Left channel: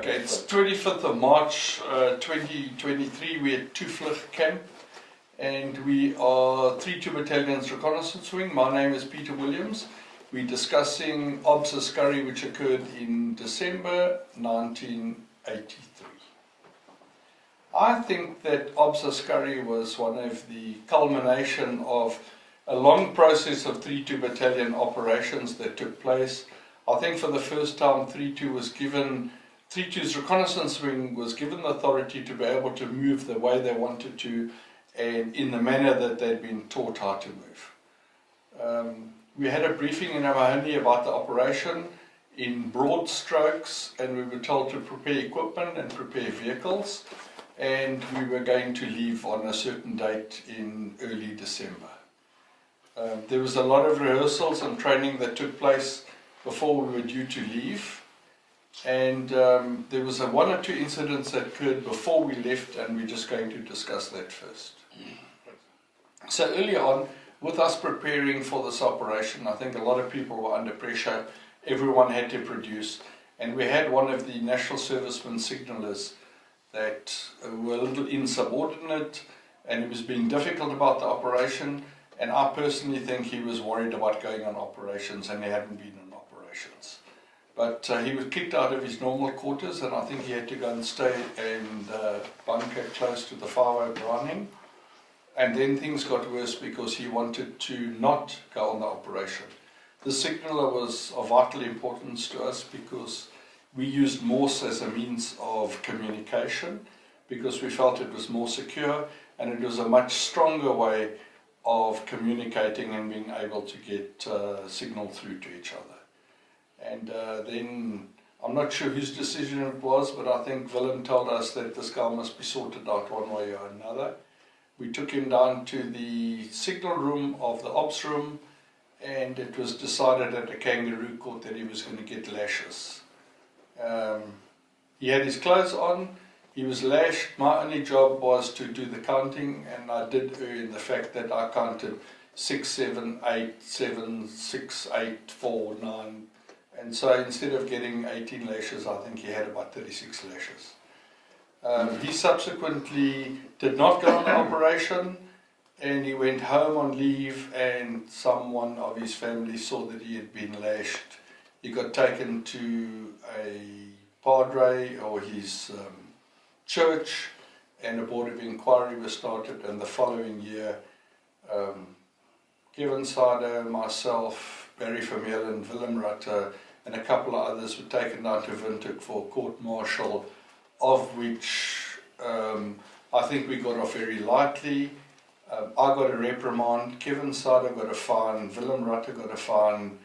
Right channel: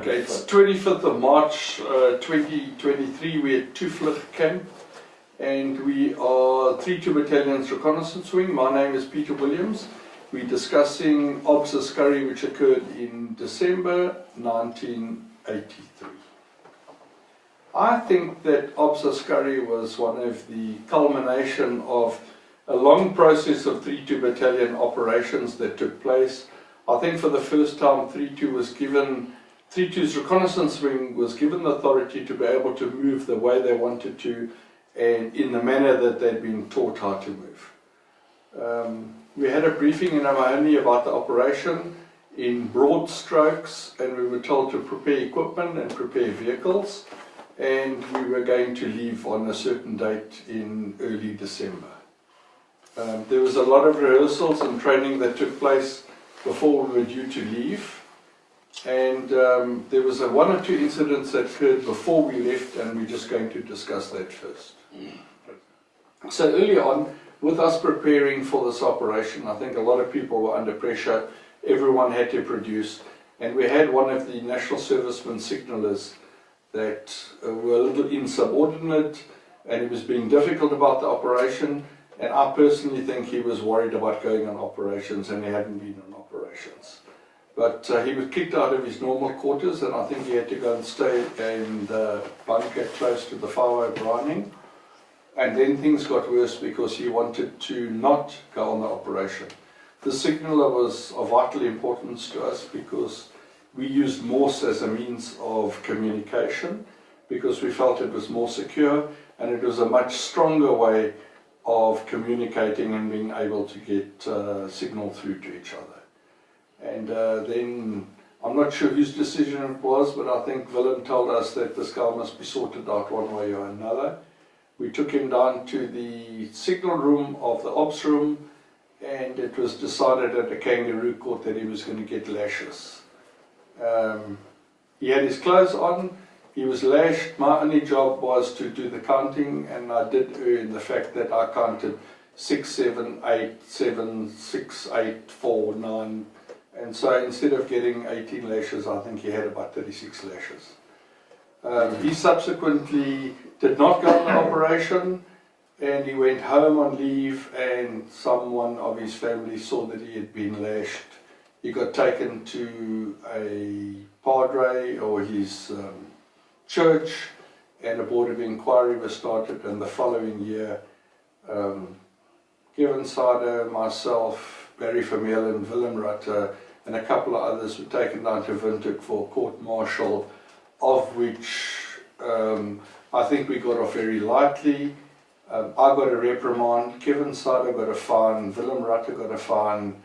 Okay, it's 25th of March 2023. We're at Toevlug Camp and we are 3-2 Battalion's reconnaissance wing. My name is Peter Williams. We're discussing Ops Askari, which occurred in December 1983. I think that Ops Askari was one of the culmination of a long process of 3-2 Battalion operations that took place. I think for the first time 3-2's reconnaissance wing was given the authority to be able to move the way they wanted to and in the manner that they'd been taught how to move. We had a briefing in Mahoney about the operation in broad strokes, and we were told to prepare equipment and prepare vehicles, and we were going to leave on a certain date in early December. There was a lot of rehearsals and training that took place before we were due to leave, and there was one or two incidents that occurred before we left, and we're just going to discuss that first. So early on, with us preparing for this operation, I think a lot of people were under pressure. Everyone had to produce, and we had one of the national servicemen signallers that were a little insubordinate, and he was being difficult about the operation, and I personally think he was worried about going on operations, and he hadn't been on operations. But he was kicked out of his normal quarters, and I think he had to go and stay in the bunker close to the 5 Browning. And then things got worse because he wanted to not go on the operation. The signaller was of vital importance to us because we used Morse as a means of communication, because we felt it was more secure and it was a much stronger way of communicating and being able to get signal through to each other. And then, I'm not sure whose decision it was, but I think Willem told us that this guy must be sorted out one way or another. We took him down to the signal room of the ops room, and it was decided at the kangaroo court that he was going to get lashes. He had his clothes on, he was lashed. My only job was to do the counting, and I did err in the fact that I counted 6, 7, 8, 7, 6, 8, 4, 9, and so instead of getting 18 lashes, I think he had about 36 lashes. He subsequently did not go on the operation, and he went home on leave, and someone of his family saw that he had been lashed. He got taken to a padre or his church, and a board of inquiry was started, and the following year Kevin Sado, myself, Barry Vermeulen, Willem Rutter and a couple of others were taken down to Windhoek for court-martial, of which I think we got off very lightly. I got a reprimand, Kevin Sado got a fine, Willem Rutter got a fine,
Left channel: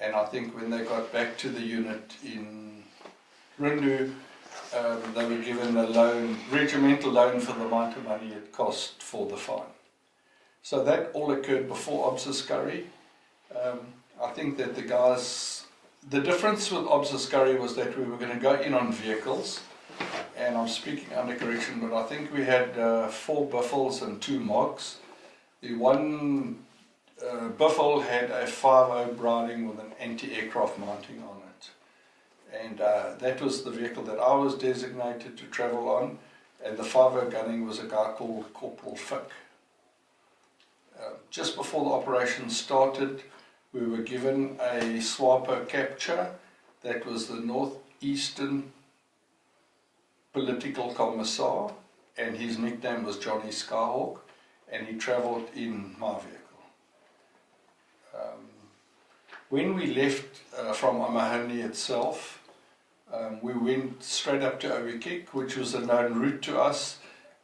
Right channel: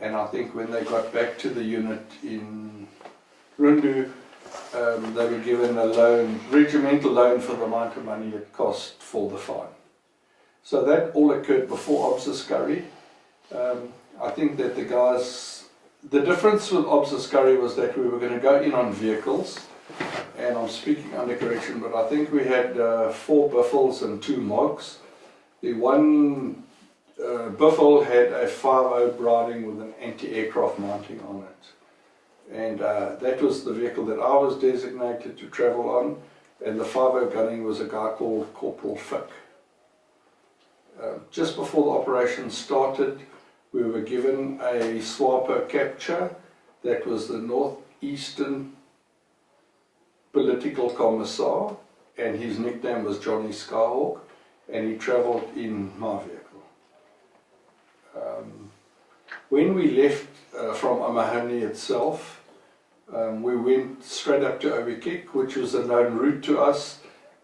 and I think when they got back to the unit in Rundu, they were given a loan, regimental loan for the amount of money it cost for the fine. So that all occurred before Ops Askari. I think that the difference with Ops Askari was that we were going to go in on vehicles, and I'm speaking under correction, but I think we had 4 Buffles and 2 Mogs. The one Buffle had a 5.0 Browning with an anti-aircraft mounting on it, and that was the vehicle that I was designated to travel on, and the 5.0 gunning was a guy called Corporal Fick. Just before the operation started, we were given a SWAPO capture that was the Northeastern Political Commissar, and his nickname was Johnny Skyhawk, and he travelled in my vehicle. When we left from Amahani itself, we went straight up to Ovekek, which was a known route to us,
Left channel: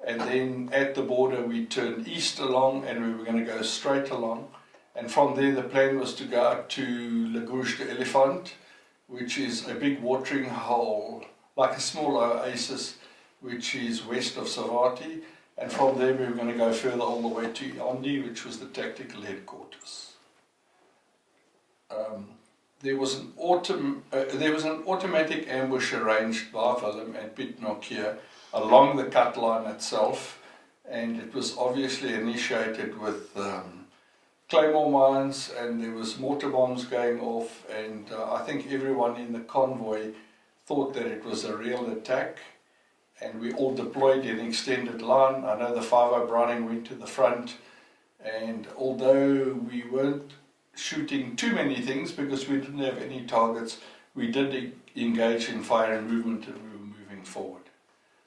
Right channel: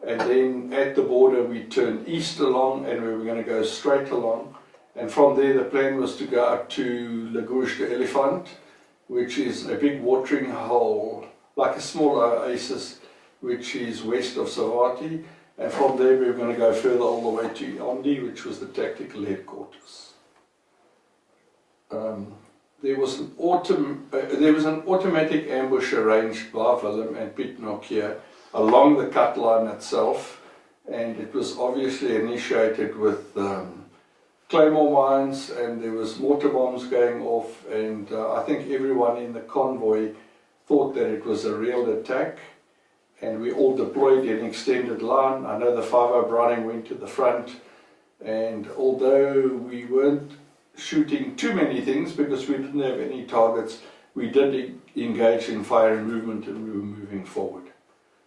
and then at the border we turned east along, and we were going to go straight along, and from there the plan was to go up to Lagouche de Elephant, which is a big watering hole, like a small oasis, which is west of Savati, and from there we were going to go further all the way to Yandi, which was the tactical headquarters. There was an automatic ambush arranged by Willem and Piet Nokia along the cut line itself, and it was obviously initiated with claymore mines, and there was mortar bombs going off, and I think everyone in the convoy thought that it was a real attack, and we all deployed in extended line. I know the 5 Browning went to the front, and although we weren't shooting too many things because we didn't have any targets, we did engage in fire and movement, and we were moving forward.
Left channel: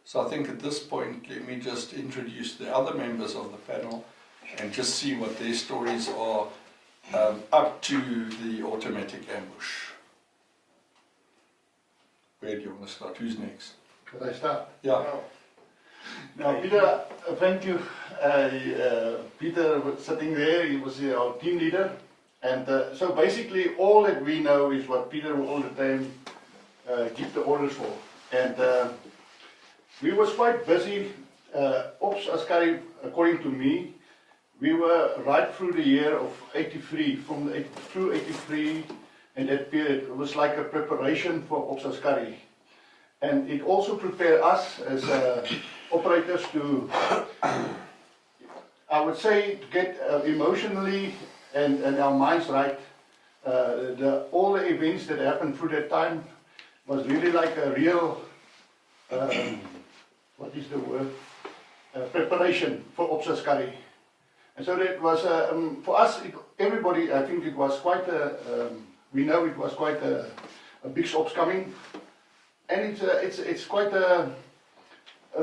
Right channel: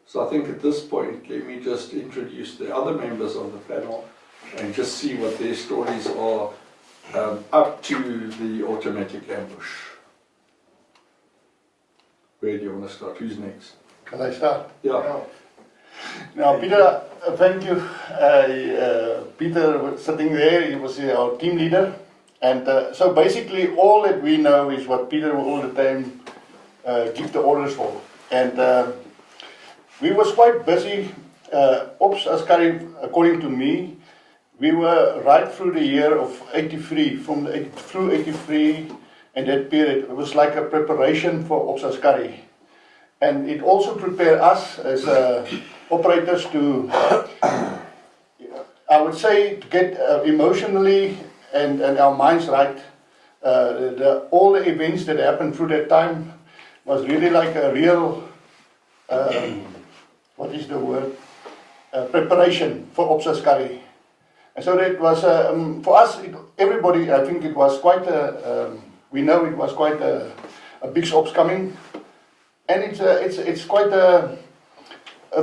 So I think at this point, let me just introduce the other members of the panel and just see what their stories are up to the automatic ambush. Where do you want to start? Who's next? Can I start? Yeah. Now, Peter, thank you. Peter was sitting there, he was our team leader. And so basically all that we know is what Peter will all the time give the orders for. And we was quite busy. Ops Askari, according to me, we were right through the year of 83, through 83, and that period. It was like a preparation for Ops Askari. And it also prepared us as operators to, I would say, to get emotionally and our minds right. All the events that happened through that time was really like a real, what is the word? Preparation for Ops Askari. And so that was, for us, everybody, I think it was quite we know it was quite a big ops coming. And it's quite a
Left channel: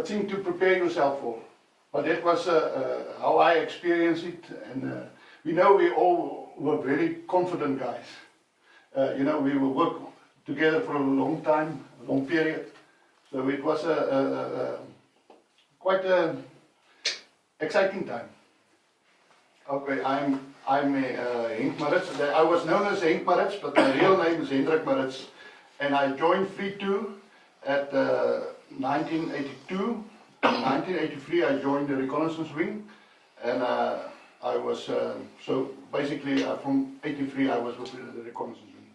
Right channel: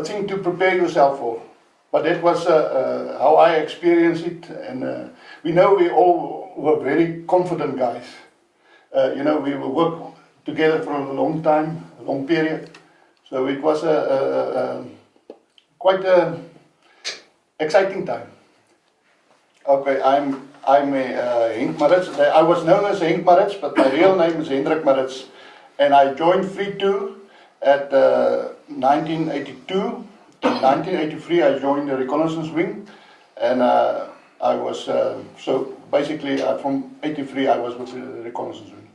thing to prepare yourself for. But that was how I experienced it, and we know we all were very confident guys. You know, we will work together for a long time, a long period. So it was quite an exciting time. Okay, I'm Henk Maritz. I was known as Henk Maritz, but my real name is Hendrik Maritz. And I joined 3-2 at 1982. In 1983 I joined the reconnaissance wing, and I was, so basically from 83 I was with the reconnaissance wing.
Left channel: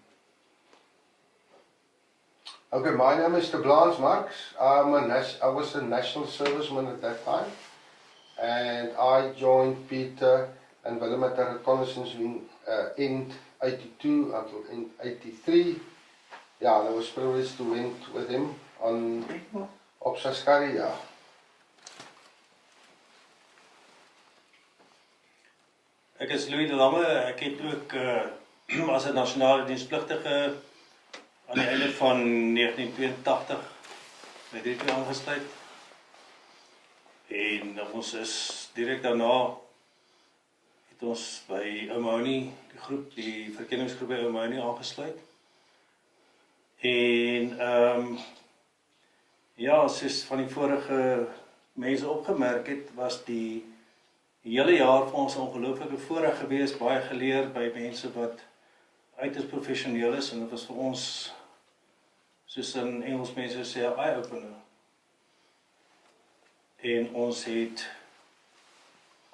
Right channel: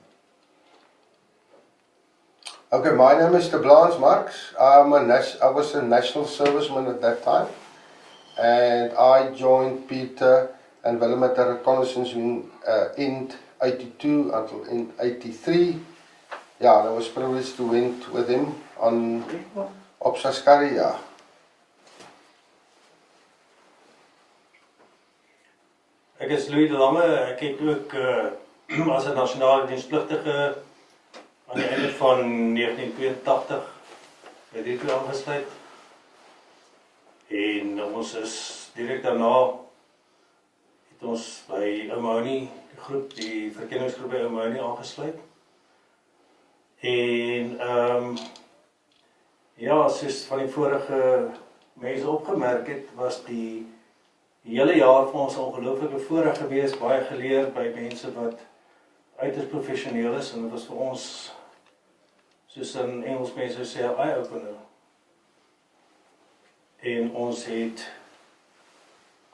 Okay, my name is Blaans Marx. I was a national serviceman at that time, and I joined Peter and Willem at the reconnaissance wing in 82 until in 83. Yeah, I was privileged to went with him on Ops Askari, yeah. Ek is Louis de Lange, ek het ook as 'n nasionale dienspligtige aan die einde van 1982 by die toe aangesluit. En ons is direk daarna het ons by Omoni, die groep, die verkenningsgroep by Omoni aangesluit. En ja, soos van die vorige mense opgemerk het, was die hele jaar vir ons 'n ongelooflike voorreg gewees, baie geleer by mense wat uiters professioneel is, en dit was vir ons, soos in Engels mense sê, 'n eye-opener. En ons het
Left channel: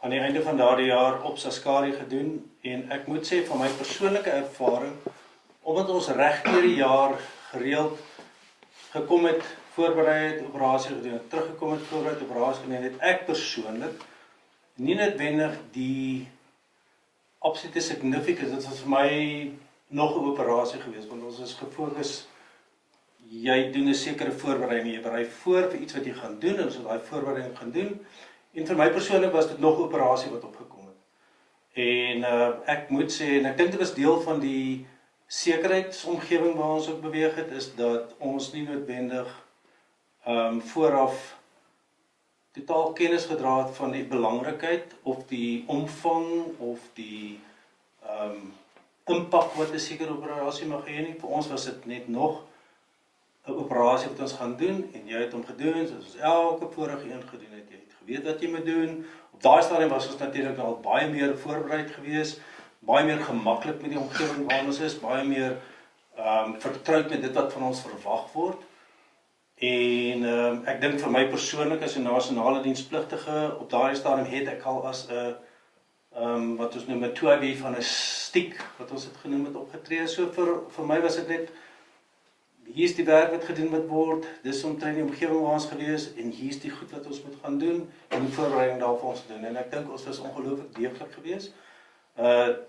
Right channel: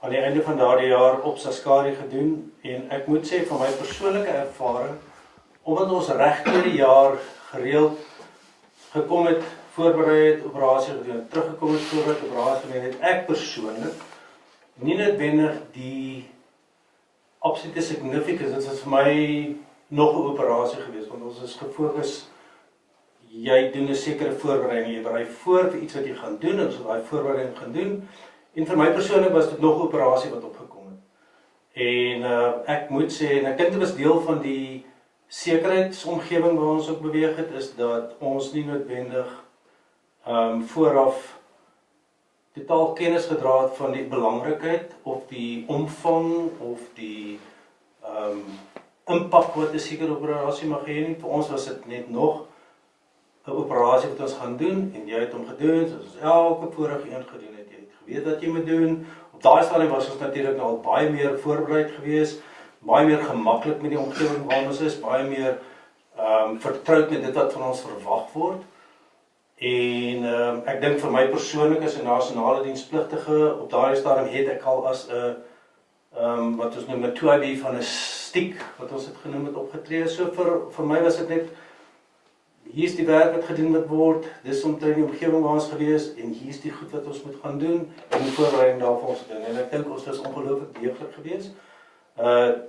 aan die einde van daardie jaar Ops Askari gedoen, en ek moet sê van my persoonlike ervaring, omdat ons reg deur die jaar gereeld gekom het, voorberei het, operasie gedoen het, teruggekom het, voorberei het, operasie gedoen het, ek persoonlik nie noodwendig die absolute significance, dit was vir my nog 'n operasie gewees, want ons is gefokus, jy doen 'n sekere voorbereiding, jy berei voor vir iets wat jy gaan doen, en so daai voorbereiding gaan doen, en vir my persoonlik was dit nog 'n operasie wat opgekom het. En ek moet sê, en ek dink dit was deel van die sekurheidsomgewing waar ons ook beweeg het, is dat ons nie noodwendig vooraf totaal kennis gedra het van die belangrikheid of die omvang of die impak wat 'n sekere operasie mag hê nie. Vir ons was dit net nog 'n operasie wat ons gaan doen, en jy het hom gedoen, soos ons elke vorige een gedoen het. Jy het geweet wat jy moet doen. Op daai stadium was ons natuurlik al baie meer voorbereid gewees, baie meer gemaklik met die omgewing waar ons is, baie meer vertroud met dit wat van ons verwag word. En ek dink vir my persoonlik as 'n nasionale dienspligtige, op daardie stadium het ek al as 'n wat ons noem 'n 2B van 'n stiek, wat ons het genoem het, opgetree. So vir my was dit net, hier's die werk wat gedoen moet word, dis omtrent die omgewing waar ons gewees, en hier's die goed wat ons moet gaan doen, en die voorbereiding daarvan ons gedoen. En ek dink ons was ongelooflik deeglik gewees.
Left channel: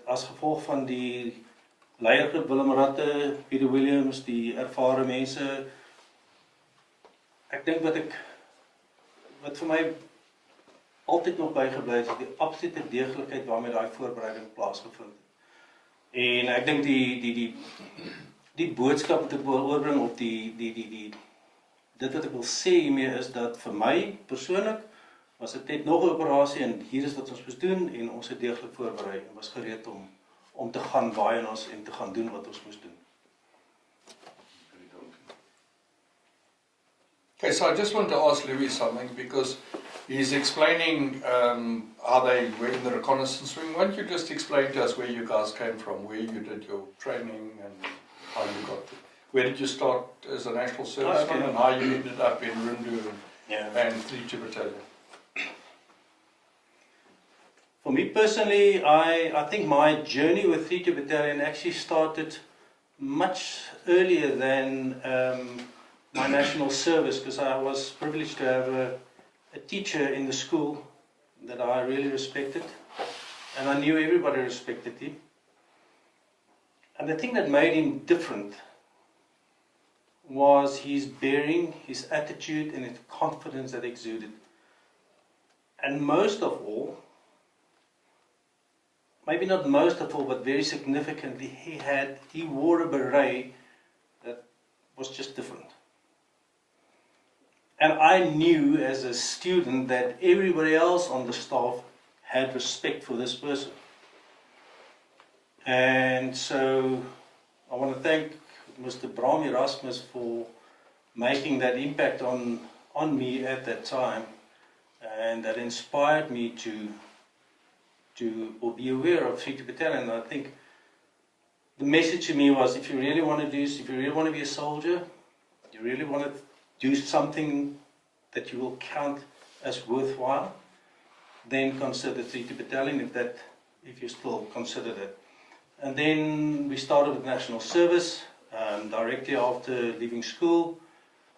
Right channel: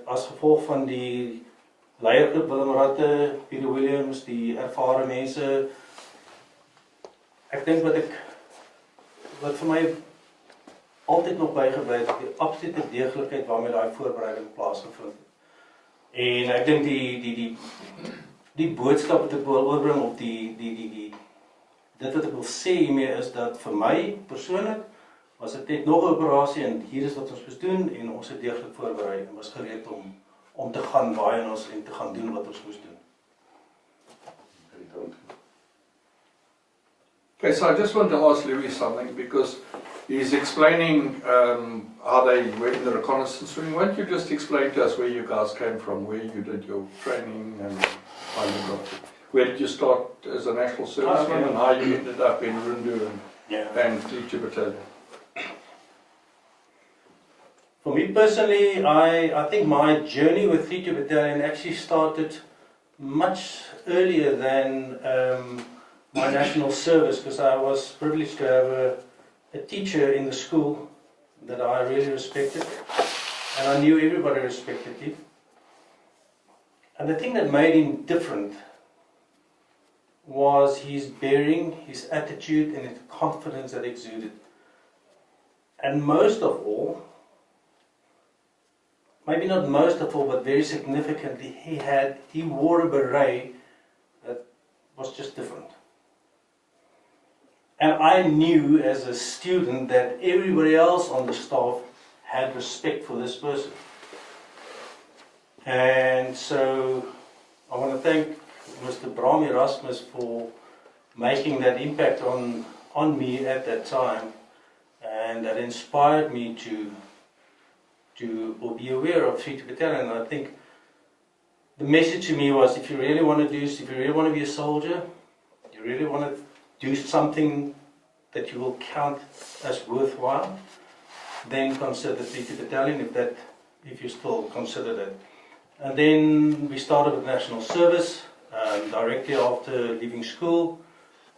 As gevolg van die leiergroep, Willem Ratte, Peter Williams, die ervare mense, ek dink wat vir my altyd nog bygebly het, die absolute deeglikheid waarmee daai voorbereiding plaasgevind het. En ek dink die boodskap wat ek wil oorbring op dit wat ek wil sê hiermee is dat vir my persoonlik was dit net nog 'n operasie en hier is wat ons moes doen en ons het deeglik voorberei en was gereed om te gaan waai en te gaan doen wat ons moes doen. Okay, so I just want to ask Louis something because he's explaining how they were in the reconnaissance wing. Won't you just explain to us where you guys came from, where you did your training and how you got, where did you start as a national serviceman and how you ended up in Rundu and 3 Battalion? For me personally, I think my journey with 3 Battalion actually started much earlier than my national service, because I was privileged to have a teacher in the school that I really respected, and I knew everybody respected him. And the thing that made him different was his bearing, his attitude, and his confidence that exuded. And most of all, maybe not most of all, but very significantly, he wore a beret that was just different. And I knew as a student that everybody else on the staff had respect for this person. And so I want to thank Mr. Bram Erasmus for making that impact on me at that time, and that inspired me to be aware of 3 Battalion. And I think the message to me was, if you really want to do this, if you really want to be a soldier, you really want to do something that you will count as worthwhile, then consider 3 Battalion if you still consider that. And then we started with national service directly after leaving school.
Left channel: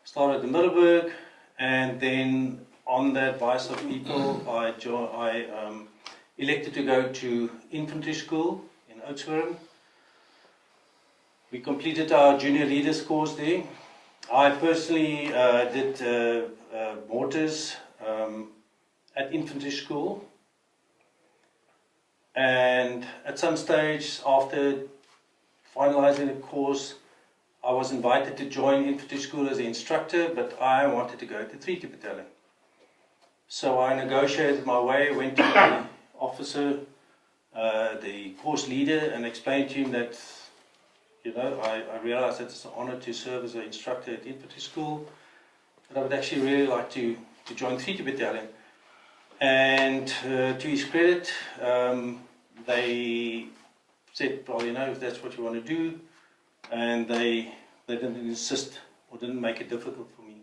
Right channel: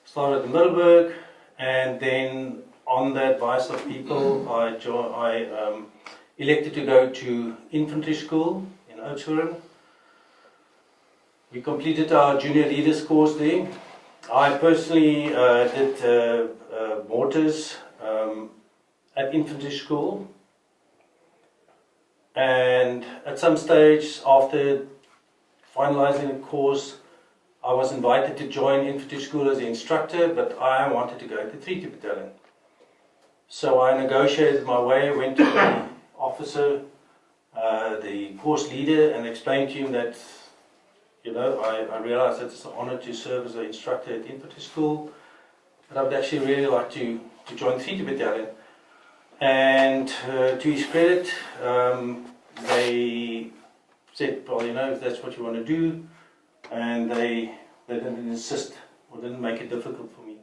Started at the Middelburg, and then on the advice of people, I elected to go to infantry school in Oudtshoorn. We completed our junior leaders course there. I personally did mortars at infantry school, and at some stage after finalizing the course, I was invited to join infantry school as an instructor, but I wanted to go to 3 Battalion. So I negotiated my way, went to the officer, the course leader, and explained to him that, I realized that it's an honor to serve as an instructor at infantry school, but I would actually really like to join 3 Battalion. And to his credit, they said, well, if that's what you want to do, and they didn't insist or didn't make it difficult for me.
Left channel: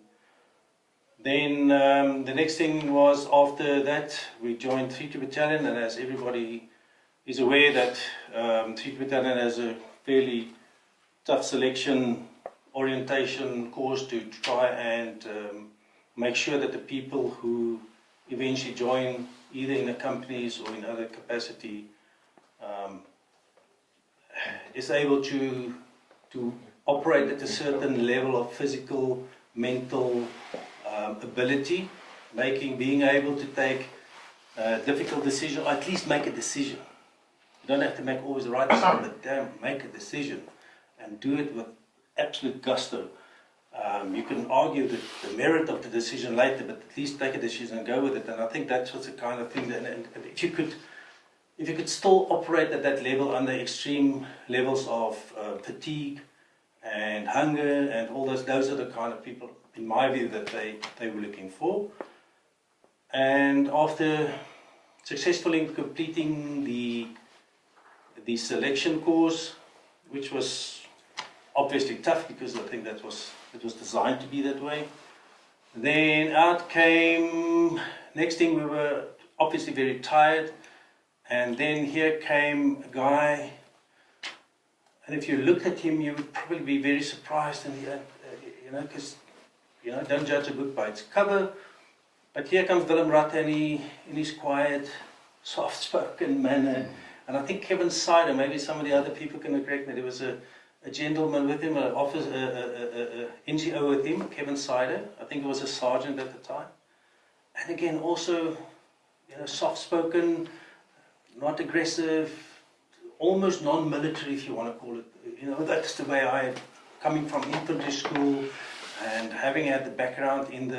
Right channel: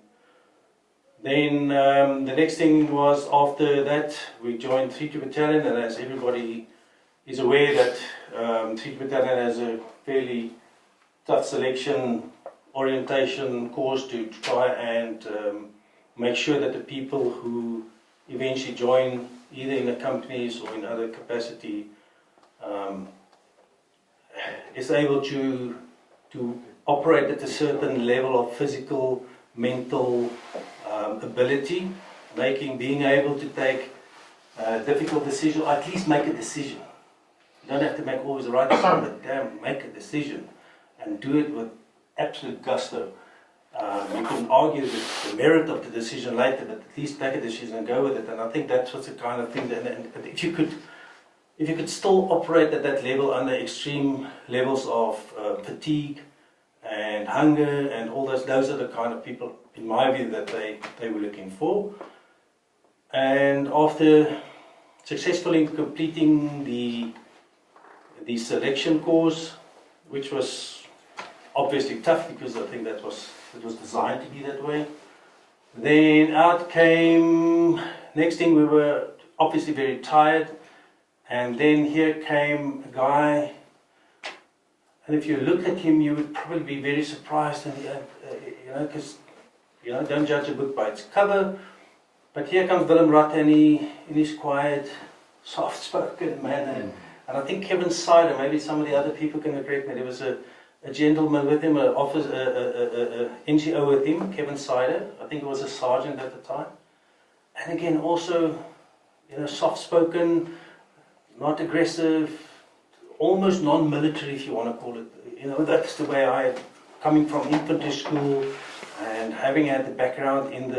Then the next thing was, after that, we joined 3 Battalion, and as everybody is aware that 3 Battalion has a fairly tough selection orientation course to try and make sure that the people who eventually join either in the companies or in other capacity is able to operate at a certain level of physical, mental ability, being able to take difficult decisions, or at least make a decision. You don't have to make always the right decision, but damn, make a decision and do it with absolute gusto. You can argue the merit of the decision later, but at least take a decision and go with it. And I think that's what's the kind of thing that, and if you could still operate at that level under extreme levels of fatigue and hunger and all those are the kind of people, in my view, that they were looking for. And after successfully completing the selection course, which was obviously tough because I think it was designed to be that way. Then out came, next thing, we were obviously very tired, and then here came a guy, and if you looked at him you would probably be very surprised, and because don't judge a book by its cover, but here comes Willem Ratte in his quiet, soft-spoken manner. And I think Kevin Sider, maybe some of the other people can correct me, there was a a gentleman with him, an office, NGO with him, Kevin Sider. I think he was a sergeant at the time. And again, also, soft-spoken, not aggressive, almost non-military, if you want to call it. That's the way I, coming from infantry school and having had the background in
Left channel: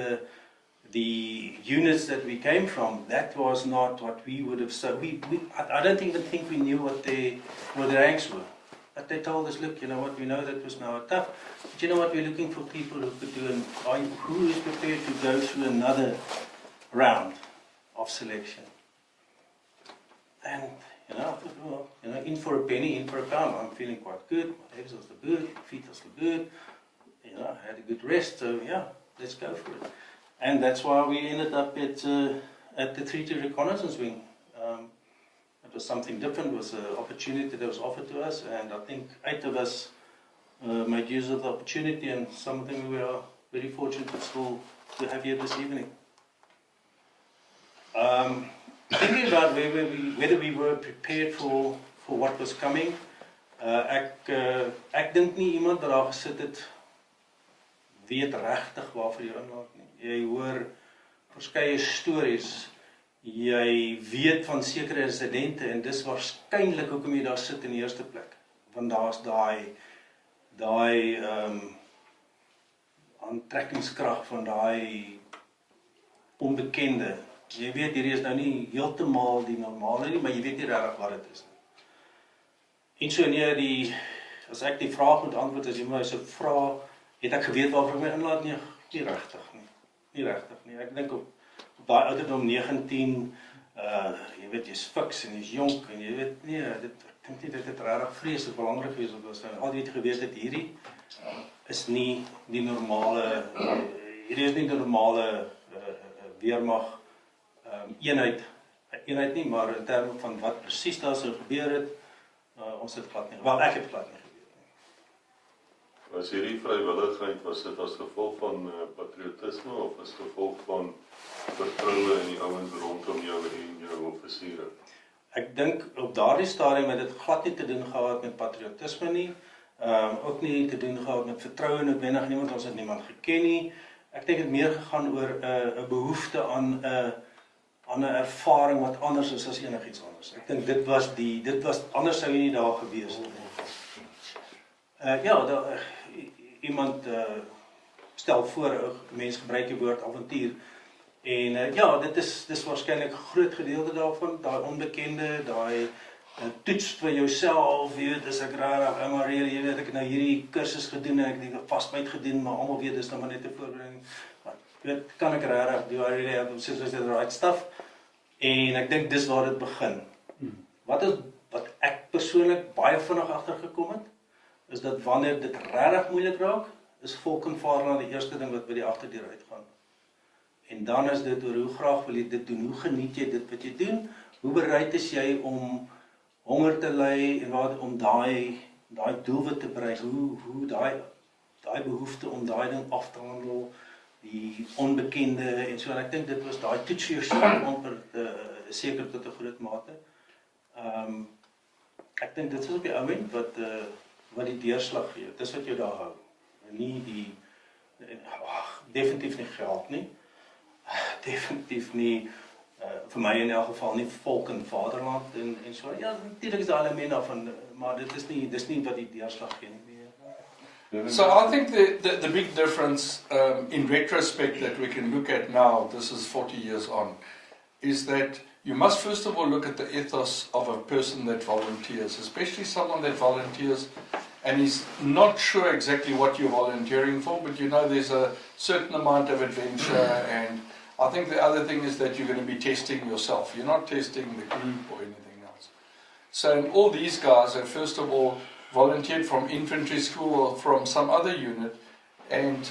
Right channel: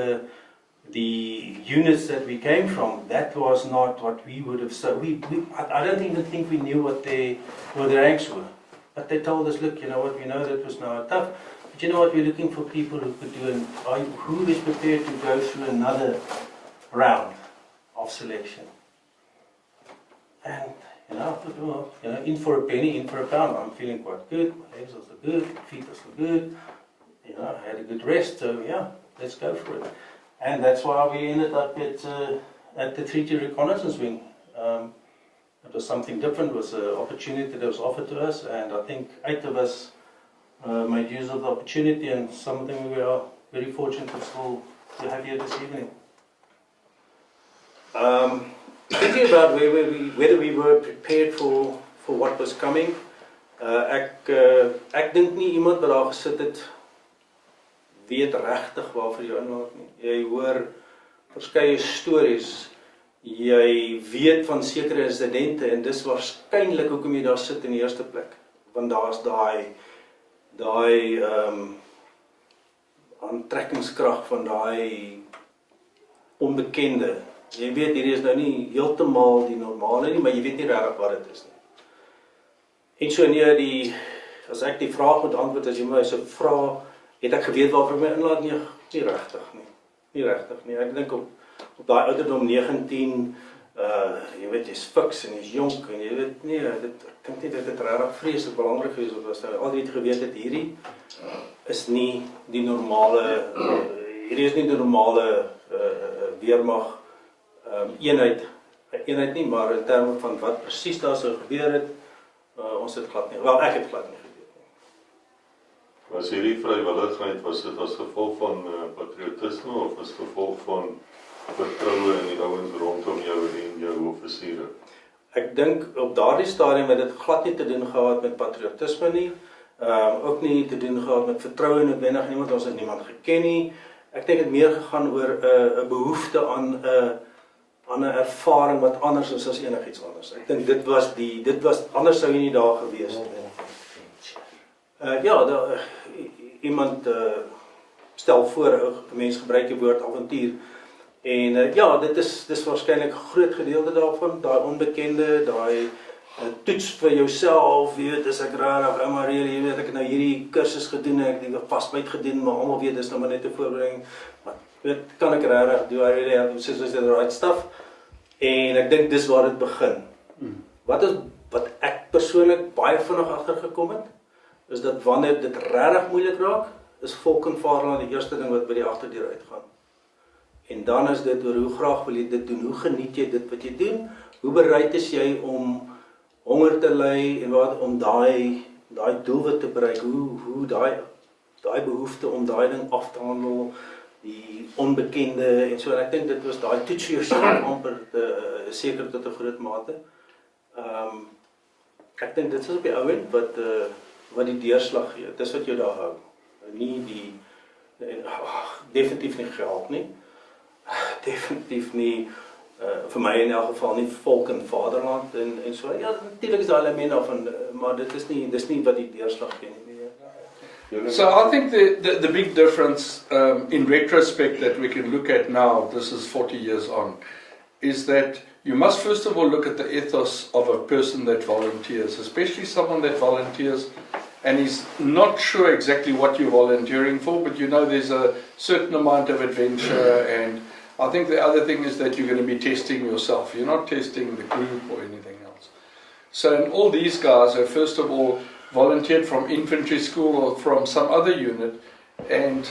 the units that we came from, that was not what we would have. So I don't even think we knew what their ranks were. But they told us, look, you know what, we know that was now tough, but you know what, we're looking for people who could do, and who is prepared to go through another round of selection. And I thought, well, in for a penny, in for a pound. I'm feeling quite good. My legs are still good, my feet are still good. I had a good rest, so yeah, let's go for it. And that's why we ended up at the Treaty Reconnaissance Wing. It was something different. It was an opportunity that was offered to us, and I think 8 of us made use of the opportunity, and some of them we are very fortunate to have here this evening. Thinking about whether we were prepared for what was coming, ek dink nie iemand wat daar gesit het weet regtig waarvoor jy inlaat nie. Jy hoor verskeie stories, jy weet van sekere insidente, en dis waarskynlik hoekom jy daar sit in die eerste plek, want daar's daai aantrekkingskrag van daai onbekende. Jy weet, hierdie is nou nie heeltemal die normale nie, maar jy weet nie regtig wat dit is nie. En so as ek die vraag moet antwoord, as jy my so vra, het ek geweet waarvoor ek my inlaat? Nie regtig nie. Nie regtig nie. Ek dink op daai ouderdom 19, jy weet, jy's fiks en jy's jonk, en jy weet, ek dink nie dit het regtig vreeslik belangrik gewees of was nou al die geweet het, hierdie is nie die normale, weermag eenheid nie, maar in terme van wat presies daar sou gebeur het, ons het glad nie, wel ek het glad nie geweet nie. Was hierdie vrywilligheid, was dit as gevolg van patriotisme of as gevolg van vertroue in die ouens rondom jou en jou offisiere? Ek dink op daardie stadium het dit glad nie te doen gehad met patriotisme nie, ook nie te doen gehad met vertroue noodwendig nie, want ons het niemand geken nie. Ek dink het meer gegaan oor 'n behoefte aan 'n ervaring wat anders is as enigiets anders. Ek dink dit was anders sou jy nie daar gewees het. Iemand stel voor, 'n mens gebruik die woord avontuur, en dis waarskynlik 'n groot gedeelte daarvan, daai onbekende, daai toets vir jouself, jy weet, as ek rarig, maar jy weet, ek het nou hierdie kursus gedoen, en ek het vasbyt gedoen, maar almal weet, dis nou maar net 'n voorbereiding, maar weet, kan ek rarig, do I really have to say the right stuff? En ek dink dis waar dit begin. Wat ek persoonlik baie vinnig agtergekom het, is dat wanneer dit regtig moeilik raak, is volk en vaderland die eerste ding wat by die agterdeur uitgaan. En dan is dit oor hoe graag wil jy dit doen, hoe geniet jy dit wat jy doen, hoe bereid is jy om honger te ly en om daai doelwit te bereik, hoe daai behoefte om daai ding af te handel, die onbekende en so, en ek dink dit was daai toets vir jouself amper seker tot 'n groot mate. Ek dink dit is op die ou end wat die deurslag gee, dis wat jou daar hou, nie definitief nie geld nie, definitief nie, vir my in elk geval nie volk en vaderland en so, ja, natuurlijk is daar element daarvan, maar dit is nie wat die deurslag gee nie. So I think the big difference in retrospect that we can look at now, this is 40 years on, is that you must first of all look at the ethos of a person that volunteers, especially someone that volunteers and is not sure exactly what you're volunteering for, but you know there's a certain amount of adventure, and I think the other thing is that you're going to be testing yourself. You're not testing the group or anything else. So and all these guys have first of all volunteered from infantry school or from some other unit, and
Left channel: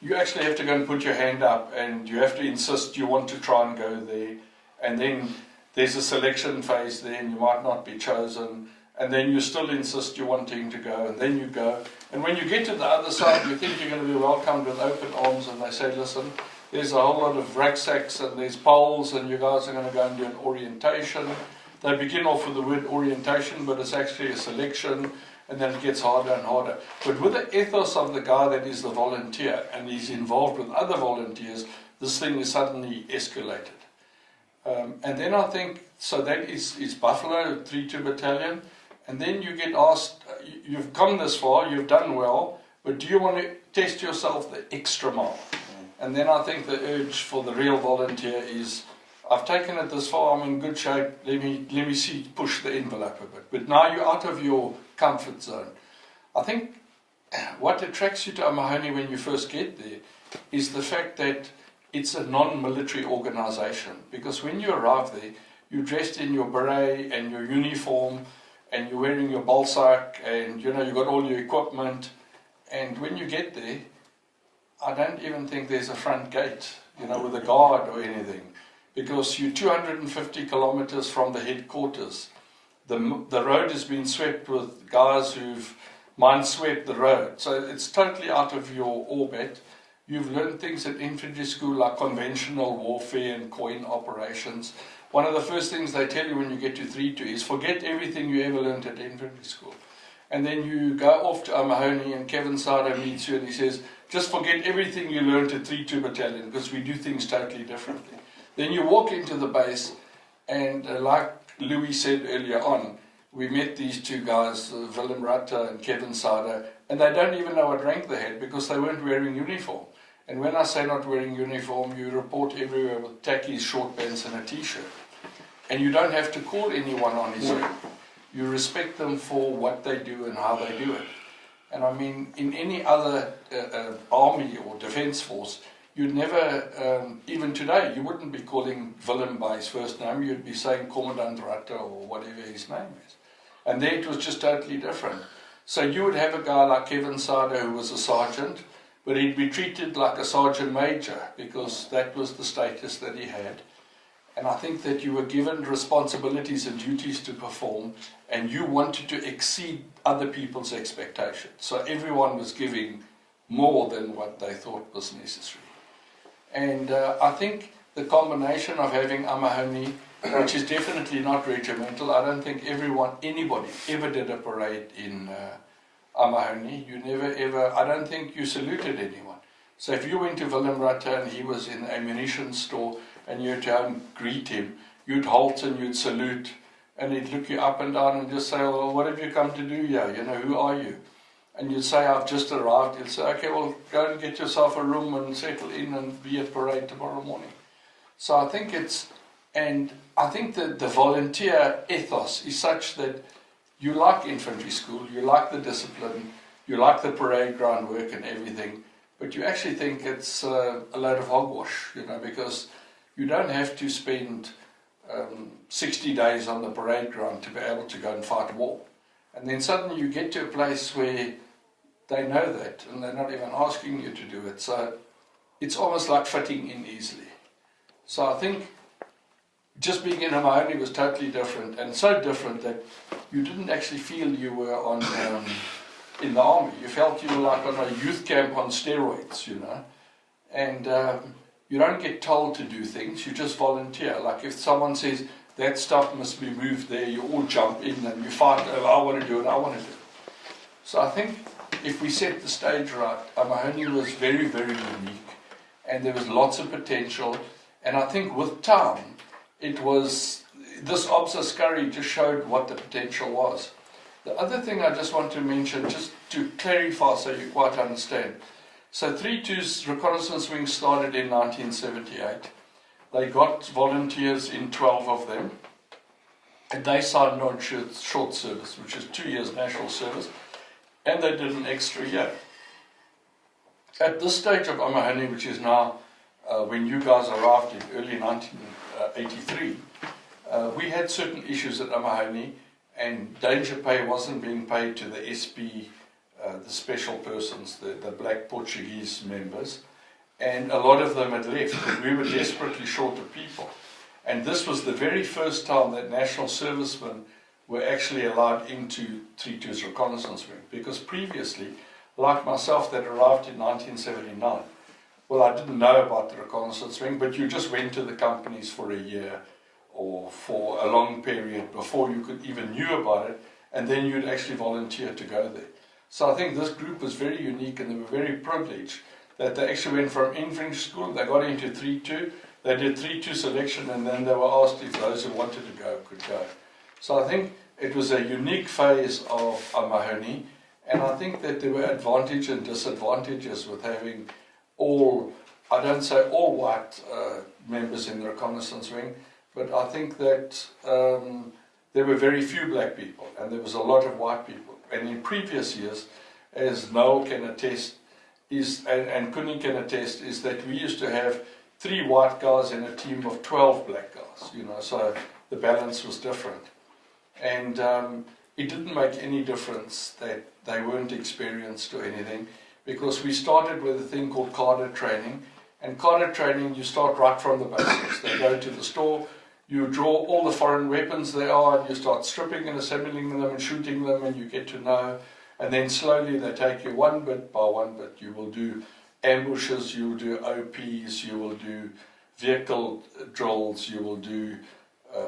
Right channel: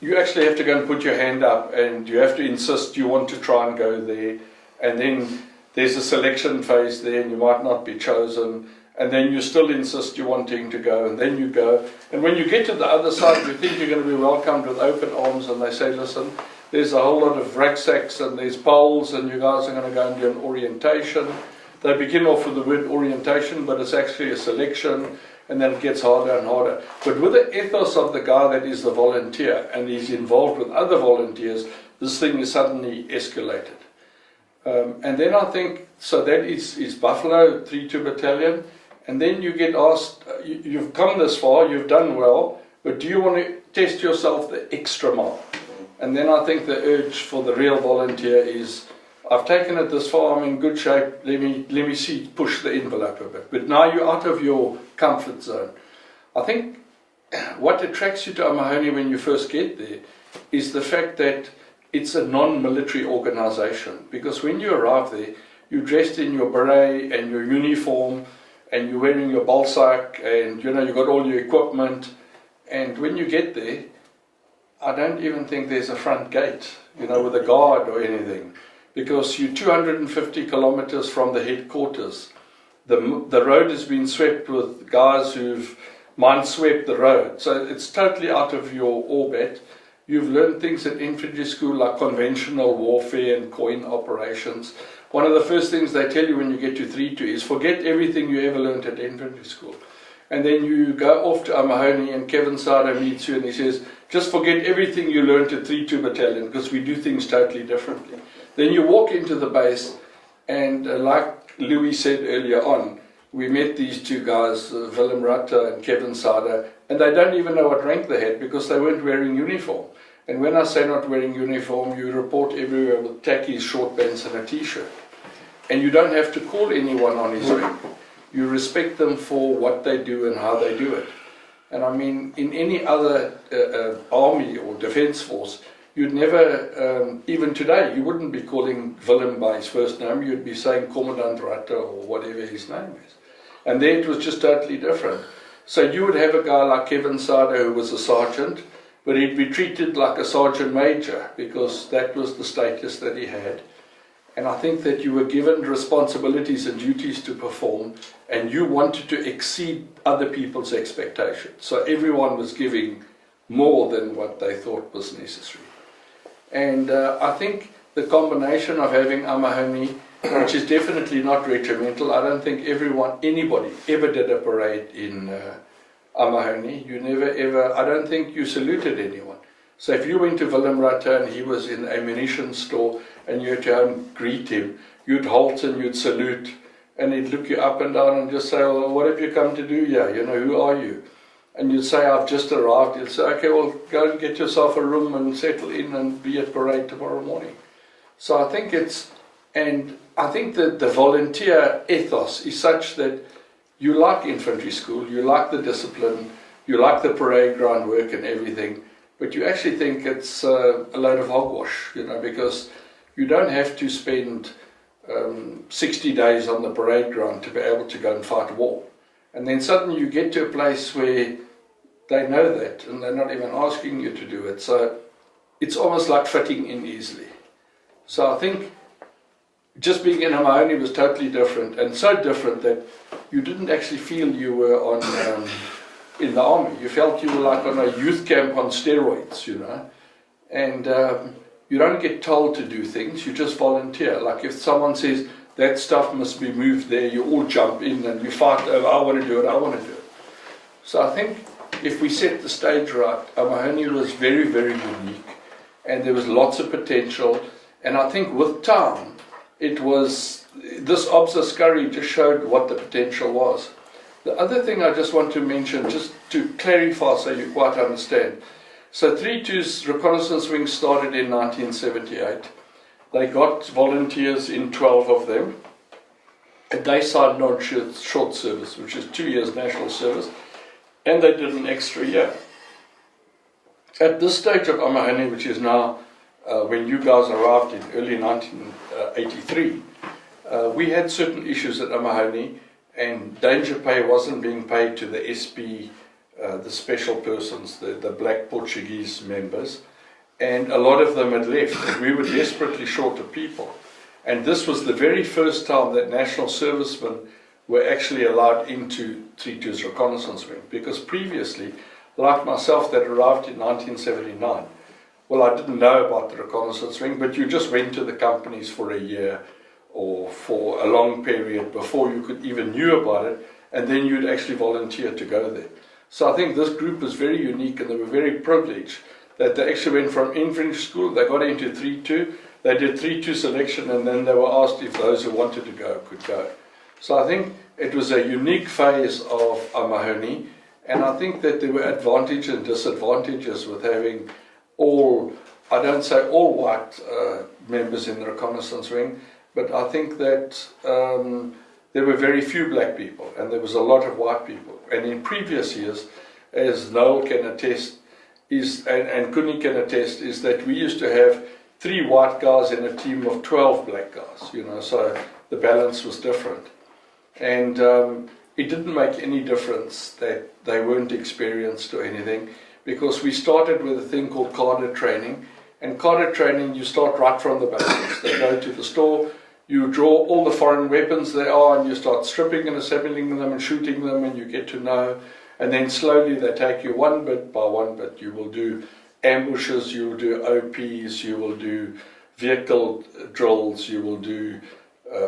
you actually have to go and put your hand up, and you have to insist you want to try and go there, and then there's a selection phase there, and you might not be chosen, and then you still insist you're wanting to go, and then you go, and when you get to the other side, you think you're going to be welcomed with open arms, and they say, listen, there's a whole lot of rucksacks, and there's poles, and you guys are going to go and do an orientation. They begin off with the word orientation, but it's actually a selection, and then it gets harder and harder. But with the ethos of the guy that is the volunteer and is involved with other volunteers, this thing is suddenly escalated. And then I think, so that is Buffalo 3-2 Battalion, and then you get asked, you've come this far, you've done well, but do you want to test yourself the extra mile? And then I think the urge for the real volunteer is, I've taken it this far, I'm in good shape, let me see, push the envelope a bit. But now you're out of your comfort zone. I think what attracts you to Amahoni when you first get there is the fact that it's a non-military organization. Because when you arrive there, you're dressed in your beret and your uniform, and you're wearing your balsac, and you've got all your equipment. And when you get there, I don't even think there's a front gate, with a guard or anything. Because you're 250 kilometers from the headquarters. The road has been swept with guys who've mineswept the road. So it's totally out of your orbit. You've learned things at infantry school like conventional warfare and coin operations. One of the first things they tell you when you get to 3-2 is forget everything you ever learned at infantry school. And then you go off to Amahoni and Kevin Sada meets you and he says, just forget everything you learned at 3-2 Battalion because we do things totally differently. Then you walk into the base and like Louis said earlier on, we met these two guys, Willem Rutte and Kevin Sada, and they don't even know what rank they had because they weren't wearing uniform. And when I say not wearing uniform, you report everywhere with tackies, short pants and a t-shirt. And you don't have to call anyone on his rank. You respect them for what they do and how they do it. And I mean, in any other army or defense force, you'd never, even today, you wouldn't be calling Willem by his first name, you'd be saying Commandant Rutte or whatever his name is. And there it was just totally different. So you would have a guy like Kevin Sada who was a sergeant, but he'd be treated like a sergeant major because that was the status that he had. And I think that you were given responsibilities and duties to perform, and you wanted to exceed other people's expectations. So everyone was giving more than what they thought was necessary. And I think the combination of having Amahoni, which is definitely not regimental, I don't think anybody ever did a parade in Amahoni. You never ever, I don't think you saluted anyone. So if you went to Willem Rutte and he was in a munition store and you had to greet him, you'd halt and you'd salute and he'd look you up and down and just say, well, what have you come to do here? Who are you? And you'd say, I've just arrived. You'd say, okay, well, go and get yourself a room and settle in and be at parade tomorrow morning. So I think that the volunteer ethos is such that you like infantry school, you like the discipline, you like the parade ground work and everything, but you actually think it's a load of hogwash, because you don't have to spend 60 days on the parade ground to be able to go and fight a war. And then suddenly you get to a place where they know that and they're not even asking you to do it. So it's almost like fitting in easily. So I think just being in Amahoni was totally different, and so different that you didn't actually feel you were on in the army. You felt you were like on a youth camp on steroids, and you don't get told to do things, you just volunteer. Like if someone says that stuff must be moved there, you all jump in and you fight over, I want to do it. So I think if we set the stage right, Amahoni was very, very unique, and there was lots of potential. And I think with time, this Ops Askari just showed what the potential was. The other thing I just want to mention, just to clarify so you quite understand. So 3-2's reconnaissance wing started in 1978. They got volunteers in 12 of them. And they signed non-short service, which is 2 years national service. And they did an extra year. At this stage of Amahoni, which is now when you guys arrived in early 1983, we had certain issues at Amahoni, and danger pay wasn't being paid to the SP, the special persons, the black Portuguese members, and a lot of them had left, and we were desperately short of people. And this was the very first time that national servicemen were actually allowed into 3-2's reconnaissance wing, because previously, like myself that arrived in 1979, well, I didn't know about the reconnaissance wing, but you just went to the companies for a year or for a long period before you could even knew about it, and then you'd actually volunteer to go there. So I think this group was very unique, and they were very privileged that they actually went from infantry school, they got into 3-2, they did 3-2 selection, and then they were asked if those who wanted to go could go. So I think it was a unique phase of Mahoney, and I think that there were advantages and disadvantages with having all, I don't say all white members in the reconnaissance wing, but I think that there were very few black people, and there was a lot of white people. And in previous years, as Noel can attest, and Kuni can attest, is that we used to have 3 white guys in a team of 12 black guys, so the balance was different. And it didn't make any difference that they weren't experienced or anything, because we started with a thing called cadre training. And cadre training, you start right from the basics. They go to the store, you draw all the foreign weapons there are, and you start stripping and assembling them and shooting them, and you get to know. And then slowly they take you one bit by one bit. You will do ambushes, you will do OPs, you will do vehicle drills, you will do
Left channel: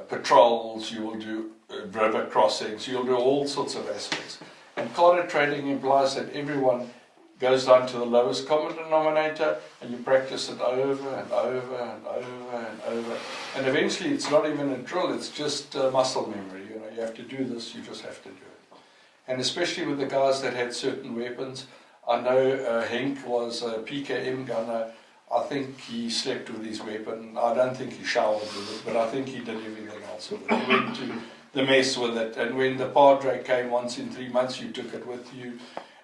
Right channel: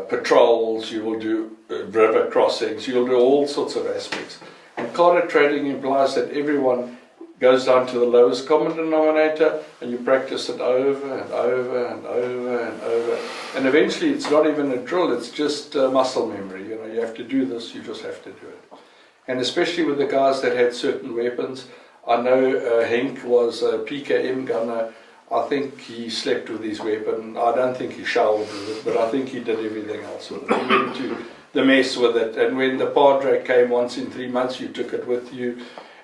patrols, you will do river crossings, you'll do all sorts of aspects. And cadre training implies that everyone goes down to the lowest common denominator, and you practice it over and over and over and over. And eventually it's not even a drill, it's just muscle memory. You have to do this, you just have to do it. And especially with the guys that had certain weapons. I know Henk was a PKM gunner. I think he slept with his weapon. I don't think he showered with it, but I think he did everything else with it. He went to the mess with it. And when the padre came once in 3 months, you took it with you.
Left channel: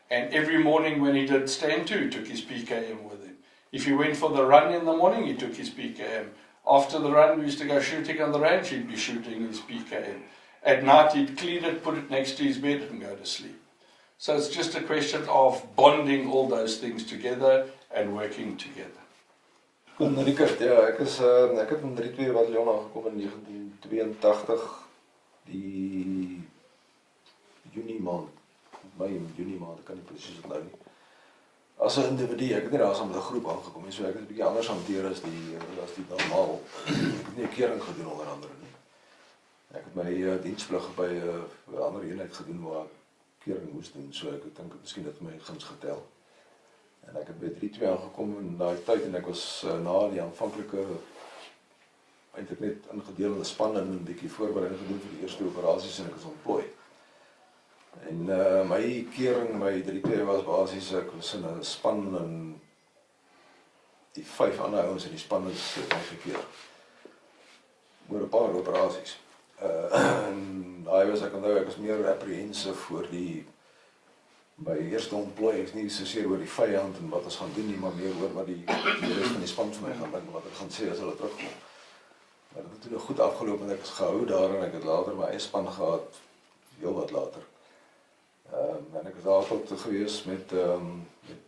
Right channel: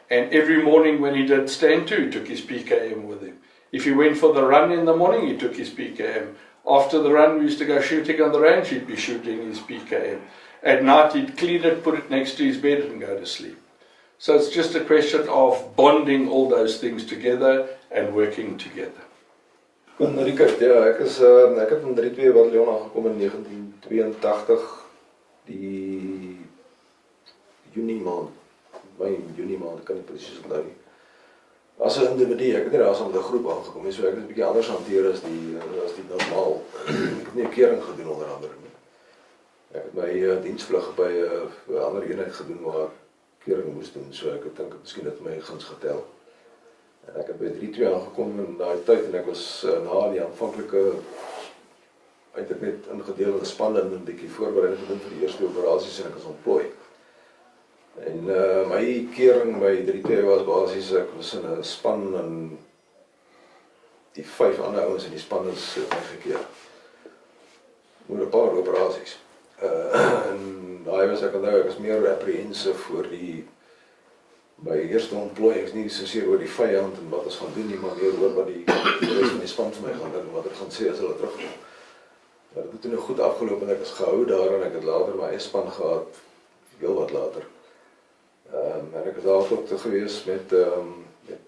And every morning when he did stand to, he took his PKM with him. If he went for the run in the morning, he took his PKM. After the run, we used to go shooting on the range, he'd be shooting his PKM. At night, he'd clean it, put it next to his bed and go to sleep. So it's just a question of bonding all those things together and working together. Richard, ja, ek het in 3-2 Battalion aangekom in 1982, die Junie maand, ek kan nie presies onthou nie. As 'n individu, ek het nie daar saam met 'n groep aangekom nie, so ek het 'n bietjie anders hanteer as die normaal. Ek het nie 'n kering gedoen onder andere nie. Ek het my diensplig by 'n ander eenheid gedoen waar ek kering moes doen, so ek dink miskien het my guns getel. En ek het by 3-2 aangekom in daai tyd, en ek was na die aanvanklike eintlik net ingedeel in spanne en 'n bietjie voorbereiding gedoen vir die eerste operasies, en ek is ontplooi. En my kering by 3-2 was basies, ek was in 'n span en die 5 ander ouens in die span is gekeer. Oor 'n paar operasies. En daai was ek is meer apprehensive voor by eerste ontplooiings, nie soseer oor die vyand en wat ons gaan doen nie, maar meer oor wat die rest van die span vir my gaan doen, wat ek gaan sê as hulle terugkom. Het het toen goed afgelopen en ek is gehou daar, en ek het later my eie span gehad, heel wat later. En ek is daar tot gewees met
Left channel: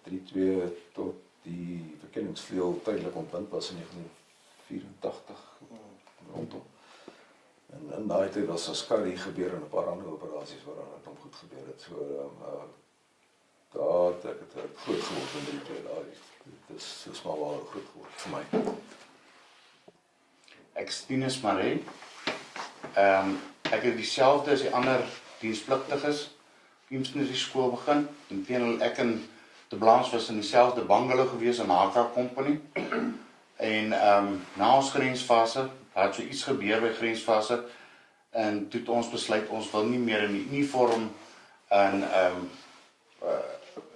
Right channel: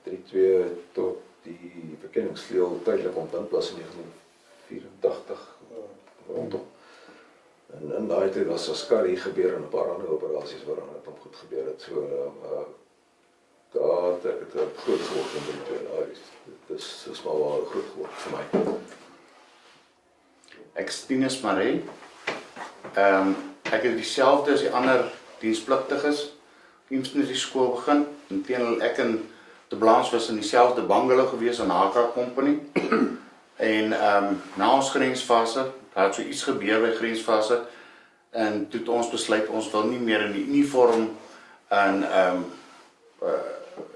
3-2 tot die verkenningsvleuel tydelik ontbind was in 1984 rondom. En in daai tyd was Askari gebeur en 'n paar ander operasies waaraan het hom goed gebeur het. So daar het ek het groot geword in 3-2. Dit is maar wel groot geword vir my. Ek is Tinus Maree. Ek het dieselfde as die ander dienspligtiges infantry skool begin. Inteendeel ek en De Blaans was in dieselfde bungalow gewees in HK Company. En na ons grensfase, daar het so iets gebeur by grensfase, en toe het ons besluit ons wil nie meer in die uniform en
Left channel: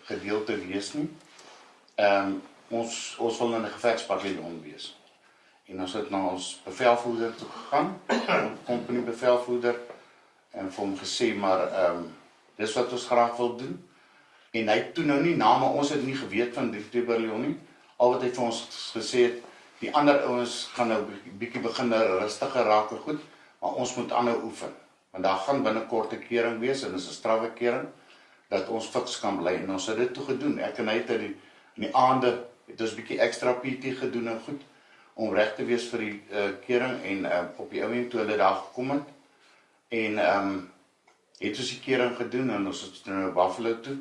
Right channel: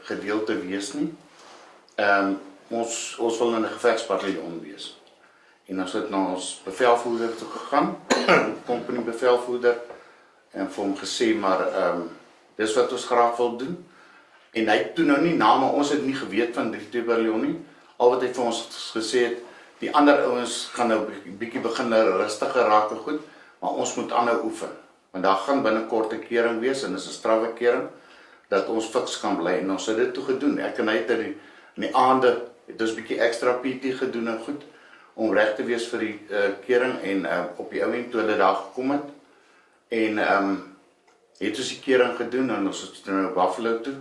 gedeelte wees nie. Ons wil in 'n gevegsbataljon wees. En ons het na ons bevelvoerder toe gegaan, company bevelvoerder, en vir hom gesê, maar dis wat ons graag wil doen. En hy het toe nou nie maar ons het nie geweet van die 2 Battalion nie. Al wat hy vir ons gesê het, die ander ouens gaan nou bietjie begin rustiger raak en goed, maar ons moet aanhou oefen. Want daar gaan binnekort 'n kering wees, en dis 'n strawwe kering, dat ons fiks kan bly. En ons het dit toe gedoen. Ek en hy het in die aande, het ons bietjie extra PT gedoen en goed, om reg te wees vir die kering, en op die ouend toe hulle daar gekom het, en het ons die kering gedoen, en ons het nou Buffalo toe,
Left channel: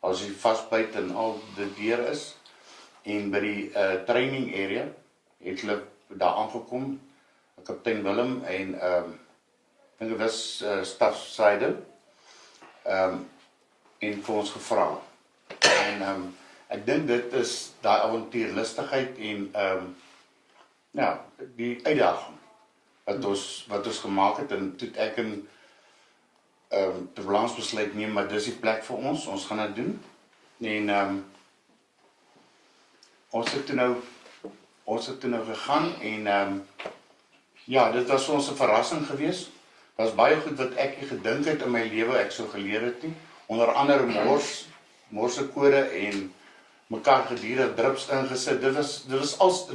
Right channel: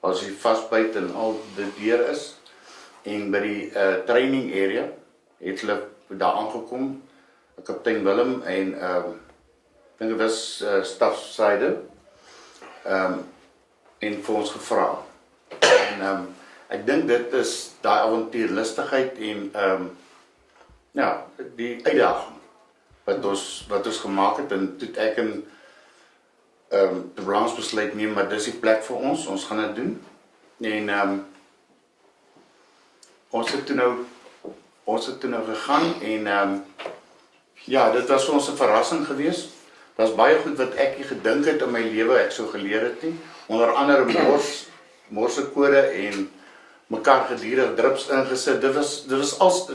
as hy vastbyt en al dit deur is, en by die training area, het hulle daar aangekom, kaptein Willem, en ek dink dit was stafsyde, en vir ons gevra. En ek dink dit is daai avontuurlustigheid en ja, die uitdaging wat ons gemaak het, en toe ek en de Vlaams besluit neem, maar dis die plek vir ons gaan dit doen. En ons het toe nou gegaan en ja, dit was vir ons 'n verrassing geweest. Daar's baie goed wat ek nie gedink het in my lewe ek sou geleer het nie. Onder andere morsekode en mekaar gedurig drips ingesit. Dit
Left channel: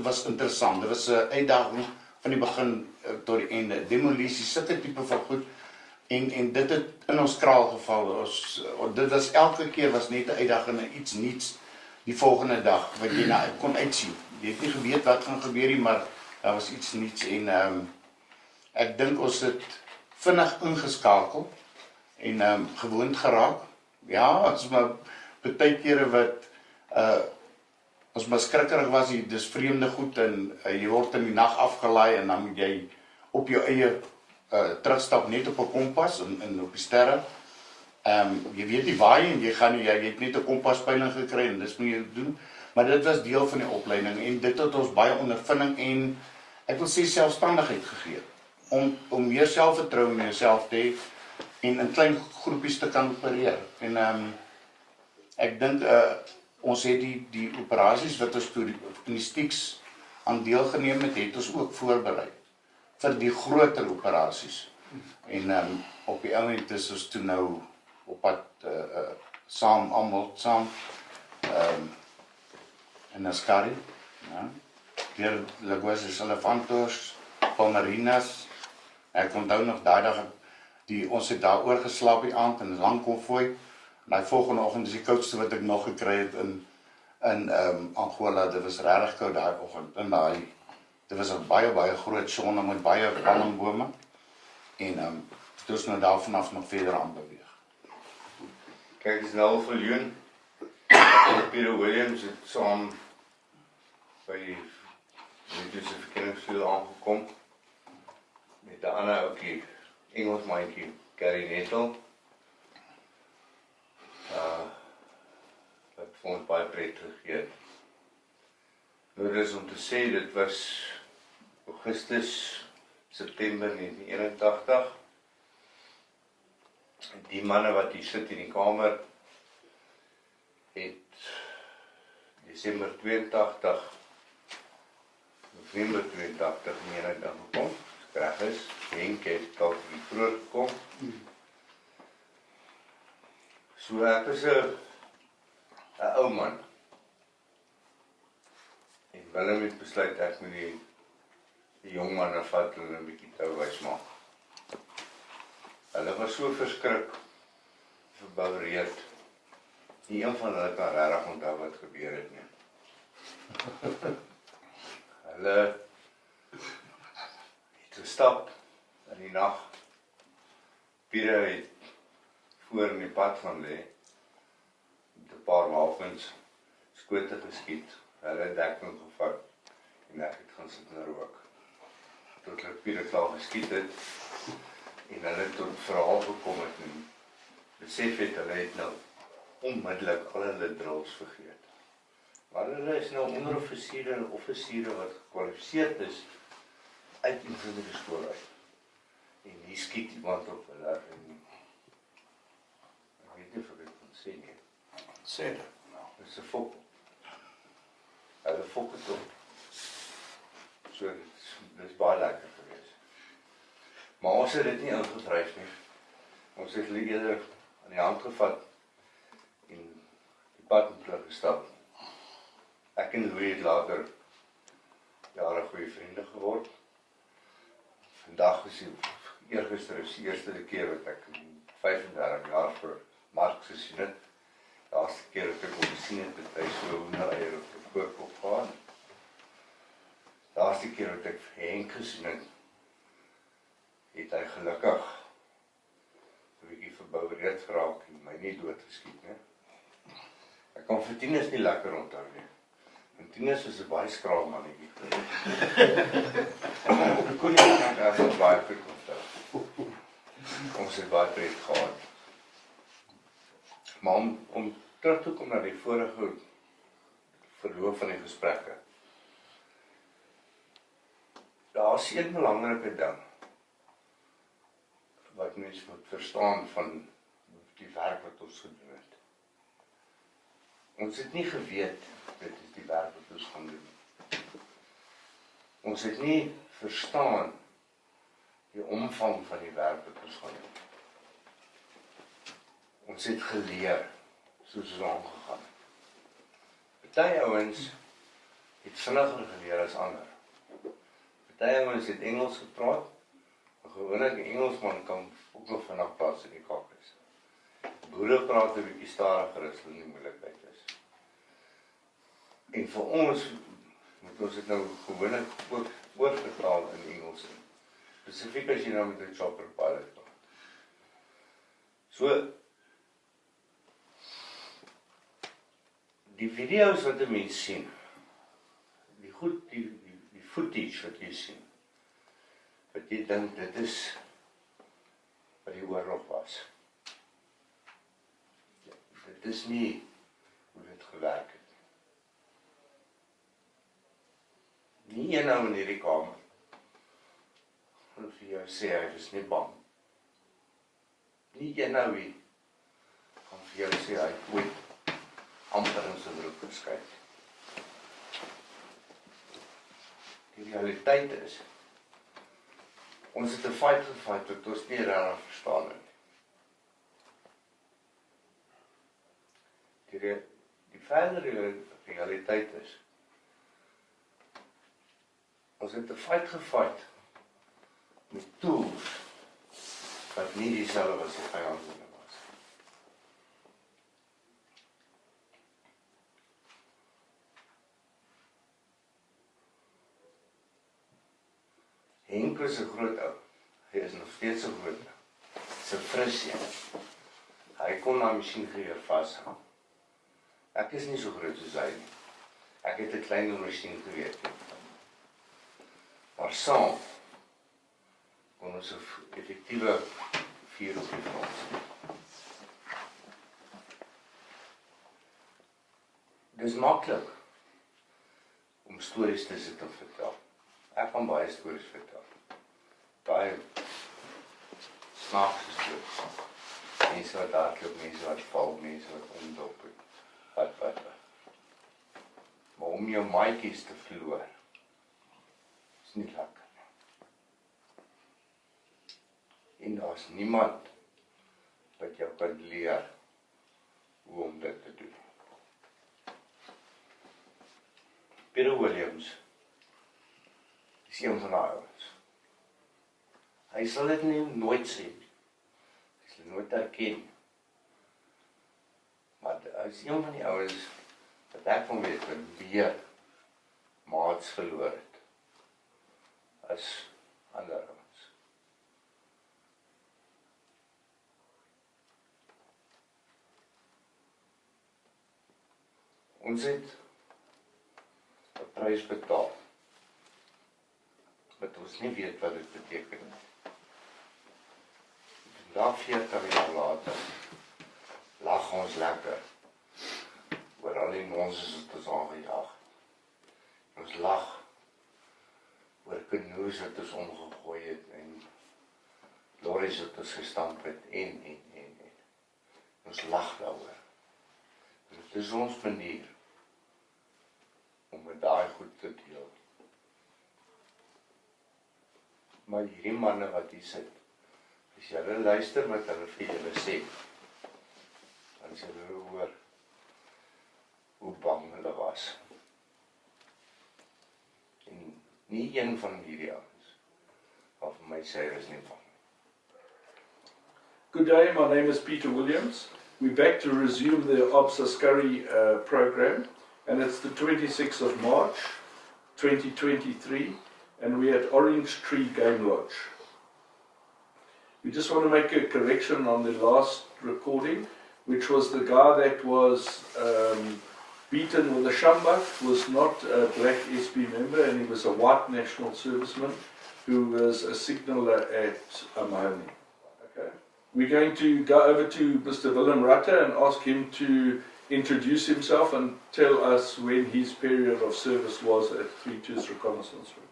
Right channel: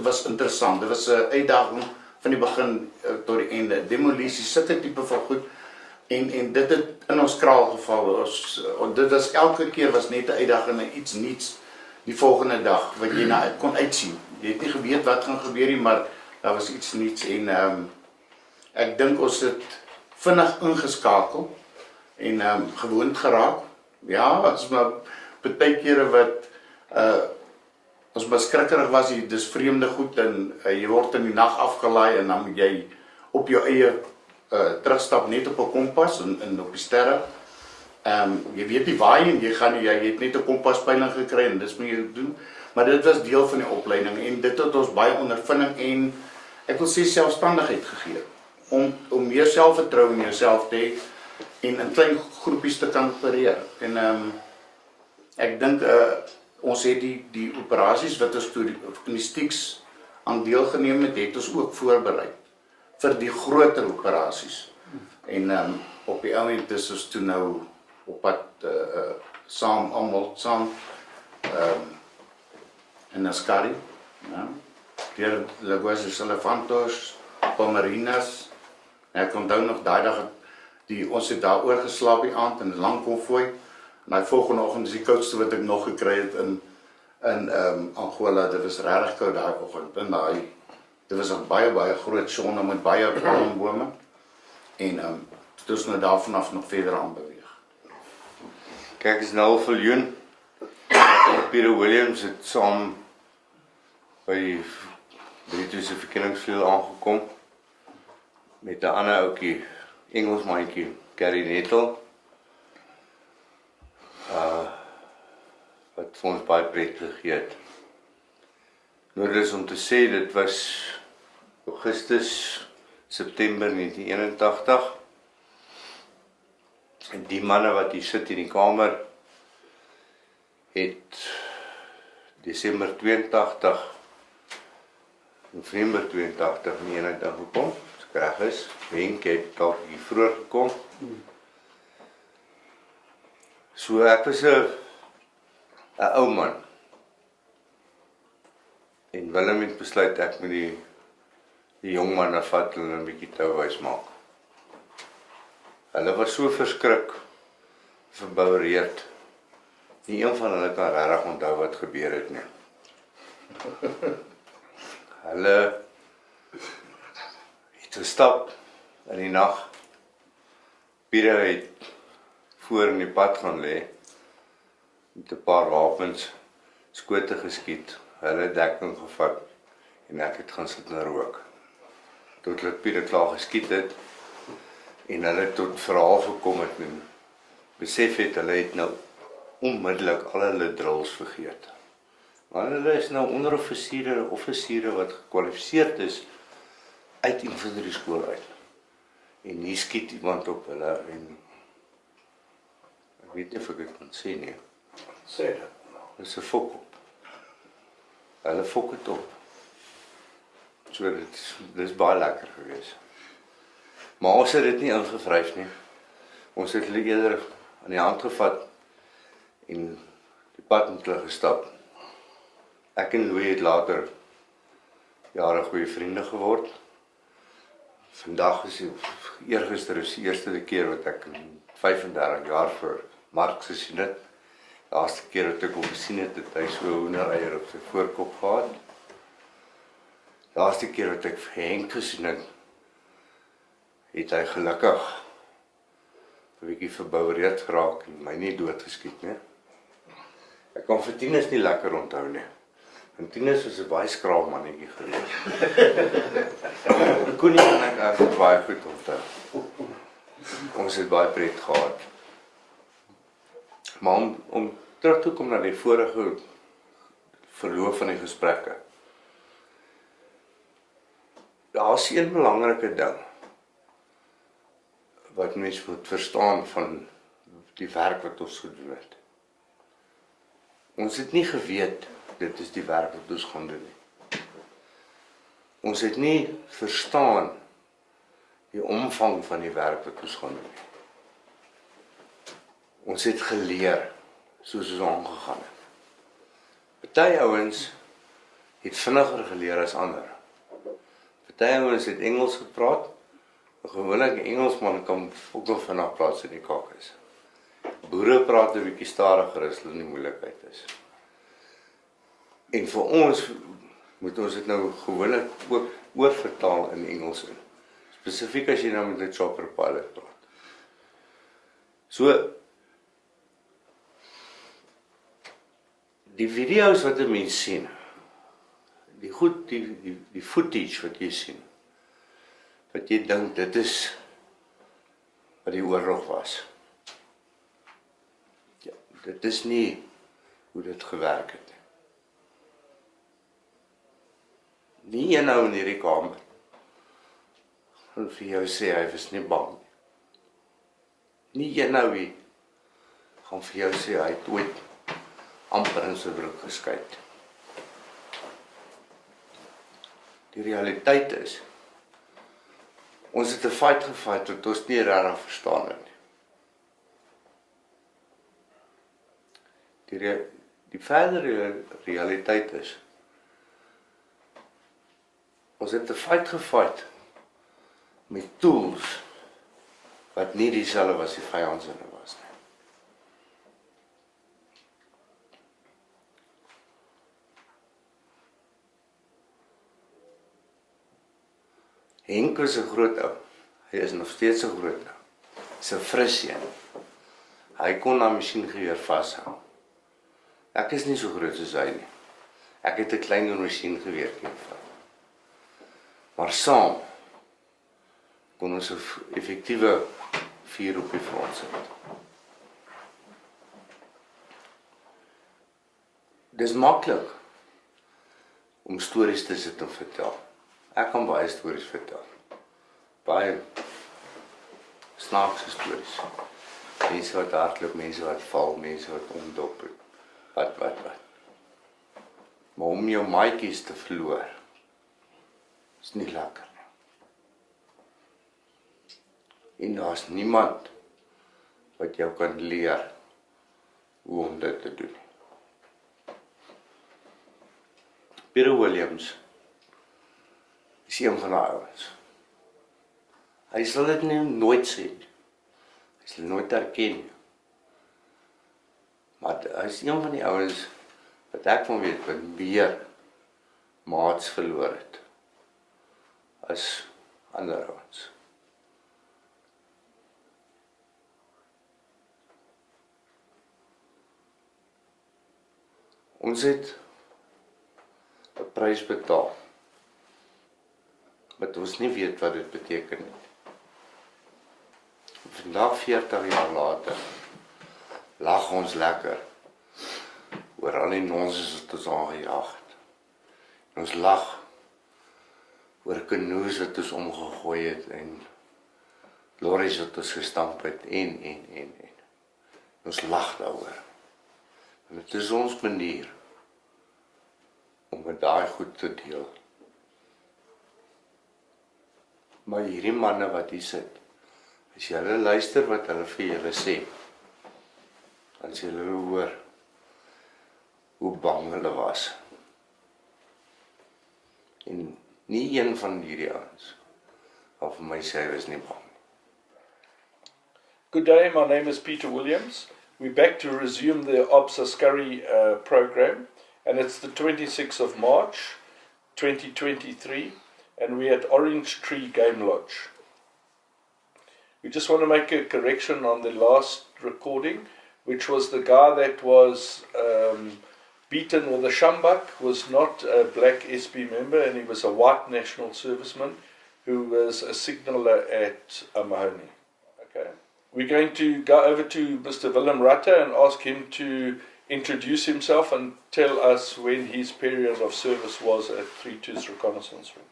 was interessant. Dit was 'n uitdaging van die begin tot die einde. Demolisie, sulke tipe van goed. En dit het in ons kraal geval. Dit was elke keer was net 'n uitdaging en iets nuuts die volgende dag wat jy na kon uitsien. Jy het nie geweet wat gaan gebeur nie, maar daar was iets nuuts en ek dink ons het vinnig ingeskakel en gewoond geraak. Ja, as maar baie kere wat ons maar skrikkerig was, dis vreemde goed en jy word in die nag afgelaai en dan moet jy op jou eie terugstap net op 'n kompas en op die sterre. Jy weet nie waar jy gaan nie, jy het net 'n kompaspeiling gekry en dis moet jy doen. Maar dit was deel van die opleiding en dit het ons baie ondervinding en ek wil sê selfstandigheid gegee. Om meer selfvertroue in jouself te hê en in klein groepies te kan opereer. En ek dink ons het die operasies wat ons toe in die Stiks aan deelgeneem het ons ook voorberei vir die groter operasies. En op die oomblik is ons toe nou op pad saam in Askari, ja, deur Lagoas Elefantos, Pomerinas. Ek onthou nog daai dag ons het daar oorgeslaap die aand in 'n lang konvooi. En die volgende oggend is die koudste wat ek nog gekry het in Angola. Dit was regtig koud daai oggend. Dit was 'n baie groot sonne met baie palmbome. En dit is nou daarvan af nog verder aan beweeg. Kyk, is nou Viljoen. Peter Williams het saam by Britse verkenningsveld aangekom met 'n ander ouetjie, Engelsmaatjie, Gary Nettle. Wat vir ons baie pret gegee het. Nou dit is om te sê, dit was Augustus, September 1981. En die manne wat hier sit in die kamer, het Desember 82, November 82 in die eenheid ingekom. As ek reg is, Henk het dalk hier vroeër gekom. So ek was 'n ou man. En Willem het besluit ek moet die jong manne vat en 'n bietjie touwys maak. Hulle was so verskrik, verboureerd. Nie een van hulle kan regtig onthou wat gebeur het nie. Hulle het gestap in die nag. Pieter het voor in die pad gaan lê met 'n paar wapens, skote geskiet, hulle dekking gevat en ek het gaan sit en rook. Tot hulle Pieter klaar geskiet het en hulle tot verhaal gekom het en besef het hulle het nou onmiddellik al hulle drills vergeet. Maar hulle is nou onderoffisiere wat gekwalifiseerd is uit infanterie skool uit. En hier skiet iemand op hulle en ek weet nie of ek dit kan sê nie. Sê dit. Dit is 'n fok op. Hulle fok het op. So dit is baie lekker geweest. Maar ons het dit nie ingevryf nie. Ons het hulle eerder aan die hand gevat en die pad met hulle gestap. Ek en Louis het later jare goeie vriende geword. Vandag is eergister is die eerste keer wat ek in 35 jaar vir Mark gesien het. Laaste keer wat ek hom gesien het, het hy so 'n hoendereier op sy voorkop gehad. Laaste keer wat ek vir Henk gesien het, het hy gelukkig 'n bietjie verboureerd geraak en my nie doodgeskiet nie. Ek kan vir Tinus nie lekker onthou nie. En Tinus was 'n baie skraap mannetjie geweest. Ek kon nie baie goed onthou. Ons het baie pret gehad. Maar om terug te kom na die vorige verloop van die gesprekke. Daar is een belangrike ding wat mens moet verstaan van die werk wat ons gedoen het. Ons het nie geweet dit is die werk wat ons gaan doen nie. Ons het nie verstaan die omvang van die werk wat ons gaan doen. Ons het geleer soos ons aangegaan het. Party ouens het vinniger geleer as ander. Party ouens het Engels gepraat. 'n Gewone Engelsman kan ook nog vinnig praat as in die kak is. Boere praat 'n bietjie stadiger as hulle in die moeilikheid is. En vir ons moet ons dit nou gewoonlik ook oorvertaal in Engels in. Spesifiek as jy nou met 'n chopper pilot praat. So die video's wat 'n mens sien, die footage wat jy sien, wat jy dink dit is wat die oorlog was. Ja, dit is nie hoe dit gewerk het. Nie een ou in hierdie kamer gaan vir jou sê hy was nie bang. Nie een ou hier gaan vir jou sê hy het ooit amper in sy broek geskyt. Die realiteit is, ons het 'n fight gefight wat ons nie regtig verstaan het nie. Die verdere realiteit is, ons het 'n fight gefight met tools wat nie dieselfde was die vyand se was nie. Henk is 'n groot ou. Hy is nog steeds 'n groot ou. Hy's 'n fris een. Hy kon na masjiengeweer vashou. Ek is nie so groot soos hy nie. Ek het 'n kleiner masjiengeweer gevat. Maar saam kon ons 'n effektiewe vuur op die front sit. Dis maklik om stories te sit en vertel. Ek kan baie stories vertel. Baie snaakse stories. Mense wat hardloop, mense wat val, mense wat omdop. Wat. Maar om jou maatjies te verloor, is nie lekker nie. En daar's niemand wat jou kan leer hoe om dit te doen. Peter Williams is een van die ouens. Hy sal dit nooit sê. Hy sal nooit erken. Maar hy is een van die ouens wat ek van weet wat meer maats verloor het as ander ouens. Ons het 'n prys betaal wat ons nie weet wat dit beteken nie. Vandag 40 jaar later lag ons lekker oor al die nonsens wat ons aangejaag het. Ons lag oor kanoes wat ons omgegooi het en lorries wat ons gestamp het en. Ons lag daaroor. En dit is ons manier om met daai goed te deel. Maar hierdie manne wat hier sit, as jy hulle luister wat hulle vir julle sê, dan sê hulle hoor hoe bang hulle was. En nie een van hierdie ouens wat vir my sê hy was nie bang. Good day, my name is Peter Williams. We're back to resume the ASKARIE program, and it's the 26th of March 2023, and we're at Orange Tree Game Lodge. We just want to make a correction on the last recording, which was the guy that was beaten with a sjambak was not a black SB member, and he was a white national serviceman who was a signaller at Mahoney. Okay. we're going to go over to Mr. Willem Rutter and ask him to introduce himself and tell us when his period of service was at 3-2's reconnaissance room.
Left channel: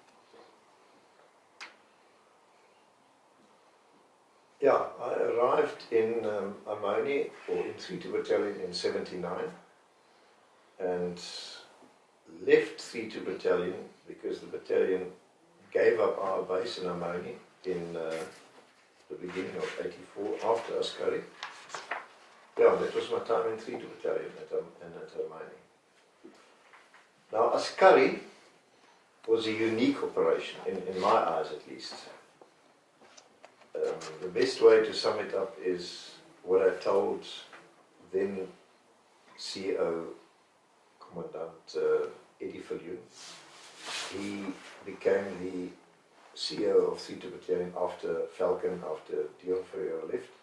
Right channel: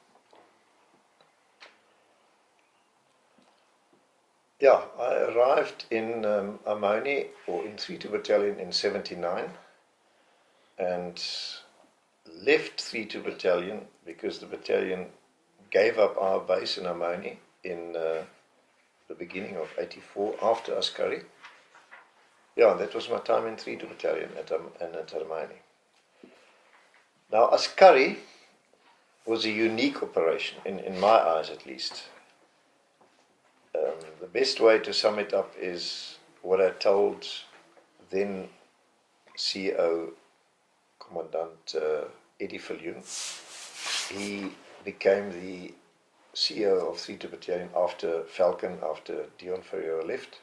Yeah, I arrived in Amoni, or in 3-2 Battalion in 79, and left 3-2 Battalion because the battalion gave up our base in Amoni in the beginning of 84 after Askari. Yeah, that was my time in 3-2 Battalion at Amoni. Now, Askari was a unique operation, in my eyes at least. The best way to sum it up is what I told then CEO Commandant Eddie Viljoen. He became the CEO of 3-2 Battalion after Falcon, after Dion Ferreira left.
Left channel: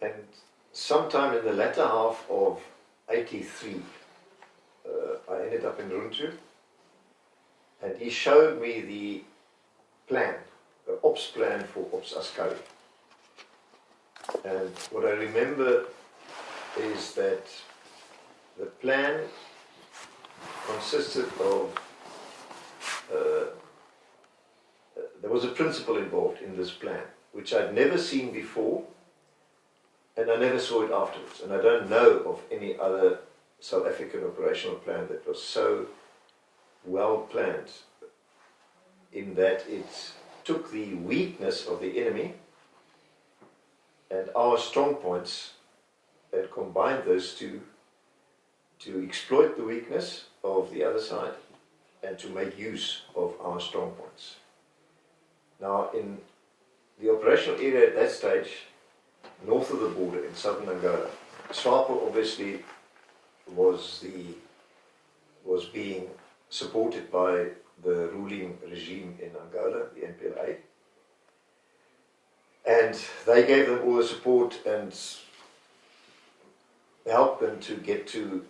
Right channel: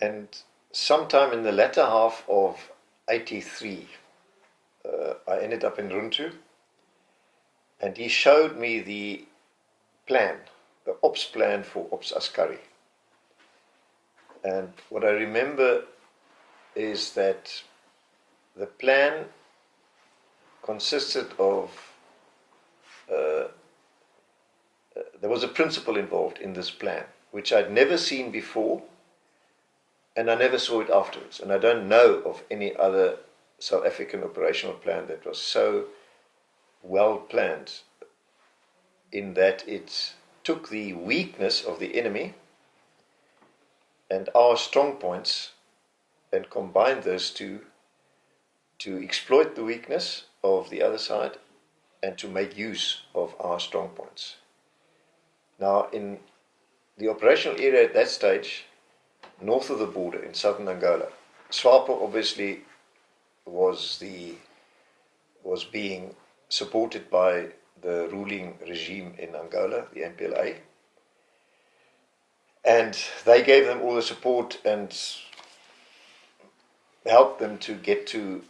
And sometime in the latter half of 83, I ended up in Runtu, and he showed me the plan, the ops plan for Ops Askari. And what I remember is that the plan consisted of, there was a principle involved in this plan, which I'd never seen before, and I never saw it afterwards. And I don't know of any other South African operational plan that was so well planned, in that it took the weakness of the enemy and our strong points and combined those two to exploit the weakness of the other side and to make use of our strong points. Now, in the operational area at that stage, north of the border in southern Angola, SWAPO obviously was being supported by the ruling regime in Angola, the MPLA, and they gave them all the support and helped them to get to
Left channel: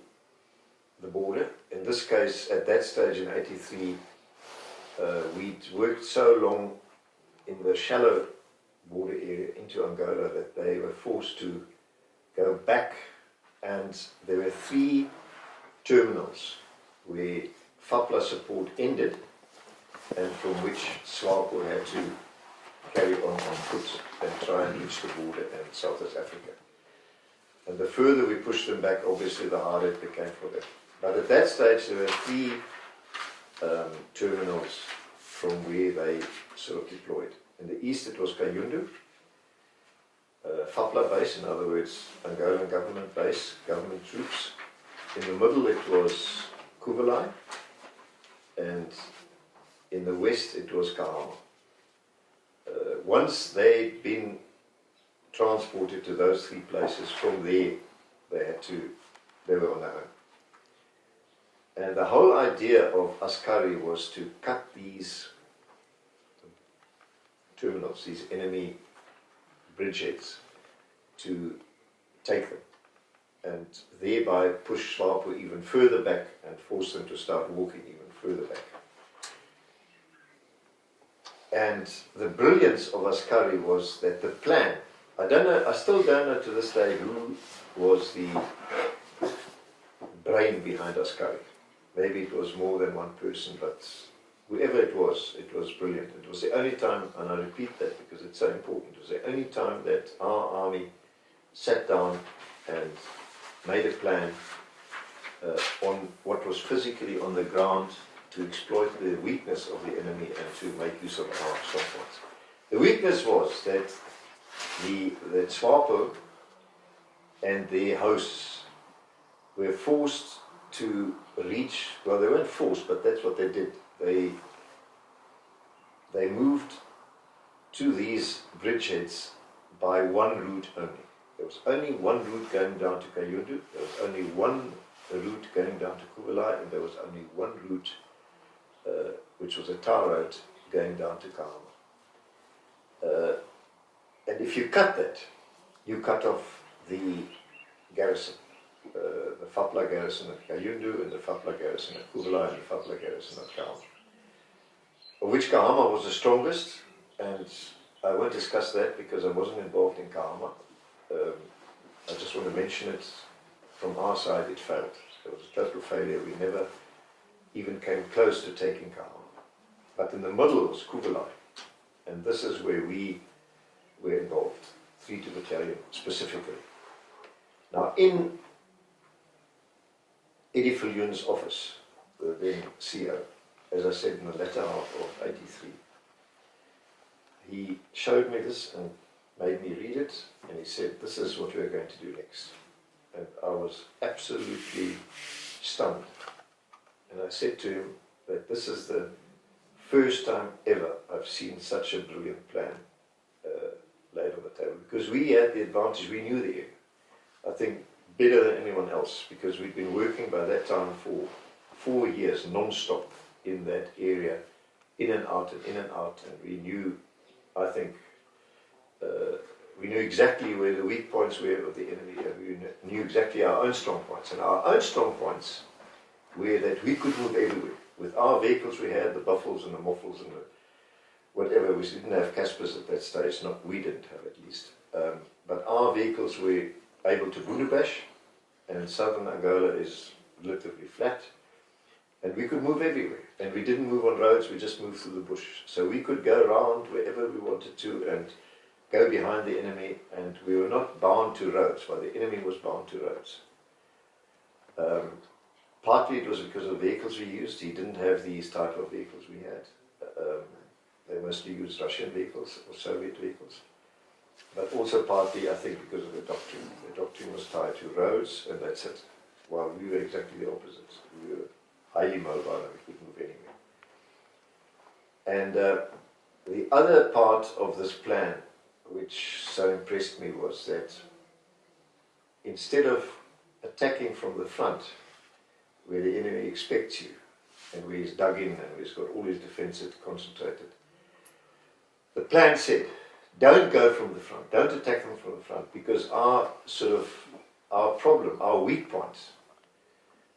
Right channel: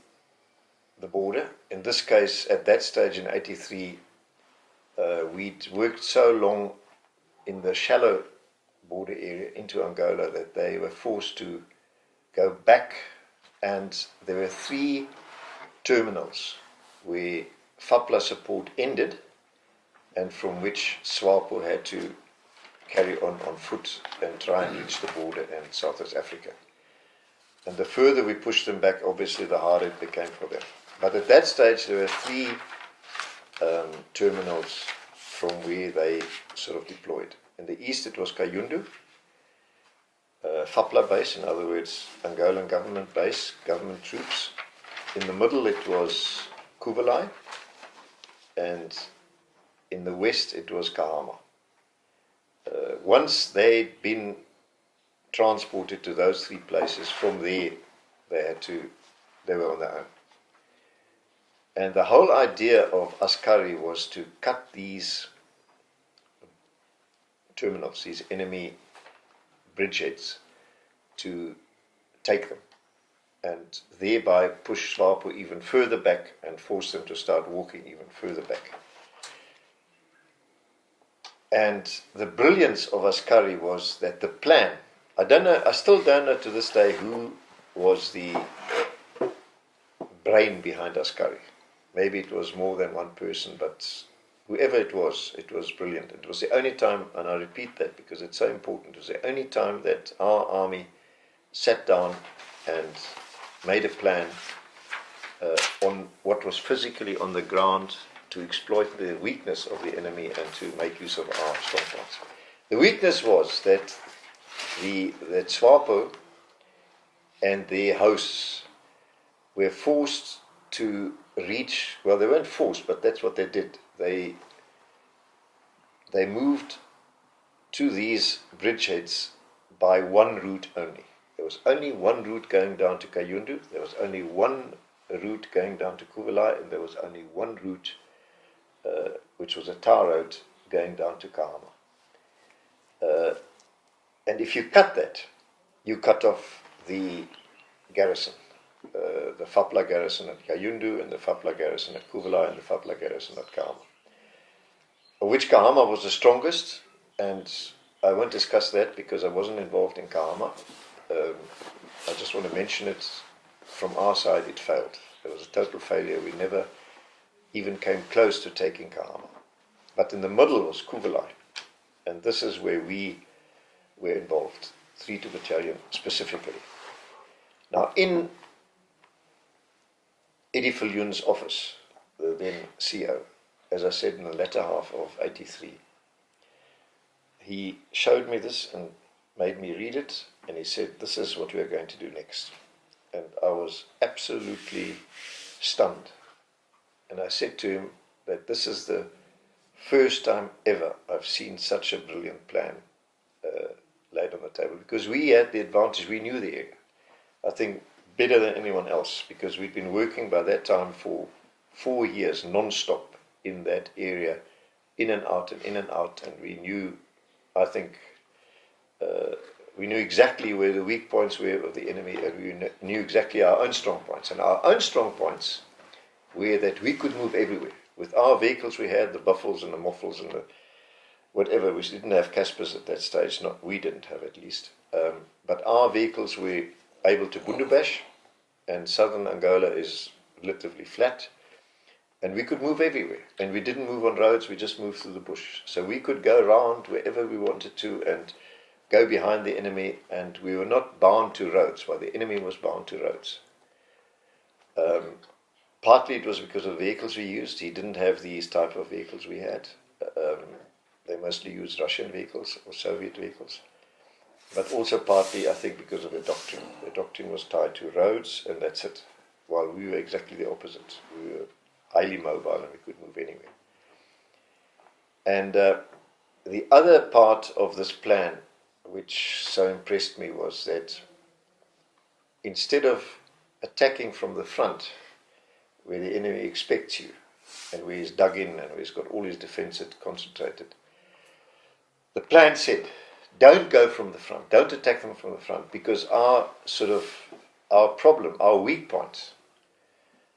the border. In this case, at that stage in 83, we'd worked so long in the shallow border area into Angola that they were forced to go back, and there were 3 terminals where FAPLA support ended and from which SWAPO had to carry on foot and try and reach the border in South Africa. And the further we pushed them back, obviously the harder it became for them. But at that stage there were 3 terminals from where they sort of deployed. In the east it was Kayundu, FAPLA base, in other words Angolan government base, government troops. In the middle it was Kuvalai, and in the west it was Kahama. Once they'd been transported to those 3 places, from there they were on their own. And the whole idea of Askari was to cut these terminals, these enemy bridgeheads, to take them, and thereby push SWAPO even further back and force them to start walking even further back. And the brilliance of Askari was that the plan, I still don't know to this day who was the brain behind Askari. Maybe it was more than one person, but whoever it was brilliant. It was the only time, and I repeat that because it's so important, it was the only time that our army sat down and made a plan on what was physically on the ground to exploit the weakness of the enemy and to make use of our strong points. The weakness was that that SWAPO and their hosts were forced to reach, well, they weren't forced, but that's what they did. They moved to these bridgeheads by one route only. There was only one route going down to Kayundu, there was only one route going down to Kuvalai, and there was only one route, which was a tar road, going down to Kahama. And if you cut that, you cut off the garrison. The FAPLA garrison at Kayundu, and the FAPLA garrison at Kuvalai, and the FAPLA garrison at Kahama. Of which Kahama was the strongest, and I won't discuss that because I wasn't involved in Kahama. I just want to mention it. From our side, it failed. It was a total failure. We never even came close to taking Kahama. But in the middle was Kugelai. And this is where we were involved, 3 Battalion specifically. Now, in Eddie Viljoen's office, the then CO, as I said, in the latter half of '83, he showed me this and made me read it, and he said, this is what we are going to do next. And I was absolutely stunned. And I said to him that this is the first time ever I've seen such a brilliant plan laid on the table. Because we had the advantage, we knew the area. I think better than anyone else, because we'd been working by that time for 4 years non-stop in that area, in and out, and we knew, I think, we knew exactly where the weak points were of the enemy, and we knew exactly our own strong points. And our own strong points were that we could move everywhere. With our vehicles we had, the Buffles and the Moffles and the whatever, we didn't have Caspers at that stage, not we didn't have at least. But our vehicles were able to bundubash, and southern Angola is relatively flat, and we could move everywhere. And we didn't move on roads, we just moved through the bush. So we could go around wherever we wanted to and go behind the enemy, and we were not bound to roads, while the enemy was bound to roads. Partly it was because of the vehicles we used. He didn't have these type of vehicles we had. They mostly used Russian vehicles or Soviet vehicles. But also partly, I think, because of the doctrine. The doctrine was tied to roads, and that's it. While we were exactly the opposite. We were highly mobile and we could move anywhere. And the other part of this plan, which so impressed me, was that instead of attacking from the front, where the enemy expects you, and where he's dug in and where he's got all his defences concentrated, the plan said, don't go from the front, don't attack them from the front, because our problem, our weak point,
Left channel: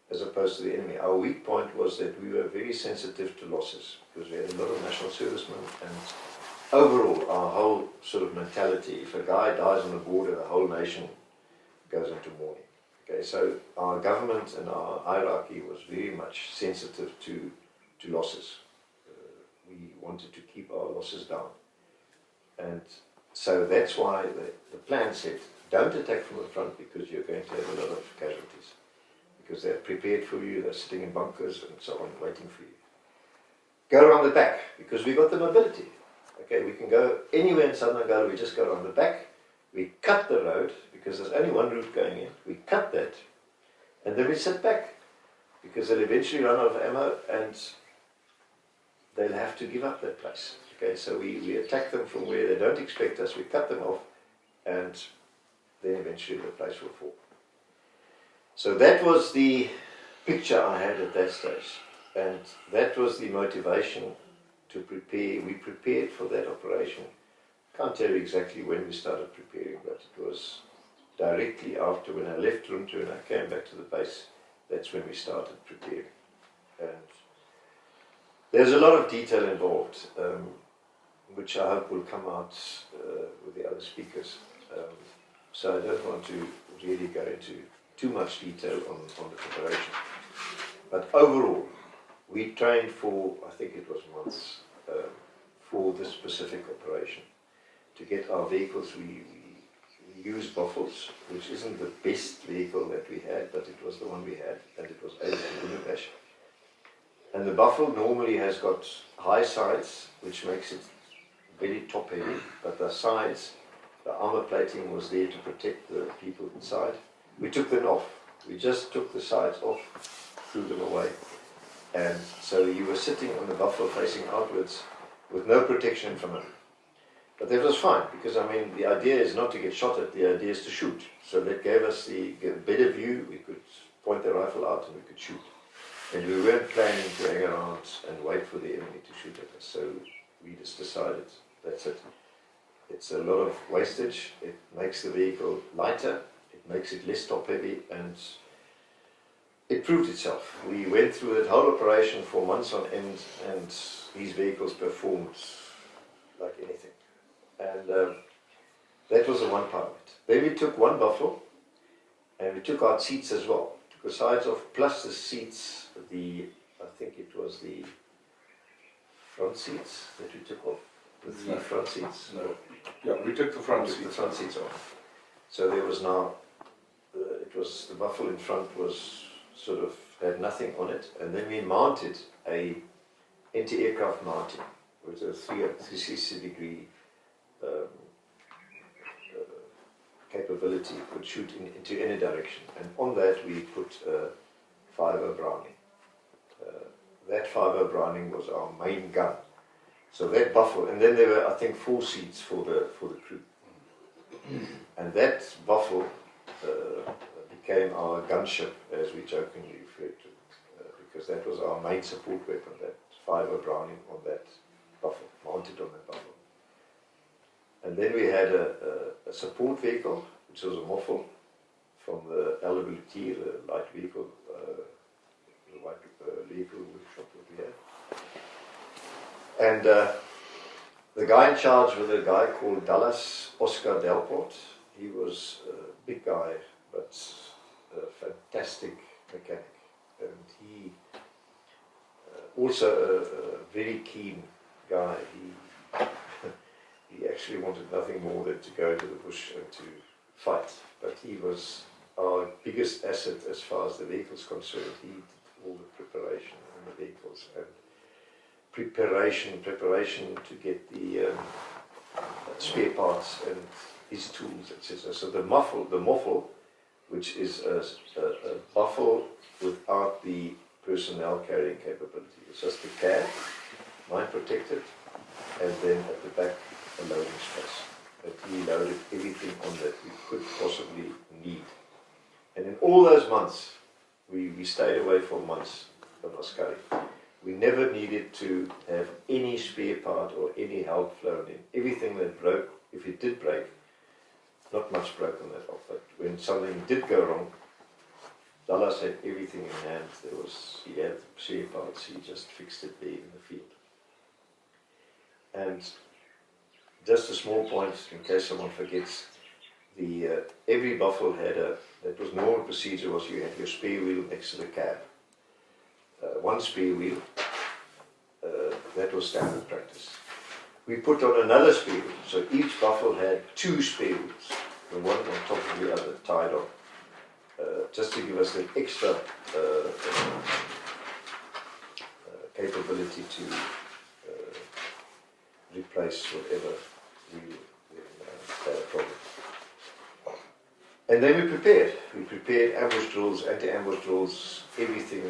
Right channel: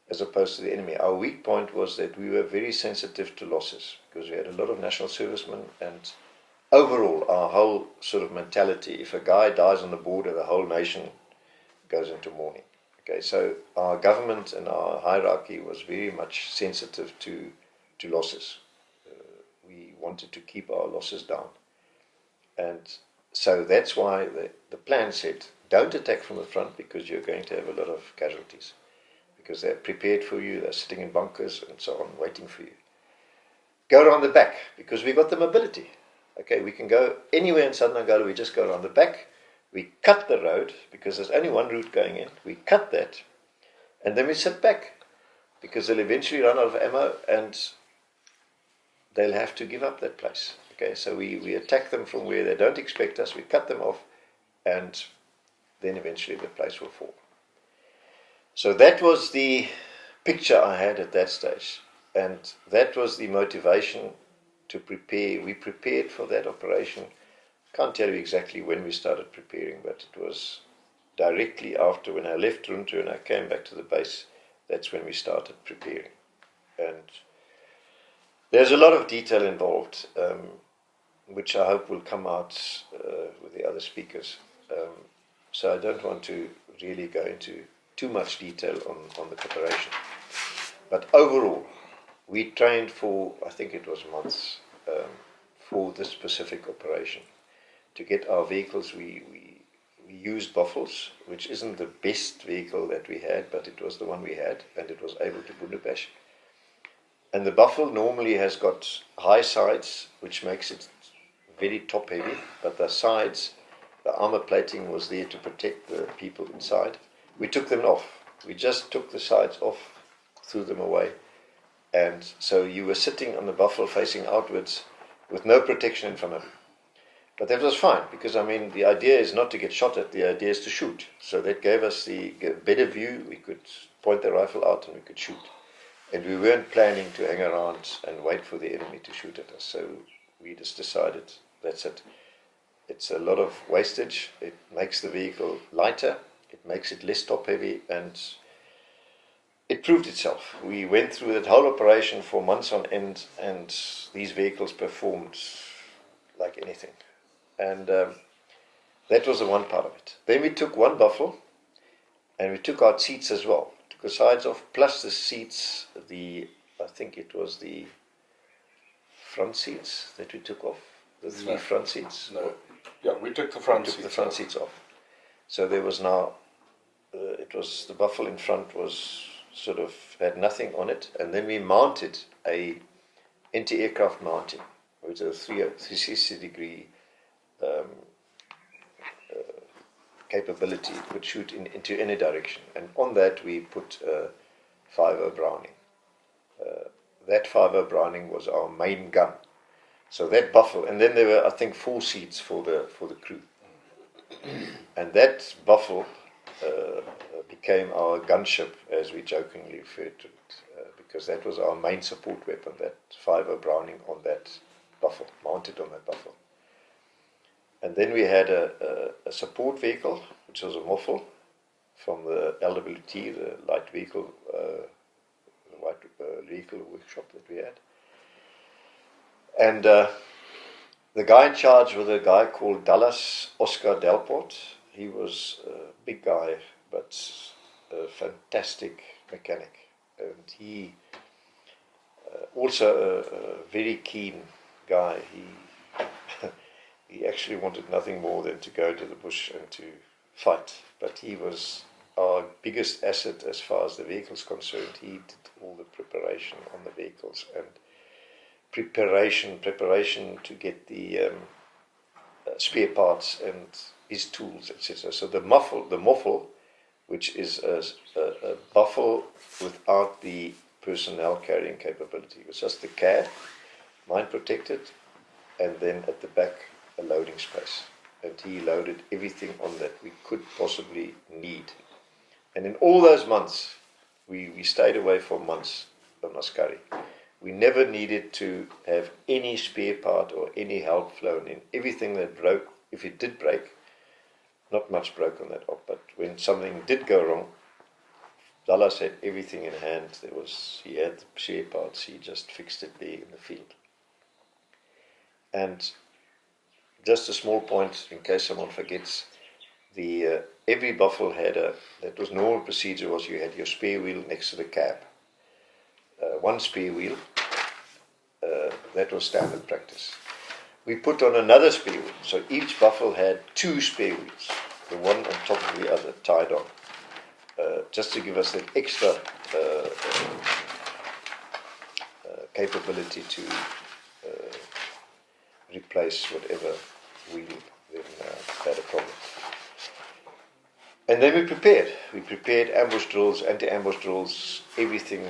as opposed to the enemy, our weak point was that we were very sensitive to losses, because we had a lot of national servicemen, and overall, our whole sort of mentality, if a guy dies on the border, the whole nation goes into mourning. Okay, so our government and our hierarchy was very much sensitive to losses. We wanted to keep our losses down. And so that's why the plan said, don't attack from the front, because you're going to have a lot of casualties. Because they're prepared for you, they're sitting in bunkers and so on, waiting for you. Go around the back, because we've got the mobility. Okay, we can go anywhere in southern Angola, we just go around the back. We cut the road, because there's only one route going in. We cut that, and then we sit back, because they'll eventually run out of ammo, and they'll have to give up that place. Okay, so we attack them from where they don't expect us, we cut them off, and then eventually the place will fall. So that was the picture I had at that stage, and that was the motivation to prepare. We prepared for that operation. Can't tell you exactly when we started preparing, but it was directly after, when I left Runtu and I came back to the base, that's when we started preparing. And there's a lot of detail involved, which I hope will come out with the other speakers. So I don't want to really go into too much detail on the preparation. But overall, we trained for, I think it was months, for this specific operation. To get our vehicles, we used Buffles, which isn't the best vehicle that we had, but it was the one we had, and it was able to bundubash. And the Buffalo normally has got high sides, which makes it very top heavy, but the sides, the armor plating was there to protect the people inside. We took them off. We just took the sides off, threw them away. And so you were sitting on the Buffalo facing outwards with no protection in front of you. But that was fine, because I mean, the idea is not to get shot at, the idea is to shoot. So that gave us the better view. We could point the rifle out and we could shoot. And we weren't planning to hang around and wait for the enemy to shoot at us. So we just decided, that's it. It's a lot of wastage. It makes the vehicle lighter. It makes it less top heavy, and it proved itself. We went through that whole operation for months on end, and these vehicles performed like anything. And that was the one part of it. Then we took one buffalo, and we took out seats as well. Took the sides off, plus the seats, I think it was the front seats that we took off, the three front seats. No. Yeah, we took the front We took seat. the front seats off. So there was now, it was, the buffalo in front was sort of, had nothing on it, and then we mounted a anti-aircraft mounting, which is a 360-degree capability. It would shoot into any direction, and on that we put a 5.0 Browning. That 5.0 Browning was our main gun. So that buffalo, and then there were, I think, 4 seats for the crew. And that buffalo became our gunship, as we jokingly referred to it, because that was our main support weapon, that 5.0 Browning on that buffalo, mounted on that buffalo. And then we had a support vehicle, which was a Moffel from the LWT, the light vehicle, vehicle workshop that we had. And the guy in charge was a guy called Dallas Oscar Delport. He was a big guy, but a fantastic mechanic. And he also a very keen guy. He actually wanted nothing more than to go into the bush and to fight. But he was our biggest asset as far as the vehicle's concerned. He did all the preparation on the vehicles and preparation to get the spare parts and his tools, etc. So the Moffel, which is a buffle without the personnel carrying capability. It was just the cab, mine protected, and then at the back a loading space. And he loaded everything on that we could possibly need. And in all those months, we stayed away for months from Askari. We never needed to have any spare part or any help flown in. Everything that broke, if it did break, not much broke on that op, but when something did go wrong, Dallas had everything in hand. He had the spare parts, he just fixed it there in the field. And just a small point, in case someone forgets, every buffalo had that was normal procedure was you had your spare wheel next to the cab. One spare wheel, that was standard practice. We put on another spare wheel, so each buffalo had 2 spare wheels, the one on top of the other tied on, just to give us an extra capability to replace whatever wheel then had a problem. And then we prepared ambush drills, anti-ambush drills, everything.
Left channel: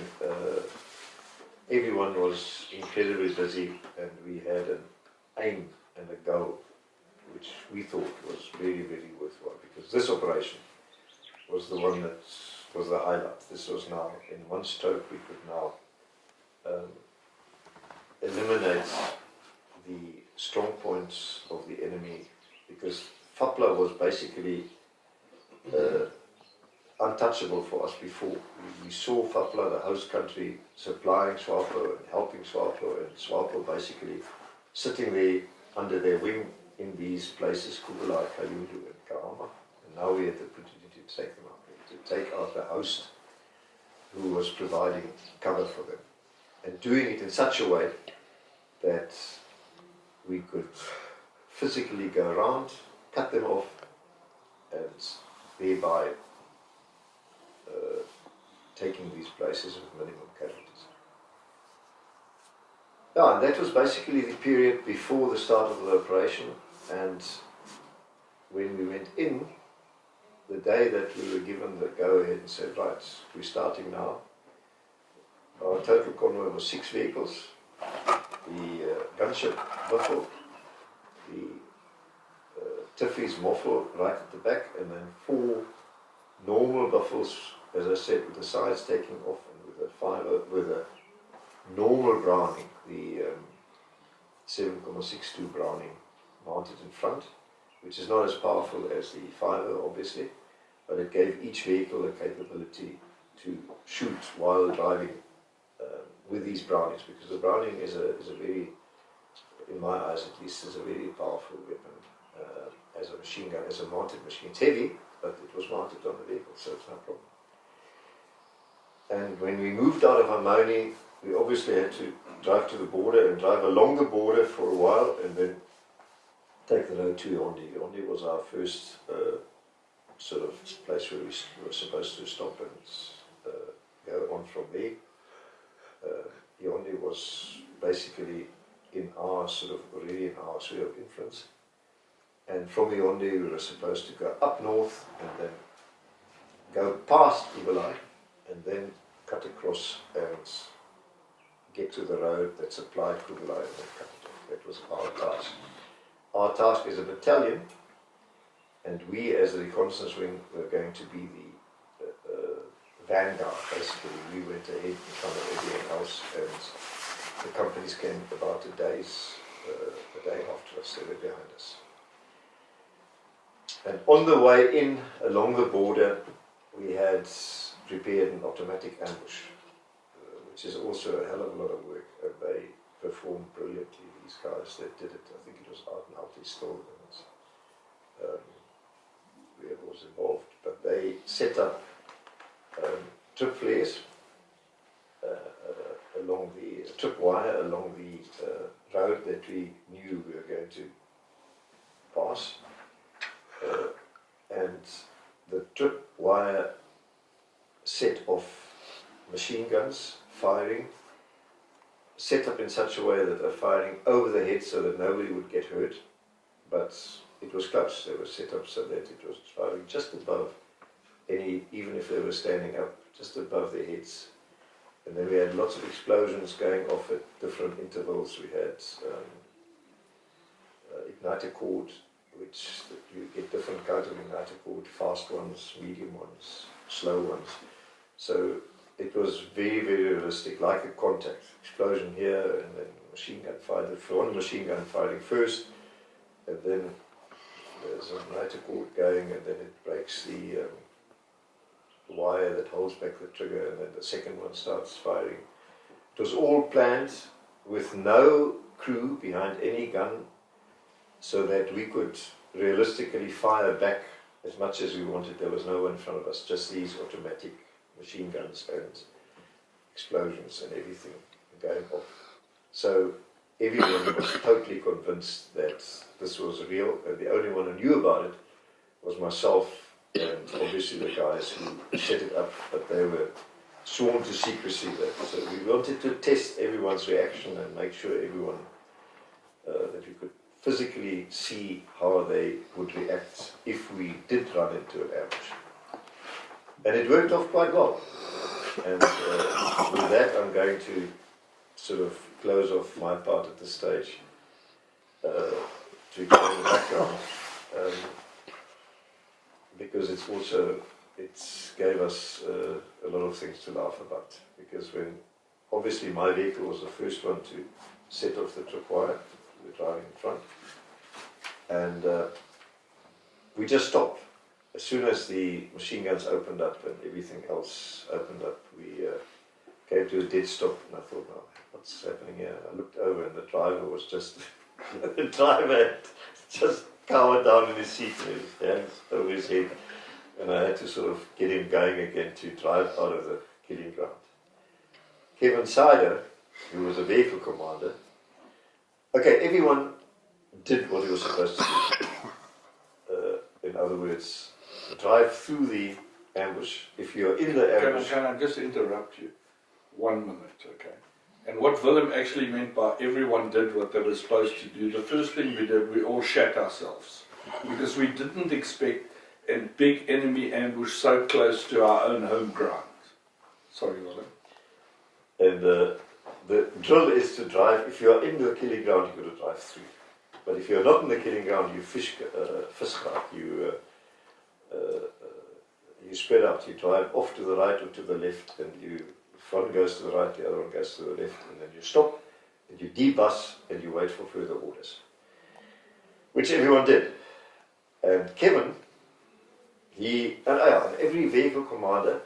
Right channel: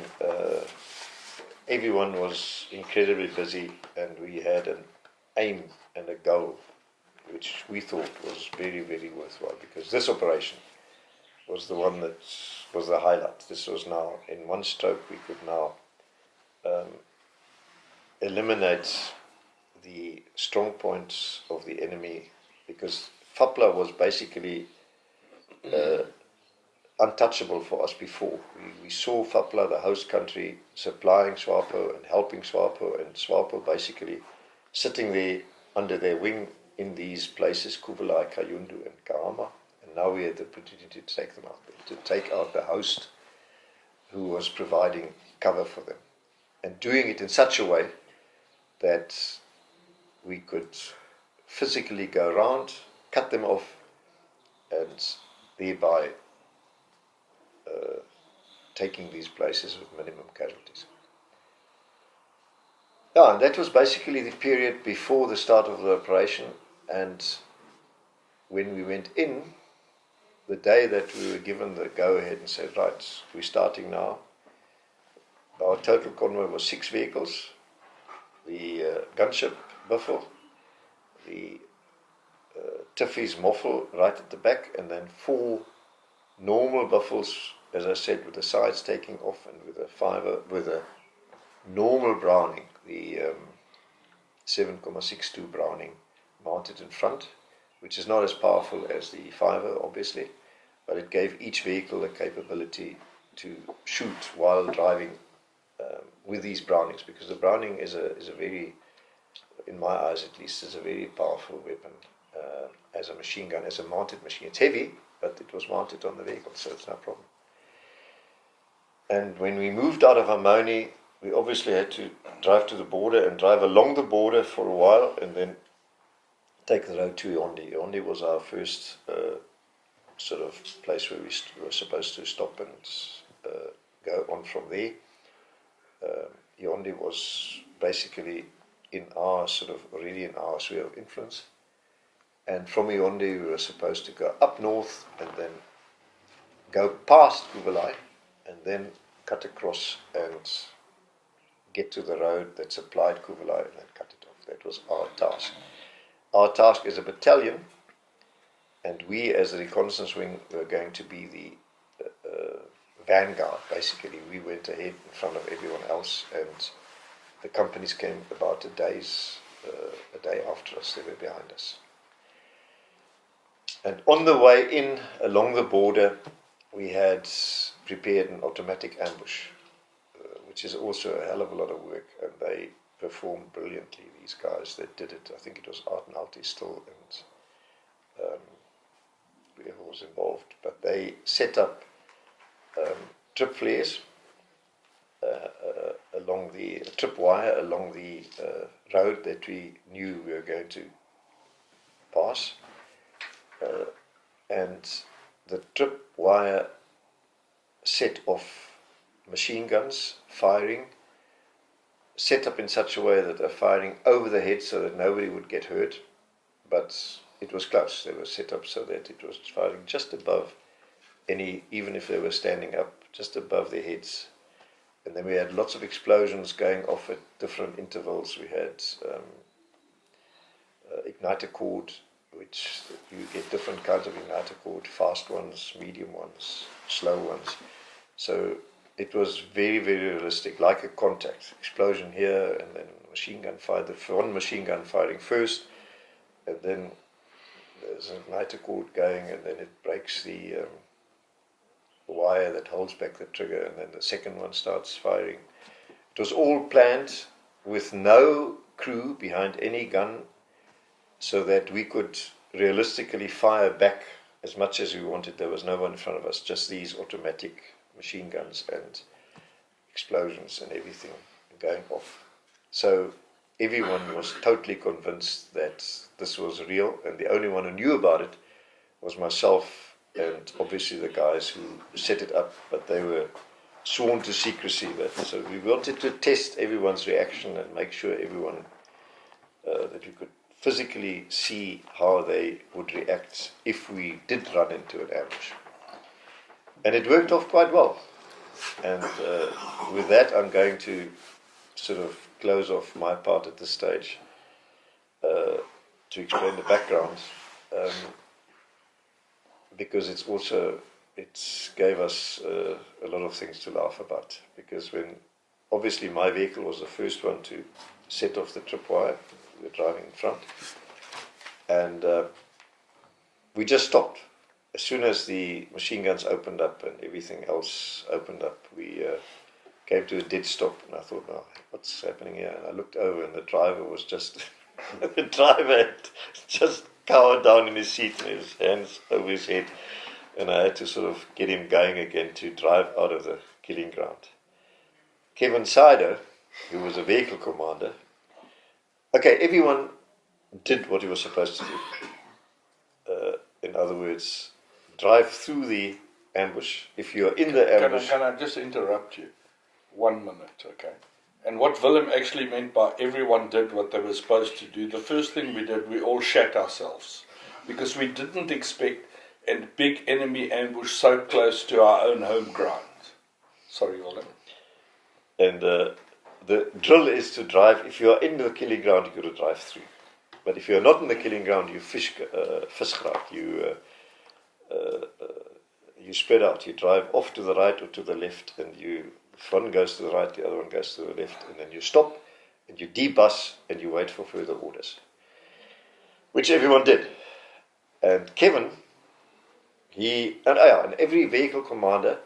Everyone was incredibly busy, and we had an aim and a goal, which we thought was very, very worthwhile, because this operation was the one that was the highlight. This was now, in one stroke, we could now eliminate the strong points of the enemy, because FAPLA was basically untouchable for us before. We saw FAPLA, the host country, supplying SWAPO and helping SWAPO, and SWAPO basically sitting there under their wing in these places, Kubalai, Kayundu and Kahama, and now we had the opportunity to take them out, to take out the host who was providing cover for them, and doing it in such a way that we could physically go around, cut them off, and thereby taking these places with minimum casualties. Yeah, and that was basically the period before the start of the operation. And when we went in, the day that we were given the go-ahead and said, right, we're starting now, our total convoy was 6 vehicles, the gunship Buffalo, the Tiffy's Moffel right at the back, and then 4 normal Buffles, as I said, with the sides taking off, and with a normal Browning, the 7.62 Browning mounted in front, which is not as powerful as the 5.0 obviously, but it gave each vehicle the capability to shoot while driving with these Brownings, because the Browning is a very, in my eyes at least, is a very powerful weapon. as a machine gun, as a mounted machine. It's heavy, but it was mounted on the vehicle, so it's no problem. And when we moved out of Harmony, we obviously had to drive to the border and drive along the border for a while and then take the road to Yaoundé. Yaoundé was our first sort of place where we were supposed to stop and go on from there. Yaoundé was basically already in our sphere of influence. And from Yaoundé we were supposed to go up north and then go past Kubalai and then cut across and get to the road that supplied Kubalai and then cut it off. That was our task. Our task as a battalion, and we as the reconnaissance wing were going to be the vanguard, basically. We went ahead in front of everyone else, and the companies came about a day after us. They were behind us. And on the way in, along the border, we had prepared an automatic ambush, which is also a hell of a lot of work, and they performed brilliantly, these guys that did it. I think it was Art and Alti still, and whoever was involved, but they set up trip flares along the trip wire along the road that we knew we were going to pass, and the trip wire set off machine guns firing, set up in such a way that they're firing over the head so that nobody would get hurt, but it was close. They were set up so that it was firing just above even if they were standing up, just above their heads. And then we had lots of explosions going off at different intervals. We had igniter cord, which you get different kinds of igniter cord, fast ones, medium ones, slow ones. So it was very, very realistic, like a contact. Explosion here, and then machine gun fire, one machine gun firing first, and then there's an igniter cord going, and then it breaks the wire that holds back the trigger, and then the second one starts firing. It was all planned with no crew behind any gun, so that we could realistically fire back as much as we wanted. There was no one in front of us, just these automatic machine guns and explosions and everything going off. So everyone was totally convinced that this was real, and the only one who knew about it was myself and obviously the guys who set it up, but they were sworn to secrecy. So we wanted to test everyone's reaction and make sure everyone that we could physically see how they would react if we did run into an ambush. And it worked off quite well. And with that, I'm going to sort of close off my part at this stage to explain the background, because it gave us a lot of things to laugh about. Because when obviously my vehicle was the first one to set off the tripwire, we were driving in front, and we just stopped. As soon as the machine guns opened up and everything else opened up, we came to a dead stop, and I thought, oh, what's happening here? And I looked over, and the driver was just, the driver had just cowered down in his seat with his hands over his head, and I had to sort of get him going again to drive out of the killing ground. Kevin Sider, who was a vehicle commander, okay, everyone did what he was supposed to do. In other words, drive through the ambush. If you're in the ambush... Can I just interrupt you? 1 minute, okay? And what Willem actually meant by everyone did what they were supposed to do, the first thing we did, we all shat ourselves. Because we didn't expect a big enemy ambush so close to our own home ground. Sorry, Willem. And the drill is to drive, if you are in the killing ground, you've got to drive through. But if you're not in the killing ground, you fish out. You spread out. You drive off to the right or to the left, and if one goes to the right, the other one goes to the left, and then you stop, and you debus, and you wait for further orders. Which everyone did. And Kevin, and every vehicle commander,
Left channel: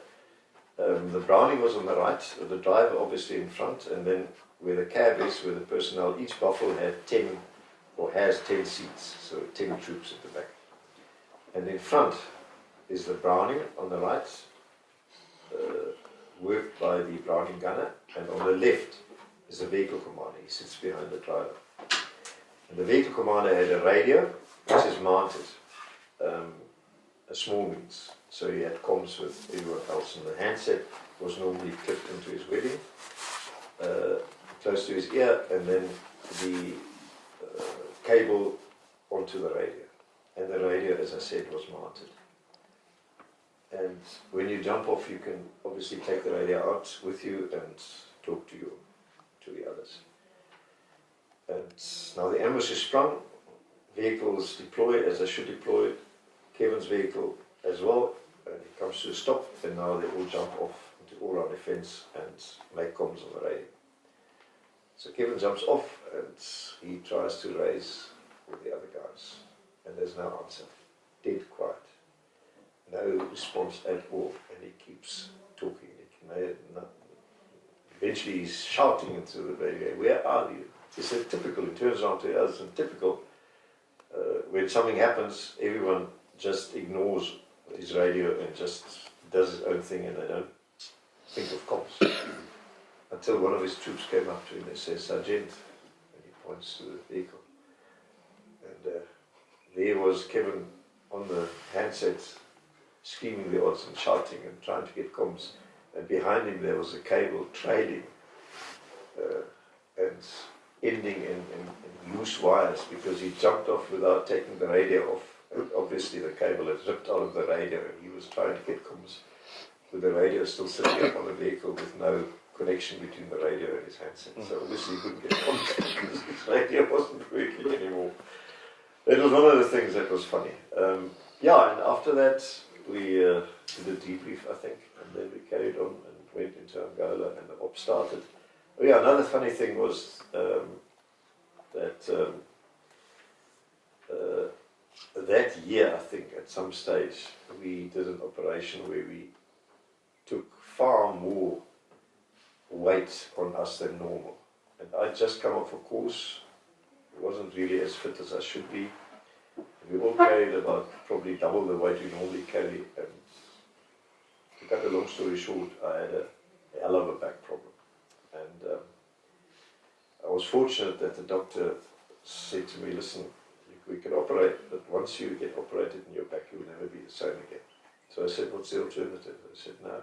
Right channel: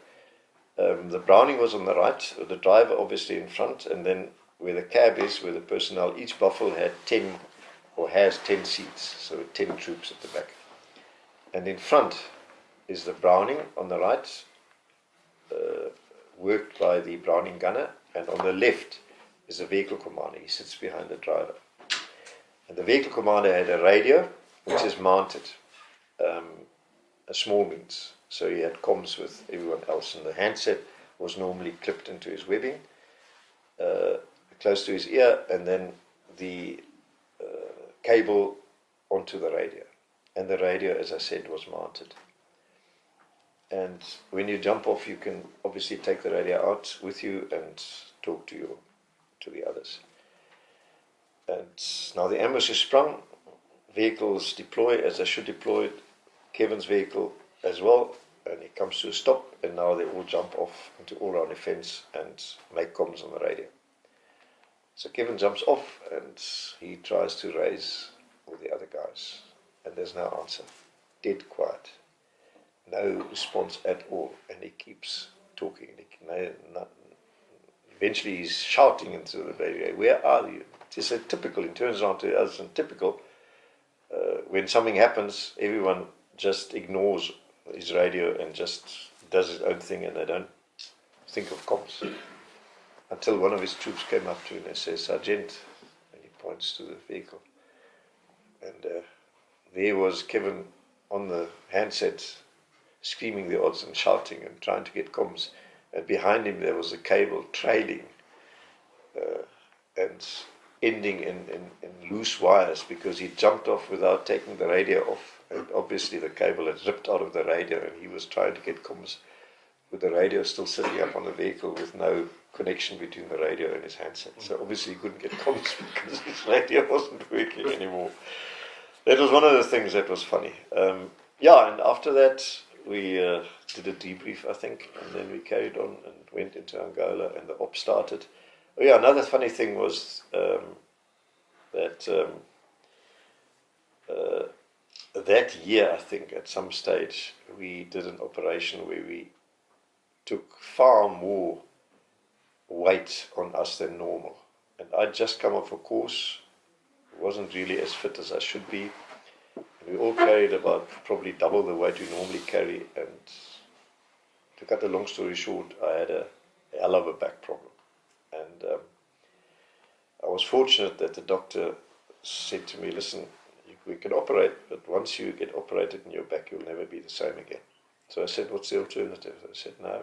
the Browning was on the right, the driver obviously in front, and then where the cab is, where the personnel, each buffel had 10 or has 10 seats, so 10 troops at the back. And in front is the Browning on the right, worked by the Browning gunner, and on the left is the vehicle commander. He sits behind the driver. And the vehicle commander had a radio which is mounted, a small means, so he had comms with everyone else, and the handset was normally clipped into his webbing, close to his ear, and then the cable onto the radio. And the radio, as I said, was mounted. And when you jump off, you can obviously take the radio out with you and talk to the others. And now the ambush is sprung, vehicles deploy as they should deploy, Kevin's vehicle as well, and he comes to a stop, and now they all jump off into all-round defense and make comms on the radio. So Kevin jumps off and he tries to raise with the other guys, and there's no answer, dead quiet. No response at all, and he keeps talking. Eventually he's shouting into the radio, "Where are you?" It's a typical, he turns around to us, and typical, when something happens, everyone just ignores his radio and just does his own thing, and they don't think of comms. Until one of his troops came up to him and says, "Sergeant," and he points to the vehicle. And there was Kevin on the handset, screaming the odds and shouting and trying to get comms, and behind him there was a cable trailing and ending in loose wires, because he jumped off without taking the radio off, and obviously the cable had ripped out of the radio, and he was trying to get comms with the radio still sitting up on the vehicle with no connection between the radio and his handset. So obviously he couldn't get comms because his radio wasn't working anymore. That was one of the things that was funny. Yeah, and after that we did a debrief, I think, and then we carried on and went into Angola, and the op started. Oh yeah, another funny thing was that that year, I think, at some stage, we did an operation where we took far more weight on us than normal. And I'd just come off a course, wasn't really as fit as I should be. We all carried about probably double the weight we normally carry, and to cut a long story short, I had a hell of a back problem. And I was fortunate that the doctor said to me, "Listen, we can operate, but once you get operated in your back, you'll never be the same again." So I said, "What's the alternative?" I said, "No,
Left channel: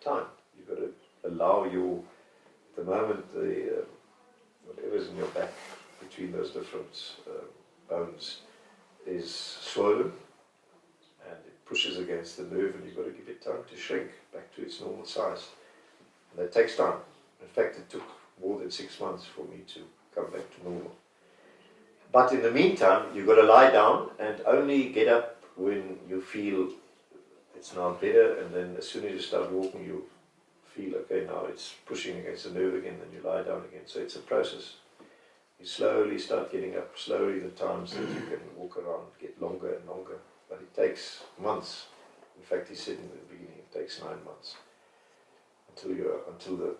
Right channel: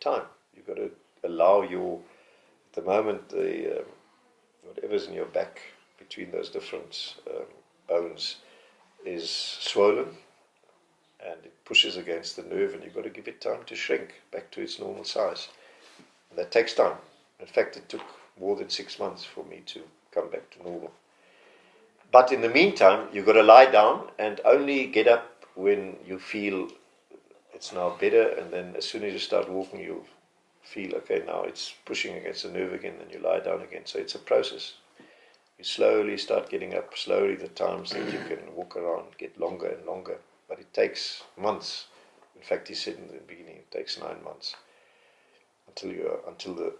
time. You've got to allow at the moment, whatever's in your back between those different bones is swollen, and it pushes against the nerve, and you've got to give it time to shrink back to its normal size. And that takes time. In fact, it took more than 6 months for me to come back to normal. But in the meantime, you've got to lie down and only get up when you feel it's now better, and then as soon as you start walking, you feel, okay, now it's pushing against the nerve again, and you lie down again. So it's a process. You slowly start getting up, slowly the times that you can walk around get longer and longer, but it takes months. In fact, he said in the beginning, it takes 9 months until the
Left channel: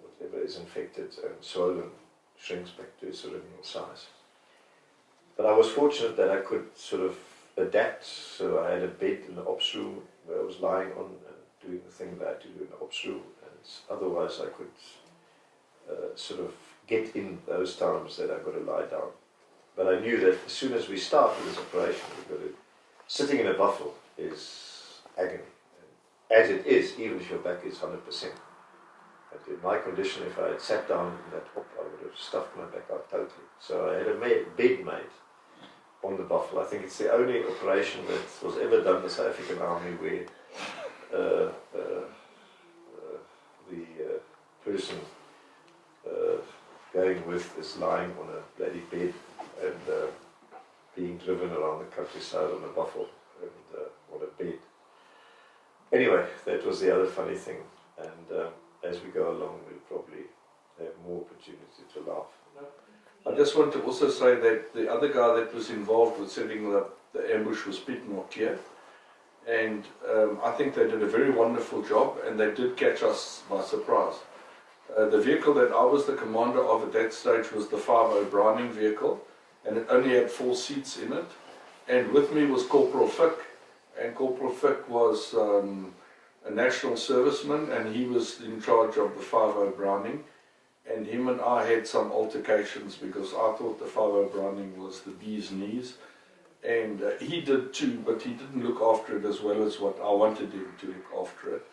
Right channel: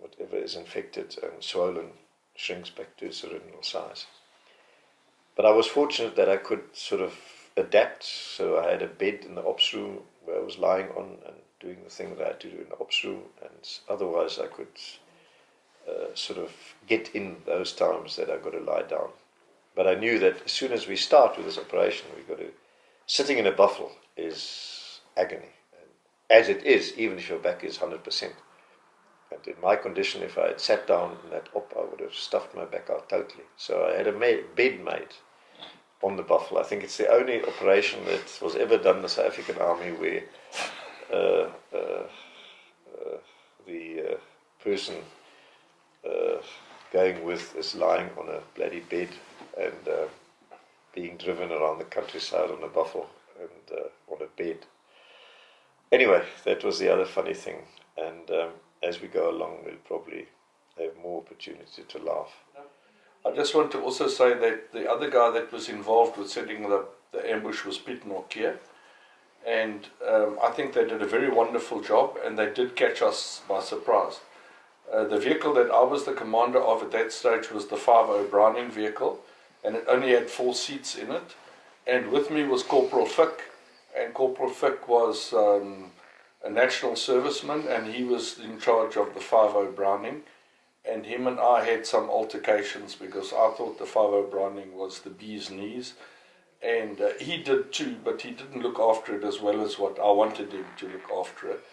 whatever is infected and swollen shrinks back to its original size. But I was fortunate that I could sort of adapt, so I had a bed in the ops room where I was lying on and doing the thing that I had to do in the ops room, and otherwise I could sort of get in those times that I've got to lie down. But I knew that as soon as we start with this operation, sitting in a buffalo is agony, as it is, even if your back is 100%. And in my condition, if I had sat down in that op, I would have stuffed my back out totally. So I had a bed made on the buffalo. I think it's the only operation that was ever done in the South African Army where the person going with is lying on a bloody bed and being driven around the countryside on a buffalo and on a bed. Anyway, that was the other funny thing, and as we go along, we'll probably have more opportunity to laugh. I just want to also say that the other guy that was involved with setting the ambush was Pete Mortier, and I think they did a very wonderful job, and they did catch us by surprise. The vehicle that I was the commander of at that stage was the 5 Browning vehicle, and it only had 4 seats in it. And with me was Corporal Fick, and Corporal Fick was a national serviceman, and he was in charge of the 5.0 Browning. And him and I had some altercations because I thought the 5.0 Browning was the bee's knees. And he did too, but he didn't look after it as well as what I wanted him to look after it.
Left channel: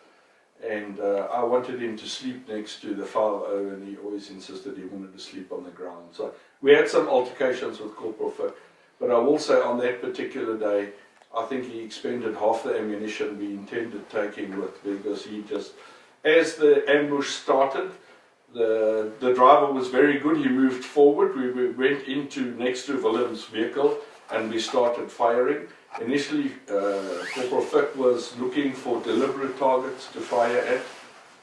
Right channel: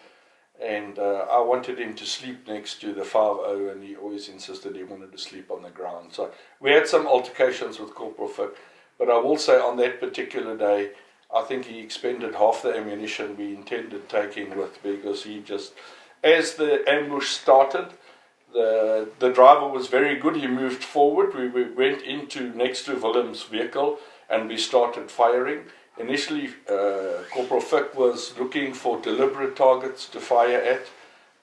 And I wanted him to sleep next to the 5.0, and he always insisted he wanted to sleep on the ground. So we had some altercations with Corporal Fick, but I will say on that particular day, I think he expended half the ammunition we intended taking with, because he just, as the ambush started, the driver was very good. He moved forward. We went into next to Willem's vehicle and we started firing. Initially, Corporal Fick was looking for deliberate targets to fire at,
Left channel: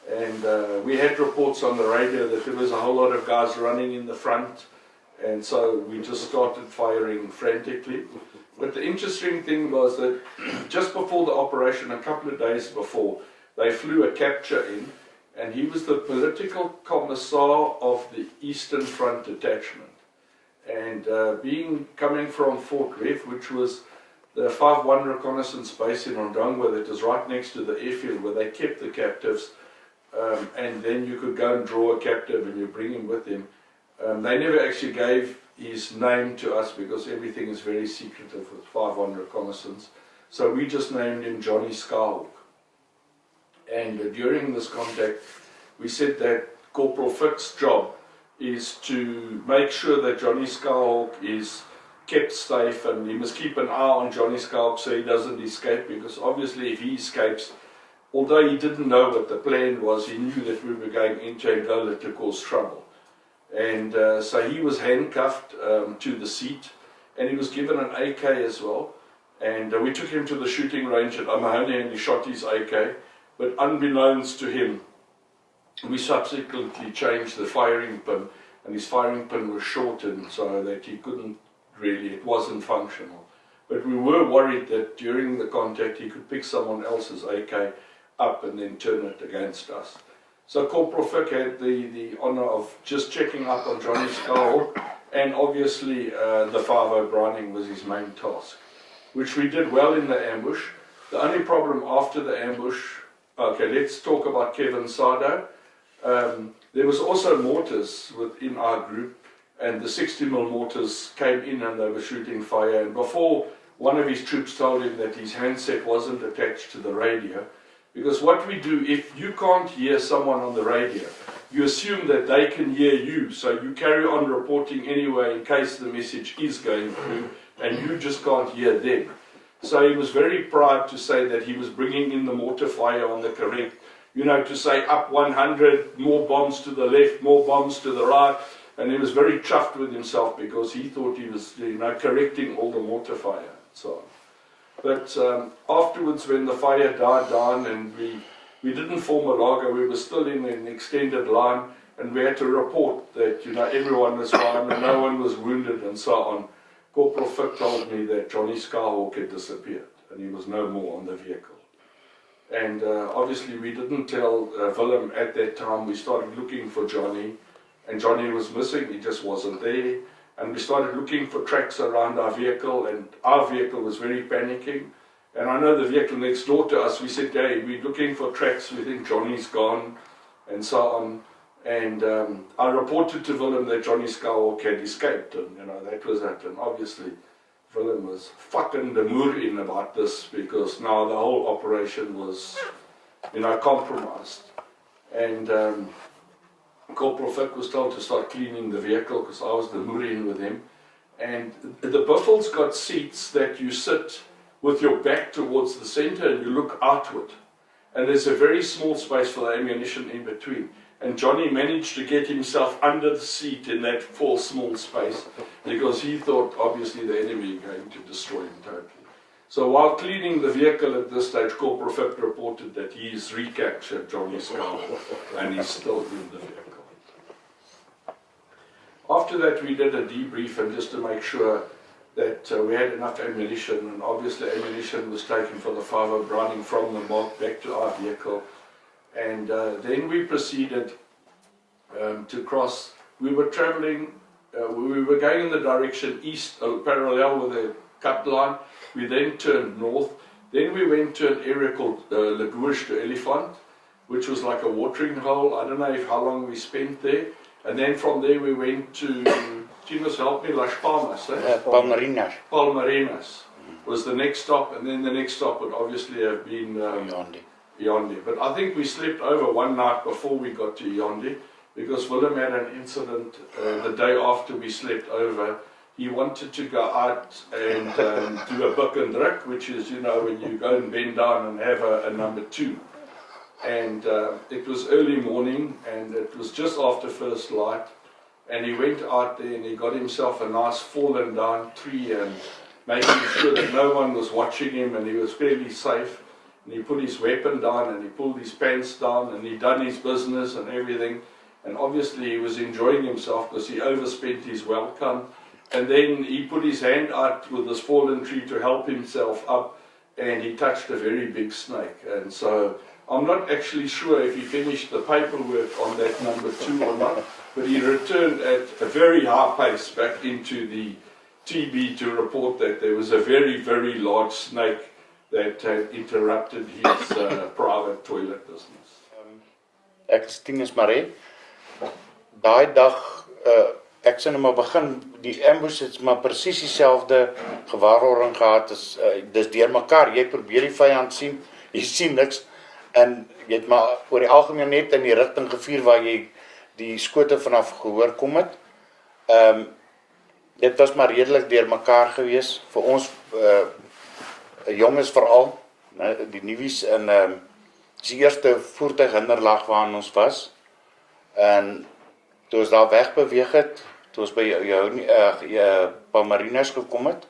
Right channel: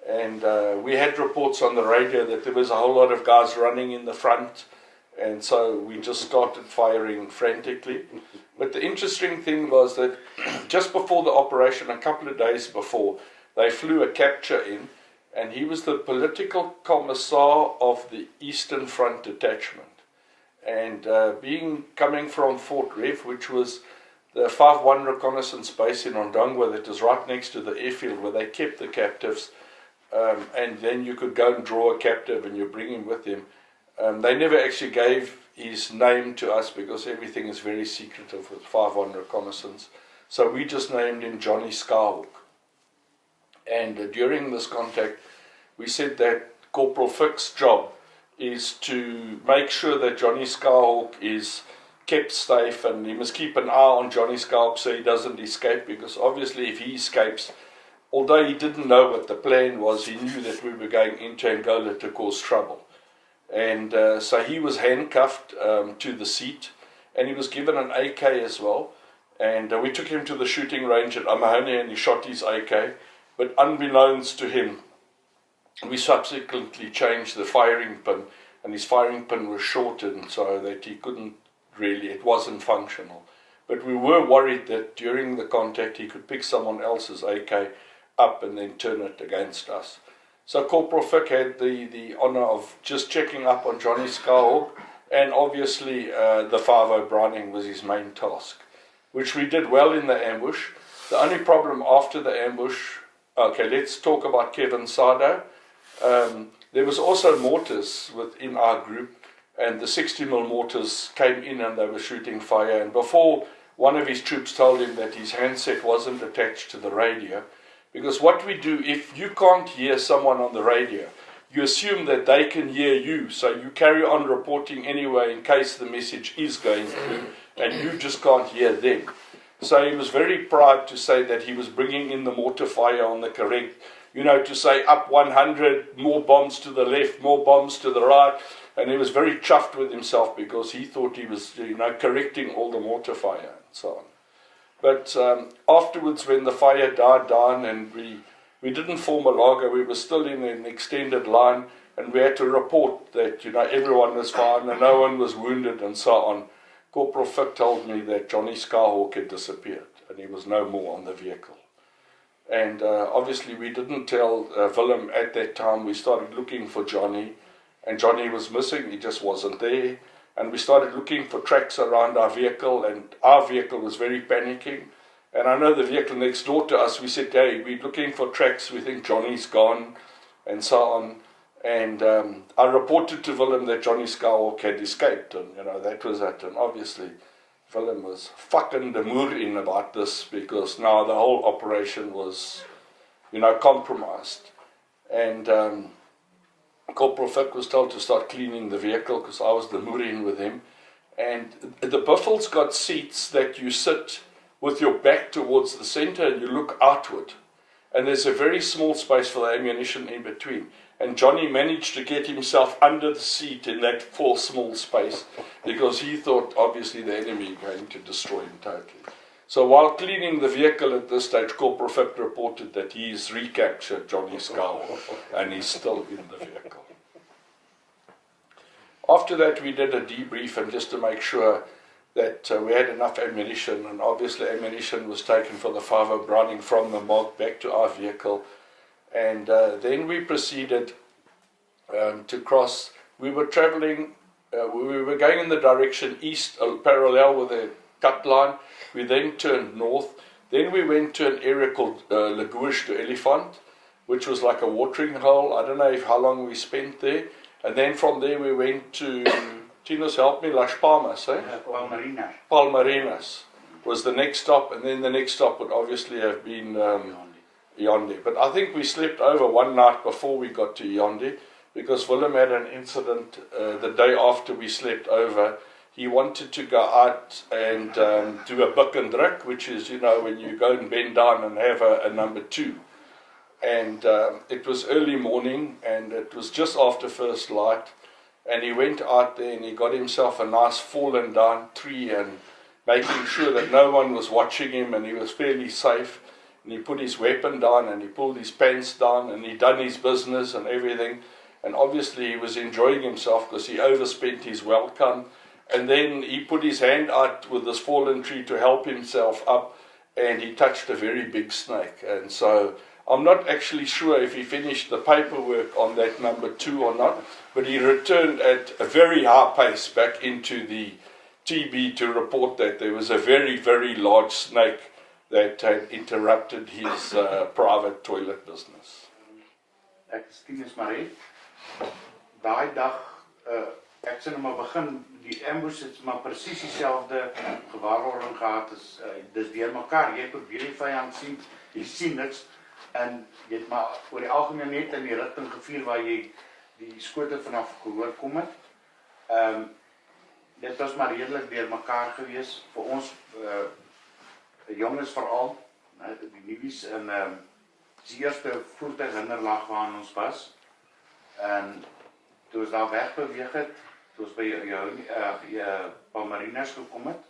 and we had reports on the radio that there was a whole lot of guys running in the front, and so we just started firing frantically. But the interesting thing was that just before the operation, a couple of days before, they flew a capture in, and he was the political commissar of the Eastern Front Detachment. And coming from Fort Rev, which was the 5.1 reconnaissance base in Ondangwa that is right next to the airfield where they kept the captives, and then you could go and draw a captive and you bring him with him. They never actually gave his name to us because everything is very secretive with 5.1 reconnaissance. So we just named him Johnny Skyhawk. And during this contact, we said that Corporal Fick's job is to make sure that Johnny Skyhawk is kept safe, and he must keep an eye on Johnny Skyhawk so he doesn't escape, because obviously if he escapes, although he didn't know what the plan was, he knew that we were going into Angola to cause trouble. And so he was handcuffed to the seat, and he was given an AK as well. And we took him to the shooting range at Amahone, and he shot his AK. But unbeknownst to him, we subsequently changed the firing pin, and his firing pin was shortened so that he couldn't really, it wasn't functional. But we were worried that during the contact he could pick someone else's AK up and then turn it against us. So Corporal Fick had the honour of just checking up on Johnny Skyhawk, and obviously the 5.0 Browning was his main task, which we did well in the ambush. The only problem after the ambush, okay, let's talk about Kevin Sado. There was also mortars within our group, and the 60mm mortars came in and they were shooting fire. And before, one of his troops told him that his handset wasn't attached to the radio, because what we do, if you can't hear someone on the radio, you assume that they can hear you, so you carry on reporting anyway in case the message is going through, and you just can't hear them. So he was very proud to say that he was bringing in the mortar fire on the correct, to say up 100, more bombs to the left, more bombs to the right, and he was very chuffed with himself because he thought he was, correcting all the mortar fire and so on. But afterwards, when the fire died down and we didn't form a lager, we were still in an extended line, and we had to report that everyone was fine and no one was wounded and so on. Corporal Fick told me that Johnny Skyhawk had disappeared and he was no more on the vehicle. And obviously we didn't tell Willem at that time. We started looking for Johnny, and Johnny was missing, he just wasn't there. And we started looking for tracks around our vehicle, and our vehicle was very panicking. And I know the vehicle next door to us, we said, hey, we're looking for tracks, we think Johnny's gone, and so on. And I reported to Willem that Johnny Skyhawk had escaped, and that was it. And obviously Willem was fucking the mood in about this, because now the whole operation was, compromised. And Corporal Fick was told to start cleaning the vehicle because I was the mood in with him. And the Buffels got seats that you sit with your back towards the center and you look outward. And there's a very small space for the ammunition in between. And Johnny managed to get himself under the seat in that small space because he thought obviously the enemy were going to destroy him totally. So while cleaning the vehicle at this stage, Corporal Fick reported that he's recaptured Johnny Skyhawk and he's still in the vehicle. After that we did a debrief, and just to make sure that we had enough ammunition, and obviously ammunition was taken for the 5.0 Browning from the mob back to our vehicle. And then we proceeded to cross. We were travelling we were going in the direction east, parallel with the cut line. We then turned north. Then we went to an area called Refuge to Elephant, which was like a watering hole. I don't know how long we spent there. And then from there we went to, Tinos help me, Las Palmas. Palmarinas. Palmarinas was the next stop, and then the next stop would obviously have been Yonde. But I think we slept over one night before we got to Yonde, because Willem had an incident the day after we slept over. He wanted to go out and do a buck and druk, which is, when you go and bend down and have a number 2. And it was early morning, and it was just after first light, and he went out there and he got himself a nice fallen down tree, and making sure that no one was watching him, and he was fairly safe. And he put his weapon down, and he pulled his pants down, and he done his business and everything. And obviously he was enjoying himself because he overspent his welcome. And then he put his hand out with this fallen tree to help himself up, and he touched a very big snake. And so I'm not actually sure if he finished the paperwork on that number 2 or not, but he returned at a very high pace back into the TB to report that there was a very, very large snake that had interrupted his private toilet business. Ek is Tinus Marie. Daai dag, ek sê nou maar begin, die ambush het maar presies dieselfde gewaarwording gehad, dis deur mekaar, jy probeer die vyand sien, jy sien niks, en jy het maar oor die algemeen net in die rigting gevuur waar jy die skote vanaf gehoor kom het. Dit was maar redelik deur mekaar gewees, vir ons jonges veral, die nuwies in die eerste voertuighinderlaag waarin ons was, en toe ons daar wegbeweeg het, toe ons by Palmarinas gekom het,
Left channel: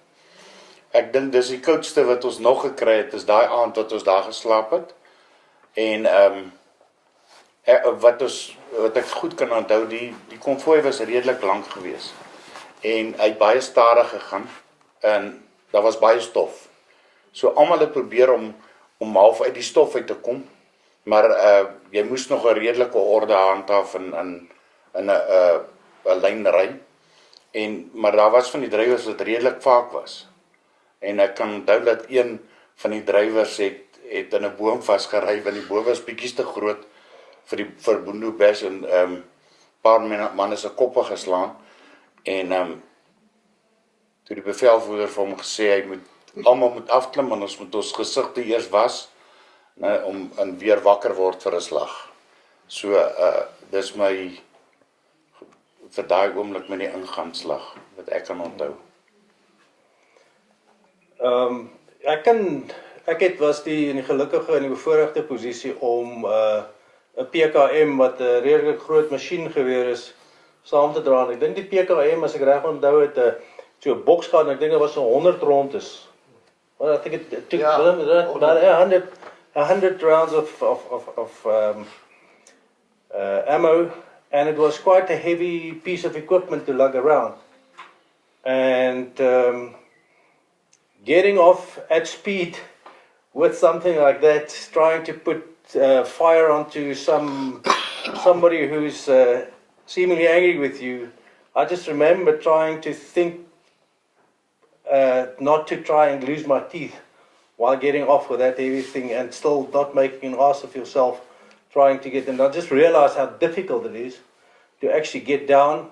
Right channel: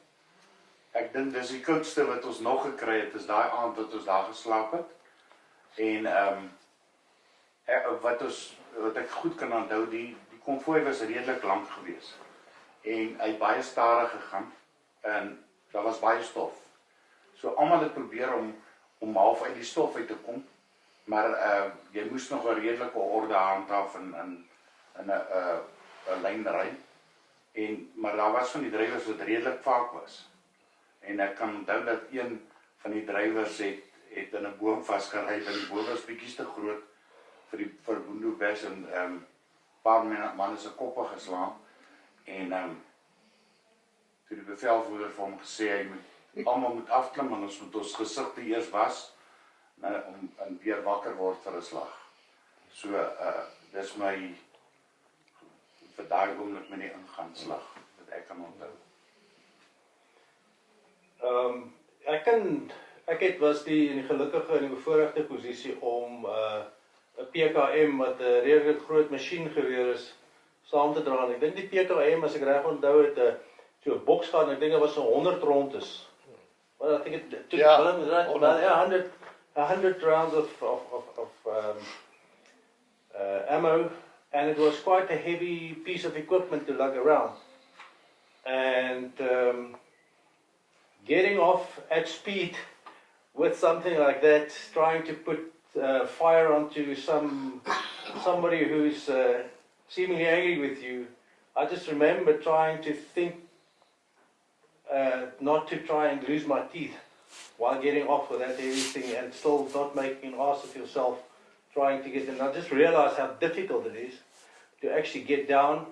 ek dink dis die koudste wat ons nog gekry het, is daai aand wat ons daar geslaap het, en wat ek goed kan onthou, die konvooi was redelik lank gewees, en hy het baie stadig gegaan, en daar was baie stof. So almal het probeer om half uit die stof uit te kom, maar jy moes nog 'n redelike orde handhaaf in 'n lyn ry. Maar daar was van die drywers wat redelik vaak was. En ek kan onthou dat een van die drywers het in 'n boom vasgery, want die boom was bietjie te groot vir Boendo Bash, en paar manne se koppe geslaan, en toe die bevelvoerder vir hom gesê, almal moet afklim, en ons moet ons gesigte eers was, om weer wakker word vir 'n slag. So, dis my, vir daai oomblik met die ingangsslag, wat ek kan onthou. Ek was in die gelukkige en die bevoorregte posisie om 'n PKM wat 'n redelik groot masjiengeweer is, saam te dra. Ek dink die PKM, as ek reg onthou, het so 'n boks gehad, en ek dink dit was so 100 rondes. Well, I think it took about 100 rounds of ammo, and it was quite a heavy piece of equipment to lug around. And getting off at speed with something like that, trying to put fire onto somebody who's seemingly angry with you, I just remember trying to think not to try and lose my teeth while getting off with that heavy thing, and still not making an ass of yourself trying to get them. I just realized how difficult it is to actually get down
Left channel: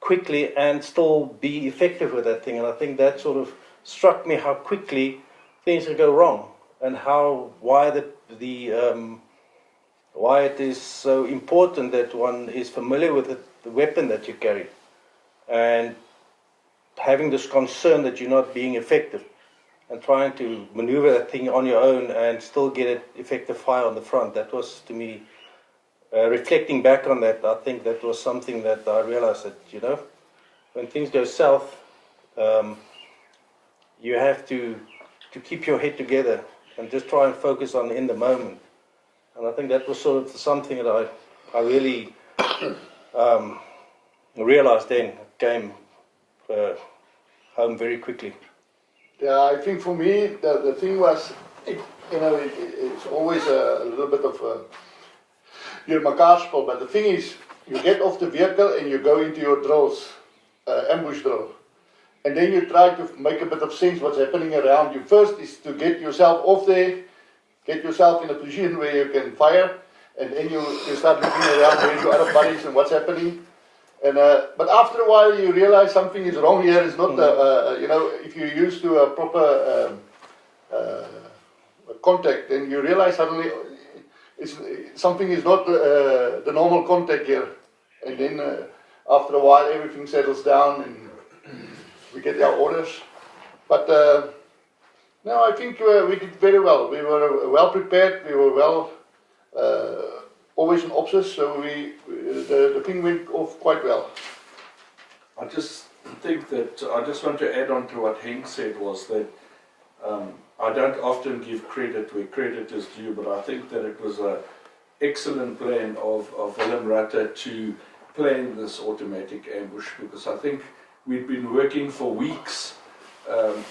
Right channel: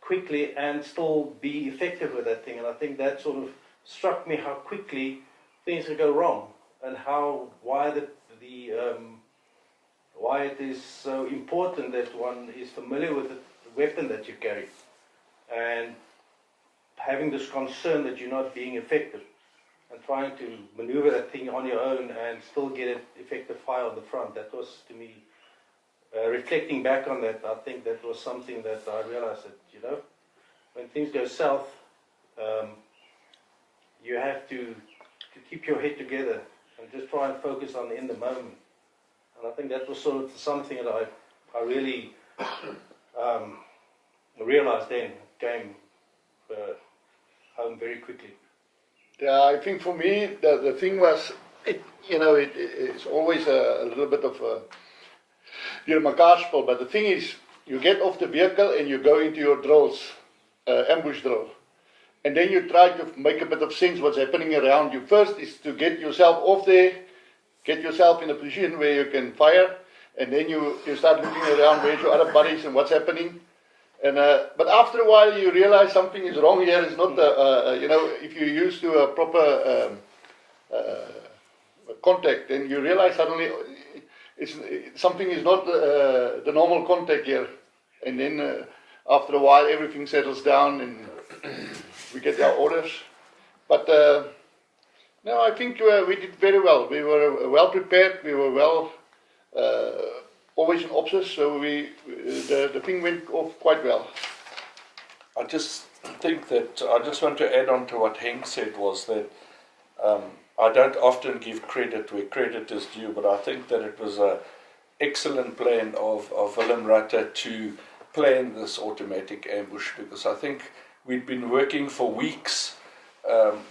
quickly and still be effective with that thing. And I think that sort of struck me how quickly things can go wrong, and why it is so important that one is familiar with the weapon that you carry, and having this concern that you're not being effective, and trying to maneuver that thing on your own and still get it effective fire on the front. That was, to me, reflecting back on that, I think that was something that I realized that, when things go south, you have to keep your head together and just try and focus on in the moment. And I think that was sort of something that I really realized then. It came home very quickly. Yeah, I think for me, the thing was, it's always a little bit of a mekaar spel, but the thing is, you get off the vehicle and you go into your drills. ambush drill. And then you try to make a bit of sense what's happening around you. First is to get yourself off there, get yourself in a position where you can fire, and then you start looking around where's your other buddies and what's happening. And but after a while you realize something is wrong here. It's not if you're used to a proper contact, then you realize suddenly something is not the normal contact here. And then after a while everything settles down and we get our orders. But no, I think we did very well. We were well prepared. We were well always in options, so the thing went off quite well. I just think that I just want to add on to what Henk said was that I don't often give credit where credit is due, but I think that it was an excellent plan of Willem Rutte to plan this automatic ambush, because I think we'd been working for weeks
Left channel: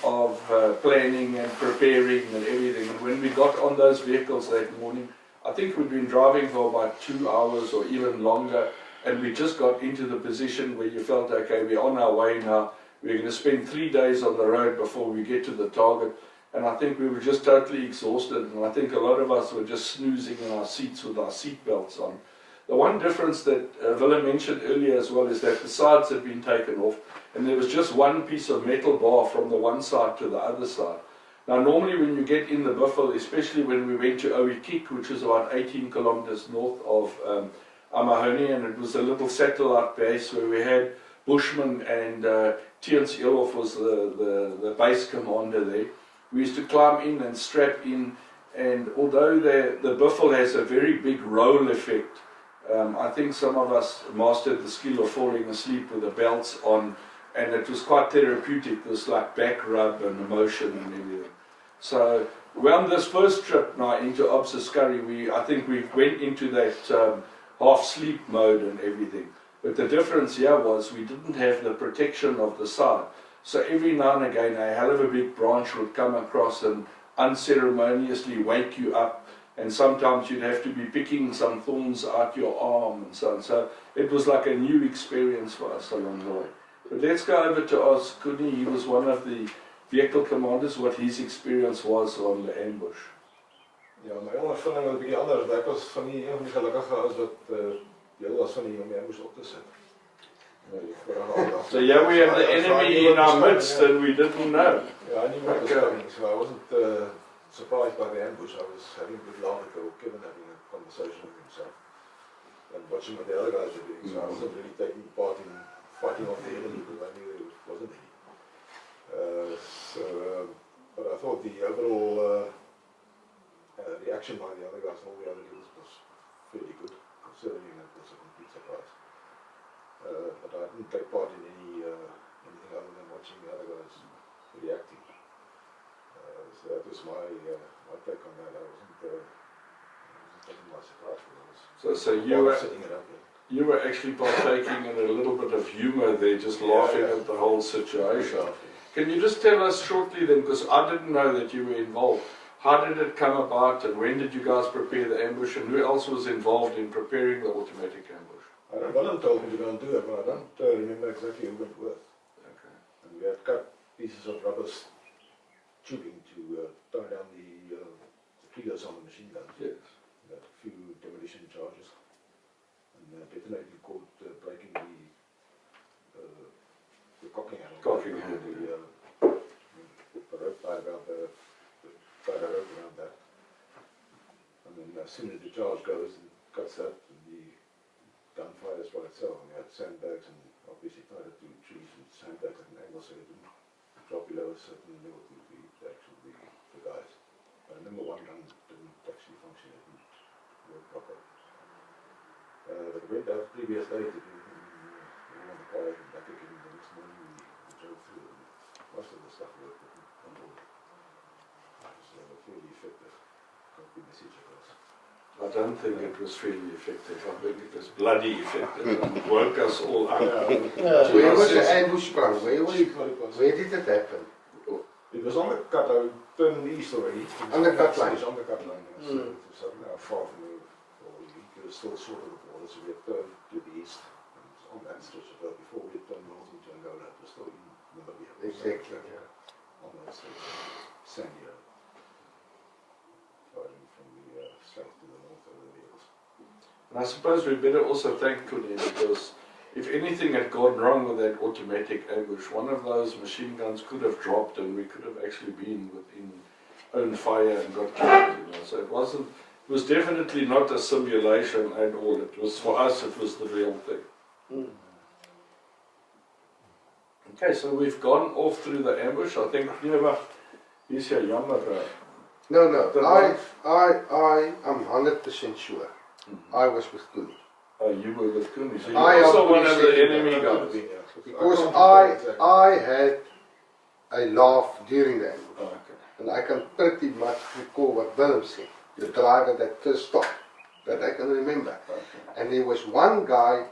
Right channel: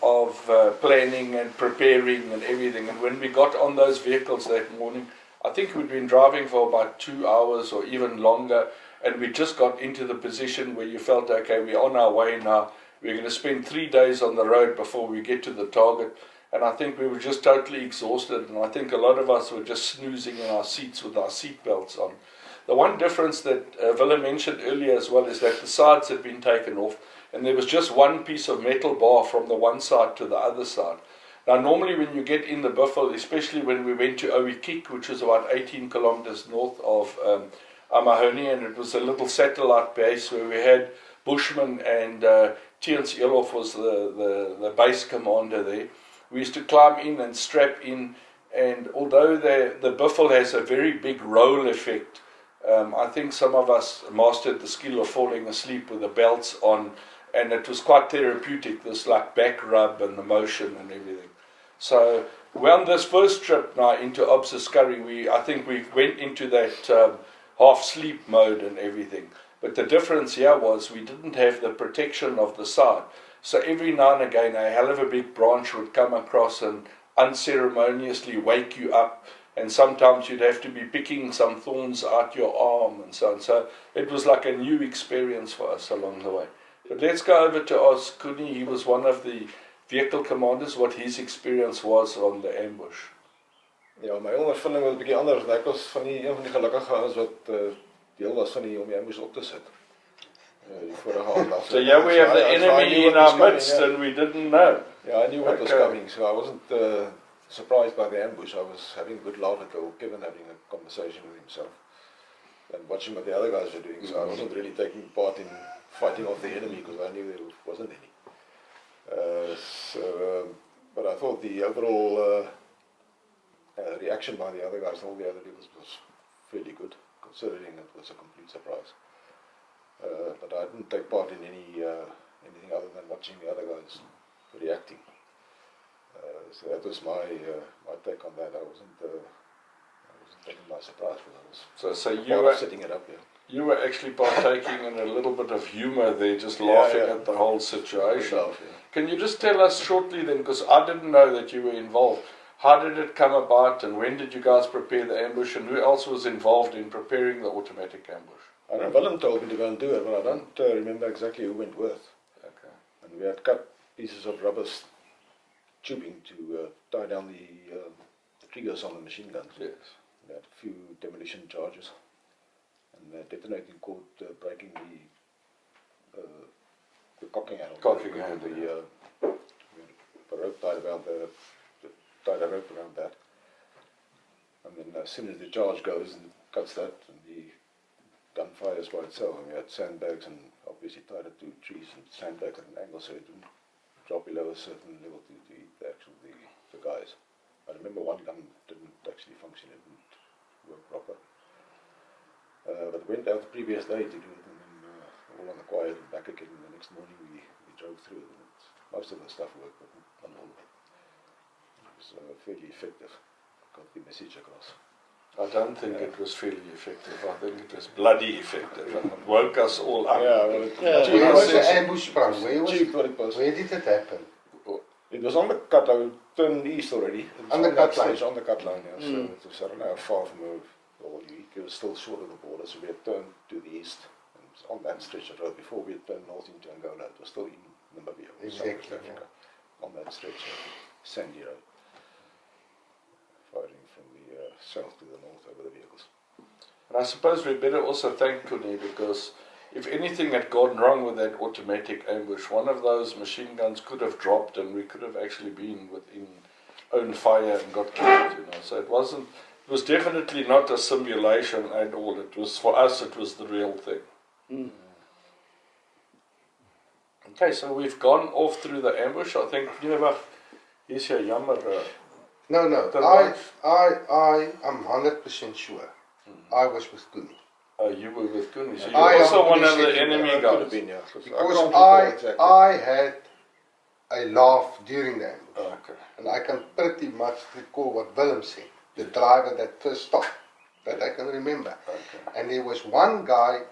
of planning and preparing and everything, and when we got on those vehicles that morning, I think we'd been driving for about 2 hours or even longer, and we just got into the position where you felt, okay, we're on our way now, we're going to spend 3 days on the road before we get to the target, and I think we were just totally exhausted, and I think a lot of us were just snoozing in our seats with our seat belts on. The one difference that Willem mentioned earlier as well is that the sides had been taken off, and there was just one piece of metal bar from the one side to the other side. Now normally when you get in the buffalo, especially when we went to Oikik, which is about 18 kilometers north of Amahoni, and it was a little satellite base where we had Bushman and Tiens Elof was the base commander there. We used to climb in and strap in, and although the buffalo has a very big roll effect, I think some of us mastered the skill of falling asleep with the belts on, and it was quite therapeutic, this like back rub and the motion and everything. So we're on this first trip now into Askari, I think we went into that half sleep mode and everything. But the difference here was we didn't have the protection of the side. So every now and again a hell of a big branch would come across and unceremoniously wake you up, and sometimes you'd have to be picking some thorns out your arm and so on. So it was like a new experience for us along the way. But let's go over to Askari. He was one of the vehicle commanders, what his experience was on the ambush. Ja, my ondervinding was 'n bietjie anders. Ek was van die een van die gelukkige ouens wat deel was van die om die ambush op te sit. Die vorige dag. So yeah, we have the enemy in our midst and we didn't know. Yeah, I knew what was coming, so I wasn't surprised by the ambush. I was having a good laugh at Kevin having a conversation with himself and watching what the other guys were doing. So I wasn't really taking part in fighting off the enemy because I knew there wasn't any. But I thought the overall reaction by the other guys and all the other leaders was fairly good, considering it was a complete surprise. But I didn't take part in anything other than watching the other guys reacting. So that was my take on that. I wasn't taken by surprise, but I was so you were setting it up. Yeah. You were actually partaking in a little bit of humour there, just laughing at the whole situation. Can you just tell us shortly then, because I didn't know that you were involved, how did it come about and when did you guys prepare the ambush and who else was involved in preparing the automatic ambush? I know Willem told me to go and do it, but I don't remember exactly who went with. Okay. And we had cut pieces of rubber tubing to tie down the triggers on the machine guns. Yes. We had a few demolition charges. And detonating caught breaking the cocking handle. Cocking handle, The rope tied around tied a rope around that. And then as soon as the charge goes and cuts that, and the gun fires by itself, and we had sandbags and obviously tied it to trees and sandbags at an angle so it didn't drop below a certain level to actually the guys. I remember one gun didn't actually function, it didn't work proper. But we went out the previous day to do it, and all on the quiet and back again the next morning we drove through it, and most of the stuff worked, but not all. So fairly effective, got the message across. I don't think it was fairly effective, I think it was bloody effective and it woke us all up. Where was the ambush sprung? Where did it happen? It was on the cut line, turned east already. On the cut line? On the cut line, yeah. So it was far from it was still short of the border, so we had turned to the east. And so on that stretch of road. Before we had turned north into Angola, it was still in Namibia, Exactly, South Africa, on that stretch of sandy road, firing from the south to the north over the vehicles. And I suppose we better also thank Kuni, because if anything had gone wrong with that automatic ambush, one of those machine guns could have dropped and we could have actually been within own fire and got killed, So it was definitely not a simulation at all. It was, for us, it was the real thing. Okay, so we've gone off through the ambush. I think, here's your jammer. No, I am 100% sure. I was with Kuni. You were with Kuni, so you I were also am one of the Kuni enemy Could have guys. been, yeah. Because can't recall exactly. I had a laugh during the ambush. Oh, okay. And I can pretty much recall what Willem said, the driver that first stopped, that I can remember. Okay. And there was one guy,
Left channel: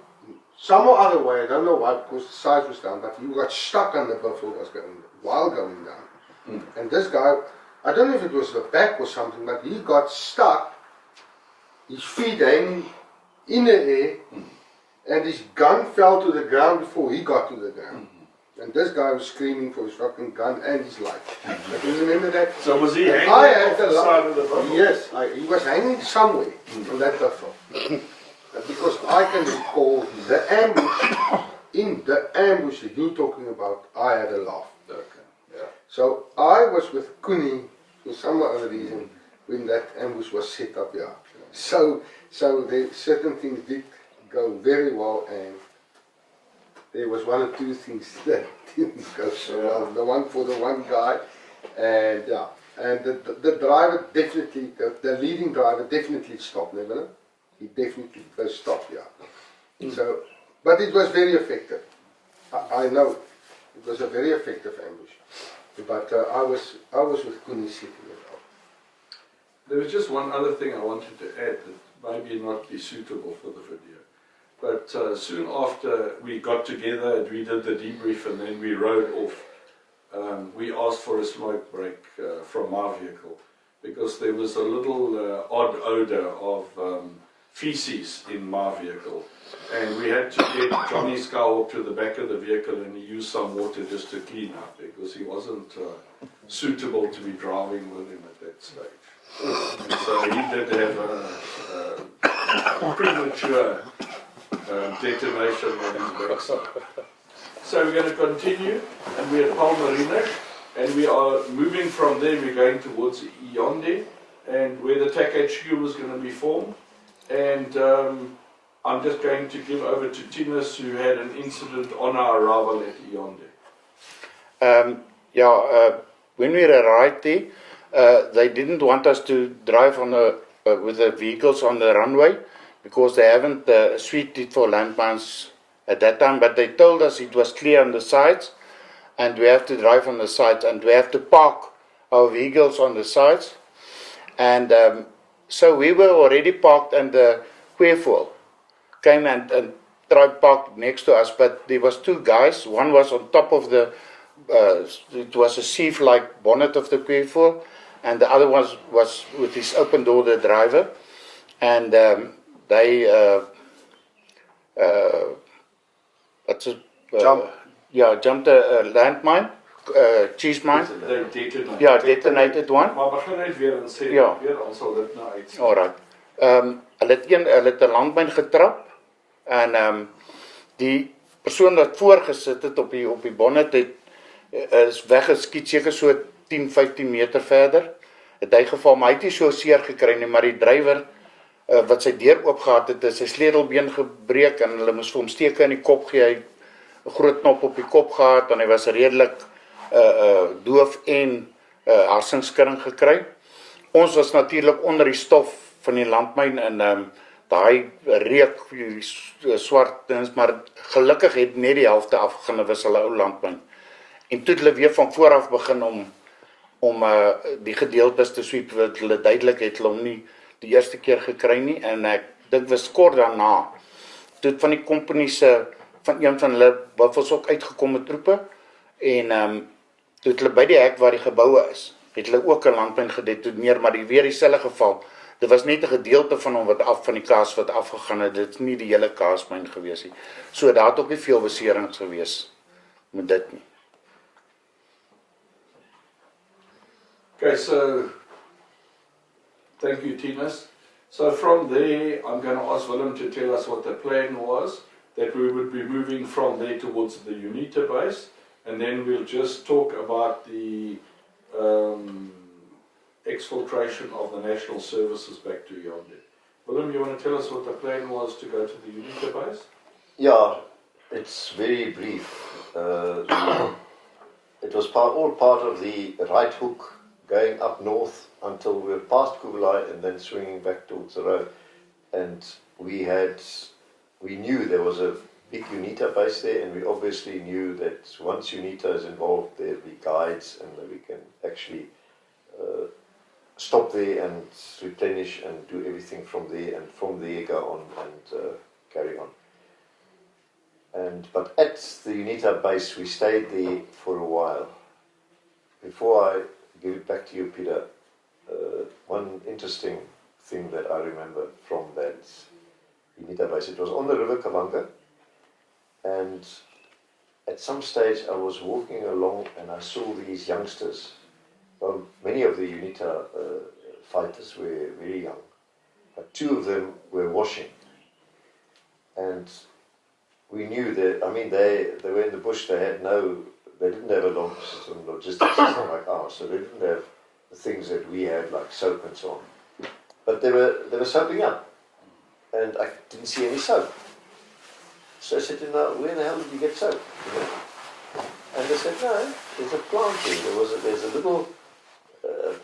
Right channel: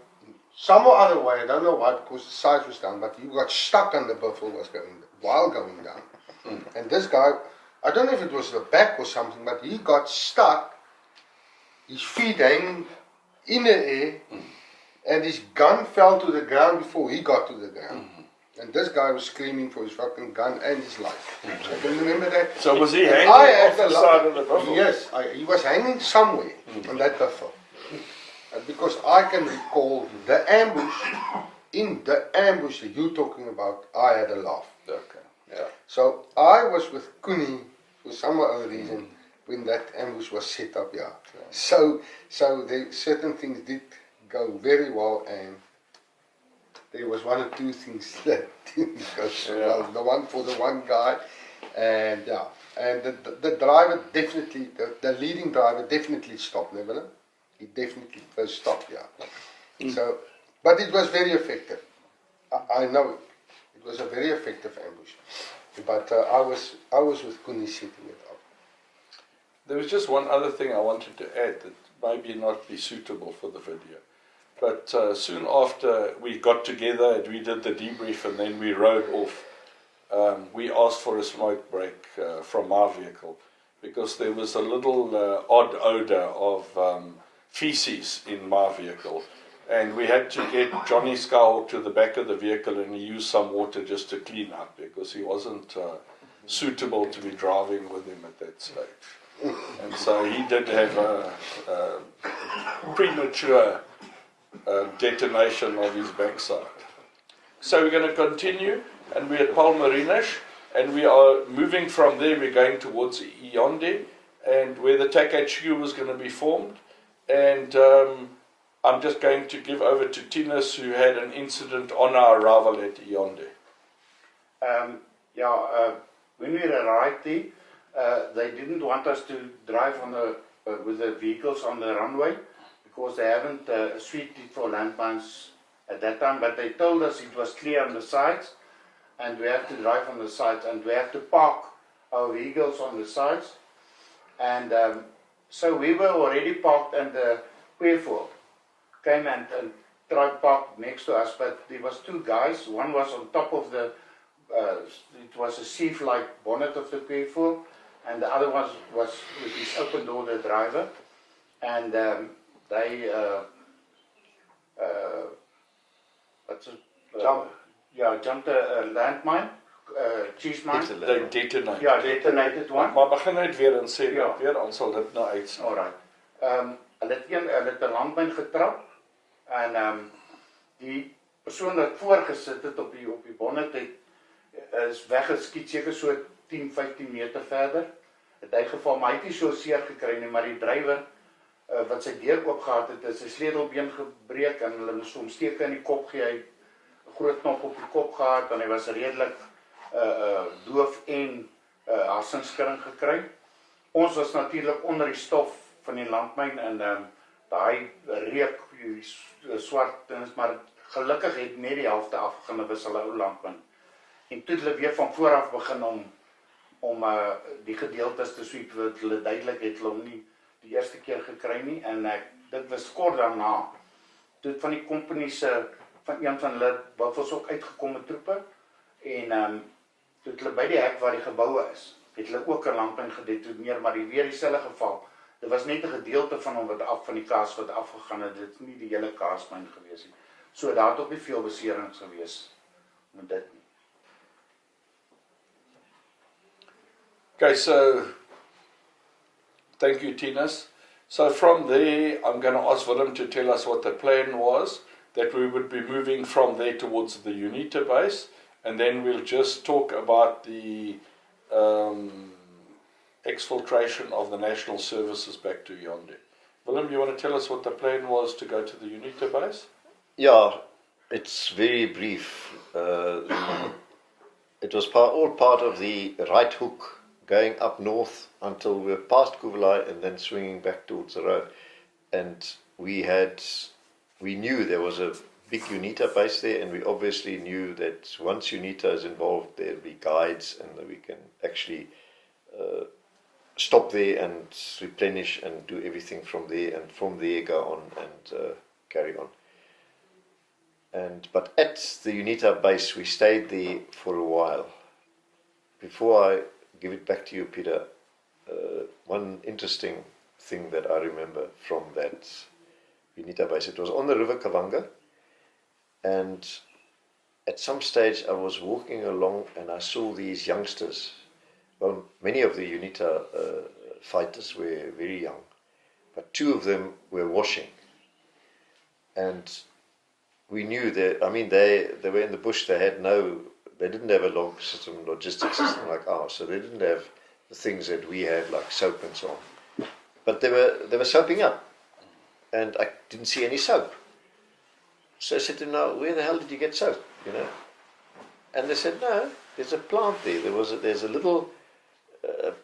some or other way, I don't know why, because the size was down, but he got stuck on the buffalo while going down. And this guy, I don't know if it was the back or something, but he got stuck, his feet hanging in the air, and his gun fell to the ground before he got to the ground. And this guy was screaming for his fucking gun and his life. I can remember that. So was he hanging I had off the side of the buffalo? Yes, he was hanging somewhere on that buffalo. Because I can recall the ambush, in the ambush that you're talking about, I had a laugh. Okay, yeah. So I was with Kuni for some other reason when that ambush was set up, yeah. So the certain things did go very well, and there was one or two things that didn't go so well. The one for the one guy, and yeah, and the driver definitely, the leading driver definitely stopped, never. He definitely first stopped, yeah. So, but it was very effective. I know it was a very effective ambush. But I was with Kuni setting it up. There was just one other thing I wanted to add that maybe not be suitable for the video. But soon after we got together and we did the debrief and then we rode off, we asked for a smoke break from our vehicle because there was a little odd odor of feces in my vehicle. And we had to get Johnny Scowl to the back of the vehicle and he used some water just to clean up because he wasn't suitable to be driving with him at that stage. And so he did have a premature detonation on his backside. So we're going to continue, and we're at Palmarines, and we are moving from there. We're going towards Yaoundé, and where the TAC HQ was going to be formed. And I'm just going to give over to Tinus, who had an incident on our arrival at Yaoundé. When we arrived there, they didn't want us to drive on with the vehicles on the runway because they haven't suited for landmines at that time, but they told us it was clear on the sides and we have to drive on the sides and we have to park our vehicles on the sides. And so we were already parked and the Queerfoil came and tried park next to us, but there was two guys. One was on top of the, it was a sieve-like bonnet of the Queerfoil, and the other one was with his open door, the driver, and they jumped a landmine, cheese mine. They detonated. Ja, detonated one. Maar begin net weer en sê Ja. weer, dan sal dit nou uitsien. Alright. Hulle het 'n landmyn getrap en die persoon wat voorgesit het op die bonnet is weggeskiet seker so 10-15 meter verder. Het hy geval, maar hy het nie so seer gekry nie, maar die drywer wat sy deur oop gehad het, sy sleutelbeen gebreek en hulle moes vir hom steke in die kop gee. Hy 'n groot knop op die kop gehad en hy was redelik doof en hersenskudding gekry. Ons was natuurlik onder die stof van die landmyn en daai reuk, die swart dings, maar gelukkig het net die helfte afgegaan, was hulle ou landmyn. En toe het hulle weer van voor af begin om die gedeeltes te sweep, wat hulle duidelik het hulle hom nie die eerste keer gekry nie, en ek dink was kort daarna, toe het van die company se, van een van hulle buffels ook uitgekom met troepe, en toe het hulle by die hek waar die geboue is, het hulle ook 'n landmyn gedetoneer, maar weer dieselfde geval, dit was net 'n gedeelte van hom van die kaas wat afgegaan het. Dit is nie die hele kaasmyn gewees nie. So daar het ook nie veel beserings gewees met dit nie. Okay, so thank you, Tinas. So from there, I'm going to ask Willem to tell us what the plan was, that we would be moving from there towards the UNITA base, and then we'll just talk about the exfiltration of the national services back to Yaoundé. Willem, you want to tell us what the plan was to go to the UNITA base? Yeah, it's very brief. It was all part of the right hook going up north until we were past Kublai and then swinging back towards the road. And we knew there was a big UNITA base there, and we obviously knew that once UNITA is involved, there'll be guides and that we can actually stop there and replenish and do everything from there, and from there go on and carry on. But at the UNITA base, we stayed there for a while. Before I give it back to you, Peter, one interesting thing that I remember from that UNITA base, it was on the River Kavanga, and at some stage I was walking along and I saw these youngsters. Well, many of the UNITA fighters were very young, but two of them were washing, and we knew that, I mean, they were in the bush, they didn't have a logistics system like ours, so they didn't have the things that we had, like soap and so on. But they were soaping up, and I didn't see any soap. So I said to them, "Now, where the hell did you get soap?" You know? And they said, "No, there's a plant there. There's a little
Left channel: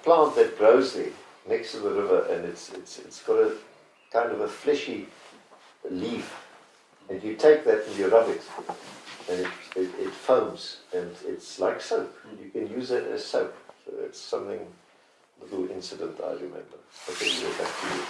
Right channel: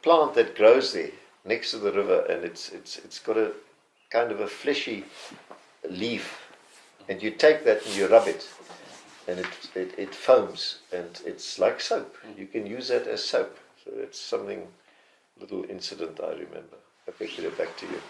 plant that grows there next to the river, and it's got a kind of a fleshy leaf, and you take that and you rub it, and it foams, and it's like soap. You can use that as soap." So it's something, little incident I remember. Okay, we'll go back to you.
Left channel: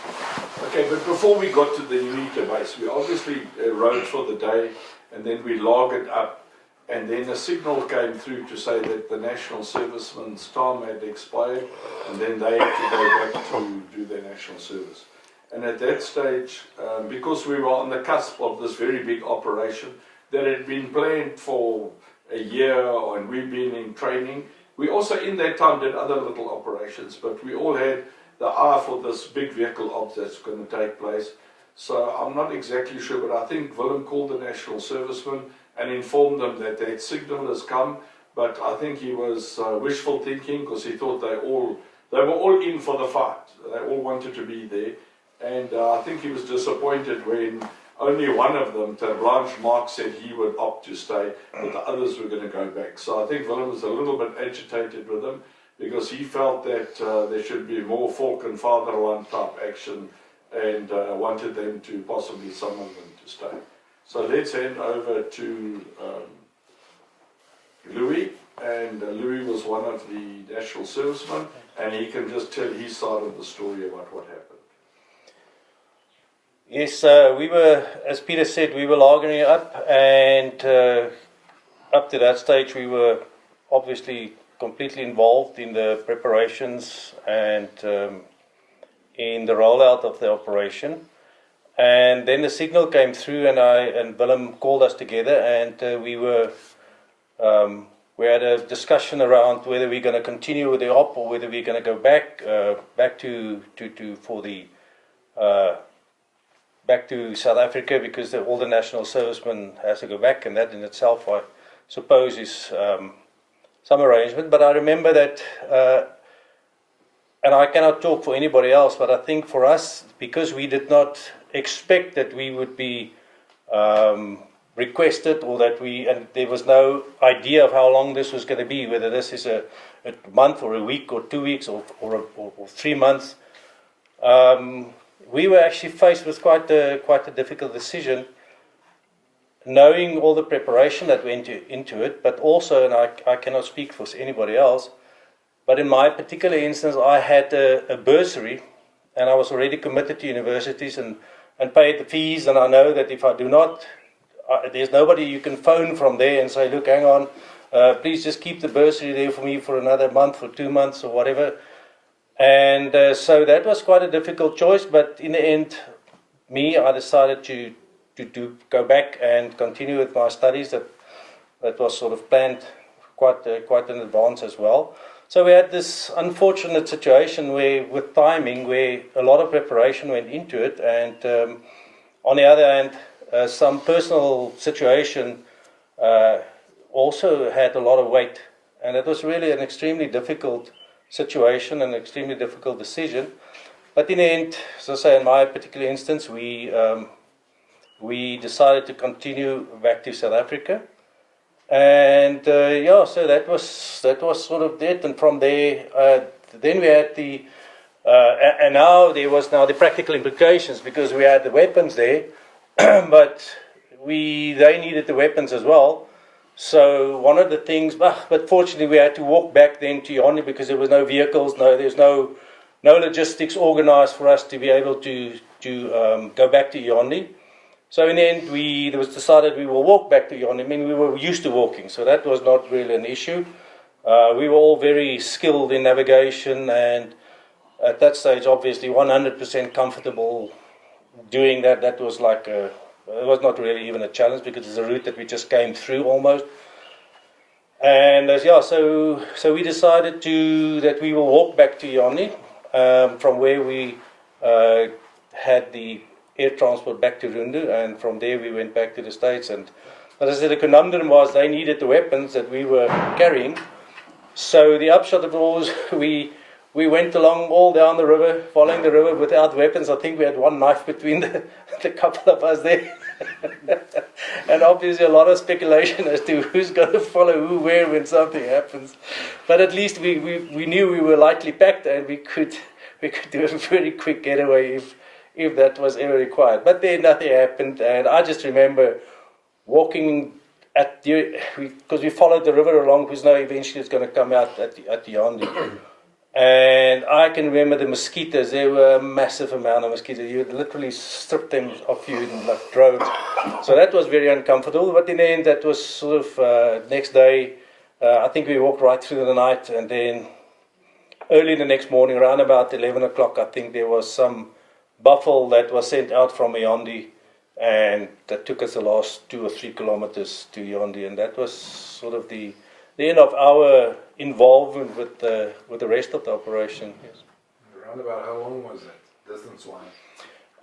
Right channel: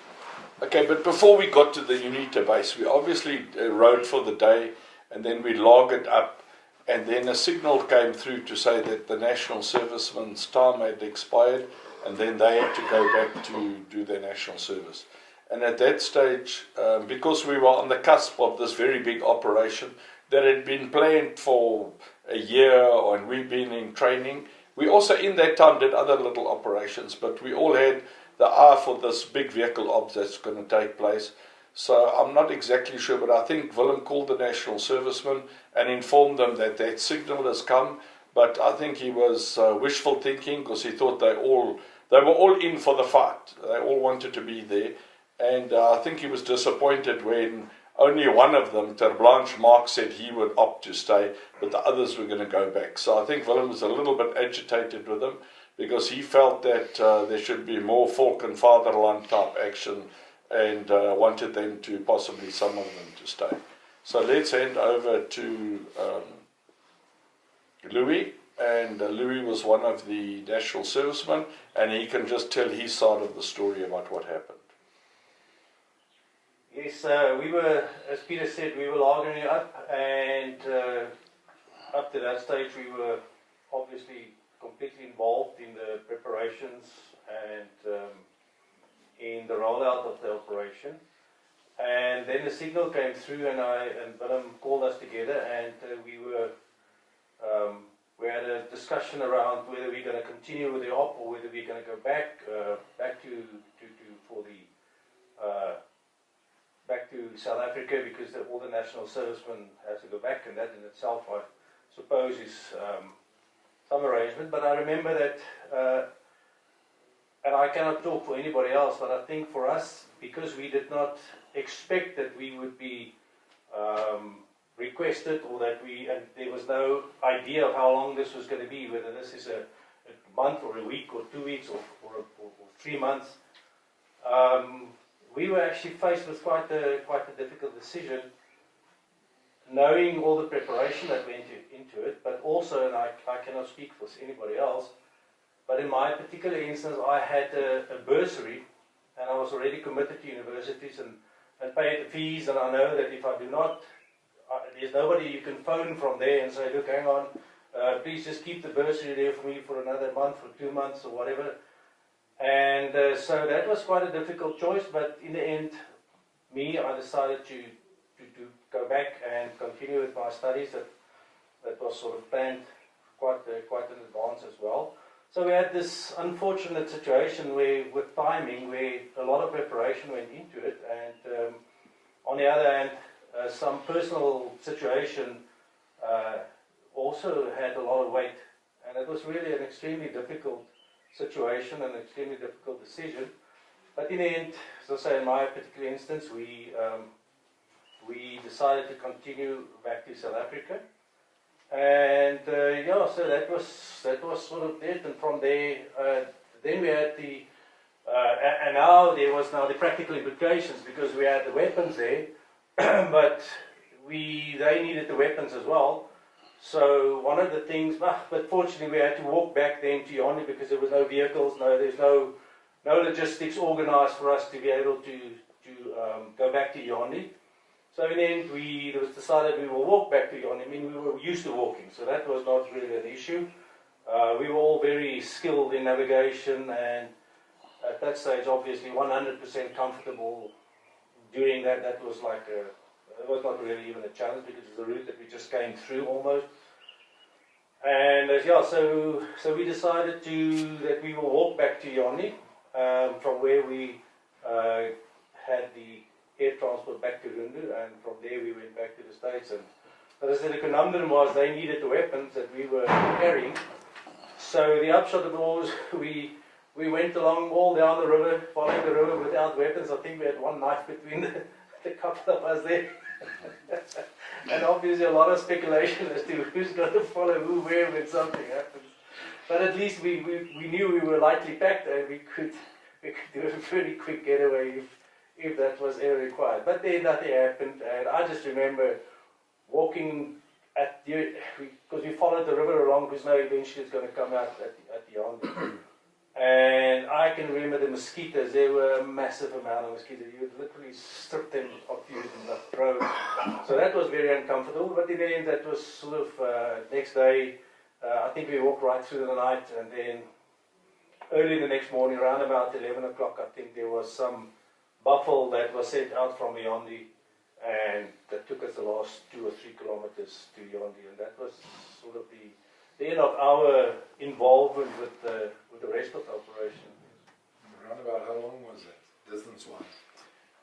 Okay, but before we got to the UNITA base, we obviously rode for the day, and then we logged up, and then a signal came through to say that the national servicemen's time had expired, and then they had to go back to do their national service. And at that stage, because we were on the cusp of this very big operation that had been planned for a year, and we've been in training, we also in that time did other little operations, but we all had the eye for this big vehicle op that's going to take place. So I'm not exactly sure, but I think Willem called the national servicemen and informed them that that signal has come, but I think he was wishful thinking, because he thought they were all in for the fight. They all wanted to be there, and I think he was disappointed when only one of them, Ter Blanche Mark, said he would opt to stay, but the others were going to go back. So I think Willem was a little bit agitated with them, because he felt that there should be more folk and fatherland type action, and wanted them to, possibly some of them, to stay. So let's hand over to Louis, and Louis was one of the national servicemen, and he can just tell his side of the story about what happened. Yes, we were, as Peter said, we were logging up, and up to that stage we were obviously completely involved in the preparations and in the rollout of the operation. And then the signal came through, and Willem called us together, and we had a discussion around whether we're going to continue with the op or whether we're going to go back to South Africa, because all the national servicemen has to go back, and that in itself, I suppose, is some arrangement. But I remember that, and I cannot talk for anybody else, but I think for us, because we did not expect that we would be requested, or that and there was no idea of how long this was going to be, whether this is a month or a week or 2 weeks or 3 months. We were actually faced with quite a difficult decision, knowing all the preparation that went into it, but also, and I cannot speak for anybody else, but in my particular instance, I had a bursary, and I was already committed to universities and paid the fees, and I know that if I do not, there's nobody you can phone from there and say, "Look, hang on, please just keep the bursary there for me for another month or 2 months or whatever." And so that was quite a difficult choice, but in the end, I decided to go back and continue with my studies. That was sort of planned quite in advance as well. So we had this unfortunate situation with timing, where a lot of preparation went into it, and on the other hand, some personal situation also had a lot of weight, and it was really an extremely difficult situation, an extremely difficult decision. But in the end, as I say, in my particular instance, we decided to continue back to South Africa. And so that was sort of it. And from there, then we had and now there was the practical implications, because we had the weapons there, but they needed the weapons as well. So one of the things, but fortunately we had to walk back then to Yaoundé, because there was no vehicles, there's no logistics organized for us to be able to go back to Yaoundé. So in the end, it was decided we will walk back to Yaoundé. I mean, we were used to walking, so that was not really an issue. We were all very skilled in navigation, and at that stage, obviously, 100% comfortable doing that. That was it was not really even a challenge, because it's a route that we just came through almost. And so we decided that we will walk back to Yaoundé from where we had the air transport back to Rundu, and from there we went back to the States. And as I said, the conundrum was they needed the weapons that we were carrying. So the upshot of it was we went along all down the river, following the river without weapons. I think we had one knife between the couple of us there. And obviously a lot of speculation as to who's going to follow who where when something happens. But at least we knew we were lightly packed, and we could do a very quick getaway if that was ever required. But then nothing happened, and I just remember walking because we followed the river along, because now eventually it's going to come out at the Yaoundé. And I can remember the mosquitoes. There were a massive amount of mosquitoes. You would literally strip them off you in droves. So that was very uncomfortable. But in the end, that was sort of next day. I think we walked right through the night, and then early the next morning, around about 11 o'clock, I think there was some buffalo that was sent out from Yaoundé, and that took us the last 2 or 3 kilometers to Yaoundé, and that was sort of the end of our involvement with the rest of the operation. Yes. Around about how long was that, distance-wise?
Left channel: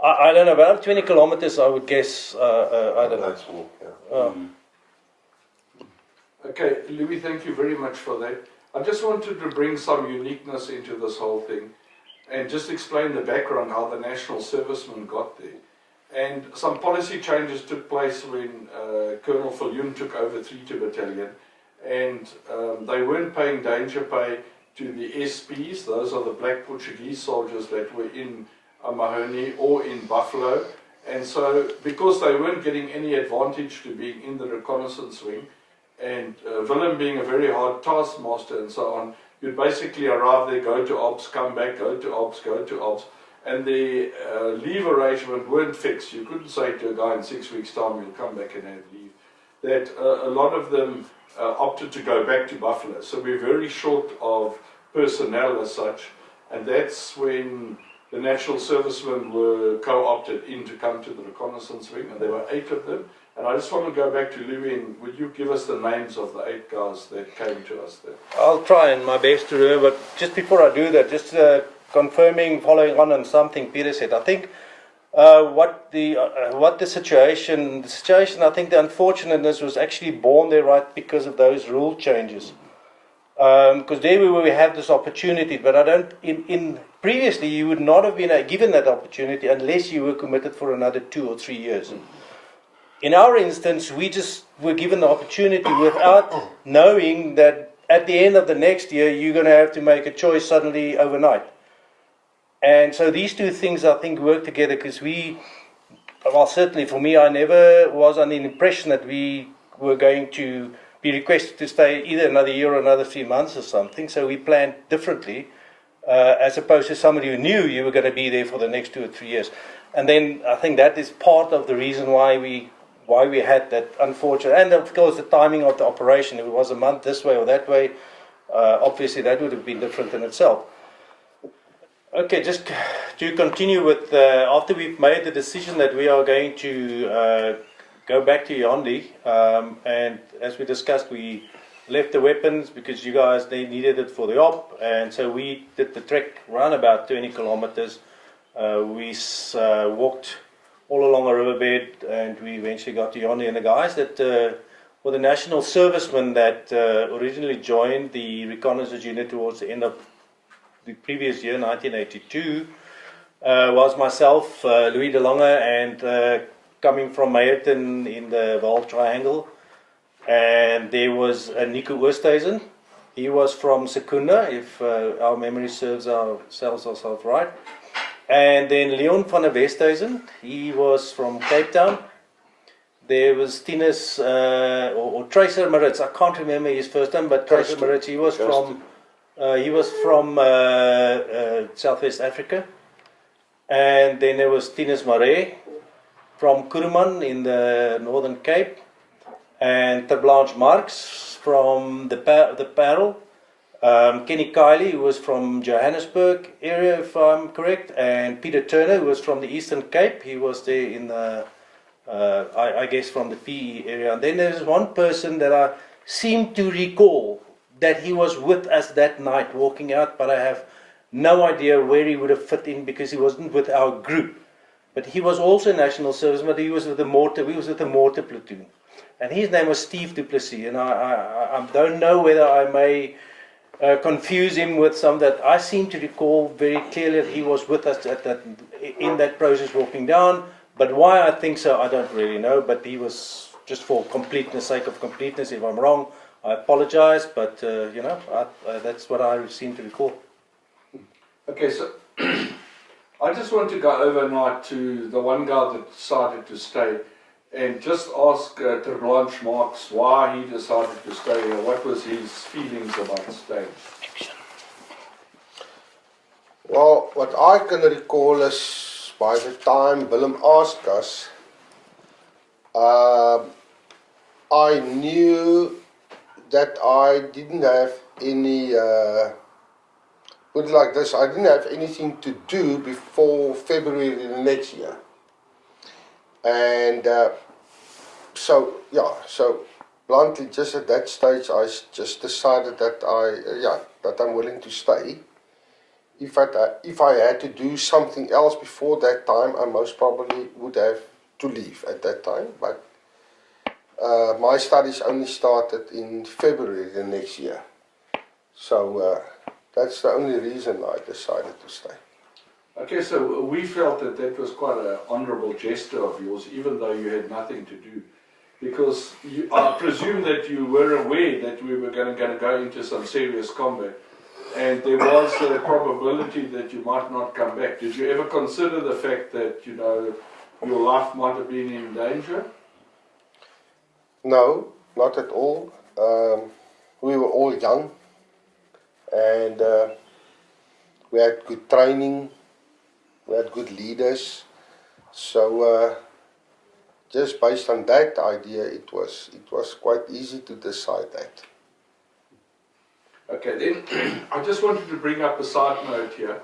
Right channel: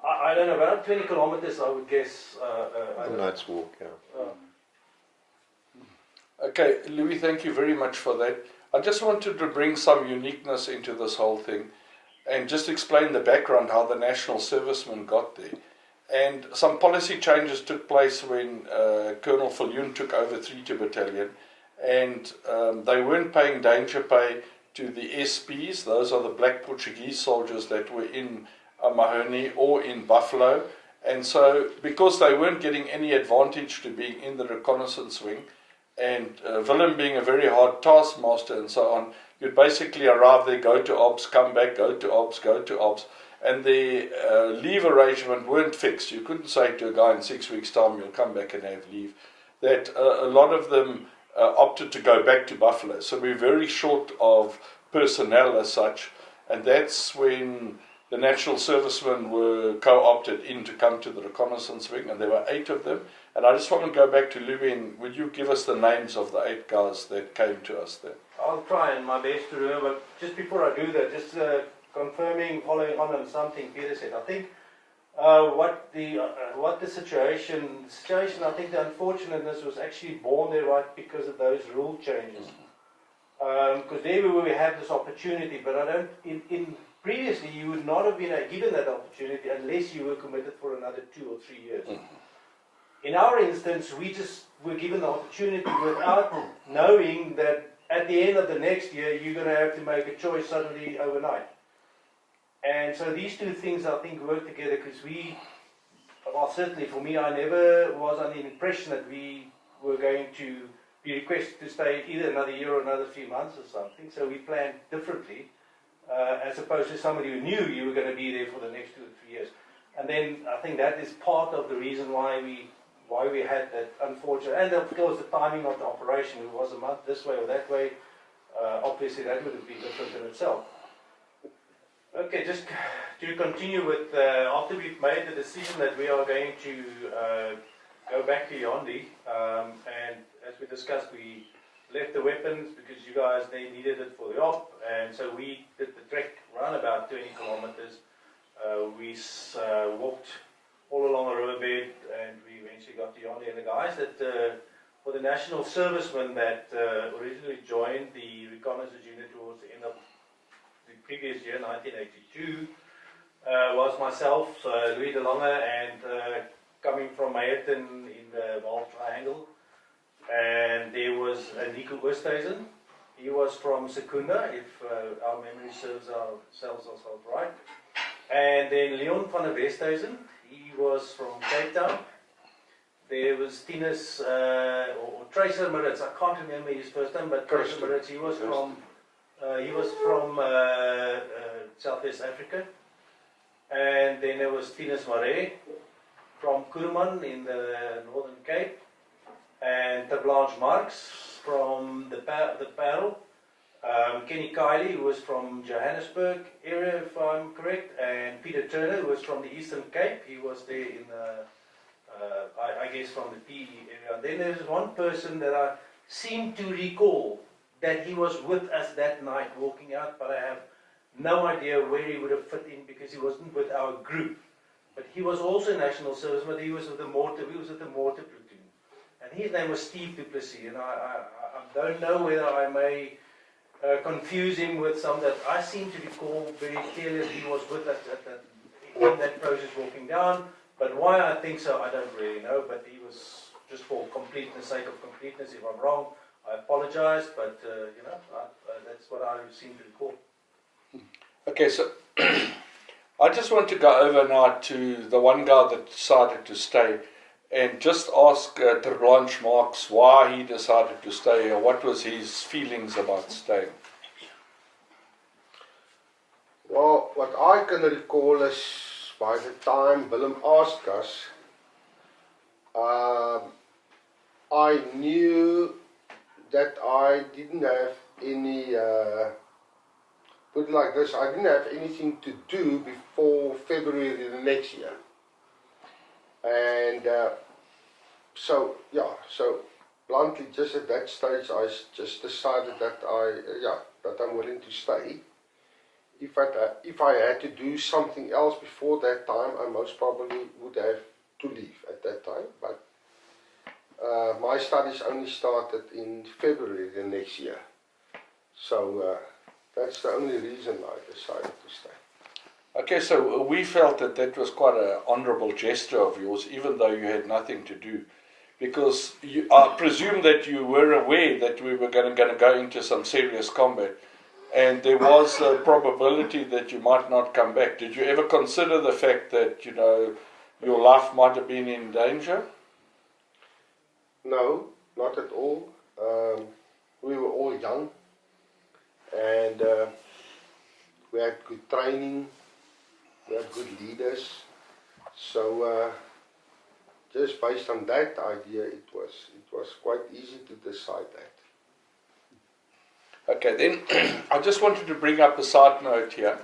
I don't know, about 20 kilometers, I would guess. I don't know. Let's walk, yeah. Okay, Louis, thank you very much for that. I just wanted to bring some uniqueness into this whole thing, and just explain the background, how the national servicemen got there. And some policy changes took place when Colonel Viljoen took over 3 Battalion, and they weren't paying danger pay to the SPs. Those are the black Portuguese soldiers that were in Mahoney or in Buffalo. And so, because they weren't getting any advantage to being in the reconnaissance wing, and Willem being a very hard taskmaster and so on, you'd basically arrive there, go to ops, come back, go to ops, go to ops. And the leave arrangement weren't fixed. You couldn't say to a guy in 6 weeks' time, you'll come back and have leave. That a lot of them opted to go back to Buffalo. So we're very short of personnel as such. And that's when the national servicemen were co-opted in to come to the reconnaissance wing. And there were 8 of them. And I just want to go back to Louis, and would you give us the names of the 8 guys that came to us there? I'll try my best to remember, but just before I do that, just confirming, following on something Peter said. I think what the situation, I think the unfortunateness was actually born there right because of those rule changes. Because there we had this opportunity, but I don't, previously you would not have been given that opportunity unless you were committed for another 2 or 3 years. In our instance, we just were given the opportunity without knowing that at the end of the next year, you're going to have to make a choice suddenly overnight. And so these two things, I think, work together, because certainly for me, I never was under the impression that we were going to be requested to stay either another year or another 3 months or something. So we planned differently, as opposed to somebody who knew you were going to be there for the next 2 or 3 years. And then I think that is part of the reason why we had that unfortunate, and of course the timing of the operation. If it was a month this way or that way, obviously that would have been different in itself. Okay, just to continue with, after we've made the decision that we are going to go back to Yaoundé, and as we discussed, we left the weapons because you guys, they needed it for the op, and so we did the trek around about 20 kilometers. We walked all along a riverbed, and we eventually got to Yaoundé, and the guys that were the national servicemen that originally joined the reconnaissance unit towards the end of the previous year, 1982, was myself, Louis de Lange, and coming from Meyerton in the Vaal Triangle. And there was Nico Oosthuizen. He was from Secunda, if our memory serves ourselves right. And then Leon van der Westhuizen, he was from Cape Town. There was Tinus, or Tracer Maritz, I can't remember his first name, but Tracer Maritz, he was from Southwest Africa. And then there was Tinus Marais from Kuruman in the Northern Cape. And Terblanche Marx from the Parel. Kenny Kiley, who was from Johannesburg area, if I'm correct. And Peter Turner, who was from the Eastern Cape. He was there in the, I guess, from the PE area. And then there's one person that I seem to recall that he was with us that night walking out, but I have no idea where he would have fit in because he wasn't with our group. But he was also national service, but he was with the mortar. We was with the mortar platoon, and his name was Steve Du Plessis. And I don't know whether I may confuse him with some that I seem to recall very clearly that he was with us at that in that process walking down. But why I think so, I don't really know. But he was, just for completeness, sake of completeness. If I'm wrong, I apologize, but you know, that's what I seem to recall. Okay, so I just want to go over now to the one guy that decided to stay and just ask Terblanche Marx why he decided to stay and what was his feelings about staying. Well, what I can recall is by the time Willem asked us, I knew that I didn't have any, put it like this, I didn't have anything to do before February next year. And so bluntly, just at that stage, I just decided that that I'm willing to stay. If I had to do something else before that time, I most probably would have to leave at that time. But my studies only started in February the next year. So that's the only reason I decided to stay. Okay, so we felt that that was quite an honourable gesture of yours, even though you had nothing to do. Because I presume that you were aware that we were going to go into some serious combat. And there was a probability that you might not come back. Did you ever consider the fact that, you know, your life might have been in danger? No, not at all. We were all young, and we had good training, we had good leaders. So just based on that idea, it was quite easy to decide that. Okay, then I just wanted to bring up a side note here.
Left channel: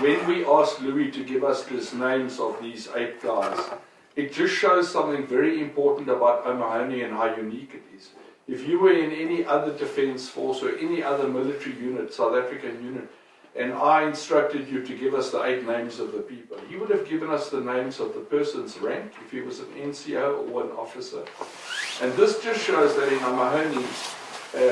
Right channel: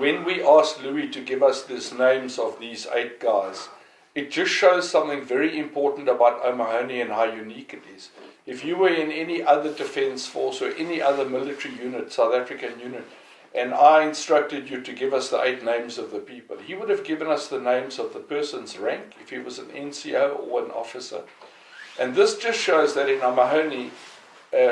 When we asked Louis to give us these names of these 8 guys, it just shows something very important about O'Mahony and how unique it is. If you were in any other defence force or any other military unit, South African unit, and I instructed you to give us the 8 names of the people, he would have given us the names of the person's rank, if he was an NCO or an officer. And this just shows that in O'Mahony,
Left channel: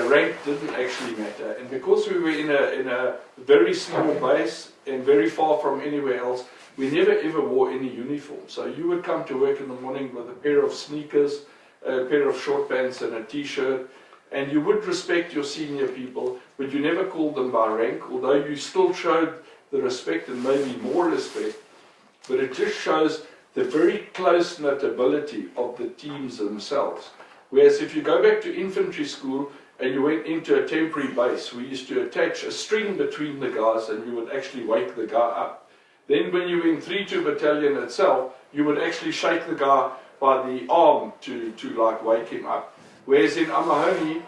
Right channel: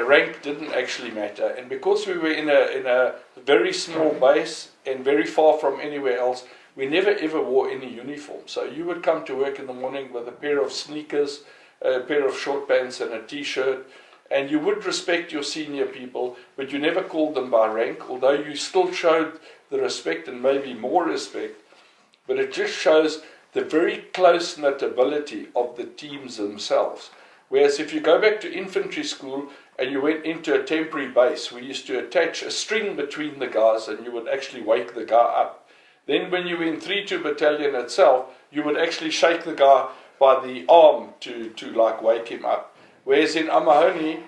rank didn't actually matter, and because we were in a very small base and very far from anywhere else, we never ever wore any uniform. So you would come to work in the morning with a pair of sneakers, a pair of short pants and a t-shirt, and you would respect your senior people, but you never called them by rank, although you still showed the respect and maybe more respect. But it just shows the very close-knit ability of the teams themselves. Whereas if you go back to infantry school, and you went into a temporary base, we used to attach a string between the guys and you would actually wake the guy up. Then when you were in 3-2 Battalion itself, you would actually shake the guy by the arm to like wake him up. Whereas in O'Mahony,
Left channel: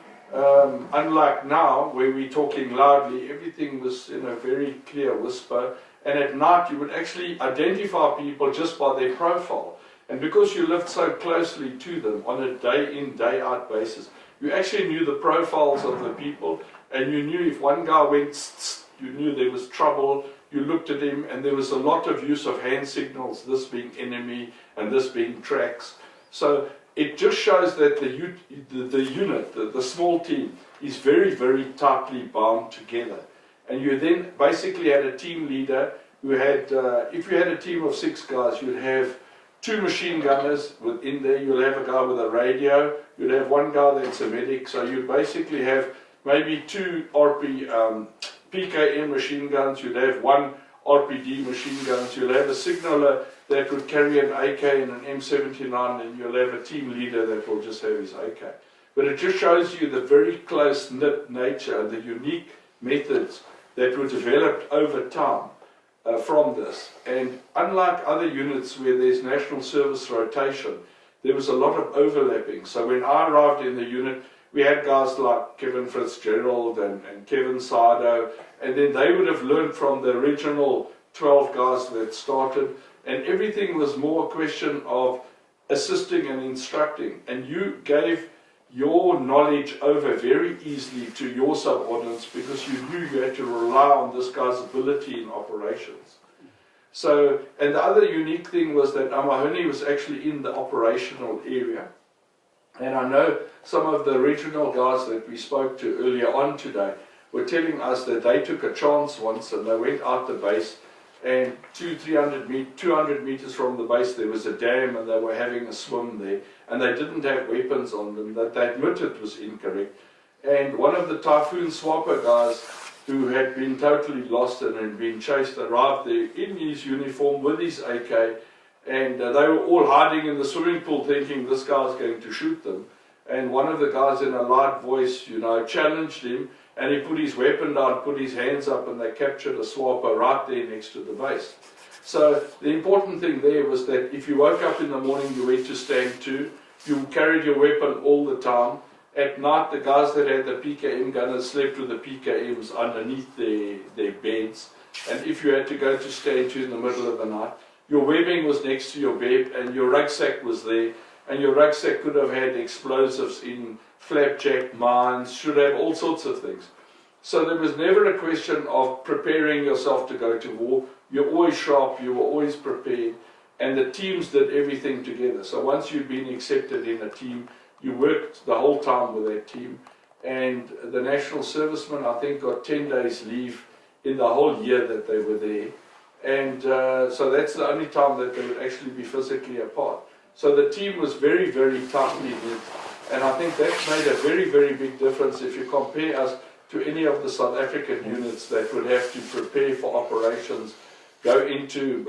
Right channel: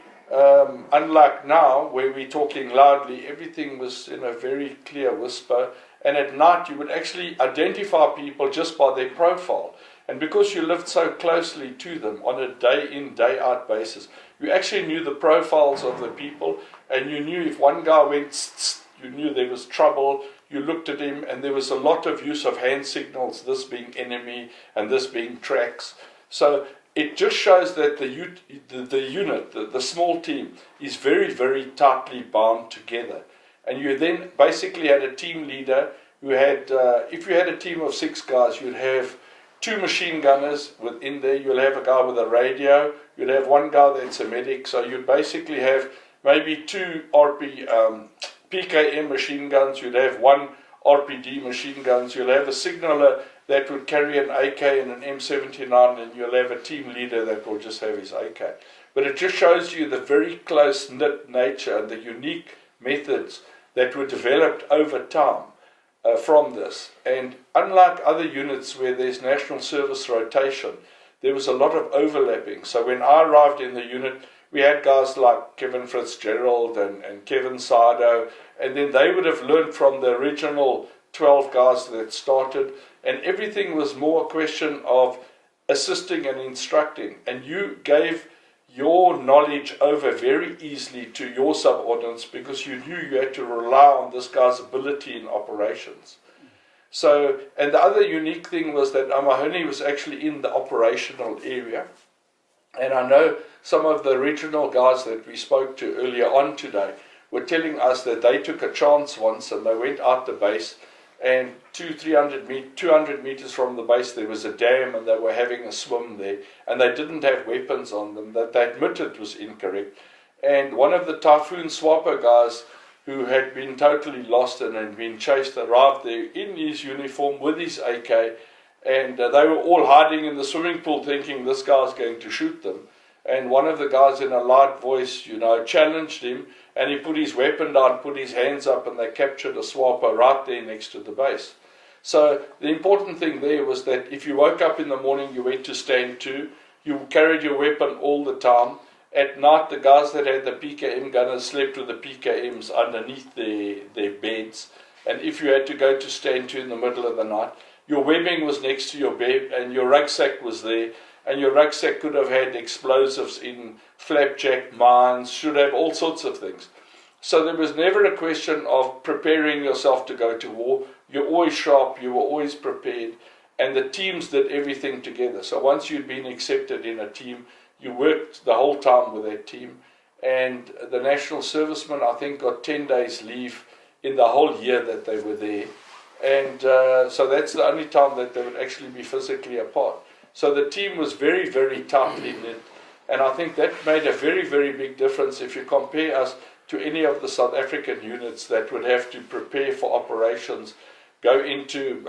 Unlike now, where we're talking loudly, everything was in a very clear whisper. And at night, you would actually identify people just by their profile. And because you lived so closely to them on a day-in, day-out basis, you actually knew the profiles of the people, and you knew if one guy went, you knew there was trouble. You looked at him, and there was a lot of use of hand signals, this being enemy and this being tracks. So it just shows that the unit, the small team, is very, very tightly bound together. And you then basically had a team leader who had, if you had a team of 6 guys, you'd have 2 machine gunners within there, you'll have a guy with a radio, you'd have 1 guy that's a medic, so you'd basically have maybe 2 PKM machine guns, you'd have 1 RPD machine guns, you'll have a signaller that would carry an AK and an M79, and you'll have a team leader that will just have his AK. But it just shows you the very close-knit nature and the unique methods that were developed over time from this. And unlike other units where there's national service rotation, there was a lot of overlapping. So when I arrived in the unit, we had guys like Kevin Fitzgerald and Kevin Sardo, and then they would have learned from the original 12 guys that started, and everything was more a question of assisting and instructing, and you gave your knowledge over very easily to your subordinates because you knew you had to rely on this guy's ability in operations. So, and the other unique thing was that Amahuni was actually in the operational area. And I know some of the regional guys that we spoke to earlier on today were telling us that they took a chance once and they went out the base, and 200 meters from the base there was a dam, and they were having a swim there, and they didn't have weapons on them that they admitted was incorrect. And one of the Typhoon SWAPO guys who had been totally lost and had been chased arrived there in his uniform with his AK, and they were all hiding in the swimming pool thinking this guy's going to shoot them. And one of the guys in a loud voice, challenged him, and he put his weapon down, put his hands up, and they captured a SWAPO right there next to the base. So the important thing there was that if you woke up in the morning, you went to stand to, you carried your weapon all the time. At night, the guys that had the PKM gunners slept with the PKMs underneath their beds. And if you had to go to stand to in the middle of the night, your webbing was next to your bed, and your rucksack was there. And your rucksack could have had explosives in, flapjack, mines, should have all sorts of things. So there was never a question of preparing yourself to go to war. You're always sharp, you were always prepared, and the teams did everything together. So once you'd been accepted in a team, you worked the whole time with that team. And the national servicemen, I think, got 10 days leave in the whole year that they were there. And so that's the only time that they would actually be physically apart. So the team was very, very tightly knit, and I think that made a very, very big difference if you compare us to any of the South African units that would have to prepare for operations, go into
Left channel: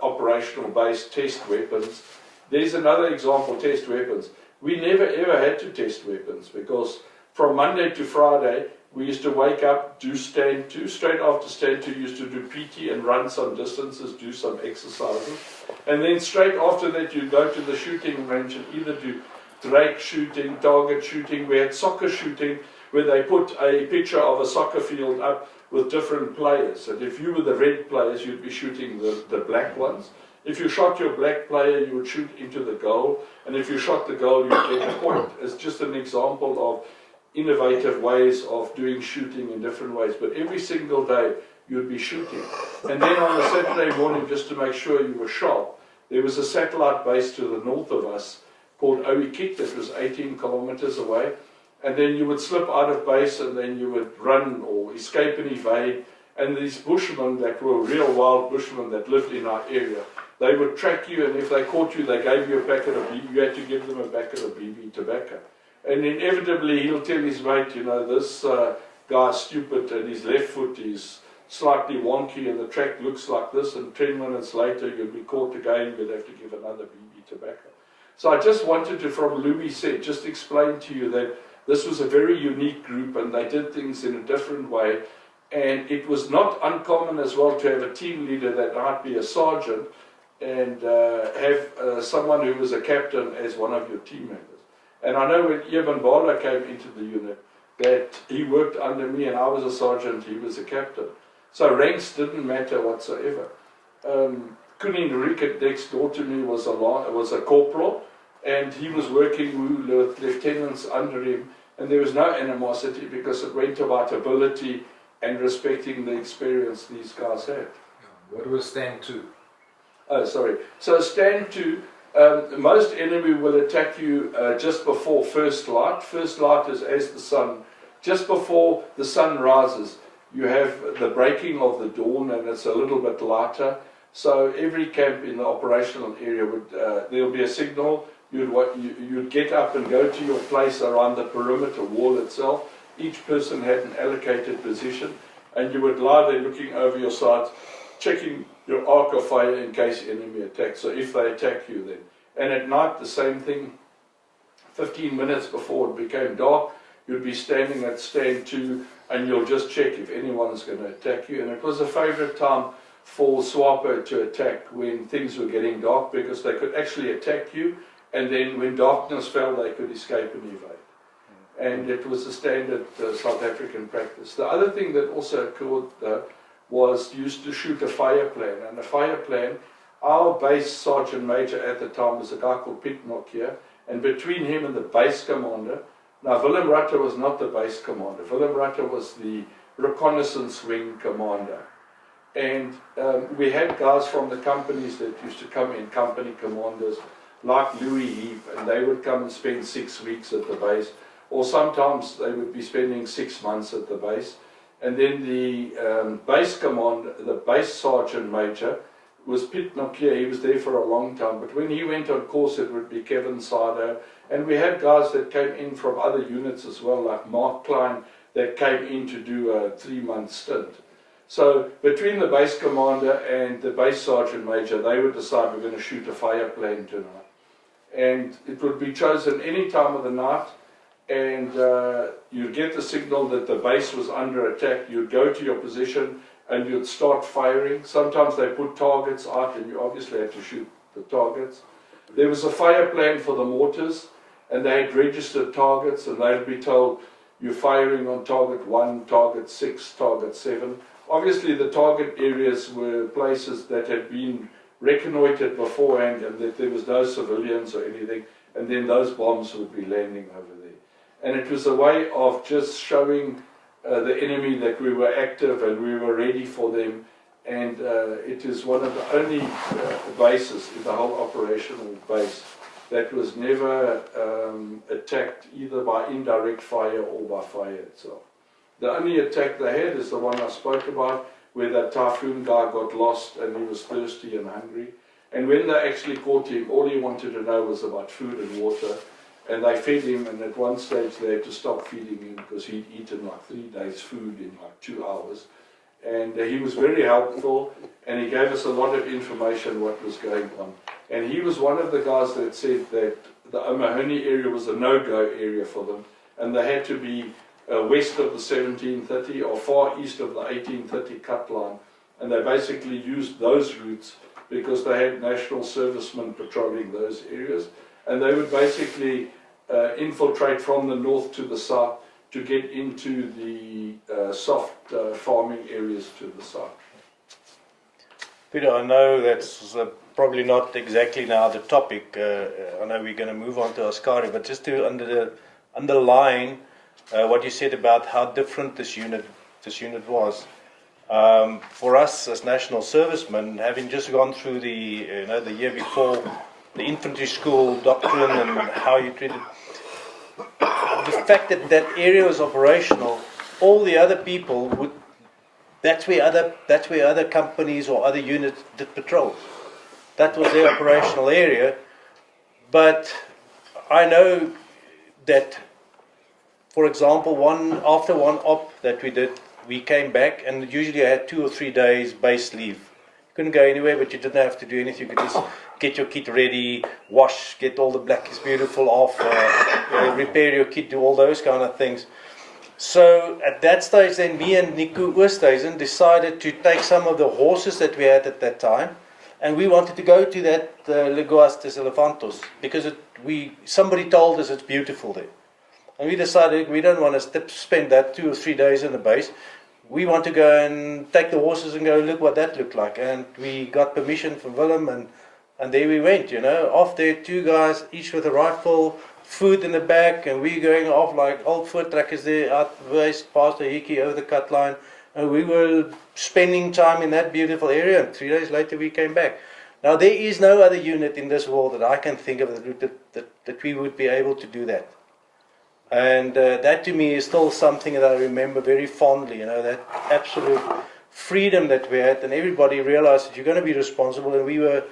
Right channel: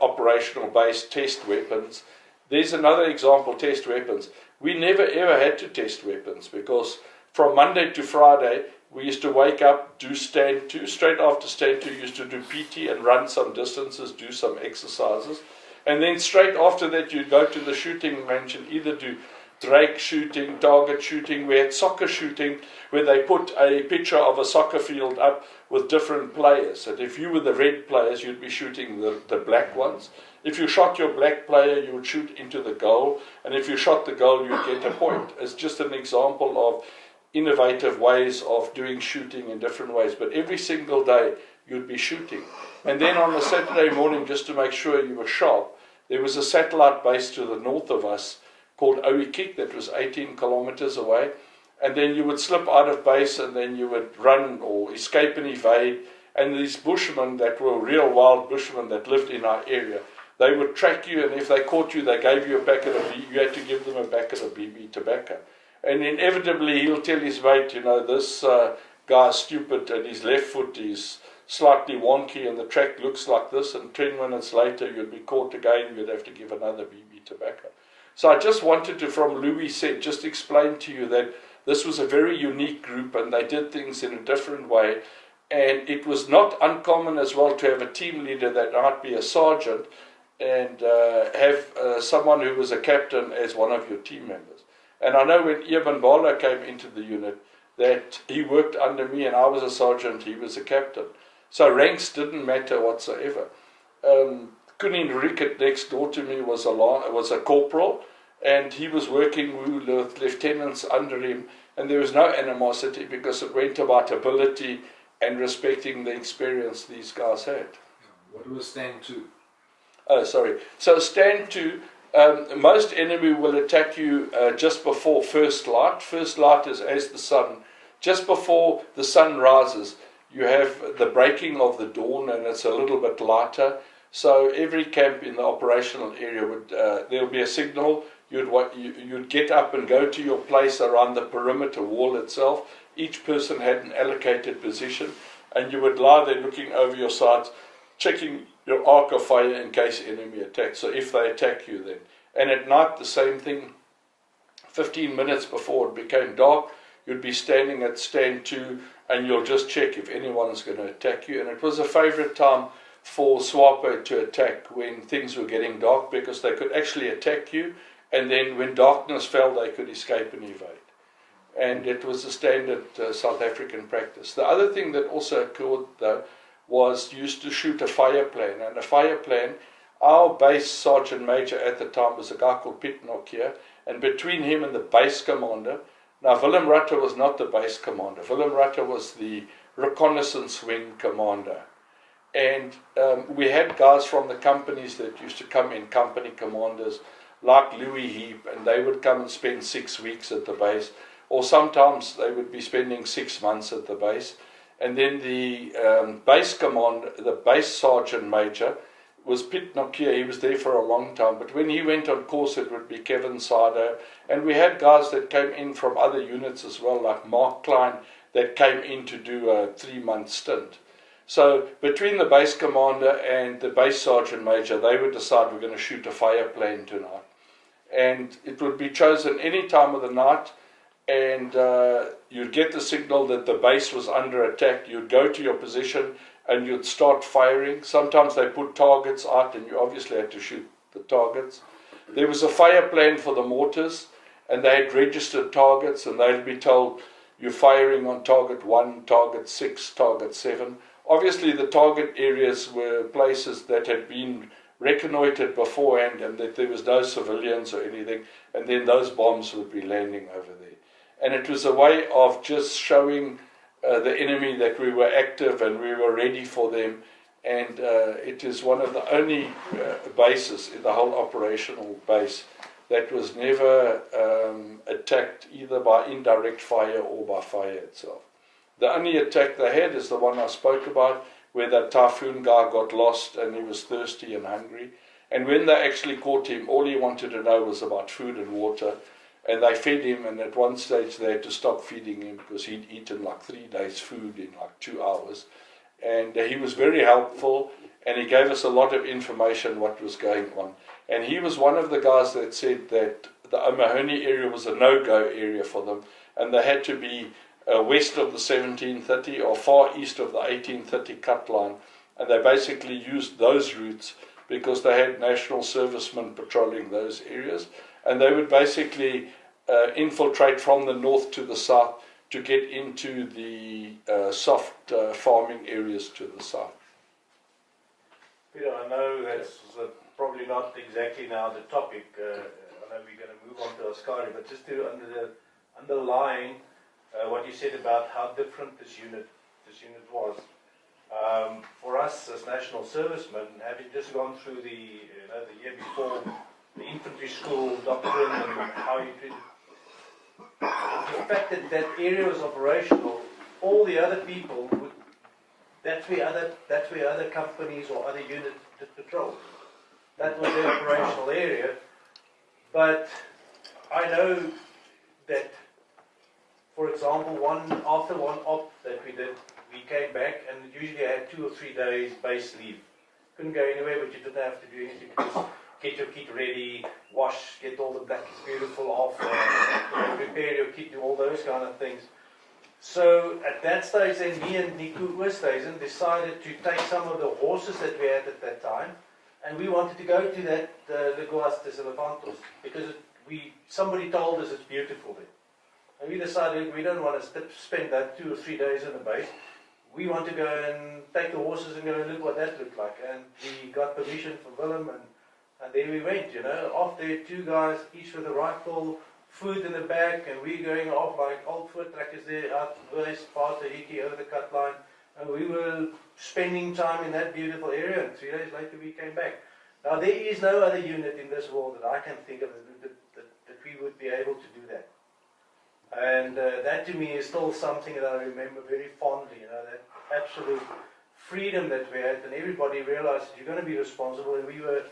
operational base, test weapons. There's another example, test weapons. We never ever had to test weapons because from Monday to Friday, we used to wake up, do stand to, straight after stand to, used to do PT and run some distances, do some exercises. And then straight after that, you go to the shooting range and either do drake shooting, target shooting. We had soccer shooting where they put a picture of a soccer field up with different players. And if you were the red players, you'd be shooting the black ones. If you shot your black player, you would shoot into the goal. And if you shot the goal, you'd get a point. It's just an example of innovative ways of doing shooting in different ways. But every single day, you'd be shooting. And then on the Saturday morning, just to make sure you were sharp, there was a satellite base to the north of us called Oikik that was 18 kilometers away. And then you would slip out of base and then you would run or escape and evade. And these bushmen that were real wild bushmen that lived in our area, they would track you, and if they caught you, they gave you a packet of BB. You had to give them a packet of BB tobacco. And inevitably he'll tell his mate, this guy's stupid and his left foot is slightly wonky and the track looks like this, and 10 minutes later you'll be caught again, you'd have to give another BB tobacco. So I just wanted to, from Louis said, just explain to you that this was a very unique group and they did things in a different way, and it was not uncommon as well to have a team leader that might be a sergeant and have someone who was a captain as one of your team members. And I know when Eben Bala came into the unit, that he worked under me and I was a sergeant, he was a captain. So ranks didn't matter whatsoever. Kunin Rickett next door to me was a corporal, and he was working with lieutenants under him, and there was no animosity because it went about ability and respecting the experience these guys had. What was stand 2? Oh, sorry. So stand 2, most enemy will attack you just before first light. First light is as the sun, just before the sun rises. You have the breaking of the dawn, and it's a little bit lighter. So every camp in the operational area would there will be a signal. You'd get up and go to your place around the perimeter wall itself. Each person had an allocated position, and you would lie there looking over your sides, checking your arc of fire in case enemy attacks. So if they attack you then. And at night the same thing. 15 minutes before it became dark, you'd be standing at stand 2, and you'll just check if anyone's going to attack you. And it was a favourite time for SWAPO to attack when things were getting dark, because they could actually attack you, and then when darkness fell they could escape and evade. And it was a standard South African practice. The other thing that also occurred though was used to shoot a fire plan. And a fire plan, our base sergeant major at the time was a guy called Piet Nokia, and between him and the base commander, now Willem Rutter was not the base commander, Willem Rutter was the reconnaissance wing commander. And we had guys from the companies that used to come in, company commanders, like Louis Heap, and they would come and spend 6 weeks at the base, or sometimes they would be spending 6 months at the base. And then the base commander, the base sergeant major, was Piet Nokia. He was there for a long time, but when he went on course it would be Kevin Sado, and we had guys that came in from other units as well, like Mark Klein, that came in to do a 3-month stint. So between the base commander and the base sergeant major, they would decide we're going to shoot a fire plane tonight. And it would be chosen any time of the night, and you'd get the signal that the base was under attack. You'd go to your position and you'd start firing. Sometimes they put targets out and you obviously had to shoot the targets. There was a fire plan for the mortars, and they had registered targets, and they'd be told you're firing on target 1, target 6, target 7. Obviously the target areas were places that had been reconnoitred beforehand and that there was no civilians or anything, and then those bombs would be landing over there. And it was a way of just showing the enemy that we were active and we were ready for them. And it is one of the only bases in the whole operational base that was never attacked either by indirect fire or by fire itself. The only attack they had is the one I spoke about, where that typhoon guy got lost and he was thirsty and hungry. And when they actually caught him, all he wanted to know was about food and water. And they fed him, and at one stage they had to stop feeding him because he'd eaten like 3 days' food in like 2 hours. And he was very helpful, and he gave us a lot of information what was going on. And he was one of the guys that said that the O'Mahony area was a no-go area for them, and they had to be west of the 1730 or far east of the 1830 cut line. And they basically used those routes because they had national servicemen patrolling those areas. And they would basically infiltrate from the north to the south to get into the soft farming areas to the south. Peter, I know that's probably not exactly now the topic. I know we're going to move on to Askari, but just to underline what you said about how different this unit was. For us as national servicemen, having just gone through the year before, the infantry school doctrine and how you treated the fact that that area was operational, all the other people would. That's where other companies or other units did patrol. That was their operational area. But I know that, for example, after one op that we did, we came back, and usually I had 2 or 3 days base leave. You couldn't go anywhere, but you didn't have to do anything. You could just get your kit ready, wash, get all the black is beautiful off, repair your kit, do all those kind of things. So at that stage, then me and Nico Oosthuizen decided to take some of the horses that we had at that time and we wanted to go to that Lagoas dos Elefantos because somebody told us it's beautiful there. And we decided we don't want to spend that 2 or 3 days in the base. We want to go and take the horses and go look what that looked like. And we got permission from Willem, and there we went, off there, 2 guys, each with a rifle, food in the back, and we going off like old foot trackers there, out west, past the Hiki, over the cut line. And we were spending time in that beautiful area, and 3 days later we came back. Now there is no other unit in this world that I can think of that we would be able to do that. And that to me is still something that I remember very fondly, that absolute freedom that we had, and everybody realized that you're going to be responsible, and we were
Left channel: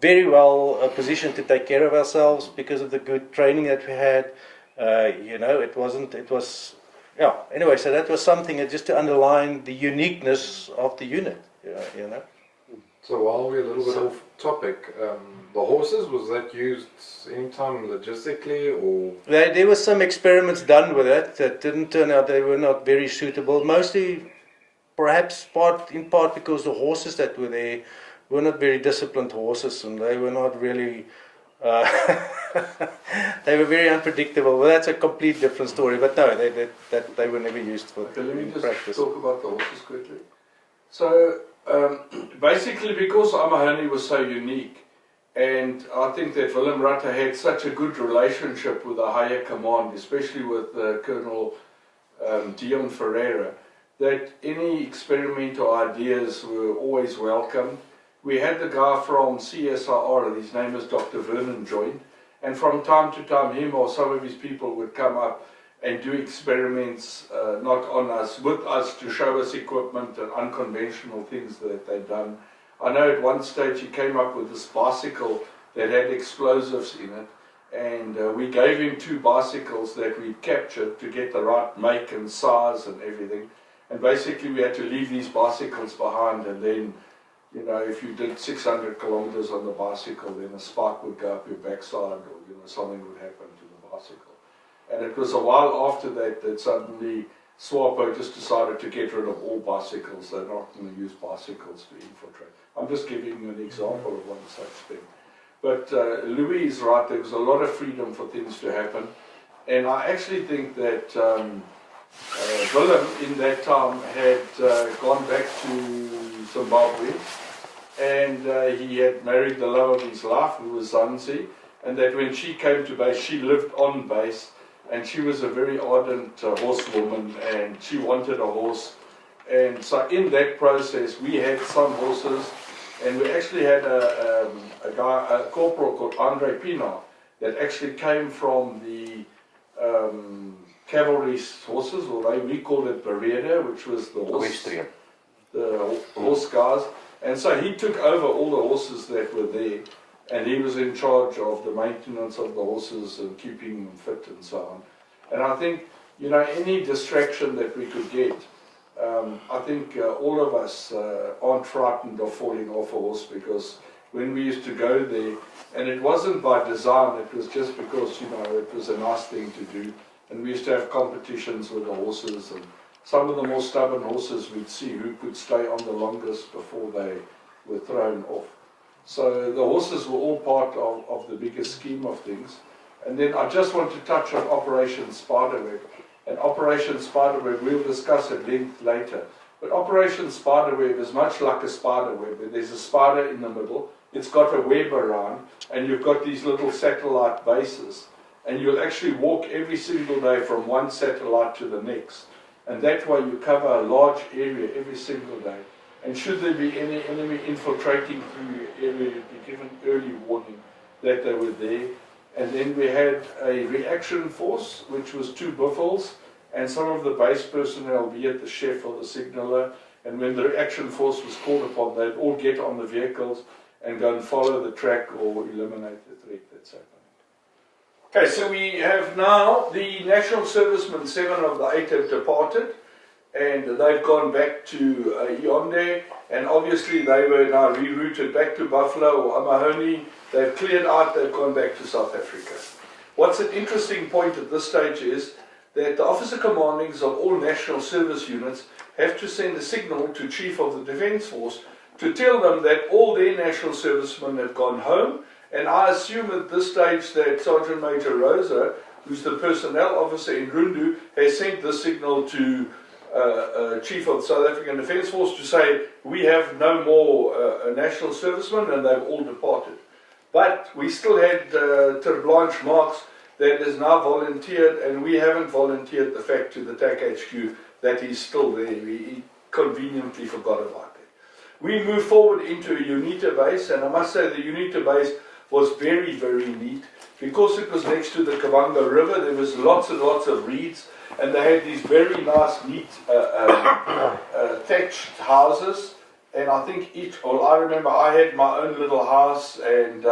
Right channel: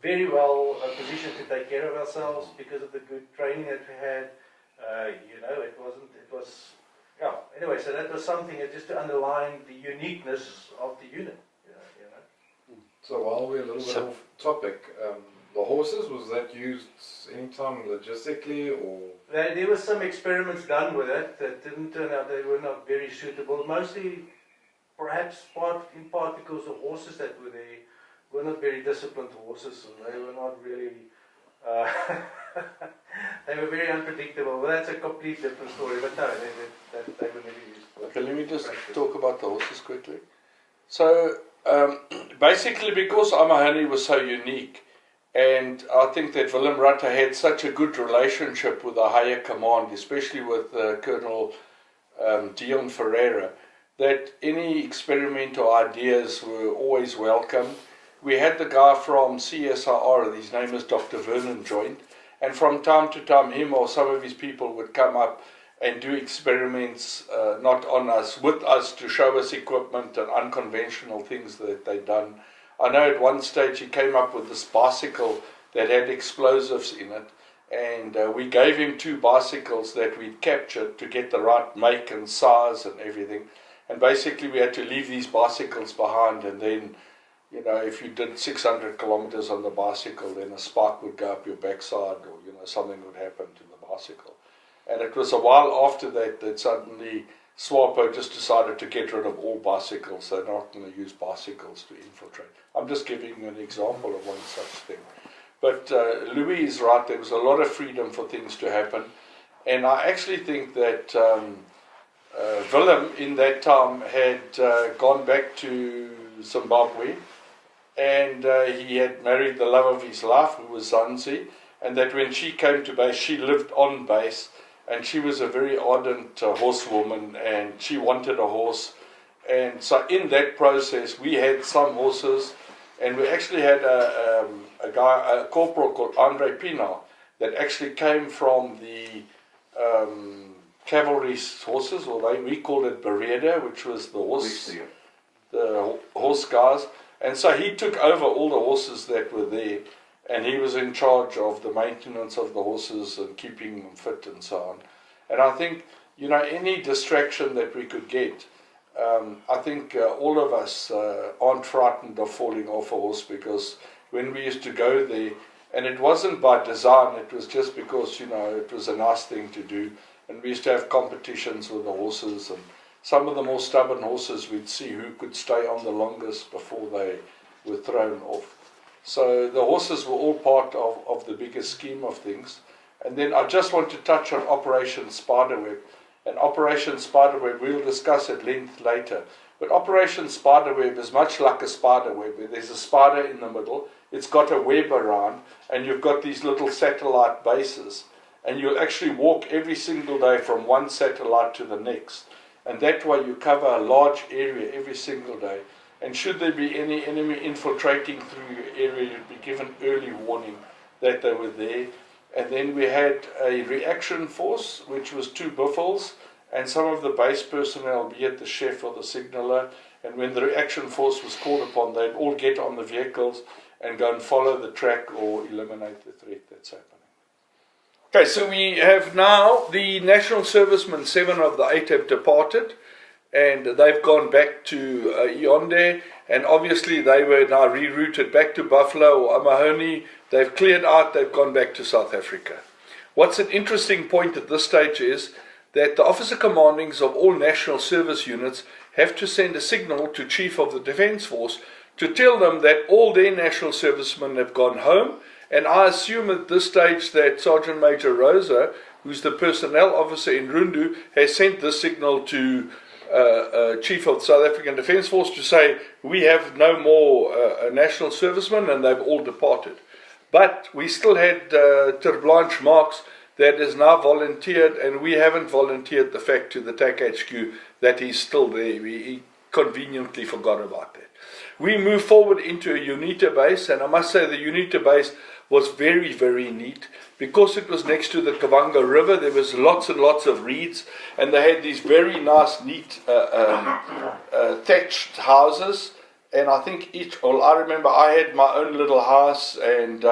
very well positioned to take care of ourselves because of the good training that we had. Anyway, so that was something that just to underline the uniqueness of the unit, So while we're a little bit off topic, the horses, was that used anytime logistically or? There were some experiments done with it that didn't turn out, they were not very suitable. Mostly, perhaps in part because the horses that were there were not very disciplined horses, and they were not really, they were very unpredictable. Well, that's a complete different story, but no, they were never used for Okay, let me just practice. talk about the horses quickly. So, basically because Amahani was so unique, and I think that Willem Rutte had such a good relationship with the higher command, especially with Colonel Dion Ferreira, that any experimental ideas were always welcome. We had the guy from CSIR, his name is Dr. Vernon, joined, and from time to time him or some of his people would come up and do experiments, not on us, with us, to show us equipment and unconventional things that they'd done. I know at one stage he came up with this bicycle that had explosives in it, and we gave him 2 bicycles that we'd captured to get the right make and size and everything. And basically we had to leave these bicycles behind, and then, if you did 600 kilometers on the bicycle, then a spark would go up your backside, or something would happen to the bicycle. And it was a while after that suddenly SWAPO just decided to get rid of all bicycles. They're not going to use bicycles to infiltrate. I'm just giving you an example of one such thing. But Louis is right, there was a lot of freedom for things to happen. And I actually think that Willem in that time had gone back to Zimbabwe, and he had married the love of his life, who was Zanzi, and that when she came to base, she lived on base, and she was a very ardent horsewoman, and she wanted a horse. And so in that process we had some horses, and we actually had a corporal called Andre Pina that actually came from the cavalry horses, or we called it Bereda, which was the horse guys. And so he took over all the horses that were there, and he was in charge of the maintenance of the horses and keeping them fit and so on. And I think, any distraction that we could get, I think all of us aren't frightened of falling off a horse, because when we used to go there, and it wasn't by design, it was just because, it was a nice thing to do, and we used to have competitions with the horses, and some of the more stubborn horses, we'd see who could stay on the longest before they were thrown off. So the horses were all part of the bigger scheme of things. And then I just want to touch on Operation Spiderweb. And Operation Spiderweb, we'll discuss at length later. But Operation Spiderweb is much like a spider web, where there's a spider in the middle, it's got a web around, and you've got these little satellite bases. And you'll actually walk every single day from one satellite to the next. And that way you cover a large area every single day. And should there be any enemy infiltrating through your area, you'd be given early warning that they were there. And then we had a reaction force, which was 2 buffels, and some of the base personnel, be it the chef or the signaller. And when the reaction force was called upon, they'd all get on the vehicles and go and follow the track or eliminate the threat that's happening. Okay, so we have now the National Servicemen, 7 of the 8 have departed, and they've gone back to Yaoundé, and obviously they were now rerouted back to Buffalo or Amahoni. They've cleared out, they've gone back to South Africa. What's an interesting point at this stage is that the officer commandings of all national service units have to send a signal to Chief of the Defence Force to tell them that all their national servicemen have gone home. And I assume at this stage that Sergeant Major Rosa, who's the personnel officer in Rundu, has sent this signal to Chief of the South African Defence Force to say, we have no more national servicemen, and they've all departed. But we still had Ter Blanche Marks that is now volunteered, and we haven't volunteered the fact to the TAC HQ that he's still there. He conveniently forgot about that. We moved forward into a UNITA base, and I must say the UNITA base was very, very neat. Because it was next to the Kabanga River, there was lots and lots of reeds, and they had these very nice, neat thatched houses. And I think I remember I had my own little house, and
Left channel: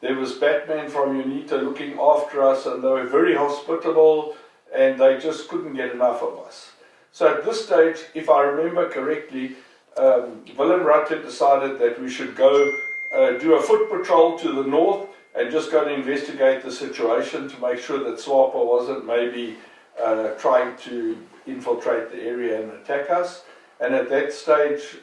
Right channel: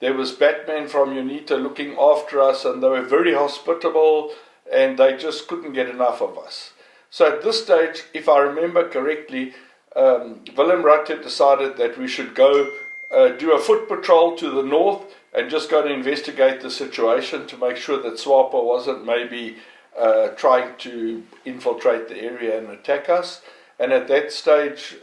there was Batman from UNITA looking after us, and they were very hospitable, and they just couldn't get enough of us. So at this stage, if I remember correctly, Willem Rutte decided that we should go do a foot patrol to the north and just go and investigate the situation to make sure that SWAPO wasn't maybe trying to infiltrate the area and attack us. And at that stage,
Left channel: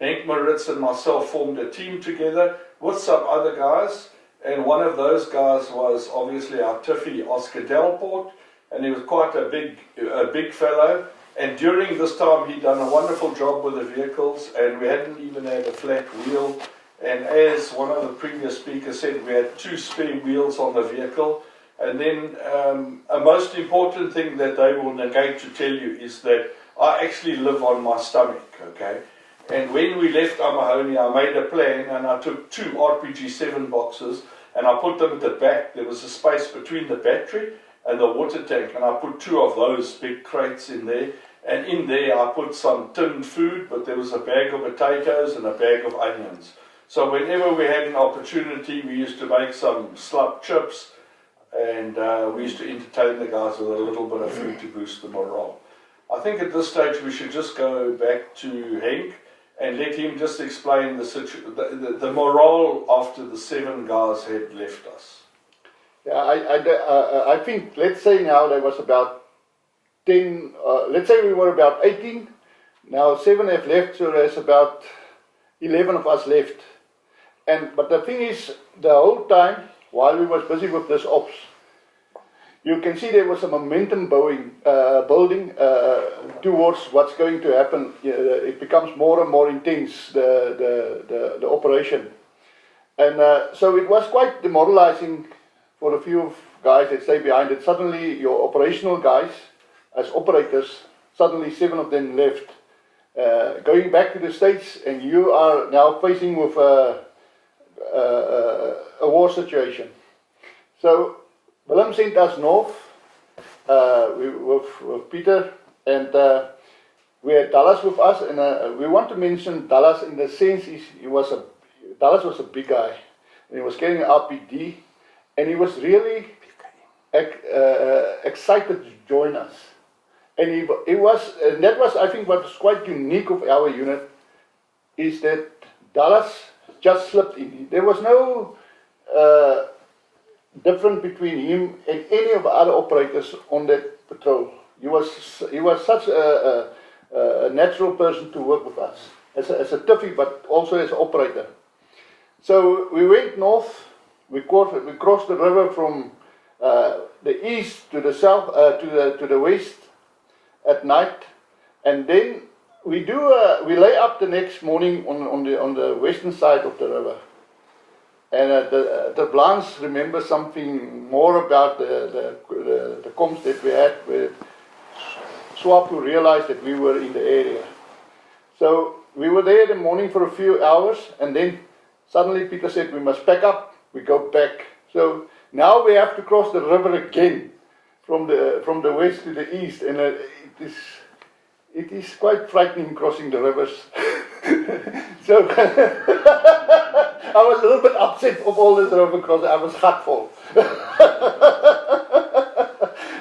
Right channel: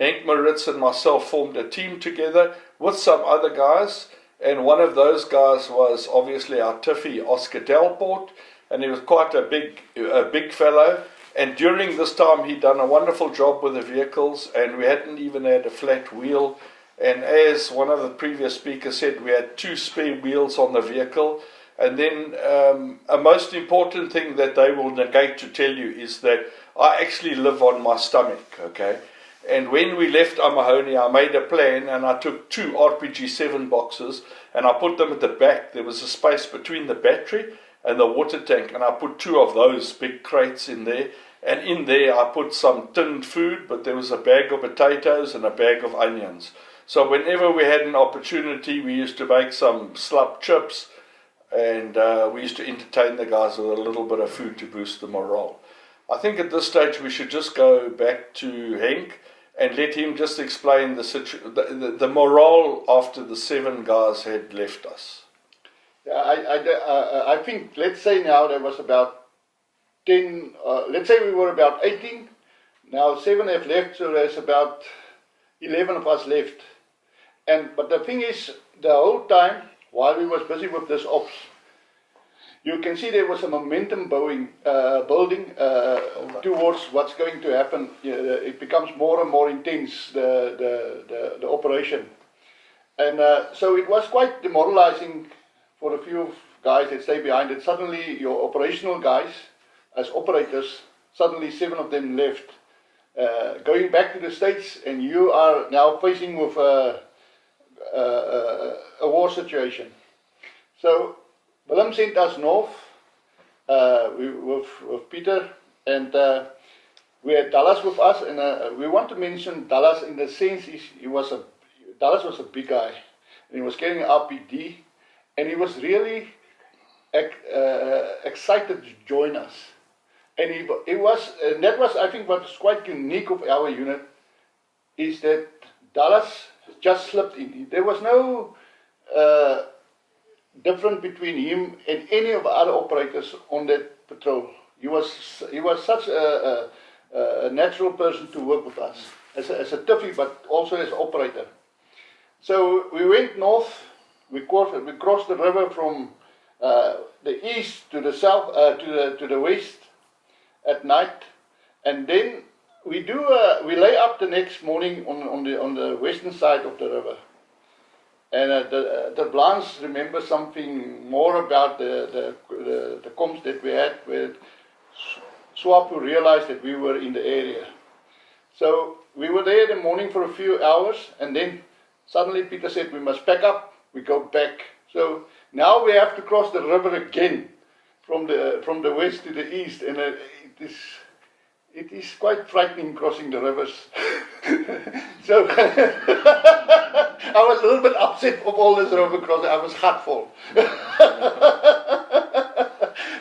Henk Maritz and myself formed a team together with some other guys, and one of those guys was obviously our Tiffy, Oscar Delport, and he was quite a big fellow. And during this time, he'd done a wonderful job with the vehicles, and we hadn't even had a flat wheel. And as one of the previous speakers said, we had 2 spare wheels on the vehicle. And then a most important thing that they will negate to tell you is that I actually live on my stomach, okay? And when we left Amahoni, I made a plan, and I took 2 RPG-7 boxes, and I put them at the back. There was a space between the battery and the water tank, and I put 2 of those big crates in there. And in there I put some tinned food, but there was a bag of potatoes and a bag of onions. So whenever we had an opportunity, we used to make some slap chips, and we used to entertain the guys with a little bit of food to boost the morale. I think at this stage we should just go back to Henk and let him just explain the morale after the 7 guys had left us. Yeah, I think, let's say now there was about 10, let's say we were about 18, now 7 have left, so there's about 11 of us left. But the thing is, the whole time, while we was busy with this ops, you can see there was a momentum building towards what's going to happen. It becomes more and more intense, the operation. And so it was quite demoralizing for a few guys that stay behind it. Suddenly your operational guys, as operators, suddenly 7 of them left. Going back to the States, and you are now facing with a war situation. So Willem sent us north with Peter, and we had Dallas with us, and we want to mention Dallas in the sense Dallas was a big guy, and he was carrying an RPD, and he was really excited to join us. And and that was, I think, what was quite unique of our unit, is that Dallas just slipped in. There was no difference between him and any of the other operators on that patrol. He was such a natural person to work with us, as a tiffy, but also as an operator. So we went north. We crossed the river from the east to the south, to the west at night, and then we lay up the next morning on the western side of the river. And the Blans remember something more about the comms that we had with SWAPO realized that we were in the area. So we were there in the morning for a few hours, and then suddenly Peter said we must pack up, we go back. So now we have to cross the river again from the west to the east, and it is quite frightening crossing the rivers. So I was a little bit upset of all this river crossing. I was heartful.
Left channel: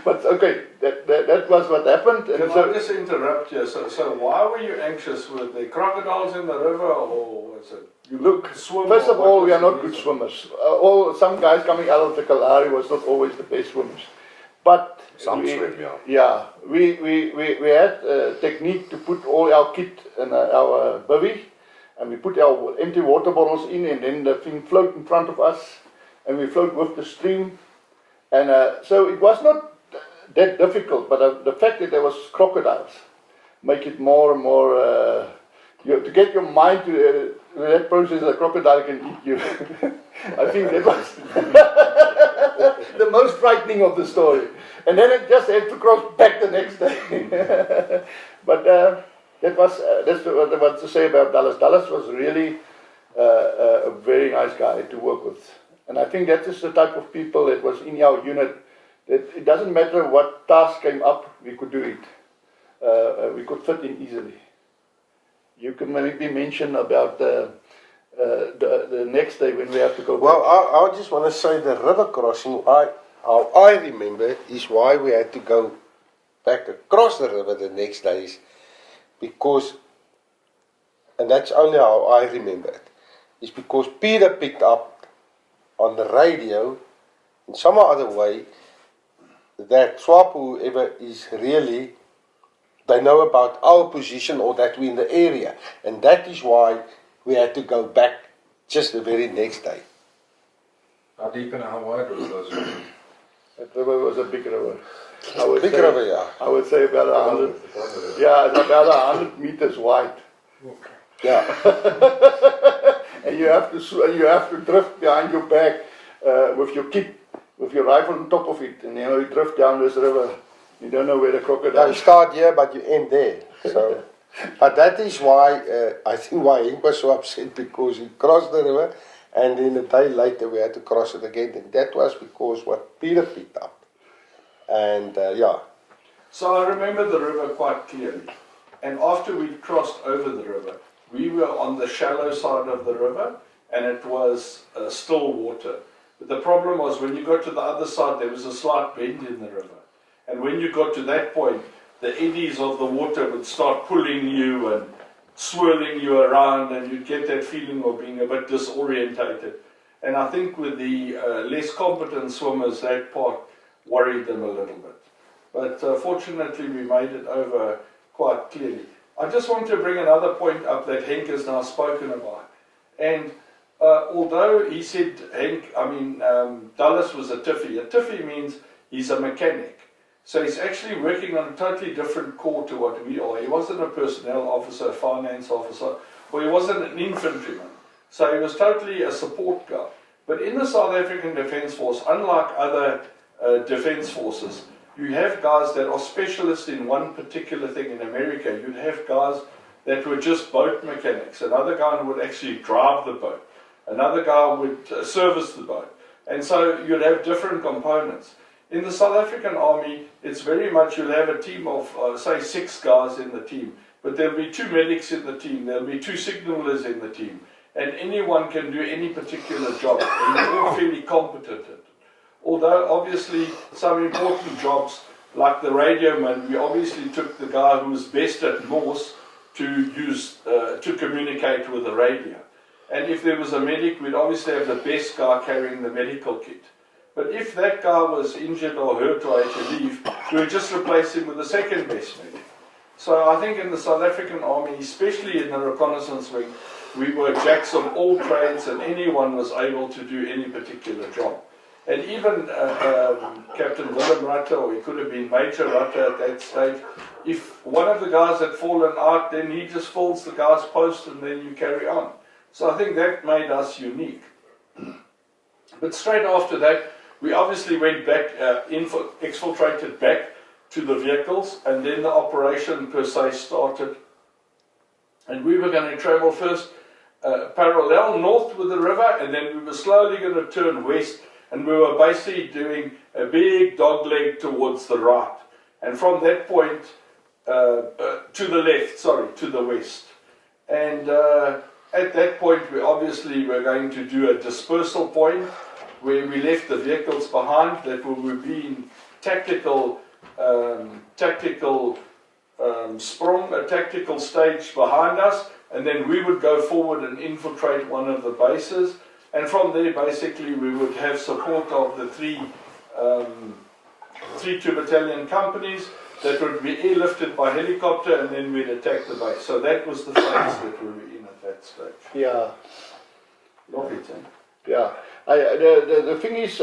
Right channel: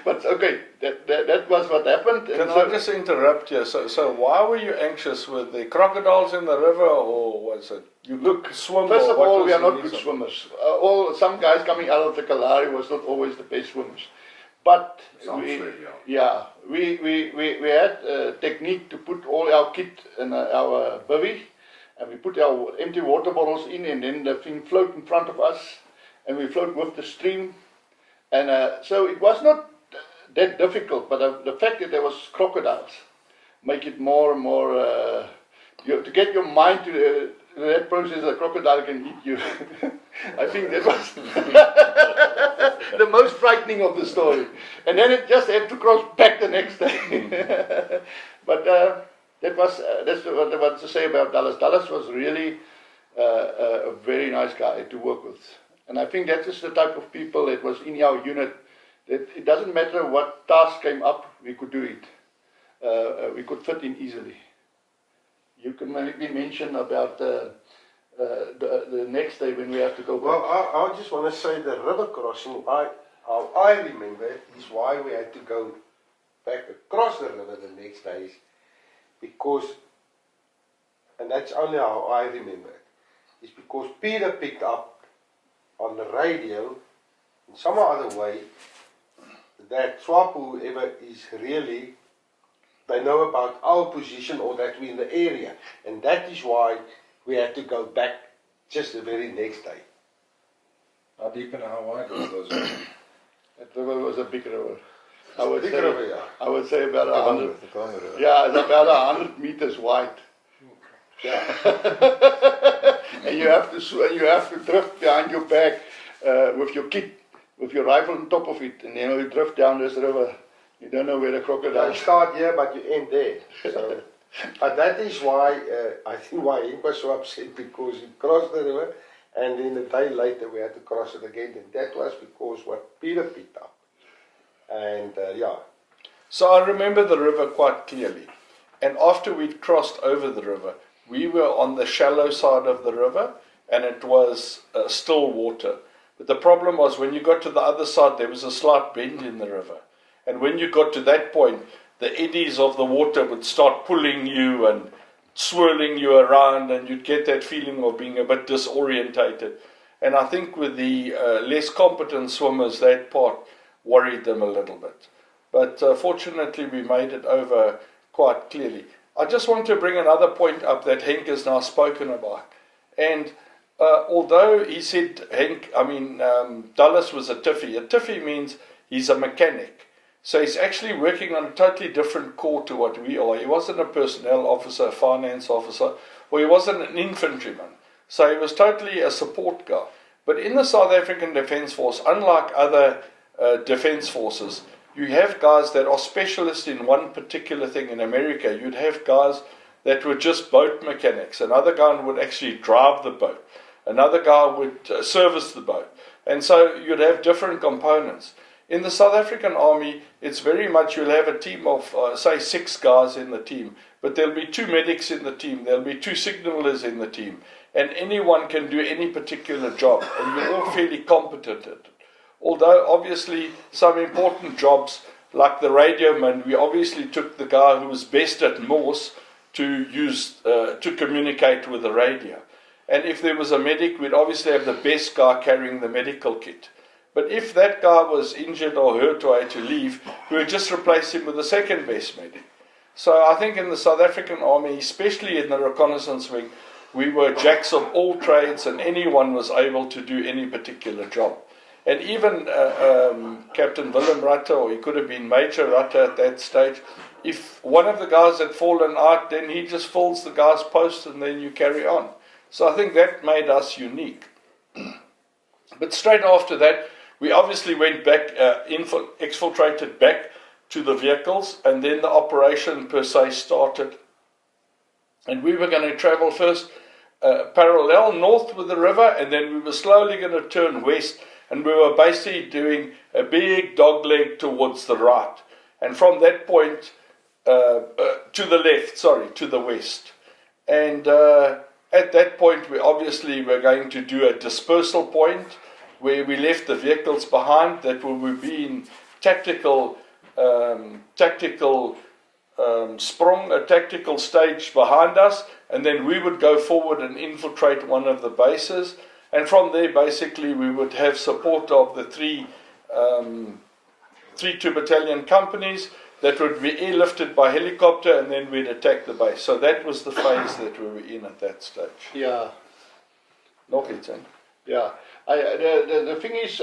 But okay, that was what happened. And Can I just interrupt you? So why were you anxious? Were there crocodiles in the river, or was it you swim? First of all, we are not good swimmers. Some guys coming out of the Kalahari was not always the best swimmers. But we had a technique to put all our kit in our bivvy, and we put our empty water bottles in, and then the thing float in front of us, and we float with the stream. And so it was not that difficult, but the fact that there was crocodiles make it more and more, to get your mind to that process, a crocodile can eat you. I think that was the most frightening of the story. And then it just had to cross back the next day. But that's what I want to say about Dallas. Dallas was really a very nice guy to work with. And I think that is the type of people that was in our unit, that it doesn't matter what task came up, we could do it. We could fit in easily. You can maybe mention about the next day when we have to go back. Well, I just want to say the river crossing, how I remember is why we had to go back across the river the next days, because, and that's only how I remember it, is because Peter picked up on the radio in some other way that SWAPO, whoever is really, they know about our position or that we're in the area, and that is why we had to go back just the very next day. How deep and how wide was those rivers? That river was a big river. I would say about 100. Yeah, it's about 100 meters wide. Yeah. And you have to drift behind your back with your kit, with your rifle on top of it, and you drift down this river. You don't know where the crocodile You start here, but you end there. So, but that is why I think why Henk was so upset, because he crossed the river, and then a day later we had to cross it again. And that was because what Peter picked up. And yeah. So I remember the river quite clearly. And after we'd crossed over the river, we were on the shallow side of the river, and it was still water. But the problem was when you got to the other side, there was a slight bend in the river. And when you got to that point, the eddies of the water would start pulling you and swirling you around, and you'd get that feeling of being a bit disorientated. And I think with the less competent swimmers, that part worried them a little bit. But fortunately, we made it over quite clearly. I just want to bring another point up that Henk has now spoken about. And although he said, Dallas was a tiffy means he's a mechanic. So he's actually working on a totally different corps to what we are. He wasn't a personnel officer, a finance officer, or he wasn't an infantryman. So he was totally a support guy. But in the South African Defence Force, unlike other defence forces, you have guys that are specialists in one particular thing. In America, you'd have guys that were just boat mechanics. Another guy would actually drive the boat. Another guy would service the boat. And so you'd have different components. In the South African Army, it's very much, you'll have a team of, say, 6 guys in the team, but there'll be 2 medics in the team, there'll be 2 signalers in the team, and anyone can do any particular job, and you're all fairly competent at it. Although, obviously, some important jobs, like the radio man, we obviously took the guy who was best at Morse to communicate with the radio. And if there was a medic, we'd obviously have the best guy carrying the medical kit. But if that guy was injured or hurt or had to leave, we would just replace him with the second best medic. So I think in the South African Army, especially in the reconnaissance wing, we were jacks of all trades, and anyone was able to do any particular job. And even Captain Willem Rutte, or he could have been Major Rutte at that stage, if one of the guys had fallen out, then he just fills the guy's post and then you carry on. So I think that made us unique. But straight after that, we obviously went back, exfiltrated back to the vehicles, and then the operation per se started. And we were going to travel first parallel north with the river, and then we were slowly going to turn west, and we were basically doing a big dogleg towards the right. And from that point, to the west. And at that point, we obviously were going to do a dispersal point, where we left the vehicles behind that would be in tactical stage behind us, and then we would go forward and infiltrate one of the bases, and from there basically we would have support of the three 2 battalion companies, that would be airlifted by helicopter, and then we'd attack the base. So that was the phase that we were in at that stage. Yeah. Nog iets, hè? Yeah. The thing is,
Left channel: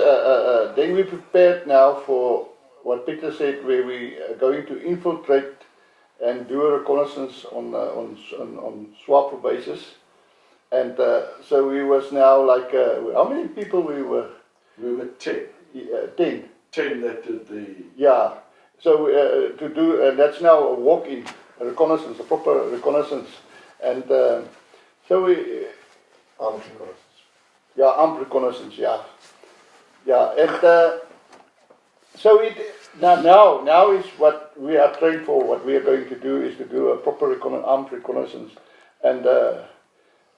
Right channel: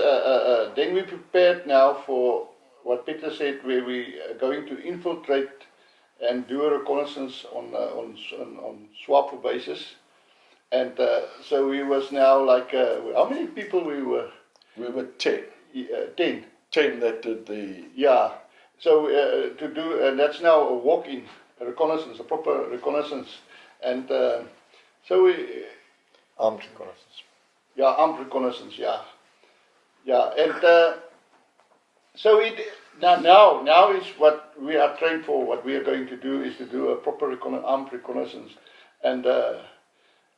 then we prepared now for what Peter said, where we are going to infiltrate and do a reconnaissance on SWAPO basis. And so we was now like, how many people we were? We were 10. 10. 10 that did the... Yeah. So to do, and that's now a walk-in, a reconnaissance, a proper reconnaissance. And so we... Armed reconnaissance. Yeah, armed reconnaissance, yeah. Yeah, and so it now is what we are trained for. What we are going to do is to do a proper armed reconnaissance. And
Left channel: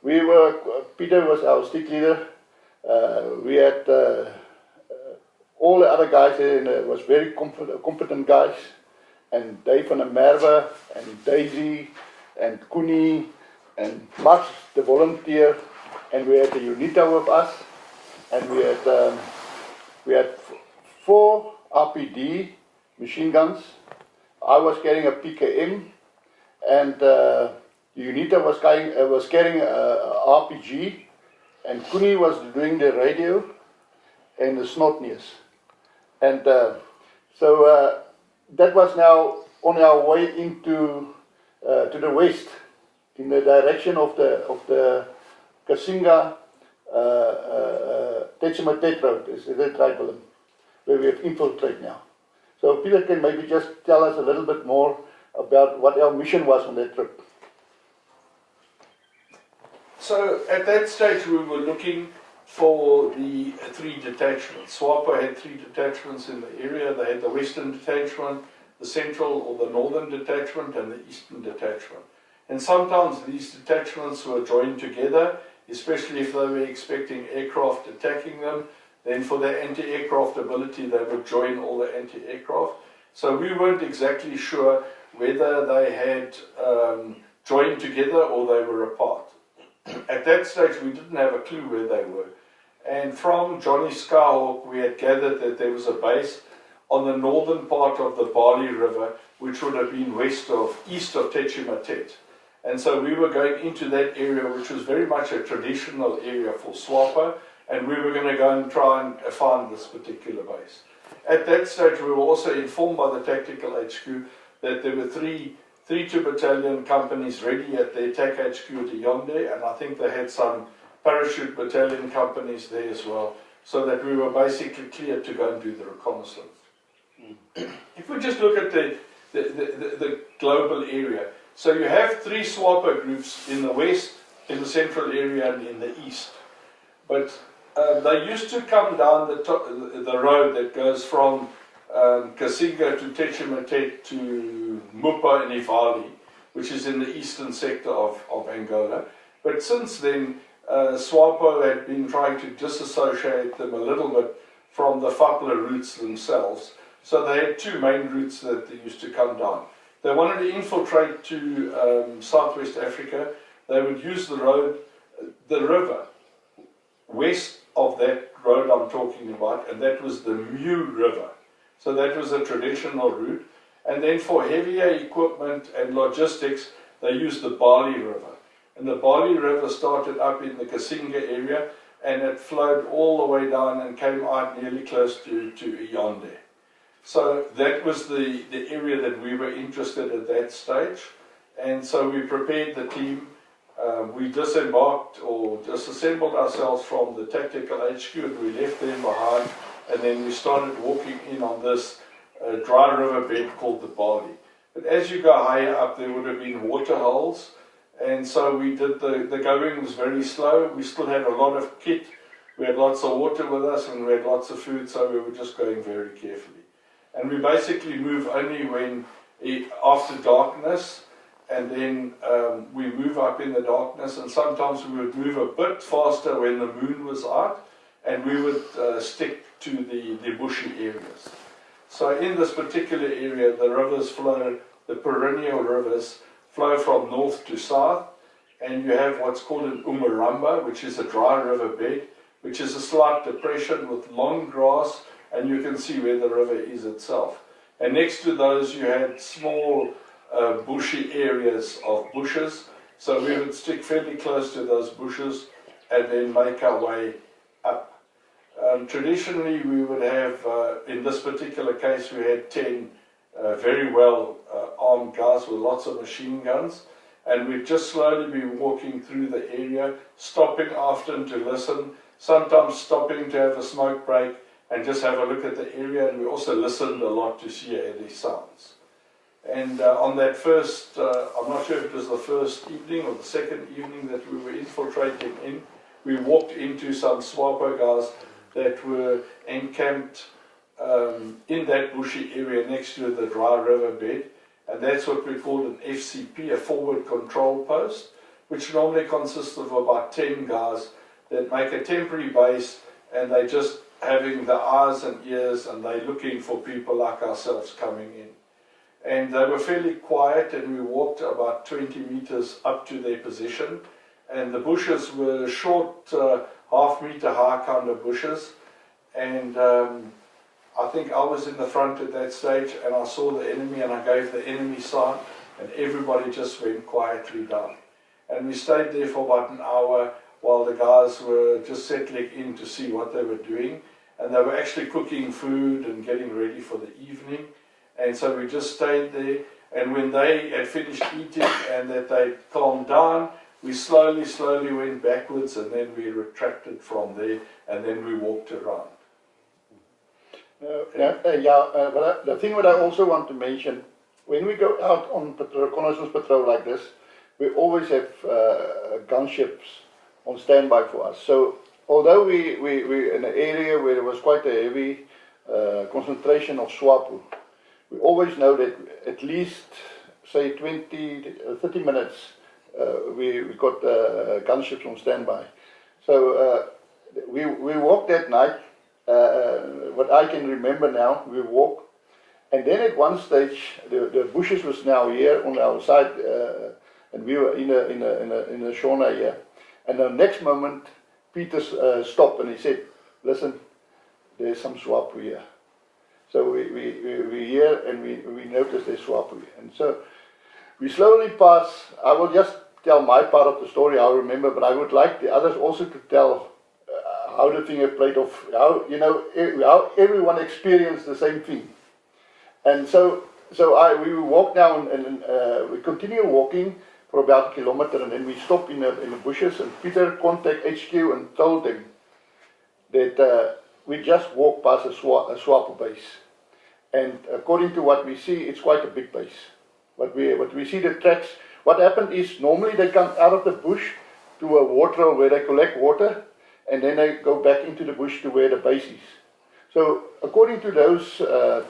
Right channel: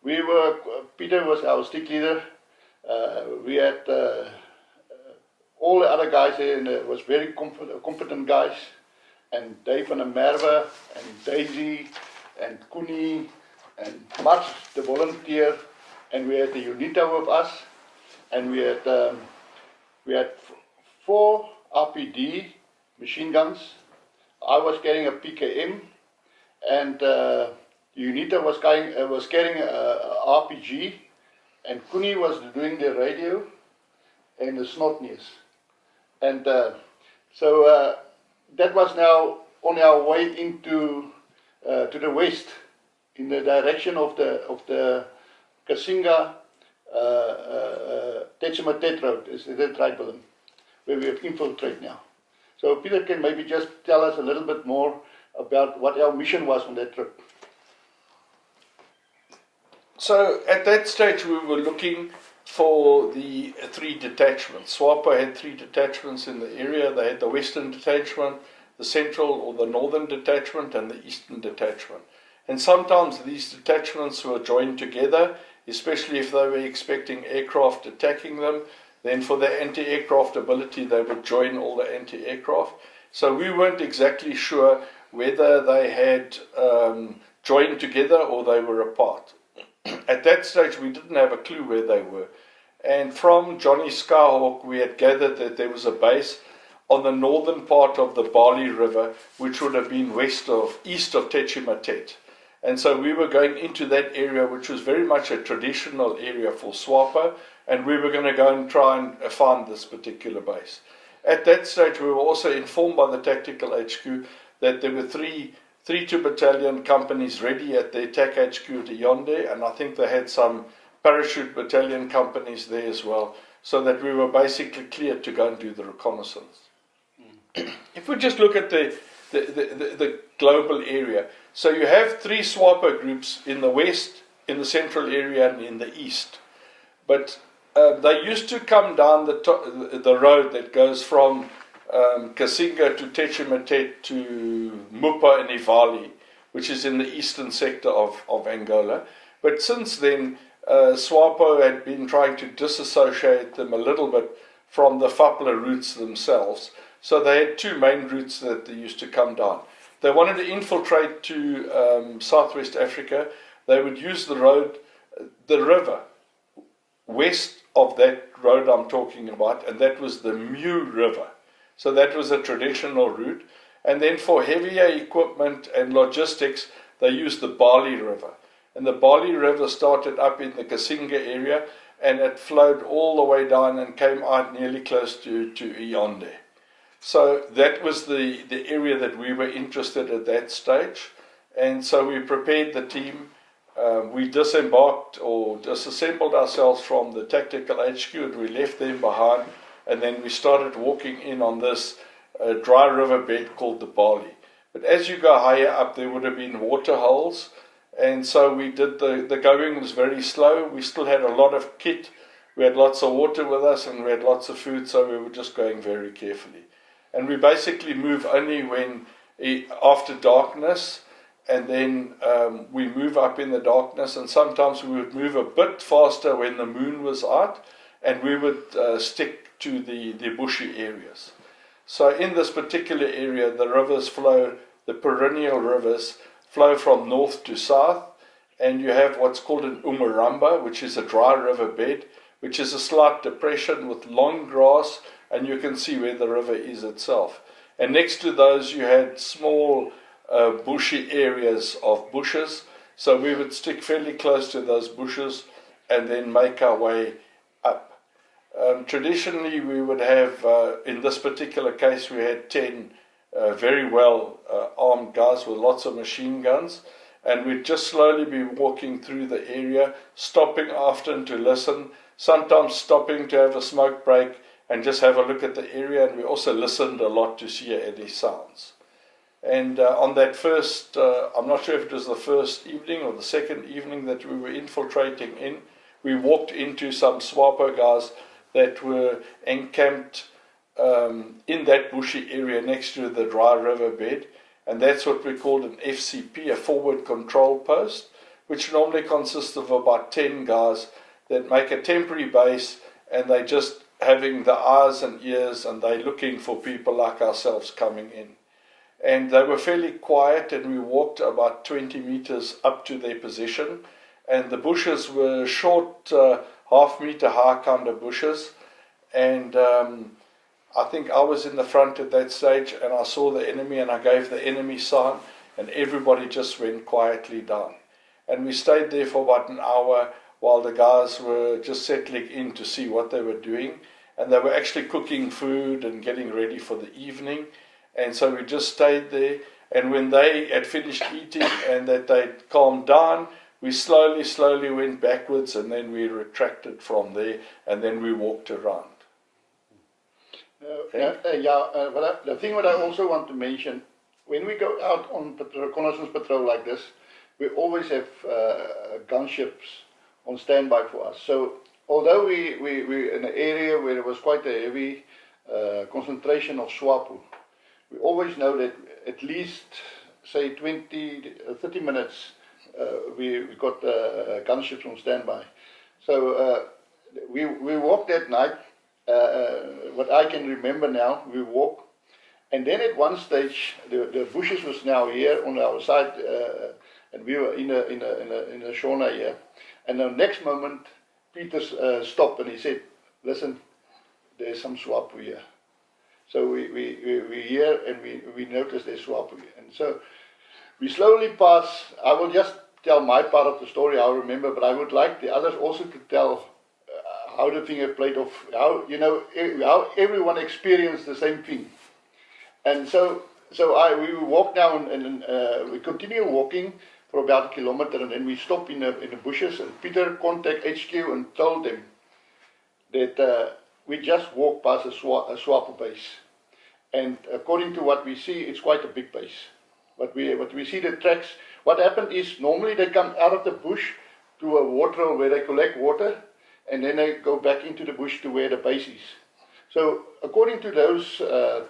we were, Peter was our stick leader. We had all the other guys there, and was very competent guys. And Dave van der Merwe, and Daisy, and Koenie, and Mats, the volunteer. And we had the UNITA with us, and we had 4 RPD machine guns. I was carrying a PKM, and UNITA was carrying a RPG, and Koenie was doing the radio and the snot news. And so that was now on our way into to the west, in the direction of the Kasinga Techimatet Road, is that right, Willem? Where we have infiltrate now. So Peter can maybe just tell us a little bit more about what our mission was on that trip. So at that stage we were looking for the 3 detachments. SWAPO had 3 detachments in the area. They had the Western Detachment, the Central or the Northern Detachment, and the Eastern Detachment. And sometimes these detachments were joined together, especially if they were expecting aircraft attacking them. Then for their anti-aircraft ability, they would join all the anti-aircraft. So we weren't exactly sure whether they had joined together or they were apart. At that stage, we didn't have a clue where they were. And from Johnny Skyhawk, we had gathered that there was a base on the northern part of the Bali River, which would have been east of Techimatet. And so we were going into that area, which was very much a traditional area for SWAPO, and we were going to go and try and find this particular base. At that stage, we were also informed by the Tactical HQ that there were three 2 battalion companies ready at the attack HQ at Yonde, and I think they had some parachute battalion companies there as well, so that we were basically cleared to go and do the reconnaissance. If we just look at the global area, so you have 3 SWAPO groups in the west, in the central area, and in the east. But they used to come down the road that goes from Kasinga to Techimatet to Mupa and Ivali, which is in the eastern sector of Angola. But since then, SWAPO had been trying to disassociate them a little bit from the FAPLA routes themselves. So they had 2 main routes that they used to come down. They wanted to infiltrate to Southwest Africa. They would use the river, west of that road I'm talking about, and that was the Mu River. So that was a traditional route. And then for heavier equipment and logistics, they used the Bali River. And the Bali River started up in the Kasinga area, and it flowed all the way down and came out nearly close to Yonde. So that was the area that we were interested at that stage. And so we prepared the team. We disembarked or disassembled ourselves from the Tactical HQ, and we left them behind. And then we started walking in on this dry river bed called the Bali. But as you go higher up, there would have been water holes. And so we did, the going was very slow. We still had a lot of kit. We had lots of water with us, and we had lots of food, so we were just going very carefully. And we basically move only when after darkness, and then we move up in the darkness, and sometimes we would move a bit faster when the moon was out, and we would stick to the bushy areas. So in this particular area, the rivers flow, the perennial rivers flow from north to south, and you have what's called an Umaramba, which is a dry river bed, which is a slight depression with long grass, and you can see where the river is itself. And next to those you had small bushy areas of bushes. So we would stick fairly close to those bushes and then make our way up. Traditionally we would have, in this particular case we had 10 very well armed guys with lots of machine guns, and we'd just slowly be walking through the area, stopping often to listen, sometimes stopping to have a smoke break and just have a look at the area, and we also listened a lot to hear any sounds. And on that first, I'm not sure if it was the first evening or the second evening that we were infiltrating in, we walked into some SWAPO guys that were encamped in that bushy area next to the dry riverbed, and that's what we called an FCP, a forward control post, which normally consists of about 10 guys that make a temporary base, and they just having the eyes and ears, and they're looking for people like ourselves coming in. And they were fairly quiet, and we walked about 20 meters up to their position, and the bushes were short, half-meter high kind of bushes, and I think I was in the front at that stage, and I saw the enemy, and I gave the enemy sign, and everybody just went quietly down. And we stayed there for about an hour while the guys were just settling in to see what they were doing, and they were actually cooking food and getting ready for the evening. And so we just stayed there, and when they had finished eating and that they'd calmed down, we slowly went backwards, and then we retracted from there, and then we walked around. The thing that I also want to mention, when we go out on reconnaissance patrol like this, we always have gunships on standby for us. So although we're in an area where there was quite a heavy concentration of SWAPO, we always know that at least, say, 30 minutes, we got gunships on standby. So we walked that night. What I can remember now, we walked, and then at one stage, the bushes was now here on our side, and we were in a sauna here. And the next moment, Peter stopped and he said, "Listen, there's some SWAPO here." So we hear and we notice there's SWAPO here. And so we slowly pass. I will just tell my part of the story, I remember, but I would like the others also to tell how the thing played off, how everyone experienced the same thing. And so we walk down and we continue walking for about a kilometer, and then we stop in the bushes, and Peter contacted HQ and told them that we just walked past a SWAPO base. And according to what we see, it's quite a big base. What we see the tracks, what happened is normally they come out of the bush to a water where they collect water, and then they go back into the bush to where the base is. So according to those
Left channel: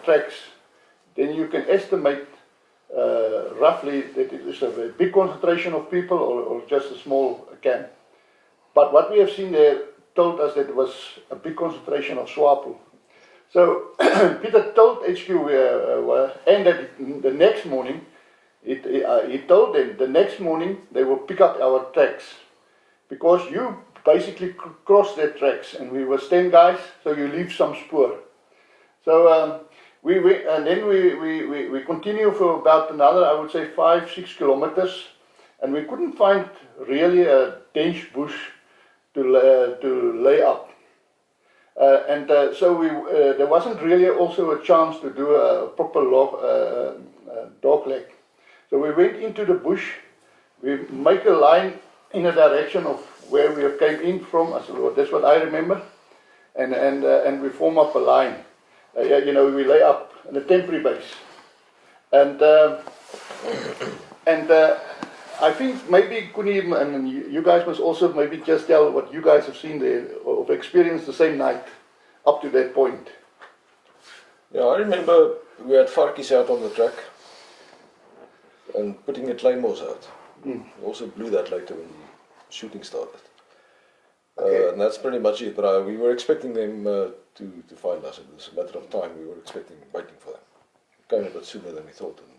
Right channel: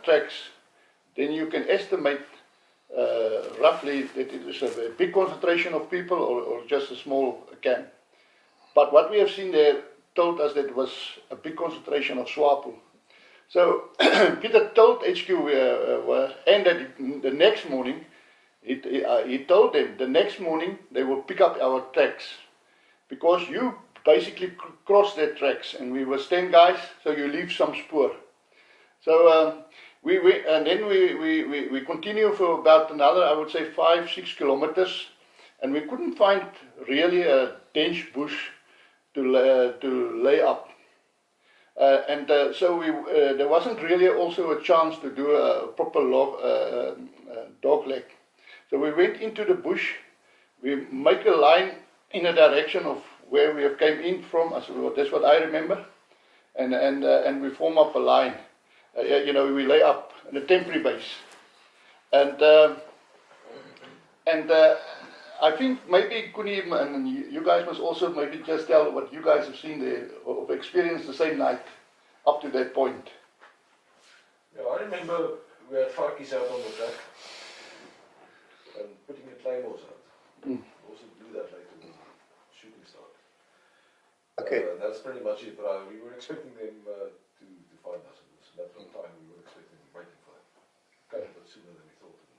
tracks, then you can estimate roughly that it is a big concentration of people or just a small camp. But what we have seen there told us that it was a big concentration of SWAPO. So Peter told HQ and that the next morning, he told them the next morning they will pick up our tracks, because you basically cross their tracks, and we were 10 guys, so you leave some spoor. So we continue for about another, I would say, 5-6 kilometers, and we couldn't find really a dense bush to lay up. So there wasn't really also a chance to do a proper dog leg. So we went into the bush, we make a line in the direction of where we came in from, that's what I remember, and we form up a line. We lay up in a temporary base. And I think maybe Kuni and you guys must also maybe just tell what you guys have seen there, or experienced the same night up to that point. Yeah, I remember we had varkies out on the track and putting the claymores out. We also blew that later when the shooting started. Okay. And that's pretty much it, but we were expecting them to find us. It was a matter of time. We were waiting for them. It came a bit sooner than we thought, and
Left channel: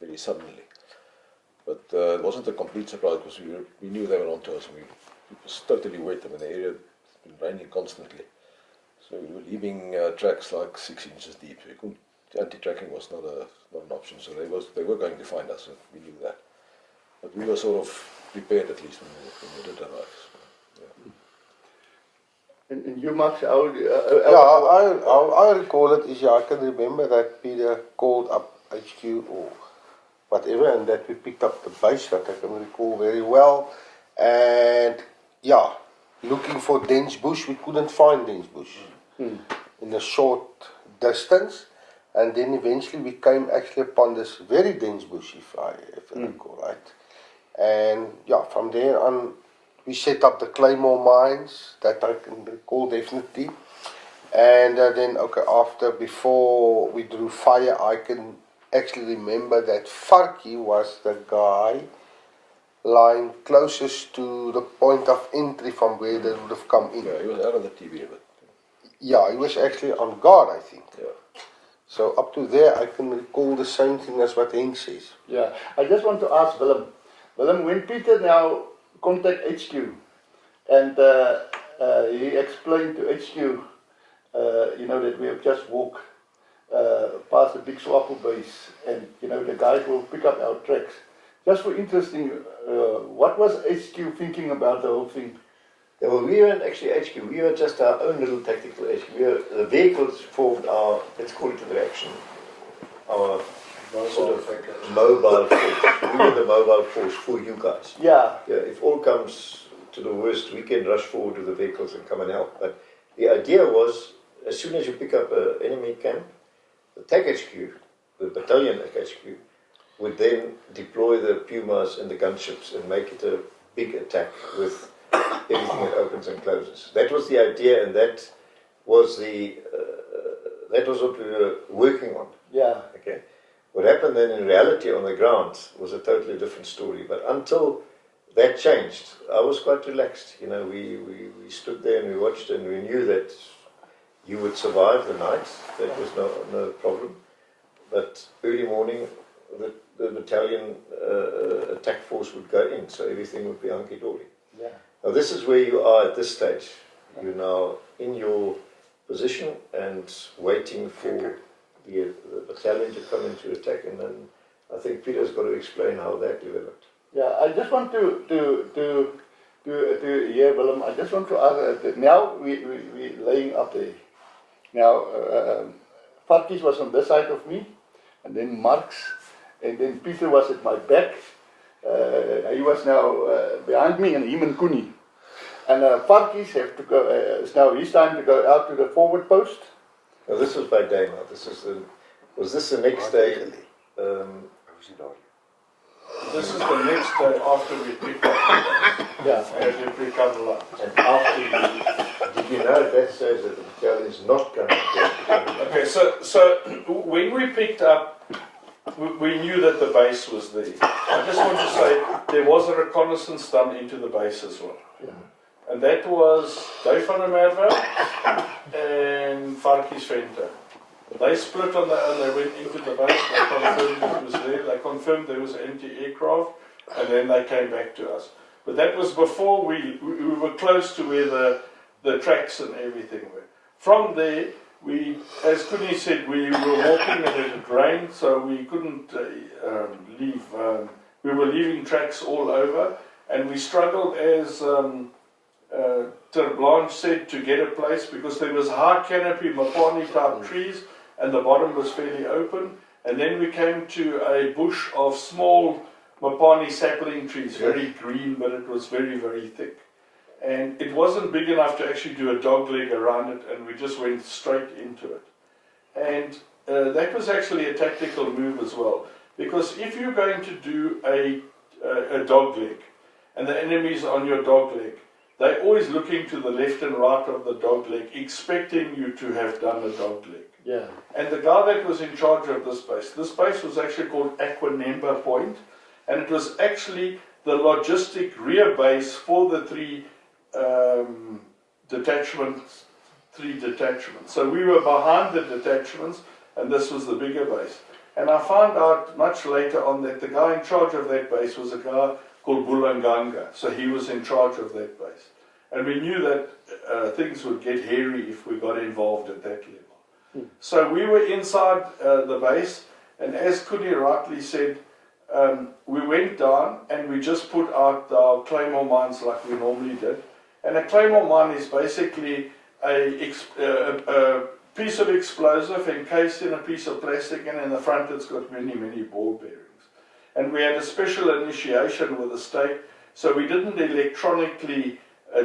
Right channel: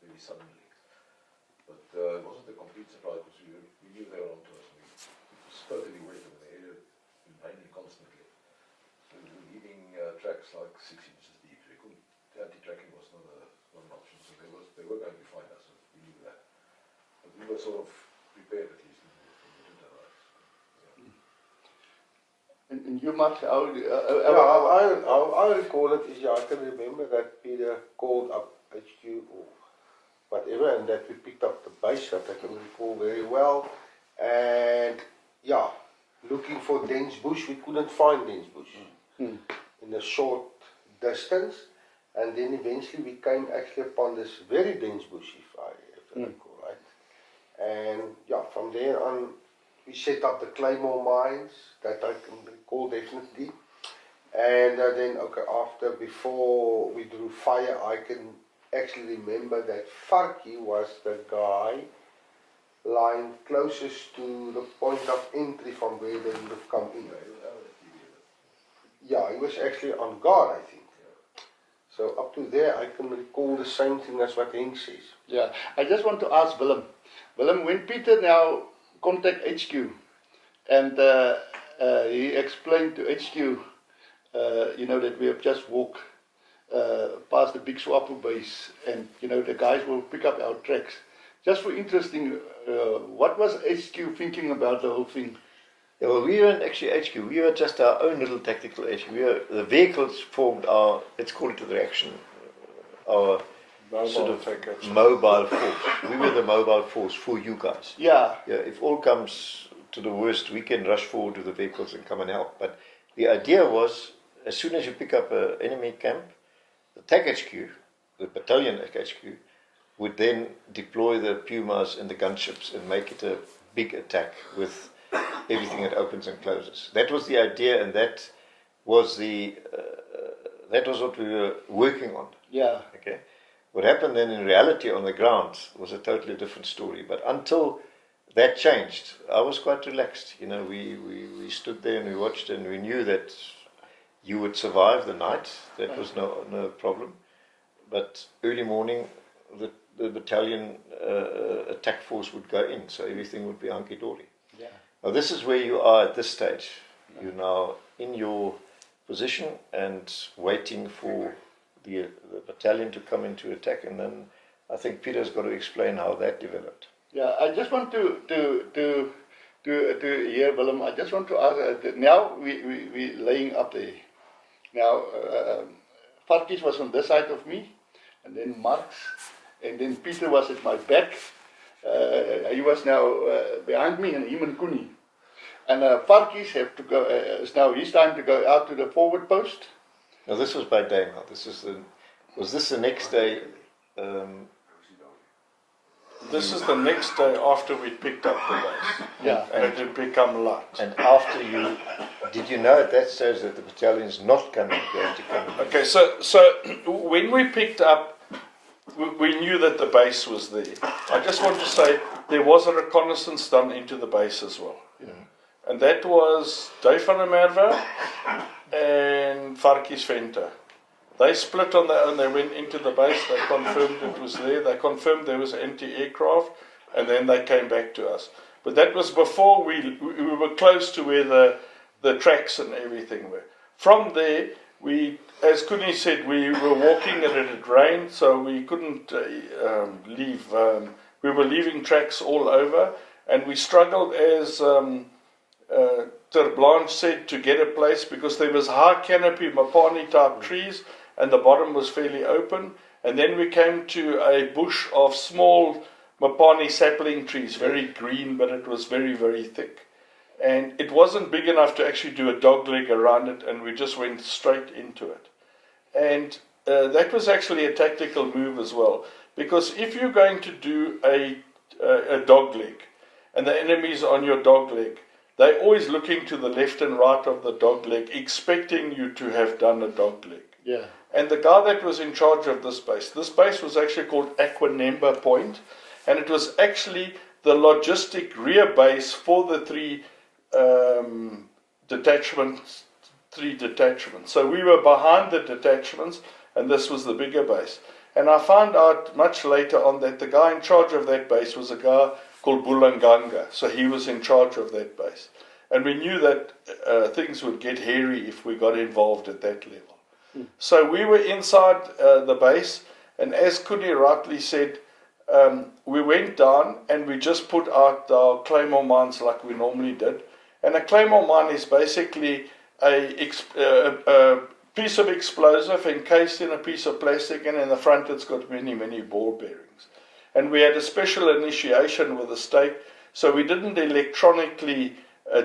very suddenly. But it wasn't a complete surprise, because we knew they were onto us, and it was totally wet. I mean, the area had been raining constantly. So we were leaving tracks like 6 inches deep. So you couldn't anti-tracking was not an option, so they were going to find us, we knew that. But we were sort of prepared at least when we did arrive. So, yeah. And you, Max, how... I recall it is, I can remember that Peter called up HQ or whatever, and that we picked up the base, that I can recall very well. And yeah, looking for dense bush, we couldn't find dense bush in a short distance. And then eventually we came actually upon this very dense bush, if I recall right. And yeah, from there on, we set up the Claymore mines, that I can recall definitely. And then, before we drew fire, I can actually remember that Farkie was the guy lying closest to the point of entry from where they would have come in. Yeah, he was out of the TV a bit. Yeah, he was actually on guard, I think. Yeah. So up to there, I can recall the same thing as what Henk says. Yeah, I just want to ask Willem. Willem, when Peter now contact HQ, and he explained to HQ, that we have just walked past the big SWAPO base, and the guys will pick up our tracks. Just for interesting, what was HQ thinking about the whole thing? Yeah, well, we weren't actually HQ, we were just our own little tactical HQ. The vehicles formed our, let's call it the reaction, our mobile force. We were the mobile force for you guys. Yeah. If all comes to the worst, we can rush forward to the vehicles and come and help. But the idea was, as soon as you pick up an enemy camp, the TAC HQ, the Battalion HQ, would then deploy the Pumas and the gunships and make it a big attack with everything that opens and closes. That was the idea, and that was what we were working on. Yeah. Okay. What happened then in reality on the ground was a totally different story. But until that changed, I was quite relaxed. We stood there and we watched, and we knew that you would survive the night. That was no problem. But early morning, the battalion attack force would go in, so everything would be hunky-dory. Yeah. Now this is where you are at this stage. You're now in your position and waiting for the battalion to come into attack, and then I think Peter's got to explain how that developed. Yeah, I just want to hear, Willem, I just want to ask, that now we laying up there. Now, Farkies was on this side of me, and then Marx, and then Peter was at my back. He was now behind me, and him and Koenie. And Farkies have to go, it's now his time to go out to the forward post. Now this was by day now. Was this the next day? This is the next day after we picked up the guys. Yeah. And we become light. And after did you know at that stage that the battalion's not going to come? Okay, so when we picked up, we knew that the base was there. I just want to say there was a reconnaissance done into the base as well. Yeah. And that was Dave van der Merwe and Farkies Venter. They split on their own, they went into the base, they confirmed it was there, they confirmed there was anti-aircraft, and then they came back to us. But that was before we were close to where the tracks and everything were. From there, as Koenie said, we were walking and it had rained, so we couldn't leave. We were leaving tracks all over, and we struggled, as Ter Blanche said, to get a place because there was high canopy Mapani type trees and the bottom was fairly open, and then we came to a bush of small Mapani sapling trees, very green, but it was very, very thick. And it wasn't big enough to actually do a dog leg around it, and we just went straight into it. And that was actually a tactical move as well, because if you're going to do a dog leg, and the enemy's on your dog leg, they're always looking to the left and right of the dog leg, expecting you to have done a dog leg. Yeah. And the guy that was in charge of this base was actually called Aquanemba Point, and it was actually the logistic rear base for the three detachments. So we were behind the detachments, and this was the bigger base. And I found out much later on that the guy in charge of that base was a guy called Bulanganga, so he was in charge of that base. And we knew that things would get hairy if we got involved at that level. So we were inside the base, and as Kudi rightly said, we went down and we just put out our claymore mines like we normally did. And a claymore mine is basically a piece of explosive encased in a piece of plastic, and in the front it's got many, many ball bearings. And we had a special initiation with the state, so we didn't electronically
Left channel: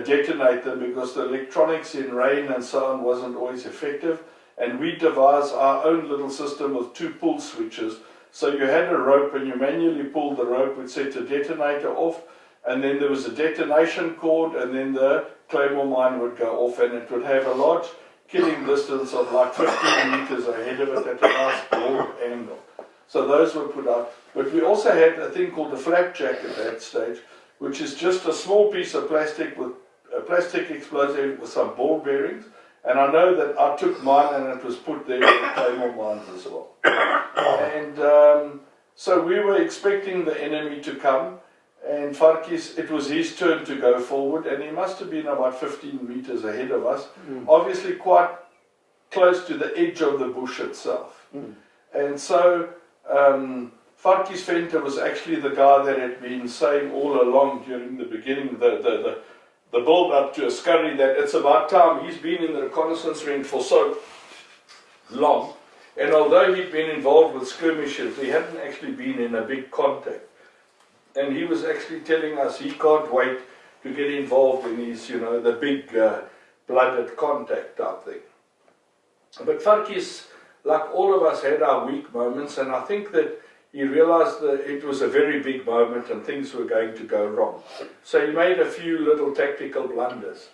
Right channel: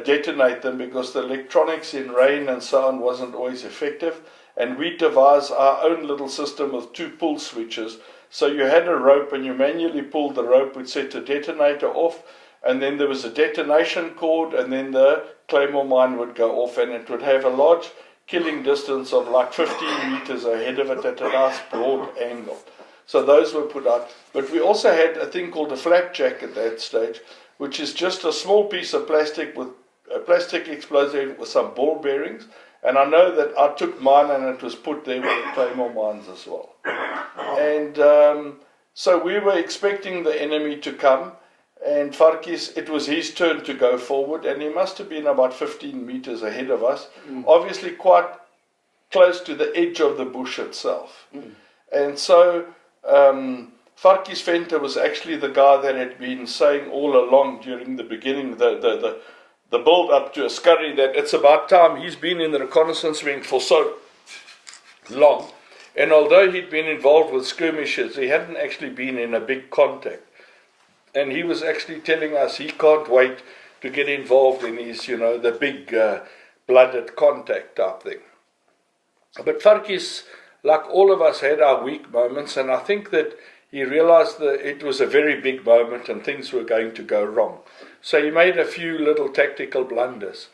detonate them because the electronics in rain and so on wasn't always effective. And we devised our own little system with 2 pull switches. So you had a rope and you manually pulled the rope, which set the detonator off, and then there was a detonation cord, and then the claymore mine would go off, and it would have a large killing distance of like 15 meters ahead of it at a nice broad angle. So those were put out. But we also had a thing called a flapjack at that stage, which is just a small piece of plastic with a plastic explosive with some ball bearings. And I know that I took mine and it was put there with the claymore mines as well. And so we were expecting the enemy to come, and Farkis, it was his turn to go forward, and he must have been about 15 meters ahead of us, obviously quite close to the edge of the bush itself. And so Farkis Venter was actually the guy that had been saying all along during the beginning, the build up to Askari, that it's about time. He's been in the reconnaissance wing for so long, and although he'd been involved with skirmishes, he hadn't actually been in a big contact. And he was actually telling us he can't wait to get involved in his, the big blooded contact type thing. But Farkis, like all of us, had our weak moments, and I think that he realized that it was a very big moment and things were going to go wrong. So he made a few little tactical blunders.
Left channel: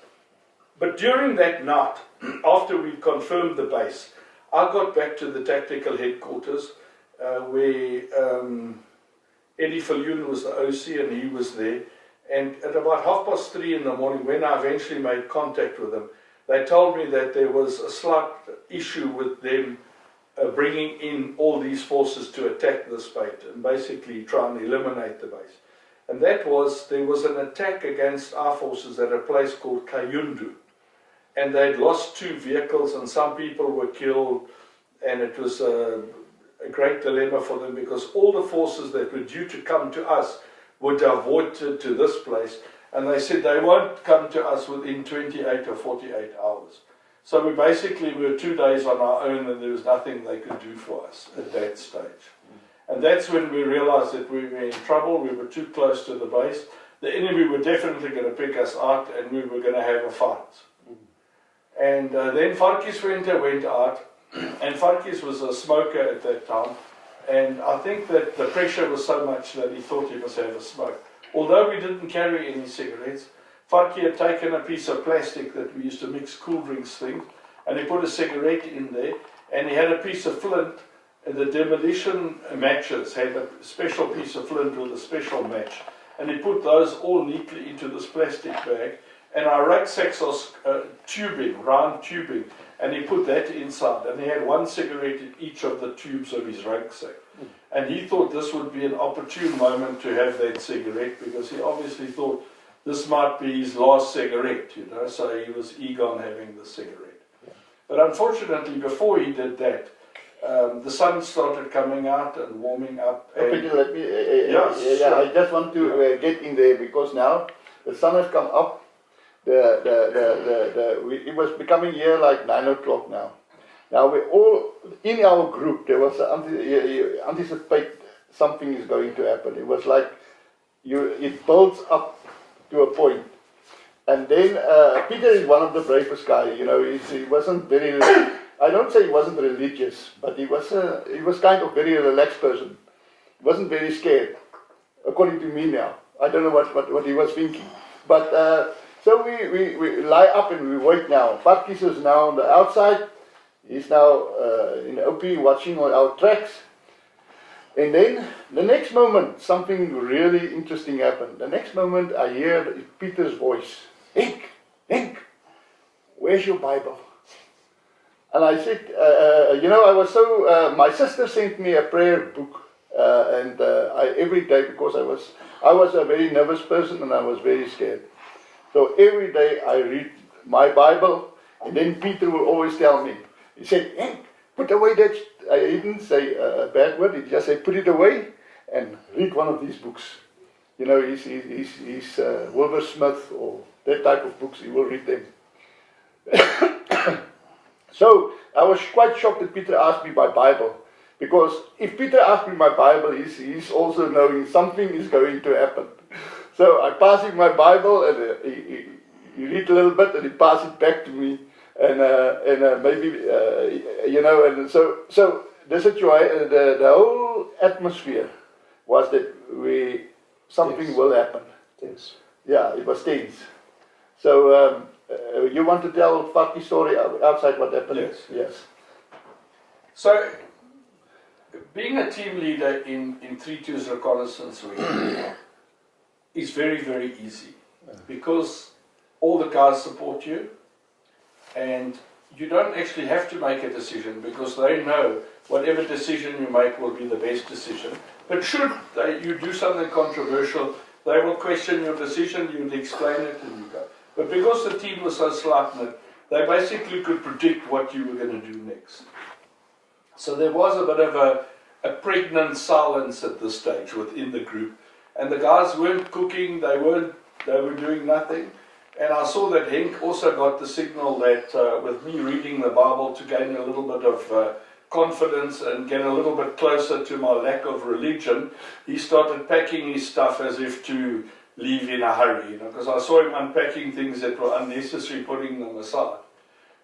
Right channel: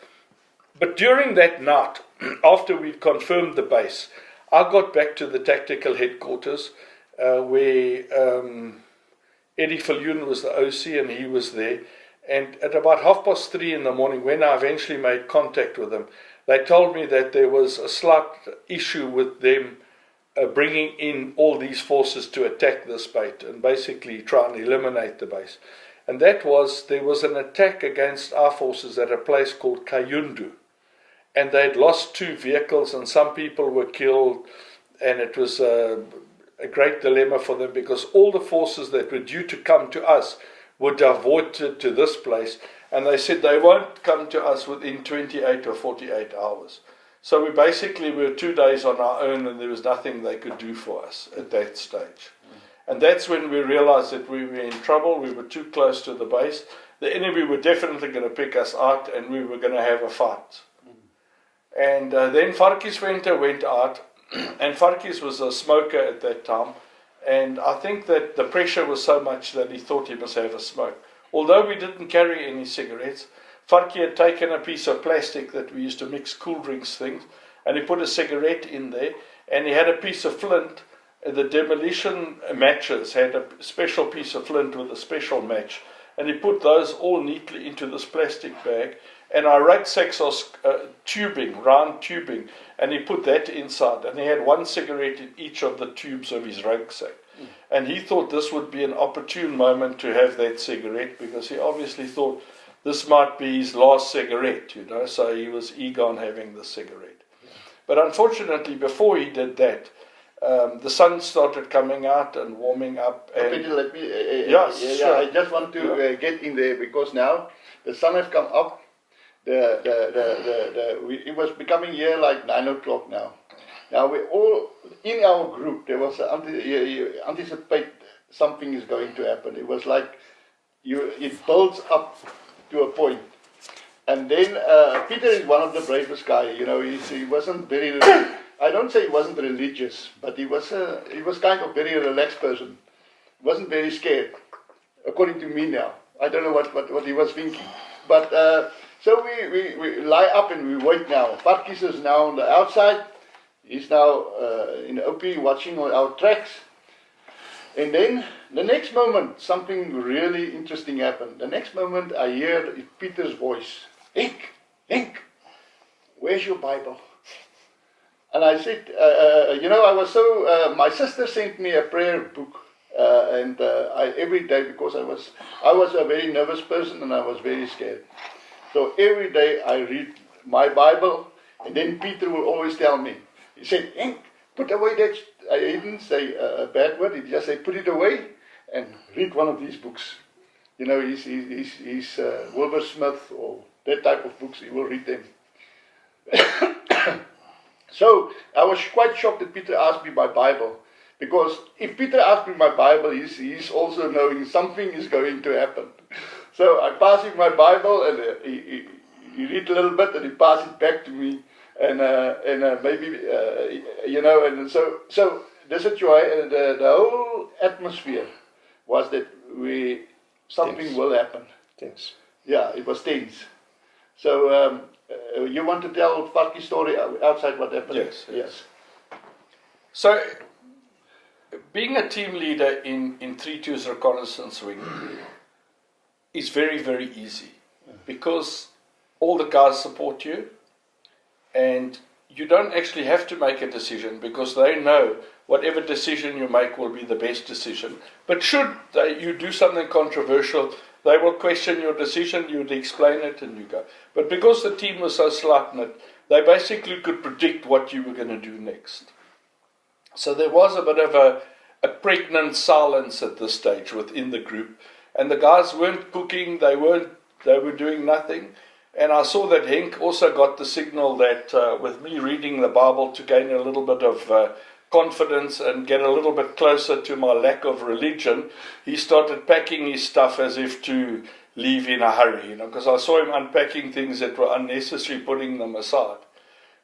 But during that night, after we'd confirmed the base, I got back to the tactical headquarters where Eddie Viljoen was the OC and he was there. And at about 3:30 in the morning, when I eventually made contact with them, they told me that there was a slight issue with them bringing in all these forces to attack this base and basically try and eliminate the base. And that was, there was an attack against our forces at a place called Kayundu. And they had lost 2 vehicles and some people were killed, and it was a great dilemma for them because all the forces that were due to come to us were diverted to this place, and they said they won't come to us within 28 or 48 hours. So we were 2 days on our own, and there was nothing they could do for us at that stage. And that's when we realized that we were in trouble. We were too close to the base. The enemy were definitely going to pick us out, and we were going to have a fight. And then Farkis Venter went out, and Farkis was a smoker at that time, and I think that the pressure was so much that he thought he must have a smoke. Although we didn't carry any cigarettes, Farki had taken a piece of plastic that we used to mix cool drinks things, and he put a cigarette in there, and he had a piece of flint, and the demolition matches had a special piece of flint with a special match, and he put those all neatly into this plastic bag, and our rucksacks are tubing, round tubing, and he put that inside, and he had 1 cigarette in each of the tubes of his rucksack. And he thought this would be an opportune moment to have that cigarette, because he obviously thought this might be his last cigarette, so he was eager on having the cigarette. But unfortunately, before he did that, the sun started coming out and warming up. And Peter, let me, I just want to get in there, because now the sun has come up. It was becoming here like 9 o'clock now. Now we all, in our group, there was you anticipate something is going to happen. It was like, it builds up to a point. And then Peter is one of the bravest guys, he wasn't very, I don't say he wasn't religious, but he was kind of very relaxed person. He wasn't very scared, according to me now. I don't know what he was thinking. But so we lie up and we wait now. Farkis is now on the outside. He's now in OP watching our tracks. And then the next moment, something really interesting happened. The next moment, I hear Peter's voice. Henk, where's your Bible? And I said, I was so, my sister sent me a prayer book. And every day, because I was a very nervous person and I was very scared. So every day I read my Bible, and then Peter will always tell me, he said, Henk, put away that, he didn't say a bad word, he just said, put it away and read one of these books. You know, he's Wilbur Smith or that type of books, he will read them. So I was quite shocked that Peter asked me my Bible, because if Peter asked me my Bible, he's also knowing something is going to happen. So I pass him my Bible, and he read a little bit, and he passes it back to me, and maybe you know, and so the situation, the whole atmosphere was that something will happen. Tense. Yeah, it was tense. So you want to tell Farky's story outside what happened? Yes. So, being a team leader in 3-2's reconnaissance wing is very, very easy, because all the guys support you, and you don't actually have to make a decision, because they know whatever decision you make will be the best decision. But should you do something controversial, they will question your decision, you would explain it, and you go. But because the team was so slight-knit, they basically could predict what you were going to do next. So there was a bit of a pregnant silence at this stage within the group, and the guys weren't cooking, they were doing nothing. And I saw that Henk also got the signal that with me reading the Bible to gain a little bit of confidence and get a little bit closer to my lack of religion, he started packing his stuff as if to leave in a hurry, you know, because I saw him unpacking things that were unnecessary, putting them aside.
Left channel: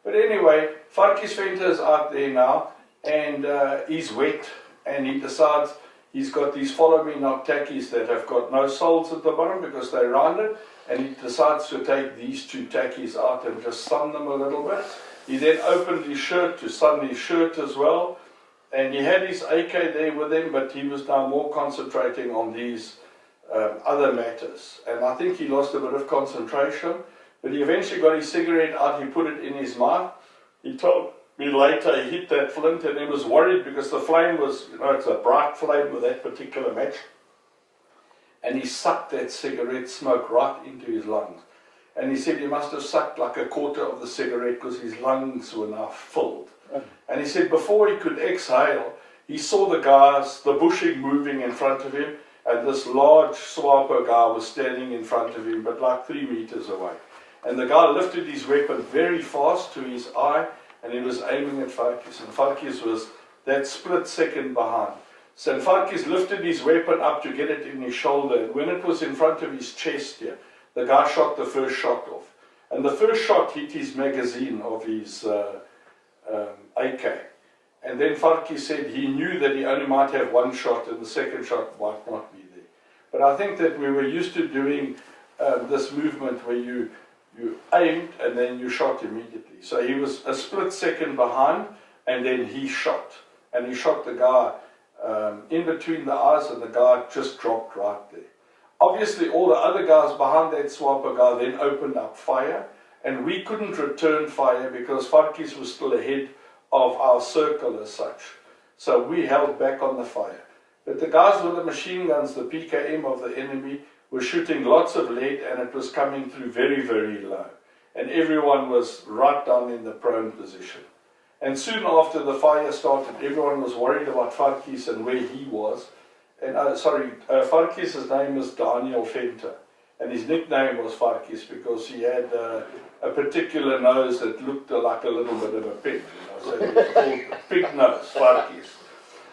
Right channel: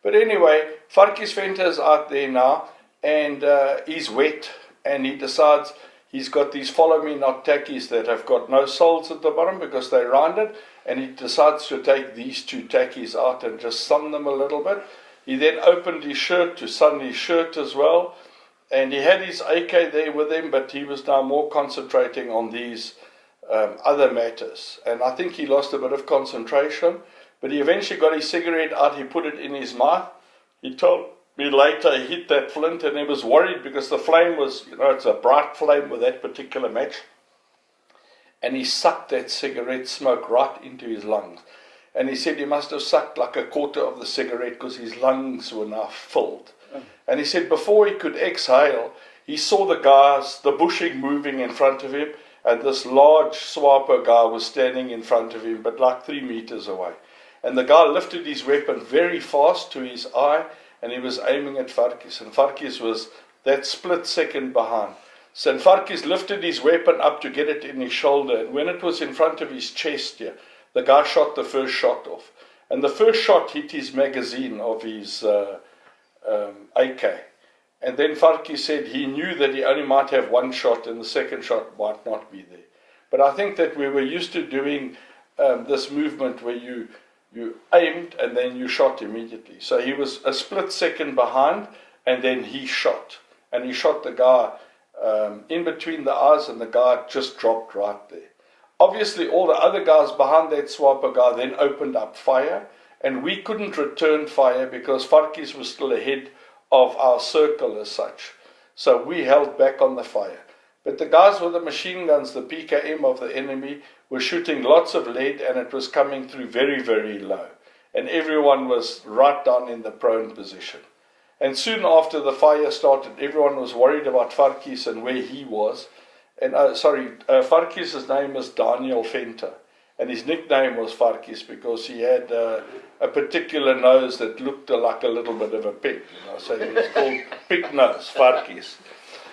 But anyway, Farky's Venter is out there now, and he's wet, and he decides he's got these follow me not tackies that have got no soles at the bottom because they're rounded, and he decides to take these 2 tackies out and just sun them a little bit. He then opened his shirt to sun his shirt as well, and he had his AK there with him, but he was now more concentrating on these other matters. And I think he lost a bit of concentration, but he eventually got his cigarette out, he put it in his mouth. He told me later he hit that flint, and he was worried because the flame was, you know, it's a bright flame with that particular match. And he sucked that cigarette smoke right into his lungs. And he said he must have sucked like a quarter of the cigarette because his lungs were now filled. And he said before he could exhale, he saw the guys, the bushing moving in front of him, and this large SWAPO guy was standing in front of him, but like 3 meters away. And the guy lifted his weapon very fast to his eye, and he was aiming at Farky's. And Farky's was that split second behind. So Farky's lifted his weapon up to get it in his shoulder, and when it was in front of his chest here, the guy shot the first shot off. And the first shot hit his magazine of his AK. And then Farky said he knew that he only might have 1 shot and the second shot might not be there. But I think that we were used to doing this movement where you aimed and then you shot immediately. So he was a split second behind, and then he shot. And he shot the guy in between the eyes, and the guy just dropped right there. Obviously, all the other guys behind that SWAPO guy then opened up fire, and we couldn't return fire because Farky's was still ahead of our circle as such. So we held back on the fire. But the guys with the machine guns, the PKM of the enemy, were shooting lots of lead, and it was coming through very, very low. And everyone was right down in the prone position. And soon after the fire started, everyone was worried about Farky's and where he was. And Farky's name is Daniel Venter, and his nickname was Farky's because he had a particular nose that looked like a little bit of a pig. You know, so it was called Pig Nose, Farky's.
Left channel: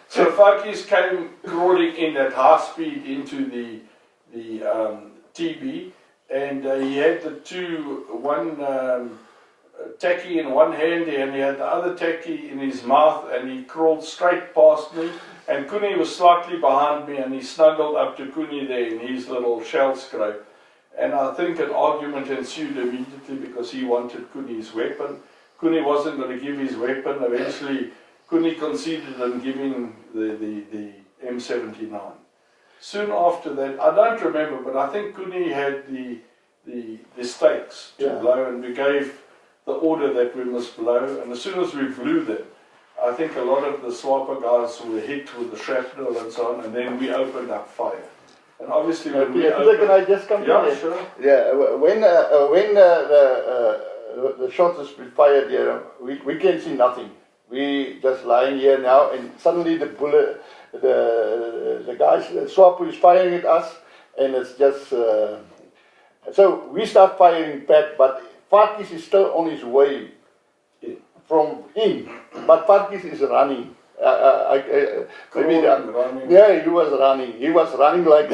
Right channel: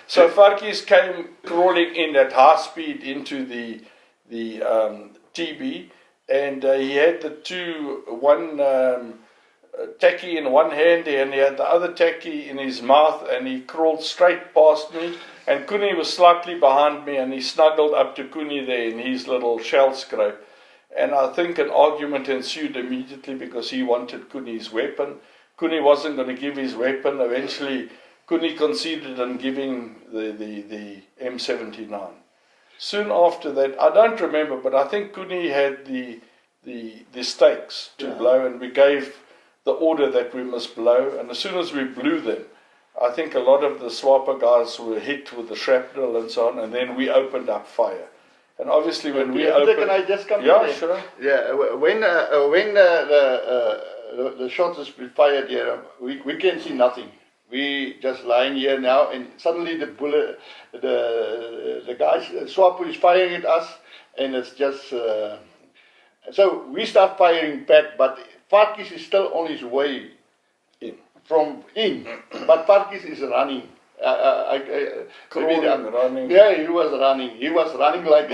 So Farky's came crawling in at high speed into the TB, and he had one tacky in one hand, and he had the other tacky in his mouth, and he crawled straight past me, and Kuni was slightly behind me, and he snuggled up to Kuni there in his little shell scrape. And I think an argument ensued immediately because he wanted Kuni's weapon. Kuni wasn't going to give his weapon. Eventually, Kuni conceded in giving the M79. Soon after that, I don't remember, but I think Kuni had the stakes to blow, and we gave the order that we must blow. And as soon as we blew them, I think a lot of the SWAPO guys were hit with the shrapnel and so on, and then we opened up fire. And obviously when we opened... Can I just come in there? Sure. Yeah, when the shots is fired here, we can see nothing. we just lying here now, and suddenly the bullet, the guys, SWAPO is firing at us, and it's just, so we start firing back, but Farkis is still on his way from in, but Farkis is running. Running. Yeah, he was running. He was running like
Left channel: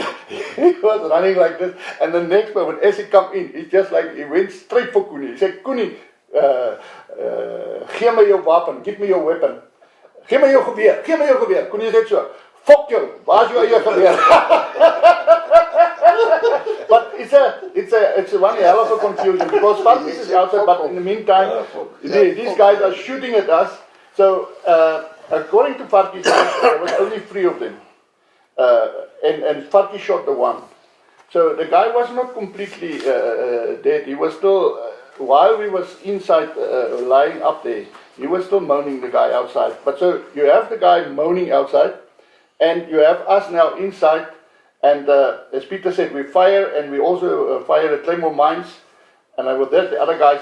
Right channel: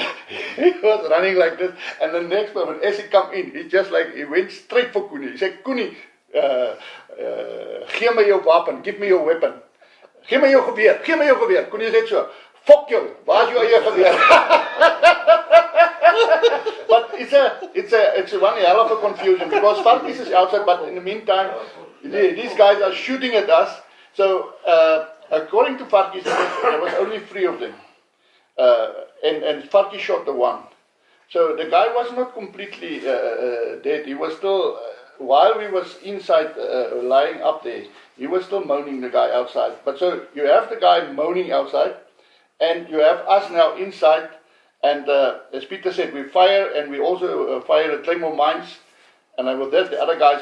he was running like this. And the next moment, as he come in, he just like he went straight for Koenie. He said, "Koenie, gee my jou wapen, give me your weapon. Gee my jou geweer, gee my jou geweer." Koenie said so, "Fuck you, waar's jou eie geweer?" But it's one hell of a confusion because Farkis is outside, but in the meantime, these guys are shooting at us. So according to Farkis, there was only 3 of them, and Farkis shot the one. So the guy was not completely dead. He was still, while we was inside lying up there, he was still moaning, the guy outside. But so you have the guy moaning outside, and you have us now inside. And as Peter said, we fire, and we also fire at Claymore mines. And with that, the other guys,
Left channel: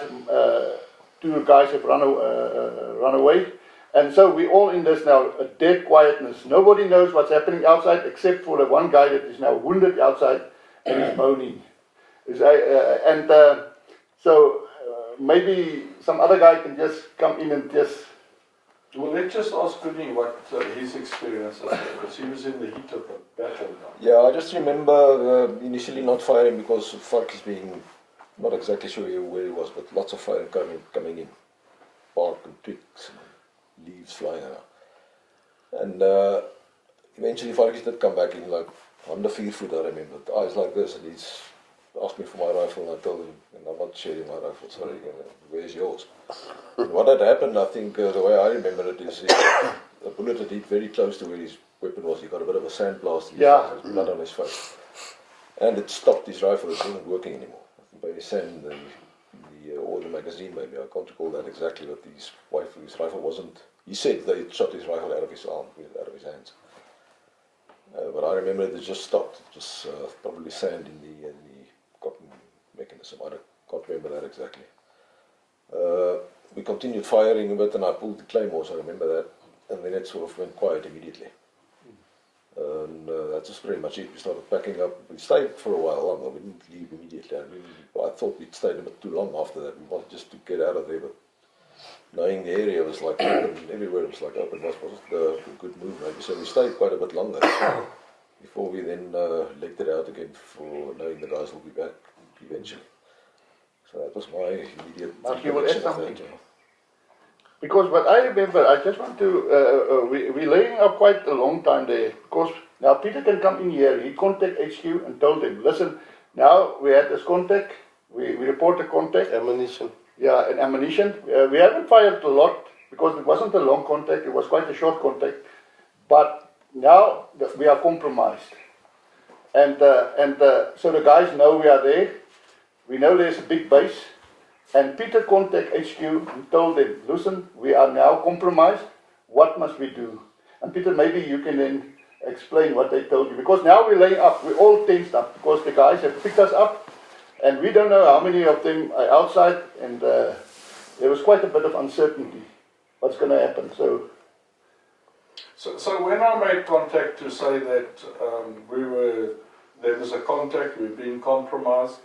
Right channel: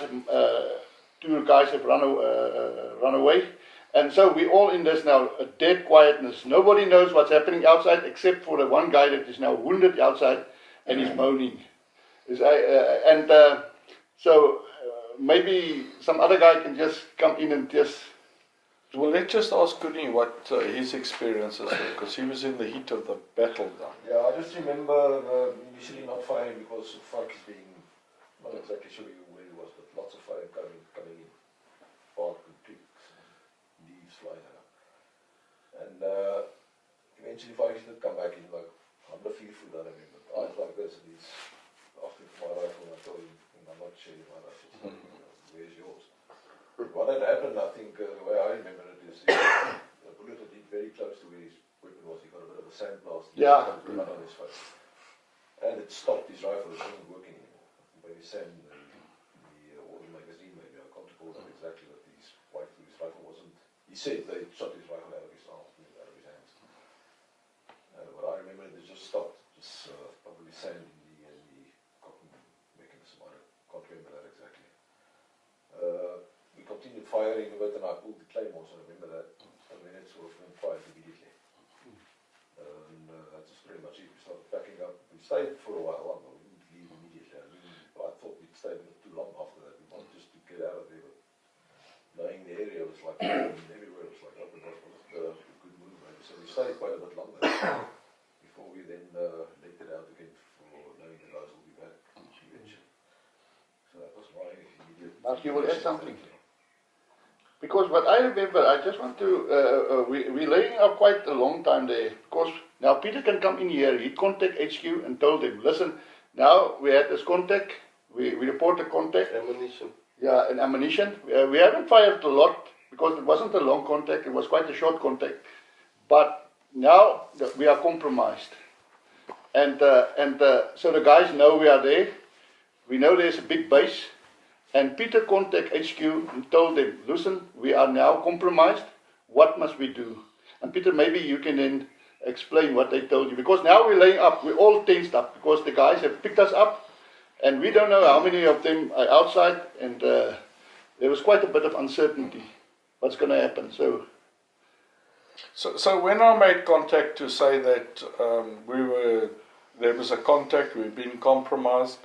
2 guys have run away. And so we all in this now, a dead quietness. Nobody knows what's happening outside except for the one guy that is now wounded outside and he's moaning. So maybe some other guy can just come in and just... Well, let's just ask Koenie what his experience is, because he was in the heat of the battle now. Yeah, I just remember initially not firing because Farkis being, not exactly sure where he was, but lots of fire coming in. Bark and twigs and leaves flying around. And eventually Farkis did come back in, like, under 4 foot, I remember. The eyes like this, and he's asked me for my rifle, and I told him, I'm not sharing my rifle, sorry, where's yours? And what had happened, I think, the way I remember it is, the bullet had hit very close to where his weapon was. He got a bit of a sandblast, blood on his face. And it stopped his rifle, it wasn't working anymore. By his sand, or the magazine maybe, I can't recall that exactly, but his rifle wasn't, he said they shot his rifle out of his arm, out of his hands. But I remember it just stopped, just probably sand in the cotton mechanism, I can't remember that exactly. We continued firing a bit and I pulled the claymores, I remember that, and then it sort of went quiet immediately. And that was pretty much it. We started packing up. We stayed for a while longer, we didn't leave immediately. I thought we'd stayed a bit too long after that. We wanted just to get out of there, but knowing the area was like open, everywhere was like open, that wasn't a good move maybe. So we stayed quite a bit longer before we then legged it out again for knowing the guys will be back eventually. So that was my immediate... Mark, you will add something? Because what I remember, I just want to, we're laying up quite a long time there, because now Peter can come in here, he contact HQ and told them, listen, now we had this contact, we report the contact. Ammunition. Yeah, and ammunition. We haven't fired a lot, because it wasn't a long contact, it was quite a short contact, but now we are compromised. And so the guys know we are there, we know there's a big base, and Peter contacted HQ and told them, listen, we are now compromised, what must we do? And Peter, maybe you can then explain what they told you, because now we're laying up, we're all tensed up, because the guys have picked us up, and we don't know how many of them are outside, and there was quite a bit of uncertainty what's going to happen. So when I made contact to say that there was a contact, we've been compromised,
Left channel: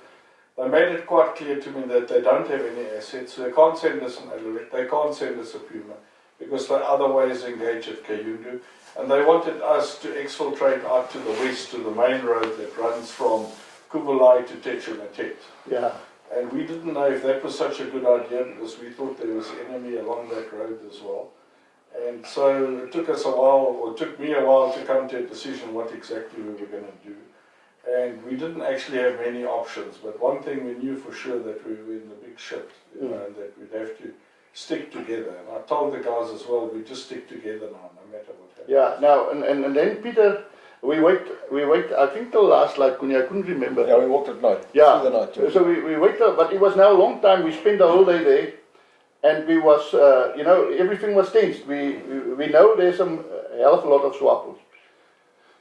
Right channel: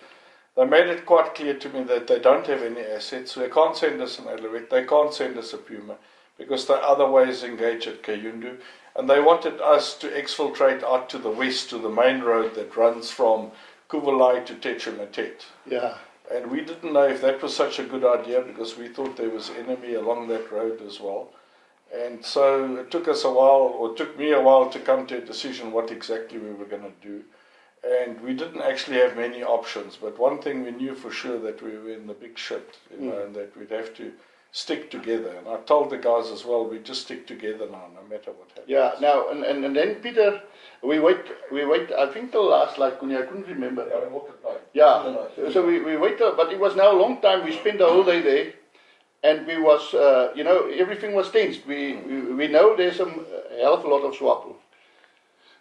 they made it quite clear to me that they don't have any assets, so they can't send us an Alouette, they can't send us a Puma, because they otherwise engage at Kayundu, and they wanted us to exfiltrate out to the west, to the main road that runs from Kuvolai to Techumatet. Yeah. And we didn't know if that was such a good idea, because we thought there was enemy along that road as well. And so it took us a while, or took me a while, to come to a decision what exactly we were going to do. And we didn't actually have many options, but one thing we knew for sure, that we were in the big shit, you know, and that we'd have to stick together. And I told the guys as well, we just stick together now, no matter what happens. Yeah, now, and then Peter, we wait, I think till last night, I couldn't remember. Yeah, we walked at night. Yeah, night, so we waited, but it was now a long time, we spent the whole day there, and we was, you know, everything was tensed. We know there's a hell of a lot of SWAPO.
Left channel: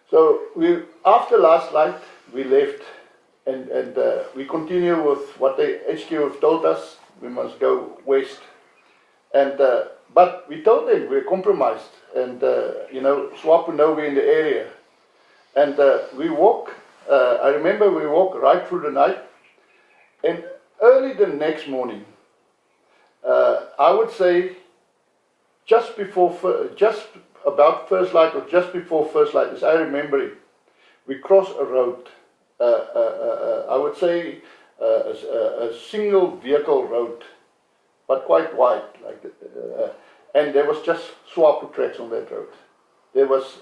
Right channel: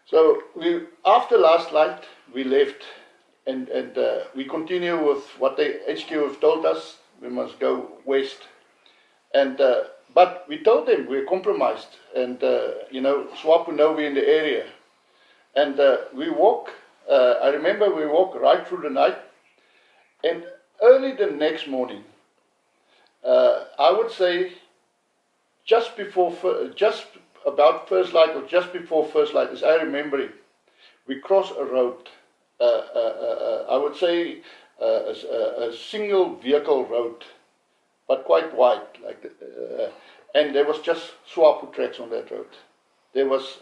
So after last night, we left, and we continue with what the HQ have told us. We must go west. And but we told them we're compromised, and SWAPO know we're in the area, and we walk. I remember we walked right through the night, and early the next morning, I would say just about first light or just before first light, as I remember it, we crossed a road. I would say a single vehicle road, but quite wide, and there was just SWAPO tracks on that road. There was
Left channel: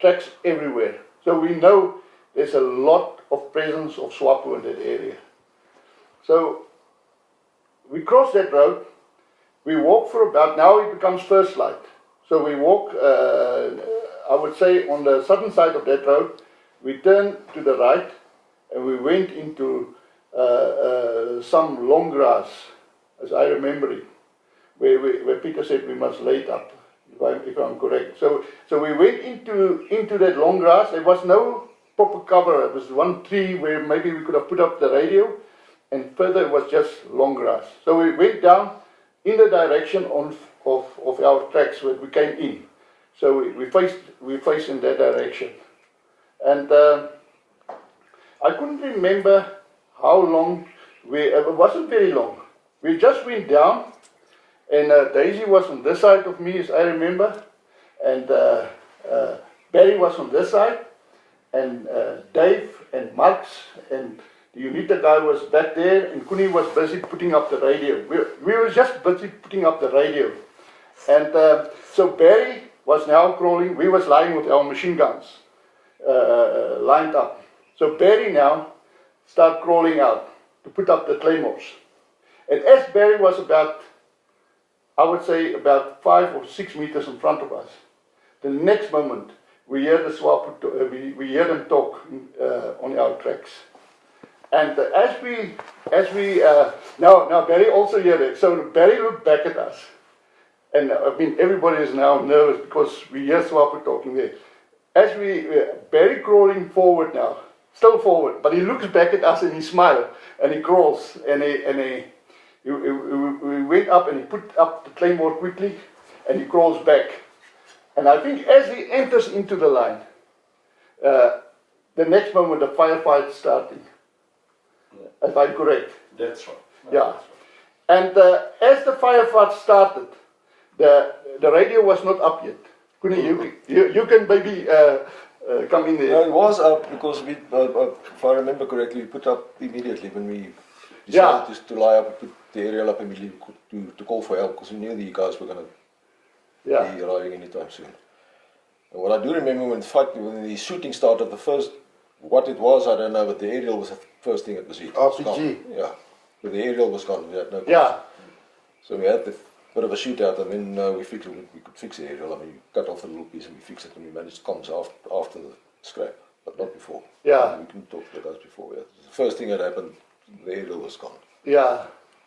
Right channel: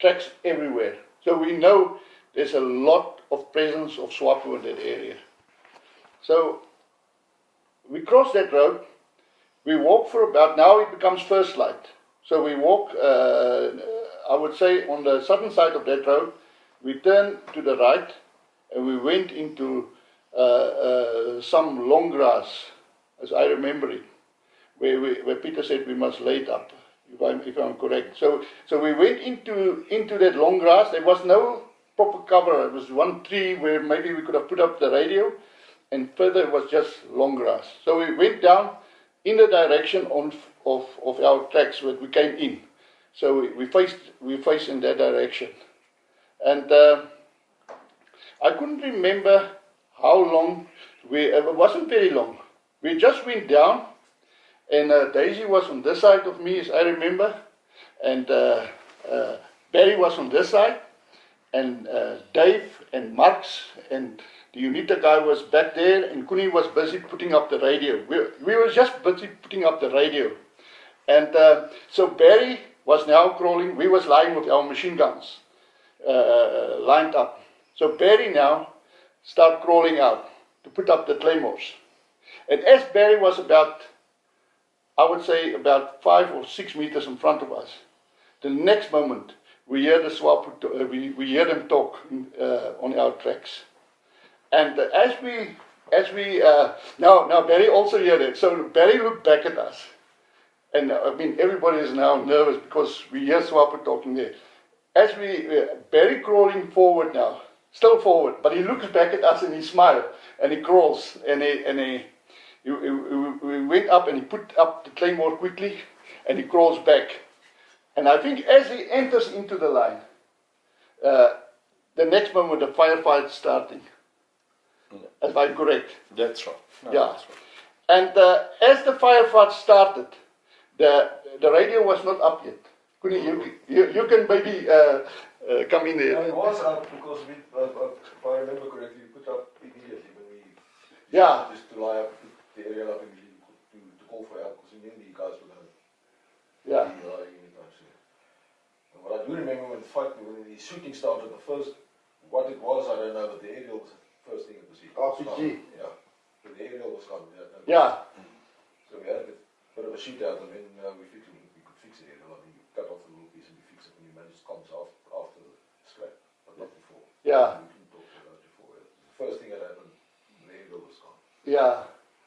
tracks everywhere. So we know there's a lot of presence of SWAPO in that area. So we cross that road. We walk for about, now it becomes first light. So we walk, I would say, on the southern side of that road. We turned to the right, and we went into some long grass, as I remember it, where Peter said we must lay it up, if I'm correct. So we went into that long grass. There was no proper cover. It was one tree where maybe we could have put up the radio, and further it was just long grass. So we went down in the direction of our tracks where we came in. So we faced in that direction. And I couldn't remember how long it wasn't very long. We just went down, and Daisy was on this side of me, as I remember, and Barry was on this side, and Dave and Marx and the UNITA guy was back there, and Kuni was busy putting up the radio. We were just busy putting up the radio. And so Barry was now crawling. We was lying with our machine guns lined up. So Barry now started crawling out to put up the claymores. And as Barry was about, I would say, about 5 or 6 meters in front of us, the next moment we hear the SWAPO, we hear them talk on our tracks. And as we now Barry also heard it. So Barry looked back at us, and I mean everybody is now nervous because we hear SWAPO talking there. As Barry crawling forward now, still forward, but he looks back at us and he smiles and he crawls and we went up and he put up the claymore quickly and he crawls back. And I think as he enters into the line, the next moment the firefight starting. If I'm correct. That's right. No, Yeah. that's right. And as the firefight started, the radio was not up yet. Kuni, you can maybe come in there. No, it was up because we, if I remember correctly, we put up immediately when we Yeah. decided to lie up and put the aerial up immediately to call for help because we knew the guys were going to Yeah. be arriving anytime soon. And what I do remember when the shooting started, what it was, I don't know, but the aerial was the first thing that was hit. RPG. Yeah. But the aerial was gone. We had no. Yeah. So we had a bit of a shootout, and then we could fix the aerial. I mean, we cut off a little piece and we fixed it, and we managed comms after the scrap, but not before. Yeah. We couldn't talk to the guys before. Yeah. The first thing that happened, the aerial was gone. Yeah.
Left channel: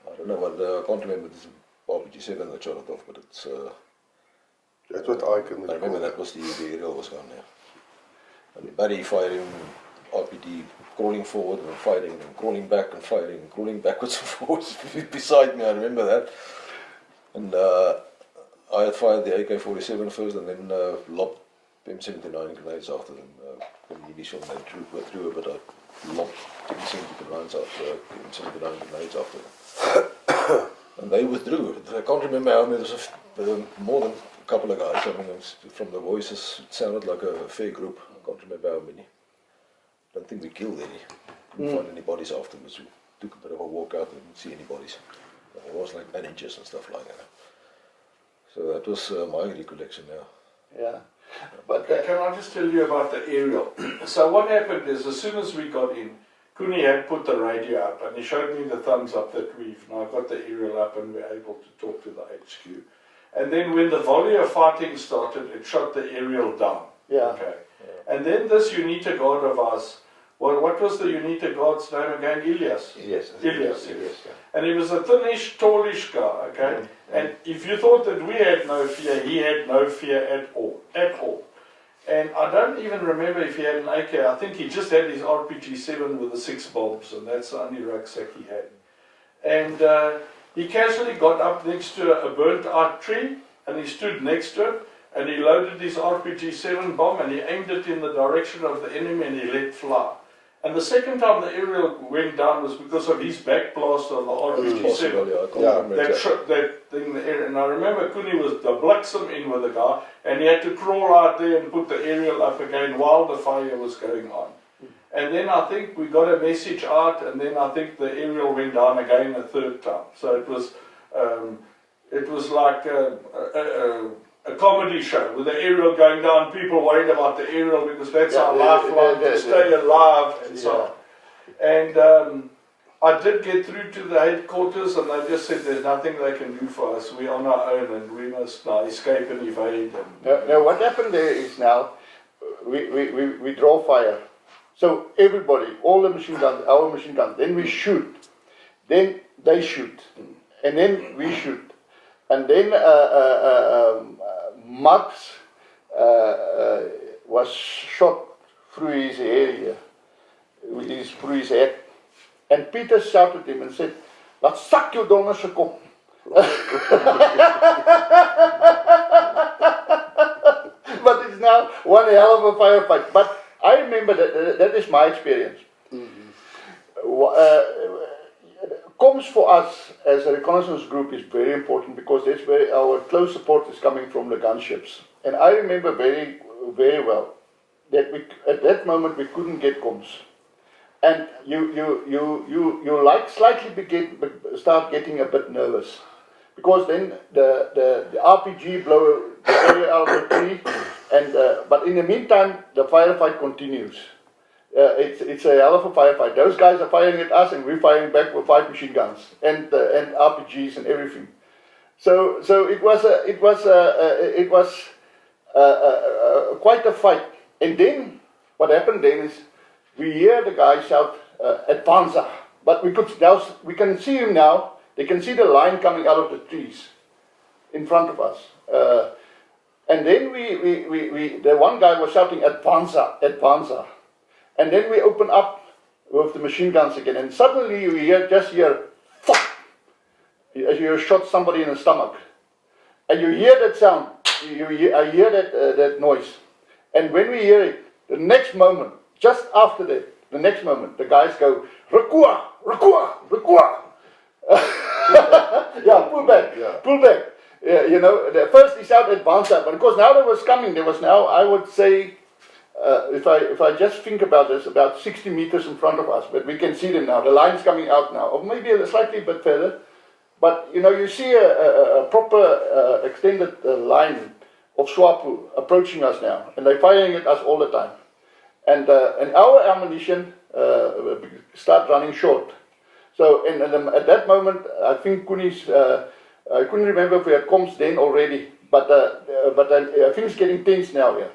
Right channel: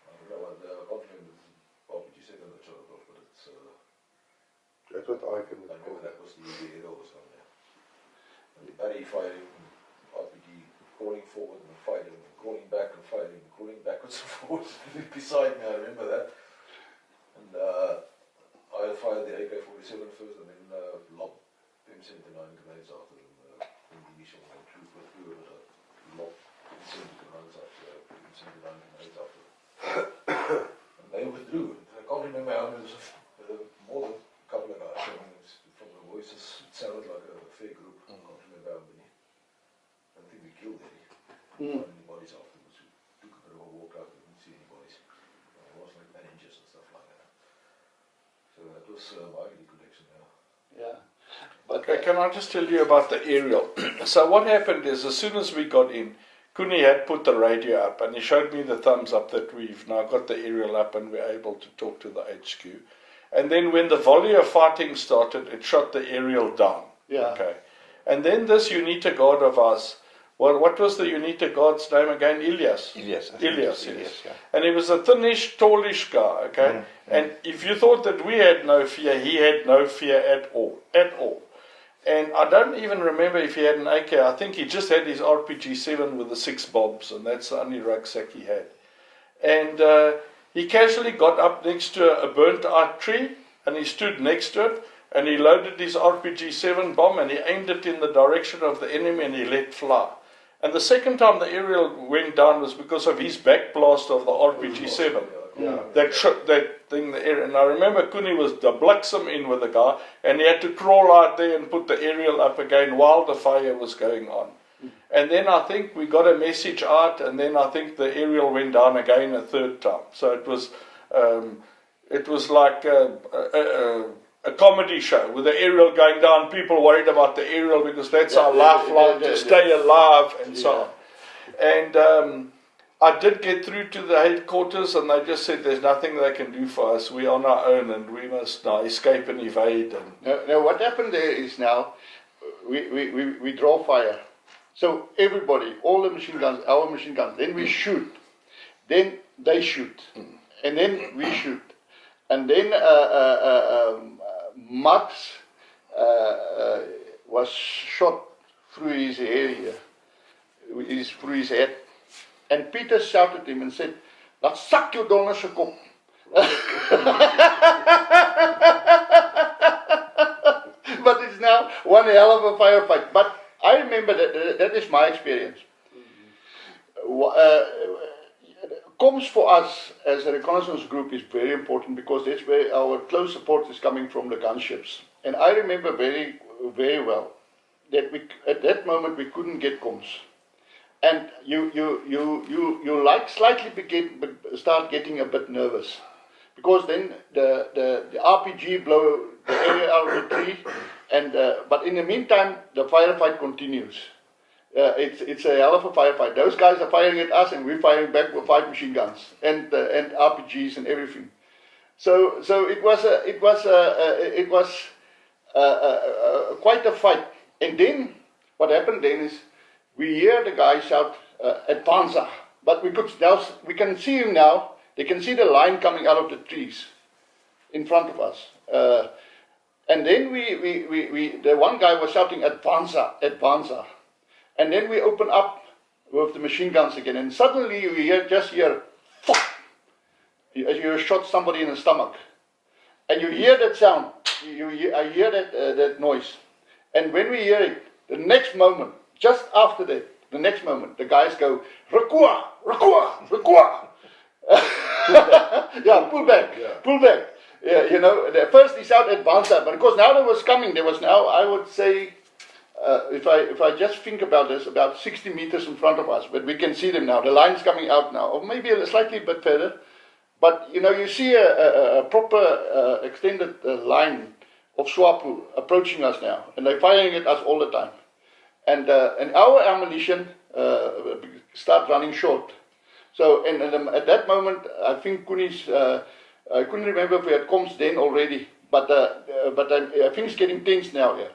I don't know what, I can't remember this RPG-7 that shot it off, but it's. That's what I can I remember that was the aerial was gone there. And Barry firing, RPD crawling forward and firing, and crawling back and firing, and crawling backwards and forwards beside me. I remember that. And I had fired the AK-47 first, and then lobbed M79 grenades after them. Initial they threw a bit. I lobbed M79 grenades after them. And they withdrew. I can't remember how many. There was more than a couple of guys. I mean, from the voices, it sounded like a fair group. I can't remember how many. I don't think we killed any. Didn't find any bodies afterwards. We took a bit of a walk out and didn't see any bodies. There was like bandages and stuff like that. So that was my recollection now. Yeah. But can I just tell you about the aerial? So what happened is, as soon as we got in, Kuni had put the radio up, and he showed me the thumbs up that we've now got the aerial up and we're able to talk to the HQ. And then when the volley of fighting started, it shot the aerial down. Yeah. Okay. And then this UNITA guard of ours, what was the UNITA guard's name again? Ilyas. Yes. Ilyas, yes. Yeah. And he was a thinnish, tallish guy, okay? And if you thought that we had no fear, he had no fear at all. And I don't even remember if he had an AK. I think he just had his RPG-7 with the 6 bombs, and that's the only rucksack he had. And He casually got up next to a burnt out tree and he stood next to it and he loaded his RPG-7 bomb and he aimed it in the direction of the enemy and he let fly. And the second time the aerial went down was because of his back blast of the RPG-7. That shot that thing in the air. And I remember Kuni was the bliksem in with the guy and he had to crawl out there and put the aerial up again while the fire was going on. And then I think we got a message out and then I think the aerial went down again a third time. So it was like a comedy show with the aerial going down, people worried about the aerial because that's our lifeline to stay alive and so on. And I did get through to the headquarters and they just said there's nothing they can do for us. We're on our own and we must now escape and evade. Now what happened there is now we draw fire. So everybody, all the machine guns, our machine guns, then we shoot, then they shoot, and then we shoot. And then Max was shot through his area, through his head. And Peter shouted at him and said, "Laat sak jou donder se kop." But it's now one hell of a firefight. But I remember that is my experience. Comms for us as a reconnaissance group is very important because that's where our close support is coming from the gunships. And I remember very, very well that at that moment we couldn't get comms. And you like slightly start getting a bit nervous. Because then the RPG blow the area out of the tree, and but in the meantime the firefight continues. It's a hell of a firefight. Those guys are firing at us, and we're firing back with 5 machine guns and RPGs and everything. So it was quite a fight. And then what happened then is we hear the guy shout "Advanza," but we can see him now. They can see the line coming out of the trees in front of us. And then the one guy was shouting "Advanza, Advanza." And then we open up with the machine guns again. And suddenly you just hear, "Fuck!" As you shot somebody in the stomach. And you hear that sound. I hear that noise. And when we hear it, the next moment, just after that, the next moment, the guys go, "Rekua, Rekua, Rekua." Yeah, pull back, pull back. You know, first he shouted "Advanza," but of course now there was now, I would say, if I just think about this, about 60 meters in front of us, but we can see them now. The line's coming out now, or maybe a slightly bit further. But you know, you see a proper extended line of SWAPO approaching us now, and they're firing at us all the time. And our ammunition start running short. So and at that moment, I think Kuni's, I couldn't remember if we had comms then already, but I think it's getting tense now here.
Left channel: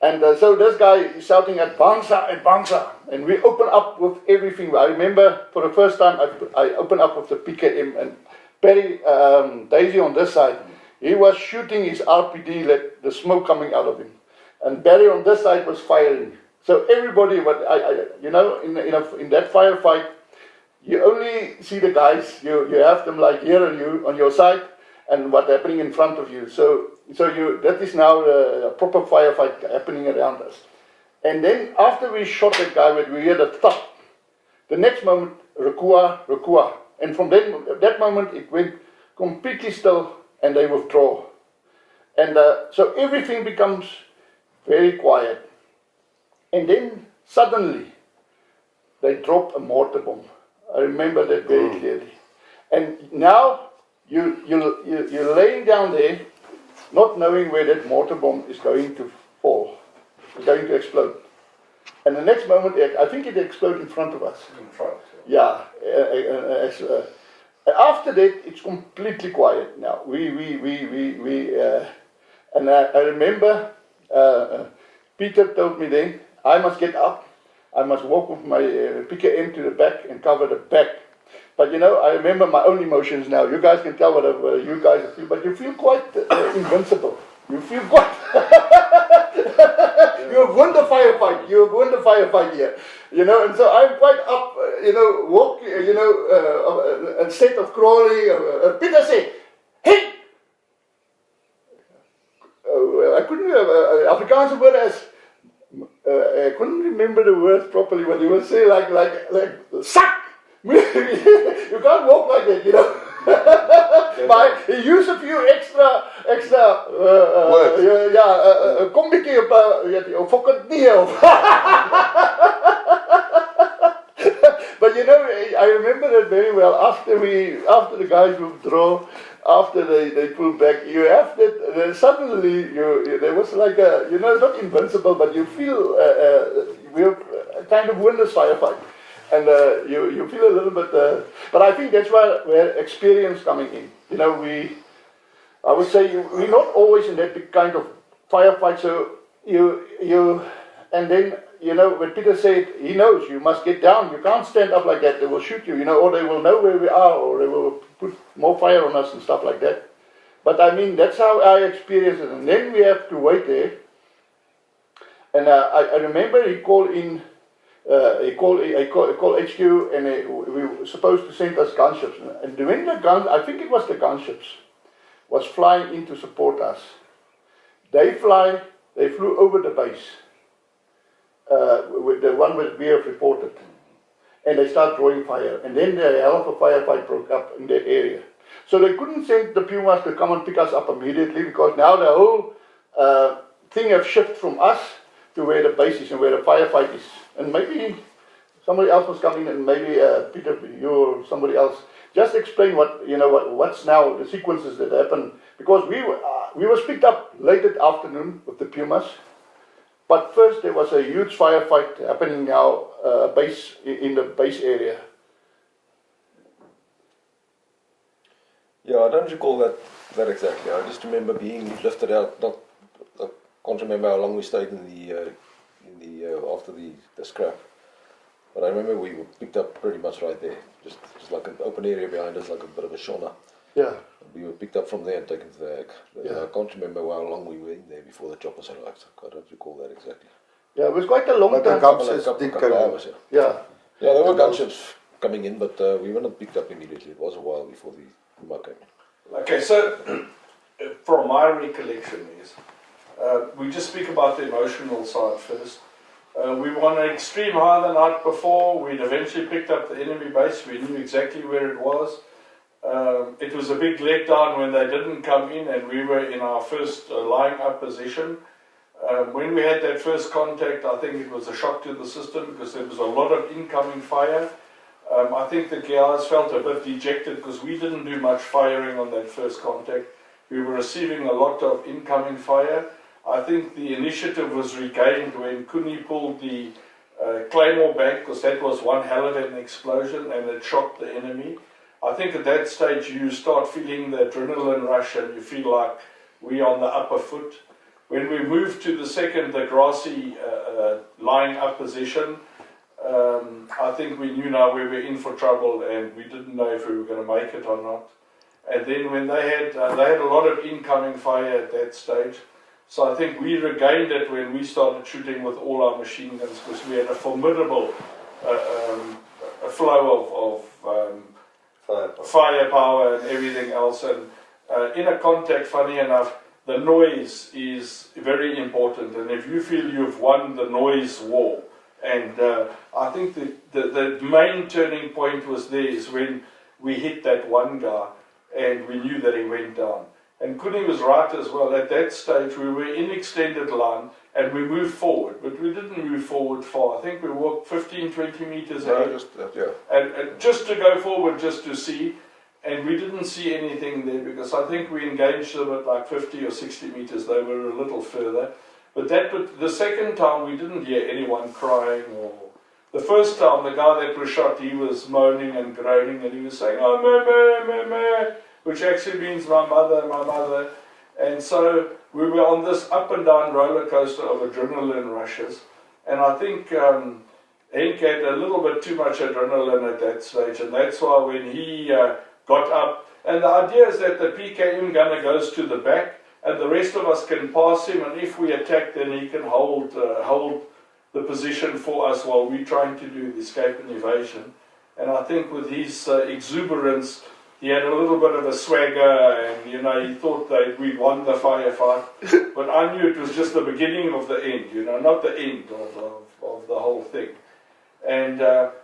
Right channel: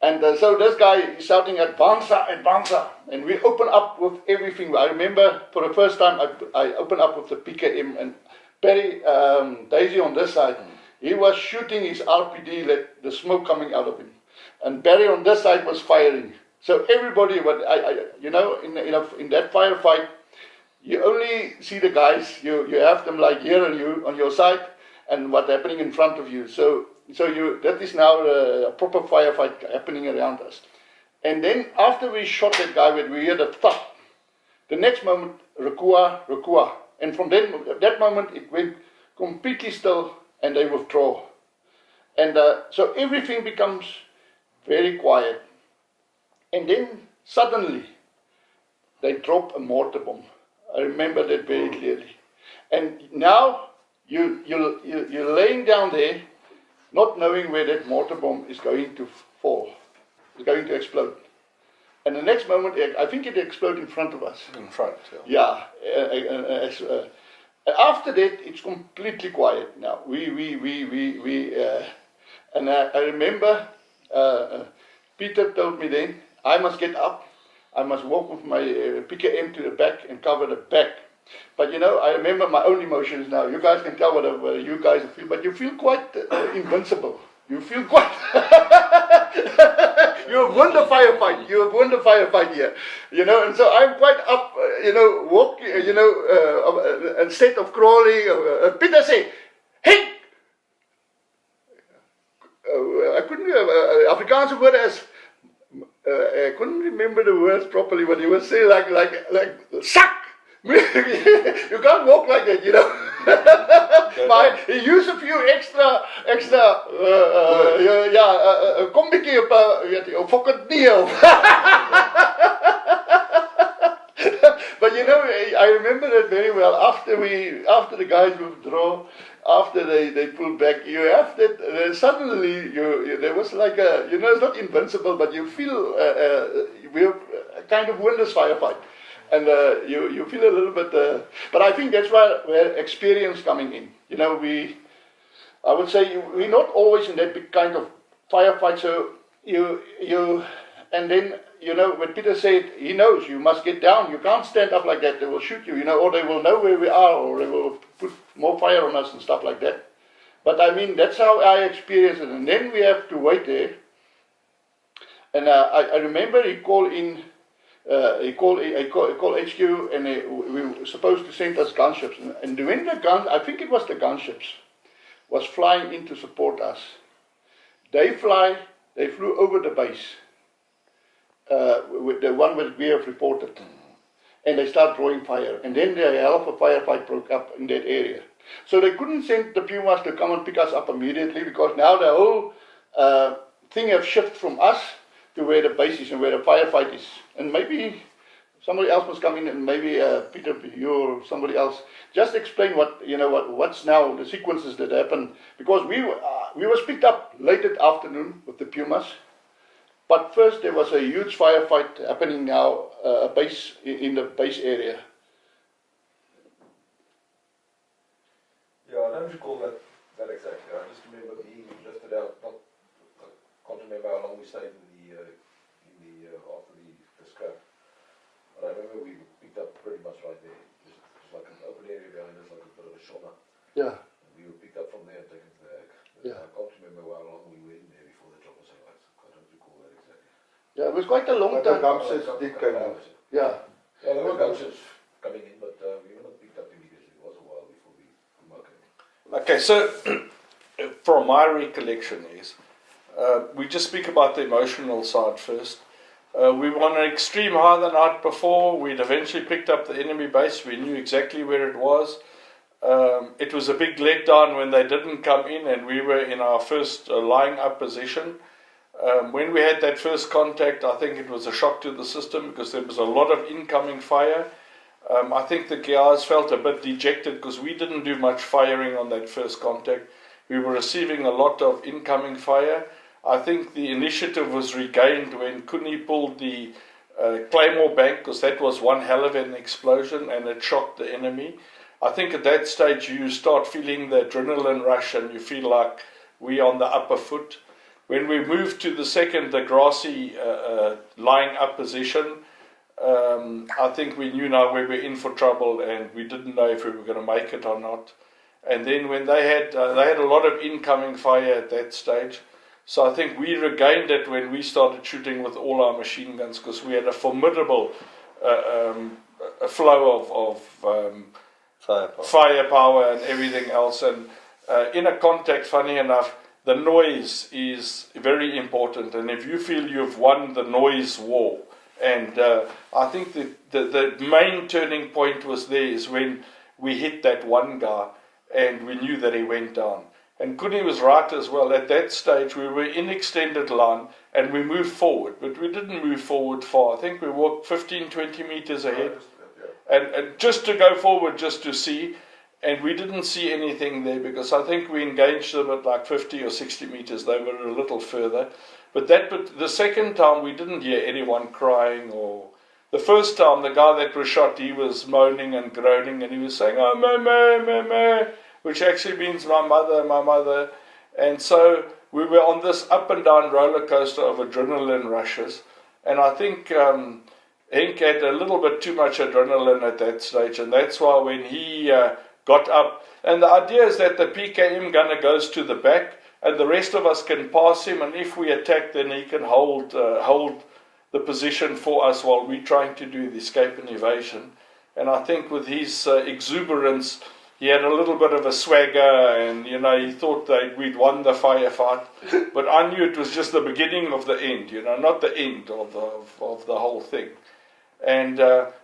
And so this guy is shouting "Advanza, Advanza," and we open up with everything. I remember for the first time I opened up with the PKM, and Barry, Daisy on this side, he was shooting his RPD, let the smoke coming out of him, and Barry on this side was firing. So everybody, you know, in that firefight, you only see the guys. You have them like here and you on your side, and what's happening in front of you. So that is now a proper firefight happening around us. And then after we shot that guy, we hear the thud. The next moment, "Rekua, Rekua," and from that moment it went completely still, and they withdraw. And so everything becomes very quiet. And then suddenly they drop a mortar bomb. I remember that very clearly. And now you're laying down there, not knowing where that mortar bomb is going to fall, is going to explode. And the next moment, I think it exploded in front of us. In front, yeah. After that, it's completely quiet now. And I remember Peter told me then, I must get up. I must walk with my PKM to the back and cover the back. But you know, I remember my own emotions now. You guys can tell whatever you guys feel, but you feel quite invincible. you feel quite. You have won the firefight. You have won the firefight here, you know. And so I'm quite up, you know, walk, you know, instead of crawling. Peter say, "Hey." I couldn't Afrikaanse word as I couldn't remember the words properly, but he was saying like suck. You can't walk like that, you know. But he used a few extra kom bietjie op weet jy, of fok het nie of. But you know, I remember that very well. After the guys withdraw, after they pulled back, you have that suddenly there was like a, you know, it's not invincible, but you feel we have kind of won this firefight, and you feel a little bit. But I think that's where experience coming in. You know, I would say we're not always in that big kind of firefight. So you and then. You know, when Peter said, he knows you must get down, you can't stand up like that, they will shoot you, you know, or they will know where we are, or they will put more fire on us and stuff like that. But I mean, that's how I experienced it. And then we have to wait there. And I remember he called in, he called HQ, and we were supposed to send us gunships. And when the guns, I think it was the gunships, was flying in to support us. They flew over the base. With the one that we have reported, and they start drawing fire, and then the hell of a firefight broke up in that area. So they couldn't send the Pumas to come and pick us up immediately, because now the whole thing have shifted from us to where the base is and where the firefight is. And maybe somebody else must come in, and maybe Peter, you or somebody else, just explain what's now the sequences that happen, because we was picked up late at afternoon with the Pumas. But first, there was a huge firefight happening now, in the base area. Yeah, I don't recall that exactly. I just remember being lifted out. I can't remember how long we stayed in the after the scrap. But I remember we were picked up pretty much right there, just like an open area behind us, like a bit of a sauna. Yeah. We were picked up from there and taken to the AG. Yeah. I can't remember how long we were in there before the choppers arrived. I don't recall that exactly. Yeah, it was quite a long time. Couple hours, yeah. Yeah, there were gunships coming in, but we were not picked up immediately. It was a while before the Puma came in. Okay, so from my recollection is, we just speak about the emotional side first. We were on an extreme high the night before. We'd eventually picked up the enemy base. We knew exactly where it was. It was a big letdown when they didn't come in, and we were in our first lying up position. When we had that first contact, I think it was a shock to the system, because there was a lot of incoming fire. I think the guys felt a bit dejected because we didn't do much firing on that first contact. We were receiving a lot of incoming fire. I think the initiative was regained when Kuni pulled the Claymore bank, because that was one hell of an explosion and it shocked the enemy. I think at that stage you start feeling the adrenaline rush and you feel like we're on the upper foot. When we moved to the second, the grassy lying up position, I think we knew now we were in for trouble, and we didn't know if we were going to make it or not. And then when they had a lot of incoming fire at that stage, so I think we regained it when we started shooting with all our machine guns, because we had a formidable flow of firepower and everything else. And in a contact, funny enough, the noise is very important, and if you feel you've won the noise war, and I think the main turning point was there is when we hit that one guy and we knew that he went down. And Kuni was right as well. At that stage we were in extended line and we moved forward, but we didn't move forward far. I think we walked 15-20 meters ahead, and just to go forward, just to see. And we didn't see anything there, because I think we engaged them at like 50 or 60 meters. They were a little further. But the second time we didn't hear anyone crying. Or the first time, the guy that was shot, he was moaning and groaning, and he was saying, "Oh, mama," which actually means my mother. And so we were on this up and down roller coaster of adrenaline rushes. And I think Henk had a little bit too much adrenaline at that stage, and that's why when he got up, and the idea is that the PKM gunner goes to the back, and the rest of us can pass him, and if we attack, then he can hold the position for us while we're trying to do the escape and evasion. And I think with his exuberance, he had a little bit of a swagger, and he thought that we'd won the firefight. But I knew it was just the beginning of the end, not the end of the whole thing. And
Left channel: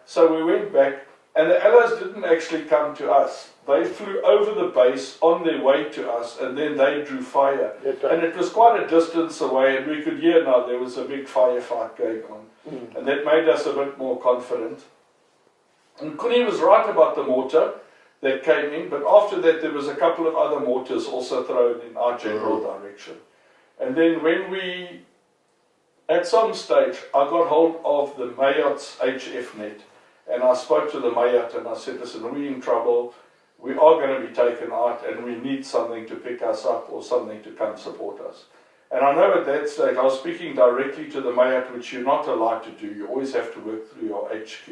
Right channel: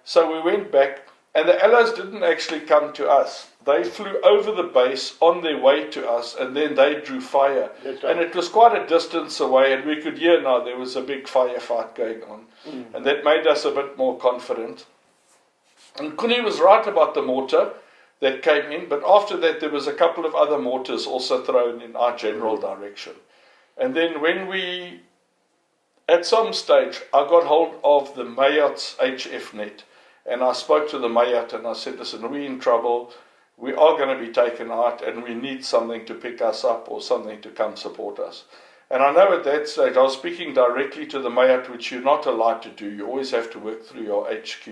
so we went back, and the Allies didn't actually come to us. They flew over the base on their way to us, and then they drew fire. That's right. And it was quite a distance away, and we could hear now there was a big firefight going on. And that made us a bit more confident. And Kuni was right about the mortar that came in, but after that there was a couple of other mortars also thrown in our general direction. And then when we, at some stage, I got hold of the Mayat's HF net, and I spoke to the Mayat and I said, listen, we're in trouble, we are going to be taken out, and we need something to pick us up or something to come support us. And I know at that stage I was speaking directly to the Mayat, which you're not allowed to do, you always have to work through your HQ.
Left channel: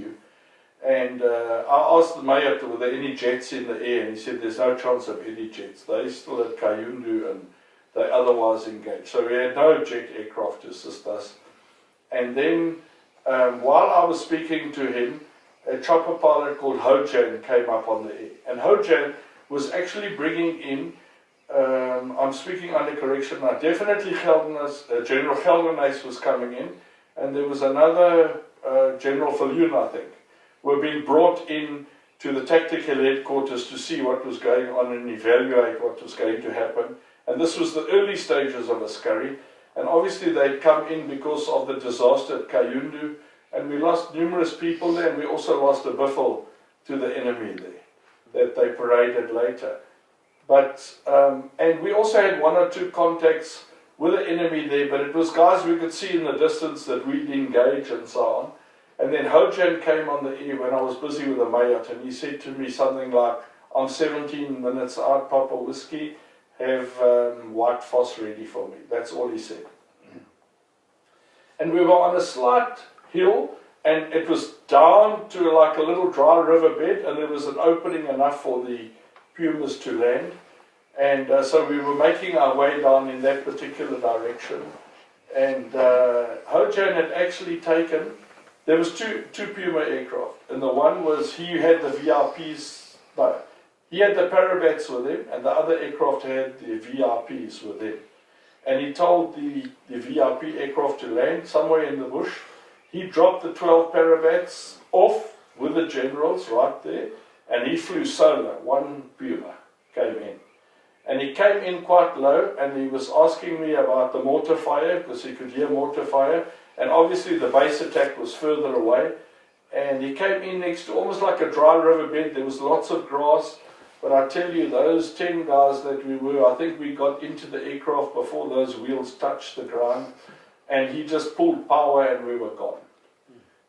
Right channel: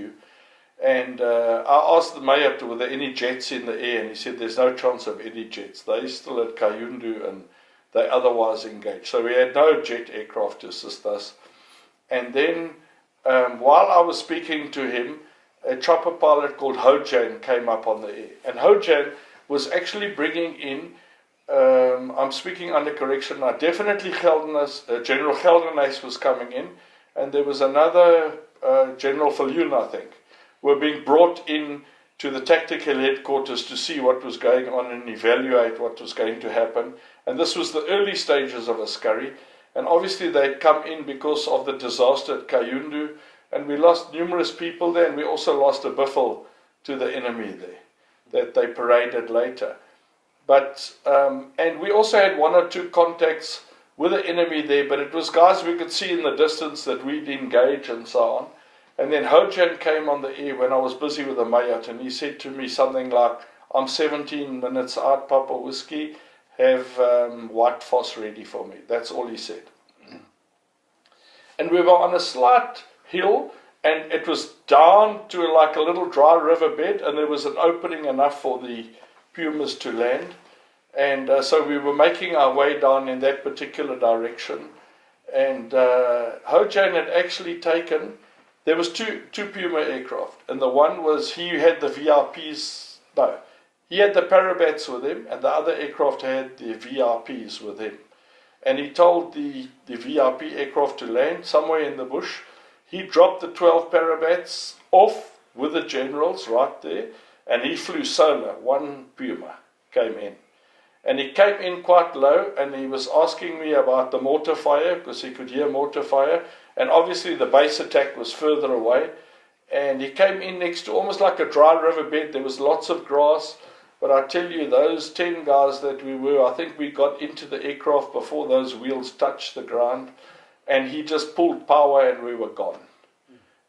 And I asked the Mayat, were there any jets in the air, and he said there's no chance of any jets. They're still at Kayundu and they otherwise engaged. So we had no jet aircraft to assist us. And then while I was speaking to him, a chopper pilot called Hojan came up on the air. And Hojan was actually bringing in, I'm speaking under correction now, definitely General Gelderhuys was coming in, and there was another General Viljoen, I think, were being brought in to the tactical headquarters to see what was going on and evaluate what was going to happen. And this was the early stages of Askari. And obviously they'd come in because of the disaster at Kayundu, and we lost numerous people there, and we also lost a biffle to the enemy there that they paraded later. But and we also had one or two contacts with the enemy there, but it was guys we could see in the distance that we'd engage and so on. And then Hojan came on the air when I was busy with the Mayat, and he said to me something like, I'm 17 minutes out, Papa Whiskey, have white foss ready for me. That's all he said. And we were on a slight hill, and it was down to like a little dry riverbed, and there was an opening enough for the pumas to land. And so we were making our way down in that particular direction. And Hojan had actually taken, there was two Puma aircraft, and the one was, he had the VRPs, no, he had the Parabats with him, and the other aircraft had the VRPs with him. And he told the VRP aircraft to land somewhere in the bush. He dropped the 12 Parabats off with the generals right there, and he flew solo. One Puma came in. And he came in quite low, and he was asking me about the mortar fire, because he could hear mortar fire. And obviously the base attack was further away. And he came in next to almost like a dry riverbed. There was lots of grass. But I tell you, those 10 guys that we were, I think we got into the aircraft before those wheels touched the ground. And he just pulled power and we were gone.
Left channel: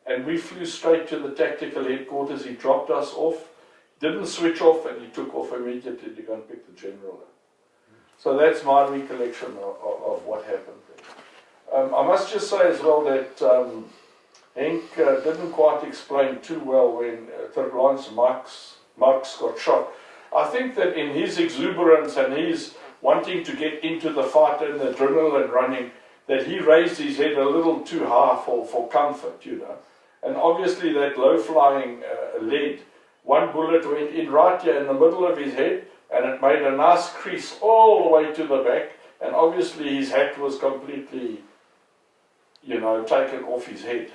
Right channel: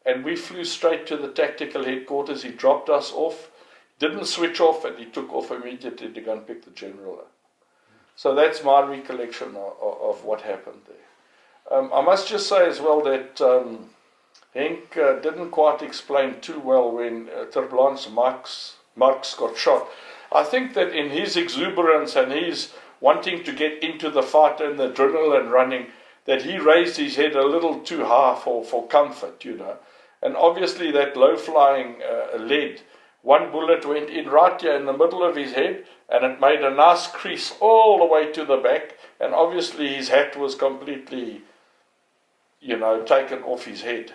And we flew straight to the tactical headquarters. He dropped us off, didn't switch off, and he took off immediately to go and pick the general up. So that's my recollection of what happened there. I must just say as well that Henk didn't quite explain too well when Terblans Marx got shot. I think that in his exuberance and his wanting to get into the fight and the adrenaline running, that he raised his head a little too high for comfort, you know. And obviously that low-flying lead, one bullet went in right here in the middle of his head, and it made a nice crease all the way to the back, and obviously his hat was completely, you know, taken off his head.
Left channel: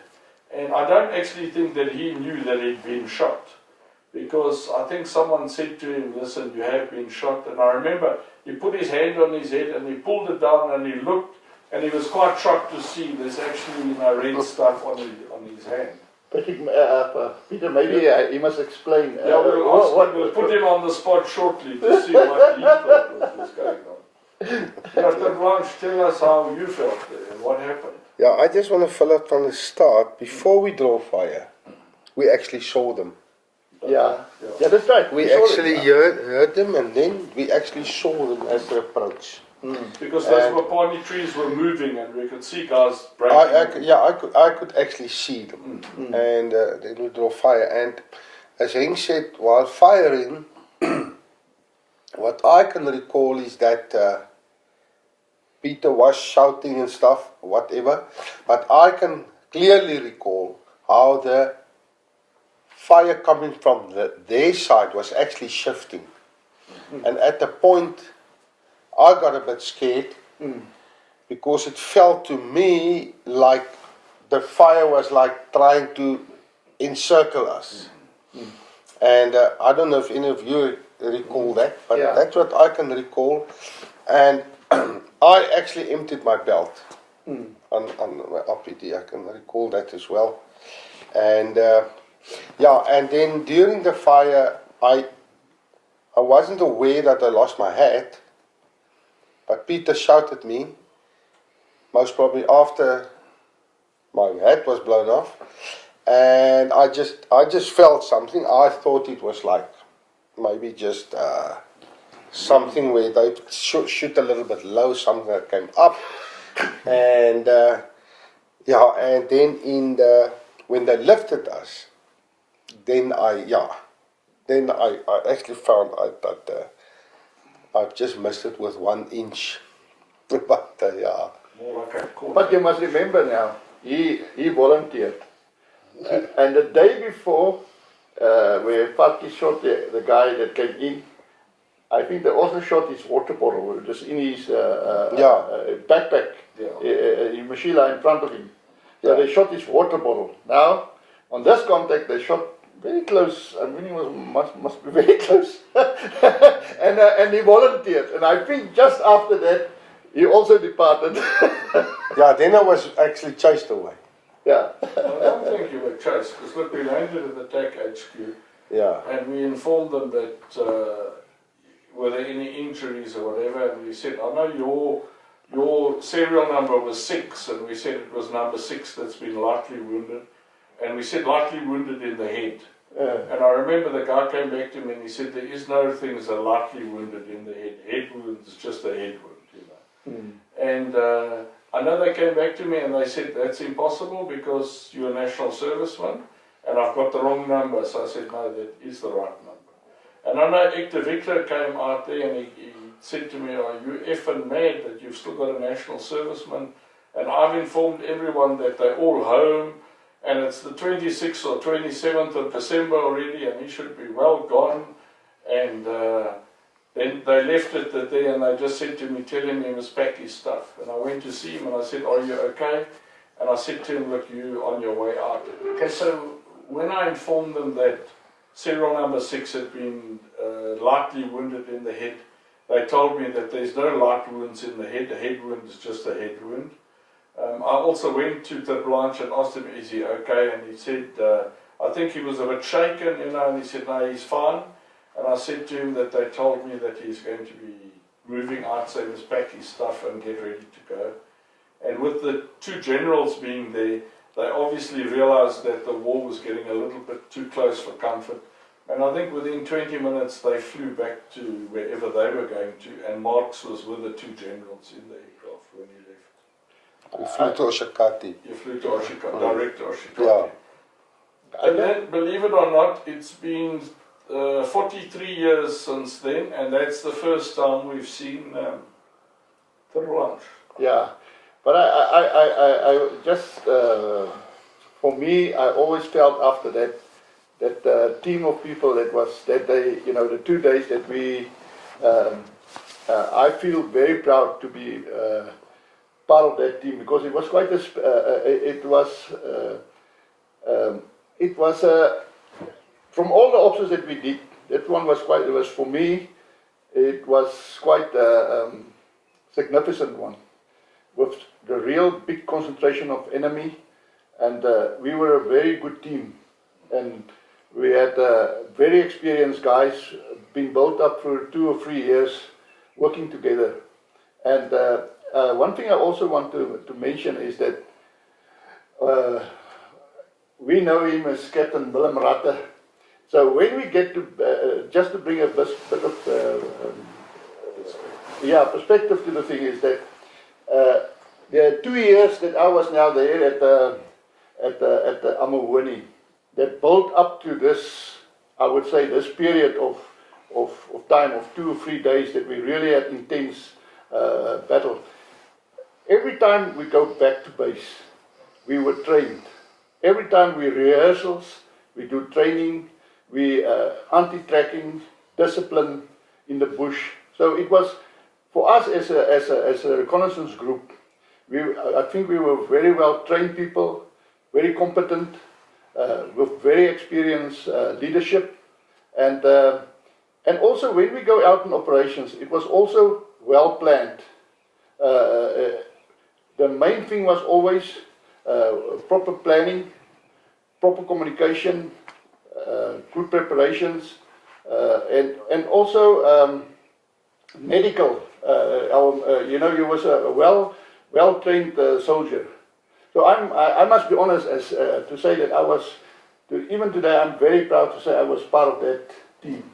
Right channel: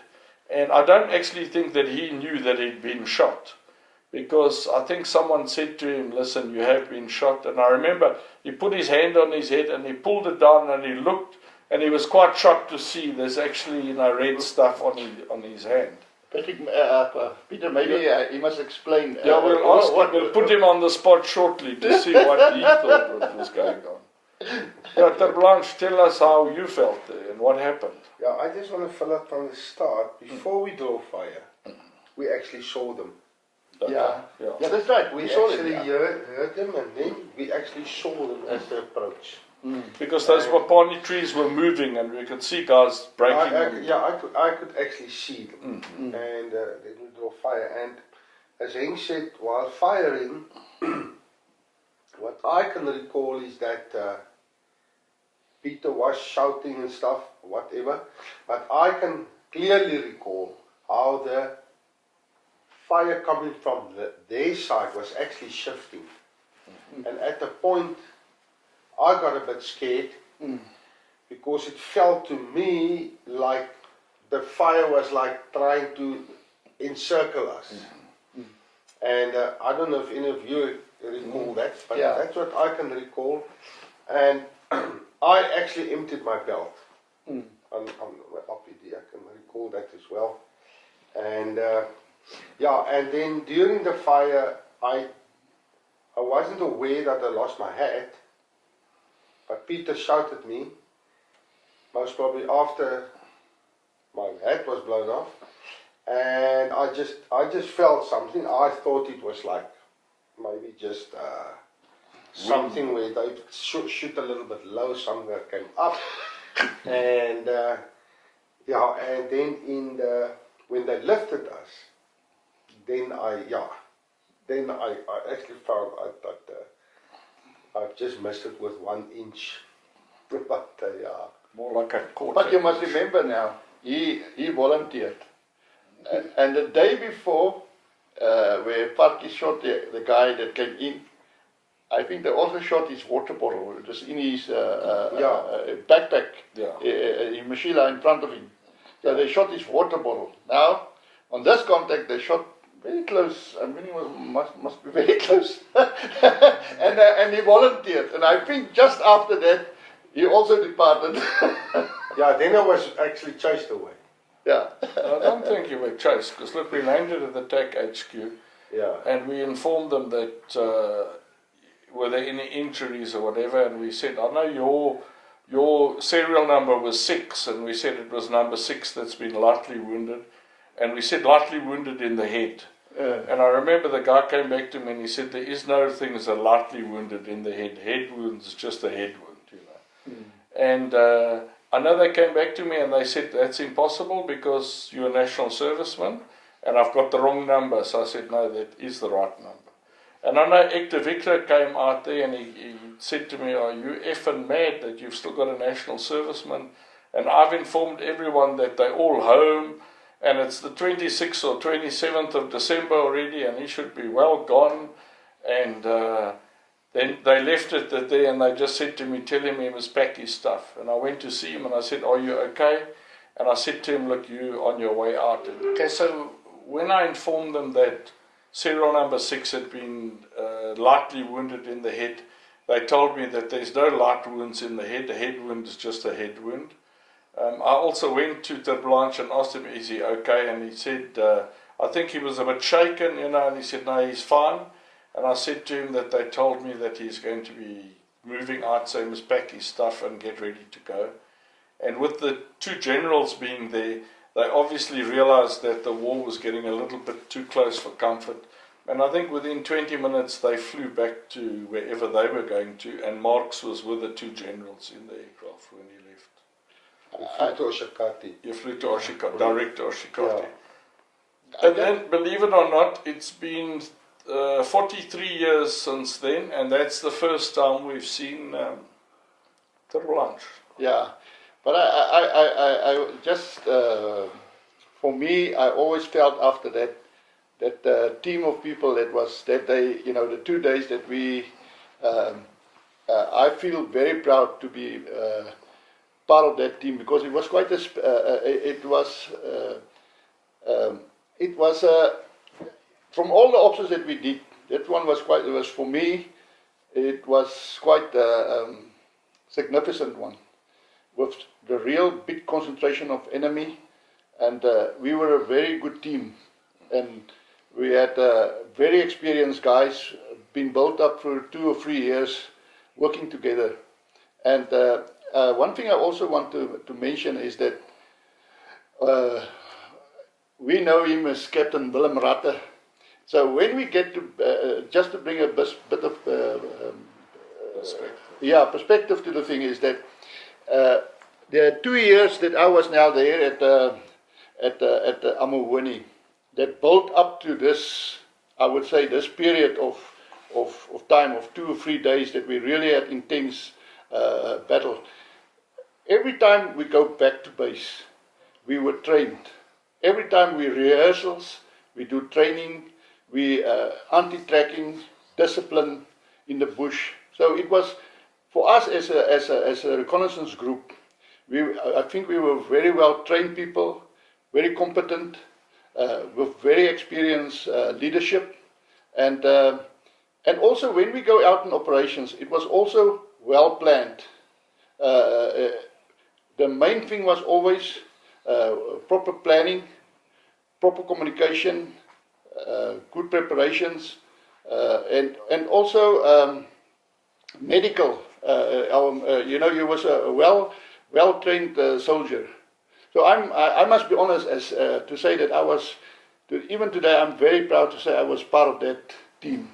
And I don't actually think that he knew that he'd been shot, because I think someone said to him, listen, you have been shot. And I remember he put his hand on his head and he pulled it down and he looked, and he was quite shocked to see there's actually, you know, red stuff on his hand. Peter, maybe he must explain. We'll put him on the spot shortly to see what he thought was going on. Dr. Blanche, tell us how you felt there and what happened. Yeah, I just want to fill up from the start. Before we draw fire, we actually saw them. Yeah, that's right. We actually heard them, and then we actually saw them as they approach. Because those Wapani trees were moving, and we could see guys breaking. I could actually see them, and then we draw fire. And as Henk said, while firing, what I can recall is that Peter was shouting and stuff, whatever. But I can clearly recall how the fire coming from their side was actually shifting. And at the point, I got a bit scared because it felt to me like the fire was like trying to encircle us. And I don't know if any of you recall that, but that's what I can recall. And I actually emptied my belt on my RPD. I can recall that as well. And and then during the fire, I wasn't aware that I lost my hat, but Peter shouted me, most probably after my hat was blown off, and I just felt something. I thought it was like maybe just something where they shoot a little bit low, something that came up, and and then when they lifted us, then I actually found out that I've just missed it with 1 inch. But More like a quarter. But you must remember now, he volunteered. And the day before, where Parky shot the guy that came in, I think they also shot his water bottle, just in his backpack, in Mashila in front of him. So they shot his water bottle. Now, on this contact, they shot very close. I mean, he must be very close. and he volunteered. And I think just after that, he also departed. then I was actually chased away. Yeah. I don't think you were chased, because look, we landed at the TAC HQ, and we informed them that were there any injuries or whatever, and we said, I know your serial number was 6, and we said it was number 6 that's been lightly wounded, and we said lightly wounded in the head. And I remember the guy came back to me and he said, there is no thing as a lightly wounded in the head. Head wounds is just a head wound, you know. And I know they came back to me and they said, that's impossible because you're a national serviceman and I've got the wrong number. So I said, no, that is the right number. And I know Hector Victor came out there and he said to me, are you effing mad that you've still got a national serviceman? And I've informed everyone that they're all home and it's the 26th or 27th of December already and he should be well gone. And then they left it there and they just said to me, tell him he must pack his stuff. And I went to see him and I said, are you okay? And I said to him, look, you on your way out. Okay, so when I informed them that serial number 6 had been lightly wounded in the head, they told me that there's no light wounds in the head. A head wound is just a head wound. I also went to the Blanche and asked him, is he okay? And he said, I think he was a bit shaken, you know, and he said, no, he's fine. And I said to him that they told me that he's going to be moving out, so he must pack his stuff and get ready to go. And with the 2 generals being there, they obviously realized that the war was getting a little bit too close for comfort. And I think within 20 minutes they flew back to wherever they were going to, and Marx was with the 2 generals in the aircraft when he left. You flew to Oshakati. You flew to Oshakati, direct to Oshakati. And then, believe it or not, it's been 43 years since then, and that's the first time we've seen the Blanche. Yeah, but I just, for me, I always felt after that team of people the 2 days that we, I feel very proud to be part of that team because it was quite it was from all the options that we did, that one was quite, it was for me, it was quite a significant one, with the real big concentration of enemy, and we were a very good team, and we had very experienced guys, been built up for 2 or 3 years, working together. And one thing I also want to mention is that we know him as Captain Willem Ratte. So when we get to, just to bring a bit of perspective to the thing is that there are 2 years that I was now there at Amuhuni that built up to this, I would say, this period of time of 2 or 3 days that we really had intense battle. every time we go back to base, we were trained. Every time we rehearsals, we do training, we anti-tracking, discipline in the bush. So it was, for us as a reconnaissance group, I think we were very well trained people, very competent, with very experienced leadership. And also when we go out in operations, it was also well planned. The main thing was always proper planning, proper communication, good preparations, and also medical. You was a well-trained soldier. So I must be honest as to say that I was, even today, I'm very proud to say I was part of that team.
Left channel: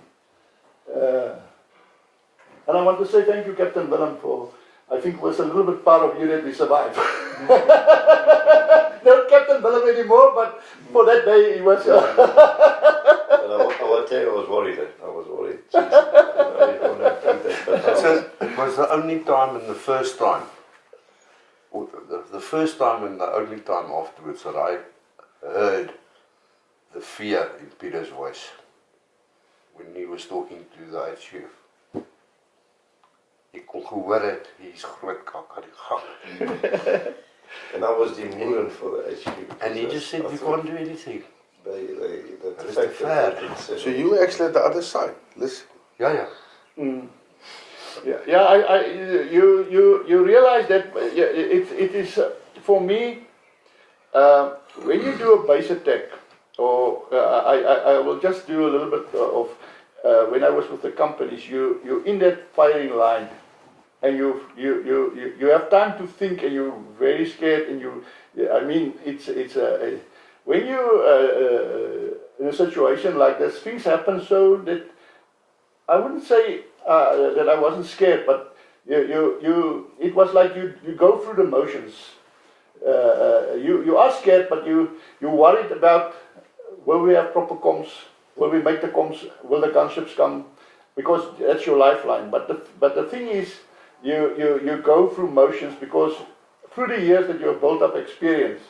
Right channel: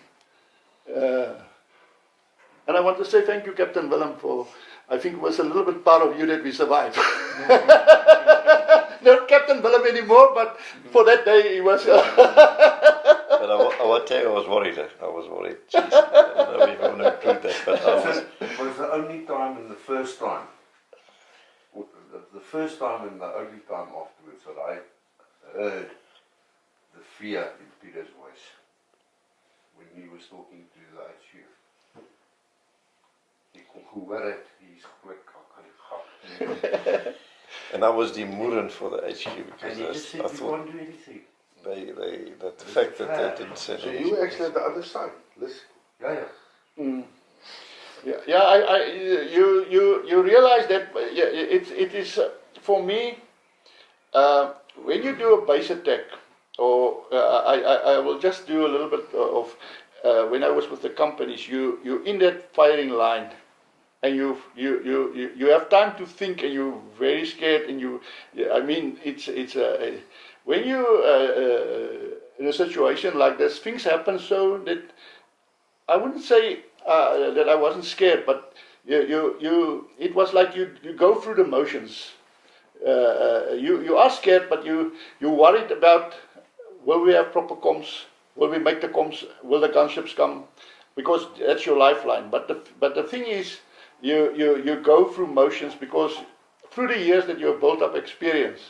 And I want to say thank you, Captain Willem, for, I think it was a little bit part of you that we survived. Not Captain Willem anymore, but for that day he was. And I will tell you, I was worried. Jeez, I don't know if you want to repeat that, but It was the only time and the first time, or the first time and the only time afterwards that I heard the fear in Peter's voice when he was talking to the HQ. Ek kon gehoor het, hier's groot kak aan die gang. and I was the Moeren for the HQ. And he just said, we can't do anything. The fact that they didn't say So you were actually at the other side. Listen. Yeah. You realize that it is for me when you do a base attack, or I will just do a little bit of when I was with the companies. You in that firing line, and you have time to think, and you're very scared, and it's when you in a situation like this, things happen so that I wouldn't say that I wasn't scared, but it was like you go through the motions. You are scared, but you're worried about, will we have proper comms? Will we make the comms? Will the gunships come? Because that's your lifeline. But the thing is, you go through motions because through the years that you have built up experience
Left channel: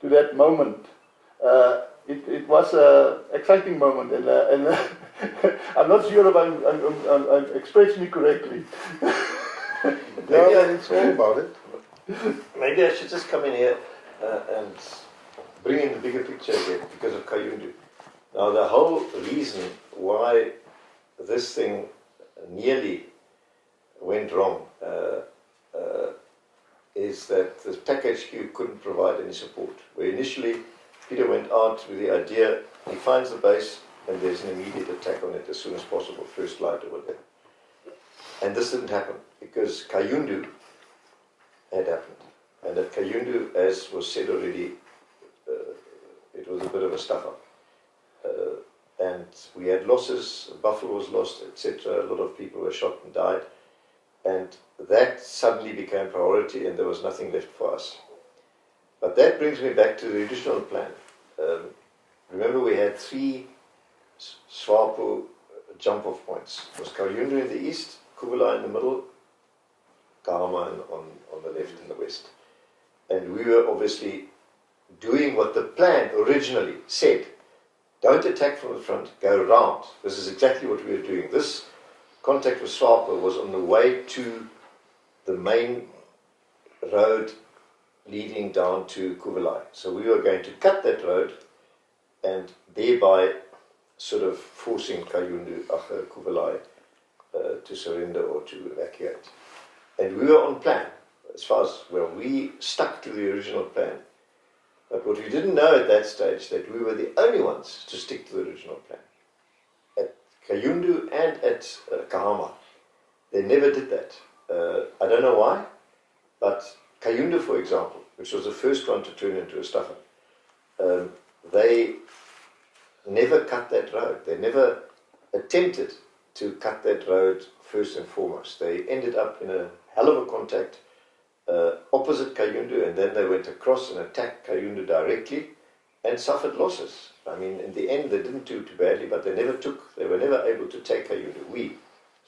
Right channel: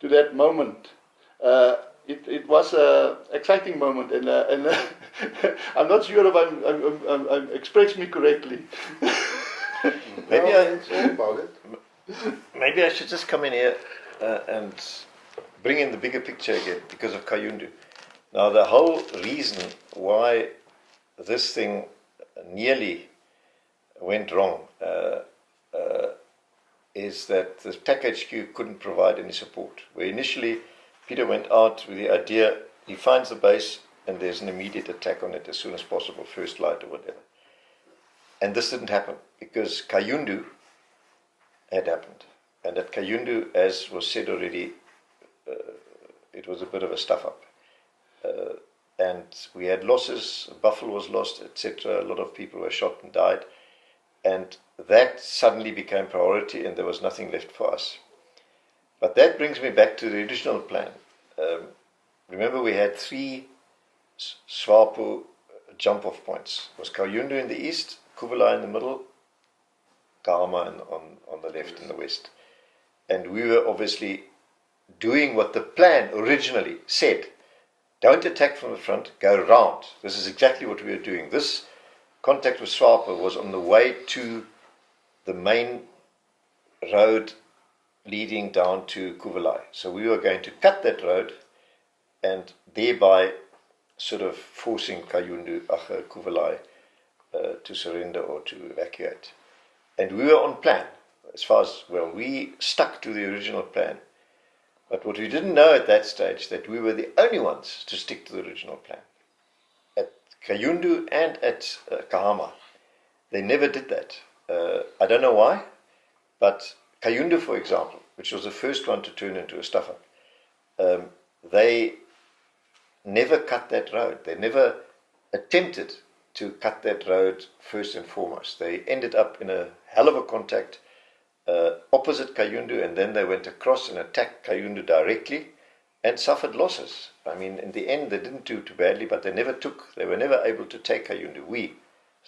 to that moment. It was an exciting moment, and I'm not sure if I'm expressing me correctly. Maybe I should just come in here and bring in the bigger picture here because of Kayundu. Now, the whole reason why this thing nearly went wrong is that the TAC HQ couldn't provide any support. Where initially Peter went out with the idea, he finds the base and there's an immediate attack on it as soon as possible, first light or whatever. And this didn't happen because Kayundu had happened. And at Kayundu, as was said already, it was a bit of a stuff-up. And we had losses, Buffalo was lost, etc. A lot of people were shot and died. And that suddenly became priority and there was nothing left for us. But that brings me back to the original plan. Remember, we had 3 SWAPO jump-off points. It was Kayundu in the east, Kuvala in the middle, Kahama on the left and the west. And we were obviously doing what the plan originally said. Don't attack from the front, go round. This is exactly what we were doing. This contact with SWAPO was on the way to the main road leading down to Kuvalai. So we were going to cut that road and thereby sort of forcing Kayundu, Kuvalai to surrender or to evacuate. And we were on plan as far as, well, we stuck to the original plan. But what we didn't know at that stage, that we were the only ones to stick to the original plan. At Kayundu and at Kahama, they never did that. I don't know why, but Kayundu, for example, which was the first one to turn into a stuffer, they never cut that road. They never attempted to cut that road first and foremost. They ended up in a hell of a contact opposite Kayundu, and then they went across and attacked Kayundu directly and suffered losses. I mean, in the end, they didn't do too badly, but they were never able to take Kayundu. We,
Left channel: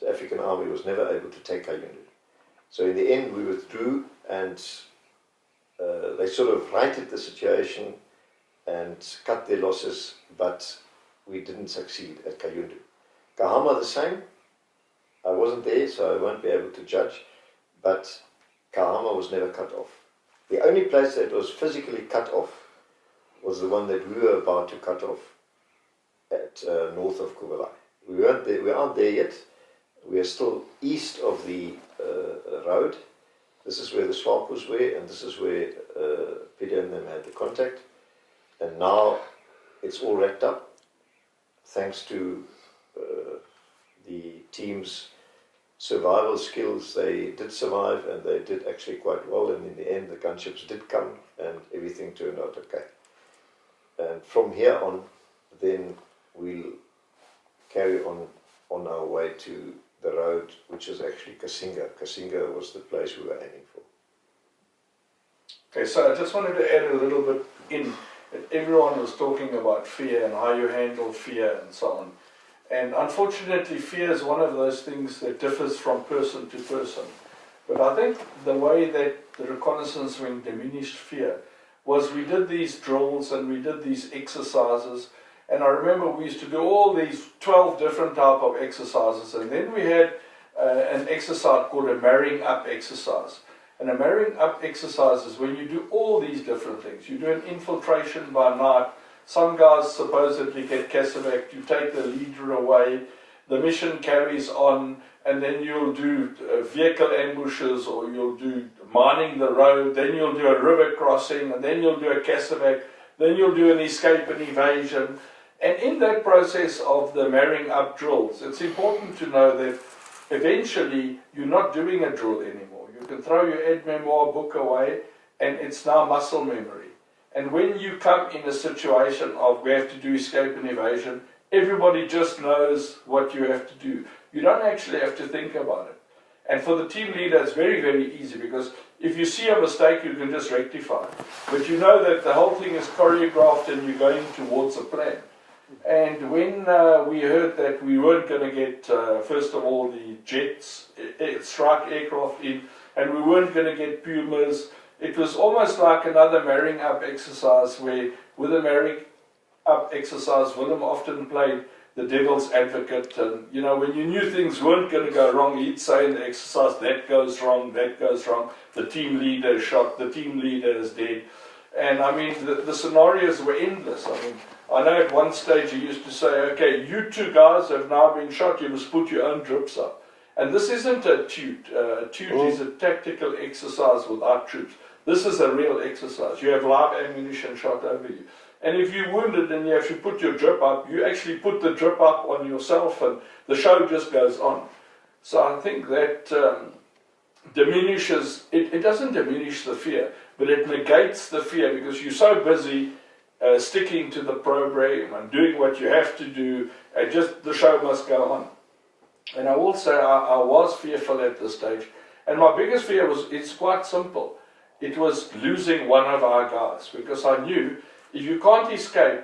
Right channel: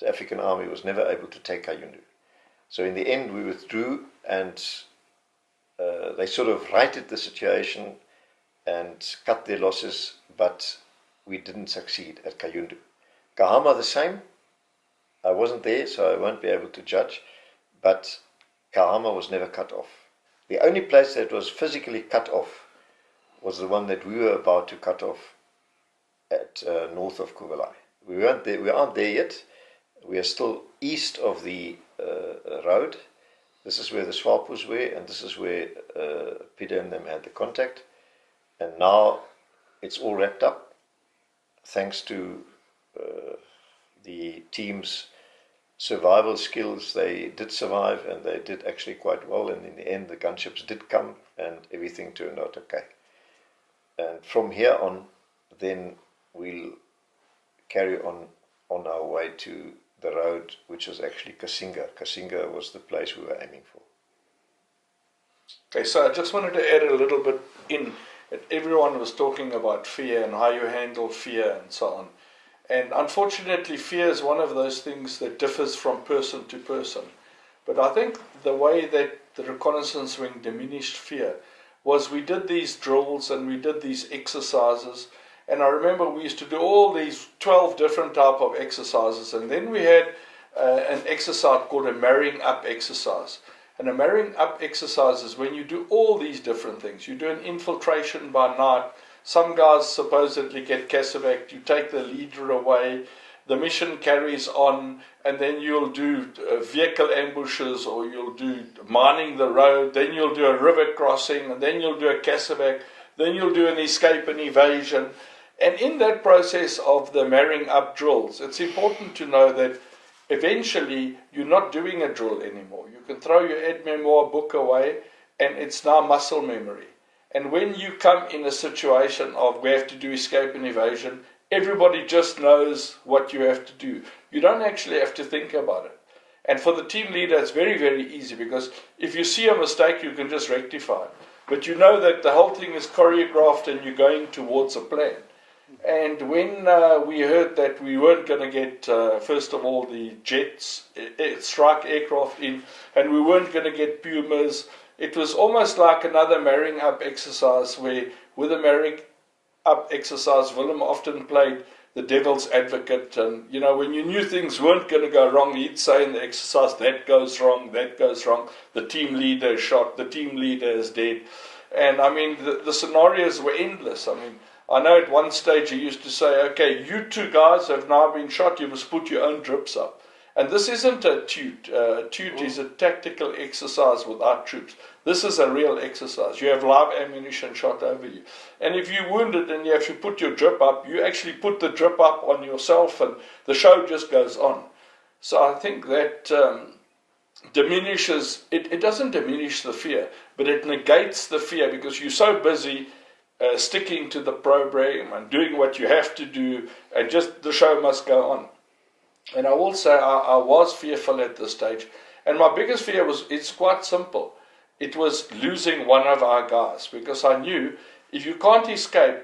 the African Army, was never able to take Kayundu. So in the end, we withdrew, and they sort of righted the situation and cut their losses, but we didn't succeed at Kayundu. Kahama the same. I wasn't there, so I won't be able to judge, but Kahama was never cut off. The only place that was physically cut off was the one that we were about to cut off at north of Kubalai. We aren't there yet. We are still east of the road. This is where the SWAPOs were, and this is where Peter and them had the contact. And now it's all wrapped up, thanks to the team's survival skills. They did survive, and they did actually quite well, and in the end the gunships did come and everything turned out okay. And from here on, then we'll carry on our way to the road, which was actually Kasinga. Kasinga was the place we were aiming for. Okay, so I just wanted to add a little bit in. Everyone was talking about fear and how you handle fear and so on. And unfortunately, fear is one of those things that differs from person to person. But I think the way that the reconnaissance wing diminished fear was we did these drills and we did these exercises. And I remember we used to do all these 12 different type of exercises. And then we had an exercise called a marrying up exercise. And a marrying up exercise is when you do all these different things. You do an infiltration by night. Some guys supposedly get casevaced. You take the leader away. The mission carries on. And then you'll do vehicle ambushes, or you'll do mining the road. Then you'll do a river crossing. And then you'll do a casevac. Then you'll do an escape and evasion. And in that process of the marrying up drills, it's important to know that eventually you're not doing a drill anymore. You can throw your aide-memoire book away, and it's now muscle memory. And when you come in a situation of we have to do escape and evasion, everybody just knows what you have to do. You don't actually have to think about it. And for the team leader, it's very, very easy, because if you see a mistake, you can just rectify it. But you know that the whole thing is choreographed and you're going towards a plan. And when we heard that we weren't going to get, first of all, the jets, strike aircraft in, and we weren't going to get Pumas, it was almost like another marrying up exercise, where with a marrying up exercise, Willem often played the devil's advocate. And, you know, when you knew things weren't going to go wrong, he'd say in the exercise, that goes wrong, the team leader is shot, the team leader is dead. And, I mean, the scenarios were endless. I mean, I know at one stage he used to say, okay, you two guys have now been shot, you must put your own drips up. And this isn't a toot. A toot is a tactical exercise with our troops. This is a real exercise. You have live ammunition shot over you. And if you're wounded and you have to put your drip up, you actually put the drip up on yourself, and the show just goes on. So I think that diminishes, it doesn't diminish the fear, but it negates the fear, because you're so busy sticking to the program and doing what you have to do, and just the show must go on. And I will say I was fearful at this stage, and my biggest fear was, it's quite simple. It was losing one of our guys, because I knew if you can't escape,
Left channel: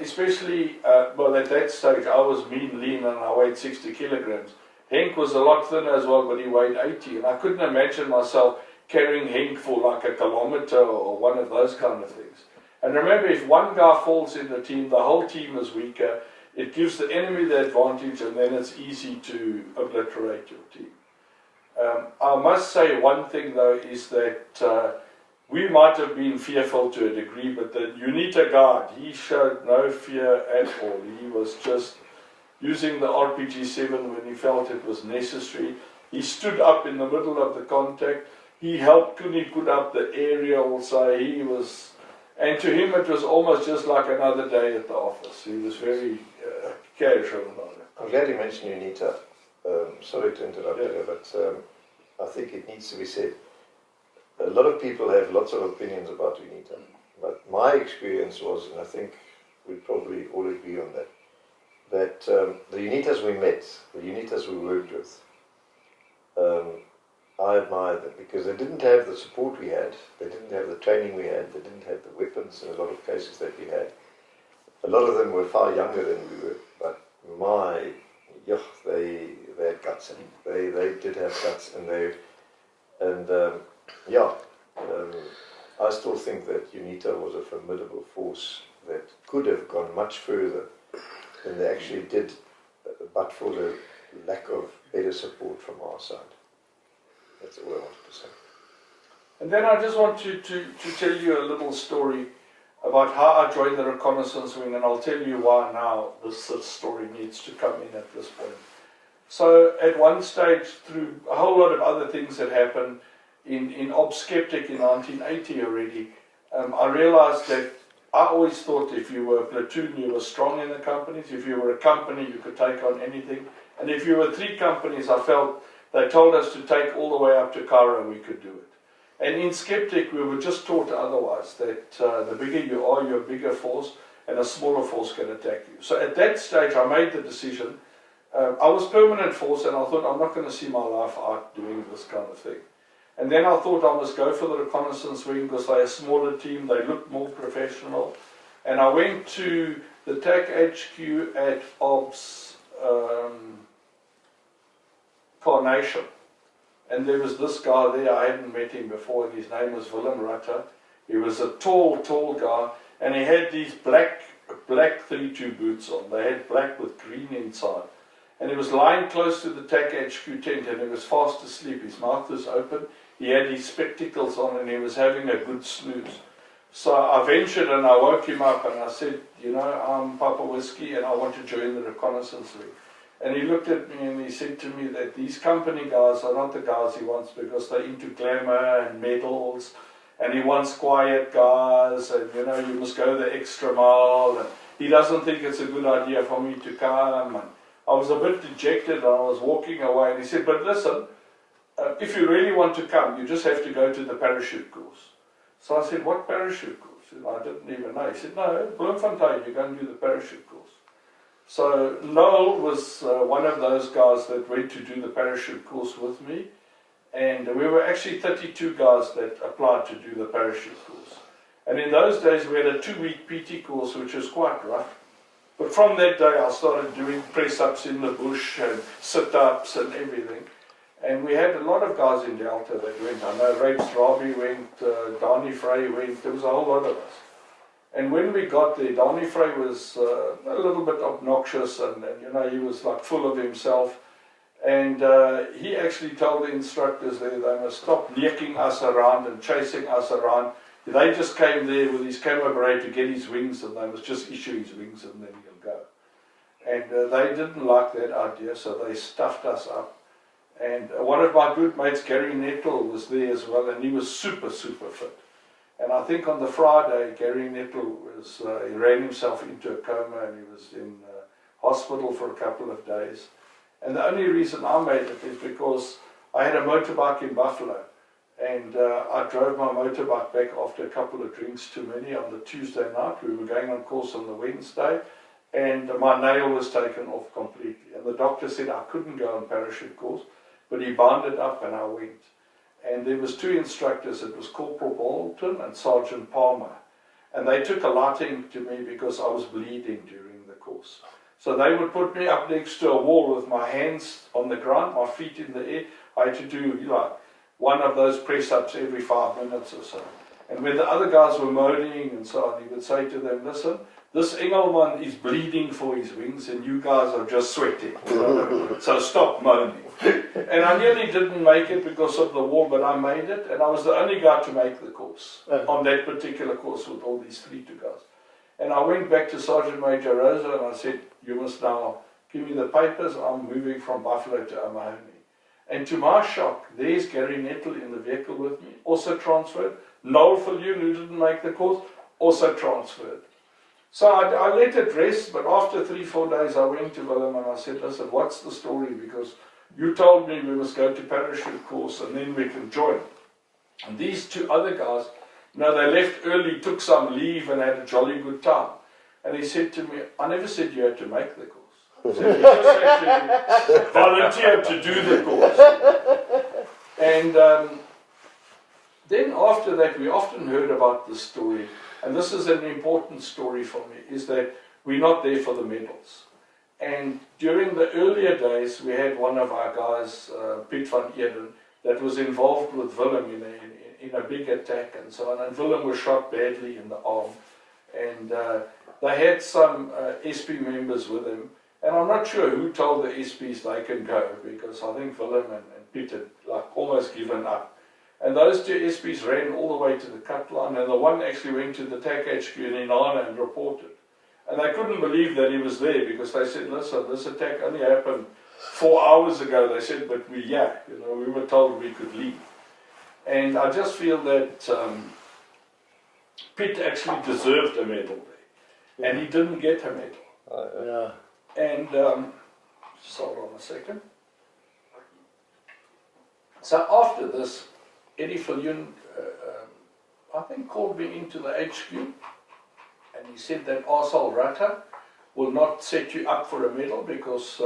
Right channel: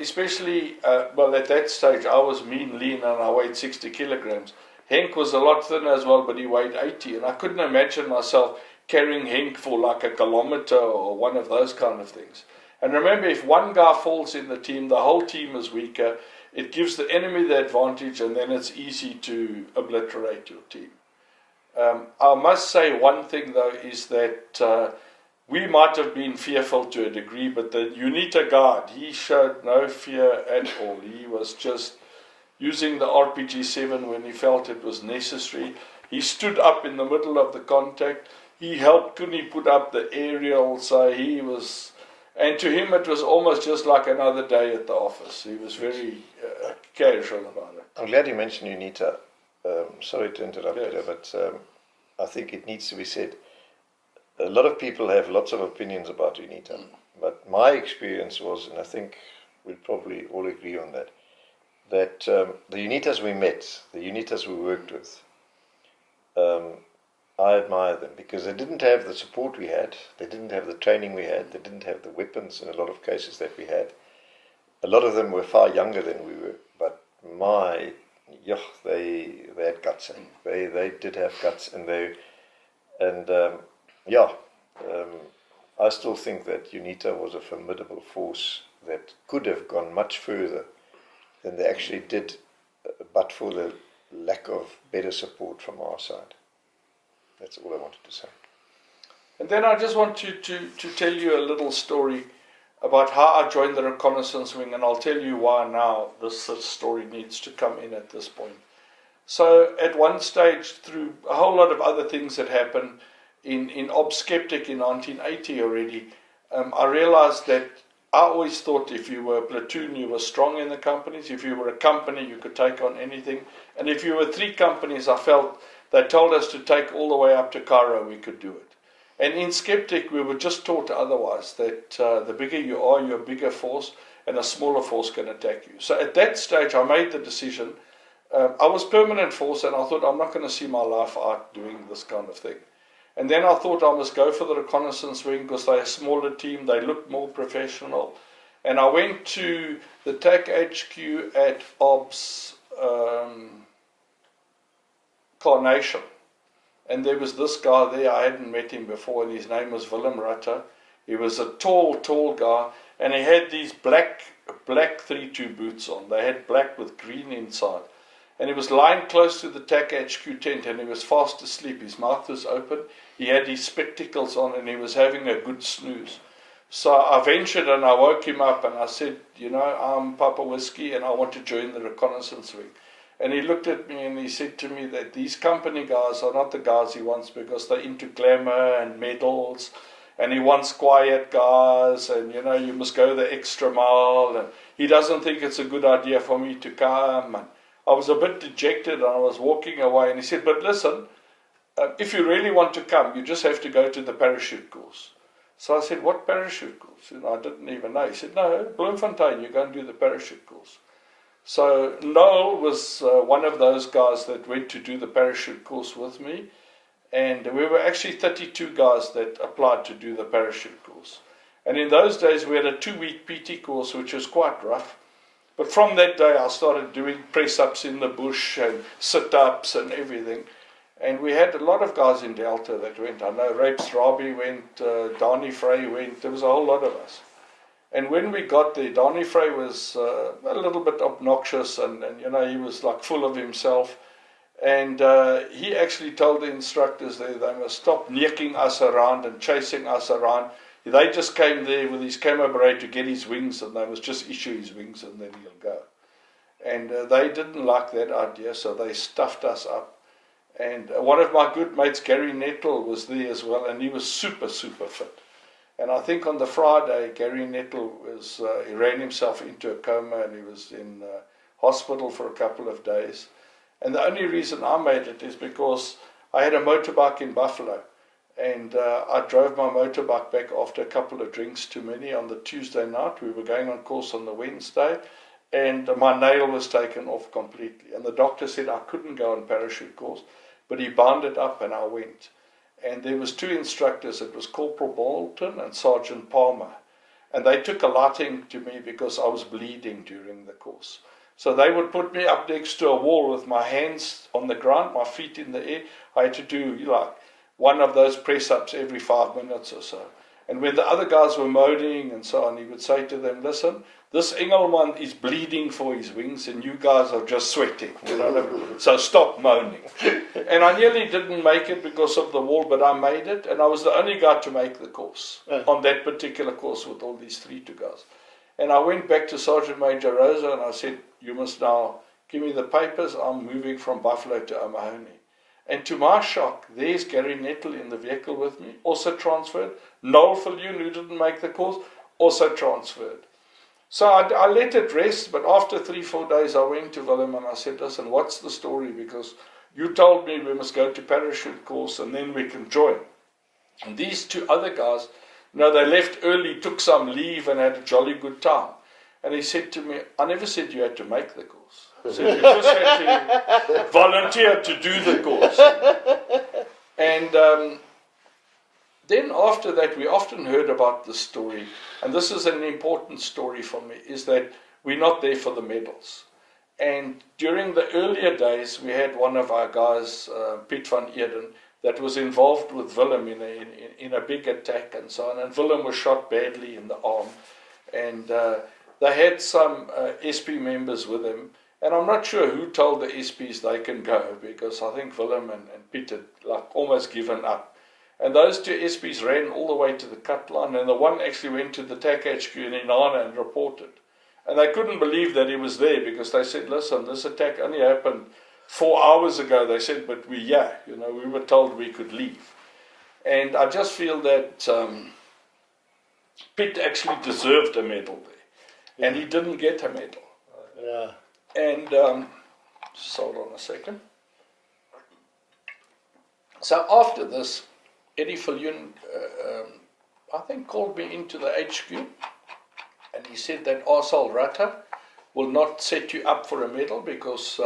especially, well, at that stage I was mean, lean, and I weighed 60 kilograms. Henk was a lot thinner as well, but he weighed 80, and I couldn't imagine myself carrying Henk for like a kilometer or one of those kind of things. And remember, if one guy falls in the team, the whole team is weaker. It gives the enemy the advantage, and then it's easy to obliterate your team. I must say one thing, though, is that we might have been fearful to a degree, but the UNITA guard, he showed no fear at all. He was just using the RPG-7 when he felt it was necessary. He stood up in the middle of the contact. He helped Kuni put up the aerial, so he was... And to him it was almost just like another day at the office. He was very casual about it. I'm glad you mentioned UNITA. Sorry to interrupt you, but I think it needs to be said. A lot of people have lots of opinions about UNITA, but my experience was, and I think we probably all agree on that, that the UNITAs we met, the UNITAs we worked with, I admire them, because they didn't have the support we had, they didn't have the training we had, they didn't have the weapons in a lot of cases that we had. A lot of them were far younger than we were, but they had guts. They did have guts, and And I still think that UNITA was a formidable force that could have gone much further than they actually did, but for the lack of better support from our side. That's all I wanted to say. And then I just want to tell you a little story about how I joined the reconnaissance wing, and I'll tell you why now this story needs to come in at this point. So at one stage, through a whole lot of other things that happened in Ob Skeptic in 1980 already, I realized that I always thought if you were a platoon, you were strong in the companies. If you were a company, you could take on anything. And if you were 3 companies, I felt they told us to take all the way up to Cairo, we could do it. And in Skeptic, we were just taught otherwise, that the bigger you are, you're a bigger force, and a smaller force can attack you. So at that stage, I made the decision. I was permanent force, and I thought, I'm not going to see my life out doing this kind of thing. And then I thought I must go for the reconnaissance wing because they're a smaller team, they looked more professional. And I went to the TAC HQ at Ops Carnation. And there was this guy there, I hadn't met him before, and his name was Willem Rutter. He was a tall guy, and he had these black 3-2 boots on. They had black with green inside. And he was lying close to the TAC HQ tent, and he was fast asleep. His mouth was open, he had his spectacles on, and he was having a good snooze. So I ventured and I woke him up, and I said, I'm Papa Whiskey, and I want to join the reconnaissance wing. And he looked at me and he said to me that these company guys are not the guys he wants, because they're into glamour and medals, and he wants quiet guys, and you must go the extra mile, and he doesn't think it's a good idea for me to come. And I was a bit dejected, and I was walking away, and he said, but listen, if you really want to come, you just have to go to the parachute course. So I said, what parachute course? I didn't even know. He said, no, Bloemfontein, you're going to do the parachute course. So Noel was one of those guys that went to do the parachute course with me, and we were actually 32 guys that applied to do the parachute course. And in those days we had a 2-week PT course, which was quite rough. But from that day I started doing press-ups in the bush and sit-ups and everything. And we had a lot of guys in Delta that went. I know Rapes Rabi went, Donnie Frey went, there was a whole lot of us. And when we got there, Donnie Frey was a little bit obnoxious, and he was like full of himself. And he actually told the instructors there they must stop necking us around and chasing us around. They just came there with his camo beret to get his wings, and they must just issue his wings and then he'll go. And they didn't like that idea, so they stuffed us up. And one of my good mates, Gary Nettle, was there as well, and he was super fit. And I think on the Friday, Gary Nettle he ran himself into a coma, and he was in hospital for a couple of days. And the only reason I made it is because I had a motorbike in Buffalo, and I drove my motorbike back after a couple of drinks too many on the Tuesday night. We were going on course on the Wednesday, and my nail was taken off completely. And the doctor said I couldn't go on parachute course, but he bound it up, and I went. And there was 2 instructors. It was Corporal Bolton and Sergeant Palmer. And they took a liking to me because I was bleeding during the course. So they would put me up next to a wall with my hands on the ground, my feet in the air. I had to do one of those press-ups every 5 minutes or so. And when the other guys were moaning and so on, he would say to them, listen, this Engelman is bleeding for his wings and you guys are just sweating. So stop moaning. And I nearly didn't make it because of the war, but I made it, and I was the only guy to make the course, on that particular course with all these 3 guys. And I went back to Sergeant Major Rosa and I said, you must now give me the papers, I'm moving from Buffalo to O'Mahony. And to my shock, there's Gary Nettle in the vehicle with me, also transferred. Noel Viljoen, who didn't make the course, also transferred. So I let it rest, but after 3-4 days I went to Willem and I said, listen, what's the story? Because you told me we must go to parachute course and then we can join. And these 2 other guys, they left early, took some leave and had a jolly good time. And he said to me, I never said you had to make the course. I said you just had to volunteer to do the course. And then after that, we often heard about this story, and this is an important story for me, is that we're not there for the medals. And during the earlier days, we had one of our guys, Piet van Eden, that was involved with Willem in a big attack and so on. And Willem was shot badly in the arm. And they had some SP members with him. And I'm not sure who told the SPs they can go, because I think Willem and Piet had almost given up. And those two SPs ran all the way to the cut line, and the one actually went to the TAC HQ in Inana and reported. And they couldn't believe that he was there, because they said, listen, this attack only happened 4 hours ago. They said, but we were told we could leave. And I just feel that Piet actually deserved a medal there, and he didn't get a medal. Yeah. And, just hold on a second. So after this, Eddie Viljoen, I think, called me into the HQ, and he said that Arsal Ratta will not set you up for a medal because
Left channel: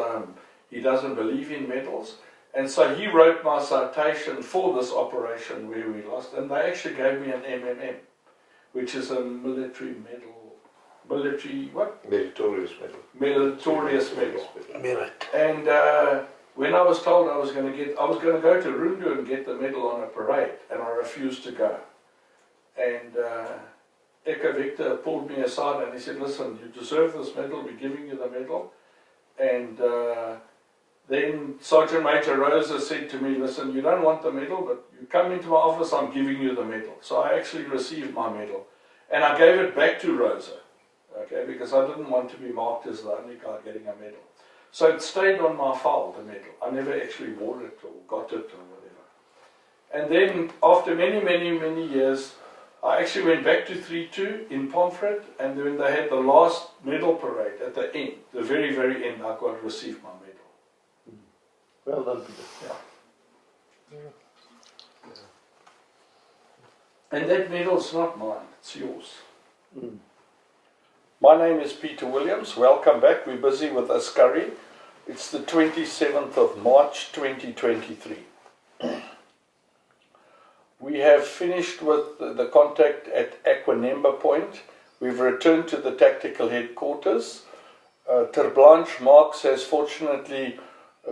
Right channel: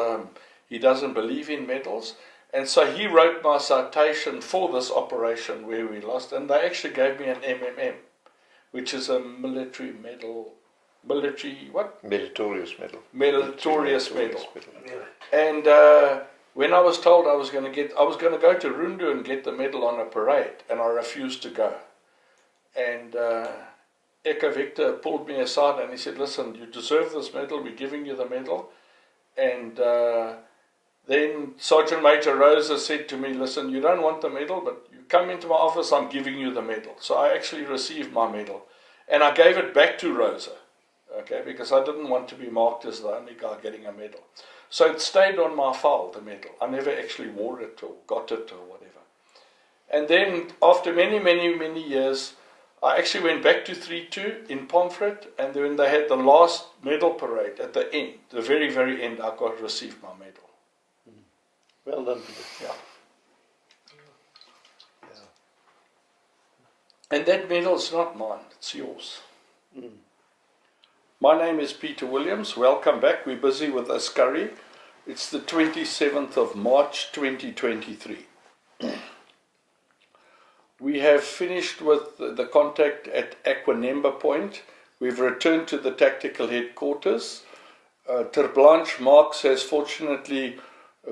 he doesn't believe in medals. And so he wrote my citation for this operation where we lost, and they actually gave me an MMM, which is a military medal. Military what? Meritorious medal. Meritorious medal. And when I was told I was going to go to Rundu and get the medal on a parade, and I refused to go. And Eka Victor pulled me aside and he said, listen, you deserve this medal, we're giving you the medal. And then Sergeant Major Rosa said to me, listen, you don't want the medal, but you come into my office, I'm giving you the medal. So I actually received my medal. And I gave it back to Rosa. Okay, because I didn't want to be marked as the only guy getting a medal. So it stayed on my file, the medal. I never actually wore it or got it or whatever. And then after many, many, many years, I actually went back to 3-2 in Pomfret, and then they had the last medal parade at the end, the very, very end, I got received my medal. Well done, Peter. Yeah. And that medal's not mine, it's yours. My name is Peter Williams. Welcome back. We're busy with Askari. It's the 27th of March 2023. We have finished with the contact at Aquanemba Point. We've returned to the tactical headquarters. Ter Blanche Marx has fortunately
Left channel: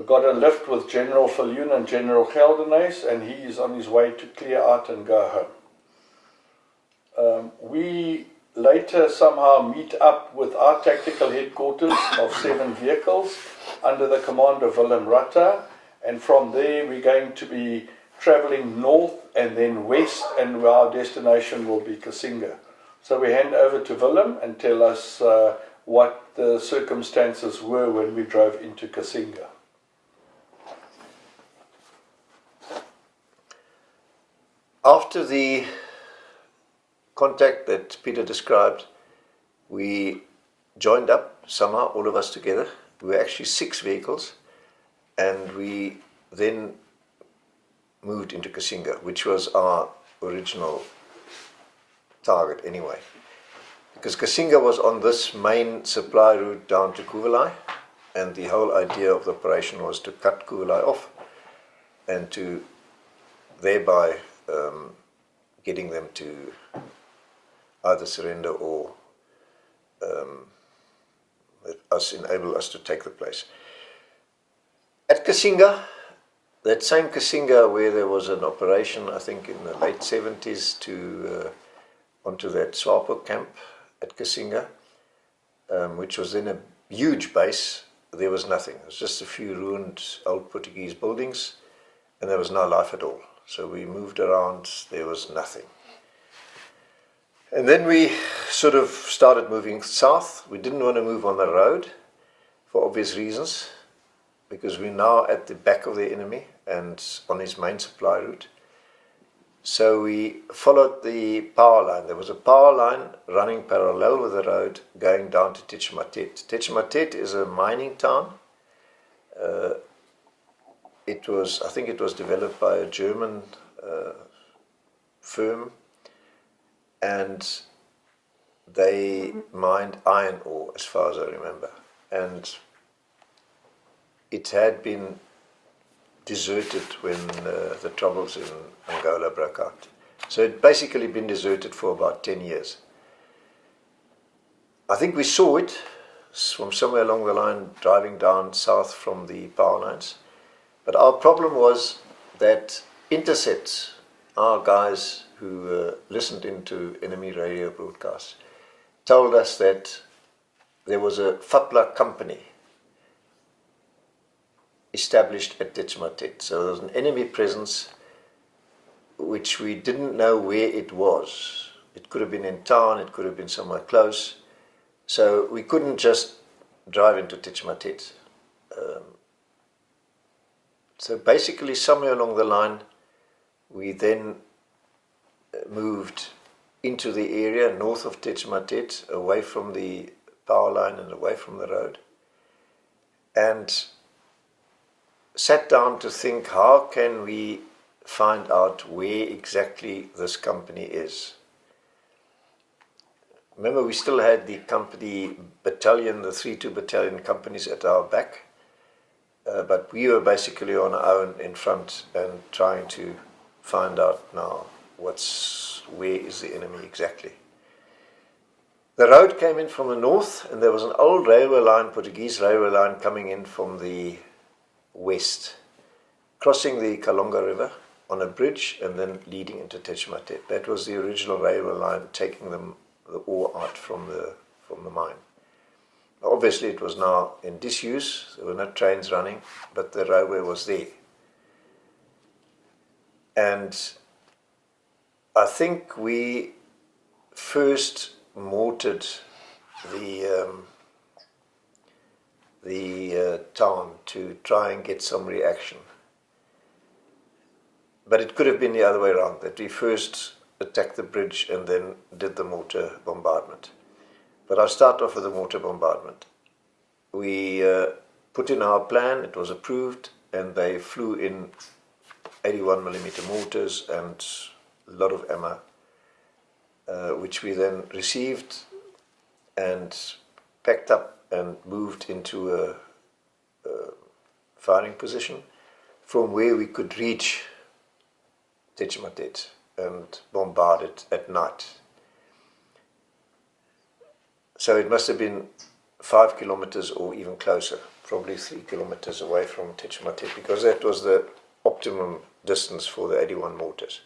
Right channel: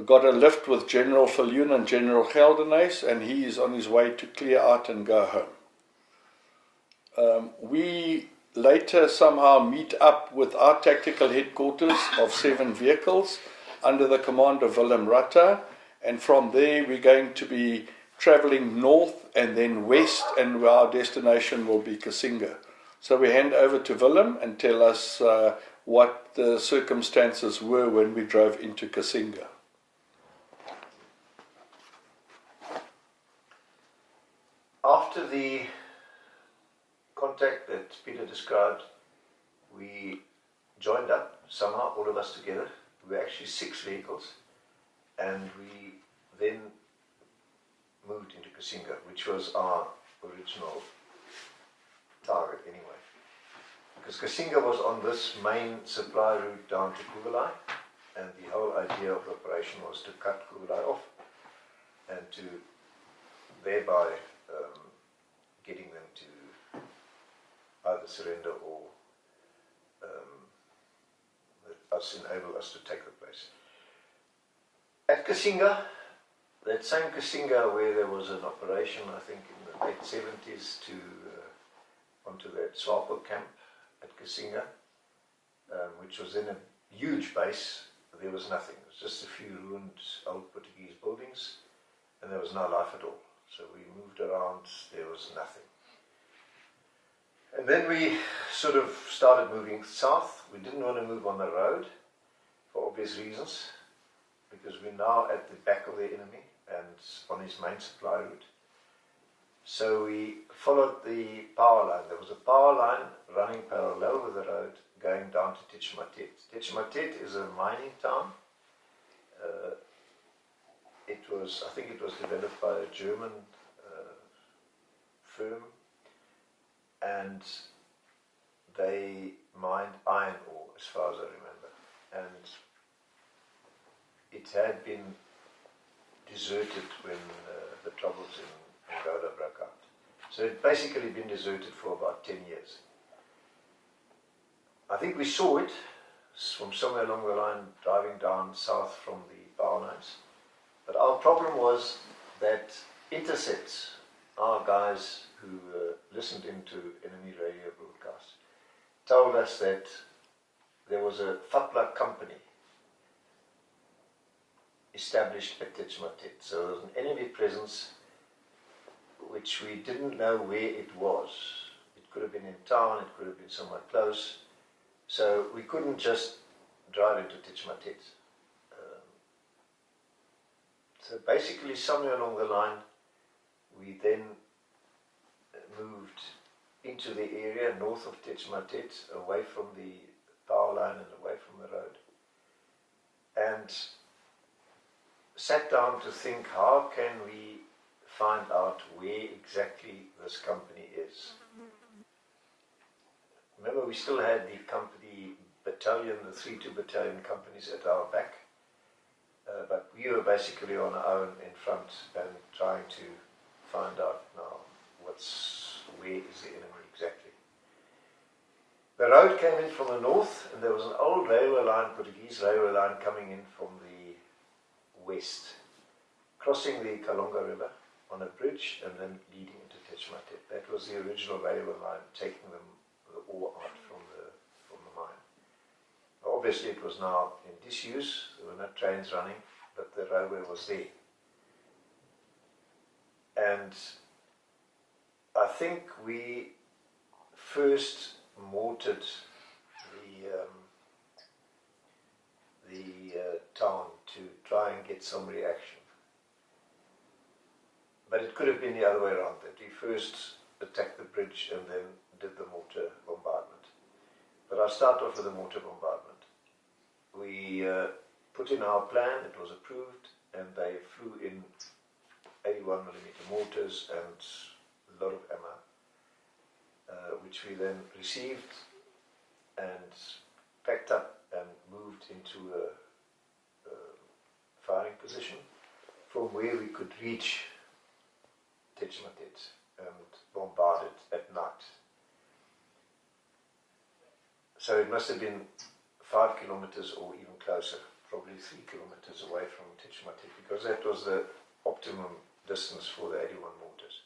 got a lift with General Viljoen and General Geldenhuys, and he is on his way to clear out and go home. We later somehow meet up with our tactical headquarters of 7 vehicles under the command of Willem Ratta, and from there we're going to be travelling north and then west, and our destination will be Kasinga. So we hand over to Willem and tell us what the circumstances were when we drove into Kasinga. After the contact that Peter described, we joined up somehow, all of us together. We were actually 6 vehicles, and we then moved into Kasinga, which was our original target anyway. Because Kasinga was on this main supply route down to Kuvelai, and the whole idea of the operation was to cut Kuvelai off and to thereby getting them to either surrender or enable us to take the place. At Kasinga, that same Kasinga where there was an operation, I think in the late 70s, onto that SWAPO camp at Kasinga, which was then a huge base, there was nothing. It was just a few ruined old Portuguese buildings, and there was no life at all. So we moved around, there was nothing. And then we sort of started moving south. We didn't want to move on the road for obvious reasons, because we're now at the back of the enemy and on his main supply route. So we followed the power line. There was a power line running parallel with the road going down to Tetshimatet. Tetshimatet is a mining town. I think it was developed by a German firm, and they mined iron ore, as far as I remember. And it had been deserted when the troubles in Angola broke out. So it had basically been deserted for about 10 years. I think we saw it from somewhere along the line driving down south from the power lines. But our problem was that intercept, our guys who listened into enemy radio broadcasts told us that there was a FAPLA company established at Tetshmatet. So there was an enemy presence which we didn't know where it was. It could have been in town, it could have been somewhere close. So we couldn't just drive into Tetshmatet. So basically somewhere along the line we then moved into the area north of Tetshmatet, away from the power line and away from the road, and sat down to think, how can we find out where exactly this company is? Remember, we still had the company battalion, the 3-2 battalion companies at our back, but we were basically on our own in front and trying to find out now where is the enemy exactly. The road came in from the north, and there was an old railway line, Portuguese railway line, coming in from the west, crossing the Kalonga River on a bridge and then leading into Tetshmatet. That was the original railway line, taking the ore out from the mine. Obviously it was now in disuse, there were no trains running, but the railway was there. And I think we first mortared the town to try and get some reaction. But it could have been the other way around, that we first attacked the bridge and then did the mortar bombardment. But I'll start off with the mortar bombardment. We put in our plan, it was approved, and they flew in 81mm mortars and a lot of ammo, which we then received and packed up and moved into a firing position from where we could reach Tetshmatet and bombard it at night. So it must have been 5 kilometers or even closer, probably 3 kilometers away from Tetshmatet, because that was the optimum distance for the 81 mortars.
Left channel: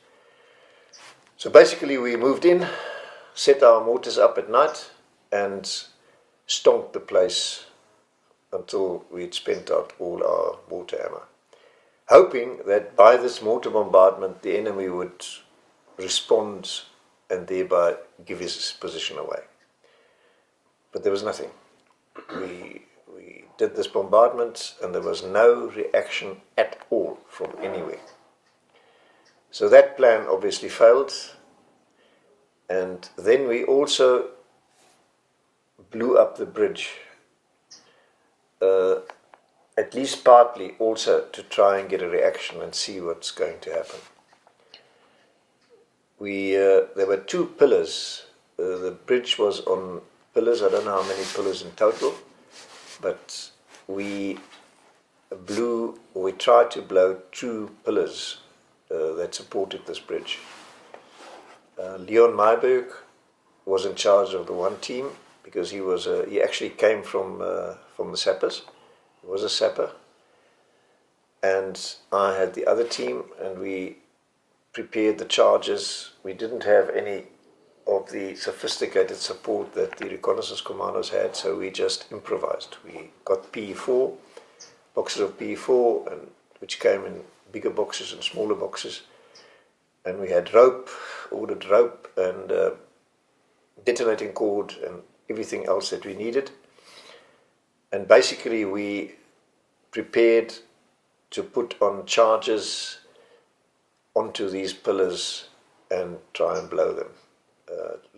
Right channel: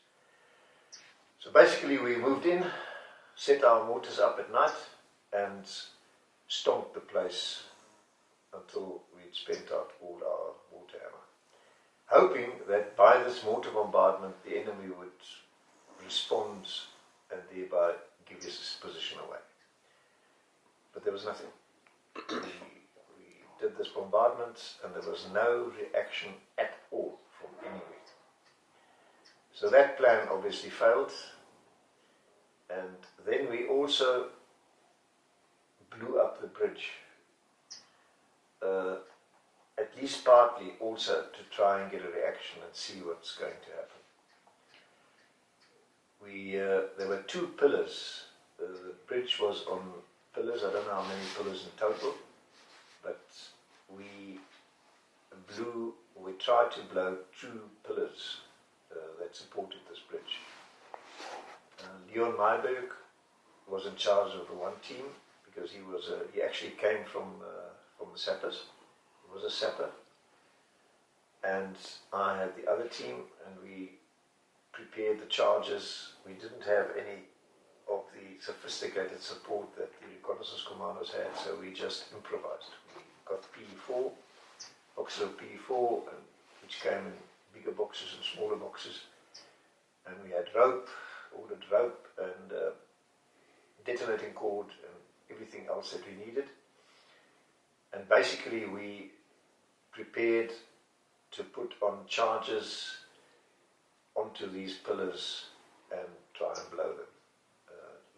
So basically we moved in, set our mortars up at night and stomped the place until we'd spent out all our mortar ammo, hoping that by this mortar bombardment the enemy would respond and thereby give his position away. But there was nothing. We did this bombardment and there was no reaction at all from anywhere. So that plan obviously failed, and then we also blew up the bridge, at least partly also to try and get a reaction and see what's going to happen. There were 2 pillars. The bridge was on pillars, I don't know how many pillars in total, but we tried to blow 2 pillars that supported this bridge. Leon Meiberg was in charge of the one team because he actually came from the sappers. He was a sapper, and I had the other team, and we prepared the charges. We didn't have any of the sophisticated support that the reconnaissance commandos had, so we just improvised. We got PE4, boxes of PE4, which came in bigger boxes and smaller boxes, and we had rope, ordered rope and detonating cord and everything else that we needed. And basically we prepared to put on charges onto these pillars and try and blow them.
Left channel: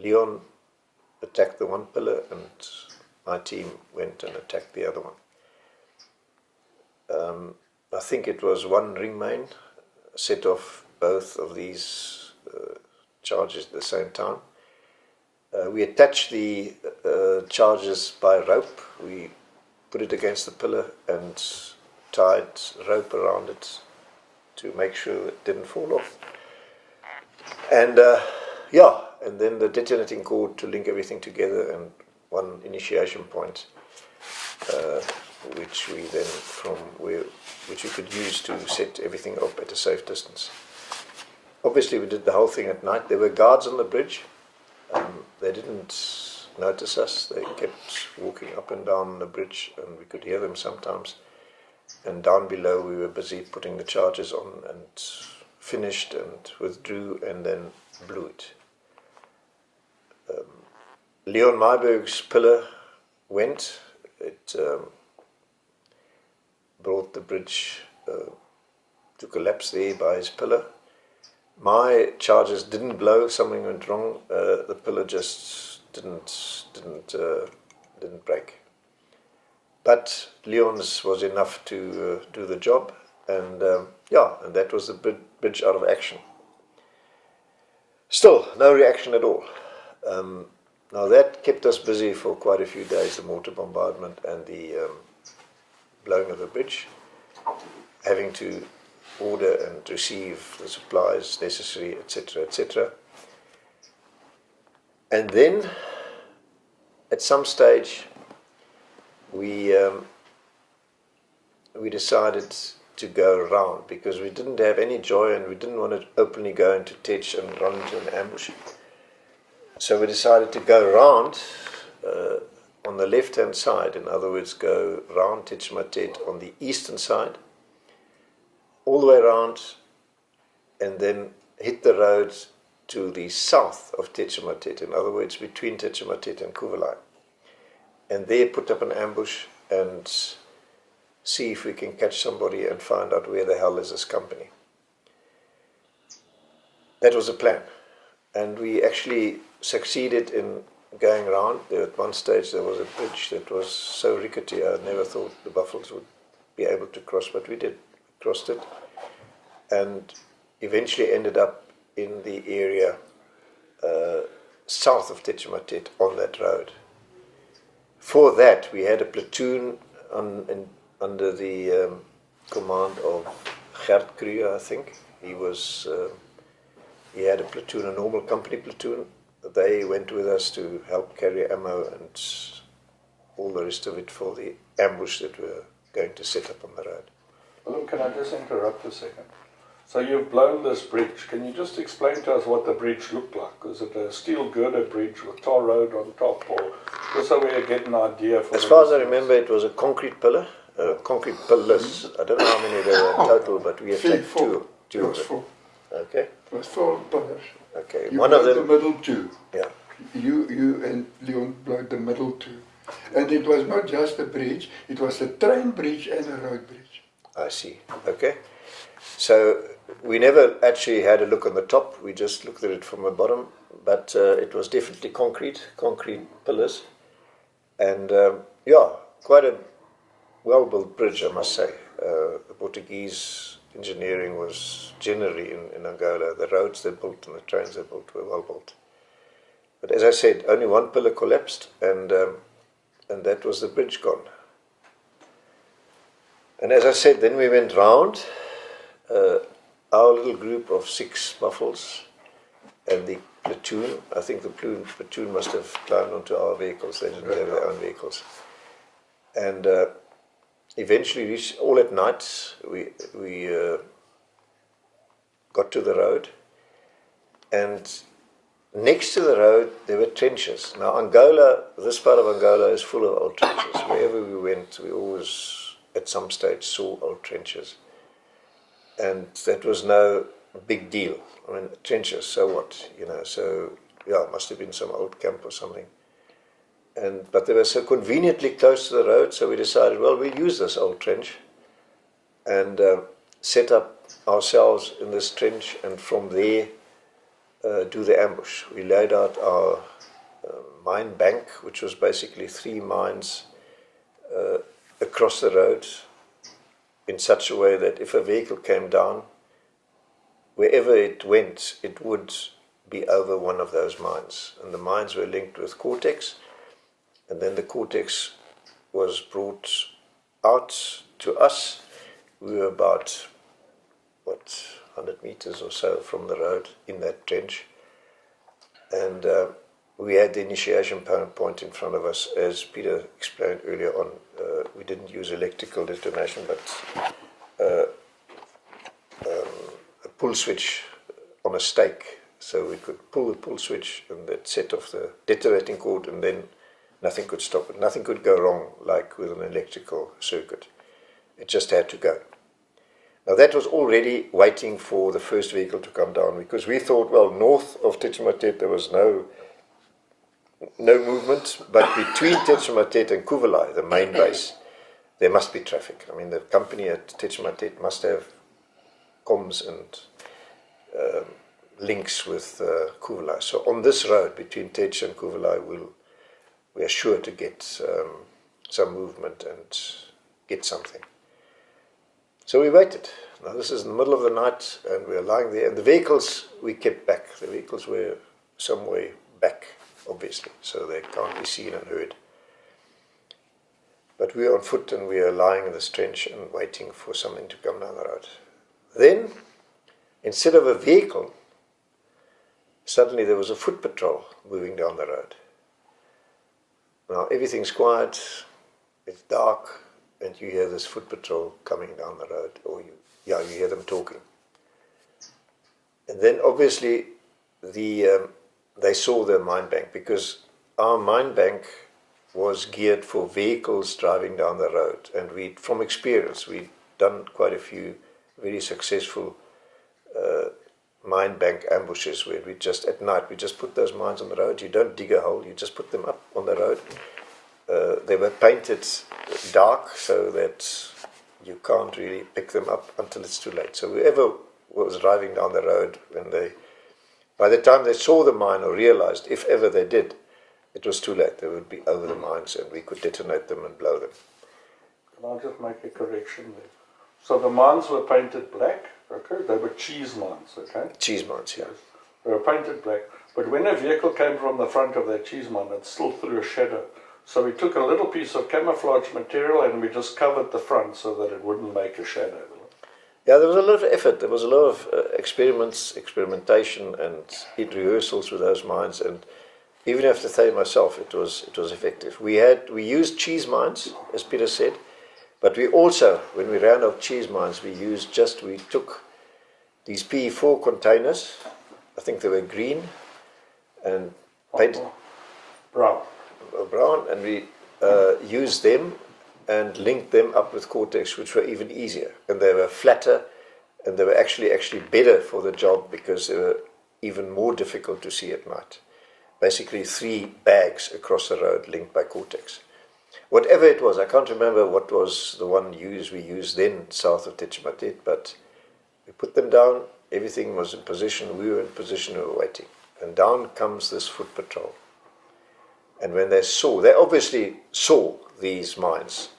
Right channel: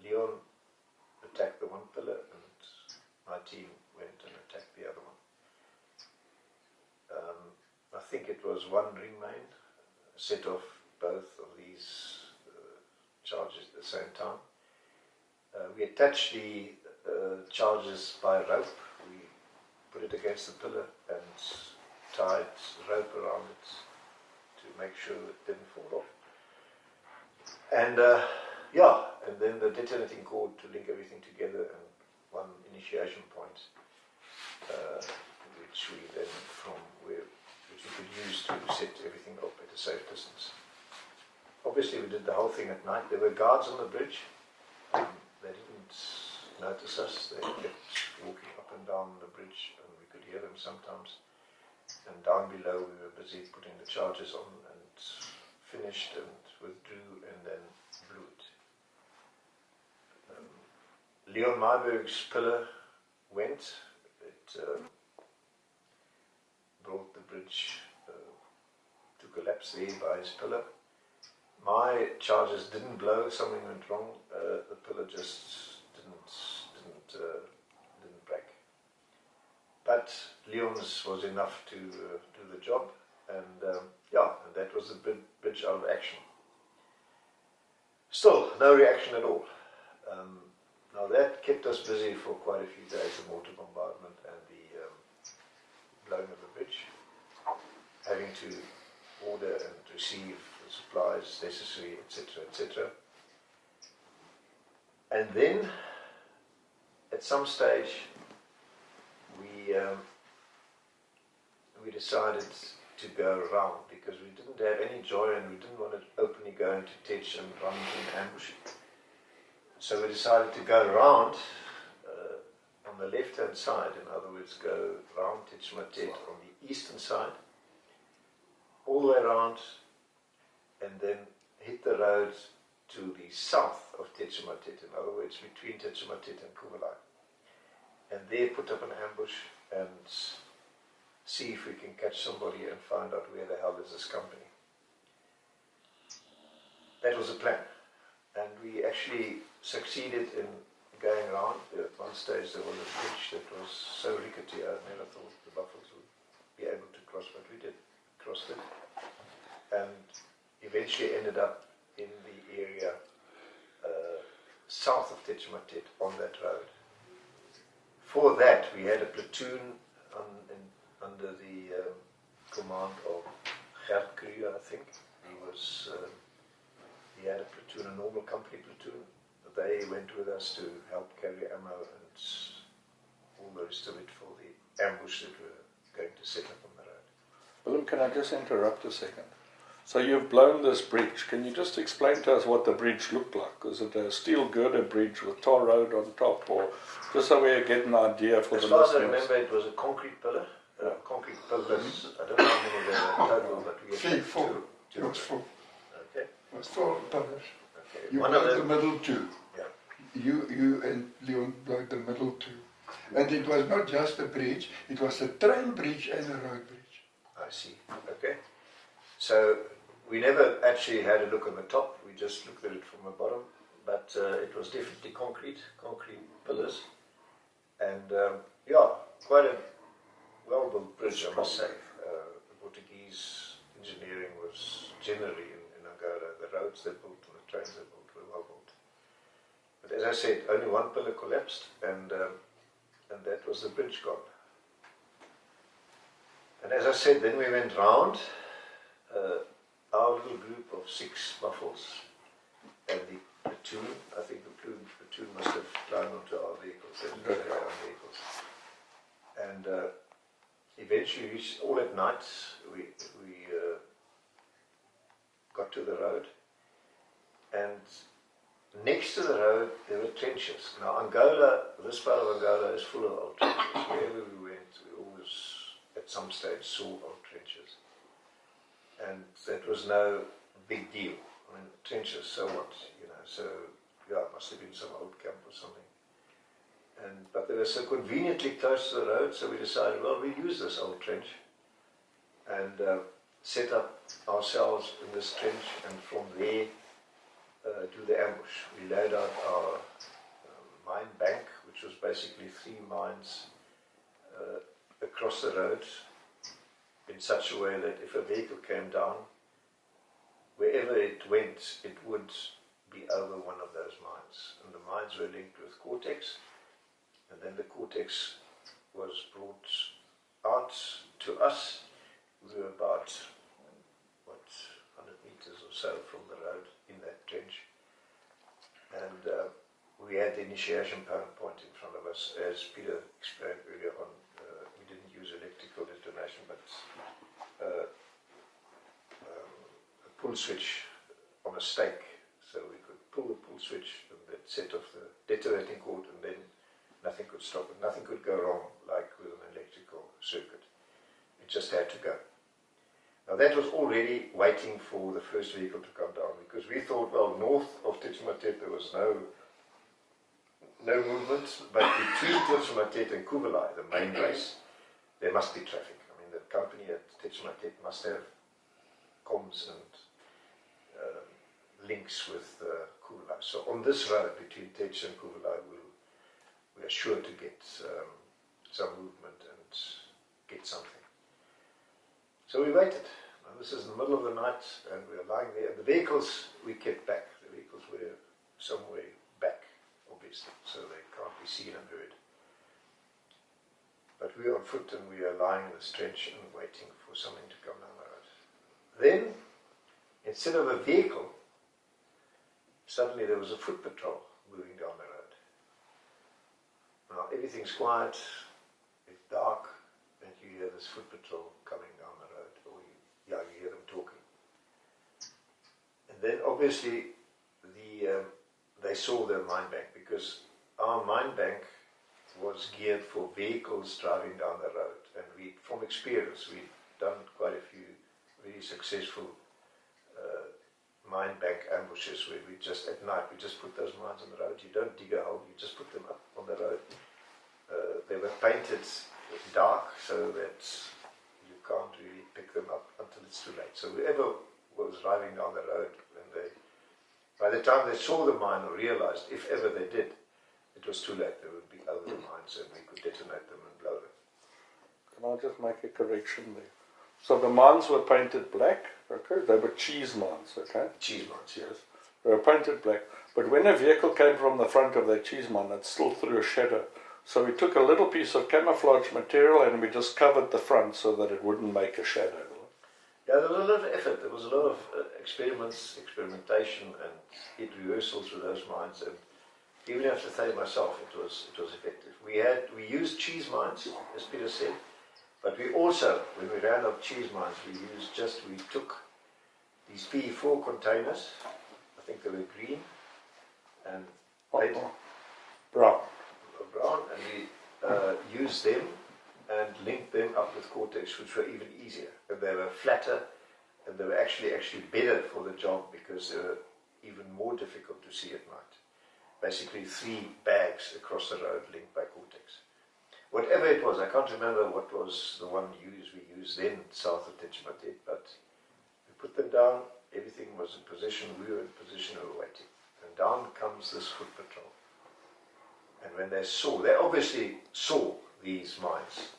Leon attacked the one pillar and my team went and attacked the other one. I think it was one ring main set off both of these charges at the same time. We attached the charges by rope. We put it against the pillar and tied rope around it to make sure it didn't fall off. And and then the detonating cord to link everything together, and one initiation point, which we could use to set everything up at a safe distance. obviously we did the whole thing at night. There were guards on the bridge. They didn't notice us. They kept walking up and down the bridge, and we could hear them sometimes. And down below we were busy putting the charges on, and finished and withdrew and then blew it. Leon Myburgh's pillar went. It brought the bridge to collapse there by his pillar. My charges didn't blow. Something went wrong. The pillar just didn't break. But Leon's was enough to do the job, and and that was the bridge out of action. Still, no reaction at all. Now that kept us busy for quite a few days, the mortar bombardment and the blowing of the bridge, having to order and receive the supplies necessary, etc., etc. And then, at some stage, we decided to go around, because we didn't have any joy and we didn't want to openly go into Tetch and run into an ambush. So we decided to go around on the left-hand side, in other words, go round Tetch on the eastern side, all the way around, and then hit the road to the south of Tetch, in other words, between Tetch and Kuvalai. And there put up an ambush and see if we can catch somebody and find out where the hell is this company. That was the plan. And we actually succeeded in going around. There at one stage there was a bridge that was so rickety I never thought the buffaloes would be able to cross, but we did. Crossed it. And eventually ended up in the area south of Tetchamatet on that road. For that, we had a platoon under the command of Gert Kruger, I think. He had a platoon, a normal company platoon. They went with us to help carry ammo and all the rest of it for the ambush that we were going to set up on the road. Willem, can I just interrupt a second? So you've blown this bridge. Can you just explain to us what the bridge looked like? Was it a steel girder bridge with tar road on top, or just so we get an idea for as the far as I listeners? remember, it was a concrete pillar, concrete pillars. I don't know how many there were in total, but we attacked two of them. Okay. It was 4 pillars. Okay. You One of blowed them. the middle 2. Yeah. You and Leon blowed the middle 2. And it was not just a bridge, it was a train bridge and a road bridge. I see. Okay. So we never actually had a look on the top. We just looked at it from the bottom. But it was definitely concrete pillars. And quite a well-built bridge, I must say. The Portuguese engineering was generally in Angola. The roads they built and the trains they built were well built. But as I said, only one pillar collapsed, and that was the bridge gone. And as I said, then we went round, our little group of 6 buffles and the platoon. I think the platoon must have climbed onto our vehicles. They didn't have their own vehicles. And eventually reached, all at night, we got to the road, and next to the road there were trenches. Now Angola, this part of Angola is full of old trenches. Wherever we went, we always at some stage saw old trenches. And that was no big deal. I mean, trenches, so what, so yeah, it must have been some old camp or something. But they were so conveniently close to the road, so we decided, well, we'll use this old trench and set up ourselves in this trench, and from there do the ambush. We laid out our mine bank, which was basically 3 mines across the road in such a way that if a vehicle came down, wherever it went, it would be over one of those mines. And the mines were linked with Cortex. And then the Cortex was brought out to us. We were about, 100 meters or so from the road in that trench. And we had the initiation point in front of us. As Peter explained earlier on, we didn't use electrical detonation, but a pull switch on a stake, so we could pull the pull switch and that set off the detonating cord, and then nothing could stop it. Nothing could go wrong like with an electrical circuit. It just had to go. Now that was already waiting for the first vehicle to come down, because we thought, well, north of Tetshematet there was no movement, but between Tetshematet and Kuvelai, the main base, there must be traffic. I mean, the company at Tetshematet must have comms and links with Kuvelai. So on this road between Tetsh and Kuvelai, we are sure to get some movement and get something. So we waited. Now this is in the middle of the night, and we are lying there. And the vehicles we kept back. The vehicles were some way back, obviously, so they can't be seen and heard. But we are on foot, and we are lying in this trench and waiting for something to come down the road. Then, instead of a vehicle, suddenly there was a foot patrol moving down the road. Now everything's quiet, it's dark, and you hear this foot patrol coming down the road, or you hear them talking. And then obviously they saw the mine bank, because our mine bank was geared for vehicles driving down the road, and from experience, we'd done quite a few very successful mine bank ambushes where we just, at night, we just put those mines on the road. You don't dig a hole, you just put them up on the road. They were painted dark so that you can't really pick them up until it's too late. So whoever was driving down the road, by the time they saw the mine or realized, if ever they did, it was too late. They would be over the mines and we could detonate them and blow them. Can I just make a correction there? So the mines were painted black, okay? They were cheese mines, okay? Cheese mines, yes. They were painted black. But when a vehicle came from the front of that cheese mine, it still threw a shadow. So we took a little piece of camouflage material and we just covered the front so that it wouldn't make a shadow. Yeah, there was a lot of effort. There was a lot of experimentation and rehearsals with those mines. And even have to say myself, it was effective. We used cheese mines, as Peter said, but we also, when we ran out of cheese mines, we took these PE4 containers. I think they were green and painted brown, and we used them and linked them up with Cortex, which were even easier, and they were flatter, and they were actually better for the job because they were even more difficult to see at night. Basically 3 bags across the road linked by Cortex. Whatever it was, I can't remember what was the one we used then south of Tetshematet, but we put them down, everything was in position, we were in position, we were waiting. And down comes this foot patrol. And when they obviously saw these mines,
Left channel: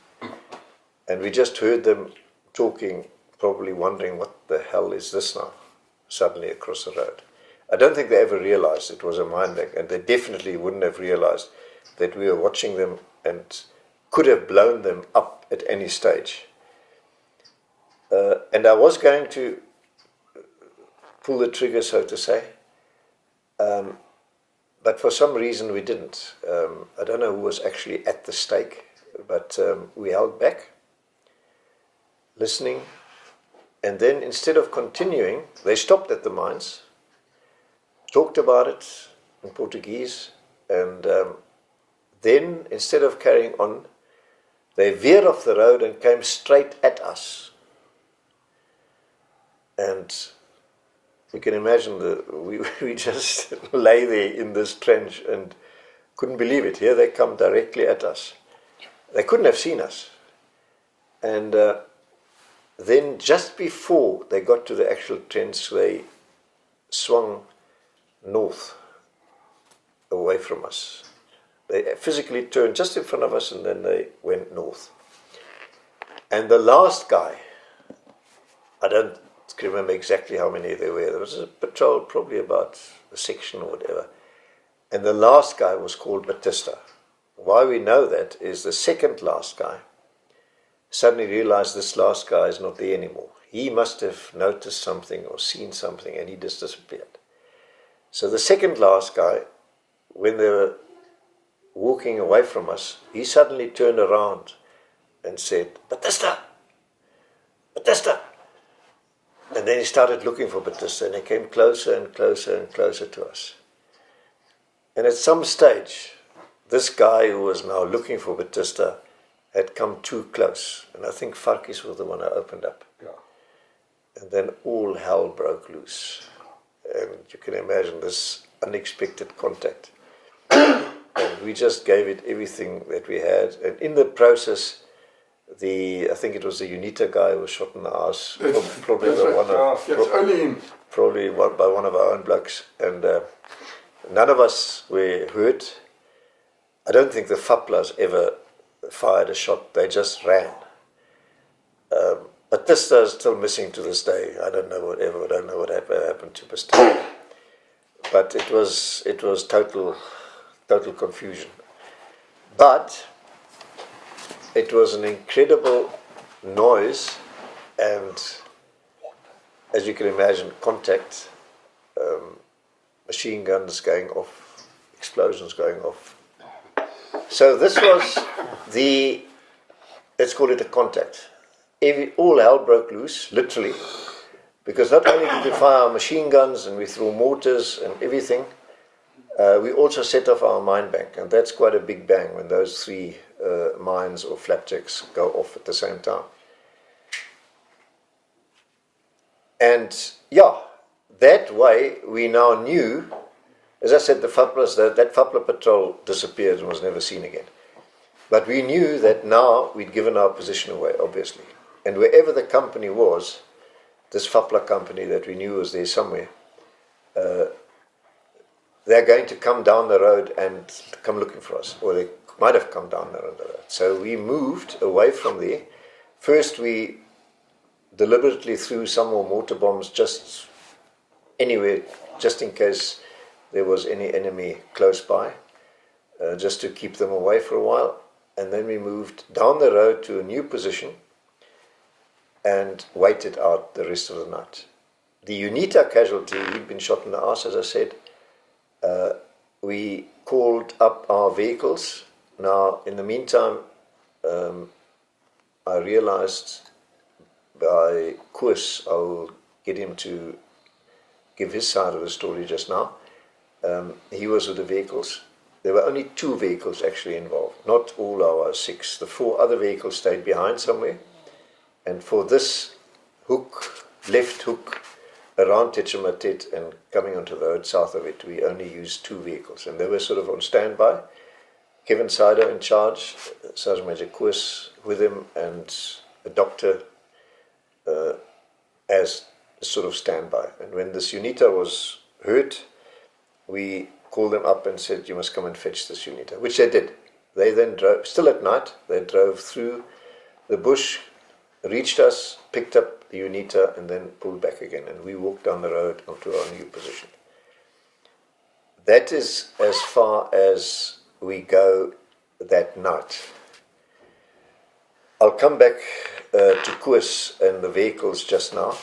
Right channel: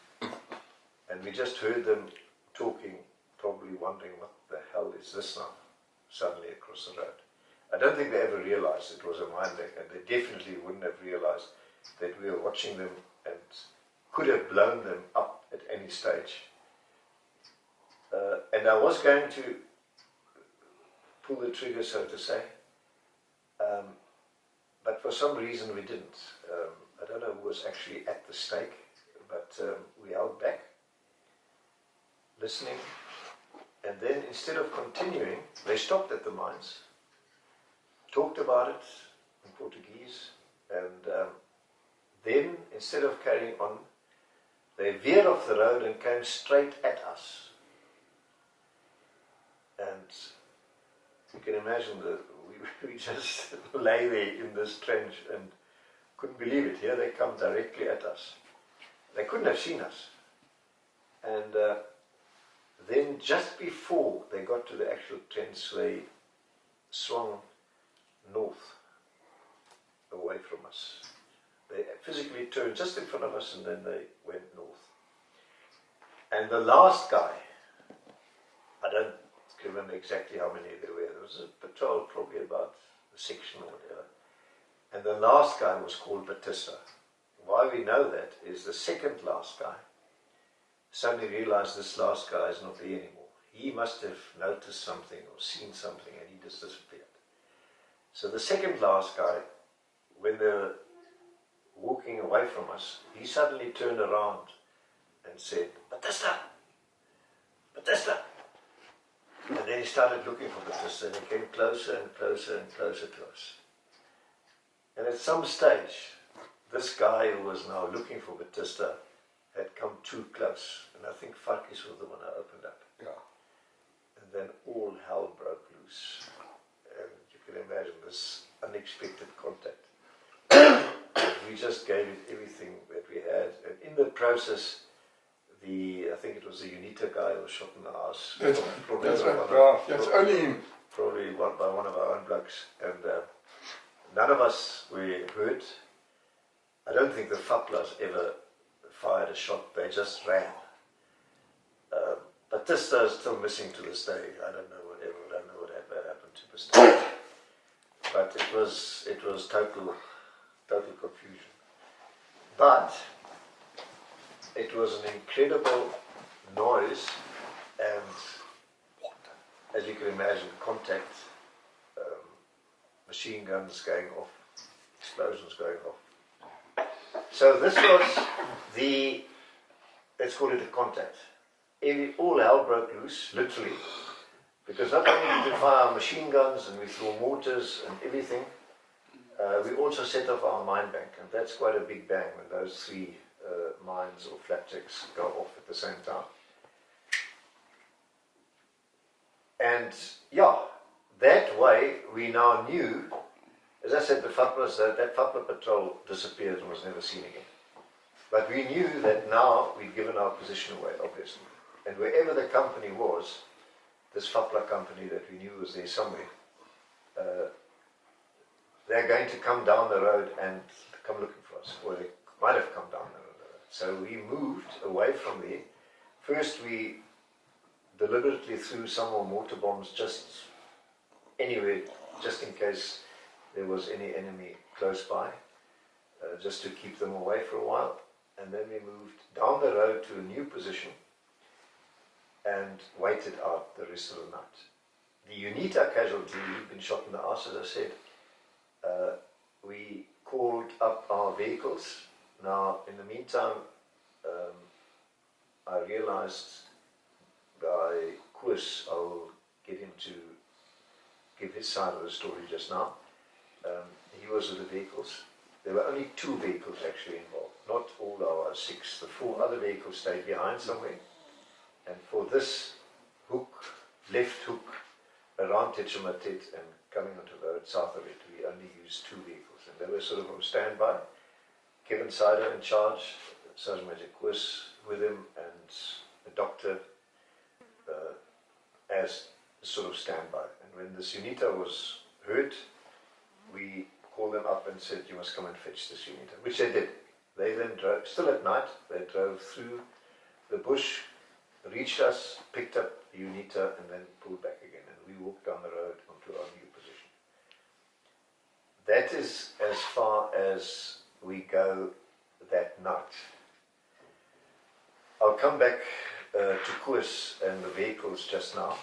and we just heard them talking, probably wondering what the hell is this now, suddenly across the road. I don't think they ever realized it was a mine bank, and they definitely wouldn't have realized that we were watching them and could have blown them up at any stage. And I was going to pull the trigger, so to say, but for some reason we didn't. I don't know who was actually at the stake, but we held back, listening, and then instead of continuing, they stopped at the mines, talked about it in Portuguese, and then instead of carrying on, they veered off the road and came straight at us. And you can imagine we just lay there in this trench and couldn't believe it. Here they come directly at us. They couldn't have seen us. And then just before they got to the actual trench, they swung north away from us. They physically turned just in front of us and then they went north. And the last guy, I don't remember exactly how many there were. There was a patrol, probably about a section or whatever. And the last guy was called Batista. Why we know that is the second last guy suddenly realized this last guy is not there anymore. He must have noticed something or seen something and he just disappeared. So the second last guy, when they were walking away from us, he suddenly turned around and said, Batista! Batista! And then he started looking for Batista, and he came closer and closer and closer to us. And at some stage, this guy who was now looking for Batista had come too close. And I think Farkis was the one who opened up. Yeah. And then all hell broke loose. And you can imagine this unexpected contact. And we just gave it everything that we had. And in the process, I think it was the UNITA guy who was shot in the ass. Probably by one of our own blokes. And none of us were hurt. I don't think the FAPLAs ever fired a shot. They just ran. Batista is still missing to this day. I don't know what happened to Batista. But it was total confusion. But it was an incredible noise, and as you can imagine, contact, machine guns going off, explosions going off. So this was let's call it a contact. All hell broke loose, literally, because not only did we fire our machine guns and we threw mortars and everything, we also set off our mine bank, and that's quite a big bang when those three mines or flapjacks go off at the same time. And yeah, that way we now knew, as I said, that FAPLA patrol disappeared and was never seen again. But we knew that now we'd given our position away, obviously. And wherever the company was, this FAPLA company that we knew was there somewhere, they're going to come down the road and come looking for us, or they might have come down the road. So we moved away from there. First we deliberately threw some more mortar bombs just anywhere, just in case there was any enemy close by, just to keep them away for a while. And then we moved down the road to a new position and waited out the rest of the night. The UNITA casualty, he'd been shot in the arse, as I said. We called up our vehicles. Now, in the meantime, I realized by Koos, I'll get him to give his side of the story just now. He was with the vehicles. There were only 2 vehicles actually involved, not all our 6. The 4 other vehicles stayed behind somewhere. And for this hook, left hook, around Tetchematet and coming onto the road south of it, we only used 2 vehicles. And they were sort of on standby. Kevin Sider in charge, Sergeant Major Koos with him, and a doctor as a sort of standby. And when this UNITA was hurt, we called them up and said, you must come and fetch this UNITA, which they did. They then drove, still at night, they drove through the bush, reached us, picked up the UNITA, and then pulled back again. And we walked down the road onto our new position. That is as far as we go that night. I'll come back to Koos and the vehicles just now.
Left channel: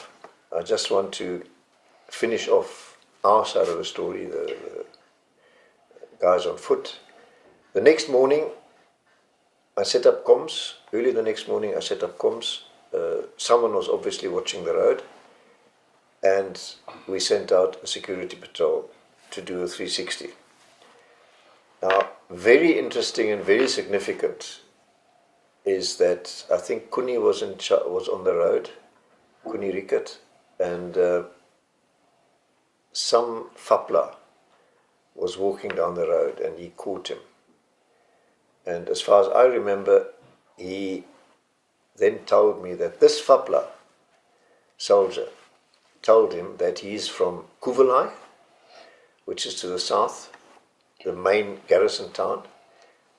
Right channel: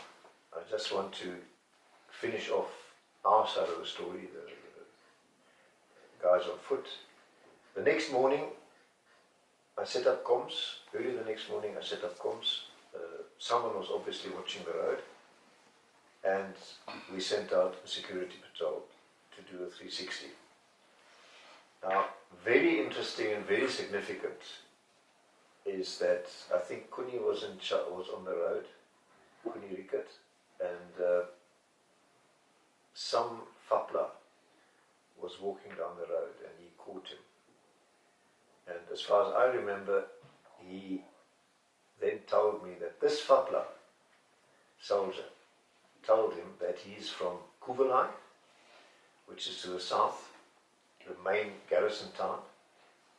I just want to finish off our side of the story, the guys on foot. The next morning, I set up comms. Early the next morning, I set up comms. Someone was obviously watching the road, and we sent out a security patrol to do a 360. Now, very interesting and very significant is that I think Kuni was on the road, Kuni Rickert, and some FAPLA was walking down the road and he caught him. And as far as I remember, he then told me that this FAPLA soldier told him that he's from Kuvelai, which is to the south, the main garrison town,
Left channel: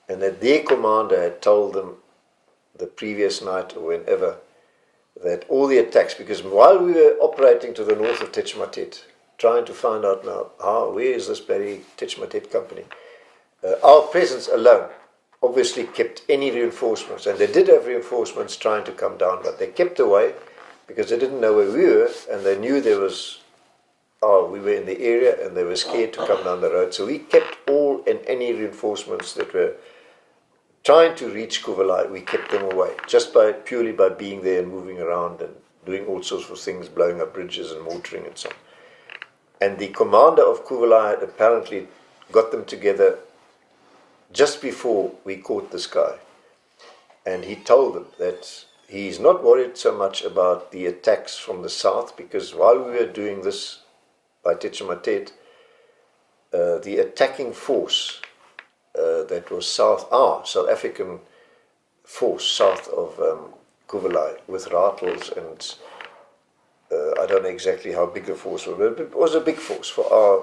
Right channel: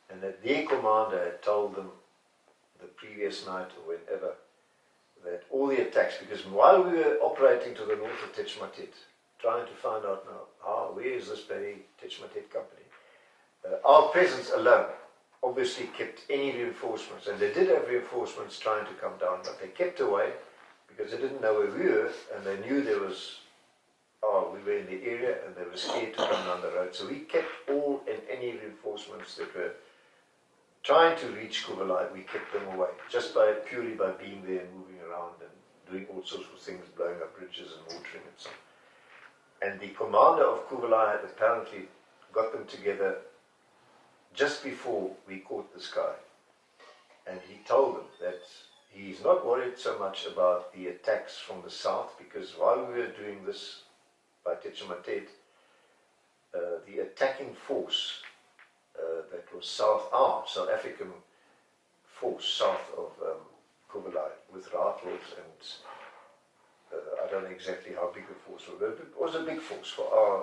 and that their commander had told them the previous night or whenever that all the attacks, because while we were operating to the north of Tetchematet, trying to find out now where is this bloody Tetchematet company, our presence alone obviously kept any reinforcements, and they did have reinforcements trying to come down, but they kept away because they didn't know where we were, and they knew there was, we were in the area and they were scared to come down the road. So we kept all and any reinforcements that were trying to reach Kuvelai, we kept them away, just purely by being there and moving around and doing all sorts of things, blowing up bridges and mortaring and so on. And the commander of Kuvalai apparently got them together just before we caught this guy. And he told them that he's not worried so much about the attacks from the south, because while we were doing this by Techimatet, the attacking force that was our South African force south of Kuvalai with rifles and I don't know exactly how big the force was, but it was a big force for our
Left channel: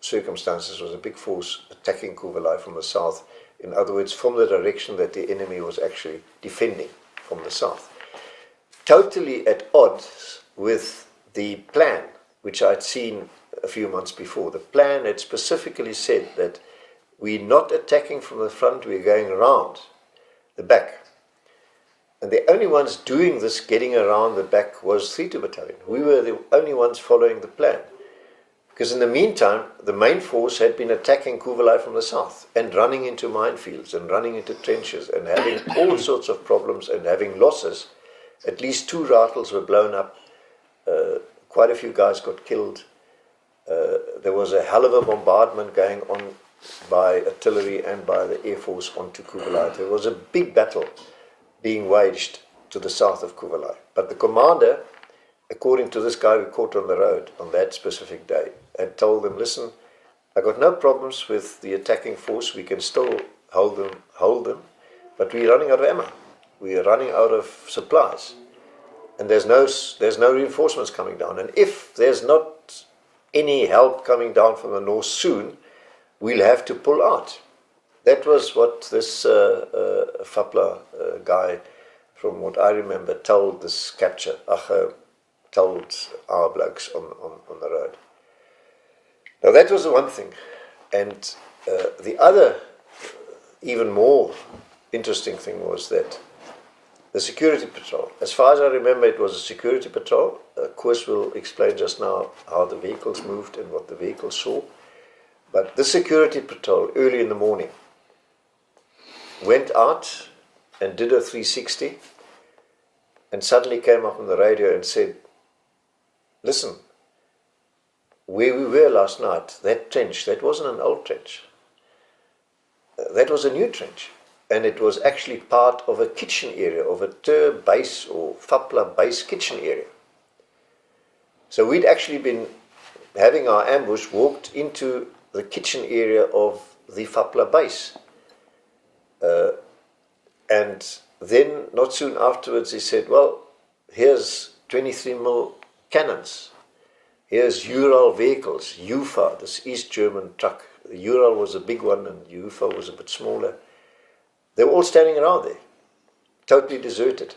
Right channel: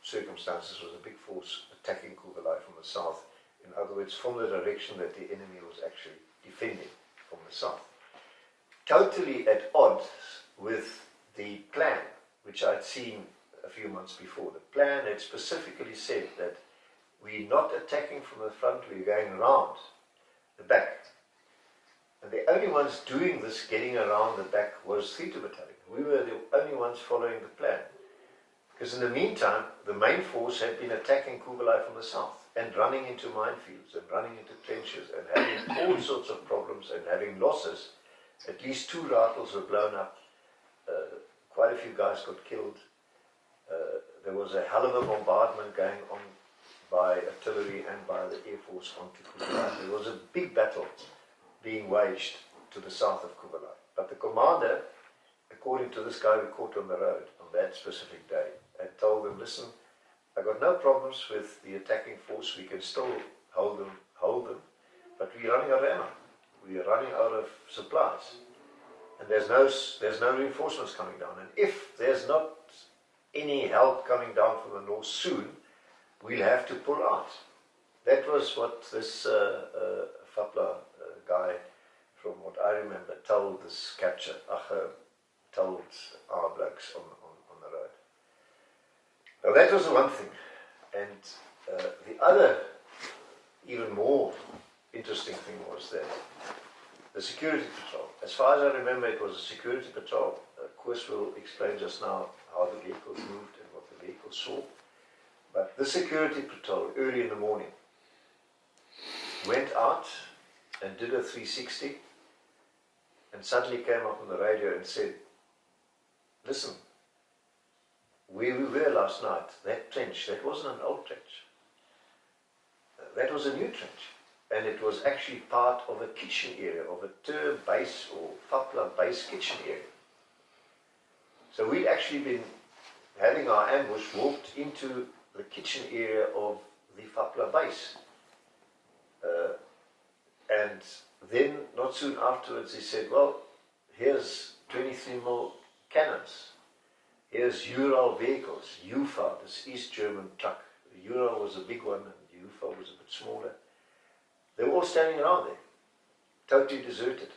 circumstances. It was a big force attacking Kuvalai from the south. In other words, from the direction that the enemy was actually defending from the south. Totally at odds with the plan, which I'd seen a few months before. The plan had specifically said that we're not attacking from the front, we're going around the back. And the only ones doing this, getting around the back, was 3-2 Battalion. We were the only ones following the plan. Because in the meantime, the main force had been attacking Kuvalai from the south and running into minefields and running into trenches and having all sorts of problems and having losses. At least 2 rifles were blown up. Quite a few guys got killed. There was a hell of a bombardment going on by artillery and by the Air Force onto Kuvalai. There was a big battle being waged to the south of Kuvalai. But the commander, according to this guy we caught on the road on that specific day, had told them, listen, I got no problems with the attacking force, we can still hold them, but we're running out of ammo. We are running out of supplies. And there's no reinforcements coming down. And if there's not any help coming down from the north soon, we'll have to pull out. That was what this FAPLA guy, from what I remember, told this capture, told our blokes on the road. Now that was the one thing. And the other, even more interesting thing was that the security patrol, as far as I remember, it was a security patrol. Koos will explain just now how the vehicles moved and what the vehicles saw. But the security patrol, early in the morning, went out and did a 360 and suddenly came up on the radio and said, listen, where we were last night, that trench, that wasn't an old trench. That was a new trench. And it was actually part of a kitchen area, of a TER base or FAPLA base kitchen area. So we'd actually been having our ambush, walked into the kitchen area of the FAPLA base. And then, not soon afterwards, he said, well, here's 23mm cannons. Here's Ural vehicles, UFA, this East German truck. The Ural was a big one and UFA was a bit smaller. They were all standing around there, totally deserted.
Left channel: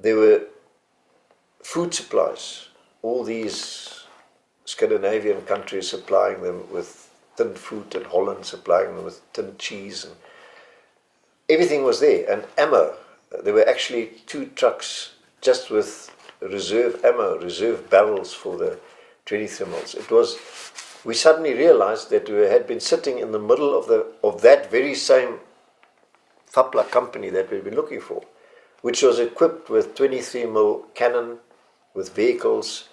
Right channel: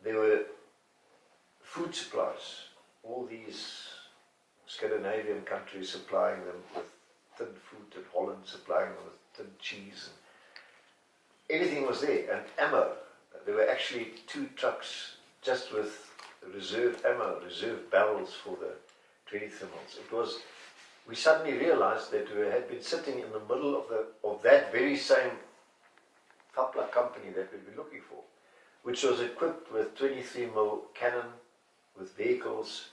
There were food supplies, all these Scandinavian countries supplying them with tinned fruit, and Holland supplying them with tinned cheese, and everything was there. And ammo, there were actually 2 trucks just with reserve ammo, reserve barrels for the 23mm. It was, we suddenly realized that we had been sitting in the middle of that very same FAPLA company that we'd been looking for, which was equipped with 23mm cannon, with vehicles,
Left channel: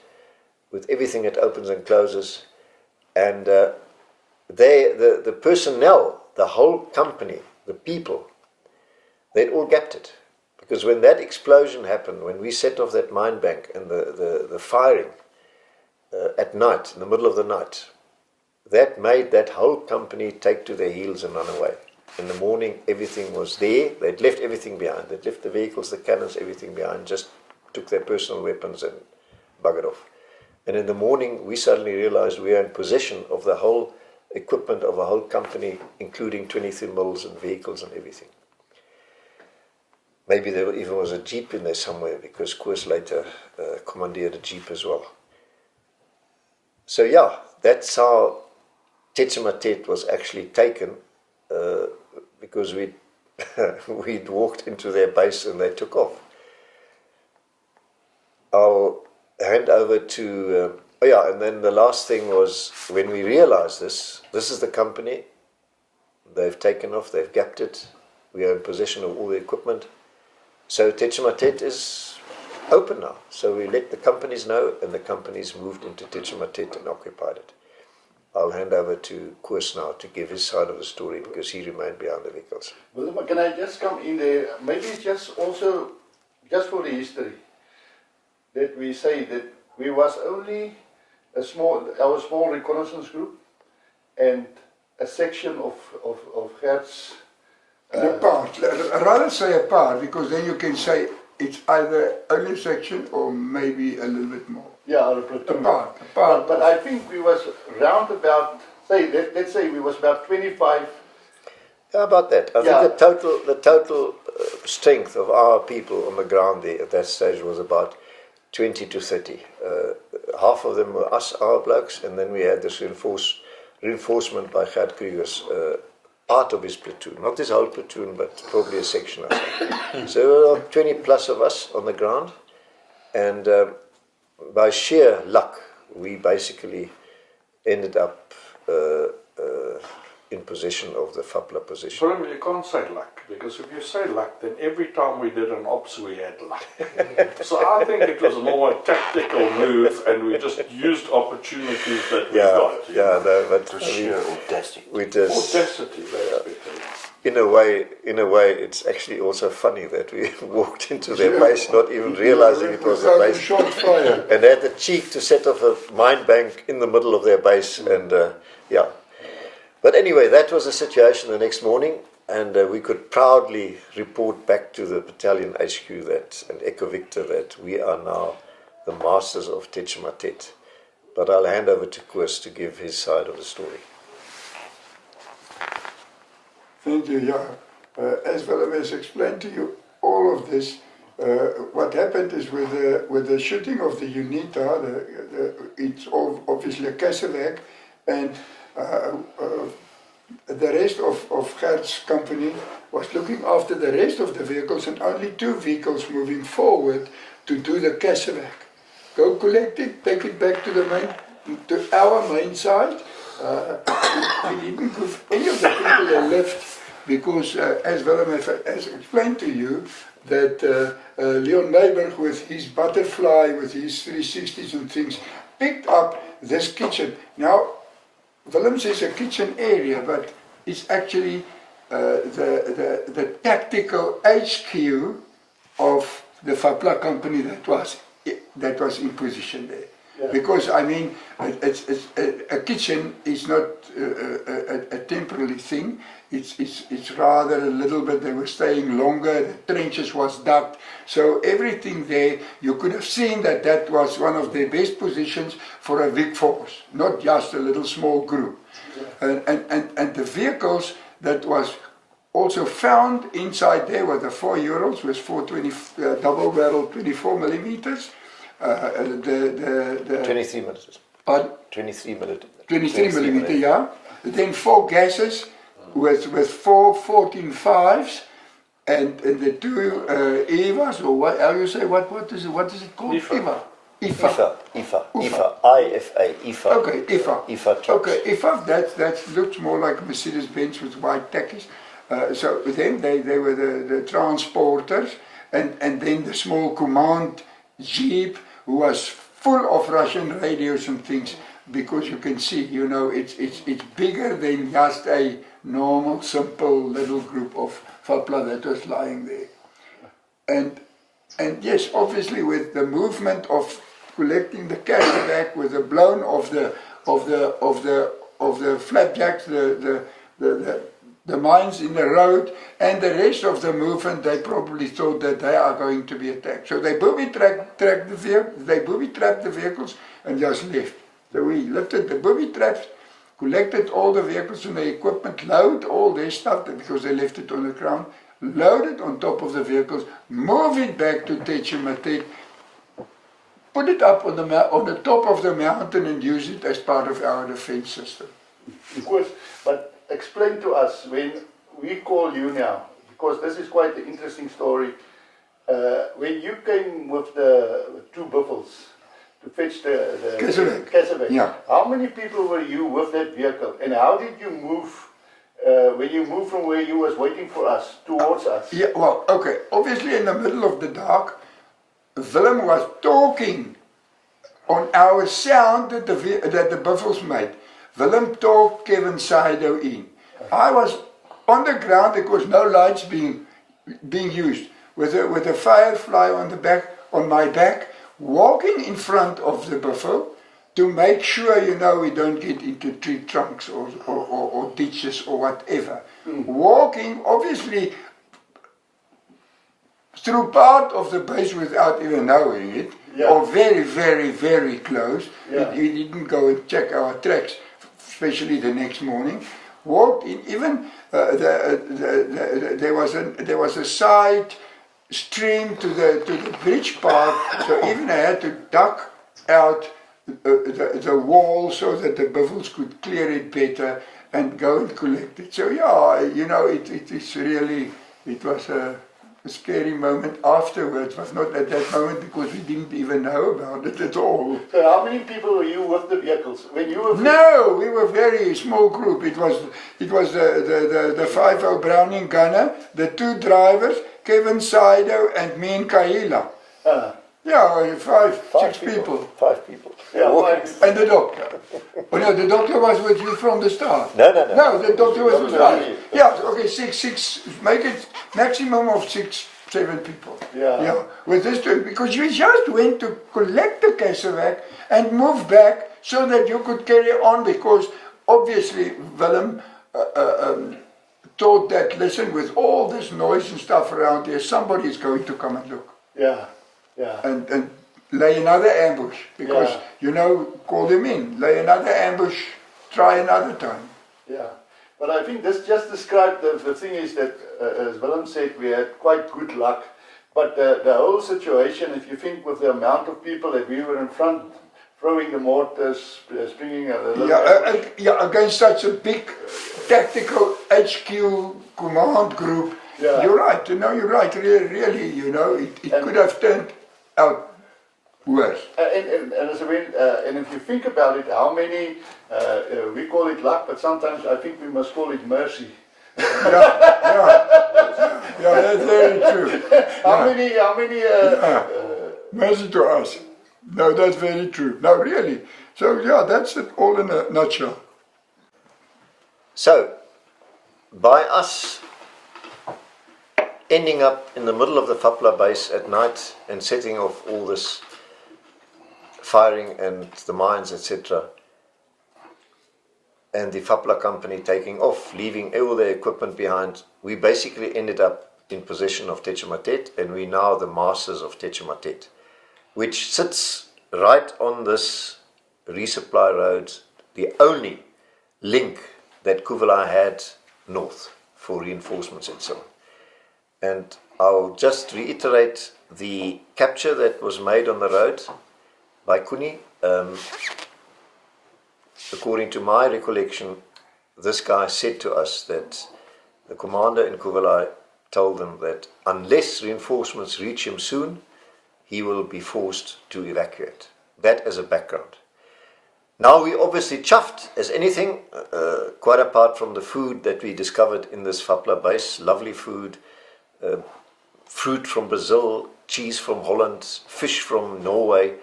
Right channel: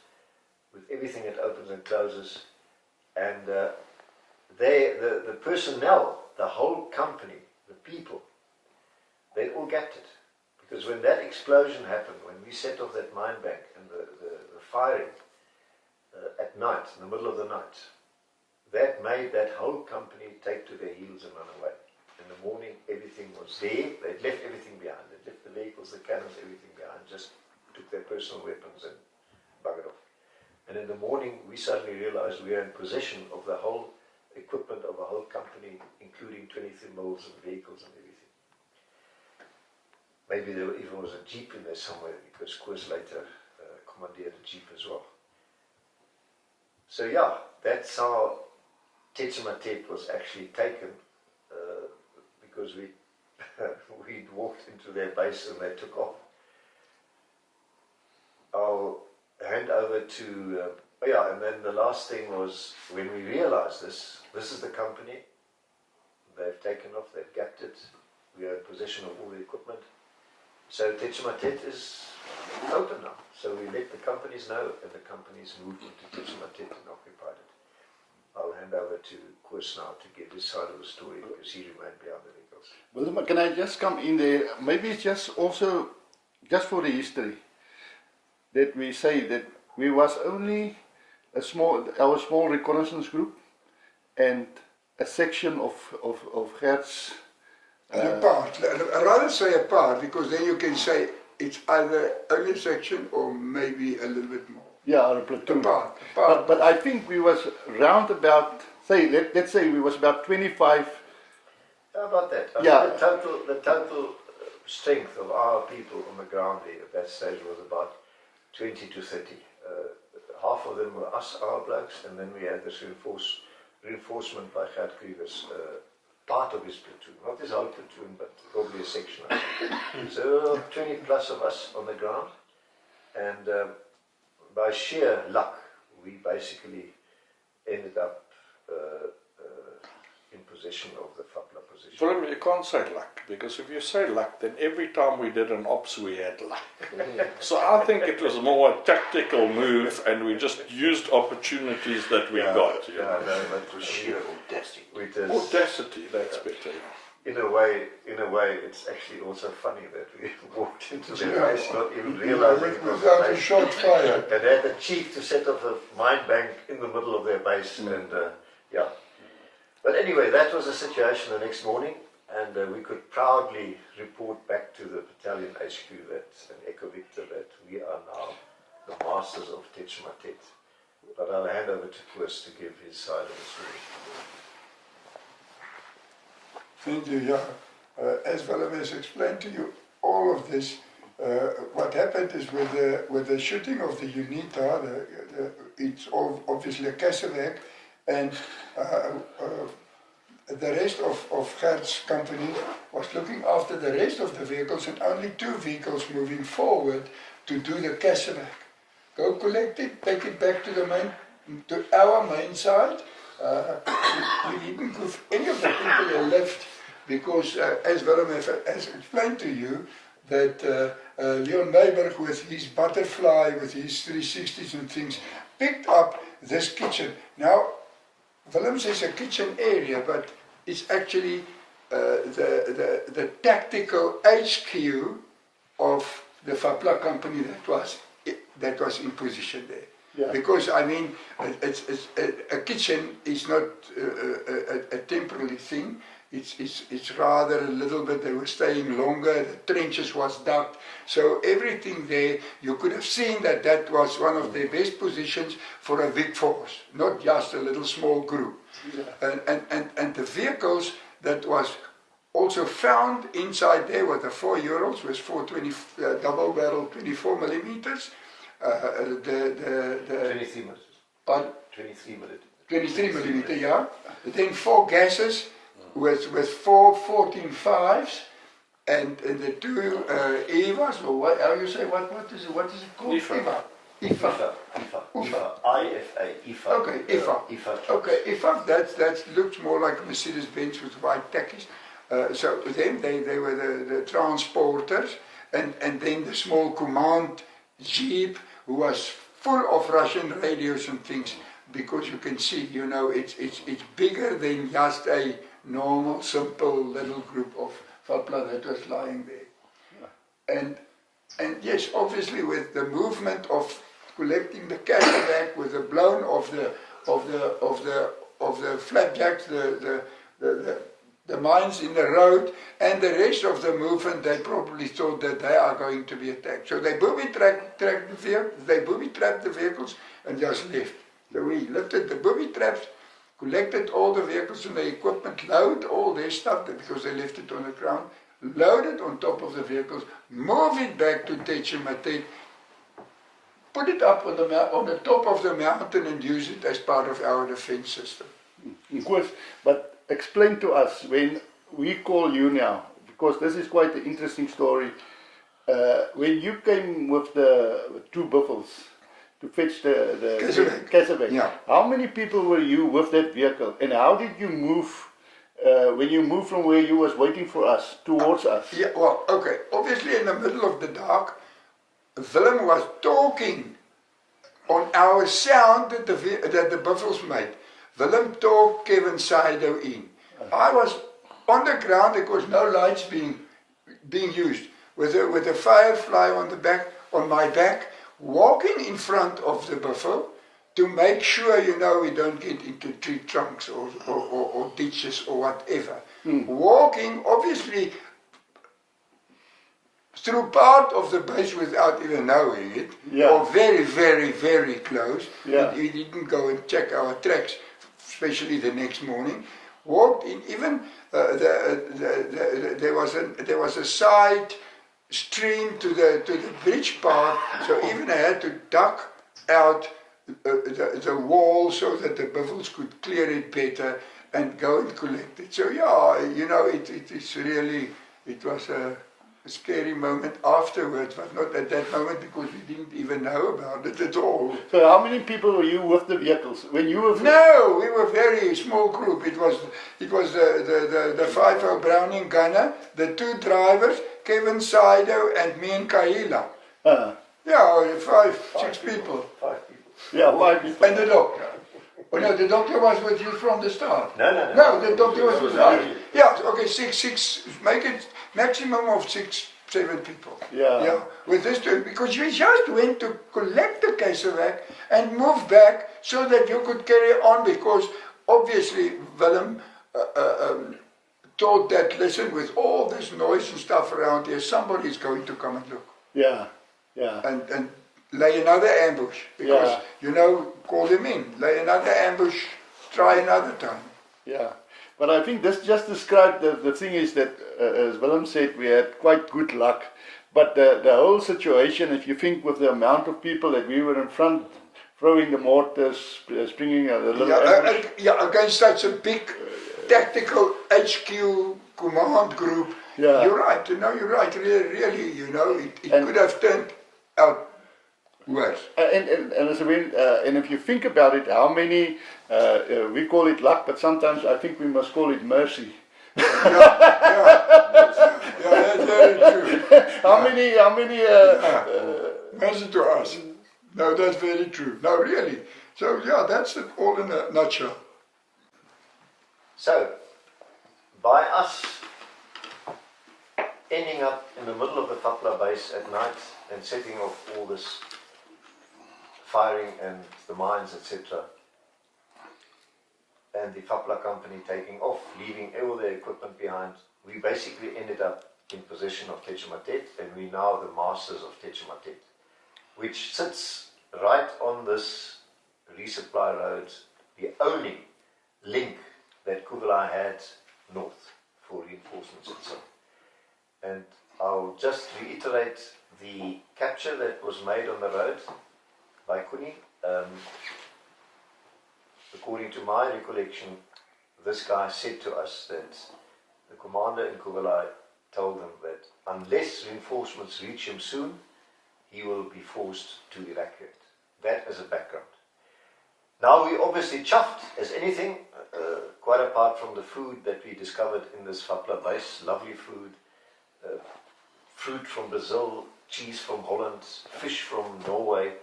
with everything that opens and closes. And the personnel, the whole company, the people, they'd all gapped it. Because when that explosion happened, when we set off that mine bank and the firing at night, in the middle of the night, that made that whole company take to their heels and run away. In the morning, everything was there. They'd left everything behind. They'd left the vehicles, the cannons, everything behind, just took their personal weapons and buggered off. And in the morning, we suddenly realized we were in possession of the whole equipment of the whole company, including 23mm and vehicles and everything. Maybe there even was a jeep in there somewhere, because Koos later commandeered a jeep as well. So yeah, that's how Techimatet was actually taken, because we'd walked into their base and they took off. I'll hand over to, and then the last thing was, when we realized this is the company, they've taken off, they've gapped it, we are in possession of all the equipment. So Techimatet is open now. So we let the companies know, and the companies moved into Techimatet and occupied it. I'll hand over to Koos now to give his side of the story because he remained behind the vehicles. Willem, can I just come in there? Maybe it's just also, just for the history, that we say that we was only our small reconnaissance group and a section of Gert's. A part, rather say a part, because then you can say it's either only a section or maybe a little bit more. Yeah, or a platoon. A part. But I think we was round about, let's say we was about 25. How about that? I think the total strength of our people on the ground there at that stage was about 20 to 30. Half of them were our blokes, and then we had this reinforcement by Gert Krugers out of his platoon. Not his whole platoon, but probably a section or so. So there were 20 plus of us on the ground, and by sheer luck, we basically ended up in possession of the FAPLA position. Willem, you can't say luck, because if you say luck, then every time we did an ops, we had luck. So I think it was more a tactical move, and we just used opportunities that we got. But sheer audacity. Audacity, that's better. In a way, it's actually also funny that we walked into their base not even realizing it was a base, and had the cheek to set off a mine bank in the middle of their base, and But anyway, that was the situation the next morning, and we could proudly report back to the battalion HQ and Echo Victor that we are now the masters of Techimatet. But I'll hand over to Koos to give his side of the story. Thank you, as Willem has explained to you all of this, what happened is with the shooting of the UNITA, it's obviously a Cassavac, and the rest of Gert's company was looking after the rest of the vehicles, and only 2 vehicles moving forward to do the Cassavac. Go collect it, take it back to our main site. We didn't move any of the people that left because, as Willem has explained to you, that Leon Nijberg with his butterfly, with his 360s and things, picked up this kitchen. Now, Willem says a kitchen area, but it's actually the tactical HQ of the FAPLA company that was in position there. Yeah. Because I mean, a kitchen is not a temporary thing. It's rather a little bit. They were staying longer. The trenches was dug, so everything there. You could have seen that was one of their best positions for a big force, not just a little small group. Yeah. And the vehicles that was also found inside there were the 4 Urals with 420 double barrel 24 millimeters. The 23 millimeters. Pardon? 23 millimeters. 23 millimeter, yeah. Then 4 gases with 4 14.5s, and the 2 EVAs, or what? How you say? What is it called? IFA. IFA. IFA. Okay, IFA. IFA trucks. Okay, IFA. That looks more like Mercedes-Benz with white tackies. So then they were the transporters, and then the small command jeep, who was full of Russian radios and things, because you can see, it's bigger than just a normal, simple little group of FAPLA that was lying there. And yes, obviously with the movement of collecting the cash back, with the blown of the flapjacks, the mines in the road, and the rest of the movement, they probably thought that they are going to be attacked. So they booby-trapped the vehicles and just left. So we lifted the booby traps, collected all the vehicles and the equipment, load all their stuff, because they left it on the ground, load it on top of the vehicles, move it back to Techimatet, put it up on the top of the mountain and use it as part of our defense system. Of course, but explain to us, when we call you now, because this is quite an interesting story, when you came with the 2 buffels to fetch the Cassavac, yeah. How many people were you with that vehicle, and how did you move when you moved from where you was waiting for us towards us? Yeah, well, okay, obviously in the middle of the dark, Willem was talking on our sound that the buffels made. Willem talked Kevin Saido in. I was on the ground, there was no lights being used, with a firefly on my back, walking in front of the buffalo to make sure, we don't get into tree trunks or ditches or whatever. Walking, obviously, through part of the base without even knowing it, or very, very, very close. He didn't go and check our tracks, especially the next morning. Walked in, even there was a side stream to the bridge part, so even I had to duck out the wall so that the buffels could clear it better and go and collect it. So it was a scary moment afterwards, but not at that moment because we didn't even know about it at all. So how many people were you with the vehicles? When you were... No, we were a very small group. It was the 5.0 Browning gunner, the 2 drivers, Kevin Saido and me and Kaila. Yeah, 6 people. 5 people. Yeah, 5 people. And the doctor. Oh no, the doctor was with you from the start. No. No, the doctor was with us. Yeah, okay, six, make it maximum of 6, 7 people. Yeah. With this, because you just went to collect the casewack and move back so that you could carry on, because obviously Willem thought that, listen, with all this noise and stuff around here, somebody is going to come and look. Yeah. And lay another ambush, because, call them in, lay another ambush, try another time. Yeah, but I think this just described the thing is that, as Willem said, we had quite good luck, but the whole situation, if you think with the amount of people that we were in front, throwing the mortars, springing a little against such a big tactical HQ command group, you're right, you're right, really, it could have turned out worse. And if you think about it, how many, we call it luck, but sometimes I think we must call it mercy. Yeah, that's very true. How many mercy to us. No, that's very true. No, really. So that's it all in a nutshell. So, by us ending up in the middle of the FAPLA base at night and setting off all this firing and the mines, etc., and the FAPLA company taking off, leaving all their equipment behind, we basically ended up in possession of Techimatet, and we're now the masters of Techimatet, which sits right on this resupply road, the only link that Kuvala had north for reinforcements and so on. And I'll just reiterate the capture that was made on the road by Kuni. According to my recollection, this guy said to us that the commander in Kuvala told them that unless reinforcements reach him soon, he will be forced to evacuate. That as a background. Now we obviously chuffed as anything, quite apart from the food that we discovered in this FAPLA base, lovely food, fruit from Brazil, cheese from Holland, fish from Norway,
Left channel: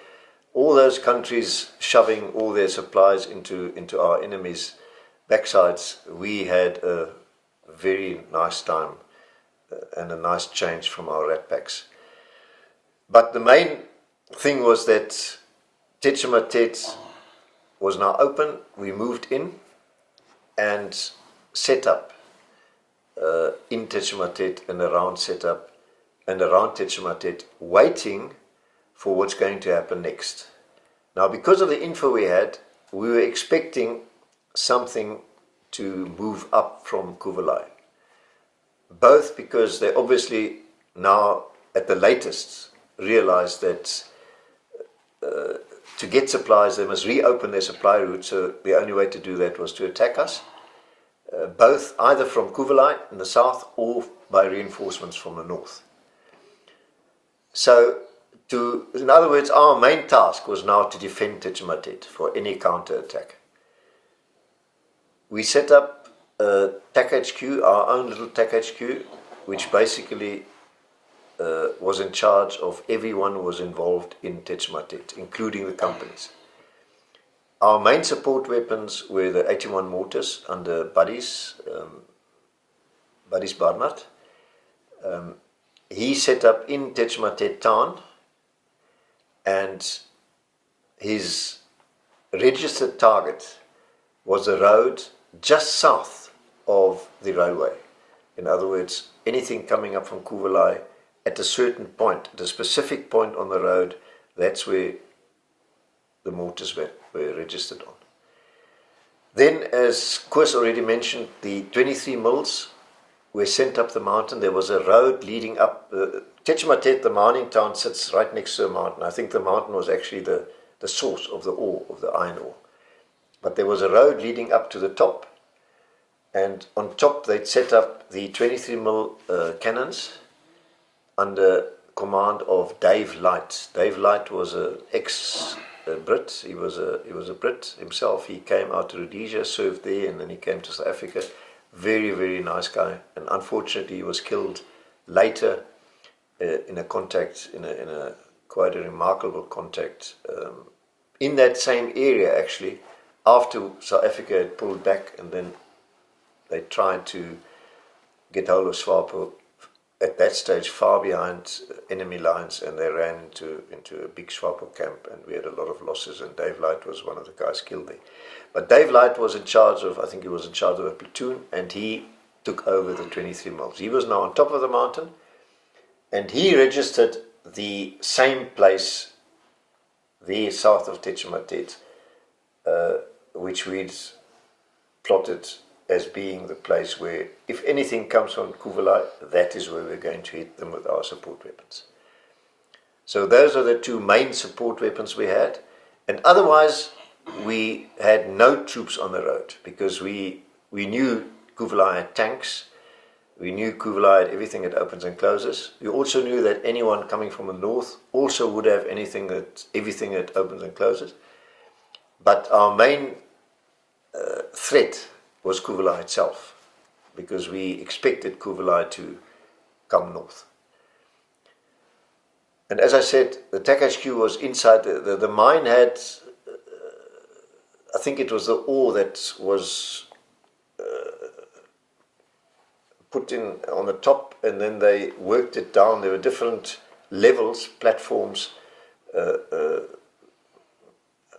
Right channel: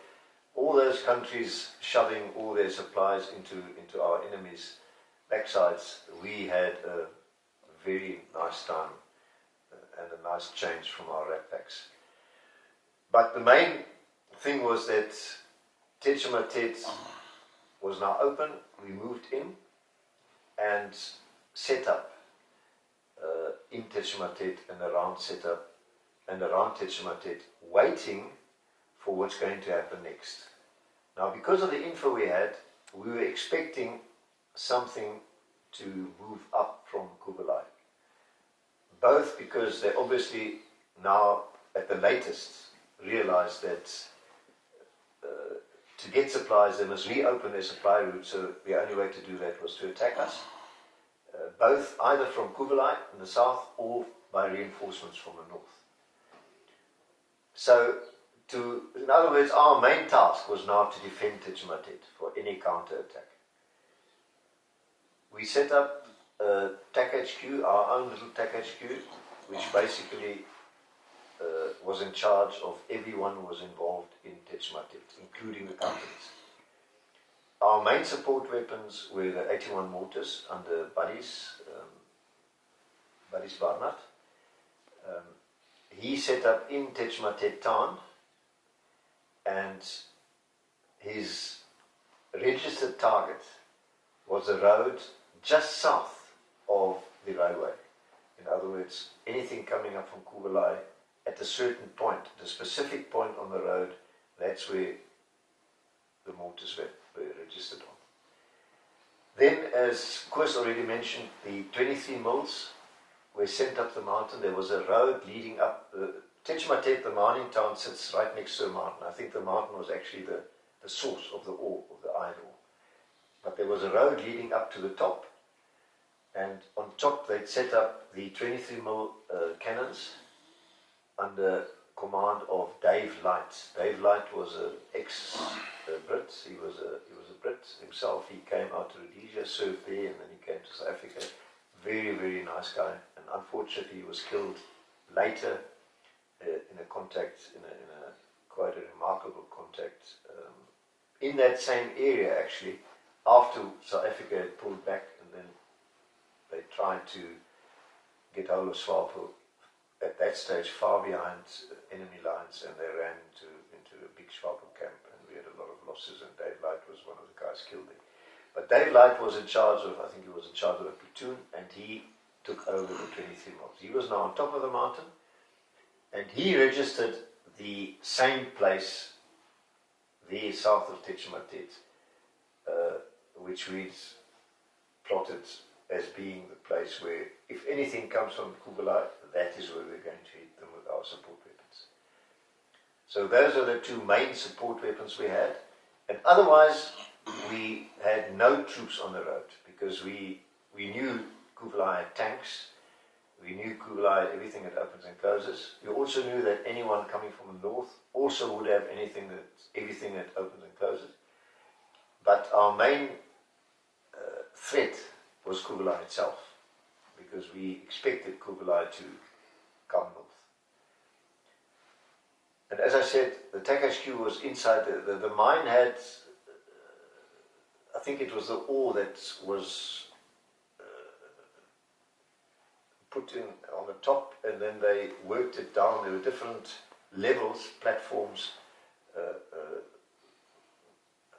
all those countries shoving all their supplies into our enemies' backsides. We had a very nice time and a nice change from our rat packs. But the main thing was that Techimatet was now open. We moved in and set up in Techimatet and around setup and around Techimatet, waiting for what's going to happen next. Now, because of the info we had, we were expecting something to move up from Kuvalai. Both because they obviously now, at the latest, realized that to get supplies, they must reopen their supply route, so the only way to do that was to attack us, both either from Kuvalai in the south or by reinforcements from the north. So, in other words, our main task was now to defend Techimatet for any counter-attack. We set up a TAC HQ, our own little TAC HQ, which basically was in charge of everyone who was involved in Tetchmatet, including the companies. Our main support weapons were the 81 mortars under Buddies Barnard. He set up in Tetchmatet town, and his registered target was a road just south of the railway. In other words, anything coming up from Kuvalai at a certain point, at a specific point on the road, that's where the mortars were registered on. Then, as Koos already mentioned, the 23 mills were sent up the mountain. There was a road leading up. Tetchmatet, the mining town, sits right next to the mountain. I think the mountain was actually the source of the ore, of the iron ore. But there was a road leading up to the top, and on top they'd set up the 23 mil cannons under command of Dave Light. Dave Light was an ex-Brit. He was a Brit himself. He came out to Rhodesia, served there, and then he came to South Africa. Very, very nice guy. And unfortunately, he was killed later in a contact, in a quite a remarkable contact in that same area, actually, after South Africa had pulled back, and then they tried to get hold of SWAPO at that stage far behind enemy lines, and they ran into a big SWAPO camp, and we had a lot of losses, and Dave Light was one of the guys killed there. But Dave Light was in charge of, I think he was in charge of a platoon, and he took over the 23 mills. He was now on top of the mountain, and he registered the same place there south of Tetchmatet, which we'd plotted as being the place where, if anything comes from Kuvalai, that is where we're going to hit them with our support weapons. So those are the two main support weapons we had, and otherwise we had no troops on the road, because we knew Kuvalai had tanks, we knew Kuvalai had everything that opens and closes. We also knew that anyone coming from the north also would have everything that opens and closes. But our main threat was Kuvalai itself, because we expected Kuvalai to come north. And as I said, the TAC HQ was inside. The mine had, I think it was the ore that was put in on the top, and then they worked it down. There were different levels, platforms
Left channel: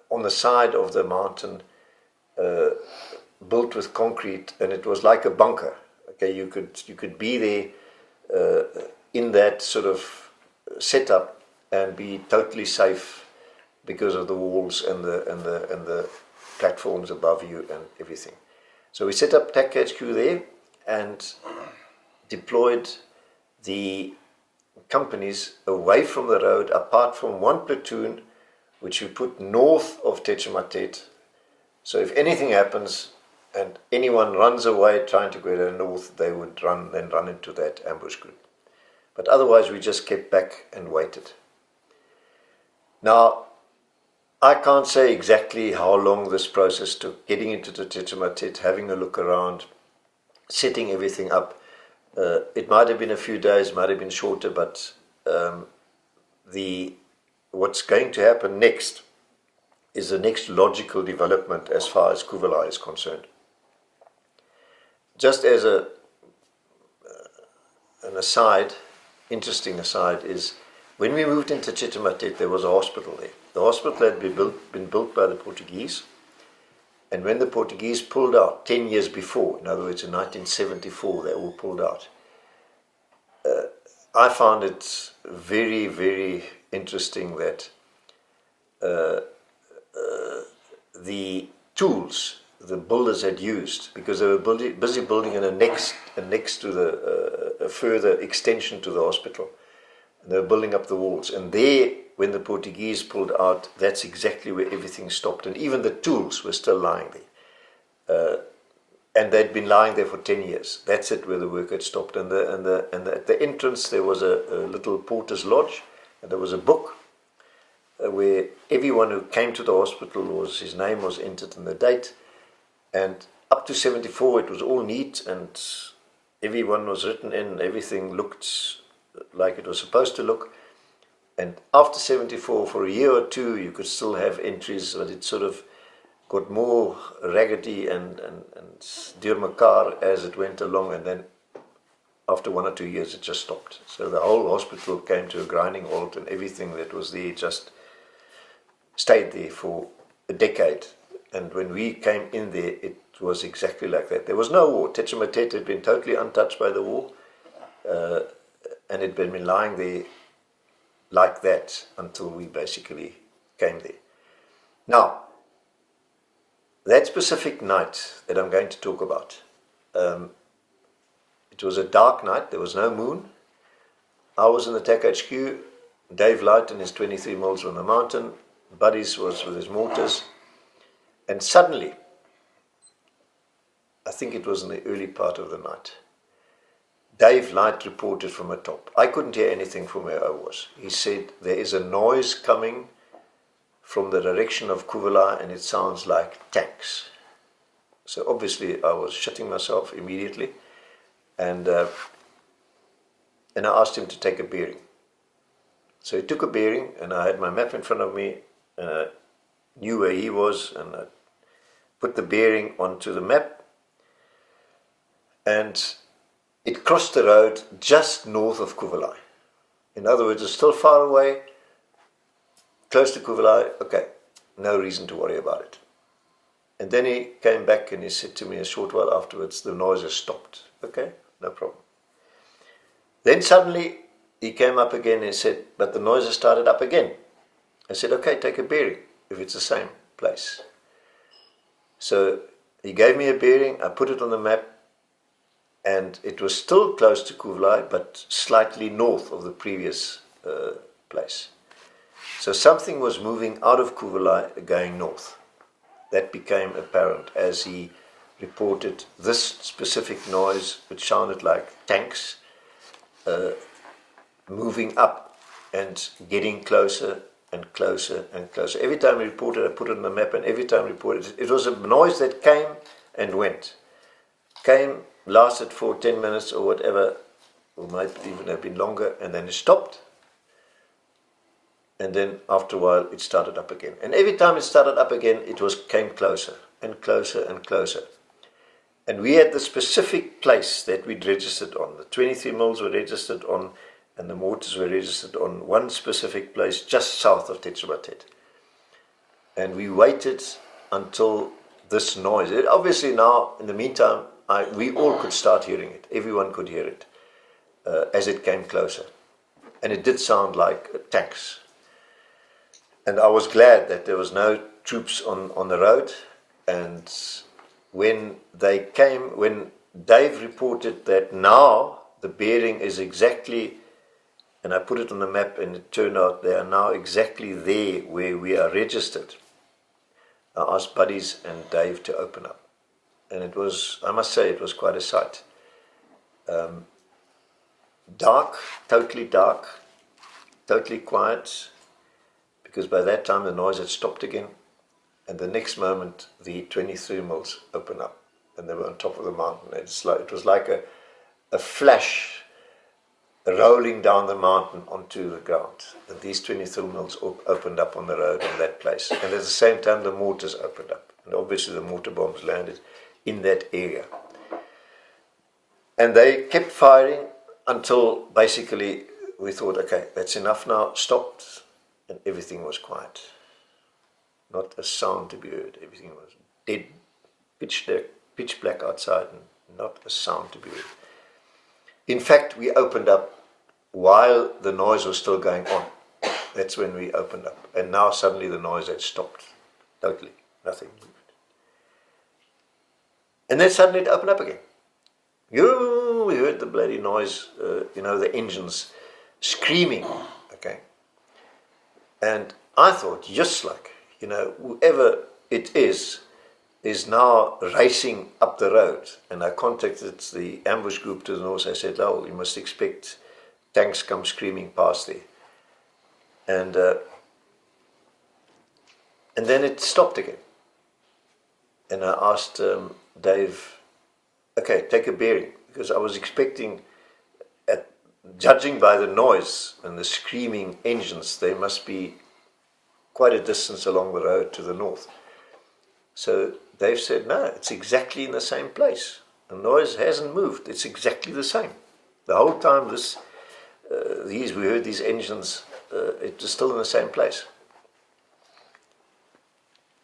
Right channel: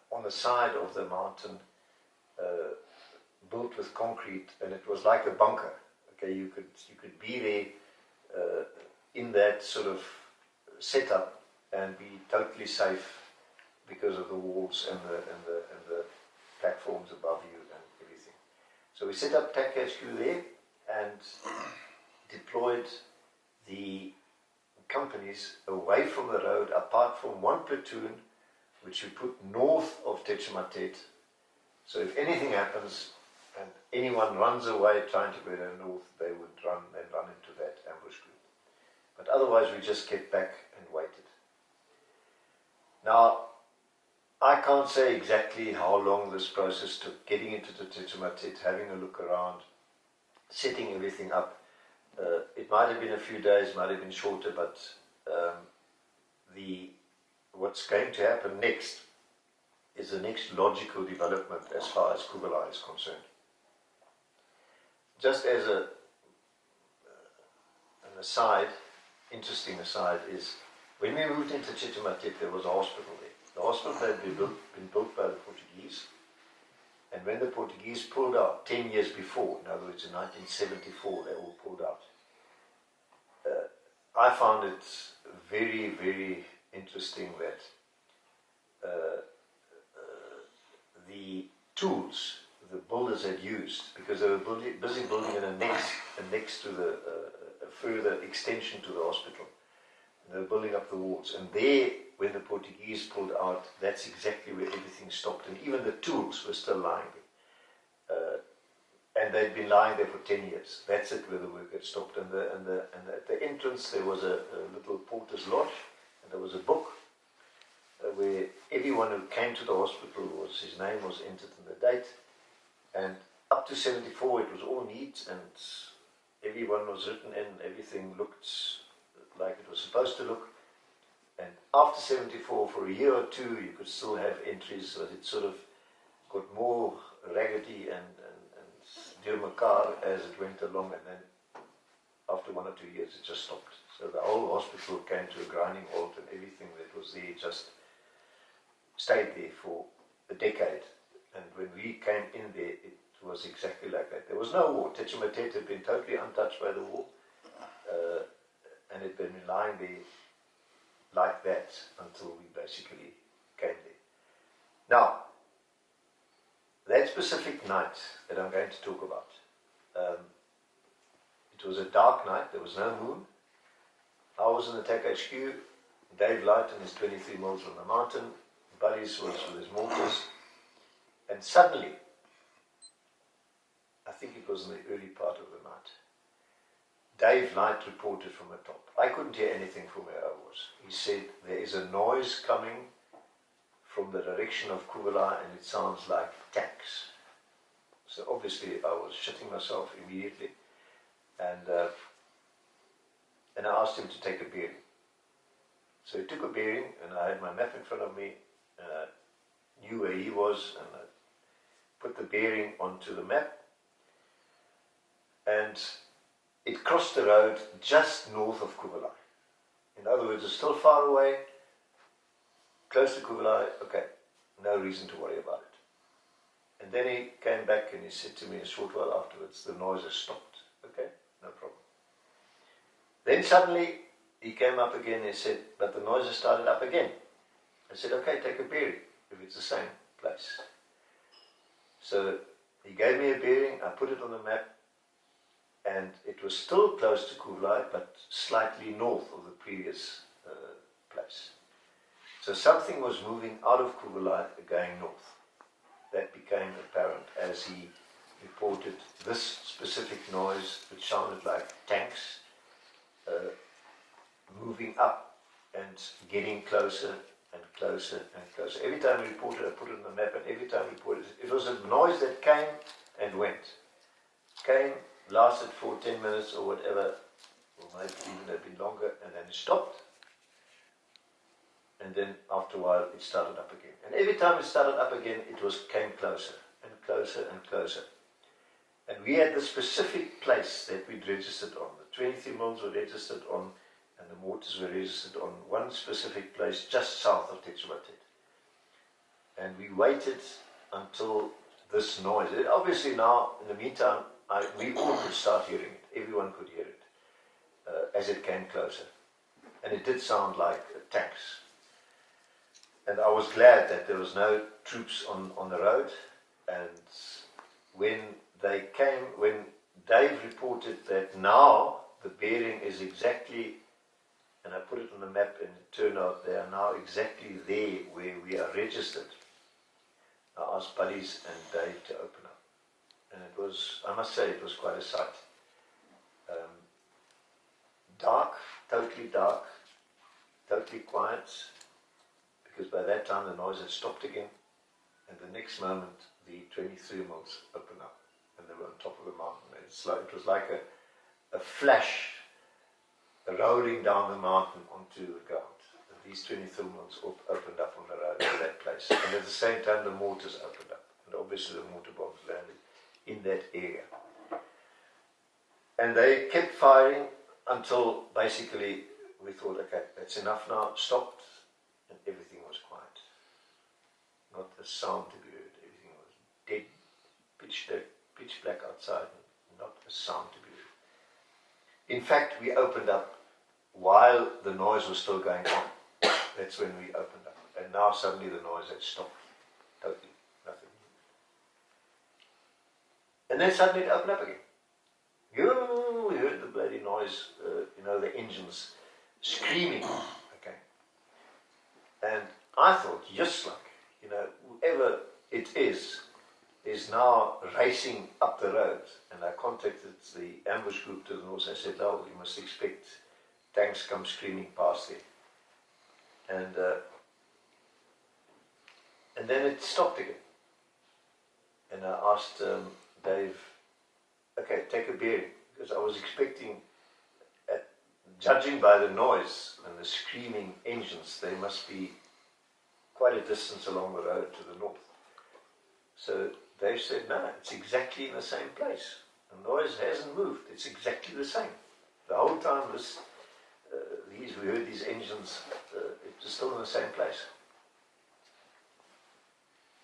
on the side of the mountain, built with concrete, and it was like a bunker. Okay, you could be there in that sort of setup and be totally safe because of the walls and the platforms above you and everything. So we set up TAC HQ there and deployed the companies away from the road, apart from one platoon which we put north of Tetchmatet. So if anything happens and anyone runs away trying to go to the north, they would run into that ambush group. But otherwise we just kept back and waited. Now, I can't say exactly how long this process took, getting into the Tetchmatet, having a look around, setting everything up. It might have been a few days, might have been shorter, but what's going to happen next is the next logical development as far as Kuvalai is concerned. Just as an aside, interesting aside, is when we moved into Tetchmatet, there was a hospital there. The hospital had been built by the Portuguese, and when the Portuguese pulled out 10 years before, in other words in 1974, they all pulled out. I found it very, very interesting that the tools the builders had used, because they were busy building a next to a further extension to the hospital. They were building up the walls, and there, when the Portuguese pulled out, that's exactly where everything stopped, and even the tools were still lying there. And they'd been lying there for 10 years. That's it, where the work had stopped. And at the entrance there was a little porter's lodge, and there was a book where everyone who came to the hospital his name was entered and the date. And up to 74 it was all neat, and everyone was written in, everything looked like it was supposed to look. And after 74, for a year or two, you could still have entries, but it sort of got more raggedy and deur mekaar as it went along, and then after 1 or 2 years it just stopped. So the whole hospital came to a grinding halt, and everything that was there just stayed there for a decade. And when we came in there, it was exactly like that. There was no war. Tetramatet had been totally untouched by the war, and it had been lying there like that until we basically came there. Now, that specific night that I'm going to talk about, it was a dark night, there was no moon. I was in the TAC HQ, Dave Light and his 23 mils on the mountain, Buddies was with his mortars, and suddenly, I think it was in the early part of the night, Dave Light reported from the top. I couldn't hear anything from where I was. He said, there is a noise coming from the direction of Kuvala and it sounds like tanks. So obviously I was shitting myself immediately, and I asked him to take a bearing. So he took a bearing, and I had my map in front of me, and I knew where he was, and I put the bearing onto the map, and it crossed the road just north of Kuvala. In other words, it's still far away, close to Kuvala. Okay, no reason to worry about it. And then he came back and he said to me a short while afterwards, the noise has stopped. Okay, no problem. Then suddenly he came up again and said, but the noise has started up again. I said, okay, take a bearing if it's the same place. So he gave me a bearing, I put it on the map, and it was still close to Kuvala, but slightly north of the previous place. So something was moving out of Kuvala going north. That became apparent as he reported this specific noise, which sounded like tanks, moving up and getting closer and closer and closer. Every time he reported, I put it on the map, and every time he reported, it was a noise that came and went. Came, lasted for 10 minutes or whatever, or might even have been longer, and then it stopped. And then after a while it started up again. And every time it started up again, it came closer and closer and closer. And we had the specific place that we'd registered on. The 23 mils were registered on, and the mortars were registered on one specific place just south of Tetramatet. And we waited until this noise. Obviously now, in the meantime, we all could start hearing it. Everyone could hear it as it came closer. And it did sound like tanks. And I was glad that there was no troops on the road. And when they came, when Dave reported that now the bearing is exactly, and I put it on the map, and it turned out they are now exactly there where we are registered, I asked Buddies and Dave to open up. And it was, I must say, it was quite a sight. Dark, totally quiet, because by that time the noise had stopped again, and the next moment the 23 mils opened up, and they were on top of the mountain. It was like a flash rolling down the mountain onto the ground. And these 23 mils opened up on the road in that place, and at the same time the mortars opened up, and obviously the mortar bombs landed in that area. And they kept firing until basically we thought, okay, that's enough now, stopped, and everything was quiet. Not a sound to be heard. Everything was dead, pitch black outside, and not a sound to be heard. In fact, we opened up while the noise was still going on. That's when we opened up. And now suddenly the noise had stopped. Totally. Nothing moved. And then suddenly it opened up again. We heard the bloody noise, the engines screaming. Okay. And I thought, just like, whoever it is now racing up the road. And I contacted the ambush group to the north. I said, you must expect tanks come screaming past there. And then it stopped again. And I asked Dave, okay, take a bearing, because I was expecting at judging by the noise and the screaming engines, they must be quite a distance along the road to the north. So they've said, no, it's exactly in the same place. The noise hasn't moved. It's exactly the same. The whole time we heard these engines, it was still in the same place.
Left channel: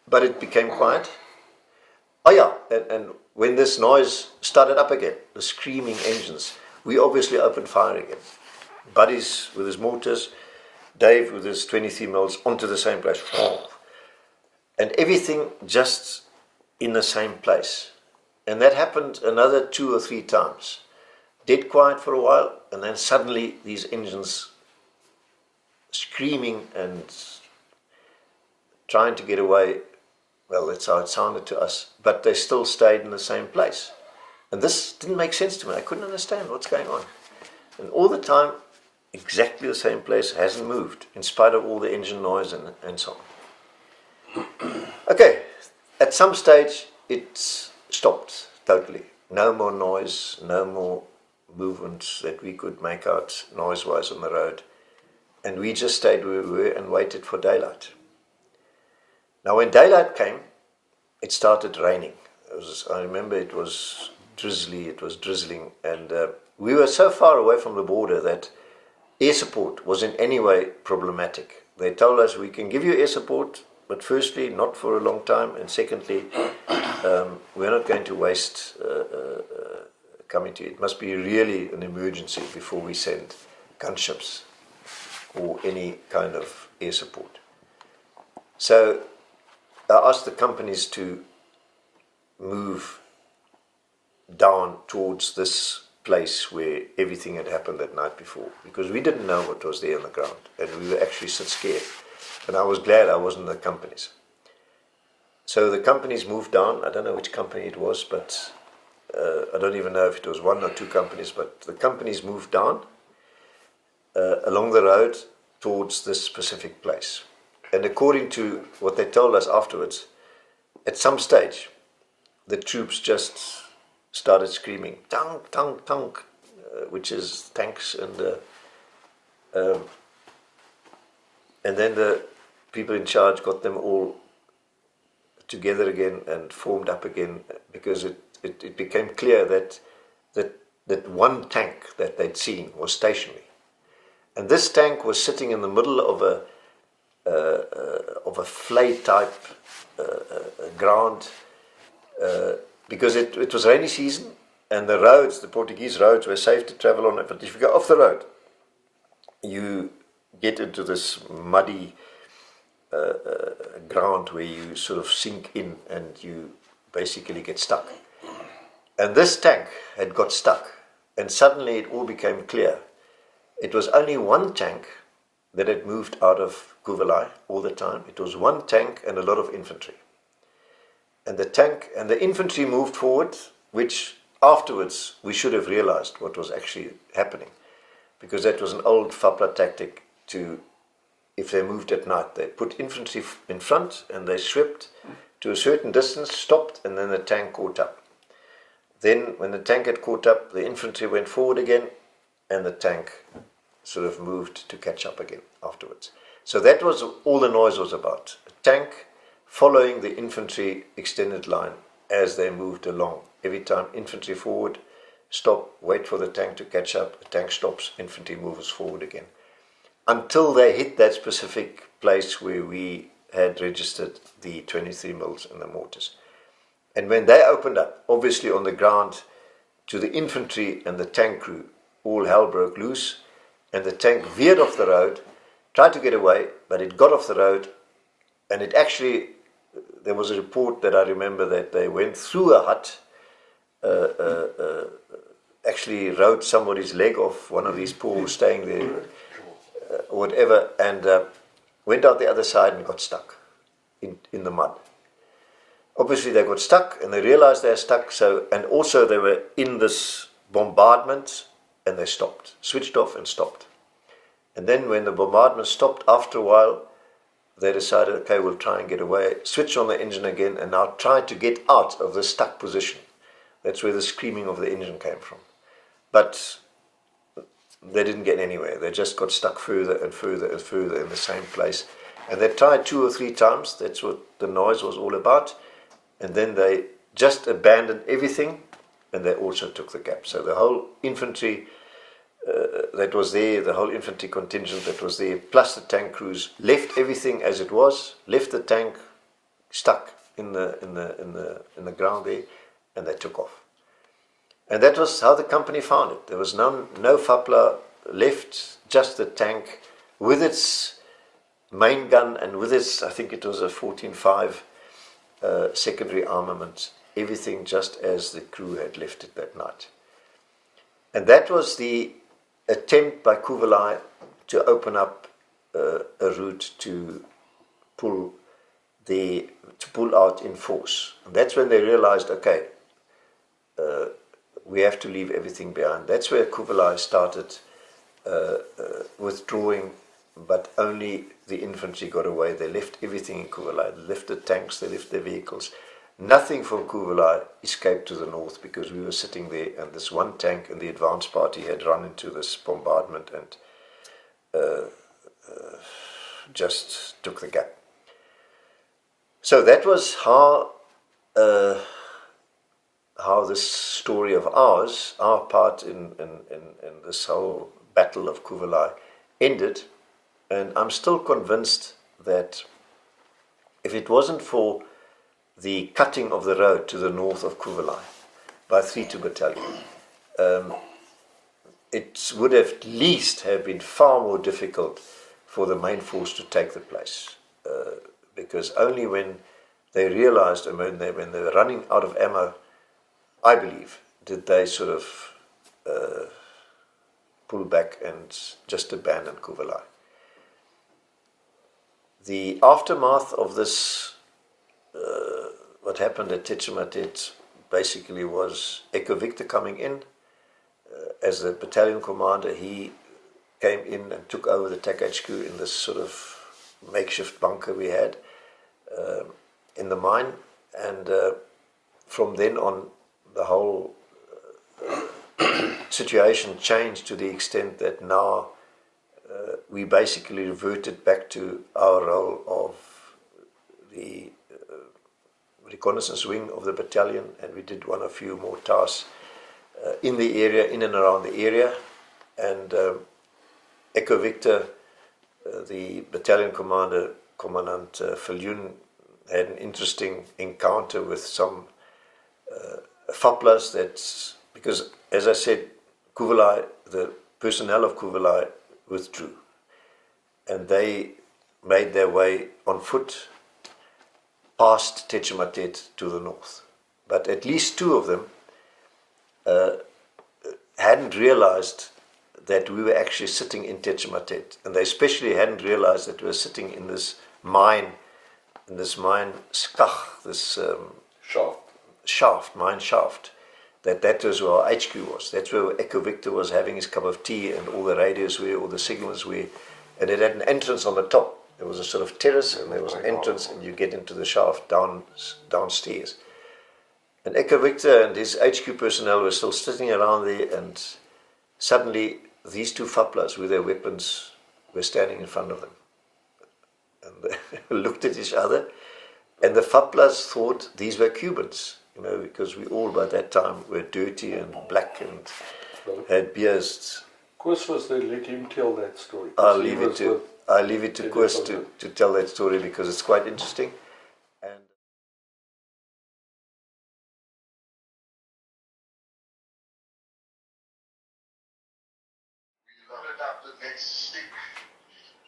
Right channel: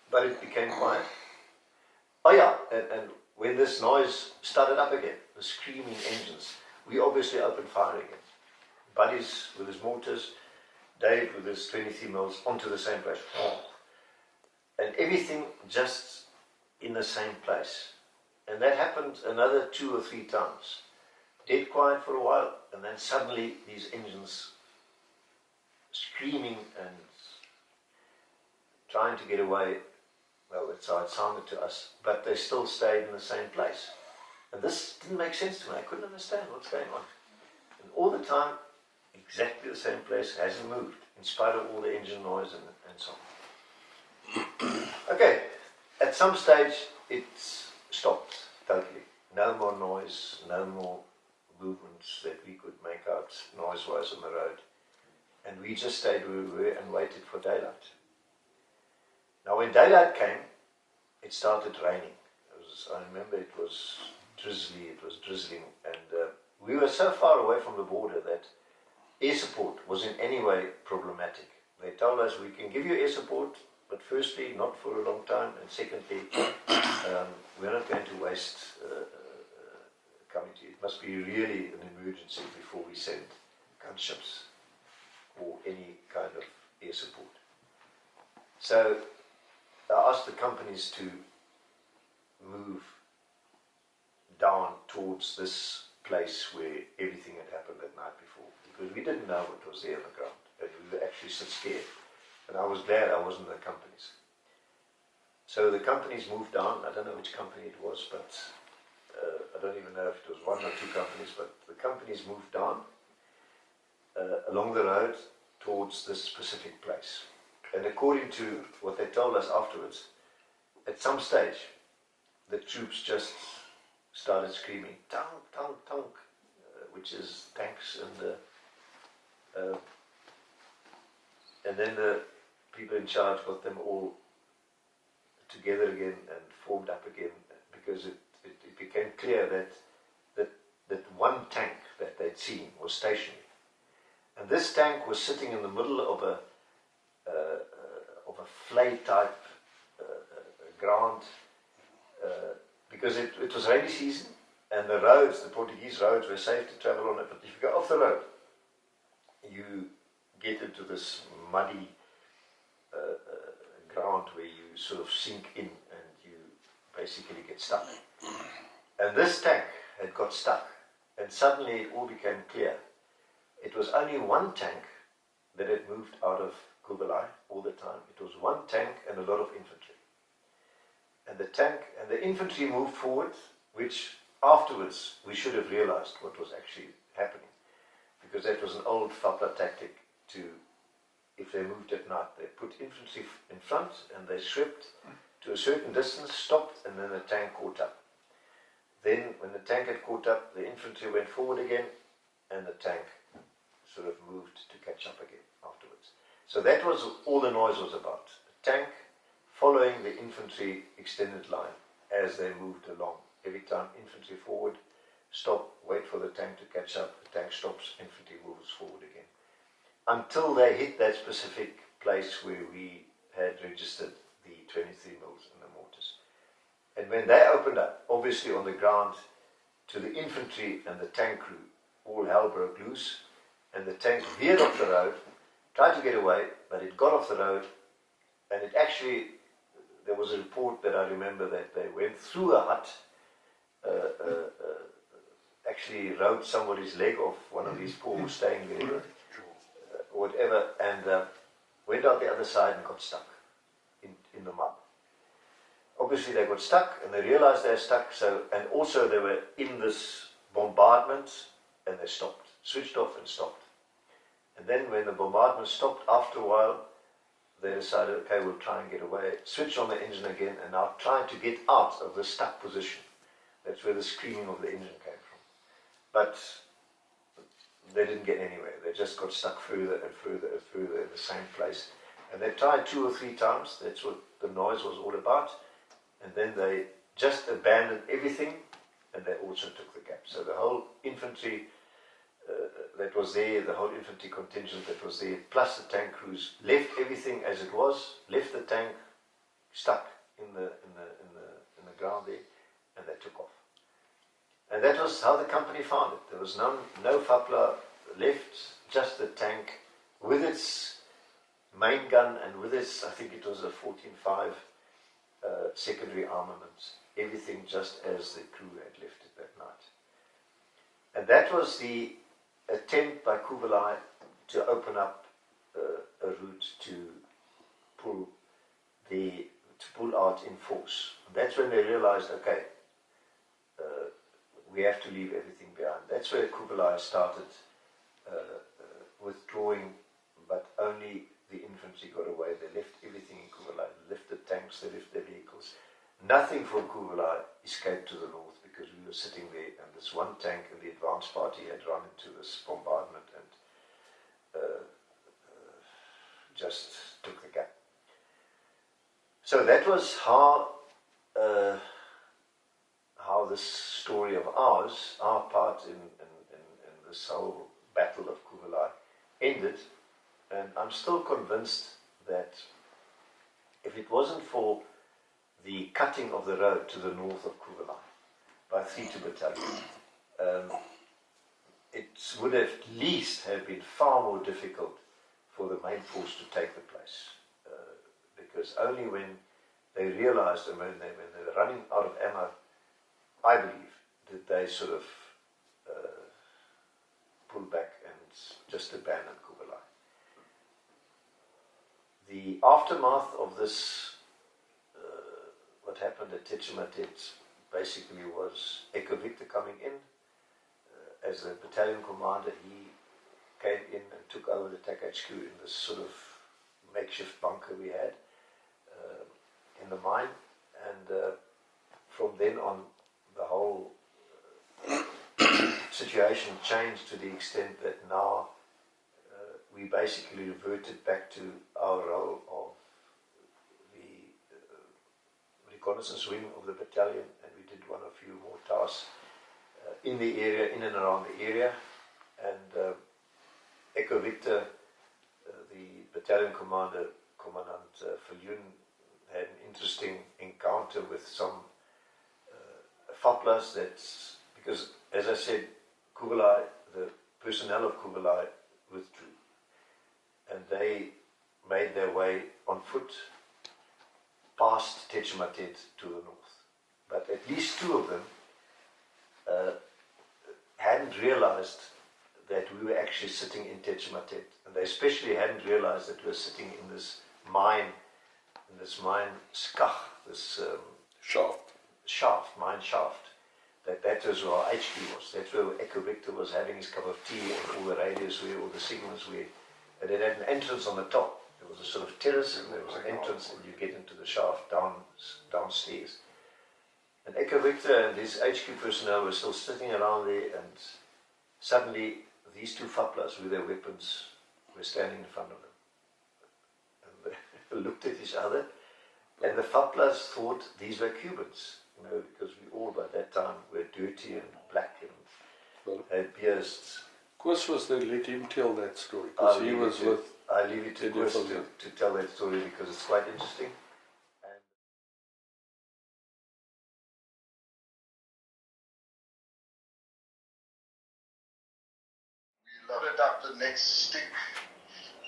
But it became quiet. Oh yeah, and when this noise started up again, the screaming engines, we obviously opened fire again. Buddies with his mortars, Dave with his 23 mils onto the same place. And everything just in the same place. And that happened another 2 or 3 times. Dead quiet for a while, and then suddenly these engines screaming and trying to get away. Well, that's how it sounded to us. But they still stayed in the same place. And this didn't make sense to me. I couldn't understand what's going on. And all the time, exactly the same place, hasn't moved, in spite of all the engine noise and so on. Okay, at some stage, it stopped totally. No more noise, no more movements that we could make out noise-wise on the road. And we just stayed where we were and waited for daylight. Now, when daylight came, it started raining. I remember it was drizzly, it was drizzling, and we were so far away from the border that air support was in any way problematic. They told us, we can give you air support, but firstly, not for a long time, and secondly, we're not going to waste coming to you. It must be really an emergency before we send gunships or any kind of air support. So I asked the companies to move down towards this place where everything had happened that night before, because we didn't know what was there on the ground, and we were actually so scared. And I was glad I wasn't the companies. So the companies moved down. I don't know which company it was, but I don't even know if it was 1 or 2 companies, but the companies moved down along the road towards this specific place. And according to what they told us afterwards, at some stage, the troops just started screaming, tank, tank, tank, which is tanks, and then the people in charge got them all together again and formed up again, because it became clear that one tank that they'd seen was stationary. And this tank was sitting in the middle of a flay type ground, because it was rainy season and the roads, the Portuguese roads, were safe to travel on it. But if you go off the road, you get into this muddy ground where you sort of sink in and you basically get stuck. And this tank had got stuck, and suddenly it all became clear. It was only one tank that had moved out of Kuvalai all the time. It was one tank and a lot of infantry. And the tank and the infantry moved forward, which afterwards we should have realized what was actually happening, because that was an old FAPLA tactic to, if they moved at night, they put infantry in front and they swept to a certain distance, stopped, and then the tank caught up. Then when the tank had caught up, the infantry went forward again, and the tank sort of moved to catch up again afterwards. So that was all the noise was about. A tank following the infantry extended line as they moved along. Every time infantry forward, stop, wait for the tank to catch up, the tank stops, infantry moves forward again. Until they hit that specific place where we had registered the 23 mils and the mortars. And when they opened up, obviously on the ground, to the infantry and the tank crew, all hell broke loose, and the tank veered off the road, tried to get away, but it got off the road, and it actually, there was a report that I remember that they went through a hut, actually rode somebody's leg off, one of these poor staying there, whatever, and went out the other side and got stuck in the mud. Obviously they got stuck and they realized they were stuck, so, and also they were in this bombardment, and they stopped, switched off and stopped. And then when the bombardment stopped, after a while, they decided, okay, we'll try and get away, switch on the engine again, and now try to get out of the stuck position. That's where the screaming of the engine came from. But they didn't get anywhere. They just got stuck further and further and further in the same place. And they tried 2 or 3 times. That's what the noise was all about. And then they just abandoned everything, and they also took the gap. So the whole infantry that was there, the whole infantry contingent that was there, plus the tank crews, left everything as it was, left the tank stuck in the ground there, and they took off. And that was how the company found it. There was no FAPLA left, just the tank with its main gun and with its, I think it was a 14.5 secondary armament, everything just as the crew had left it that night. And that was the attempt by Kuvelai to open up a route to pull out in force. And that's when they realized, okay, we have to leave everything behind. That's where Kuvelai started withdrawing, but only the infantry got away. They left everything in Kuvelai. They left the tanks, they left their vehicles. Nothing from Kuvelai escaped to the north because we were sitting there, and this one tank and the advance party had run into this bombardment and just took the gap. So that was how this story of ours, our part in this whole battle of Kuvelai ended. And I'm still convinced that if it wasn't for the cutting of the road to the north of Kuvelai by 3-2 Battalion, it would have at least have been far more difficult for the main force to take the place. Because only when they realized, and when they were running out of ammo, I believe, did they sort of pull back and just abandon Kuvelai. The aftermath of this, what happened at Tetchematet, basically was Echo Victor coming in as the battalion commander. He came in and took over the TAC HQ in this sort of makeshift bunker we had in the mine, and from then on the whole situation changed to the extent that now we basically reverted back to our role of the reconnaissance wing of the battalion, and we did a few more tasks in the area, in and around the area. And Echo Victor, the battalion commander, Commandant Viljoen, had an interesting encounter with some FAPLAs because, as I said, Kuvelai, the personnel of Kuvelai withdrew, and they made their way on foot past Tetchematet to the north. But at least 2 of them hadn't realized that we were actually sitting in Tetchematet, and they especially hadn't realized that we were sitting in this mine, skach, this mine shaft, that was where our HQ was. That's where Echo Victor was having his cup of tea, and all the radios were, all the signals were, and it had an entrance on the top. There was a sort of terrace, and there was an entrance, and you get into the shaft downstairs. And Echo Victor and his HQ personnel were still sitting around there, and suddenly these 2 FAPLAs with their weapons were standing in front of them. And they looked at each other, and the FAPLAs thought these were Cubans, because we all by that time were dirty and black and had beards. Koos was there, let him tell that story. I'll leave it to Koos to tell that story because it's quite interesting. And we loaded up the next stick,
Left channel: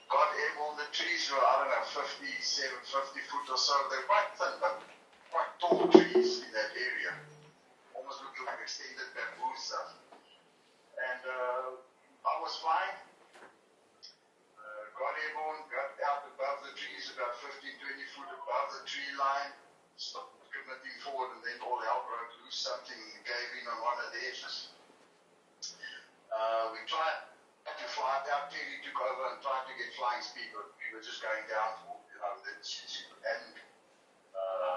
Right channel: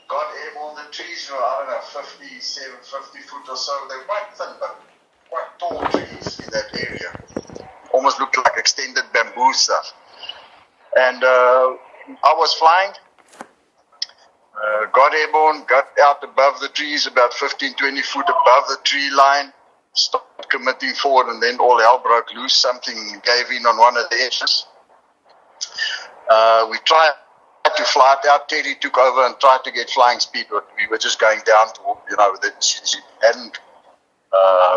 got airborne. The trees were, I don't know, 50 foot or so. They're quite thin, but quite tall trees in that area. Almost looked like extended bamboo stuff. And I was flying, got airborne, got out above the trees, about 15-20 foot above the tree line, started committing forward, and then all hell broke loose. Something gave in on one of the edges. We tried to fly it out. Teddy took over and tried to get flying speed, but we were just going down to,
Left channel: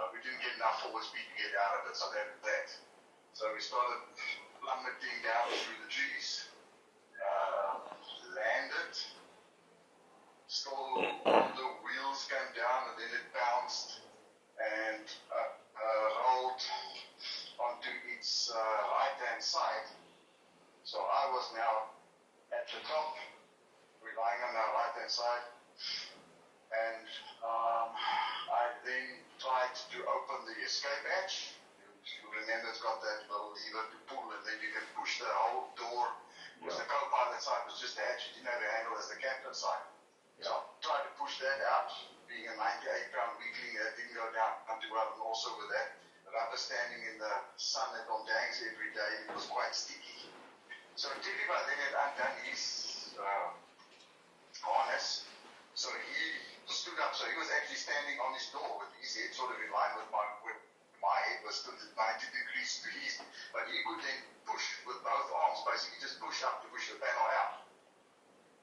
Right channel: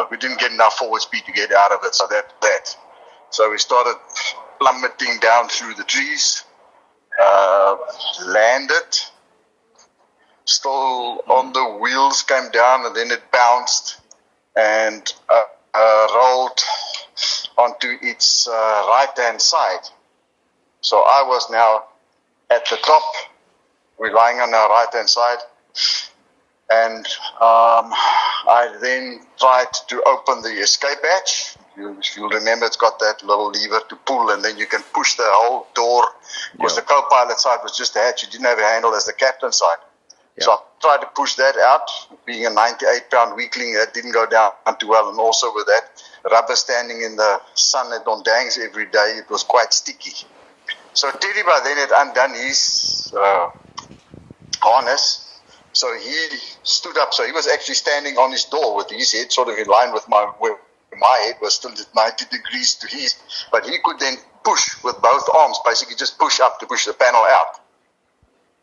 we didn't get enough forward speed to get out of it, so that. So we started plummeting down through the trees, landed, still on the wheels, came down, and then it bounced and rolled onto its right-hand side. So I was now at the top, relying on our right-hand side, and I then tried to open the escape hatch. You'll remember it's got that little lever to pull, and then you can push the whole door, because the co-pilot side was just a hatch. You didn't have a handle as the captain side. So I tried to push that out. Being a 98-pound weakling, that didn't go down too well, and also with that rubber standing in the sun at Ondangs every day, it was quite sticky. So Terry by then had undone his harness, so he stood up. So he was actually standing on his door with his head sort of in line with my head was still at 90 degrees to his, but he could then push with both arms, basically just push up to push the panel out.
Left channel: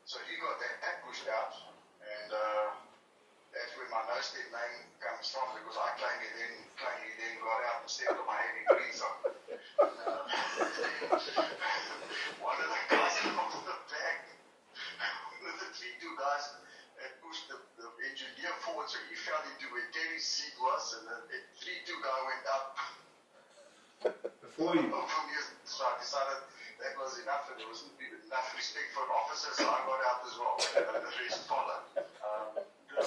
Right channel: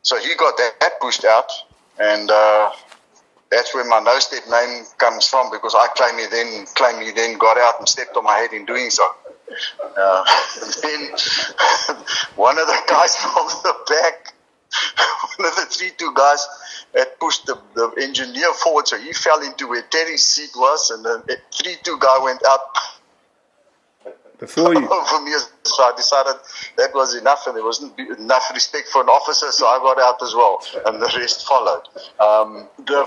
So he got that pushed out, and that's where my no-step name comes from, because I claim he then got out and stepped on my head in doing so. Then one of the guys from the back, one of the 3-2 guys, had pushed the engineer forward, so he fell into where Terry's seat was, and the 3-2 guy went up before you. Over me. So I decided that was enough, and there wasn't enough respect for an officer, so I got out as well, and the rest followed. The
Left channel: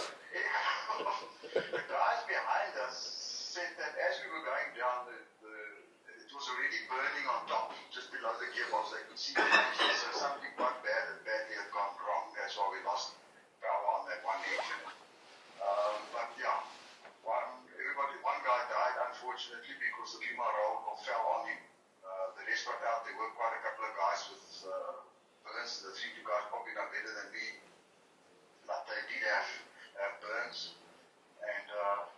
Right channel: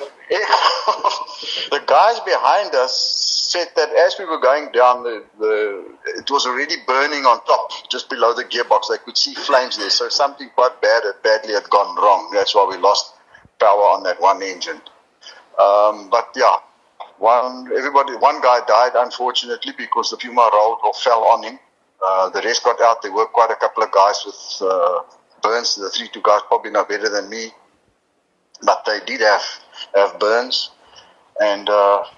guys behind us said that as we were going down, it was already burning on top, just below the gearbox. They could see flames there, so something quite badly had gone wrong. That's why we lost power on that one engine. But yeah, one guy died, unfortunately, because the Puma rolled or fell on him. The rest got out. There were quite a couple of guys with burns. The 3-2 guys probably know better than me, but they did have burns. And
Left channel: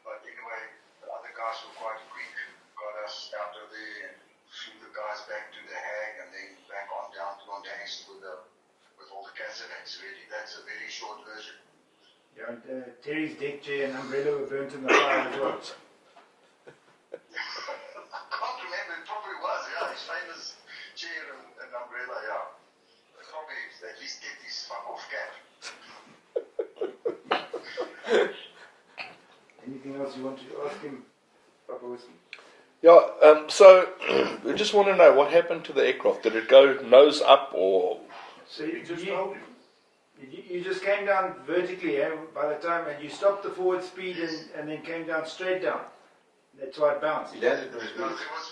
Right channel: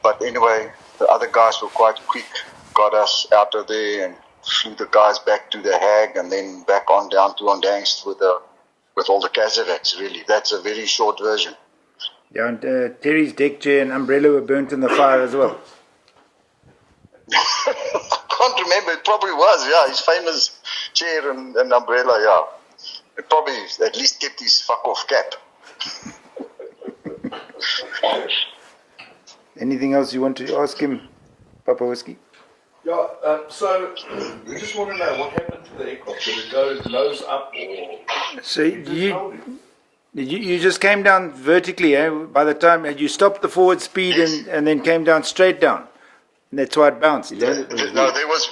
but anyway, the other guys were quite quick, got us out of there and flew the guys back to the Hague, and then back on down to Ondangs with all the Casevacs. Really, that's a very short version. Yeah, and Terry's deck chair and umbrella were burnt in the fire as well. I can't remember. It probably was. Yeah, his famous chair and umbrella. Yeah, it probably at least kept his fuck off cap. Anything else you want to ask him, Papa Whiskey? Yeah, so I just want to know what happened to the aircraft. Did it go nose up or? So you just came down vertically, eh? By the time you stopped the forward speed and then came down straight down. And that's why it bounced. No, there was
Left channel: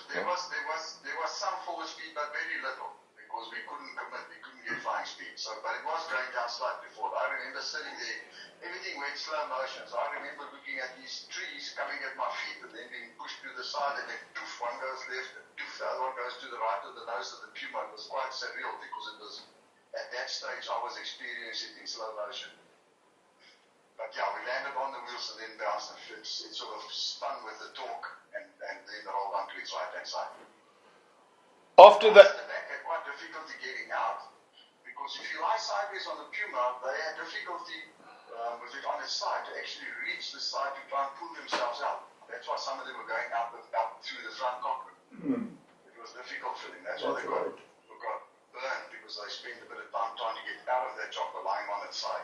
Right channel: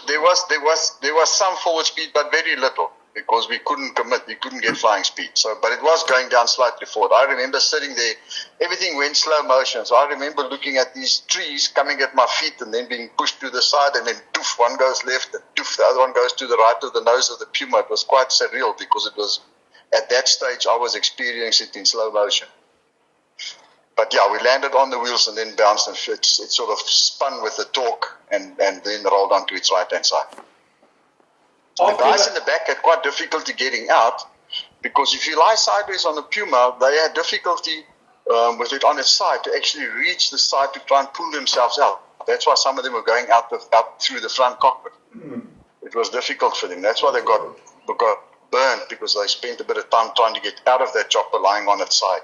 some forward speed, but very little, because we couldn't commit. We couldn't get flying speed. So, but it was going down slightly forward. I remember sitting there. Everything went slow motion. So I remember looking at these trees coming at my feet and then being pushed to the side, and then doof, one goes left, and doof, the other one goes to the right of the nose of the Puma. It was quite surreal, because it was at that stage I was experiencing it in slow motion. But yeah, we landed on the wheels and then bounced, and it sort of spun with the torque and then rolled onto its right-hand side. The guys in the back had quite difficulty getting out, because if you lie sideways on the Puma, they had difficulty with it on its side to actually reach the side to try and pull themselves out. That's why some of them were going out through the front cockpit. It was difficult for them. That's why they got burned, because they spent a bit of time trying to get out of that chopper lying on its side.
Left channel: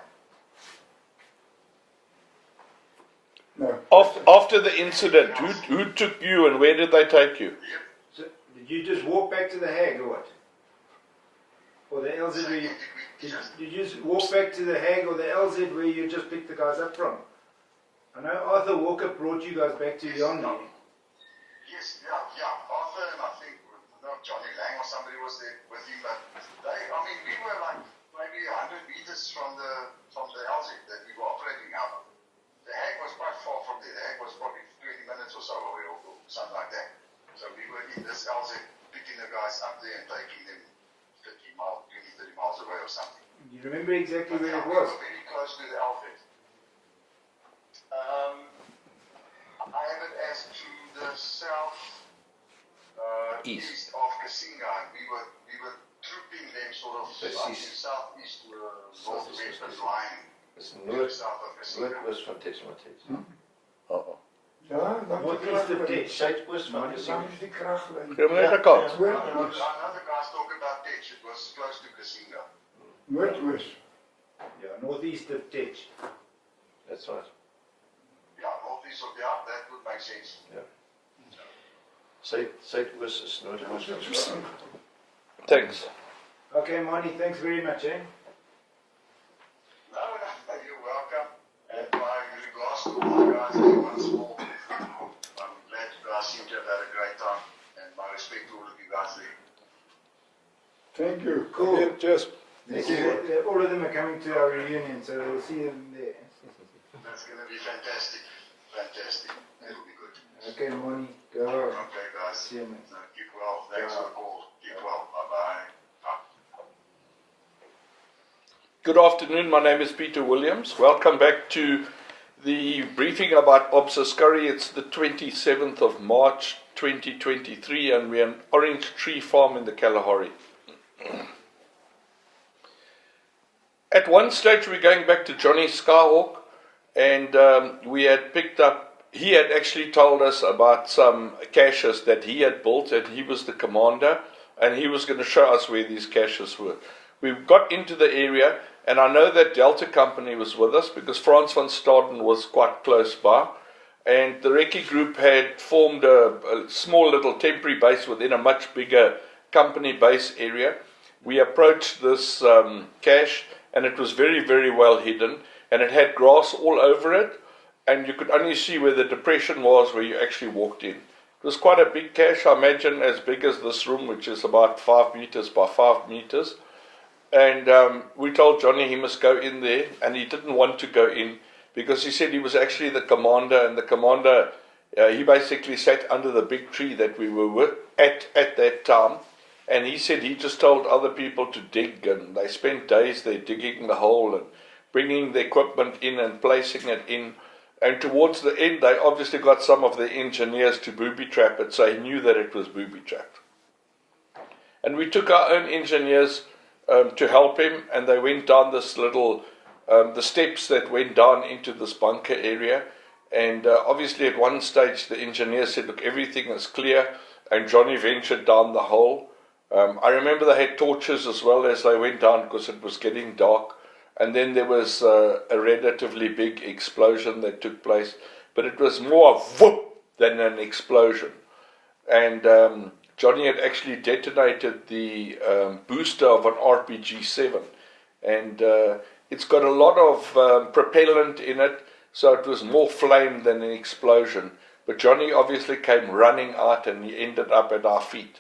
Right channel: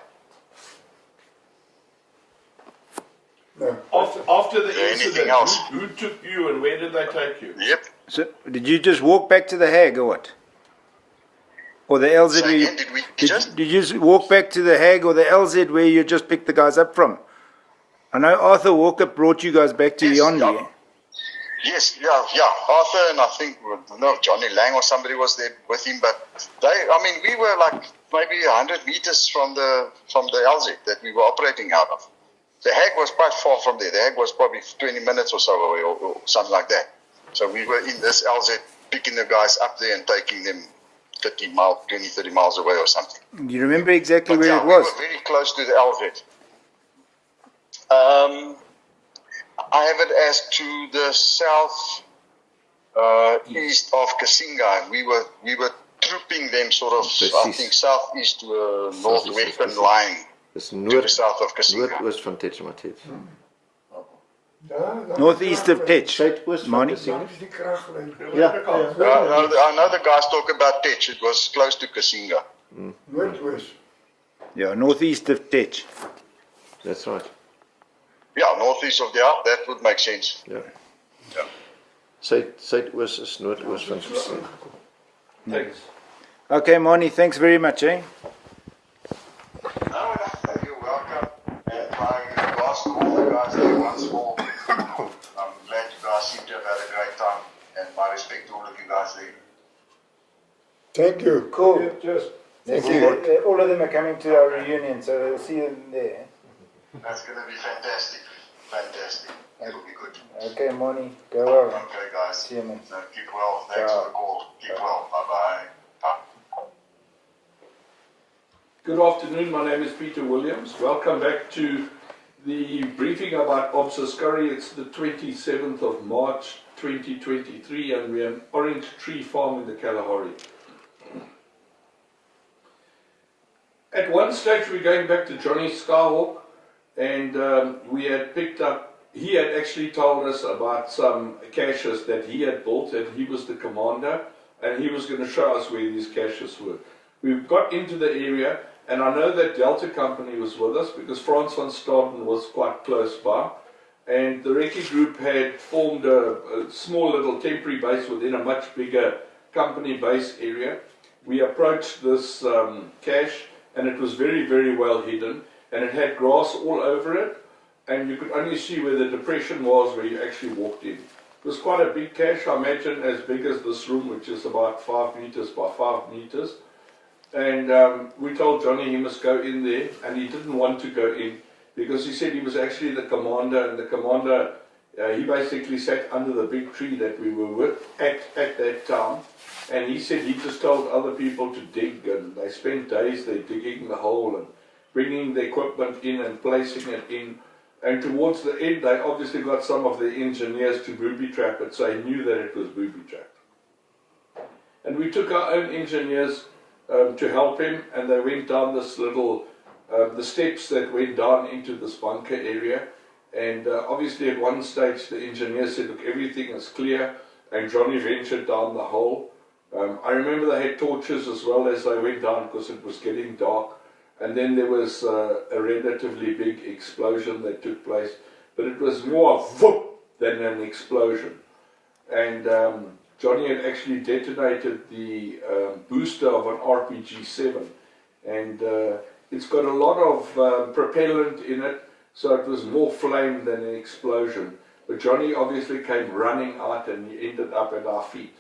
No. After the incident, who took you and where did they take you? Yep. So did you just walk back to the Hague or what? Or the LZ? So again, did you just walk back to the Hague or the LZ where you just picked the guys up from? I know Arthur Walker brought you guys back to Yondi. Yes, Arthur, and I think Johnny Lang or somebody was there with him. But we were like maybe 100 meters from the LZ that we were operating out of. The Hague was quite far from there. The Hague was probably 20 minutes or so away, or something like that. So we were in this LZ, picking the guys up there and taking them 30 miles away or something. Do you remember exactly where it was? We were very close to the LZ. I have it as to the south east of Kasinga. We were trooping them sort of, I think, southeast to a northwestern line. Dis to the south of Kasinga. noordoost van Tetshematet. Northeast of Tech. Suidoost van Mani? Kasinga. Die kraglyn. I know the guys talk about Tech. It was close to Kasinga. Noordwes. Yeah, northeast of Tech. That's right. Yeah, northeast of there, that would make sense. Ja. Ja. Suidoost is noordoos van Kasinga. Thanks. Okay, Moni, thanks very much, eh? No, you're welcome. And my regards to all the guys there once more. I'm glad you guys seem to have had a great time. And my respect to all of you guys there. Thank you. Cool. Just Thank you. All of them are coming to our reunion, so we'll see you there. That's going to be fantastic. Fantastic. It'll be good. Okay, Moni, go well. Okay, guys. See you, man. So keep well. Thanks for the call. Keep well. Bye-bye. Good afternoon, my name is Peter Williams. Welcome back to the briefing about ASKARIE. It's the 27th of March 2023 and we're an orange tree farm in the Kalahari. At one stage we're going back to Johnny Skyhawk and we had picked up, he had actually told us about some caches that he had built and he was the commander and he was going to show us where these caches were. We got into the area. And I know that Delta Company was with us because Frans van Staden was quite close by. And the recce group had formed a small little temporary base within a much bigger company base area. We approached this cache and it was very, very well hidden. And it had grass all over it. And you could only see where the depression was where you actually walked in. It was quite a big cache, I imagine as big as this room, which is about 5 meters by 5 meters. And we told Johnny he must go in there, and he didn't want to go in because he said he was actually the commander, and the commander, he basically sat under the big tree that we were with at that time, and he said he just told other people to dig, and they spent days there digging the hole and bringing the equipment in and placing it in, and towards the end they obviously got some of the engineers to booby trap it, so he knew that it was booby trapped. And we took our own engineers to help him, and they went down this little, the steps that went down into this bunker area, and obviously at one stage the engineer said, look, everything is clear, and Johnny ventured down the hole. I remember they had torches as well as they went down because it was getting dark, and then there was a relatively big explosion that took place, but it was more whoop than an explosion, and Johnny had actually detonated the booster of an RPG-7 and it's got a lot of propellant in it, so it was more flame than an explosion. But Johnny obviously came running out and he ended up at our feet.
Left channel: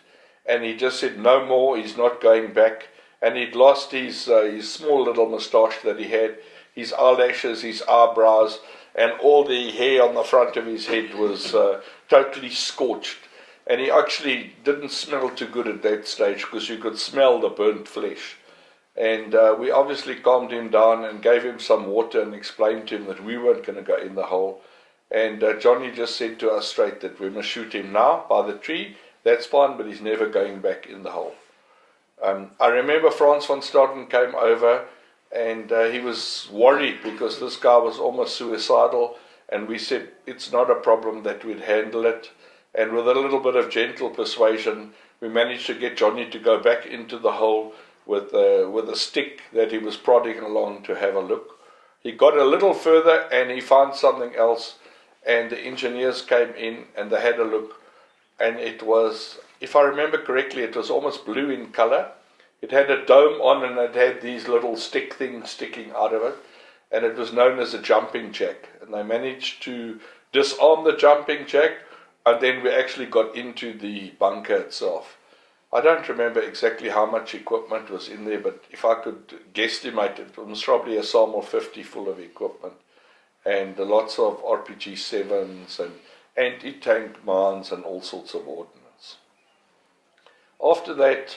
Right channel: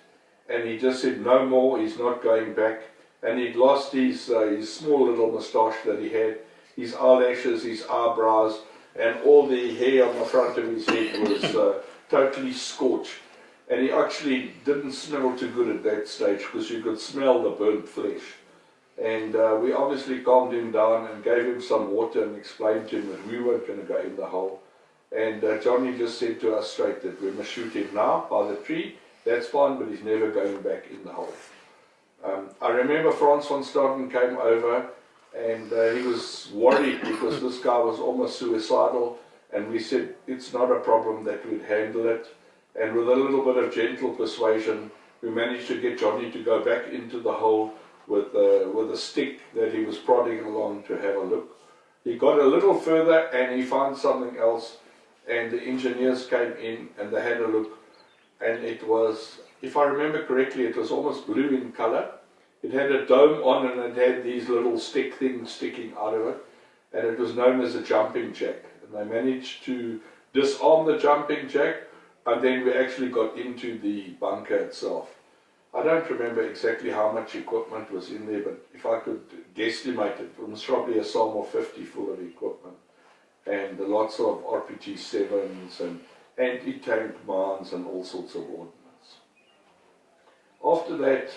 And he just said no more, he's not going back. And he'd lost his small little moustache that he had, his eyelashes, his eyebrows, and all the hair on the front of his head was totally scorched. And he actually didn't smell too good at that stage because you could smell the burnt flesh. And we obviously calmed him down and gave him some water and explained to him that we weren't going to go in the hole. And Johnny just said to us straight that we must shoot him now by the tree. That's fine, but he's never going back in the hole. I remember Frans van Staden came over and he was worried because this guy was almost suicidal. And we said it's not a problem, that we'd handle it. And with a little bit of gentle persuasion, we managed to get Johnny to go back into the hole with a stick that he was prodding along to have a look. He got a little further and he found something else, and the engineers came in and they had a look, and it was, if I remember correctly, it was almost blue in color. It had a dome on and it had these little stick things sticking out of it, and it was known as a jumping jack. And they managed to disarm the jumping jack, and then we actually got into the bunker itself. I don't remember exactly how much equipment was in there, but if I could guesstimate it, it was probably a SAML 50 full of equipment, and lots of RPG-7s and anti-tank mines and all sorts of ordnance. After that,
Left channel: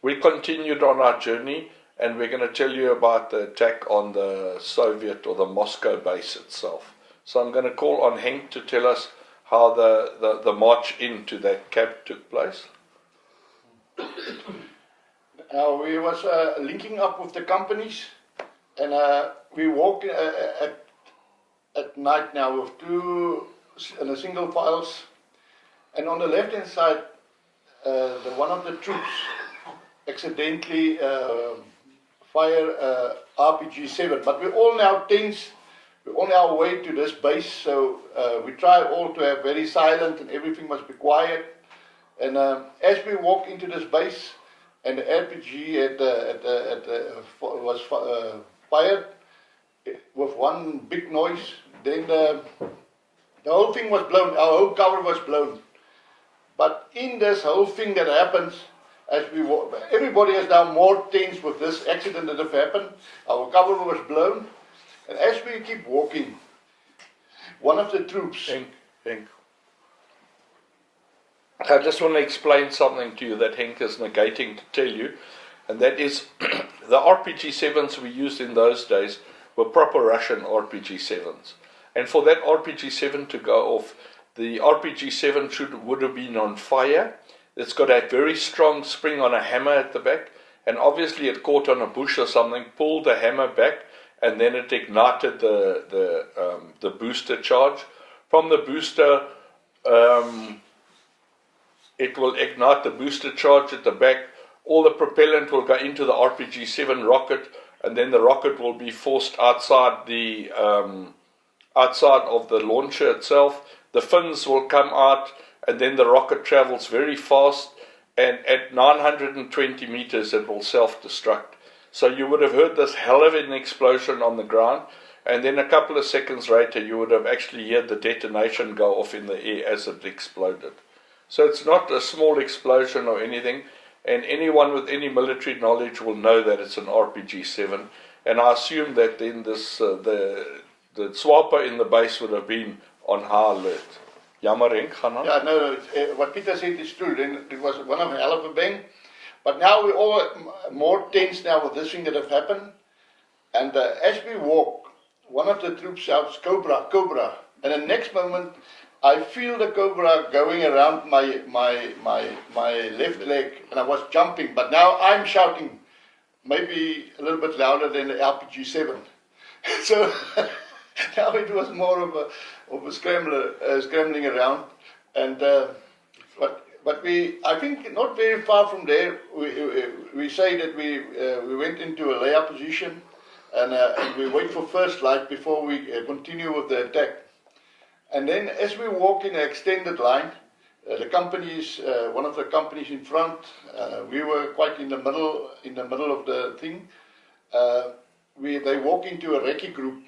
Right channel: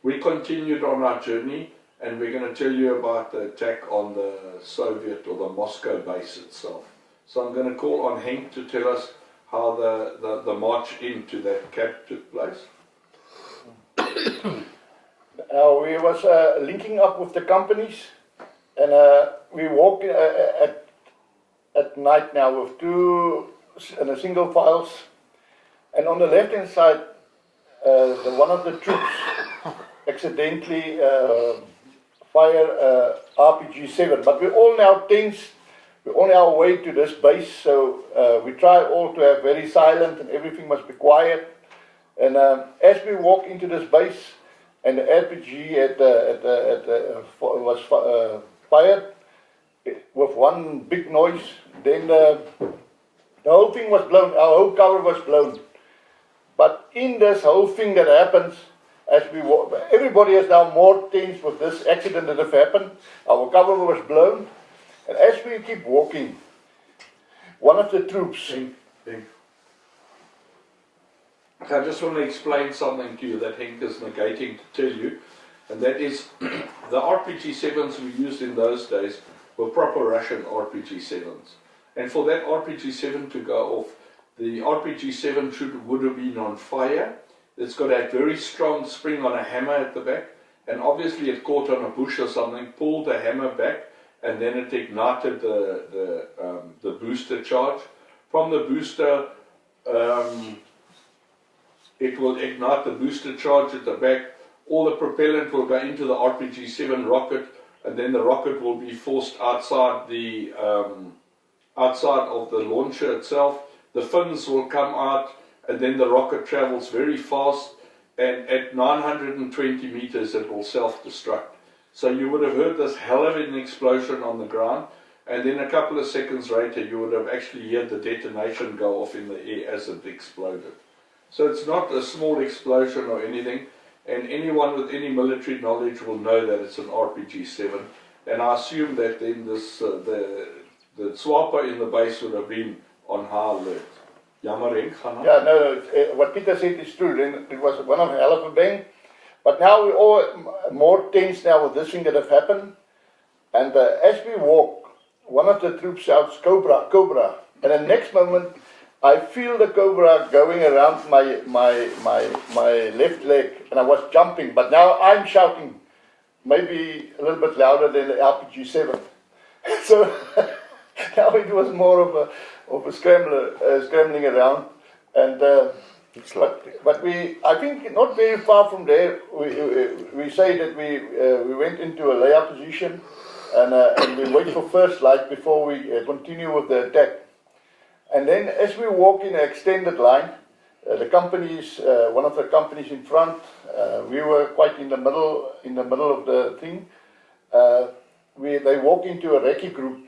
we continued on our journey, and we're going to tell you about the attack on the Soviet or the Moscow base itself. So I'm going to call on Henk to tell us how the march into that camp took place. We was linking up with the companies, and we walked at night now with two in a single files, and on the left hand side, one of the troops accidentally fire RPG-7. But we're all now tense. We're on our way to this base, so we try all to have very silent and everything must be quiet. And as we walk into this base, and the RPG was fired with one big noise, then the whole thing was blown, our whole cover was blown. But in this whole thing that happens, as we walk, everybody is now more tense with this accident that have happened. Our cover was blown, and as we keep walking, one of the troops... I just want to explain something to you that Henk is negating to tell you, and that is the RPG-7s we used in those days were proper Russian RPG-7s. And for that RPG-7 to go off, the RPG-7 would have been on fire. It's got a very strong spring on a hammer at the back, and obviously it caught on a bush or something, pulled the hammer back, and then it ignited the booster charge. From the booster, it will ignite the booster charge at the back. All the propellant will go into the RPG-7 rocket, and then the rocket will be forced outside of the launcher itself. The fins will come out, and then the rocket travels very fast, and at 920 meters it will self-destruct. So you would have heard this hell of an explosion on the ground, and then a couple of seconds later you would have actually heard the detonation go off in the air as it exploded. So it's not a small explosion or anything, and anyone with any military knowledge will know that it's an RPG-7. And I assume that then this the SWAPO in the base would have been on high alert. Jammer, Henk, gaan aan. Yeah, no, what Peter said is true. Then it was one of a hell of a bang. But now we're all more tense now with this thing that have happened. And as we walk, one of the troops shouts, "Cobra, Cobra." And the next moment, I feel the cobra going around my left leg, and I was jumping. But now I'm shouting, maybe a little bit louder than the RPG-7. So now it was more of a scrambling around. And but I think not very far from there, we say that we went into a layout position, and we wait for first light before we continue with the attack. And then as we walk in an extended line, the companies, one of the companies in front, we were quite in the middle of the thing. They walk into a recce group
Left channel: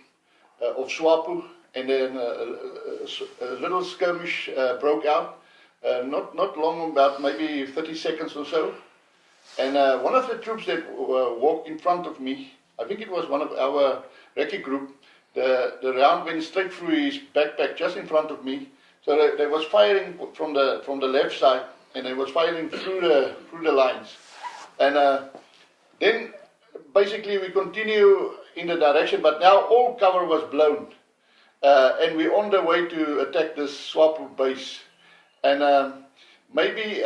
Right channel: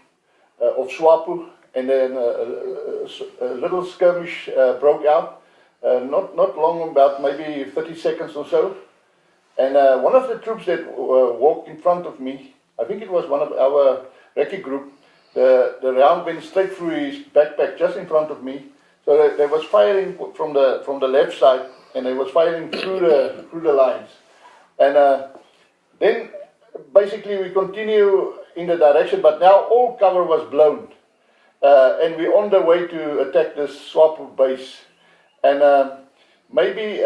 of SWAPO, and then a little skirmish broke out. Not long, about maybe 30 seconds or so. And one of the troops that walked in front of me, I think it was one of our recce group, the round went straight through his backpack just in front of me. So they was firing from the left side, and they was firing through the lines. And then basically we continue in the direction, but now all cover was blown. And we're on the way to attack this SWAPO base. And maybe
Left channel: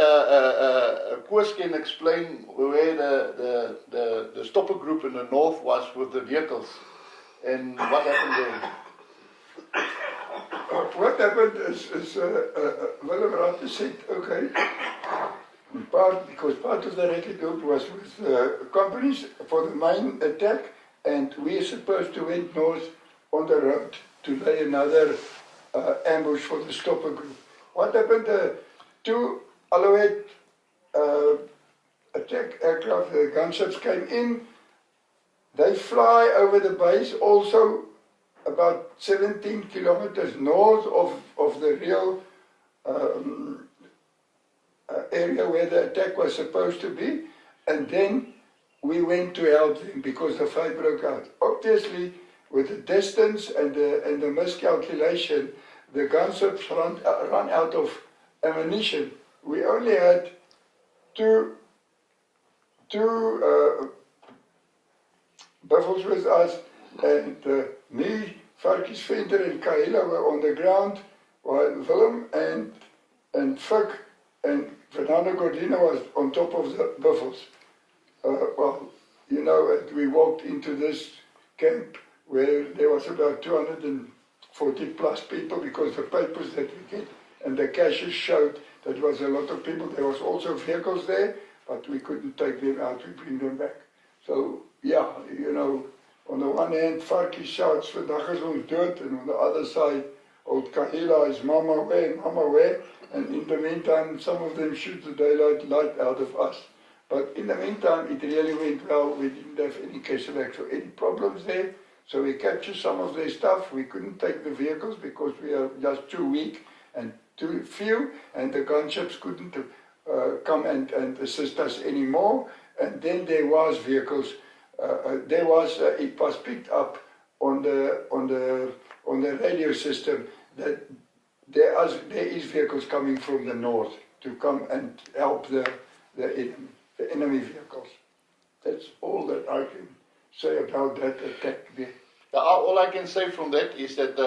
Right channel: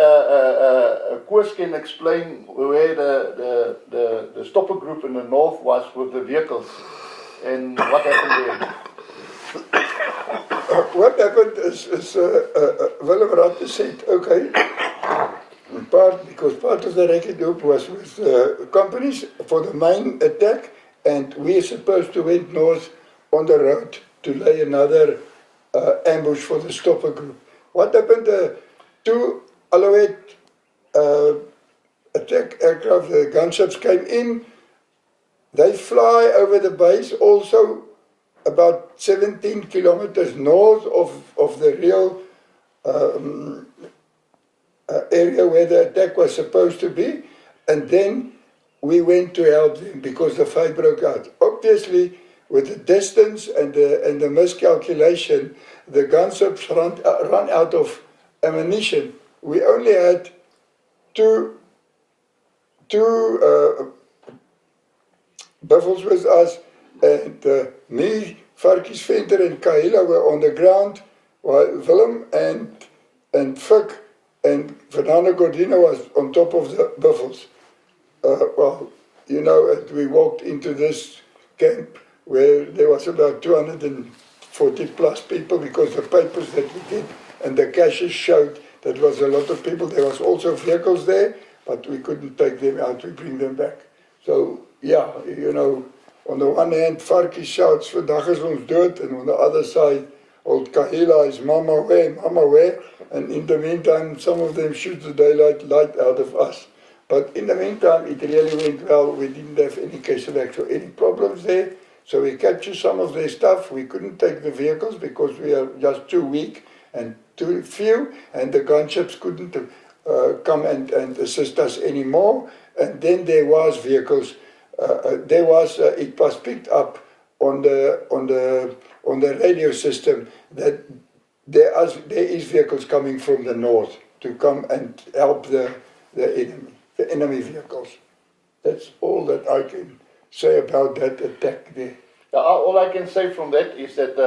Koos can explain where the stopper group in the north was with the vehicles. And what happened there? What happened is Willem Ratte said, okay, because part of the recce group was with companies for the main attack, and we are supposed to went north on the road to lay another ambush for the stopper group. What happened? Two Alouette attack aircraft, the gunships came in. They fly over the base, also about 17 kilometers north of the real area where the attack was supposed to be, and then we went to help them because the fight broke out. Obviously, with the distance and the miscalculation, the gunships run out of ammunition. We only had two buffels with us, and me, Farkies Venter and Kahila were on the ground, while Willem and Fik and Fernando Gordina was on top of the buffels. Well, you know, and we walked into this camp where there was about 250 40 plus people, because the papers that we did and the caches showed that was a lot of people. There was also vehicles there, but we couldn't take them out, we bring them back. So, yeah, you know, on the one hand, Farkie shouts, vandag is ons dood, and on the other side, old Kahila is mama where, and in the meantime, some of them shoot the daylight light out of us. But in the meantime, it really went well. We didn't have any casualties or any problems there. So we captured some of their stuff. We couldn't take the vehicles because we are just too weak and too few, and the gunships couldn't come and assist us anymore. And then there was vehicles. It was picked up on the radio system that there is vehicles coming from the north to come and help the enemy vehicles. That's all that I can say about that attack there. All I can say from that is that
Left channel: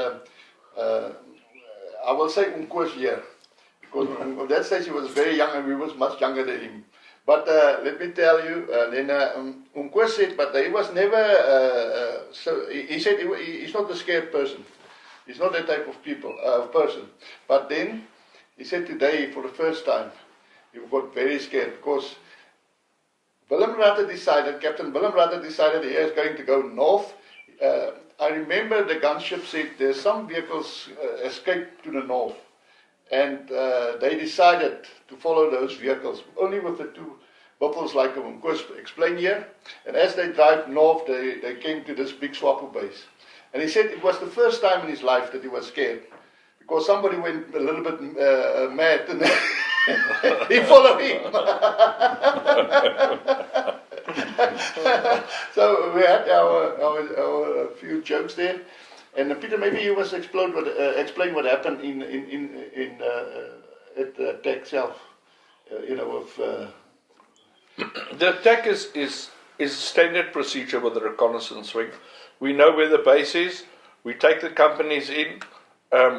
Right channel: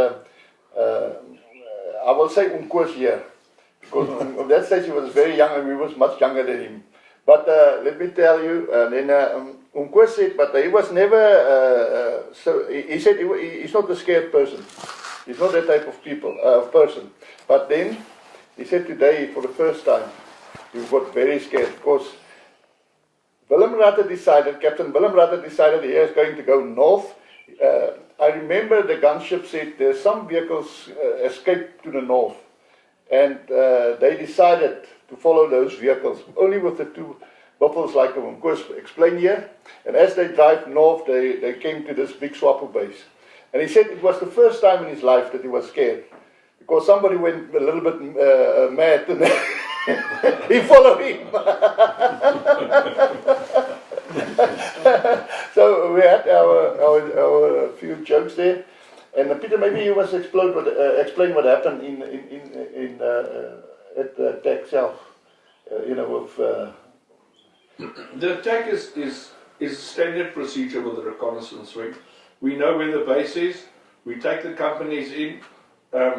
I will say Unkoos here, because at that stage he was very young and we was much younger than him. But let me tell you, then Unkoos said, but he was never, he said he's not a scared person. He's not that type of person. But then he said today, for the first time, he got very scared because Captain Willem Rutter decided he was going to go north. I remember the gunship said there's some vehicles escaped to the north, and they decided to follow those vehicles only with the two buffels like of course explained here. And as they drive north, they came to this big SWAPO base, and he said it was the first time in his life that he was scared because somebody went a little bit mad and he followed him. So we had our few jokes there, and Peter, maybe you must explain what happened at the attack itself. The attack is standard procedure with the reconnaissance wing. We know where the base is. We take the companies in.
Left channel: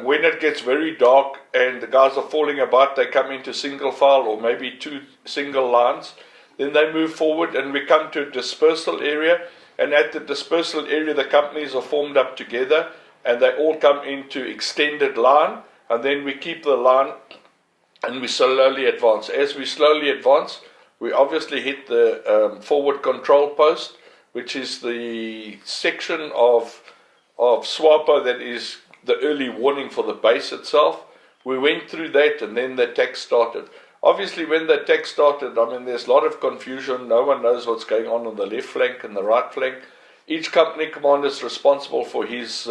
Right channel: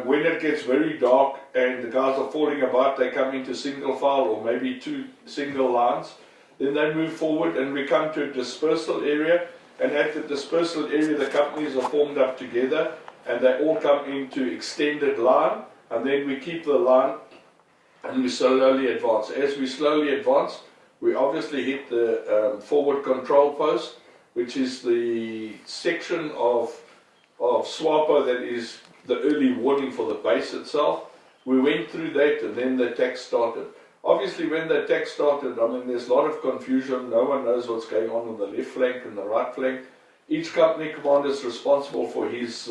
When it gets very dark and the guys are falling apart, they come into single file or maybe two single lines. Then they move forward and we come to a dispersal area, and at the dispersal area the companies are formed up together and they all come into extended line, and then we keep the line and we slowly advance. As we slowly advance, we obviously hit the forward control post, which is the section of SWAPO that is the early warning for the base itself. We went through that and then the attack started. Obviously, when the attack started, I mean, there's a lot of confusion. No one knows what's going on the left flank and the right flank. Each company commander is responsible for his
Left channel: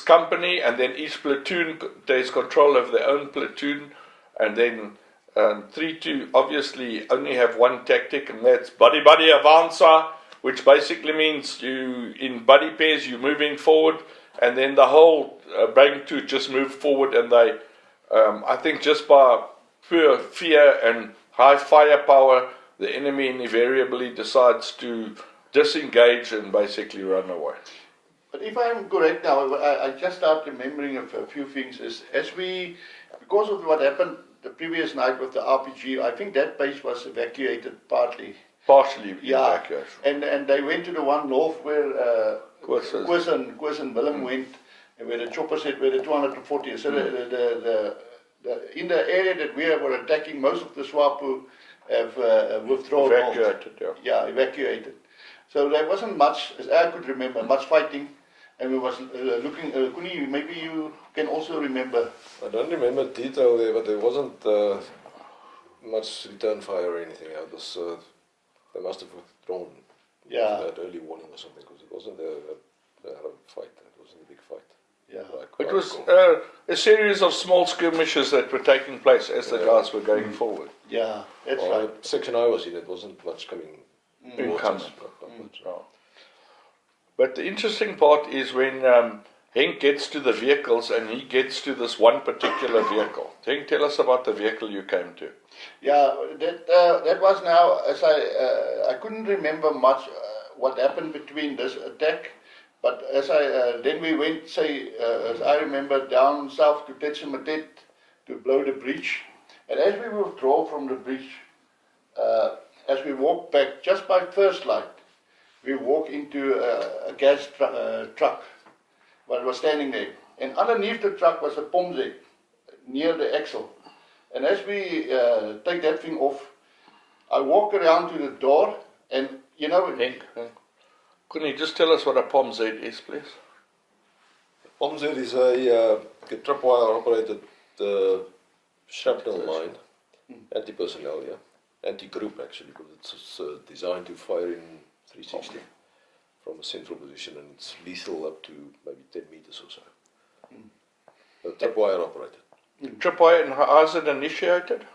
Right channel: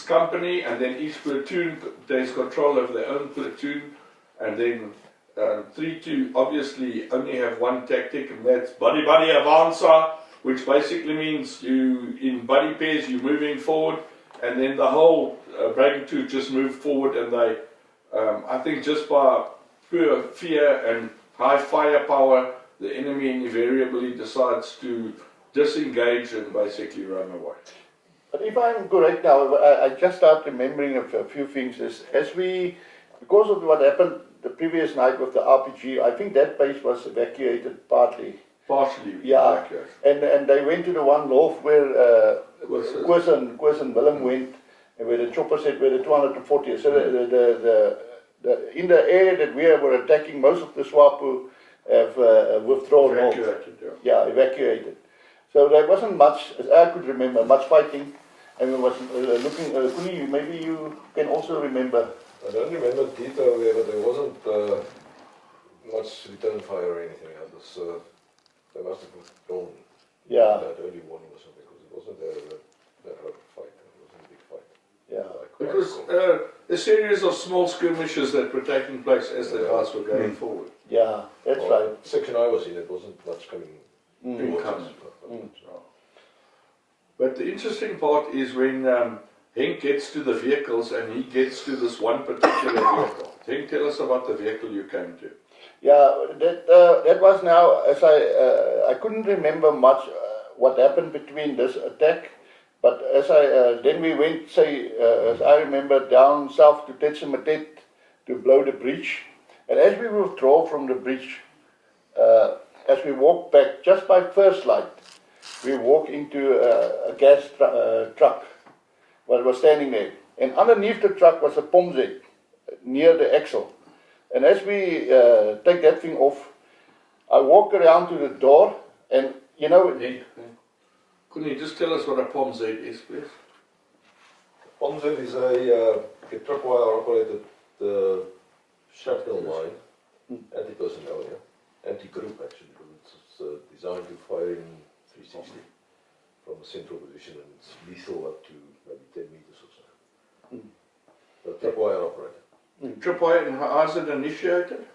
company, and then each platoon takes control of their own platoon. And then 3-2 obviously only have one tactic, and that's buddy avanza, which basically means you in buddy pairs you're moving forward, and then the whole rank 2 just move forward, and they, I think, just by pure fear and high firepower, the enemy invariably decides to disengage and basically run away. But if I'm correct now, I just start remembering a few things. Because of what happened the previous night with the RPG, I think that base was evacuated partly. Partially, yeah. And they went to the one north where Koos and Willem went, and where the chopper said where the 240. So in the area that we were attacking, most of the SWAPO have withdrawn. Evacuated, yeah, evacuated. So there wasn't much, as I could remember, much fighting, and we was looking. Kuni, maybe you can also remember. I don't remember detail there, but there wasn't much return fire or anything. They must have withdrawn. Yeah. That early warning or something, because it wasn't a fight. It wasn't a big fight. Yeah. It was a series of small skirmishes that were taking place as the guys were going forward. Yeah, that's right. Section I was in, it wasn't much coming. But the interesting part is when Henk gets to the vehicles and he gets to this one particular vehicle. Henk, tell us about the vehicle you came to. Yeah, that was now, as I couldn't remember much what happened between this attack, but as then we went, as I remember, down south to Tetsematet to blow the breach, and as we withdraw from the breach, as we walk back, just by first light, we walk into a gas truck, was standing there. And underneath the truck was a pomze near the axle. And as we take that thing off, I walk around to the door, and you know. Couldn't you just tell us what a POMZ is, please? POMZ is a tripwire operated shrapnel mine, anti-personnel, anti-group actually, because it's designed to fire in 360 from a central position, and it's lethal up to maybe 10 meters or so. Tripwire operated. Tripwire, and how is it initiated?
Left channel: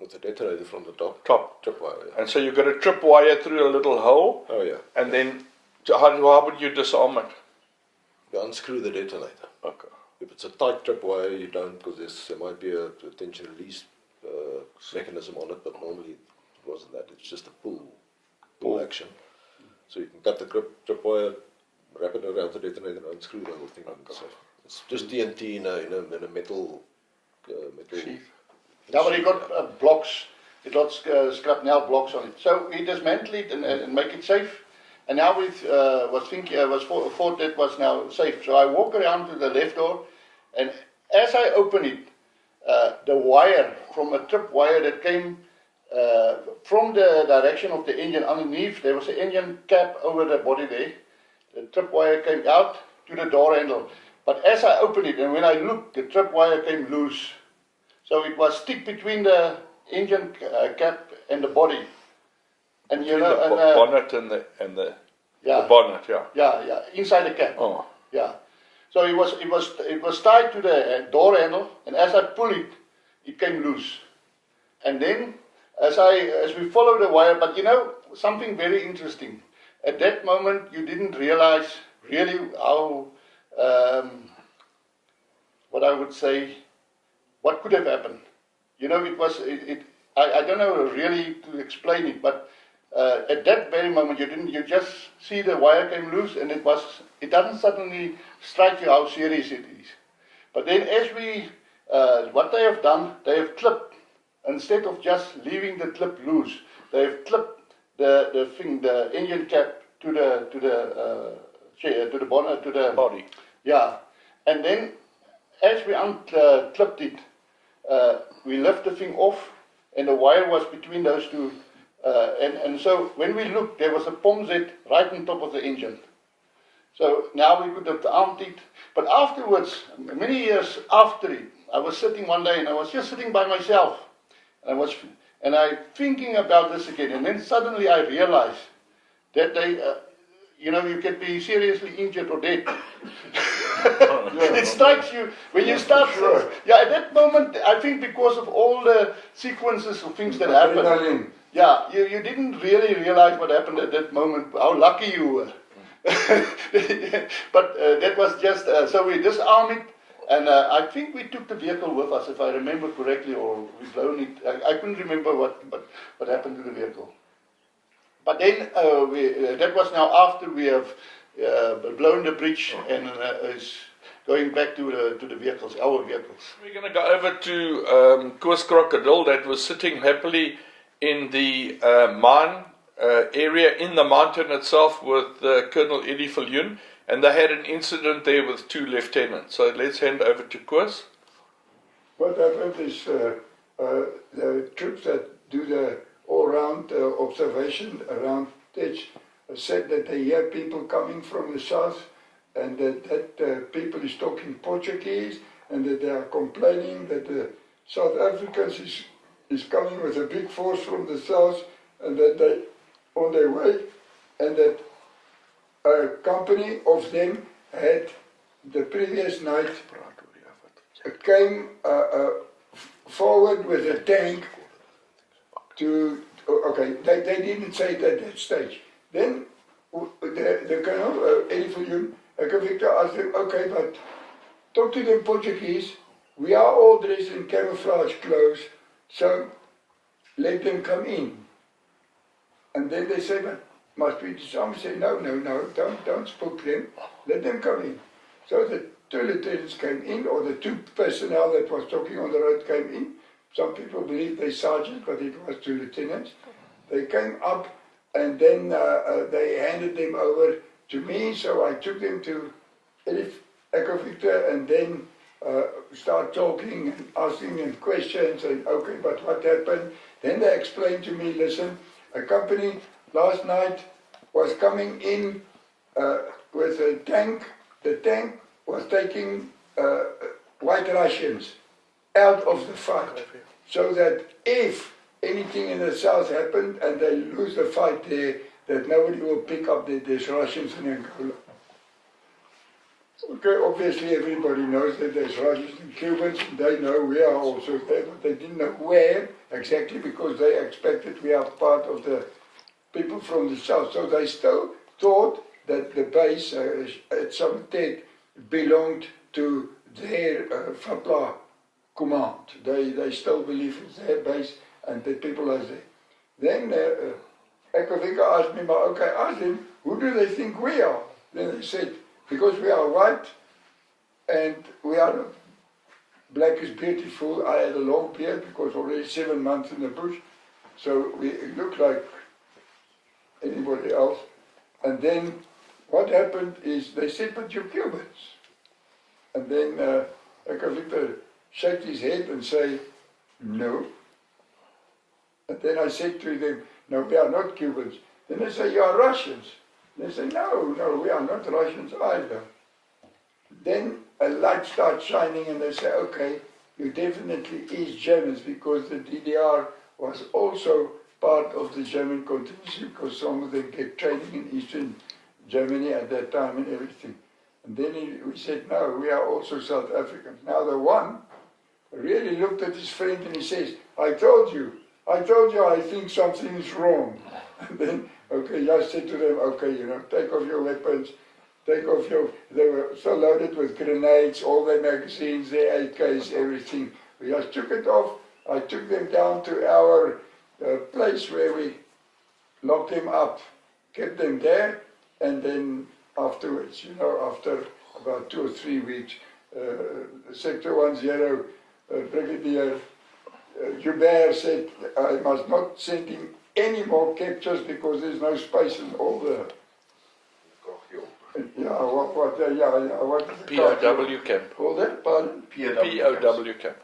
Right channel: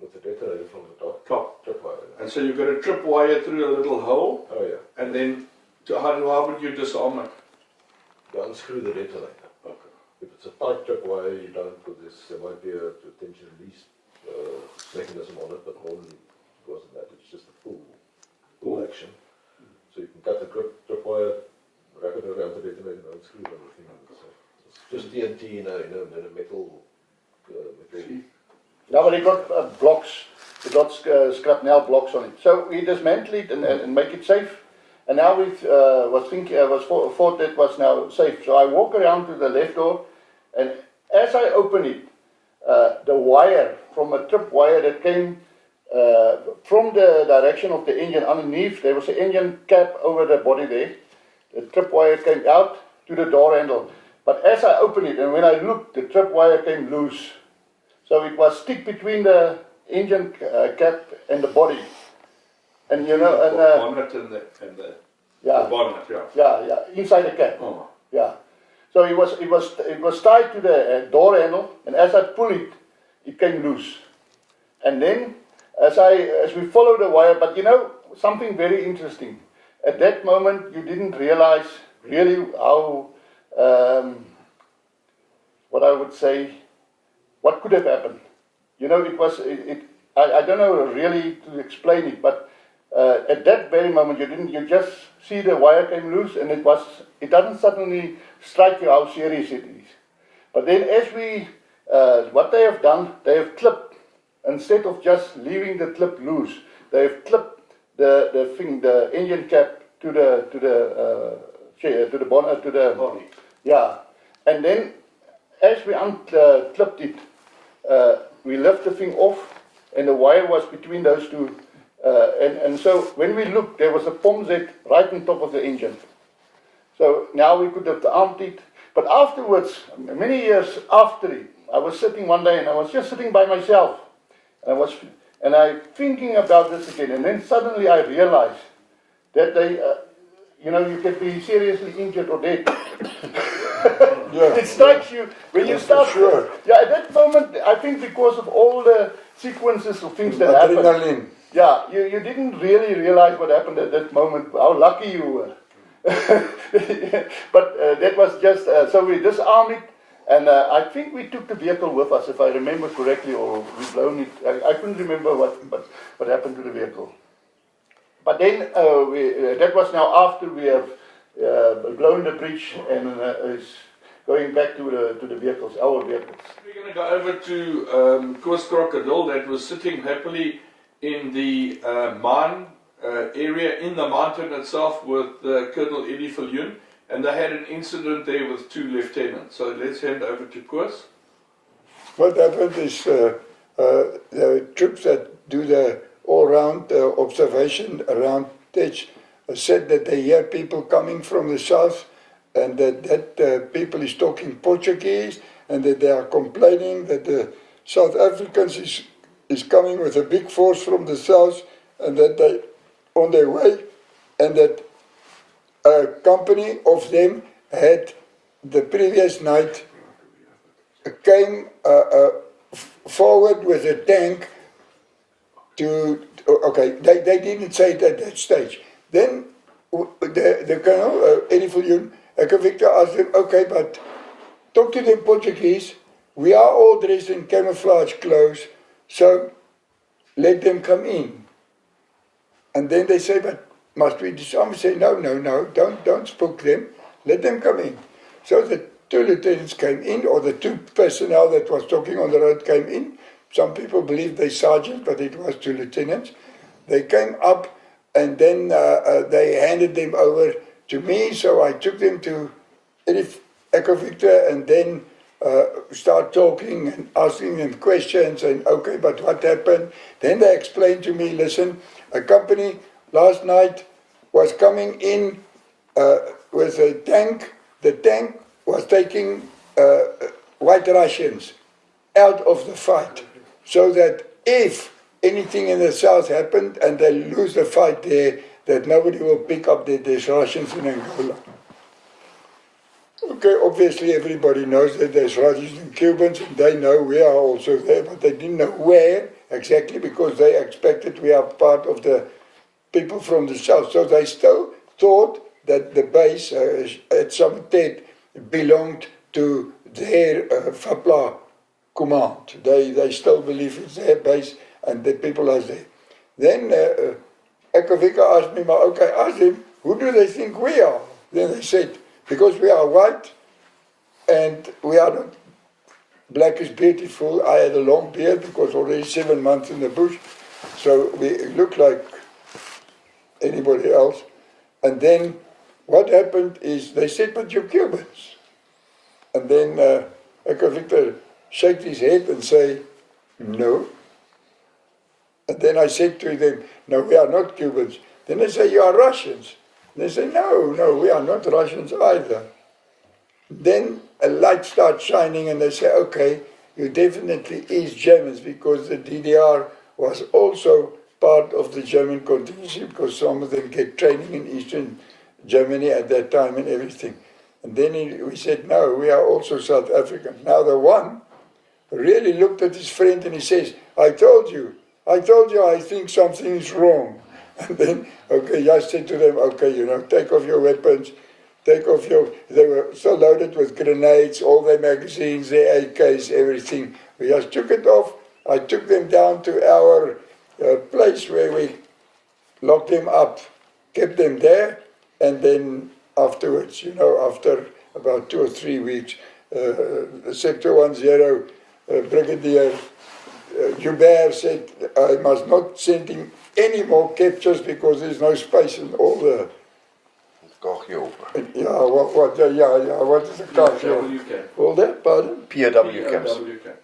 With a detonator from the top. Tripwire, And so you've got a tripwire through a little hole. Oh yeah. And then how would you disarm it? You unscrew the detonator. Okay. If it's a tight tripwire, you don't, because there might be a tension release mechanism on it, but normally it wasn't that. It's just a pull action. So you can cut the tripwire, wrap it around the detonator, and unscrew the whole thing. Okay. So it's just TNT in a metal sheath. Now, but it got blocks, it got shrapnel blocks on it. So we dismantle it and make it safe. And now we thought that was now safe. So I walk around to the left door, and as I open it, the wire from a trip wire that came from the direction of the engine underneath, there was an engine cap over the body there. The trip wire came out to the door handle. But as I opened it, and when I looked, the trip wire came loose. So it was stick between the engine cap and the body, and you know, the bonnet and the bonnet, inside the cap, So it was tied to the door handle, and as I pull it, it came loose, and then as we follow the wire, but you know something very interesting. At that moment, you didn't realize really how what I would say. What could have happened? You know, I don't know really to explain it, but at that very moment you just see the wire came loose, and it doesn't suddenly strike you how serious it is. But then as what they have done, they have clipped, instead of just leaving the clip loose, they have clipped the engine cap to the bonnet, to the body. Yeah, and then as we unclipped it, we left the thing off, and the wire was between those two. And so when we looked, there was a POMZ right on top of the engine. So now we could have armed it. But afterwards, many years after it, I was sitting one day, and I was just sitting by myself. And I thinking about this again, and then suddenly I realized that you can be seriously injured or dead. It strikes you when you start. Sure. Yeah, at that moment, I think because of all the sequences of things that happened. Yeah, you didn't really realize what happened at that moment, how lucky you were. But that was just, so we disarmed it, and I think we took the vehicle with us, if I remember correctly, or we blown it. I couldn't remember what happened to the vehicle. But then that was now after we have blown the bridge and is going back to the vehicles, our vehicles. We're going to go over to Koos Crocodile that was sitting happily in the mine area in the mountain itself with Colonel Eddie Viljoen, and they had an incident there with 2 lieutenants. So let's hand over to Koos. What happened is the troops that do the all-round observation around Tech said that they hear people coming from the south, and that people is talking Portuguese, and that they are complaining that the South Africans is coming with a big force from the south, and that they on their way, and that a company of them had the previous night came forward with a tank to, okay, they didn't say it at that stage. Then the Colonel, Eddie Viljoen, Victor asked them, okay, but talk to them Portuguese, we are all dressed in camouflage clothes, so let them come in. And then they say, but must we disarm? Say, no, don't spook them, let them come in. So the 2 lieutenants came in, or the 2 personnel that was talking on the road came in. Some people believe they sergeants, but it was 2 lieutenants. They came up, and then they handed them over to me, so I took them to Echo Victor, and then start talking and asking them questions and okay, but what happened? Then they explained to me, listen, a company last night was coming in with a tank. The tank was taking White Russians out of the fight, so that if anything in the south happened and they lose the fight there, that nobody will pick up that there's Russians in Angola. Okay, obviously everybody knows that there's Russians and Cubans, and they know we are also there, but they didn't know where exactly because they expected we are part of the people from the south. So they still thought that the base at Summertet belonged to their FAPLA command. They still believe it's their base and the people are there. Then Ekavika asked me, okay, ask them, who do they think we are? Then they said, because we are white and we are not, black is beautiful. I had a long beard because already 7 months in the bush, so we look like anybody else. And then what happened is they said, but you're Cubans. And then Eka Victor shaked his head and say, no. And then I said to them, no, we are not Cubans. Then they say, you are Russians. They say, no, we are not Russians either. Then a light starts shining and they say, okay, you definitely East Germans because the DDR was also part of the German contingency because some of them get training in Eastern Germany at that time and everything. And then we said, no, we are also South Africans. Now the one really looked at his friend and he says, I told you, I think something is wrong. And then, okay, I said to them, okay, take off your weapons, they were so loaded with grenades, all their magazines, their AKs, everything. We just took it off. I took them down to our place where we locked them up, kept them there, and then afterwards, after about 2 or 3 weeks, Sector 10 Brigadier Joubert said, I must not send him any more captures because there's no space in all the... what is the POW camp. All that, pardon? POW camp.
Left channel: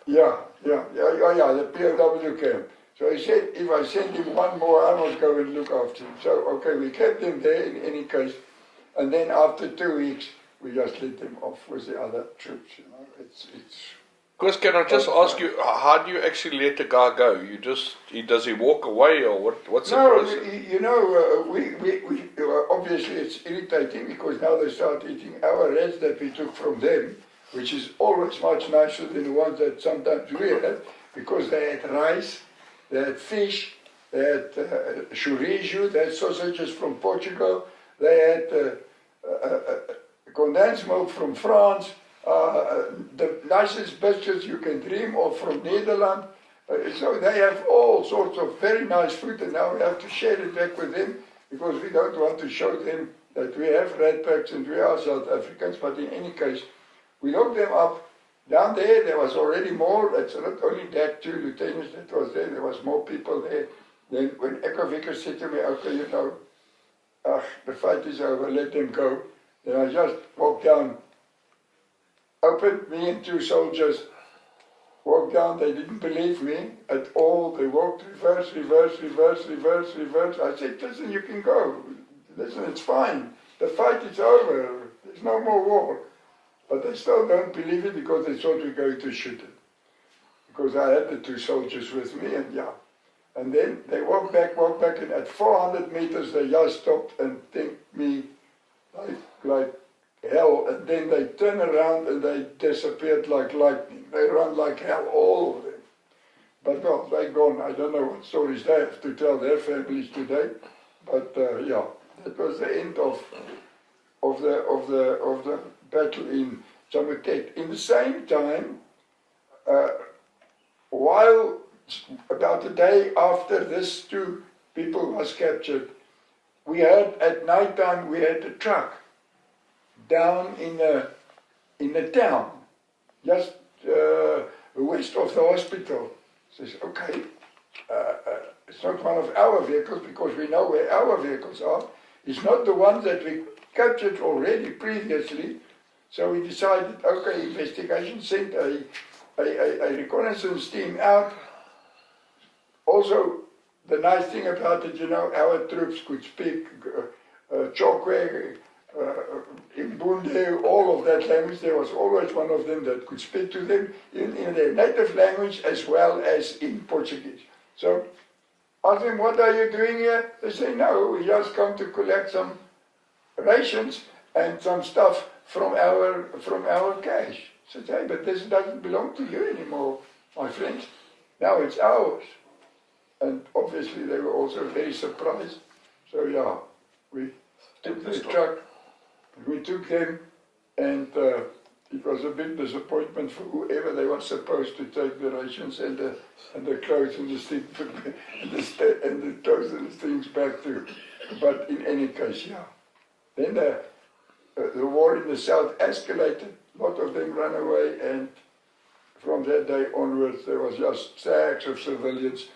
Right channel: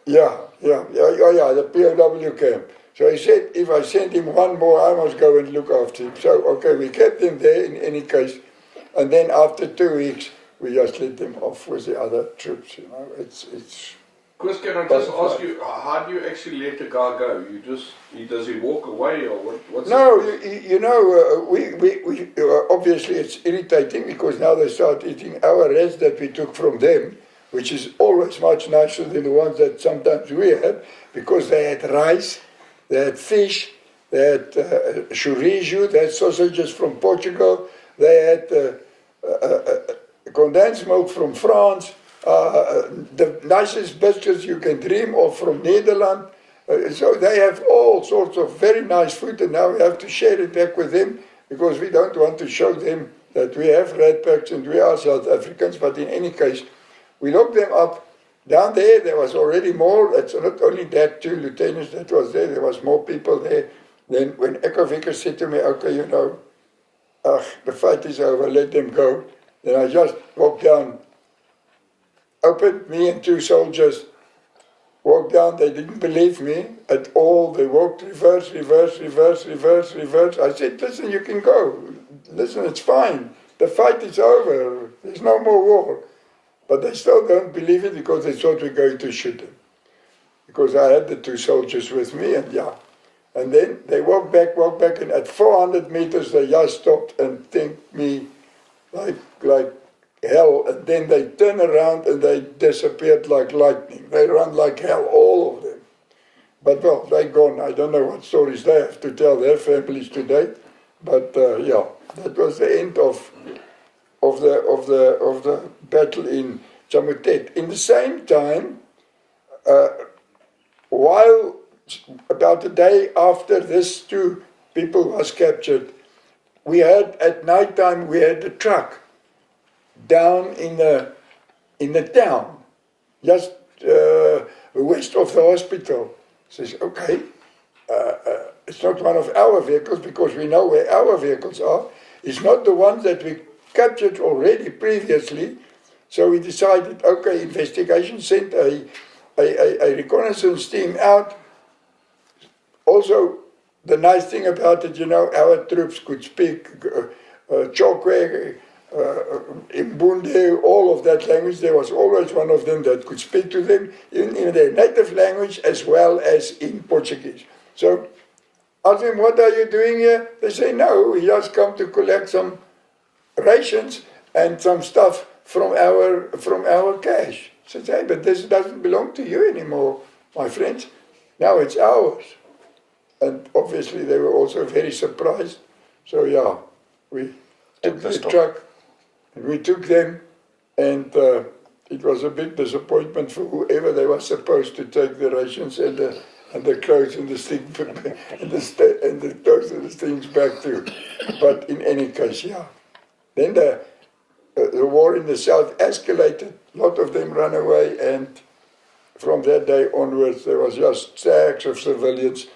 The POW camp. So he said, if I send him one more, I must go and look after him. So, okay, we kept him there in any case. And then after 2 weeks, we just let them off with the other troops, It's Chris, can I just ask you, how do you actually let the guy go? Does he walk away or what's No, the obviously it's irritating because now they start eating our rats that we took from them, which is always much nicer than the ones that sometimes we had, because they had rice, they had fish, they had chorizo, they had sausages from Portugal, they had condensed milk from France, the nicest biscuits you can dream of from Netherlands. So they have all sorts of very nice food, and now we have to share it back with them because we don't want to show them that we have red packs and we are South Africans. But in any case, we locked them up. Down there was already more. It's not only that 2 lieutenants that was there was more people there. Then when Echo Vicker said to me, okay, the fight is over, let them go. Then I just walked down, opened, me and 2 soldiers, walked down. They didn't believe me at all. They walked reverse. I said, listen, you can go. Listen, it's fine. The fight is over. There's no more war. But they still don't believe it because they thought we're going to shoot them. Because I had the 2 soldiers with me, and And then they walked back, and at 400 meters they just stopped and thanked me like hell. And then they turned around and they disappeared like lightning. They ran like hell, all of them. But well, they're gone. I don't know what stories they have to tell their families today. But that was the end of the battle in Chamutet. In the same time, while about a day after this 2 people was captured, we had at night time we had a truck down in the town, just west of the hospital. Says, okay, it's not one of our vehicles because we know where our vehicles are. It's not the ones that we captured already previously. So we decided, okay, investigation, sent a reconnaissance team out. Also, the nice thing about it, our troops could speak Chokwe, Mbunde, all of that language. There was always one of them that could speak to them in their native language as well as in Portuguese. So, ask them, what are you doing here? They say, no, we just come to collect some rations and some stuff from our cash. I said, hey, but this doesn't belong to you anymore, my friends. Now it's ours. And obviously they were also very surprised. So yeah, we took the truck, and we took them, and it was a big disappointment for whoever they were supposed to take the rations and the clothes and the thing and the clothes and the things back to. But in any case, yeah. Then the war in the south escalated. A lot of them ran away, and from that day onwards, there was just stacks of civilians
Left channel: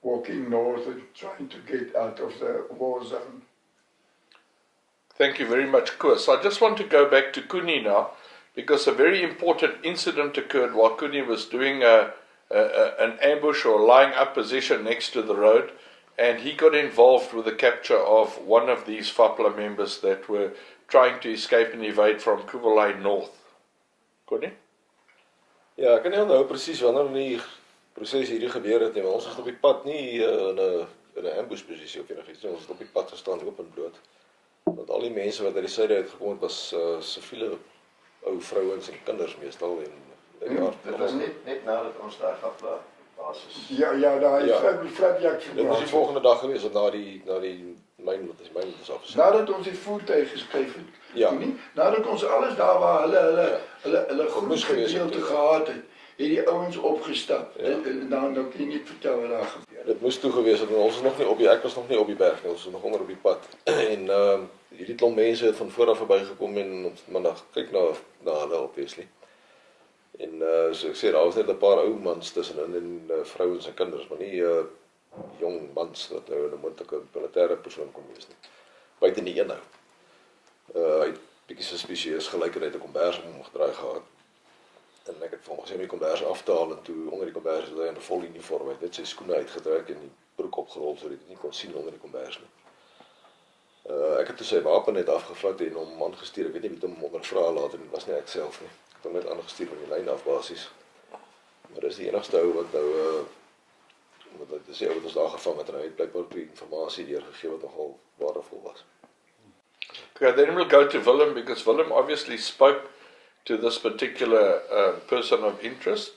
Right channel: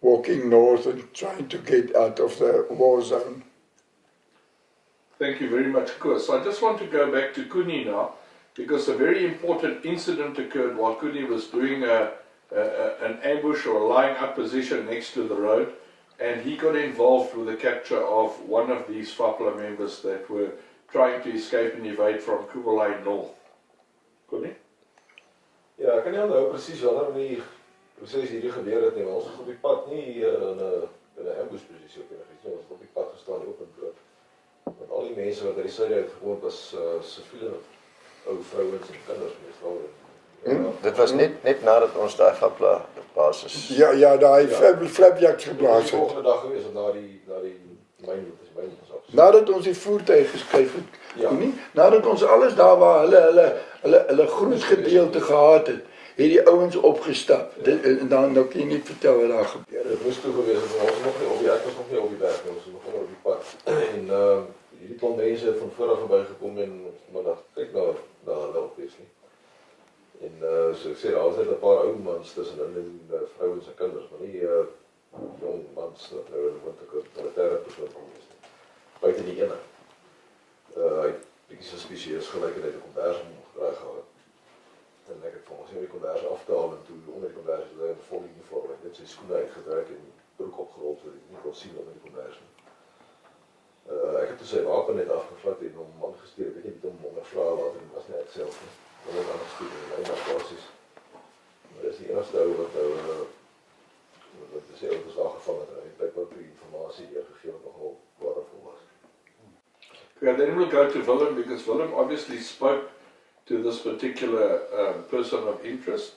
walking north and trying to get out of the war zone. Thank you very much, Koos. I just want to go back to Kuni now, because a very important incident occurred while Kuni was doing an ambush or lying up position next to the road, and he got involved with the capture of one of these FAPLA members that were trying to escape and evade from Kuwalai North. Kuni? Ja, ek kan nie onthou presies wanneer die proses hierdie gebeur het nie, maar ons was op die pad nie in 'n ambushposisie of enigiets nie, ons het op die pad gestaan oop en bloot. Want al die mense wat uit die suide uit gekom het was siviele ou vrouens en kinders meestal. Dit was net nadat ons daai FAPLA basis. Ja, daai flapjacks geplaas het. Die volgende dag gewees het na die myn is af. Nadat ons die voertuig geskryf het. Ja. Nadat ons alles daar waar hulle groen gedeelte gehad het, het die ouens opgestap. En dan kan jy nie vertel wat daar gebeur het. Dit moes toe gewees het, ons was nog nie ek was nog nie op die berg nie, ons was nog onder op die pad. En hierdie klomp mense het van voor af verbygekom en ons maar kyk na hulle obviously. En so ek sê daar was net 'n paar ou mans tussenin en vrouens en kinders, maar nie jong mans wat nou 'n militêre persoon kon wees nie. Buite die ene. Hy het bietjie suspicieus gelyk en het 'n kombers op hom gedraai gehad. En ek het vir hom gesê om die kombers af te haal en toe onder die kombers het hy 'n vol uniform, hy het net sy skoene uitgetrek en die broek opgerol sodat hy dit nie kon sien onder die kombers nie. Ek het toe sy wapen net afgevat en hom aangestuur. Ek weet nie wie hom ondervra later nie, was nie ek self nie. Ek het net aangestuur in die mynafbasies. Maar dis die enigste ou wat nou dit is die ou wat ons daar gevang het en hy het blykbaar die informasie deurgegee wat nogal waardevol was. Okay, then we'll go to Willem, because Willem obviously spoke to this particular person of interest,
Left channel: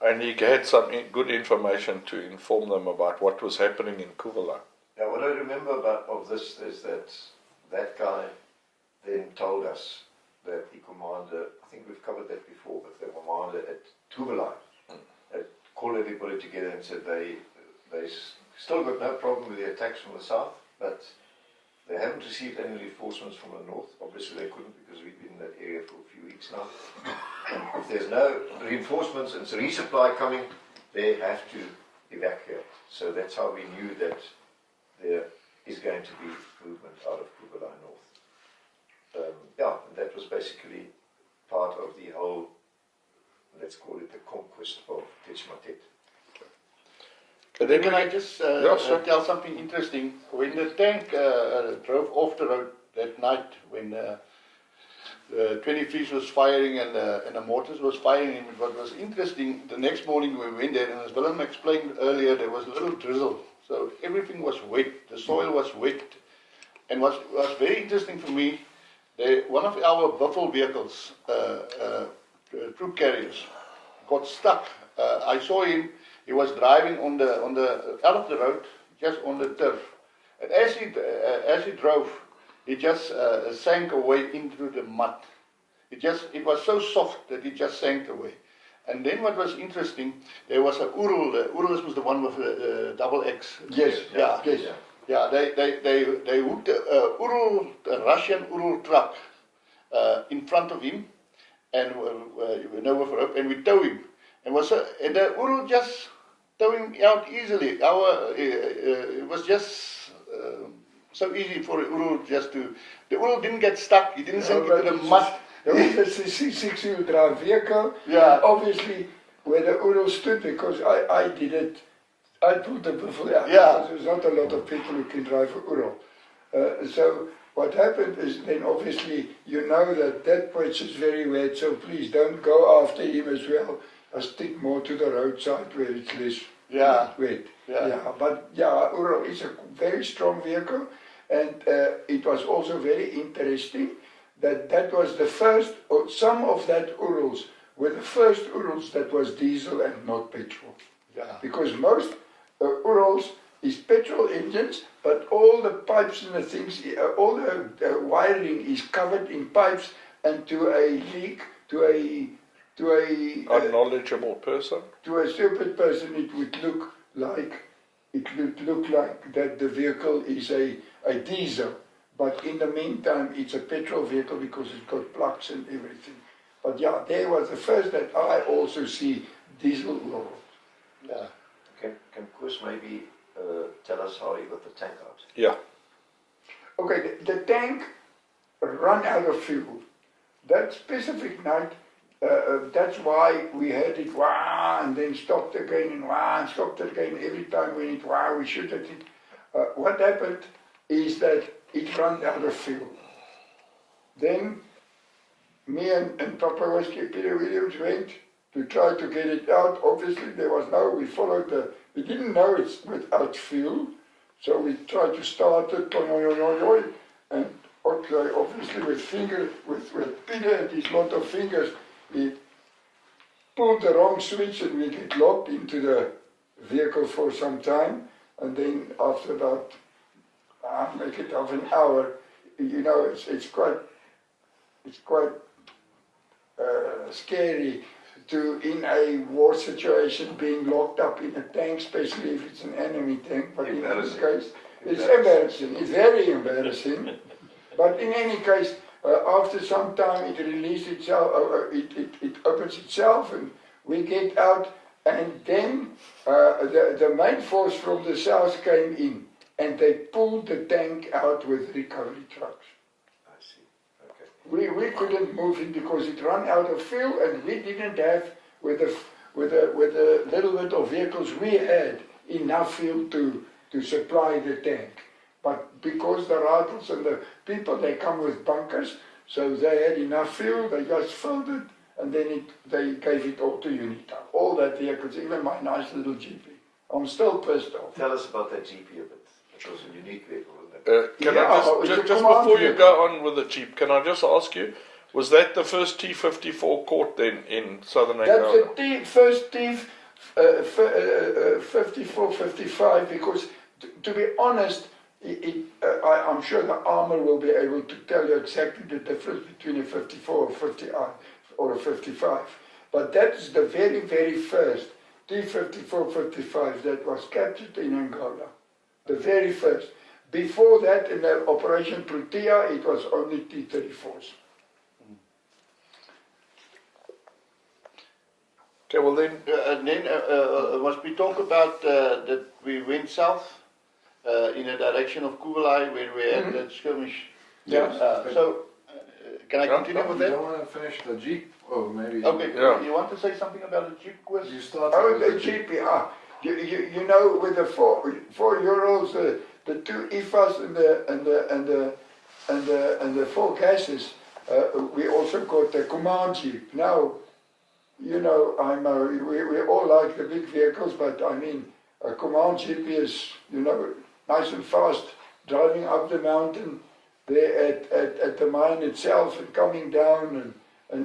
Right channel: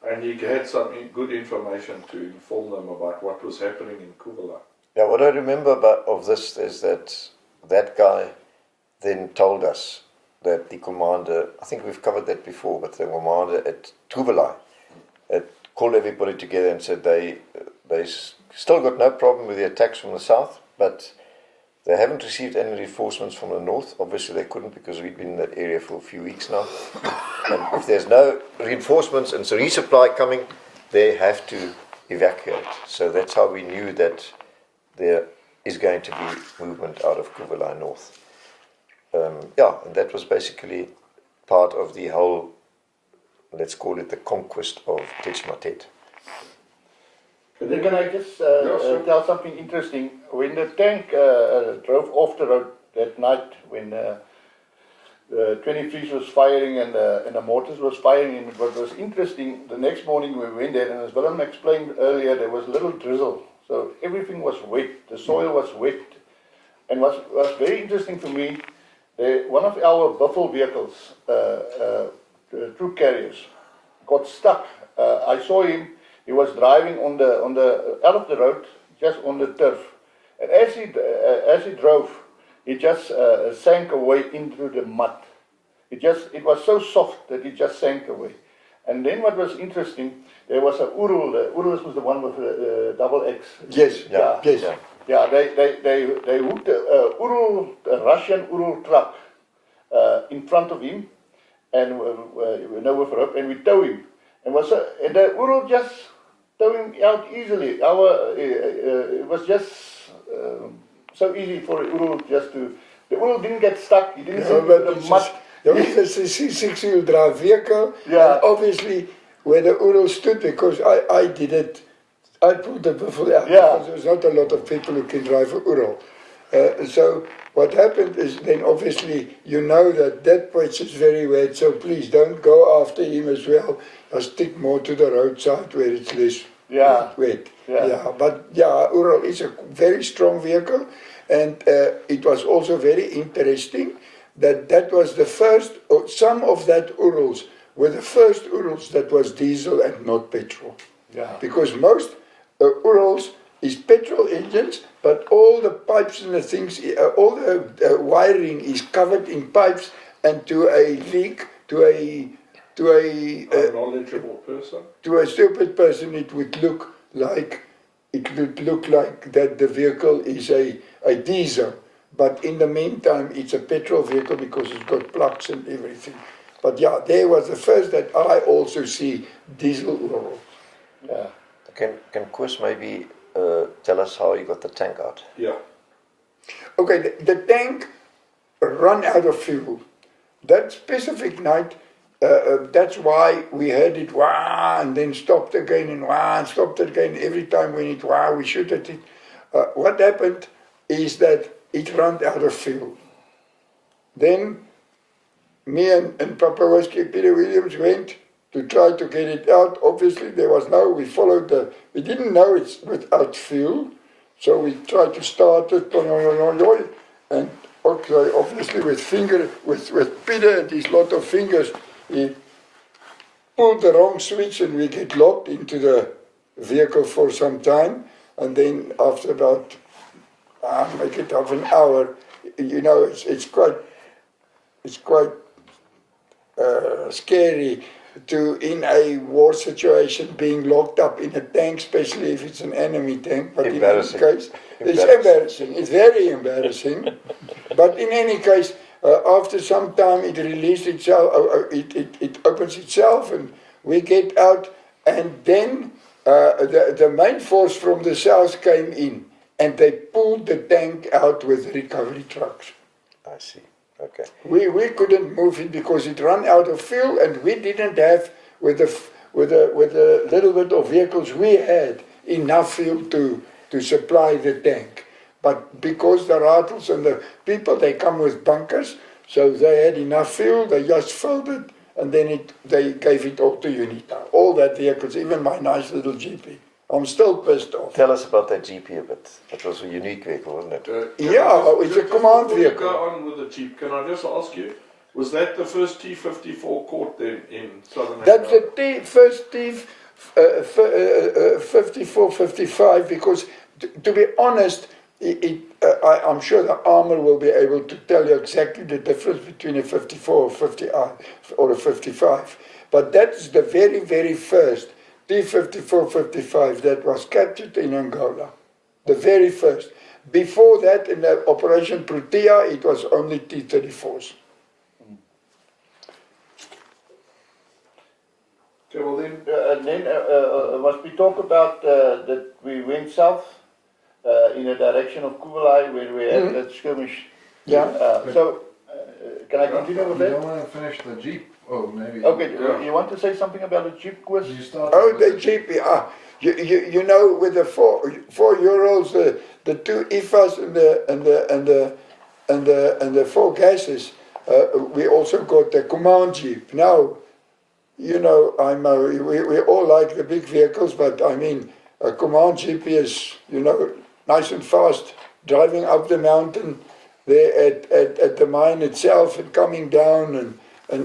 and he had some good information to inform them about what was happening in Kuwalai. Yeah, what I remember of this is that guy then told us that the commander, I think we've covered that before, but the commander at Kuwalai had called everybody together and said they still got no problem with the attacks from the south, but they haven't received any reinforcements from the north. Obviously they couldn't because we've been in that area for a few weeks now. And if there's no reinforcements and resupply coming, they have to evacuate. So that's how we knew that there is going to be movement out of Kuwalai North. And that was basically part of the whole, let's call it the conquest of Tetchmatet. And then can I just tell something interesting? When the tank drove off the road that night, when the 23s was firing and the mortars was firing, and what was interesting, the next morning we went there, and as Willem explained earlier, there was a little drizzle. So everything was wet, the soil was wet. And what was very interesting for me, one of our buffalo vehicles, troop carriers, got stuck. I saw him. He was driving out of the road, just on the turf. And as he drove, he just sank away into the mud. It was so soft that it just sank away. And then what was interesting, there was a Urul. Urul was the one with the double X. Yes. Yeah, they hooked a Russian Urul truck in front of him, and with rope, and we tow him. And the Urul just towing out easily. It was just so easy for Urul just to. The Urul didn't get stuck. He didn't sink into the mud. There was a six-wheel drive vehicle, Yeah. and obviously where the Ural stood, because I did it, I pulled the buffalo out, Yeah. because there's not a lot of people who can drive an Ural. So what happened is then obviously you know that pitch is very wet, so please don't go after him as well. Just stick more to the roadside where it's less wet. Yeah. But yeah, Ural is a very strong vehicle, and it was also very interesting that was the first, or some of that Urals were the first Urals that was diesel and not petrol. Yeah. Because most Urals is petrol engines, but all the pipes and the things, all the wiring is covered in pipes, and to a leak, to a Unknowledgeable person. to a stupid person, it would look like that the vehicle is a diesel, but in the meantime it's a petrol vehicle because it's got plugs and everything. But yeah, there was the first that I also see diesel Ural. Yeah. Can Koos maybe tell us how you got the tank out? Yeah. Okay, the tank ran out of fuel. That specific night, that's why we heard it wah and then stopped again and wah and stopped again. Every time when it wah, we shoot at it. What happened is that it ran out of fuel. Then me and Papa Whiskey, Peter Williams, went to try to get it out. Obviously there was we didn't know it's without fuel, so we tried to start it, and okay, obviously with Peter and his lot of fingers, he pulled the wrong switch and we get locked into the vehicle for some time, and then after about make it half an hour, you know, it's quite scary to, in a war situation, being locked up in a tank, especially if it's an enemy tank. But in any case, it's embarrassing. It's very embarrassing. But in any case, after some time, it released itself. It opens itself, and we get out. And then the main force from the south came in, and they pulled the tank out with recovery trucks. I see. Okay. We couldn't move it because it ran out of fuel, and we didn't have, with the little bit of vehicles we had, enough fuel to supply the tank. But because the Rattles and the people, they come with bunkers, so they had enough fuel, they just filled it, and then they gave it all to UNITA. All that vehicles, even my nice little GP. I'm still pissed off. Tell us about that GP a bit. That was a unique vehicle, wasn't it? Just before you go on with the Jeep, can I just ask you, was that the first T-54 caught then in southern Angola? That's the first T-54, 55, because to be honest, I'm sure the armor will be able to tell you exactly the difference between a 54 or a 55. But that's the very, very first T-54, 55 that was captured in Angola. The very first. Before that, in the Operation Protea, it was only T-34s. Okay, well then... And then was we talk about that we went south in the direction of Kugelai where we had that skirmish. Yeah. Can I continue with You that? don't want to finish the Jeep? Oh, maybe. Okay, you want to say something about the Jeep quiz? You start The Jeep, you know, with the 4 Urals, the 2 IFAs and the 4 gases, we also got the command Jeep. Now, you know, we all like the big vehicles, but I mean, a command Jeep is, you know, nice and fast, driving up the mountain there at the mine itself and coming down, and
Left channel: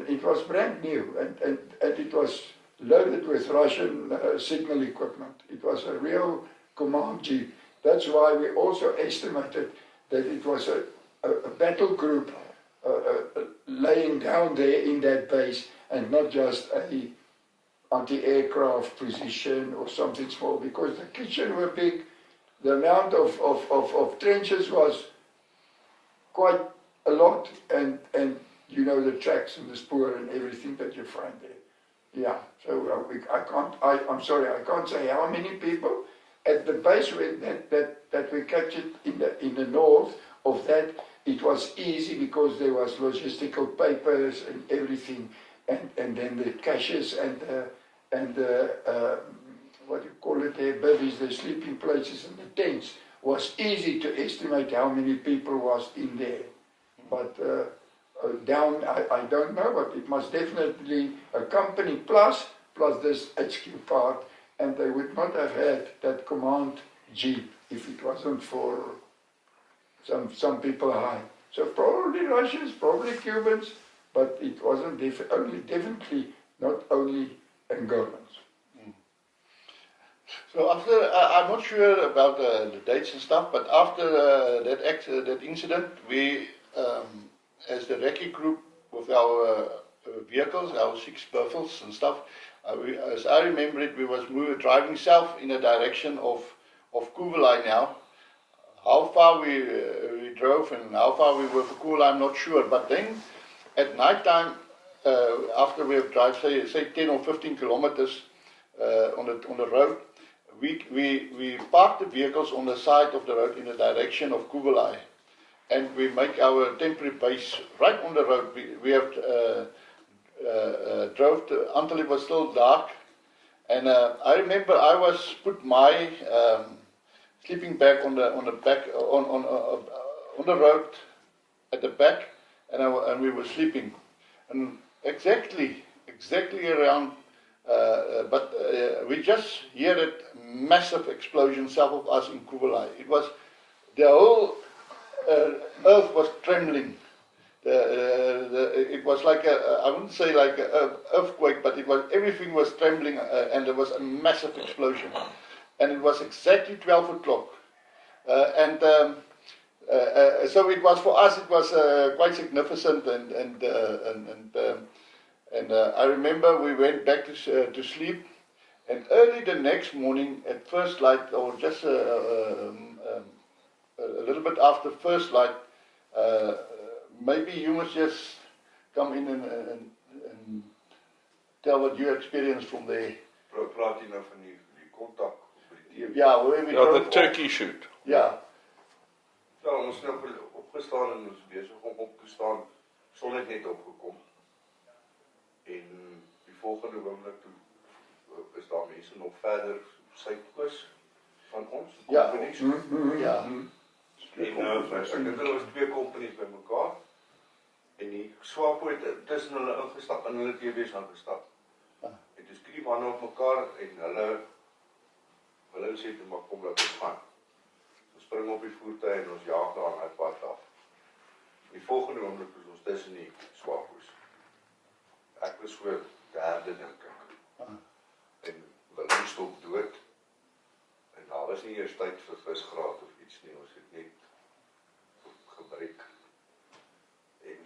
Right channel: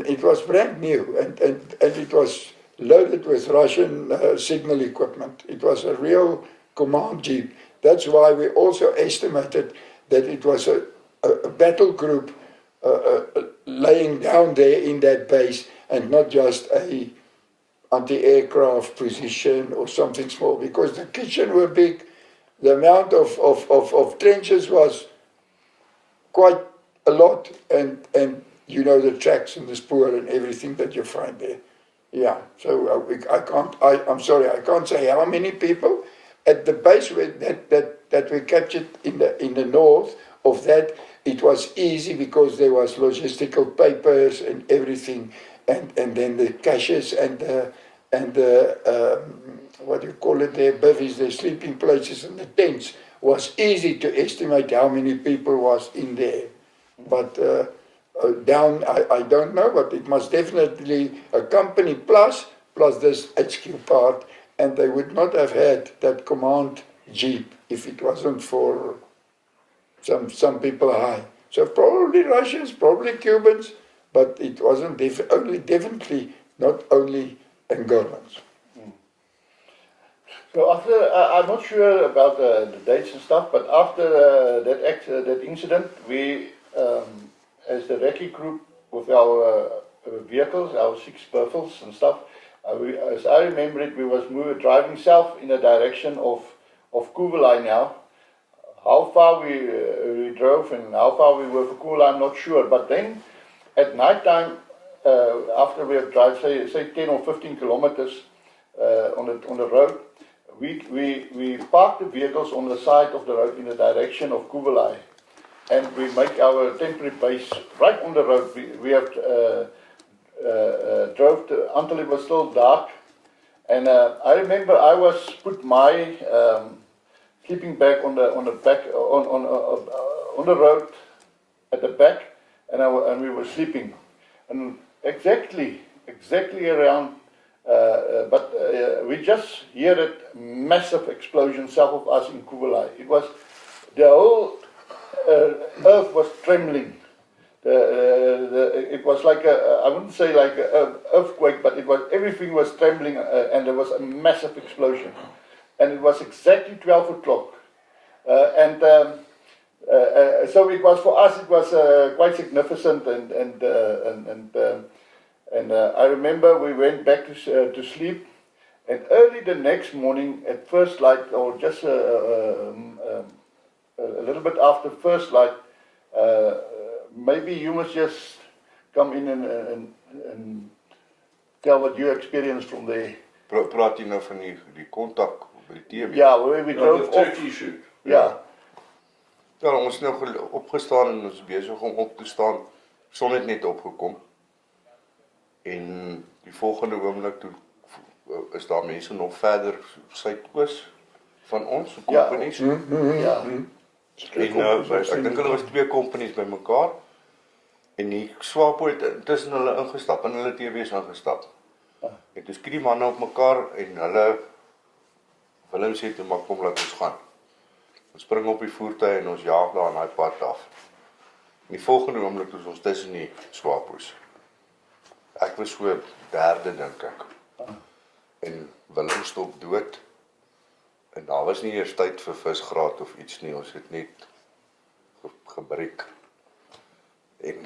it was brand new, and it was loaded with Russian signal equipment. It was a real command Jeep. That's why we also estimated that it was a battle group laying down there in that base, and not just a anti-aircraft position or something small, because the kitchen were big, the amount of trenches was quite a lot, and you know, the tracks and the spoor and everything that you find there. Yeah, so I'm sorry, I can't say how many people at the base that we captured in the north of that. it was easy because there was logistical papers and everything, and then the caches and the what do you call it, their bivvies, their sleeping places and the tents, was easy to estimate how many people was in there. But down, I don't know, but it must definitely a company plus this HQ part, and they would not have had that command jeep if it wasn't for some people high. So probably Russians, probably Cubans, but it wasn't definitely not only Angolans. So after, I'm not sure about the dates and stuff, but after that incident, we, as the recce group with our vehicles, our 6 Buffles and stuff, as I remember it, we was driving south in the direction of Kuvelai now. How far we drove and how far we were for Kuvelai, I'm not sure. But then at night time, after we have drive say 10 or 15 kilometers on the road, we park the vehicles on the side of the road in the direction of Kuvelai, and we make our temporary base right on the road. We have drove until it was still dark, and I remember I was put my sleeping bag on the back on the road at the back, and we were sleeping, and exactly around. But we just heard a massive explosion south of us in Kuvelai. It was the whole earth was trembling. It was like I wouldn't say like an earthquake, but everything was trembling, and there was a massive explosion. And it was exactly 12 o'clock. So it was for us. It was quite significant, and I remember we went back to sleep, and early the next morning at first light, or just a little bit after first light, maybe you must just come in and tell what you experienced from there. Praat jy nou van die kontak by die TV? Ja, where we drove the turkey shoot. Ja. Ja, ons nou opgestaan en ons besig om op te staan. Son het net opgekom. En die volgende oomblik toe is daar mense nog verder suidoos van ons, kompanies. Ja. En ek dink hulle was 2 kompanies by mekaar. En die SWAPO het tussen hulle ingestap en hulle TV's ingestap. En toe skiet die manne op mekaar en hulle sê toe maar kom laat ons gaan. Ons spring op die voertuig en ons jaag daar aan daai pad af. En die volgende oomblik is ons tussen die SWAPO's. Ek was so derde dink ek. En Willem stop dood. En daar was nie eers tyd vir visgraat of iets nie, ons het net gebreek. En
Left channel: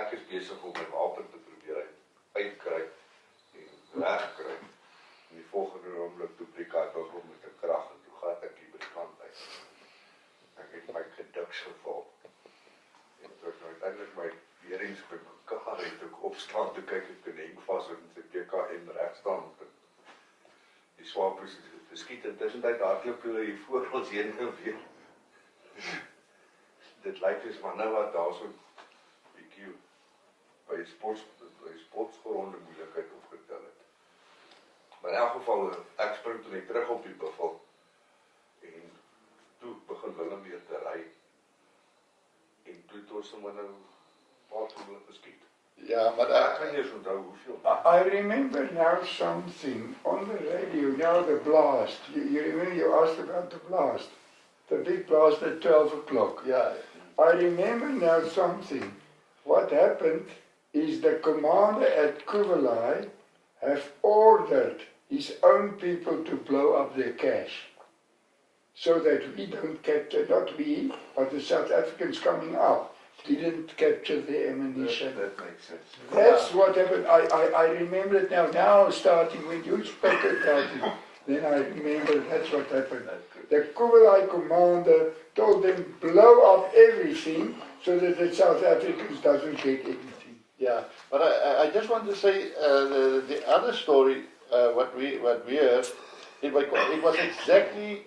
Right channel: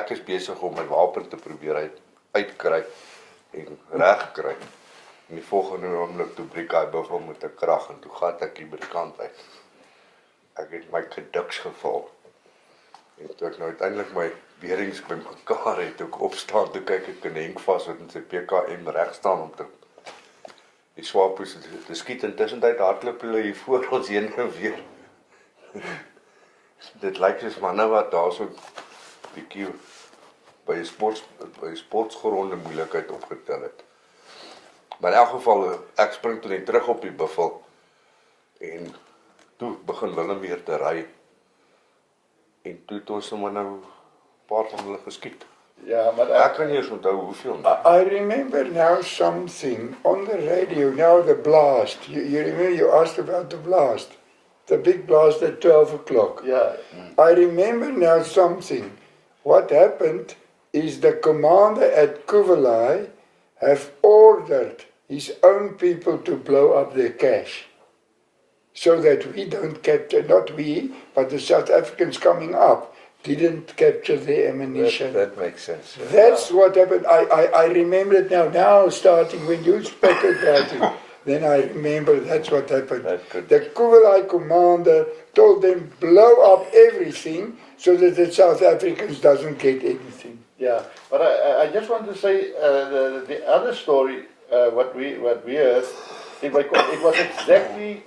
ek is besig om my wapen te probeer uitkry en regkry. En die volgende oomblik toe breek hy buffel met 'n krag en toe gat ek die by die kant uit. Ek het my gediks geval. En toe ek nou uiteindelik my beerings by mekaar het, toe ek opstaan, toe kyk ek in Henk vas wat in sy PKM reg staan om die SWAPO's te skiet, en tussentyd hardloop hulle hier voor ons heen en weer. Dit lyk soos manne wat daar so bietjie by 'n sportgronde moeilikheid opgetel het. Maar in elk geval, ek spring toe net terug op die buffel en toe begin Willem weer te ry. En toe het ons nou 'n paar van hulle geskiet. Ja, maar ek kan nie eens onthou hoeveel nie. I remember now something on the radio, now the blast. You remember you asked about the blast? The big blast at 12 o'clock. Yeah. I remember now something. What happened is the commander at Kuvelai have ordered his own people to blow up their cache. So that we don't capture, not we, but the South Africans coming up, didn't capture the ammunition. That makes sense. Yeah. That's what happened. I remember it now starting when you spoke about it. Then I remember that's what happened. The Kuvelai commander told them blow up everything so that the South Africans doesn't get anything. Yeah, but I just want to say the other story, what we heard, it was exactly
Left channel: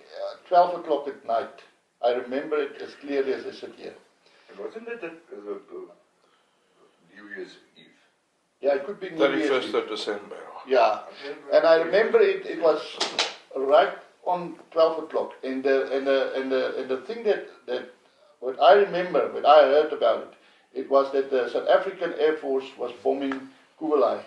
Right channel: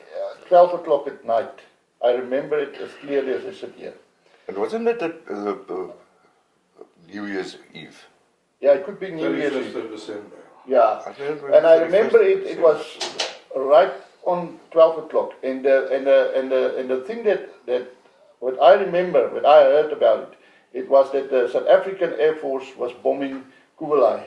12 o'clock at night. I remember it as clearly as I sit here. And wasn't it New Year's Eve? Yeah, it could be New Year's 31st Eve. of December. Yeah, I don't and I remember 31st it was right on 12 o'clock. And the thing that what I remember, what I heard about it was that the South African Air Force was bombing Kuwalai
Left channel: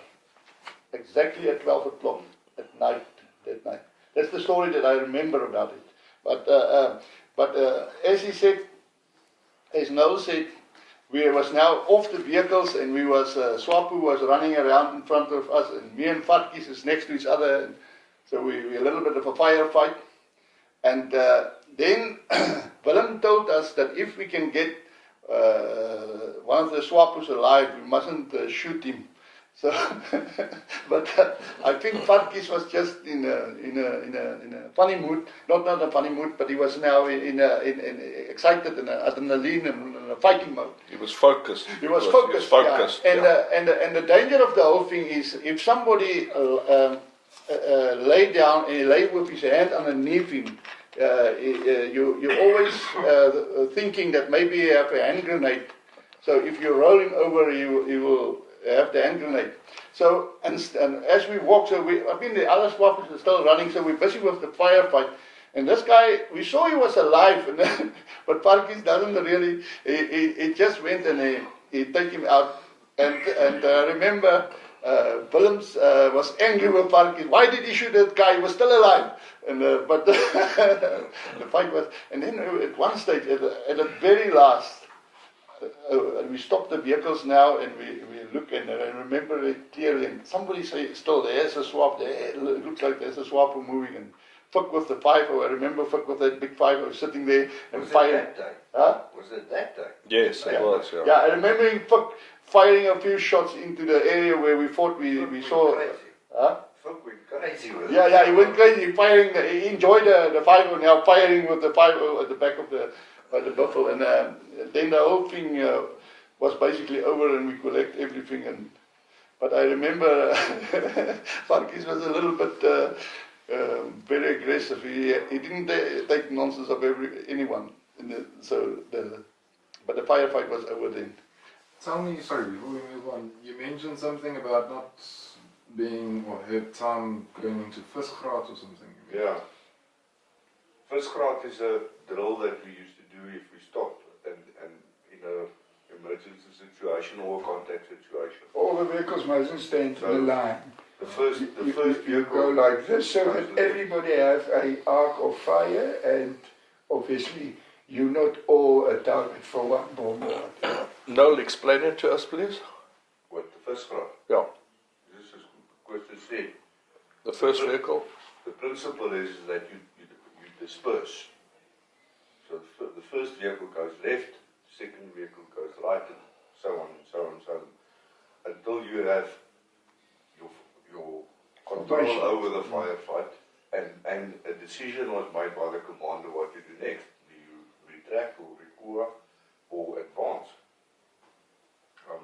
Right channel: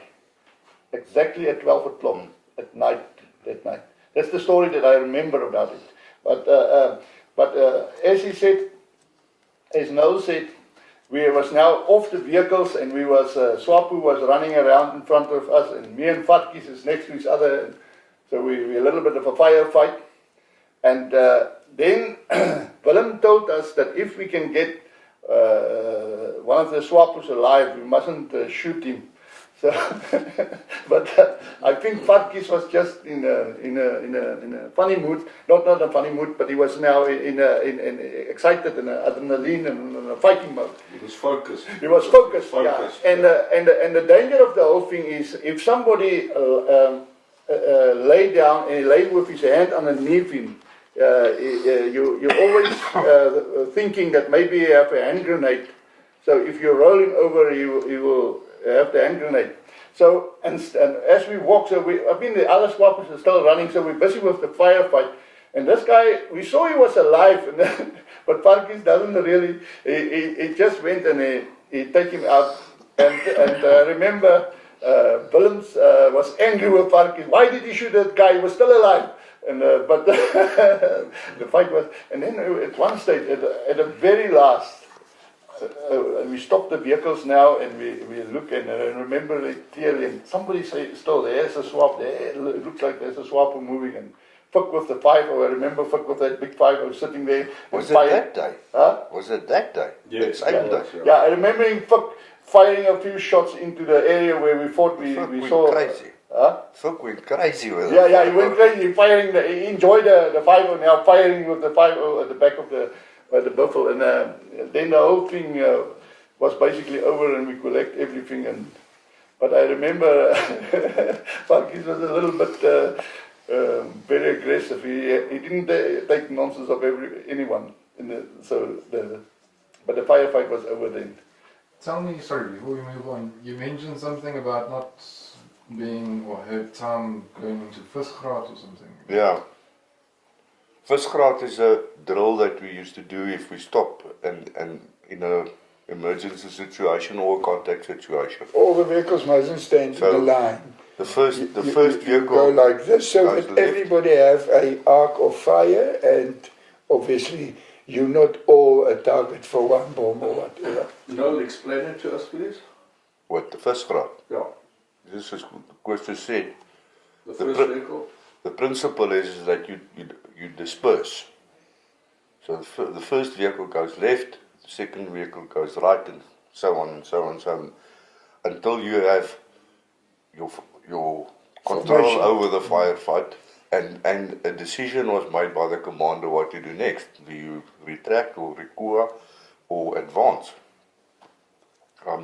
exactly at 12 o'clock at night, that night. That's the story that I remember about it. But as he said, as Noel said, we was now off the vehicles and we was, SWAPO was running around in front of us and me and Farkies is next to each other. And so we a little bit of a firefight. And then Willem told us that if we can get one of the SWAPOs alive, we mustn't shoot him. So, but I think Farkies was just in a funny mood, not a funny mood, but he was now in excited and adrenaline and in a fighting mode. He was focused. He was focused. Yeah. And the danger of the whole thing is if somebody lay down and lay with his hand underneath him, you're always thinking that maybe you have a hand grenade. So if you're rolling over, you will have the hand grenade. So, and as we walk, the other SWAPOs are still running, so we're busy with the firefight. And this guy, we saw he was alive, but Parkies doesn't really, he just went and he take him out. And I remember Willems was angry with Parkies. Why did he shoot that guy? He was still alive. And but the fight was, and then at one stage, at the very last, and we stop the vehicles now and we look and remember it clearly. And somebody say, still there's a SWAP there. It looks like there's a SWAPO moving. And Fuck with the 5, I remember Fuck with that big 5 sitting there. Was it that day? Huh? Was it that day? Yes, it was. Yeah, I remember him firing a few shots into the area where we fought. We saw. Crazy. Huh? Fuck went crazy with it. Yeah, he went crazy. He enjoyed the 5 now firing with the 5 at the back of the buffalo, and then the whole thing was basically over, and we collect everything. But I remember Farkies was a little bit very aggressive. He didn't take nonsense of anyone. But the firefight was over then. Tell me, sorry, before we move on, you mentioned something about not being or had time going into Visgraad or something. Yeah. Visgraad is a drill that we used to do if we stop and in a emergency situation or a contact situation. All the vehicles mustn't stand in the line. The first vehicle you go like this so that everybody have an arc of fire, and obviously you're not all a target for one bomb or whatever. Noel, explain it to us, please. What, the Visgraad? Yeah. This is what you said. The first vehicle? The principle is that you disperse. So the first vehicle goes left, the second vehicle goes right, and so on and so on and so on, until you have your control over the firefight, and a decision was made by the commander what to do next. Do you retract or recua or advance?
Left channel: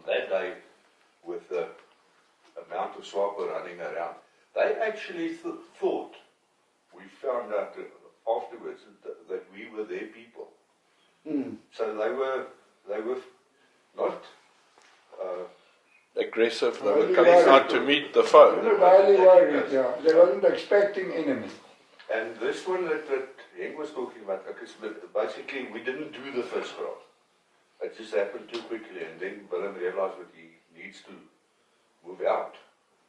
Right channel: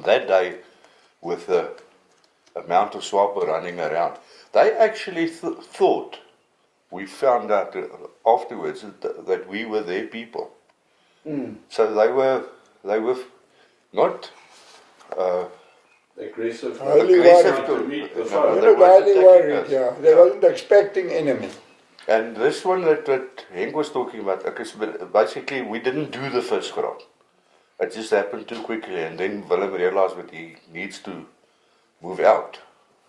That day, with the amount of SWAPO running around, they actually thought, we found out afterwards that we were their people. Mm. So they were not aggressive to meet the foe. They were really worried, yeah. They weren't expecting enemy. And this one that Henk was talking about, okay, so basically we didn't do the first ground. It just happened too quickly, and then Willem realized that he needs to move out.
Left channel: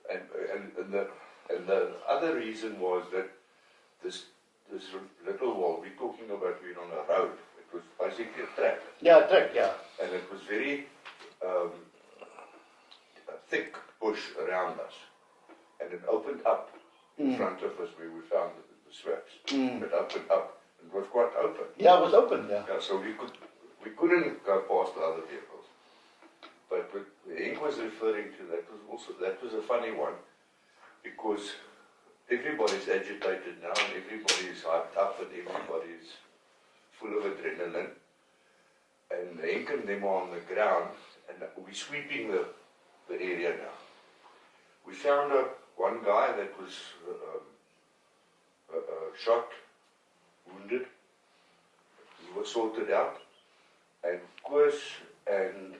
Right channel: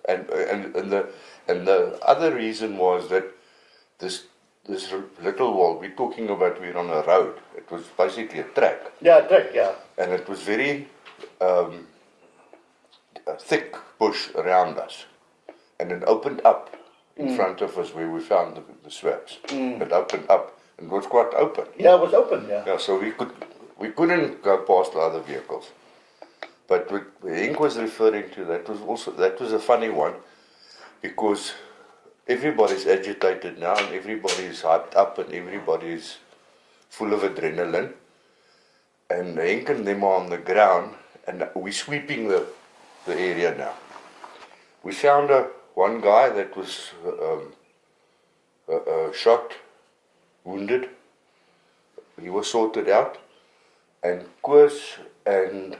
And the other reason was that this little wall, we're talking about, we're on a road. It was basically a track. Yeah, a track, yeah. And it was very thick bush around us. And it opened up in front of us where we found the swaps. It opened up, and it was quite open. Yeah, it was open, yeah. Yeah, so we couldn't go past the other vehicles. But what Henk was referring to, that was a funny one, because everybody's agitated now, and everybody's hyped up, and everybody's full of adrenaline. And Henk and them are on the ground, and we're sweeping the area now. We found one guy that was shot, wounded. He was sorted out, and Koos and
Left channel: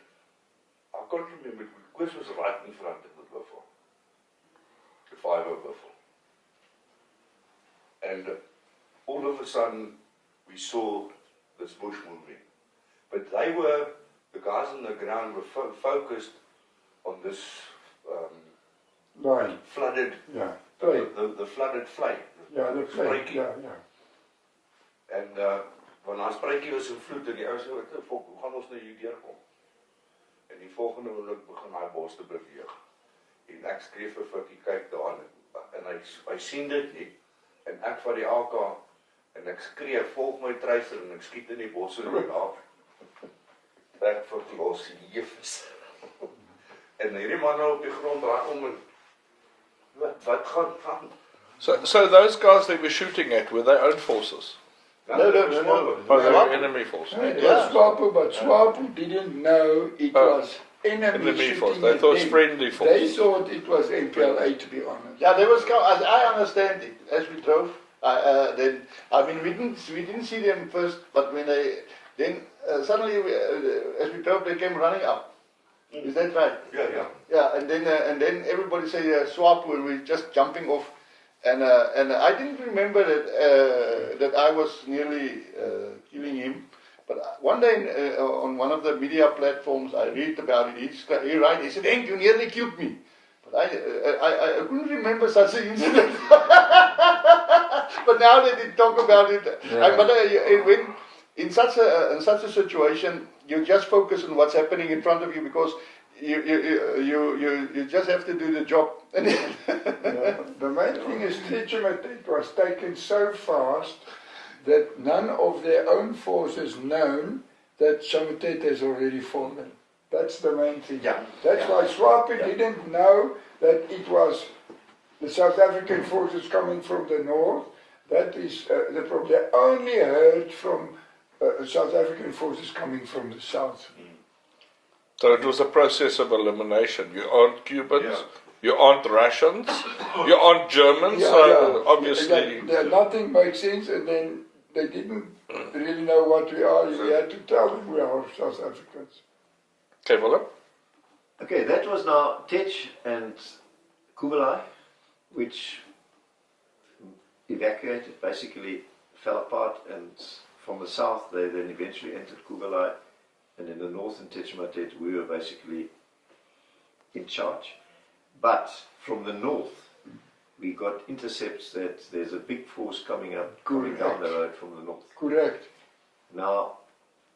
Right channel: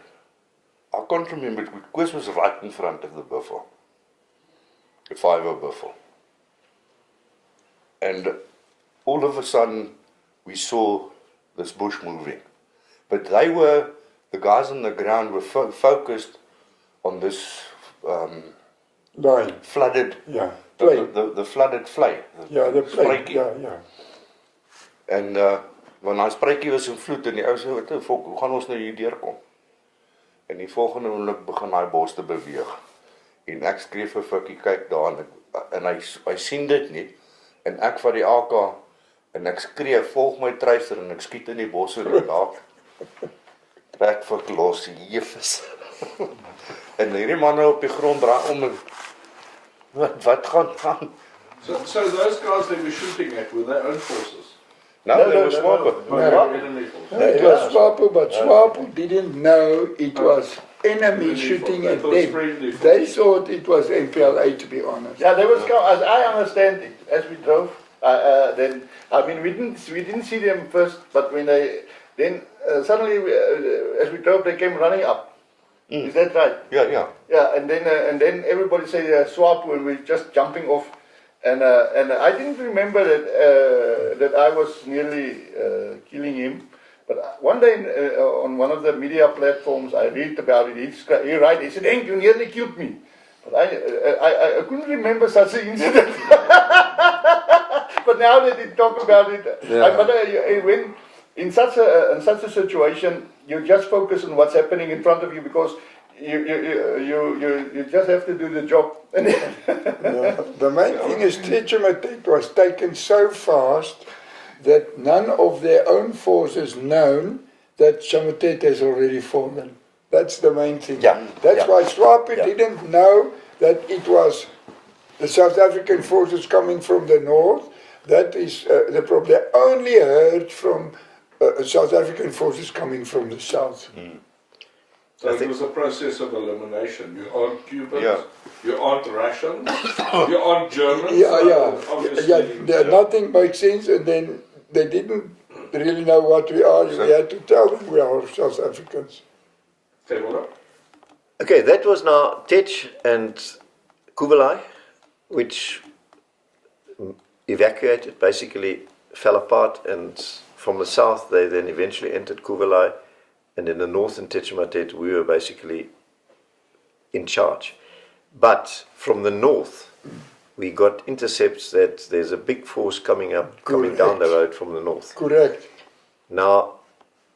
I can't remember, Koos was right in front of the buffel, the 5-0 buffel. And all of a sudden, we saw this bush moving. But the guys on the ground were focused on this flooded, the flooded vlei. the plane, En want daai spruitjie was in vloed en die ou sê, "Wat die fok, hoe gaan ons nou hier deurkom?" En die volgende oomblik begin daai bos te beweeg. En ek skree vir Fikkie, kyk daar en hy sien dit nie. En ek vat die AK en ek skree, "Volg my truiser," en ek skiet in die bos en daar trek Fik los, jefes. En hierdie manne op die grond draai om en wat gaan? So those guys they were shooting at, were they own forces? No, they were SWAPO. They were enemy forces. No, it was SWAPO, but SWAPO didn't know it was enemy shooting They at thought them. friendly They forces. thought it was MPLA, to be honest. Yeah, there was, as I understand it, as we drove, then, I mean, we didn't see them first, but when suddenly, as we drove, they came running up. Is that right? Yeah. Yeah, and then everybody said SWAPO, and we're just jumping off. And I didn't remember that I was nearly killing him. But one day on one of the media platforms, I read about it. He said, "Henk, you nearly killed me." But I couldn't remember such an incident. But now that you talk about it, when in such a situation, you just focus on what's happening in front of you because you just have to do the job. The main thing is Teachamatet was taken so fast that none of their own forces known that Chamatet has already fallen. That's the main thing. That's why SWAPO didn't know that it was the South African forces coming from the north. That is the problem. They only heard from South African forces coming from the south. So it was a process of elimination. You aren't Cubans, you aren't Russians, you aren't Germans, obviously. Nothing made sense, and then they didn't really know what we are. We had to tell them we are South Africans. Okay, well, Okay, that was now Tech and Kuvelai, which evacuated, basically fell apart, and from the south they then eventually entered Kuvelai. And in the north in Techimatet, we were basically in charge. But from the north, we got intercepts that there's a big force coming down the road from the north. Correct. Now,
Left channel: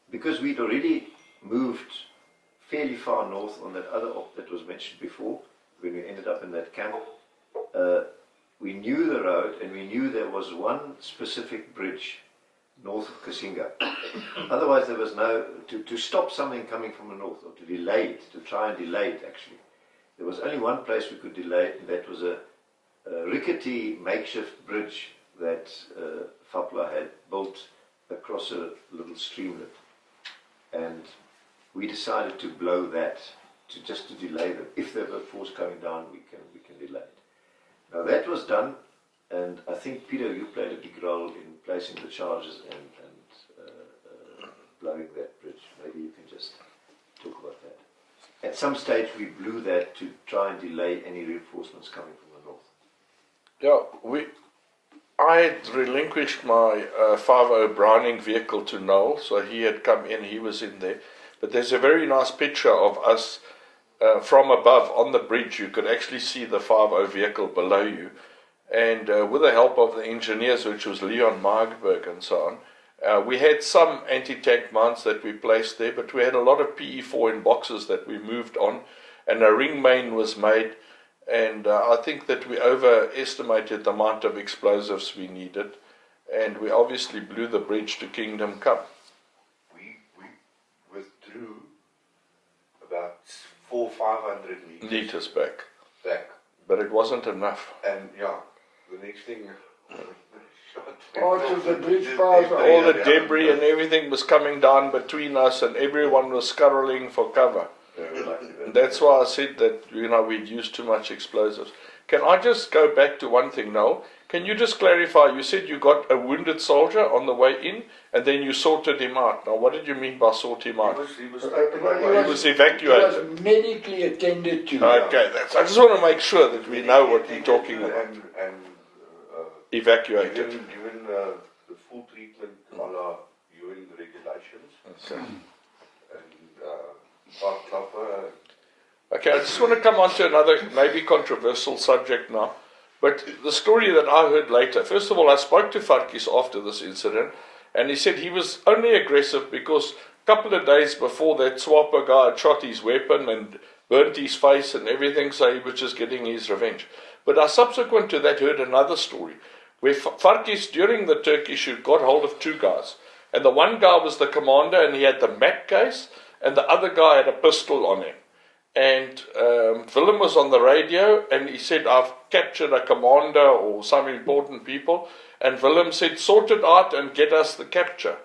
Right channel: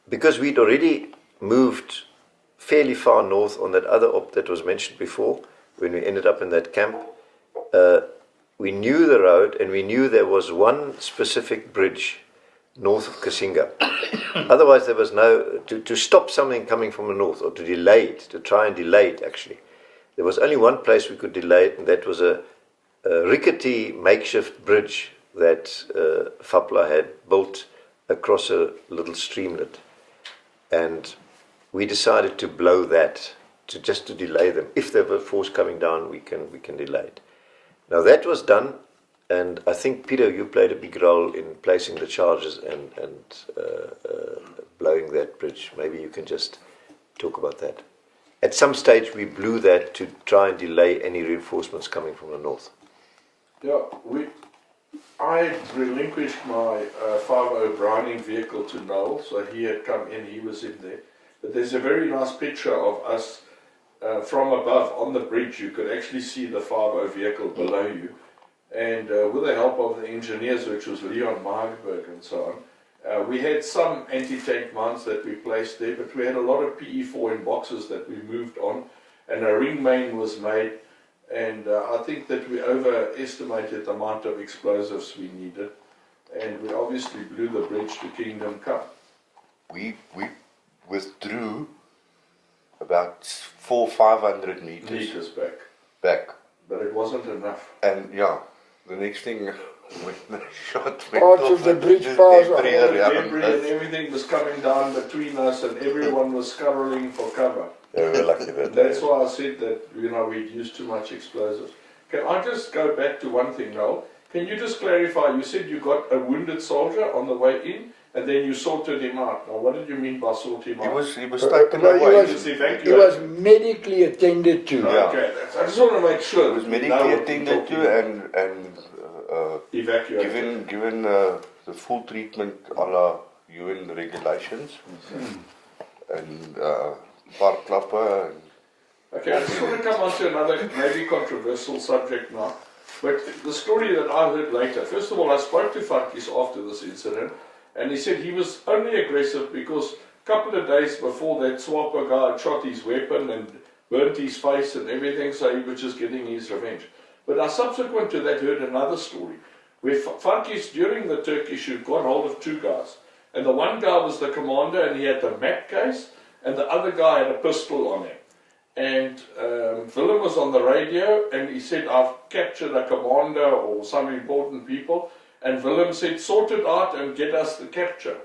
because we'd already moved fairly far north on that other op that was mentioned before, when we ended up in that camp, we knew the road and we knew there was one specific bridge north of Kasinga. Otherwise, there was to stop something coming from the north, or to delay it, to try and delay it actually. There was only one place we could delay it, and that was a rickety makeshift bridge that FAPLA had built across a little streamlet. And we decided to blow that, just to delay them. If there were force coming down, we can delay it. Now that was done. And I think, Peter, you played a big role in placing the charges and blowing that bridge. Maybe you can just talk about that. At some stage, we blew that to try and delay any reinforcements coming from the north. Yeah, I had relinquished my 5.0 Browning vehicle to Noel, so he had come in, he was in there. But there's a very nice picture of us from above on the bridge. You could actually see the 5.0 vehicle below you. And with the help of the engineers, which was Leon Margberg and so on, we had some anti-tank mounts that we placed there, but we had a lot of PE4 in boxes that we moved on, and a ring main was made, and I think that we overestimated the amount of explosives we needed, and we obviously blew the bridge to Kingdom Come. We withdrew about 400-500 meters back. But it wasn't enough. And the next thing, when the shot went Parts off, of the bridge all the debris and everything was coming down between us, and everyone was scurrying for cover. They were lucky. That's why I said that we'd used too much explosives. Can I just go back to one thing now? Can you just clarify? You said you got a wounded soldier on the way in, and then you sorted him out. Now, what did you mean by sort him out? He was taken Well, away. He was evacuated. He was medically attended to. Okay, I just want to make sure that we know Medically what we're attended talking to about. and Evacuated. given the full treatment a la UN regulations and park klapper and Okay, I just want to come on to another maybe controversial subject now. But the story that I heard later, first of all, I spoke to Farkis after this incident, and he said he was only aggressive because a couple of days before that SWAPO guy had shot his weapon and burnt his face and everything, so he was just getting his revenge. But I subsequent to that heard another story, where Farkis during the Turkish shoot got hold of two guys. And the one guy was the commander and he had the map case, and the other guy had a pistol on him. And Willem was on the radio and he said, I've captured a commander or some important people. And Willem said, sort it out and get us the capture.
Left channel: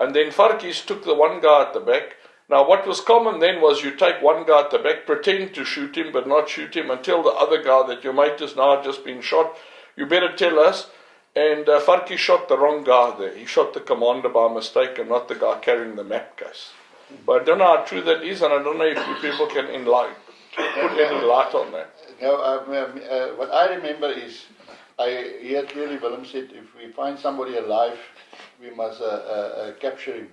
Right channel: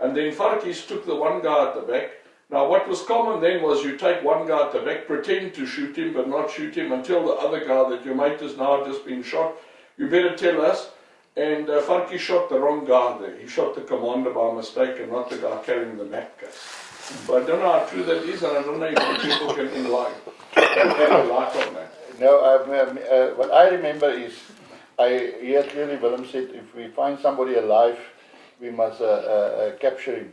And then Farkis took the one guy at the back. Now what was common then was you take one guy at the back, pretend to shoot him but not shoot him, and tell the other guy that your mate has now just been shot. You better tell us. And Farkis shot the wrong guy there. He shot the commander by mistake and not the guy carrying the map case. But I don't know how true that is, and I don't know if you people can enlighten a light on that. No, what I remember is, here clearly Willem said, if we find somebody alive, we must capture him.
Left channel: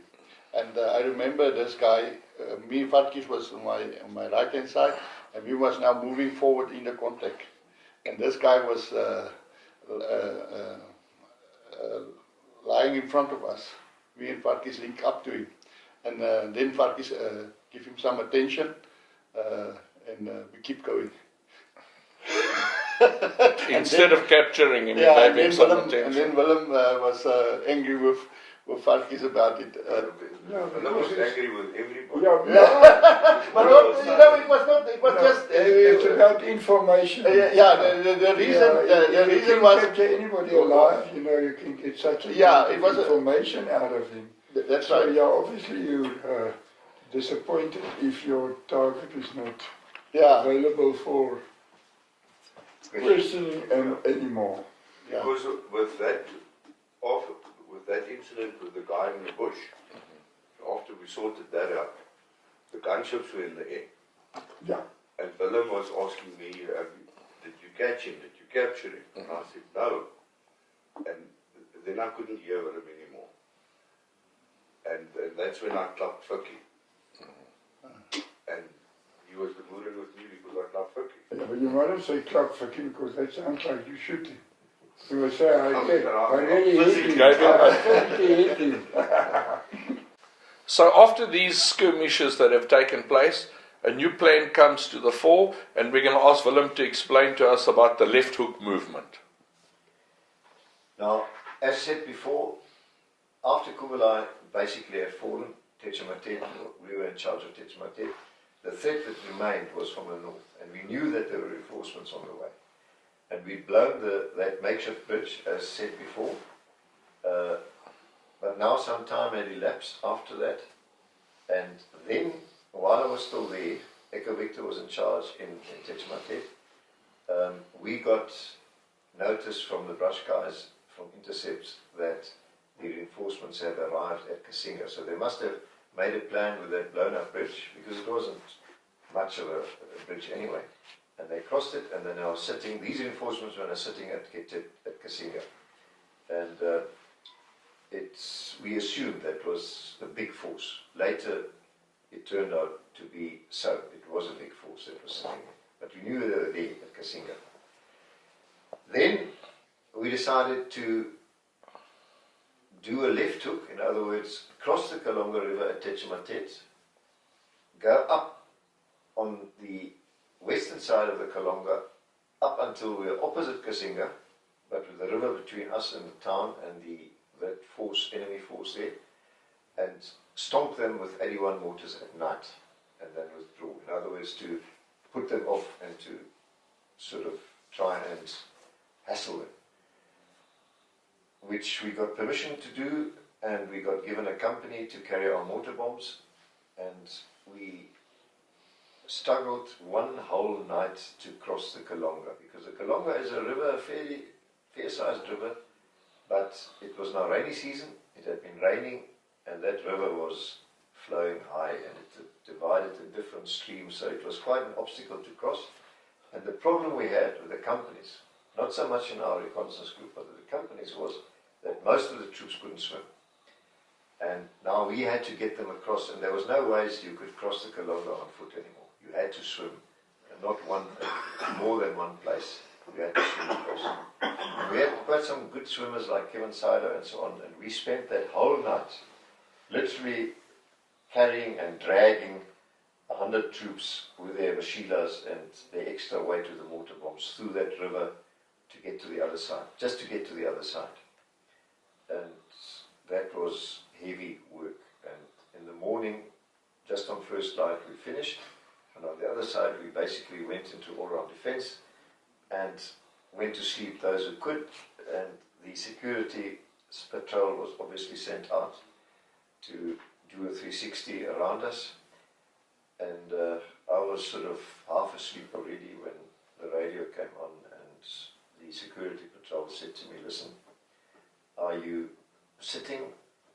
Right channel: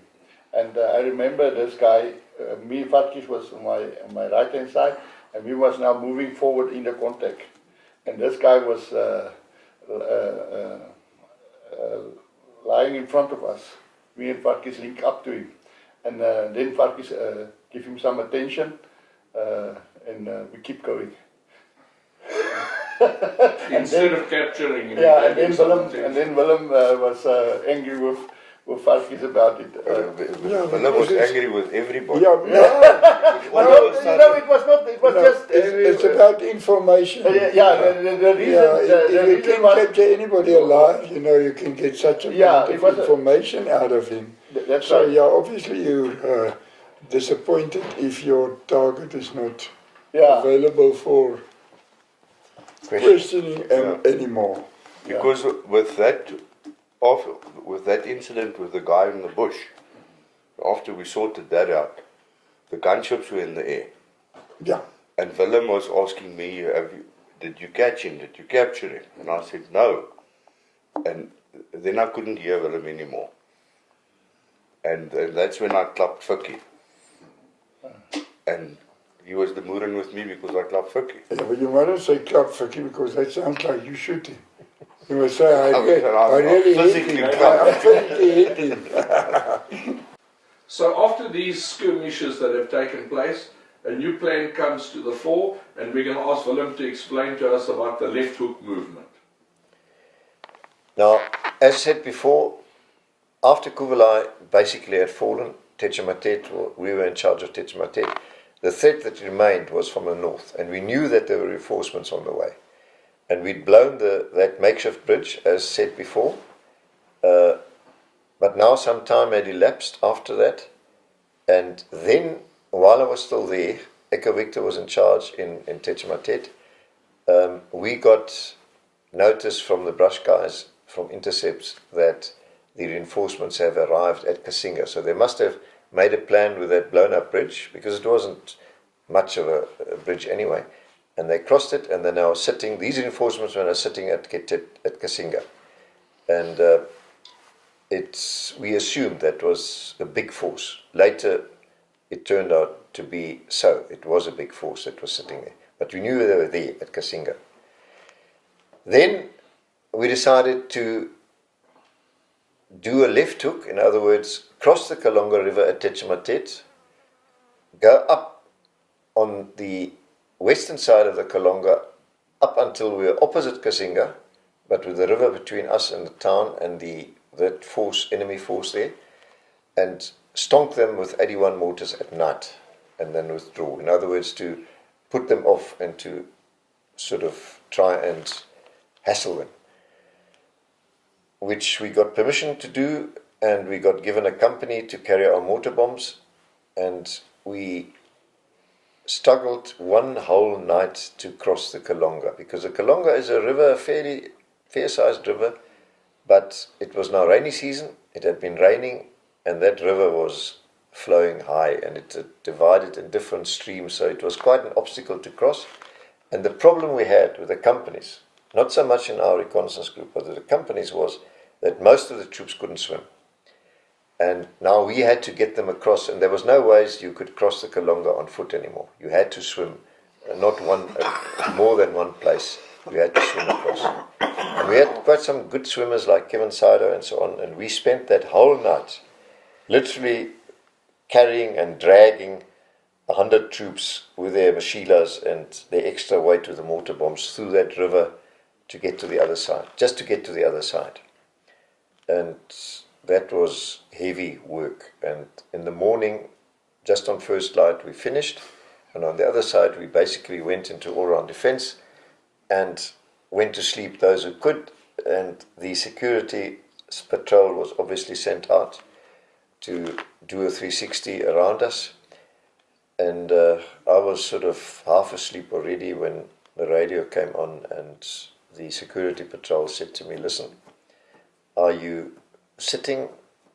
And I remember this guy, me, Farkis was on my right hand side, and we was now moving forward in the contact. And this guy was lying in front of us. Me and Farkis linked up to him. And then Farkis give him some attention, and we keep going. Instead of capturing him, yeah, and then Willem was angry with Farkis about it. Willem was angry with everybody. Yeah, no, it was not. It was just. It's about information. The reason. If you can capture anybody alive, you can get such amount of information out of him. That's so, right. yeah, obviously you're disappointed if your target is not available for questioning anymore. Because with that incident with the guy in the bush, after we sorted that out, the gunships were in the air. Yeah. And Willem was asking me, did you catch him? Did you capture him? And I said, no. And then I couldn't hear Willem anymore. And that's when I clapped Fikkie. And he was demurring with me because I clapped Fikkie. Yeah, but you mustn't say clap Fikkie because that sounds like you shooting. You must say, I really hit him. So after these skirmishes that have taken place, a new plan comes to the fore, and we're going to ask Willem to explain to us about the left hook movement. Now, as said before, after Kuvelai basically had fallen, Tetchamatet, we were in charge of Tetchamatet, the threat that remained was from the north, and we knew that there were reinforcements on the way. And we'd blown that makeshift bridge, as said before, but now some time had elapsed after that, and then, while I was still there, Echo Victor was in charge in Tetchamatet, we got notice from the brush guys, from intercepts, that the reinforcements have arrived at Kasinga. So they must have made a plan with that blown up bridge, because it wasn't much of a bridge anyway. And they crossed it, and they're now sitting, these reinforcements are now sitting at Kasinga. And we assumed that was a big force. Later, it turned out to be so. It was a big force that was sitting there. But we knew they were there at Kasinga. Then we decided to do a left hook, in other words, cross the Kalonga River at Tetchamatet, go up on the western side of the Kalonga, up until we were opposite Kasinga, but with the river between us and the town and that force, enemy force there, and stonk them with 81 mortars at night, and then withdraw. In other words, to put them off and to sort of try and hassle them, which we got permission to do, and we got given a company to carry our mortar bombs, and we struggled one whole night to cross the Kalonga, because the Kalonga is a river fairly fair-sized river, but it was now rainy season, it had been raining, and that river was flowing high, and it divided in different streams, so it was quite an obstacle to cross. And the problem we had with the companies, not so much in our reconnaissance group, but with the companies, was that most of the troops couldn't swim. And now we had to get them across, and there was no ways you could cross the Kalonga on foot anymore. You had to swim, not more than one place. You had to swim across. And we had quite some good swimmers like Kevin Sido and so on, and we spent that whole night literally carrying and dragging 100 troops with their machilas and their extra weight with the mortar bombs through that river to get to the other side, just to get to the other side. And that was heavy work. And in the morning, just on first light, we finished. And on the other side, we basically went into all-round defense and went to sleep those who could. And the security patrol was obviously sent out to do a 360 around us. And I was sort of half asleep already when the radio came on, and the security patrol said to me, "Listen, are you sitting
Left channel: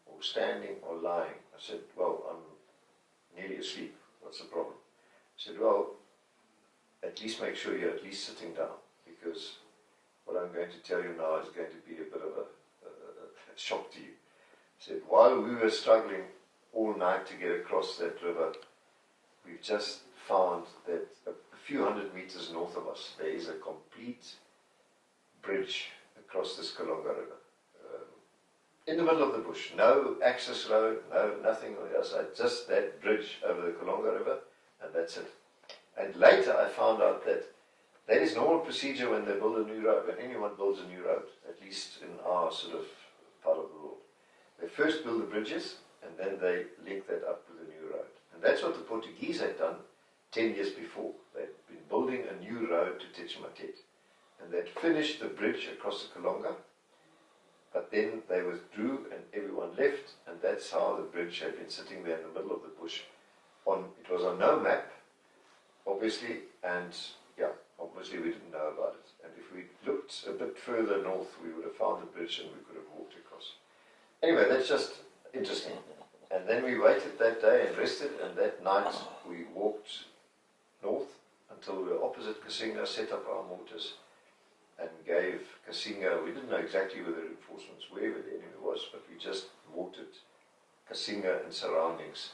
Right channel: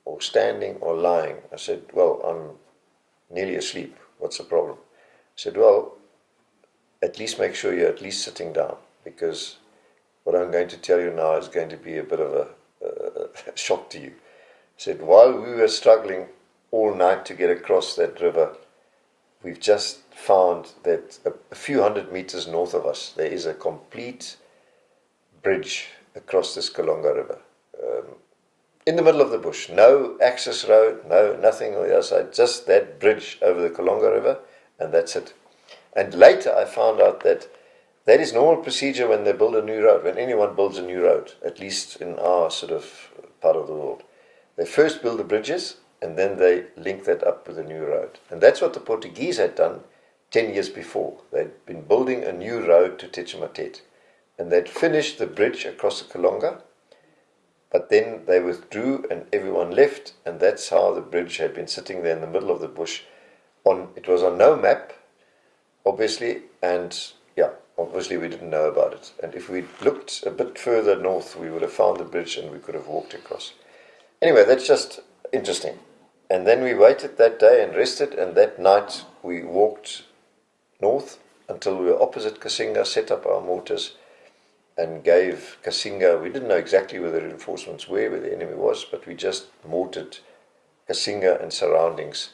or standing or lying?" I said, "Well, I'm nearly asleep. What's the problem?" I said, "Well, at least make sure you're at least sitting down, because what I'm going to tell you now is going to be a bit of a shock to you." I said, "While we were struggling all night to get across that river, we've just found that a few hundred meters north of us, there is a complete bridge across this Kalonga River. In the middle of the bush, no access road, nothing on the other side, just that bridge over the Kalonga River, and that's it." And later I found out that that is normal procedure when they build a new road, when anyone builds a new road, at least in our sort of part of the world. They first build the bridges, and then they link that up with a new road. And that's what the Portuguese had done 10 years before. They'd been building a new road to Tetchematet, and they'd finished the bridge across the Kalonga, but then they withdrew and everyone left, and that's how the bridge had been sitting there in the middle of the bush. It was on no map, obviously, and yeah, obviously we didn't know about it. And if we'd looked a bit further north, we would have found the bridge and we could have walked across. Anyway, that's just interesting. And then we waited that day and rested, and that night we walked north until we were opposite Kasinga, set up our mortars, and gave Kasinga, we didn't know exactly where the reinforcements were, where the enemy was, but we just mortared Kasinga and surroundings.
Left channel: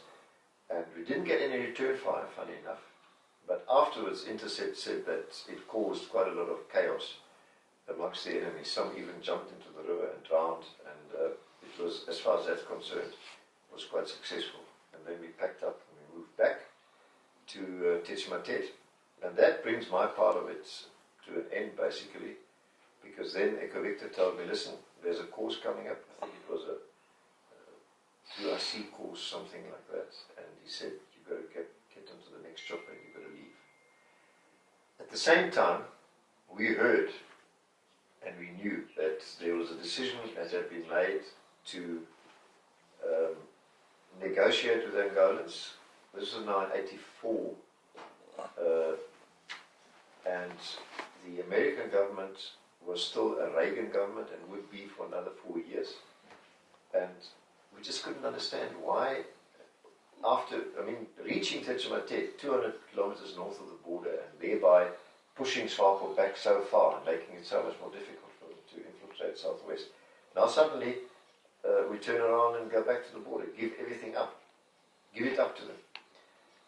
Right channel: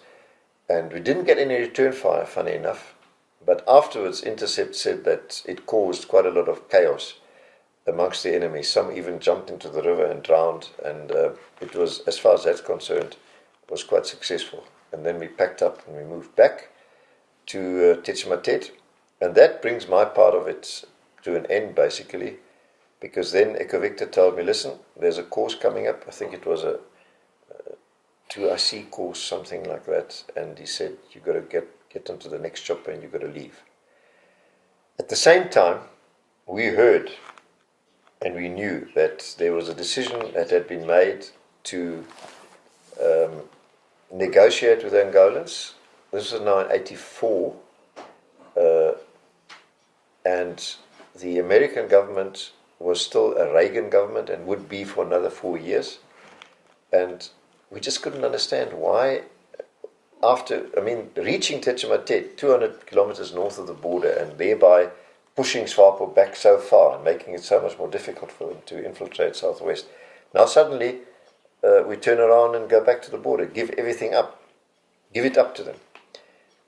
And we didn't get any return fire, funny enough, but afterwards Intercept said that it caused quite a lot of chaos amongst the enemy. Some even jumped into the river and drowned, and it was, as far as that's concerned, was quite successful. And then we packed up and we moved back to Tetchematet, and that brings my part of it to an end, basically, because then Echo Victor told me, "Listen, there's a course coming up." I think it was a 2IC course, something like that, and he said, "You've got to get onto the next chopper and you've got to leave." At the same time, we heard and we knew that there was a decision that had been made to negotiate with the Angolans. This was now in 1984, and the American government was still a Reagan government and would be for another 4 years. And we just couldn't understand why, reaching Tetchematet, 200 kilometers north of the border, and thereby pushing SWAPO back so far and making it so much more difficult for them to infiltrate southwest. Now suddenly we turn around and go back to the border, give everything up, give it up to them.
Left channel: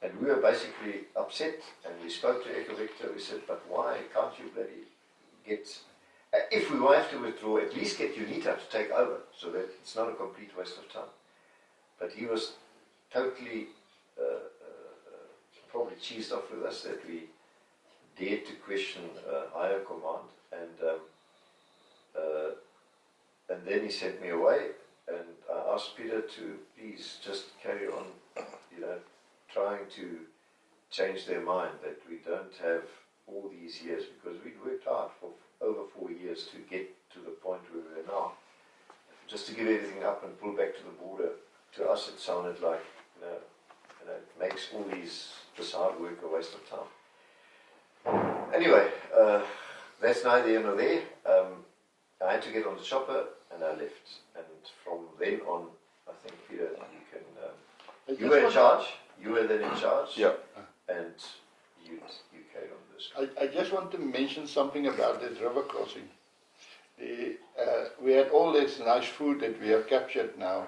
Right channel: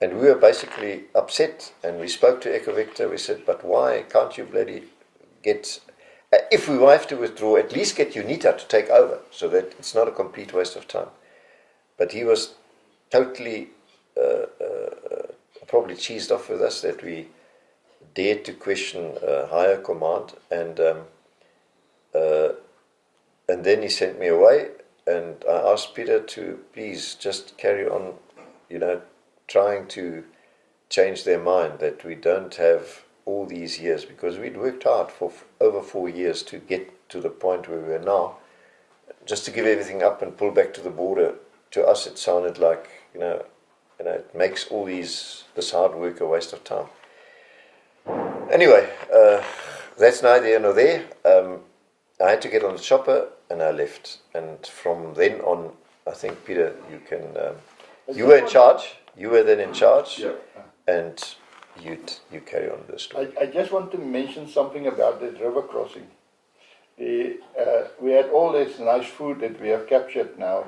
And we were basically upset, and we spoke to Echo Victor. We said, "But why can't you bloody get, if we have to withdraw, at least get UNITA to take over, so that it's not a complete waste of time." But he was totally probably cheesed off with us that we dared to question higher command, and then he sent me away, and I asked Peter to please just carry on, trying to change their mind, that we don't have all these years, because we'd worked hard for over 4 years to get to the point where we are now. Just to give everything up and pull back to the border, to us it sounded like, it makes all this hard work a waste of time. Anyway, that's neither here nor there. I had to get on the chopper and I left. And from then on, I think, Peter, you can... you were in charge. You were then in charge. Yeah. And you carry on the story. I just want to mention something about that river crossing. We had all this nice food that we have captured now.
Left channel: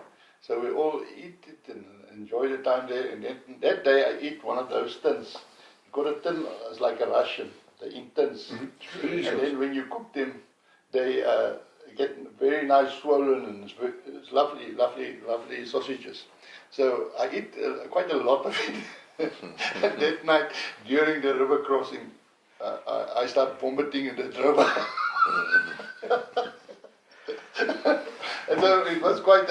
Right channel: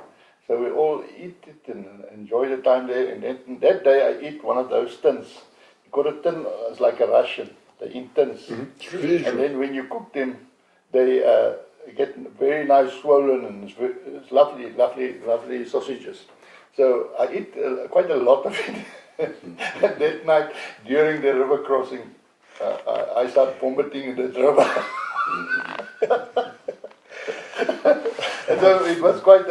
So we all eat it and enjoy the time there. And that day I eat one of those tins. You got a tin, it's like a Russian. They eat tins. And then when you cook them, they get very nice swollen and it's lovely, lovely, lovely sausages. So I eat quite a lot of it. And that night, during the river crossing, I start vomiting in the river. So it was quite,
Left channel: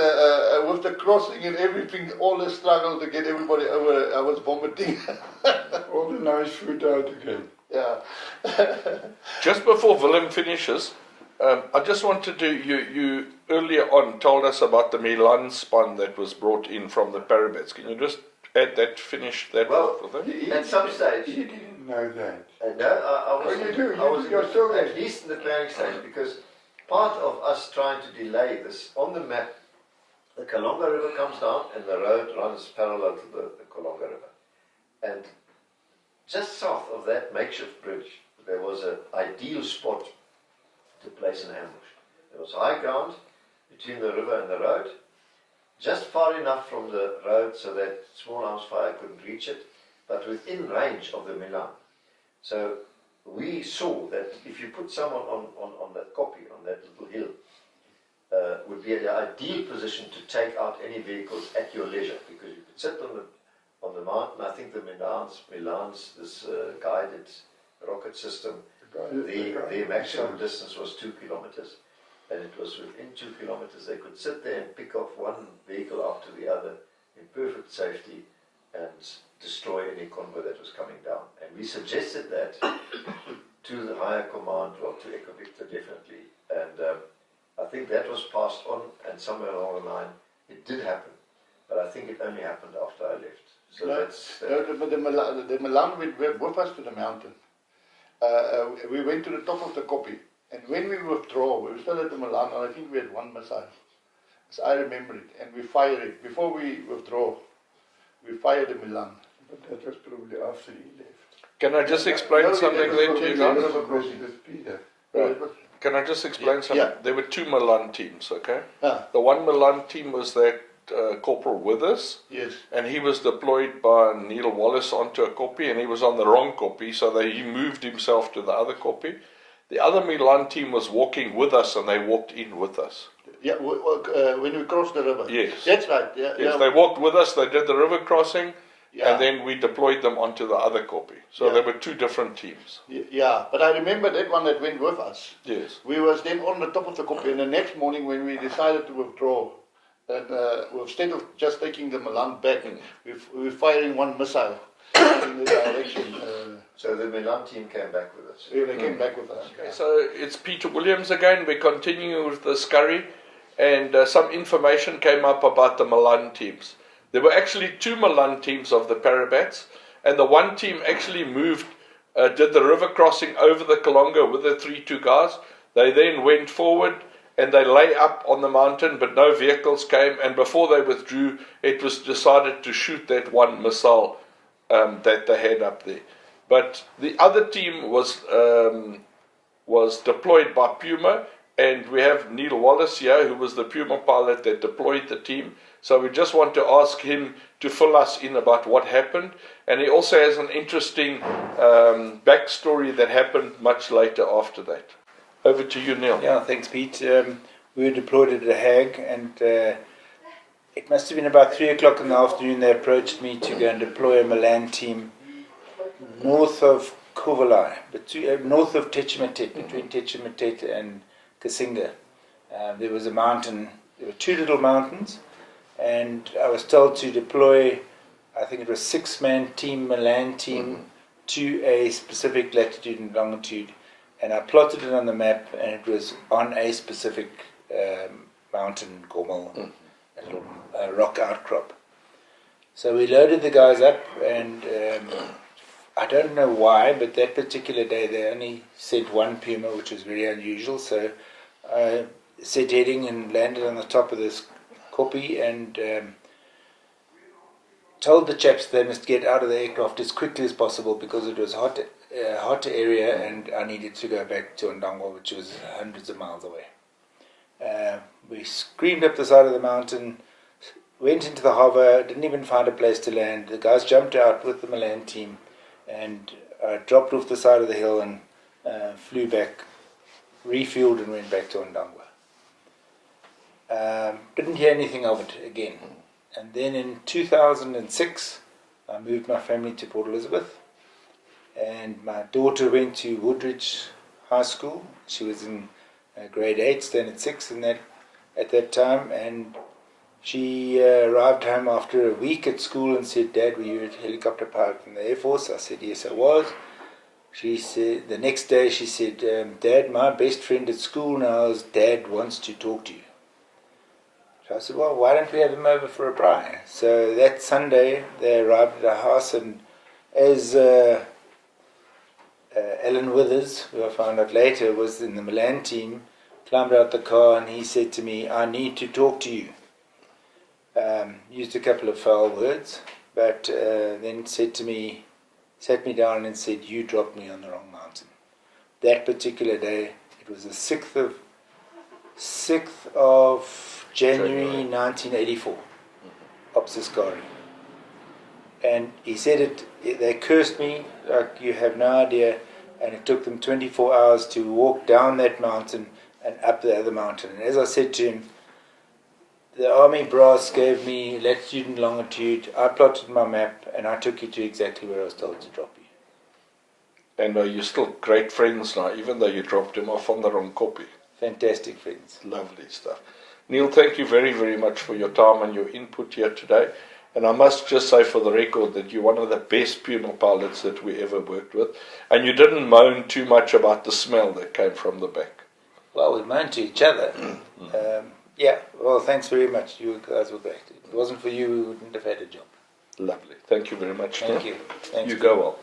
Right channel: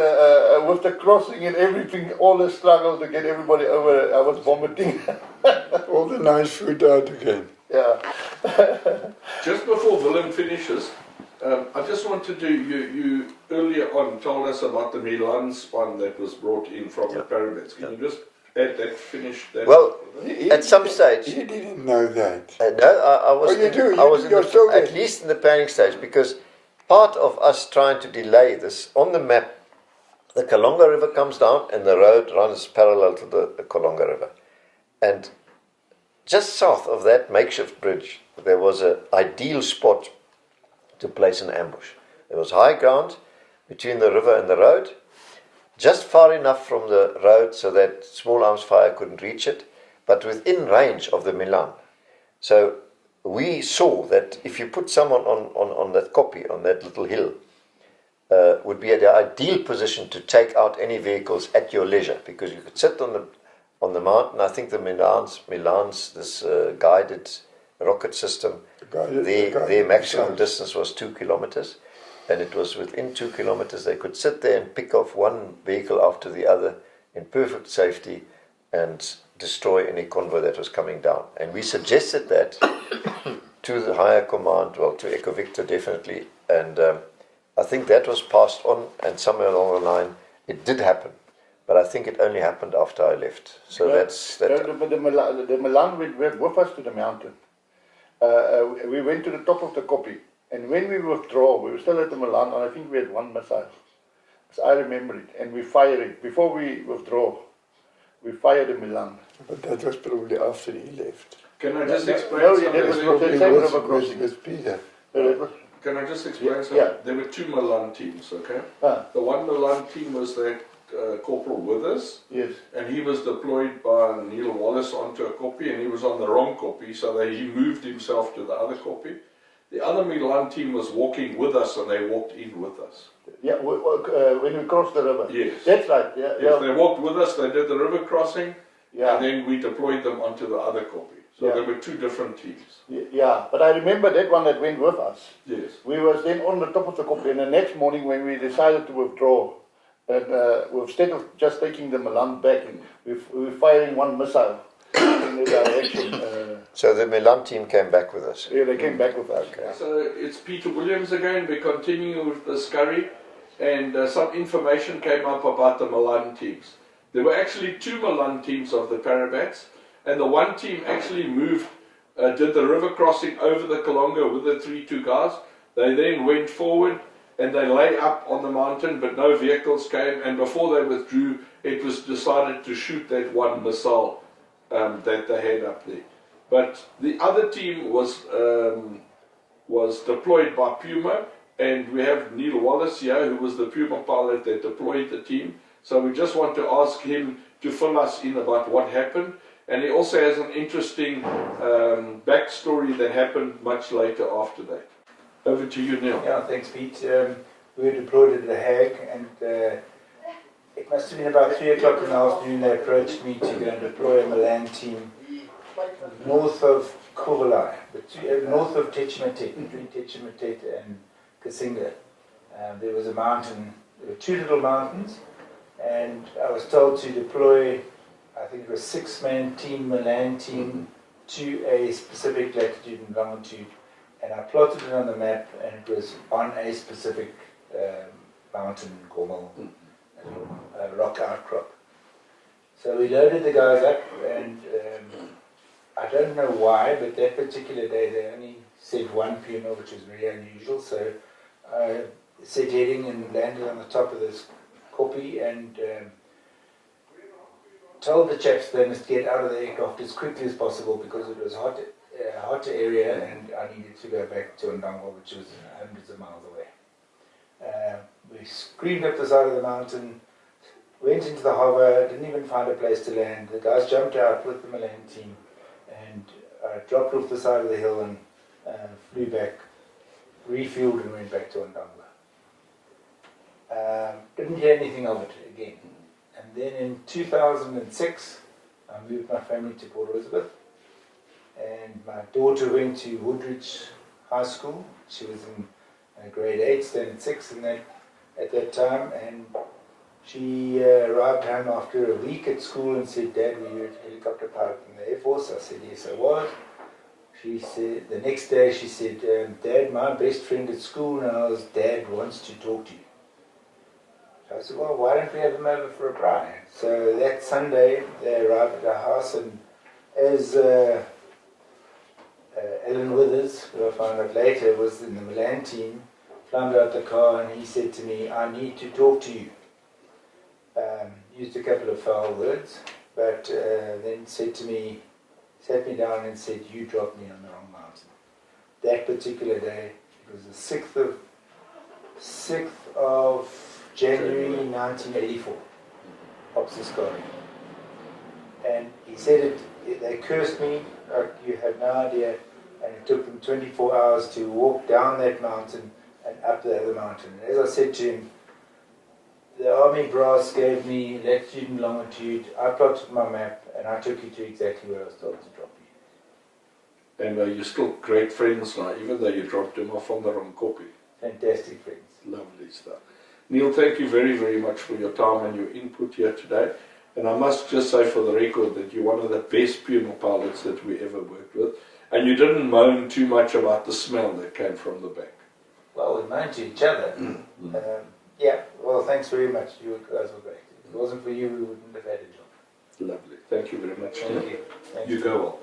with the crossing and everything, all the struggle to get everybody over it, I was vomiting. All the nice food out again. Yeah. Just before Willem finishes, I just wanted to, you earlier on told us about the Milan span that was brought in from the Parabets. Can you just add that, finish that? Well, at some stage... You didn't know that. No, I was, you do. I was You're at least in the planning stage, because part of us trying to delay this, on the map, the Kalonga River comes down and the road runs parallel to the Kalonga River. And just south of that makeshift bridge, there was an ideal spot to place an ambush. There was high ground between the river and the road, just far enough from the road so that small arms fire couldn't reach it, but within range of the Milan. So we saw that if you put someone on that kopje, on that little hill, would be at the ideal position to take out any vehicles at your leisure, because you could sit on the mountain. I think the Milan's this guided rocket system, their maximum distance was 2 kilometers, and it was within 2 kilometers they could sit there and pick off one vehicle after the other in perfect safety and destroy any convoy that was coming down. And we suggested that to the higher command, well, to Echo Victor definitely, and I think that was passed on, and somewhere along the line it did happen. But I think it only happened after I left. So that's that. The Milan went with us to the mountain. We went to the top of the kopje, and when we withdraw, we were still at the Milan, and I think we had one missile, as I remember it, and we fired it. Before we withdraw, we fired the Milan. But that was probably after he left. Can I just explain something there to you? With Peter. Can I just explain something? Yeah. There were 2 Milan teams, okay? Yeah. The one Milan team was that Corporal Withers, Yes. and he was deployed by Neil Wallace onto a kopje, and he was on the wrong kopje, so he moved himself to the other kopje. The other Milan team was walking with us, and they walked in with us. Yeah, when we crossed the river. Yes. That's right. Yeah, Yes, they walked with us, they did the river crossing, Yeah. and then we deployed them onto the other kopje. So Yeah. there were 2 different teams. Yeah, but I remember that one that went with us. Yes. We was then on the top of the kopje, and the next morning when we decided to withdraw, and instead of just taking the Milan back, we were firing one missile in the direction. So the Milan team came back with us. Yeah, they came back with us. Okay. So it's Peter Williams again. We're continuing with the ASKARIE, and some information came up about the Milan teams. There were actually 2 Milan teams of the Parabats, and the one team actually moved, did the river crossing over the Kalonga with the 3-2 guys. They then went forward and they lay up on the mountain, but no vehicles came, and before they withdrew, it was decided to shoot that one missile that they had up there. But the other team was deployed by Puma, and we have Neil Wallace here, who was the Puma pilot that deployed the team. So we just want to ask him to fill us in about what happened. And he also has an interesting backstory that happened much later after that. Over to you, Neil. Yeah, thanks, Pete. We were deployed at The Hague, and it must have been about 3 o'clock in the afternoon. They approached me to go and deploy a Milan team north of Kovala, north of Techimatet, between Techimatet and Kasinga. There was a mountain, there were 2 little mountains, and I was told to deploy, I think it was 6-man team, Milan team, to a specific latitude and longitude. And I plotted it on the map, and it was on a specific mountain, Gormal, a little rock outcrop. So we loaded the guys up, and I don't know why, but that particular day they only sent 1 Puma, which was very unusual. So I set heading and landed on the top of this kopje and told the chaps they must get out of the aircraft as quickly as possible because it was hot area and I needed to go back to Ndangwa, which was hundreds of miles away. We screamed up the side of the mountain, went into the harbour, didn't even find a place to land. The guys jumped out with the Milan team and dropped off the side of the hill and flew back, refueled and went back to Ndangwa. Didn't hear anything of it again. And then in 2006, I moved my family to Port Elizabeth. And my daughter went to Woodridge High School. She was in grade 8, standard 6 at that time. And she arrived home after a week at school and said, "Dad, were you a helicopter pilot in the Air Force?" I said, "Yes, I was." She said, the next day she said, "Dad, my best friend at school now is Dad wants to talk to you." So I said, "Well, why don't we have him over for a braai?" So that Sunday they arrived at our house, and as Alan Withers, who I found out later was in the Milan team, climbed out the car and he said to me, "I need to talk to you." Used a couple of foul words, but then sat me down and said, "You dropped me on the wrong mountain." That particular day, it was the 6th of January 1984, Ops Askari. And he said they cursed me like you have no idea, and it took them 24 hours to walk down that mountain and up the other mountain. And as I said to him, the army brass gave me latitude and longitude, I plotted my map, and I took you to exactly where I was told to drop you. And are you still great friends now, even though you dropped him off on the wrong copy? Fantastic friends. Lovely stuff. Neil, thank you very, very much for your time and your input here today. And I must just say for the record that you're one of the best Puma pilots that we ever worked with. And you didn't moan too much about the smell that came from the back. Well, we moaned to each other. Yeah, well, thanks very much. You guys were great. If it wasn't for you, we wouldn't have had a job. Lovely. Thank you very much. Thank you. Thanks. You go well.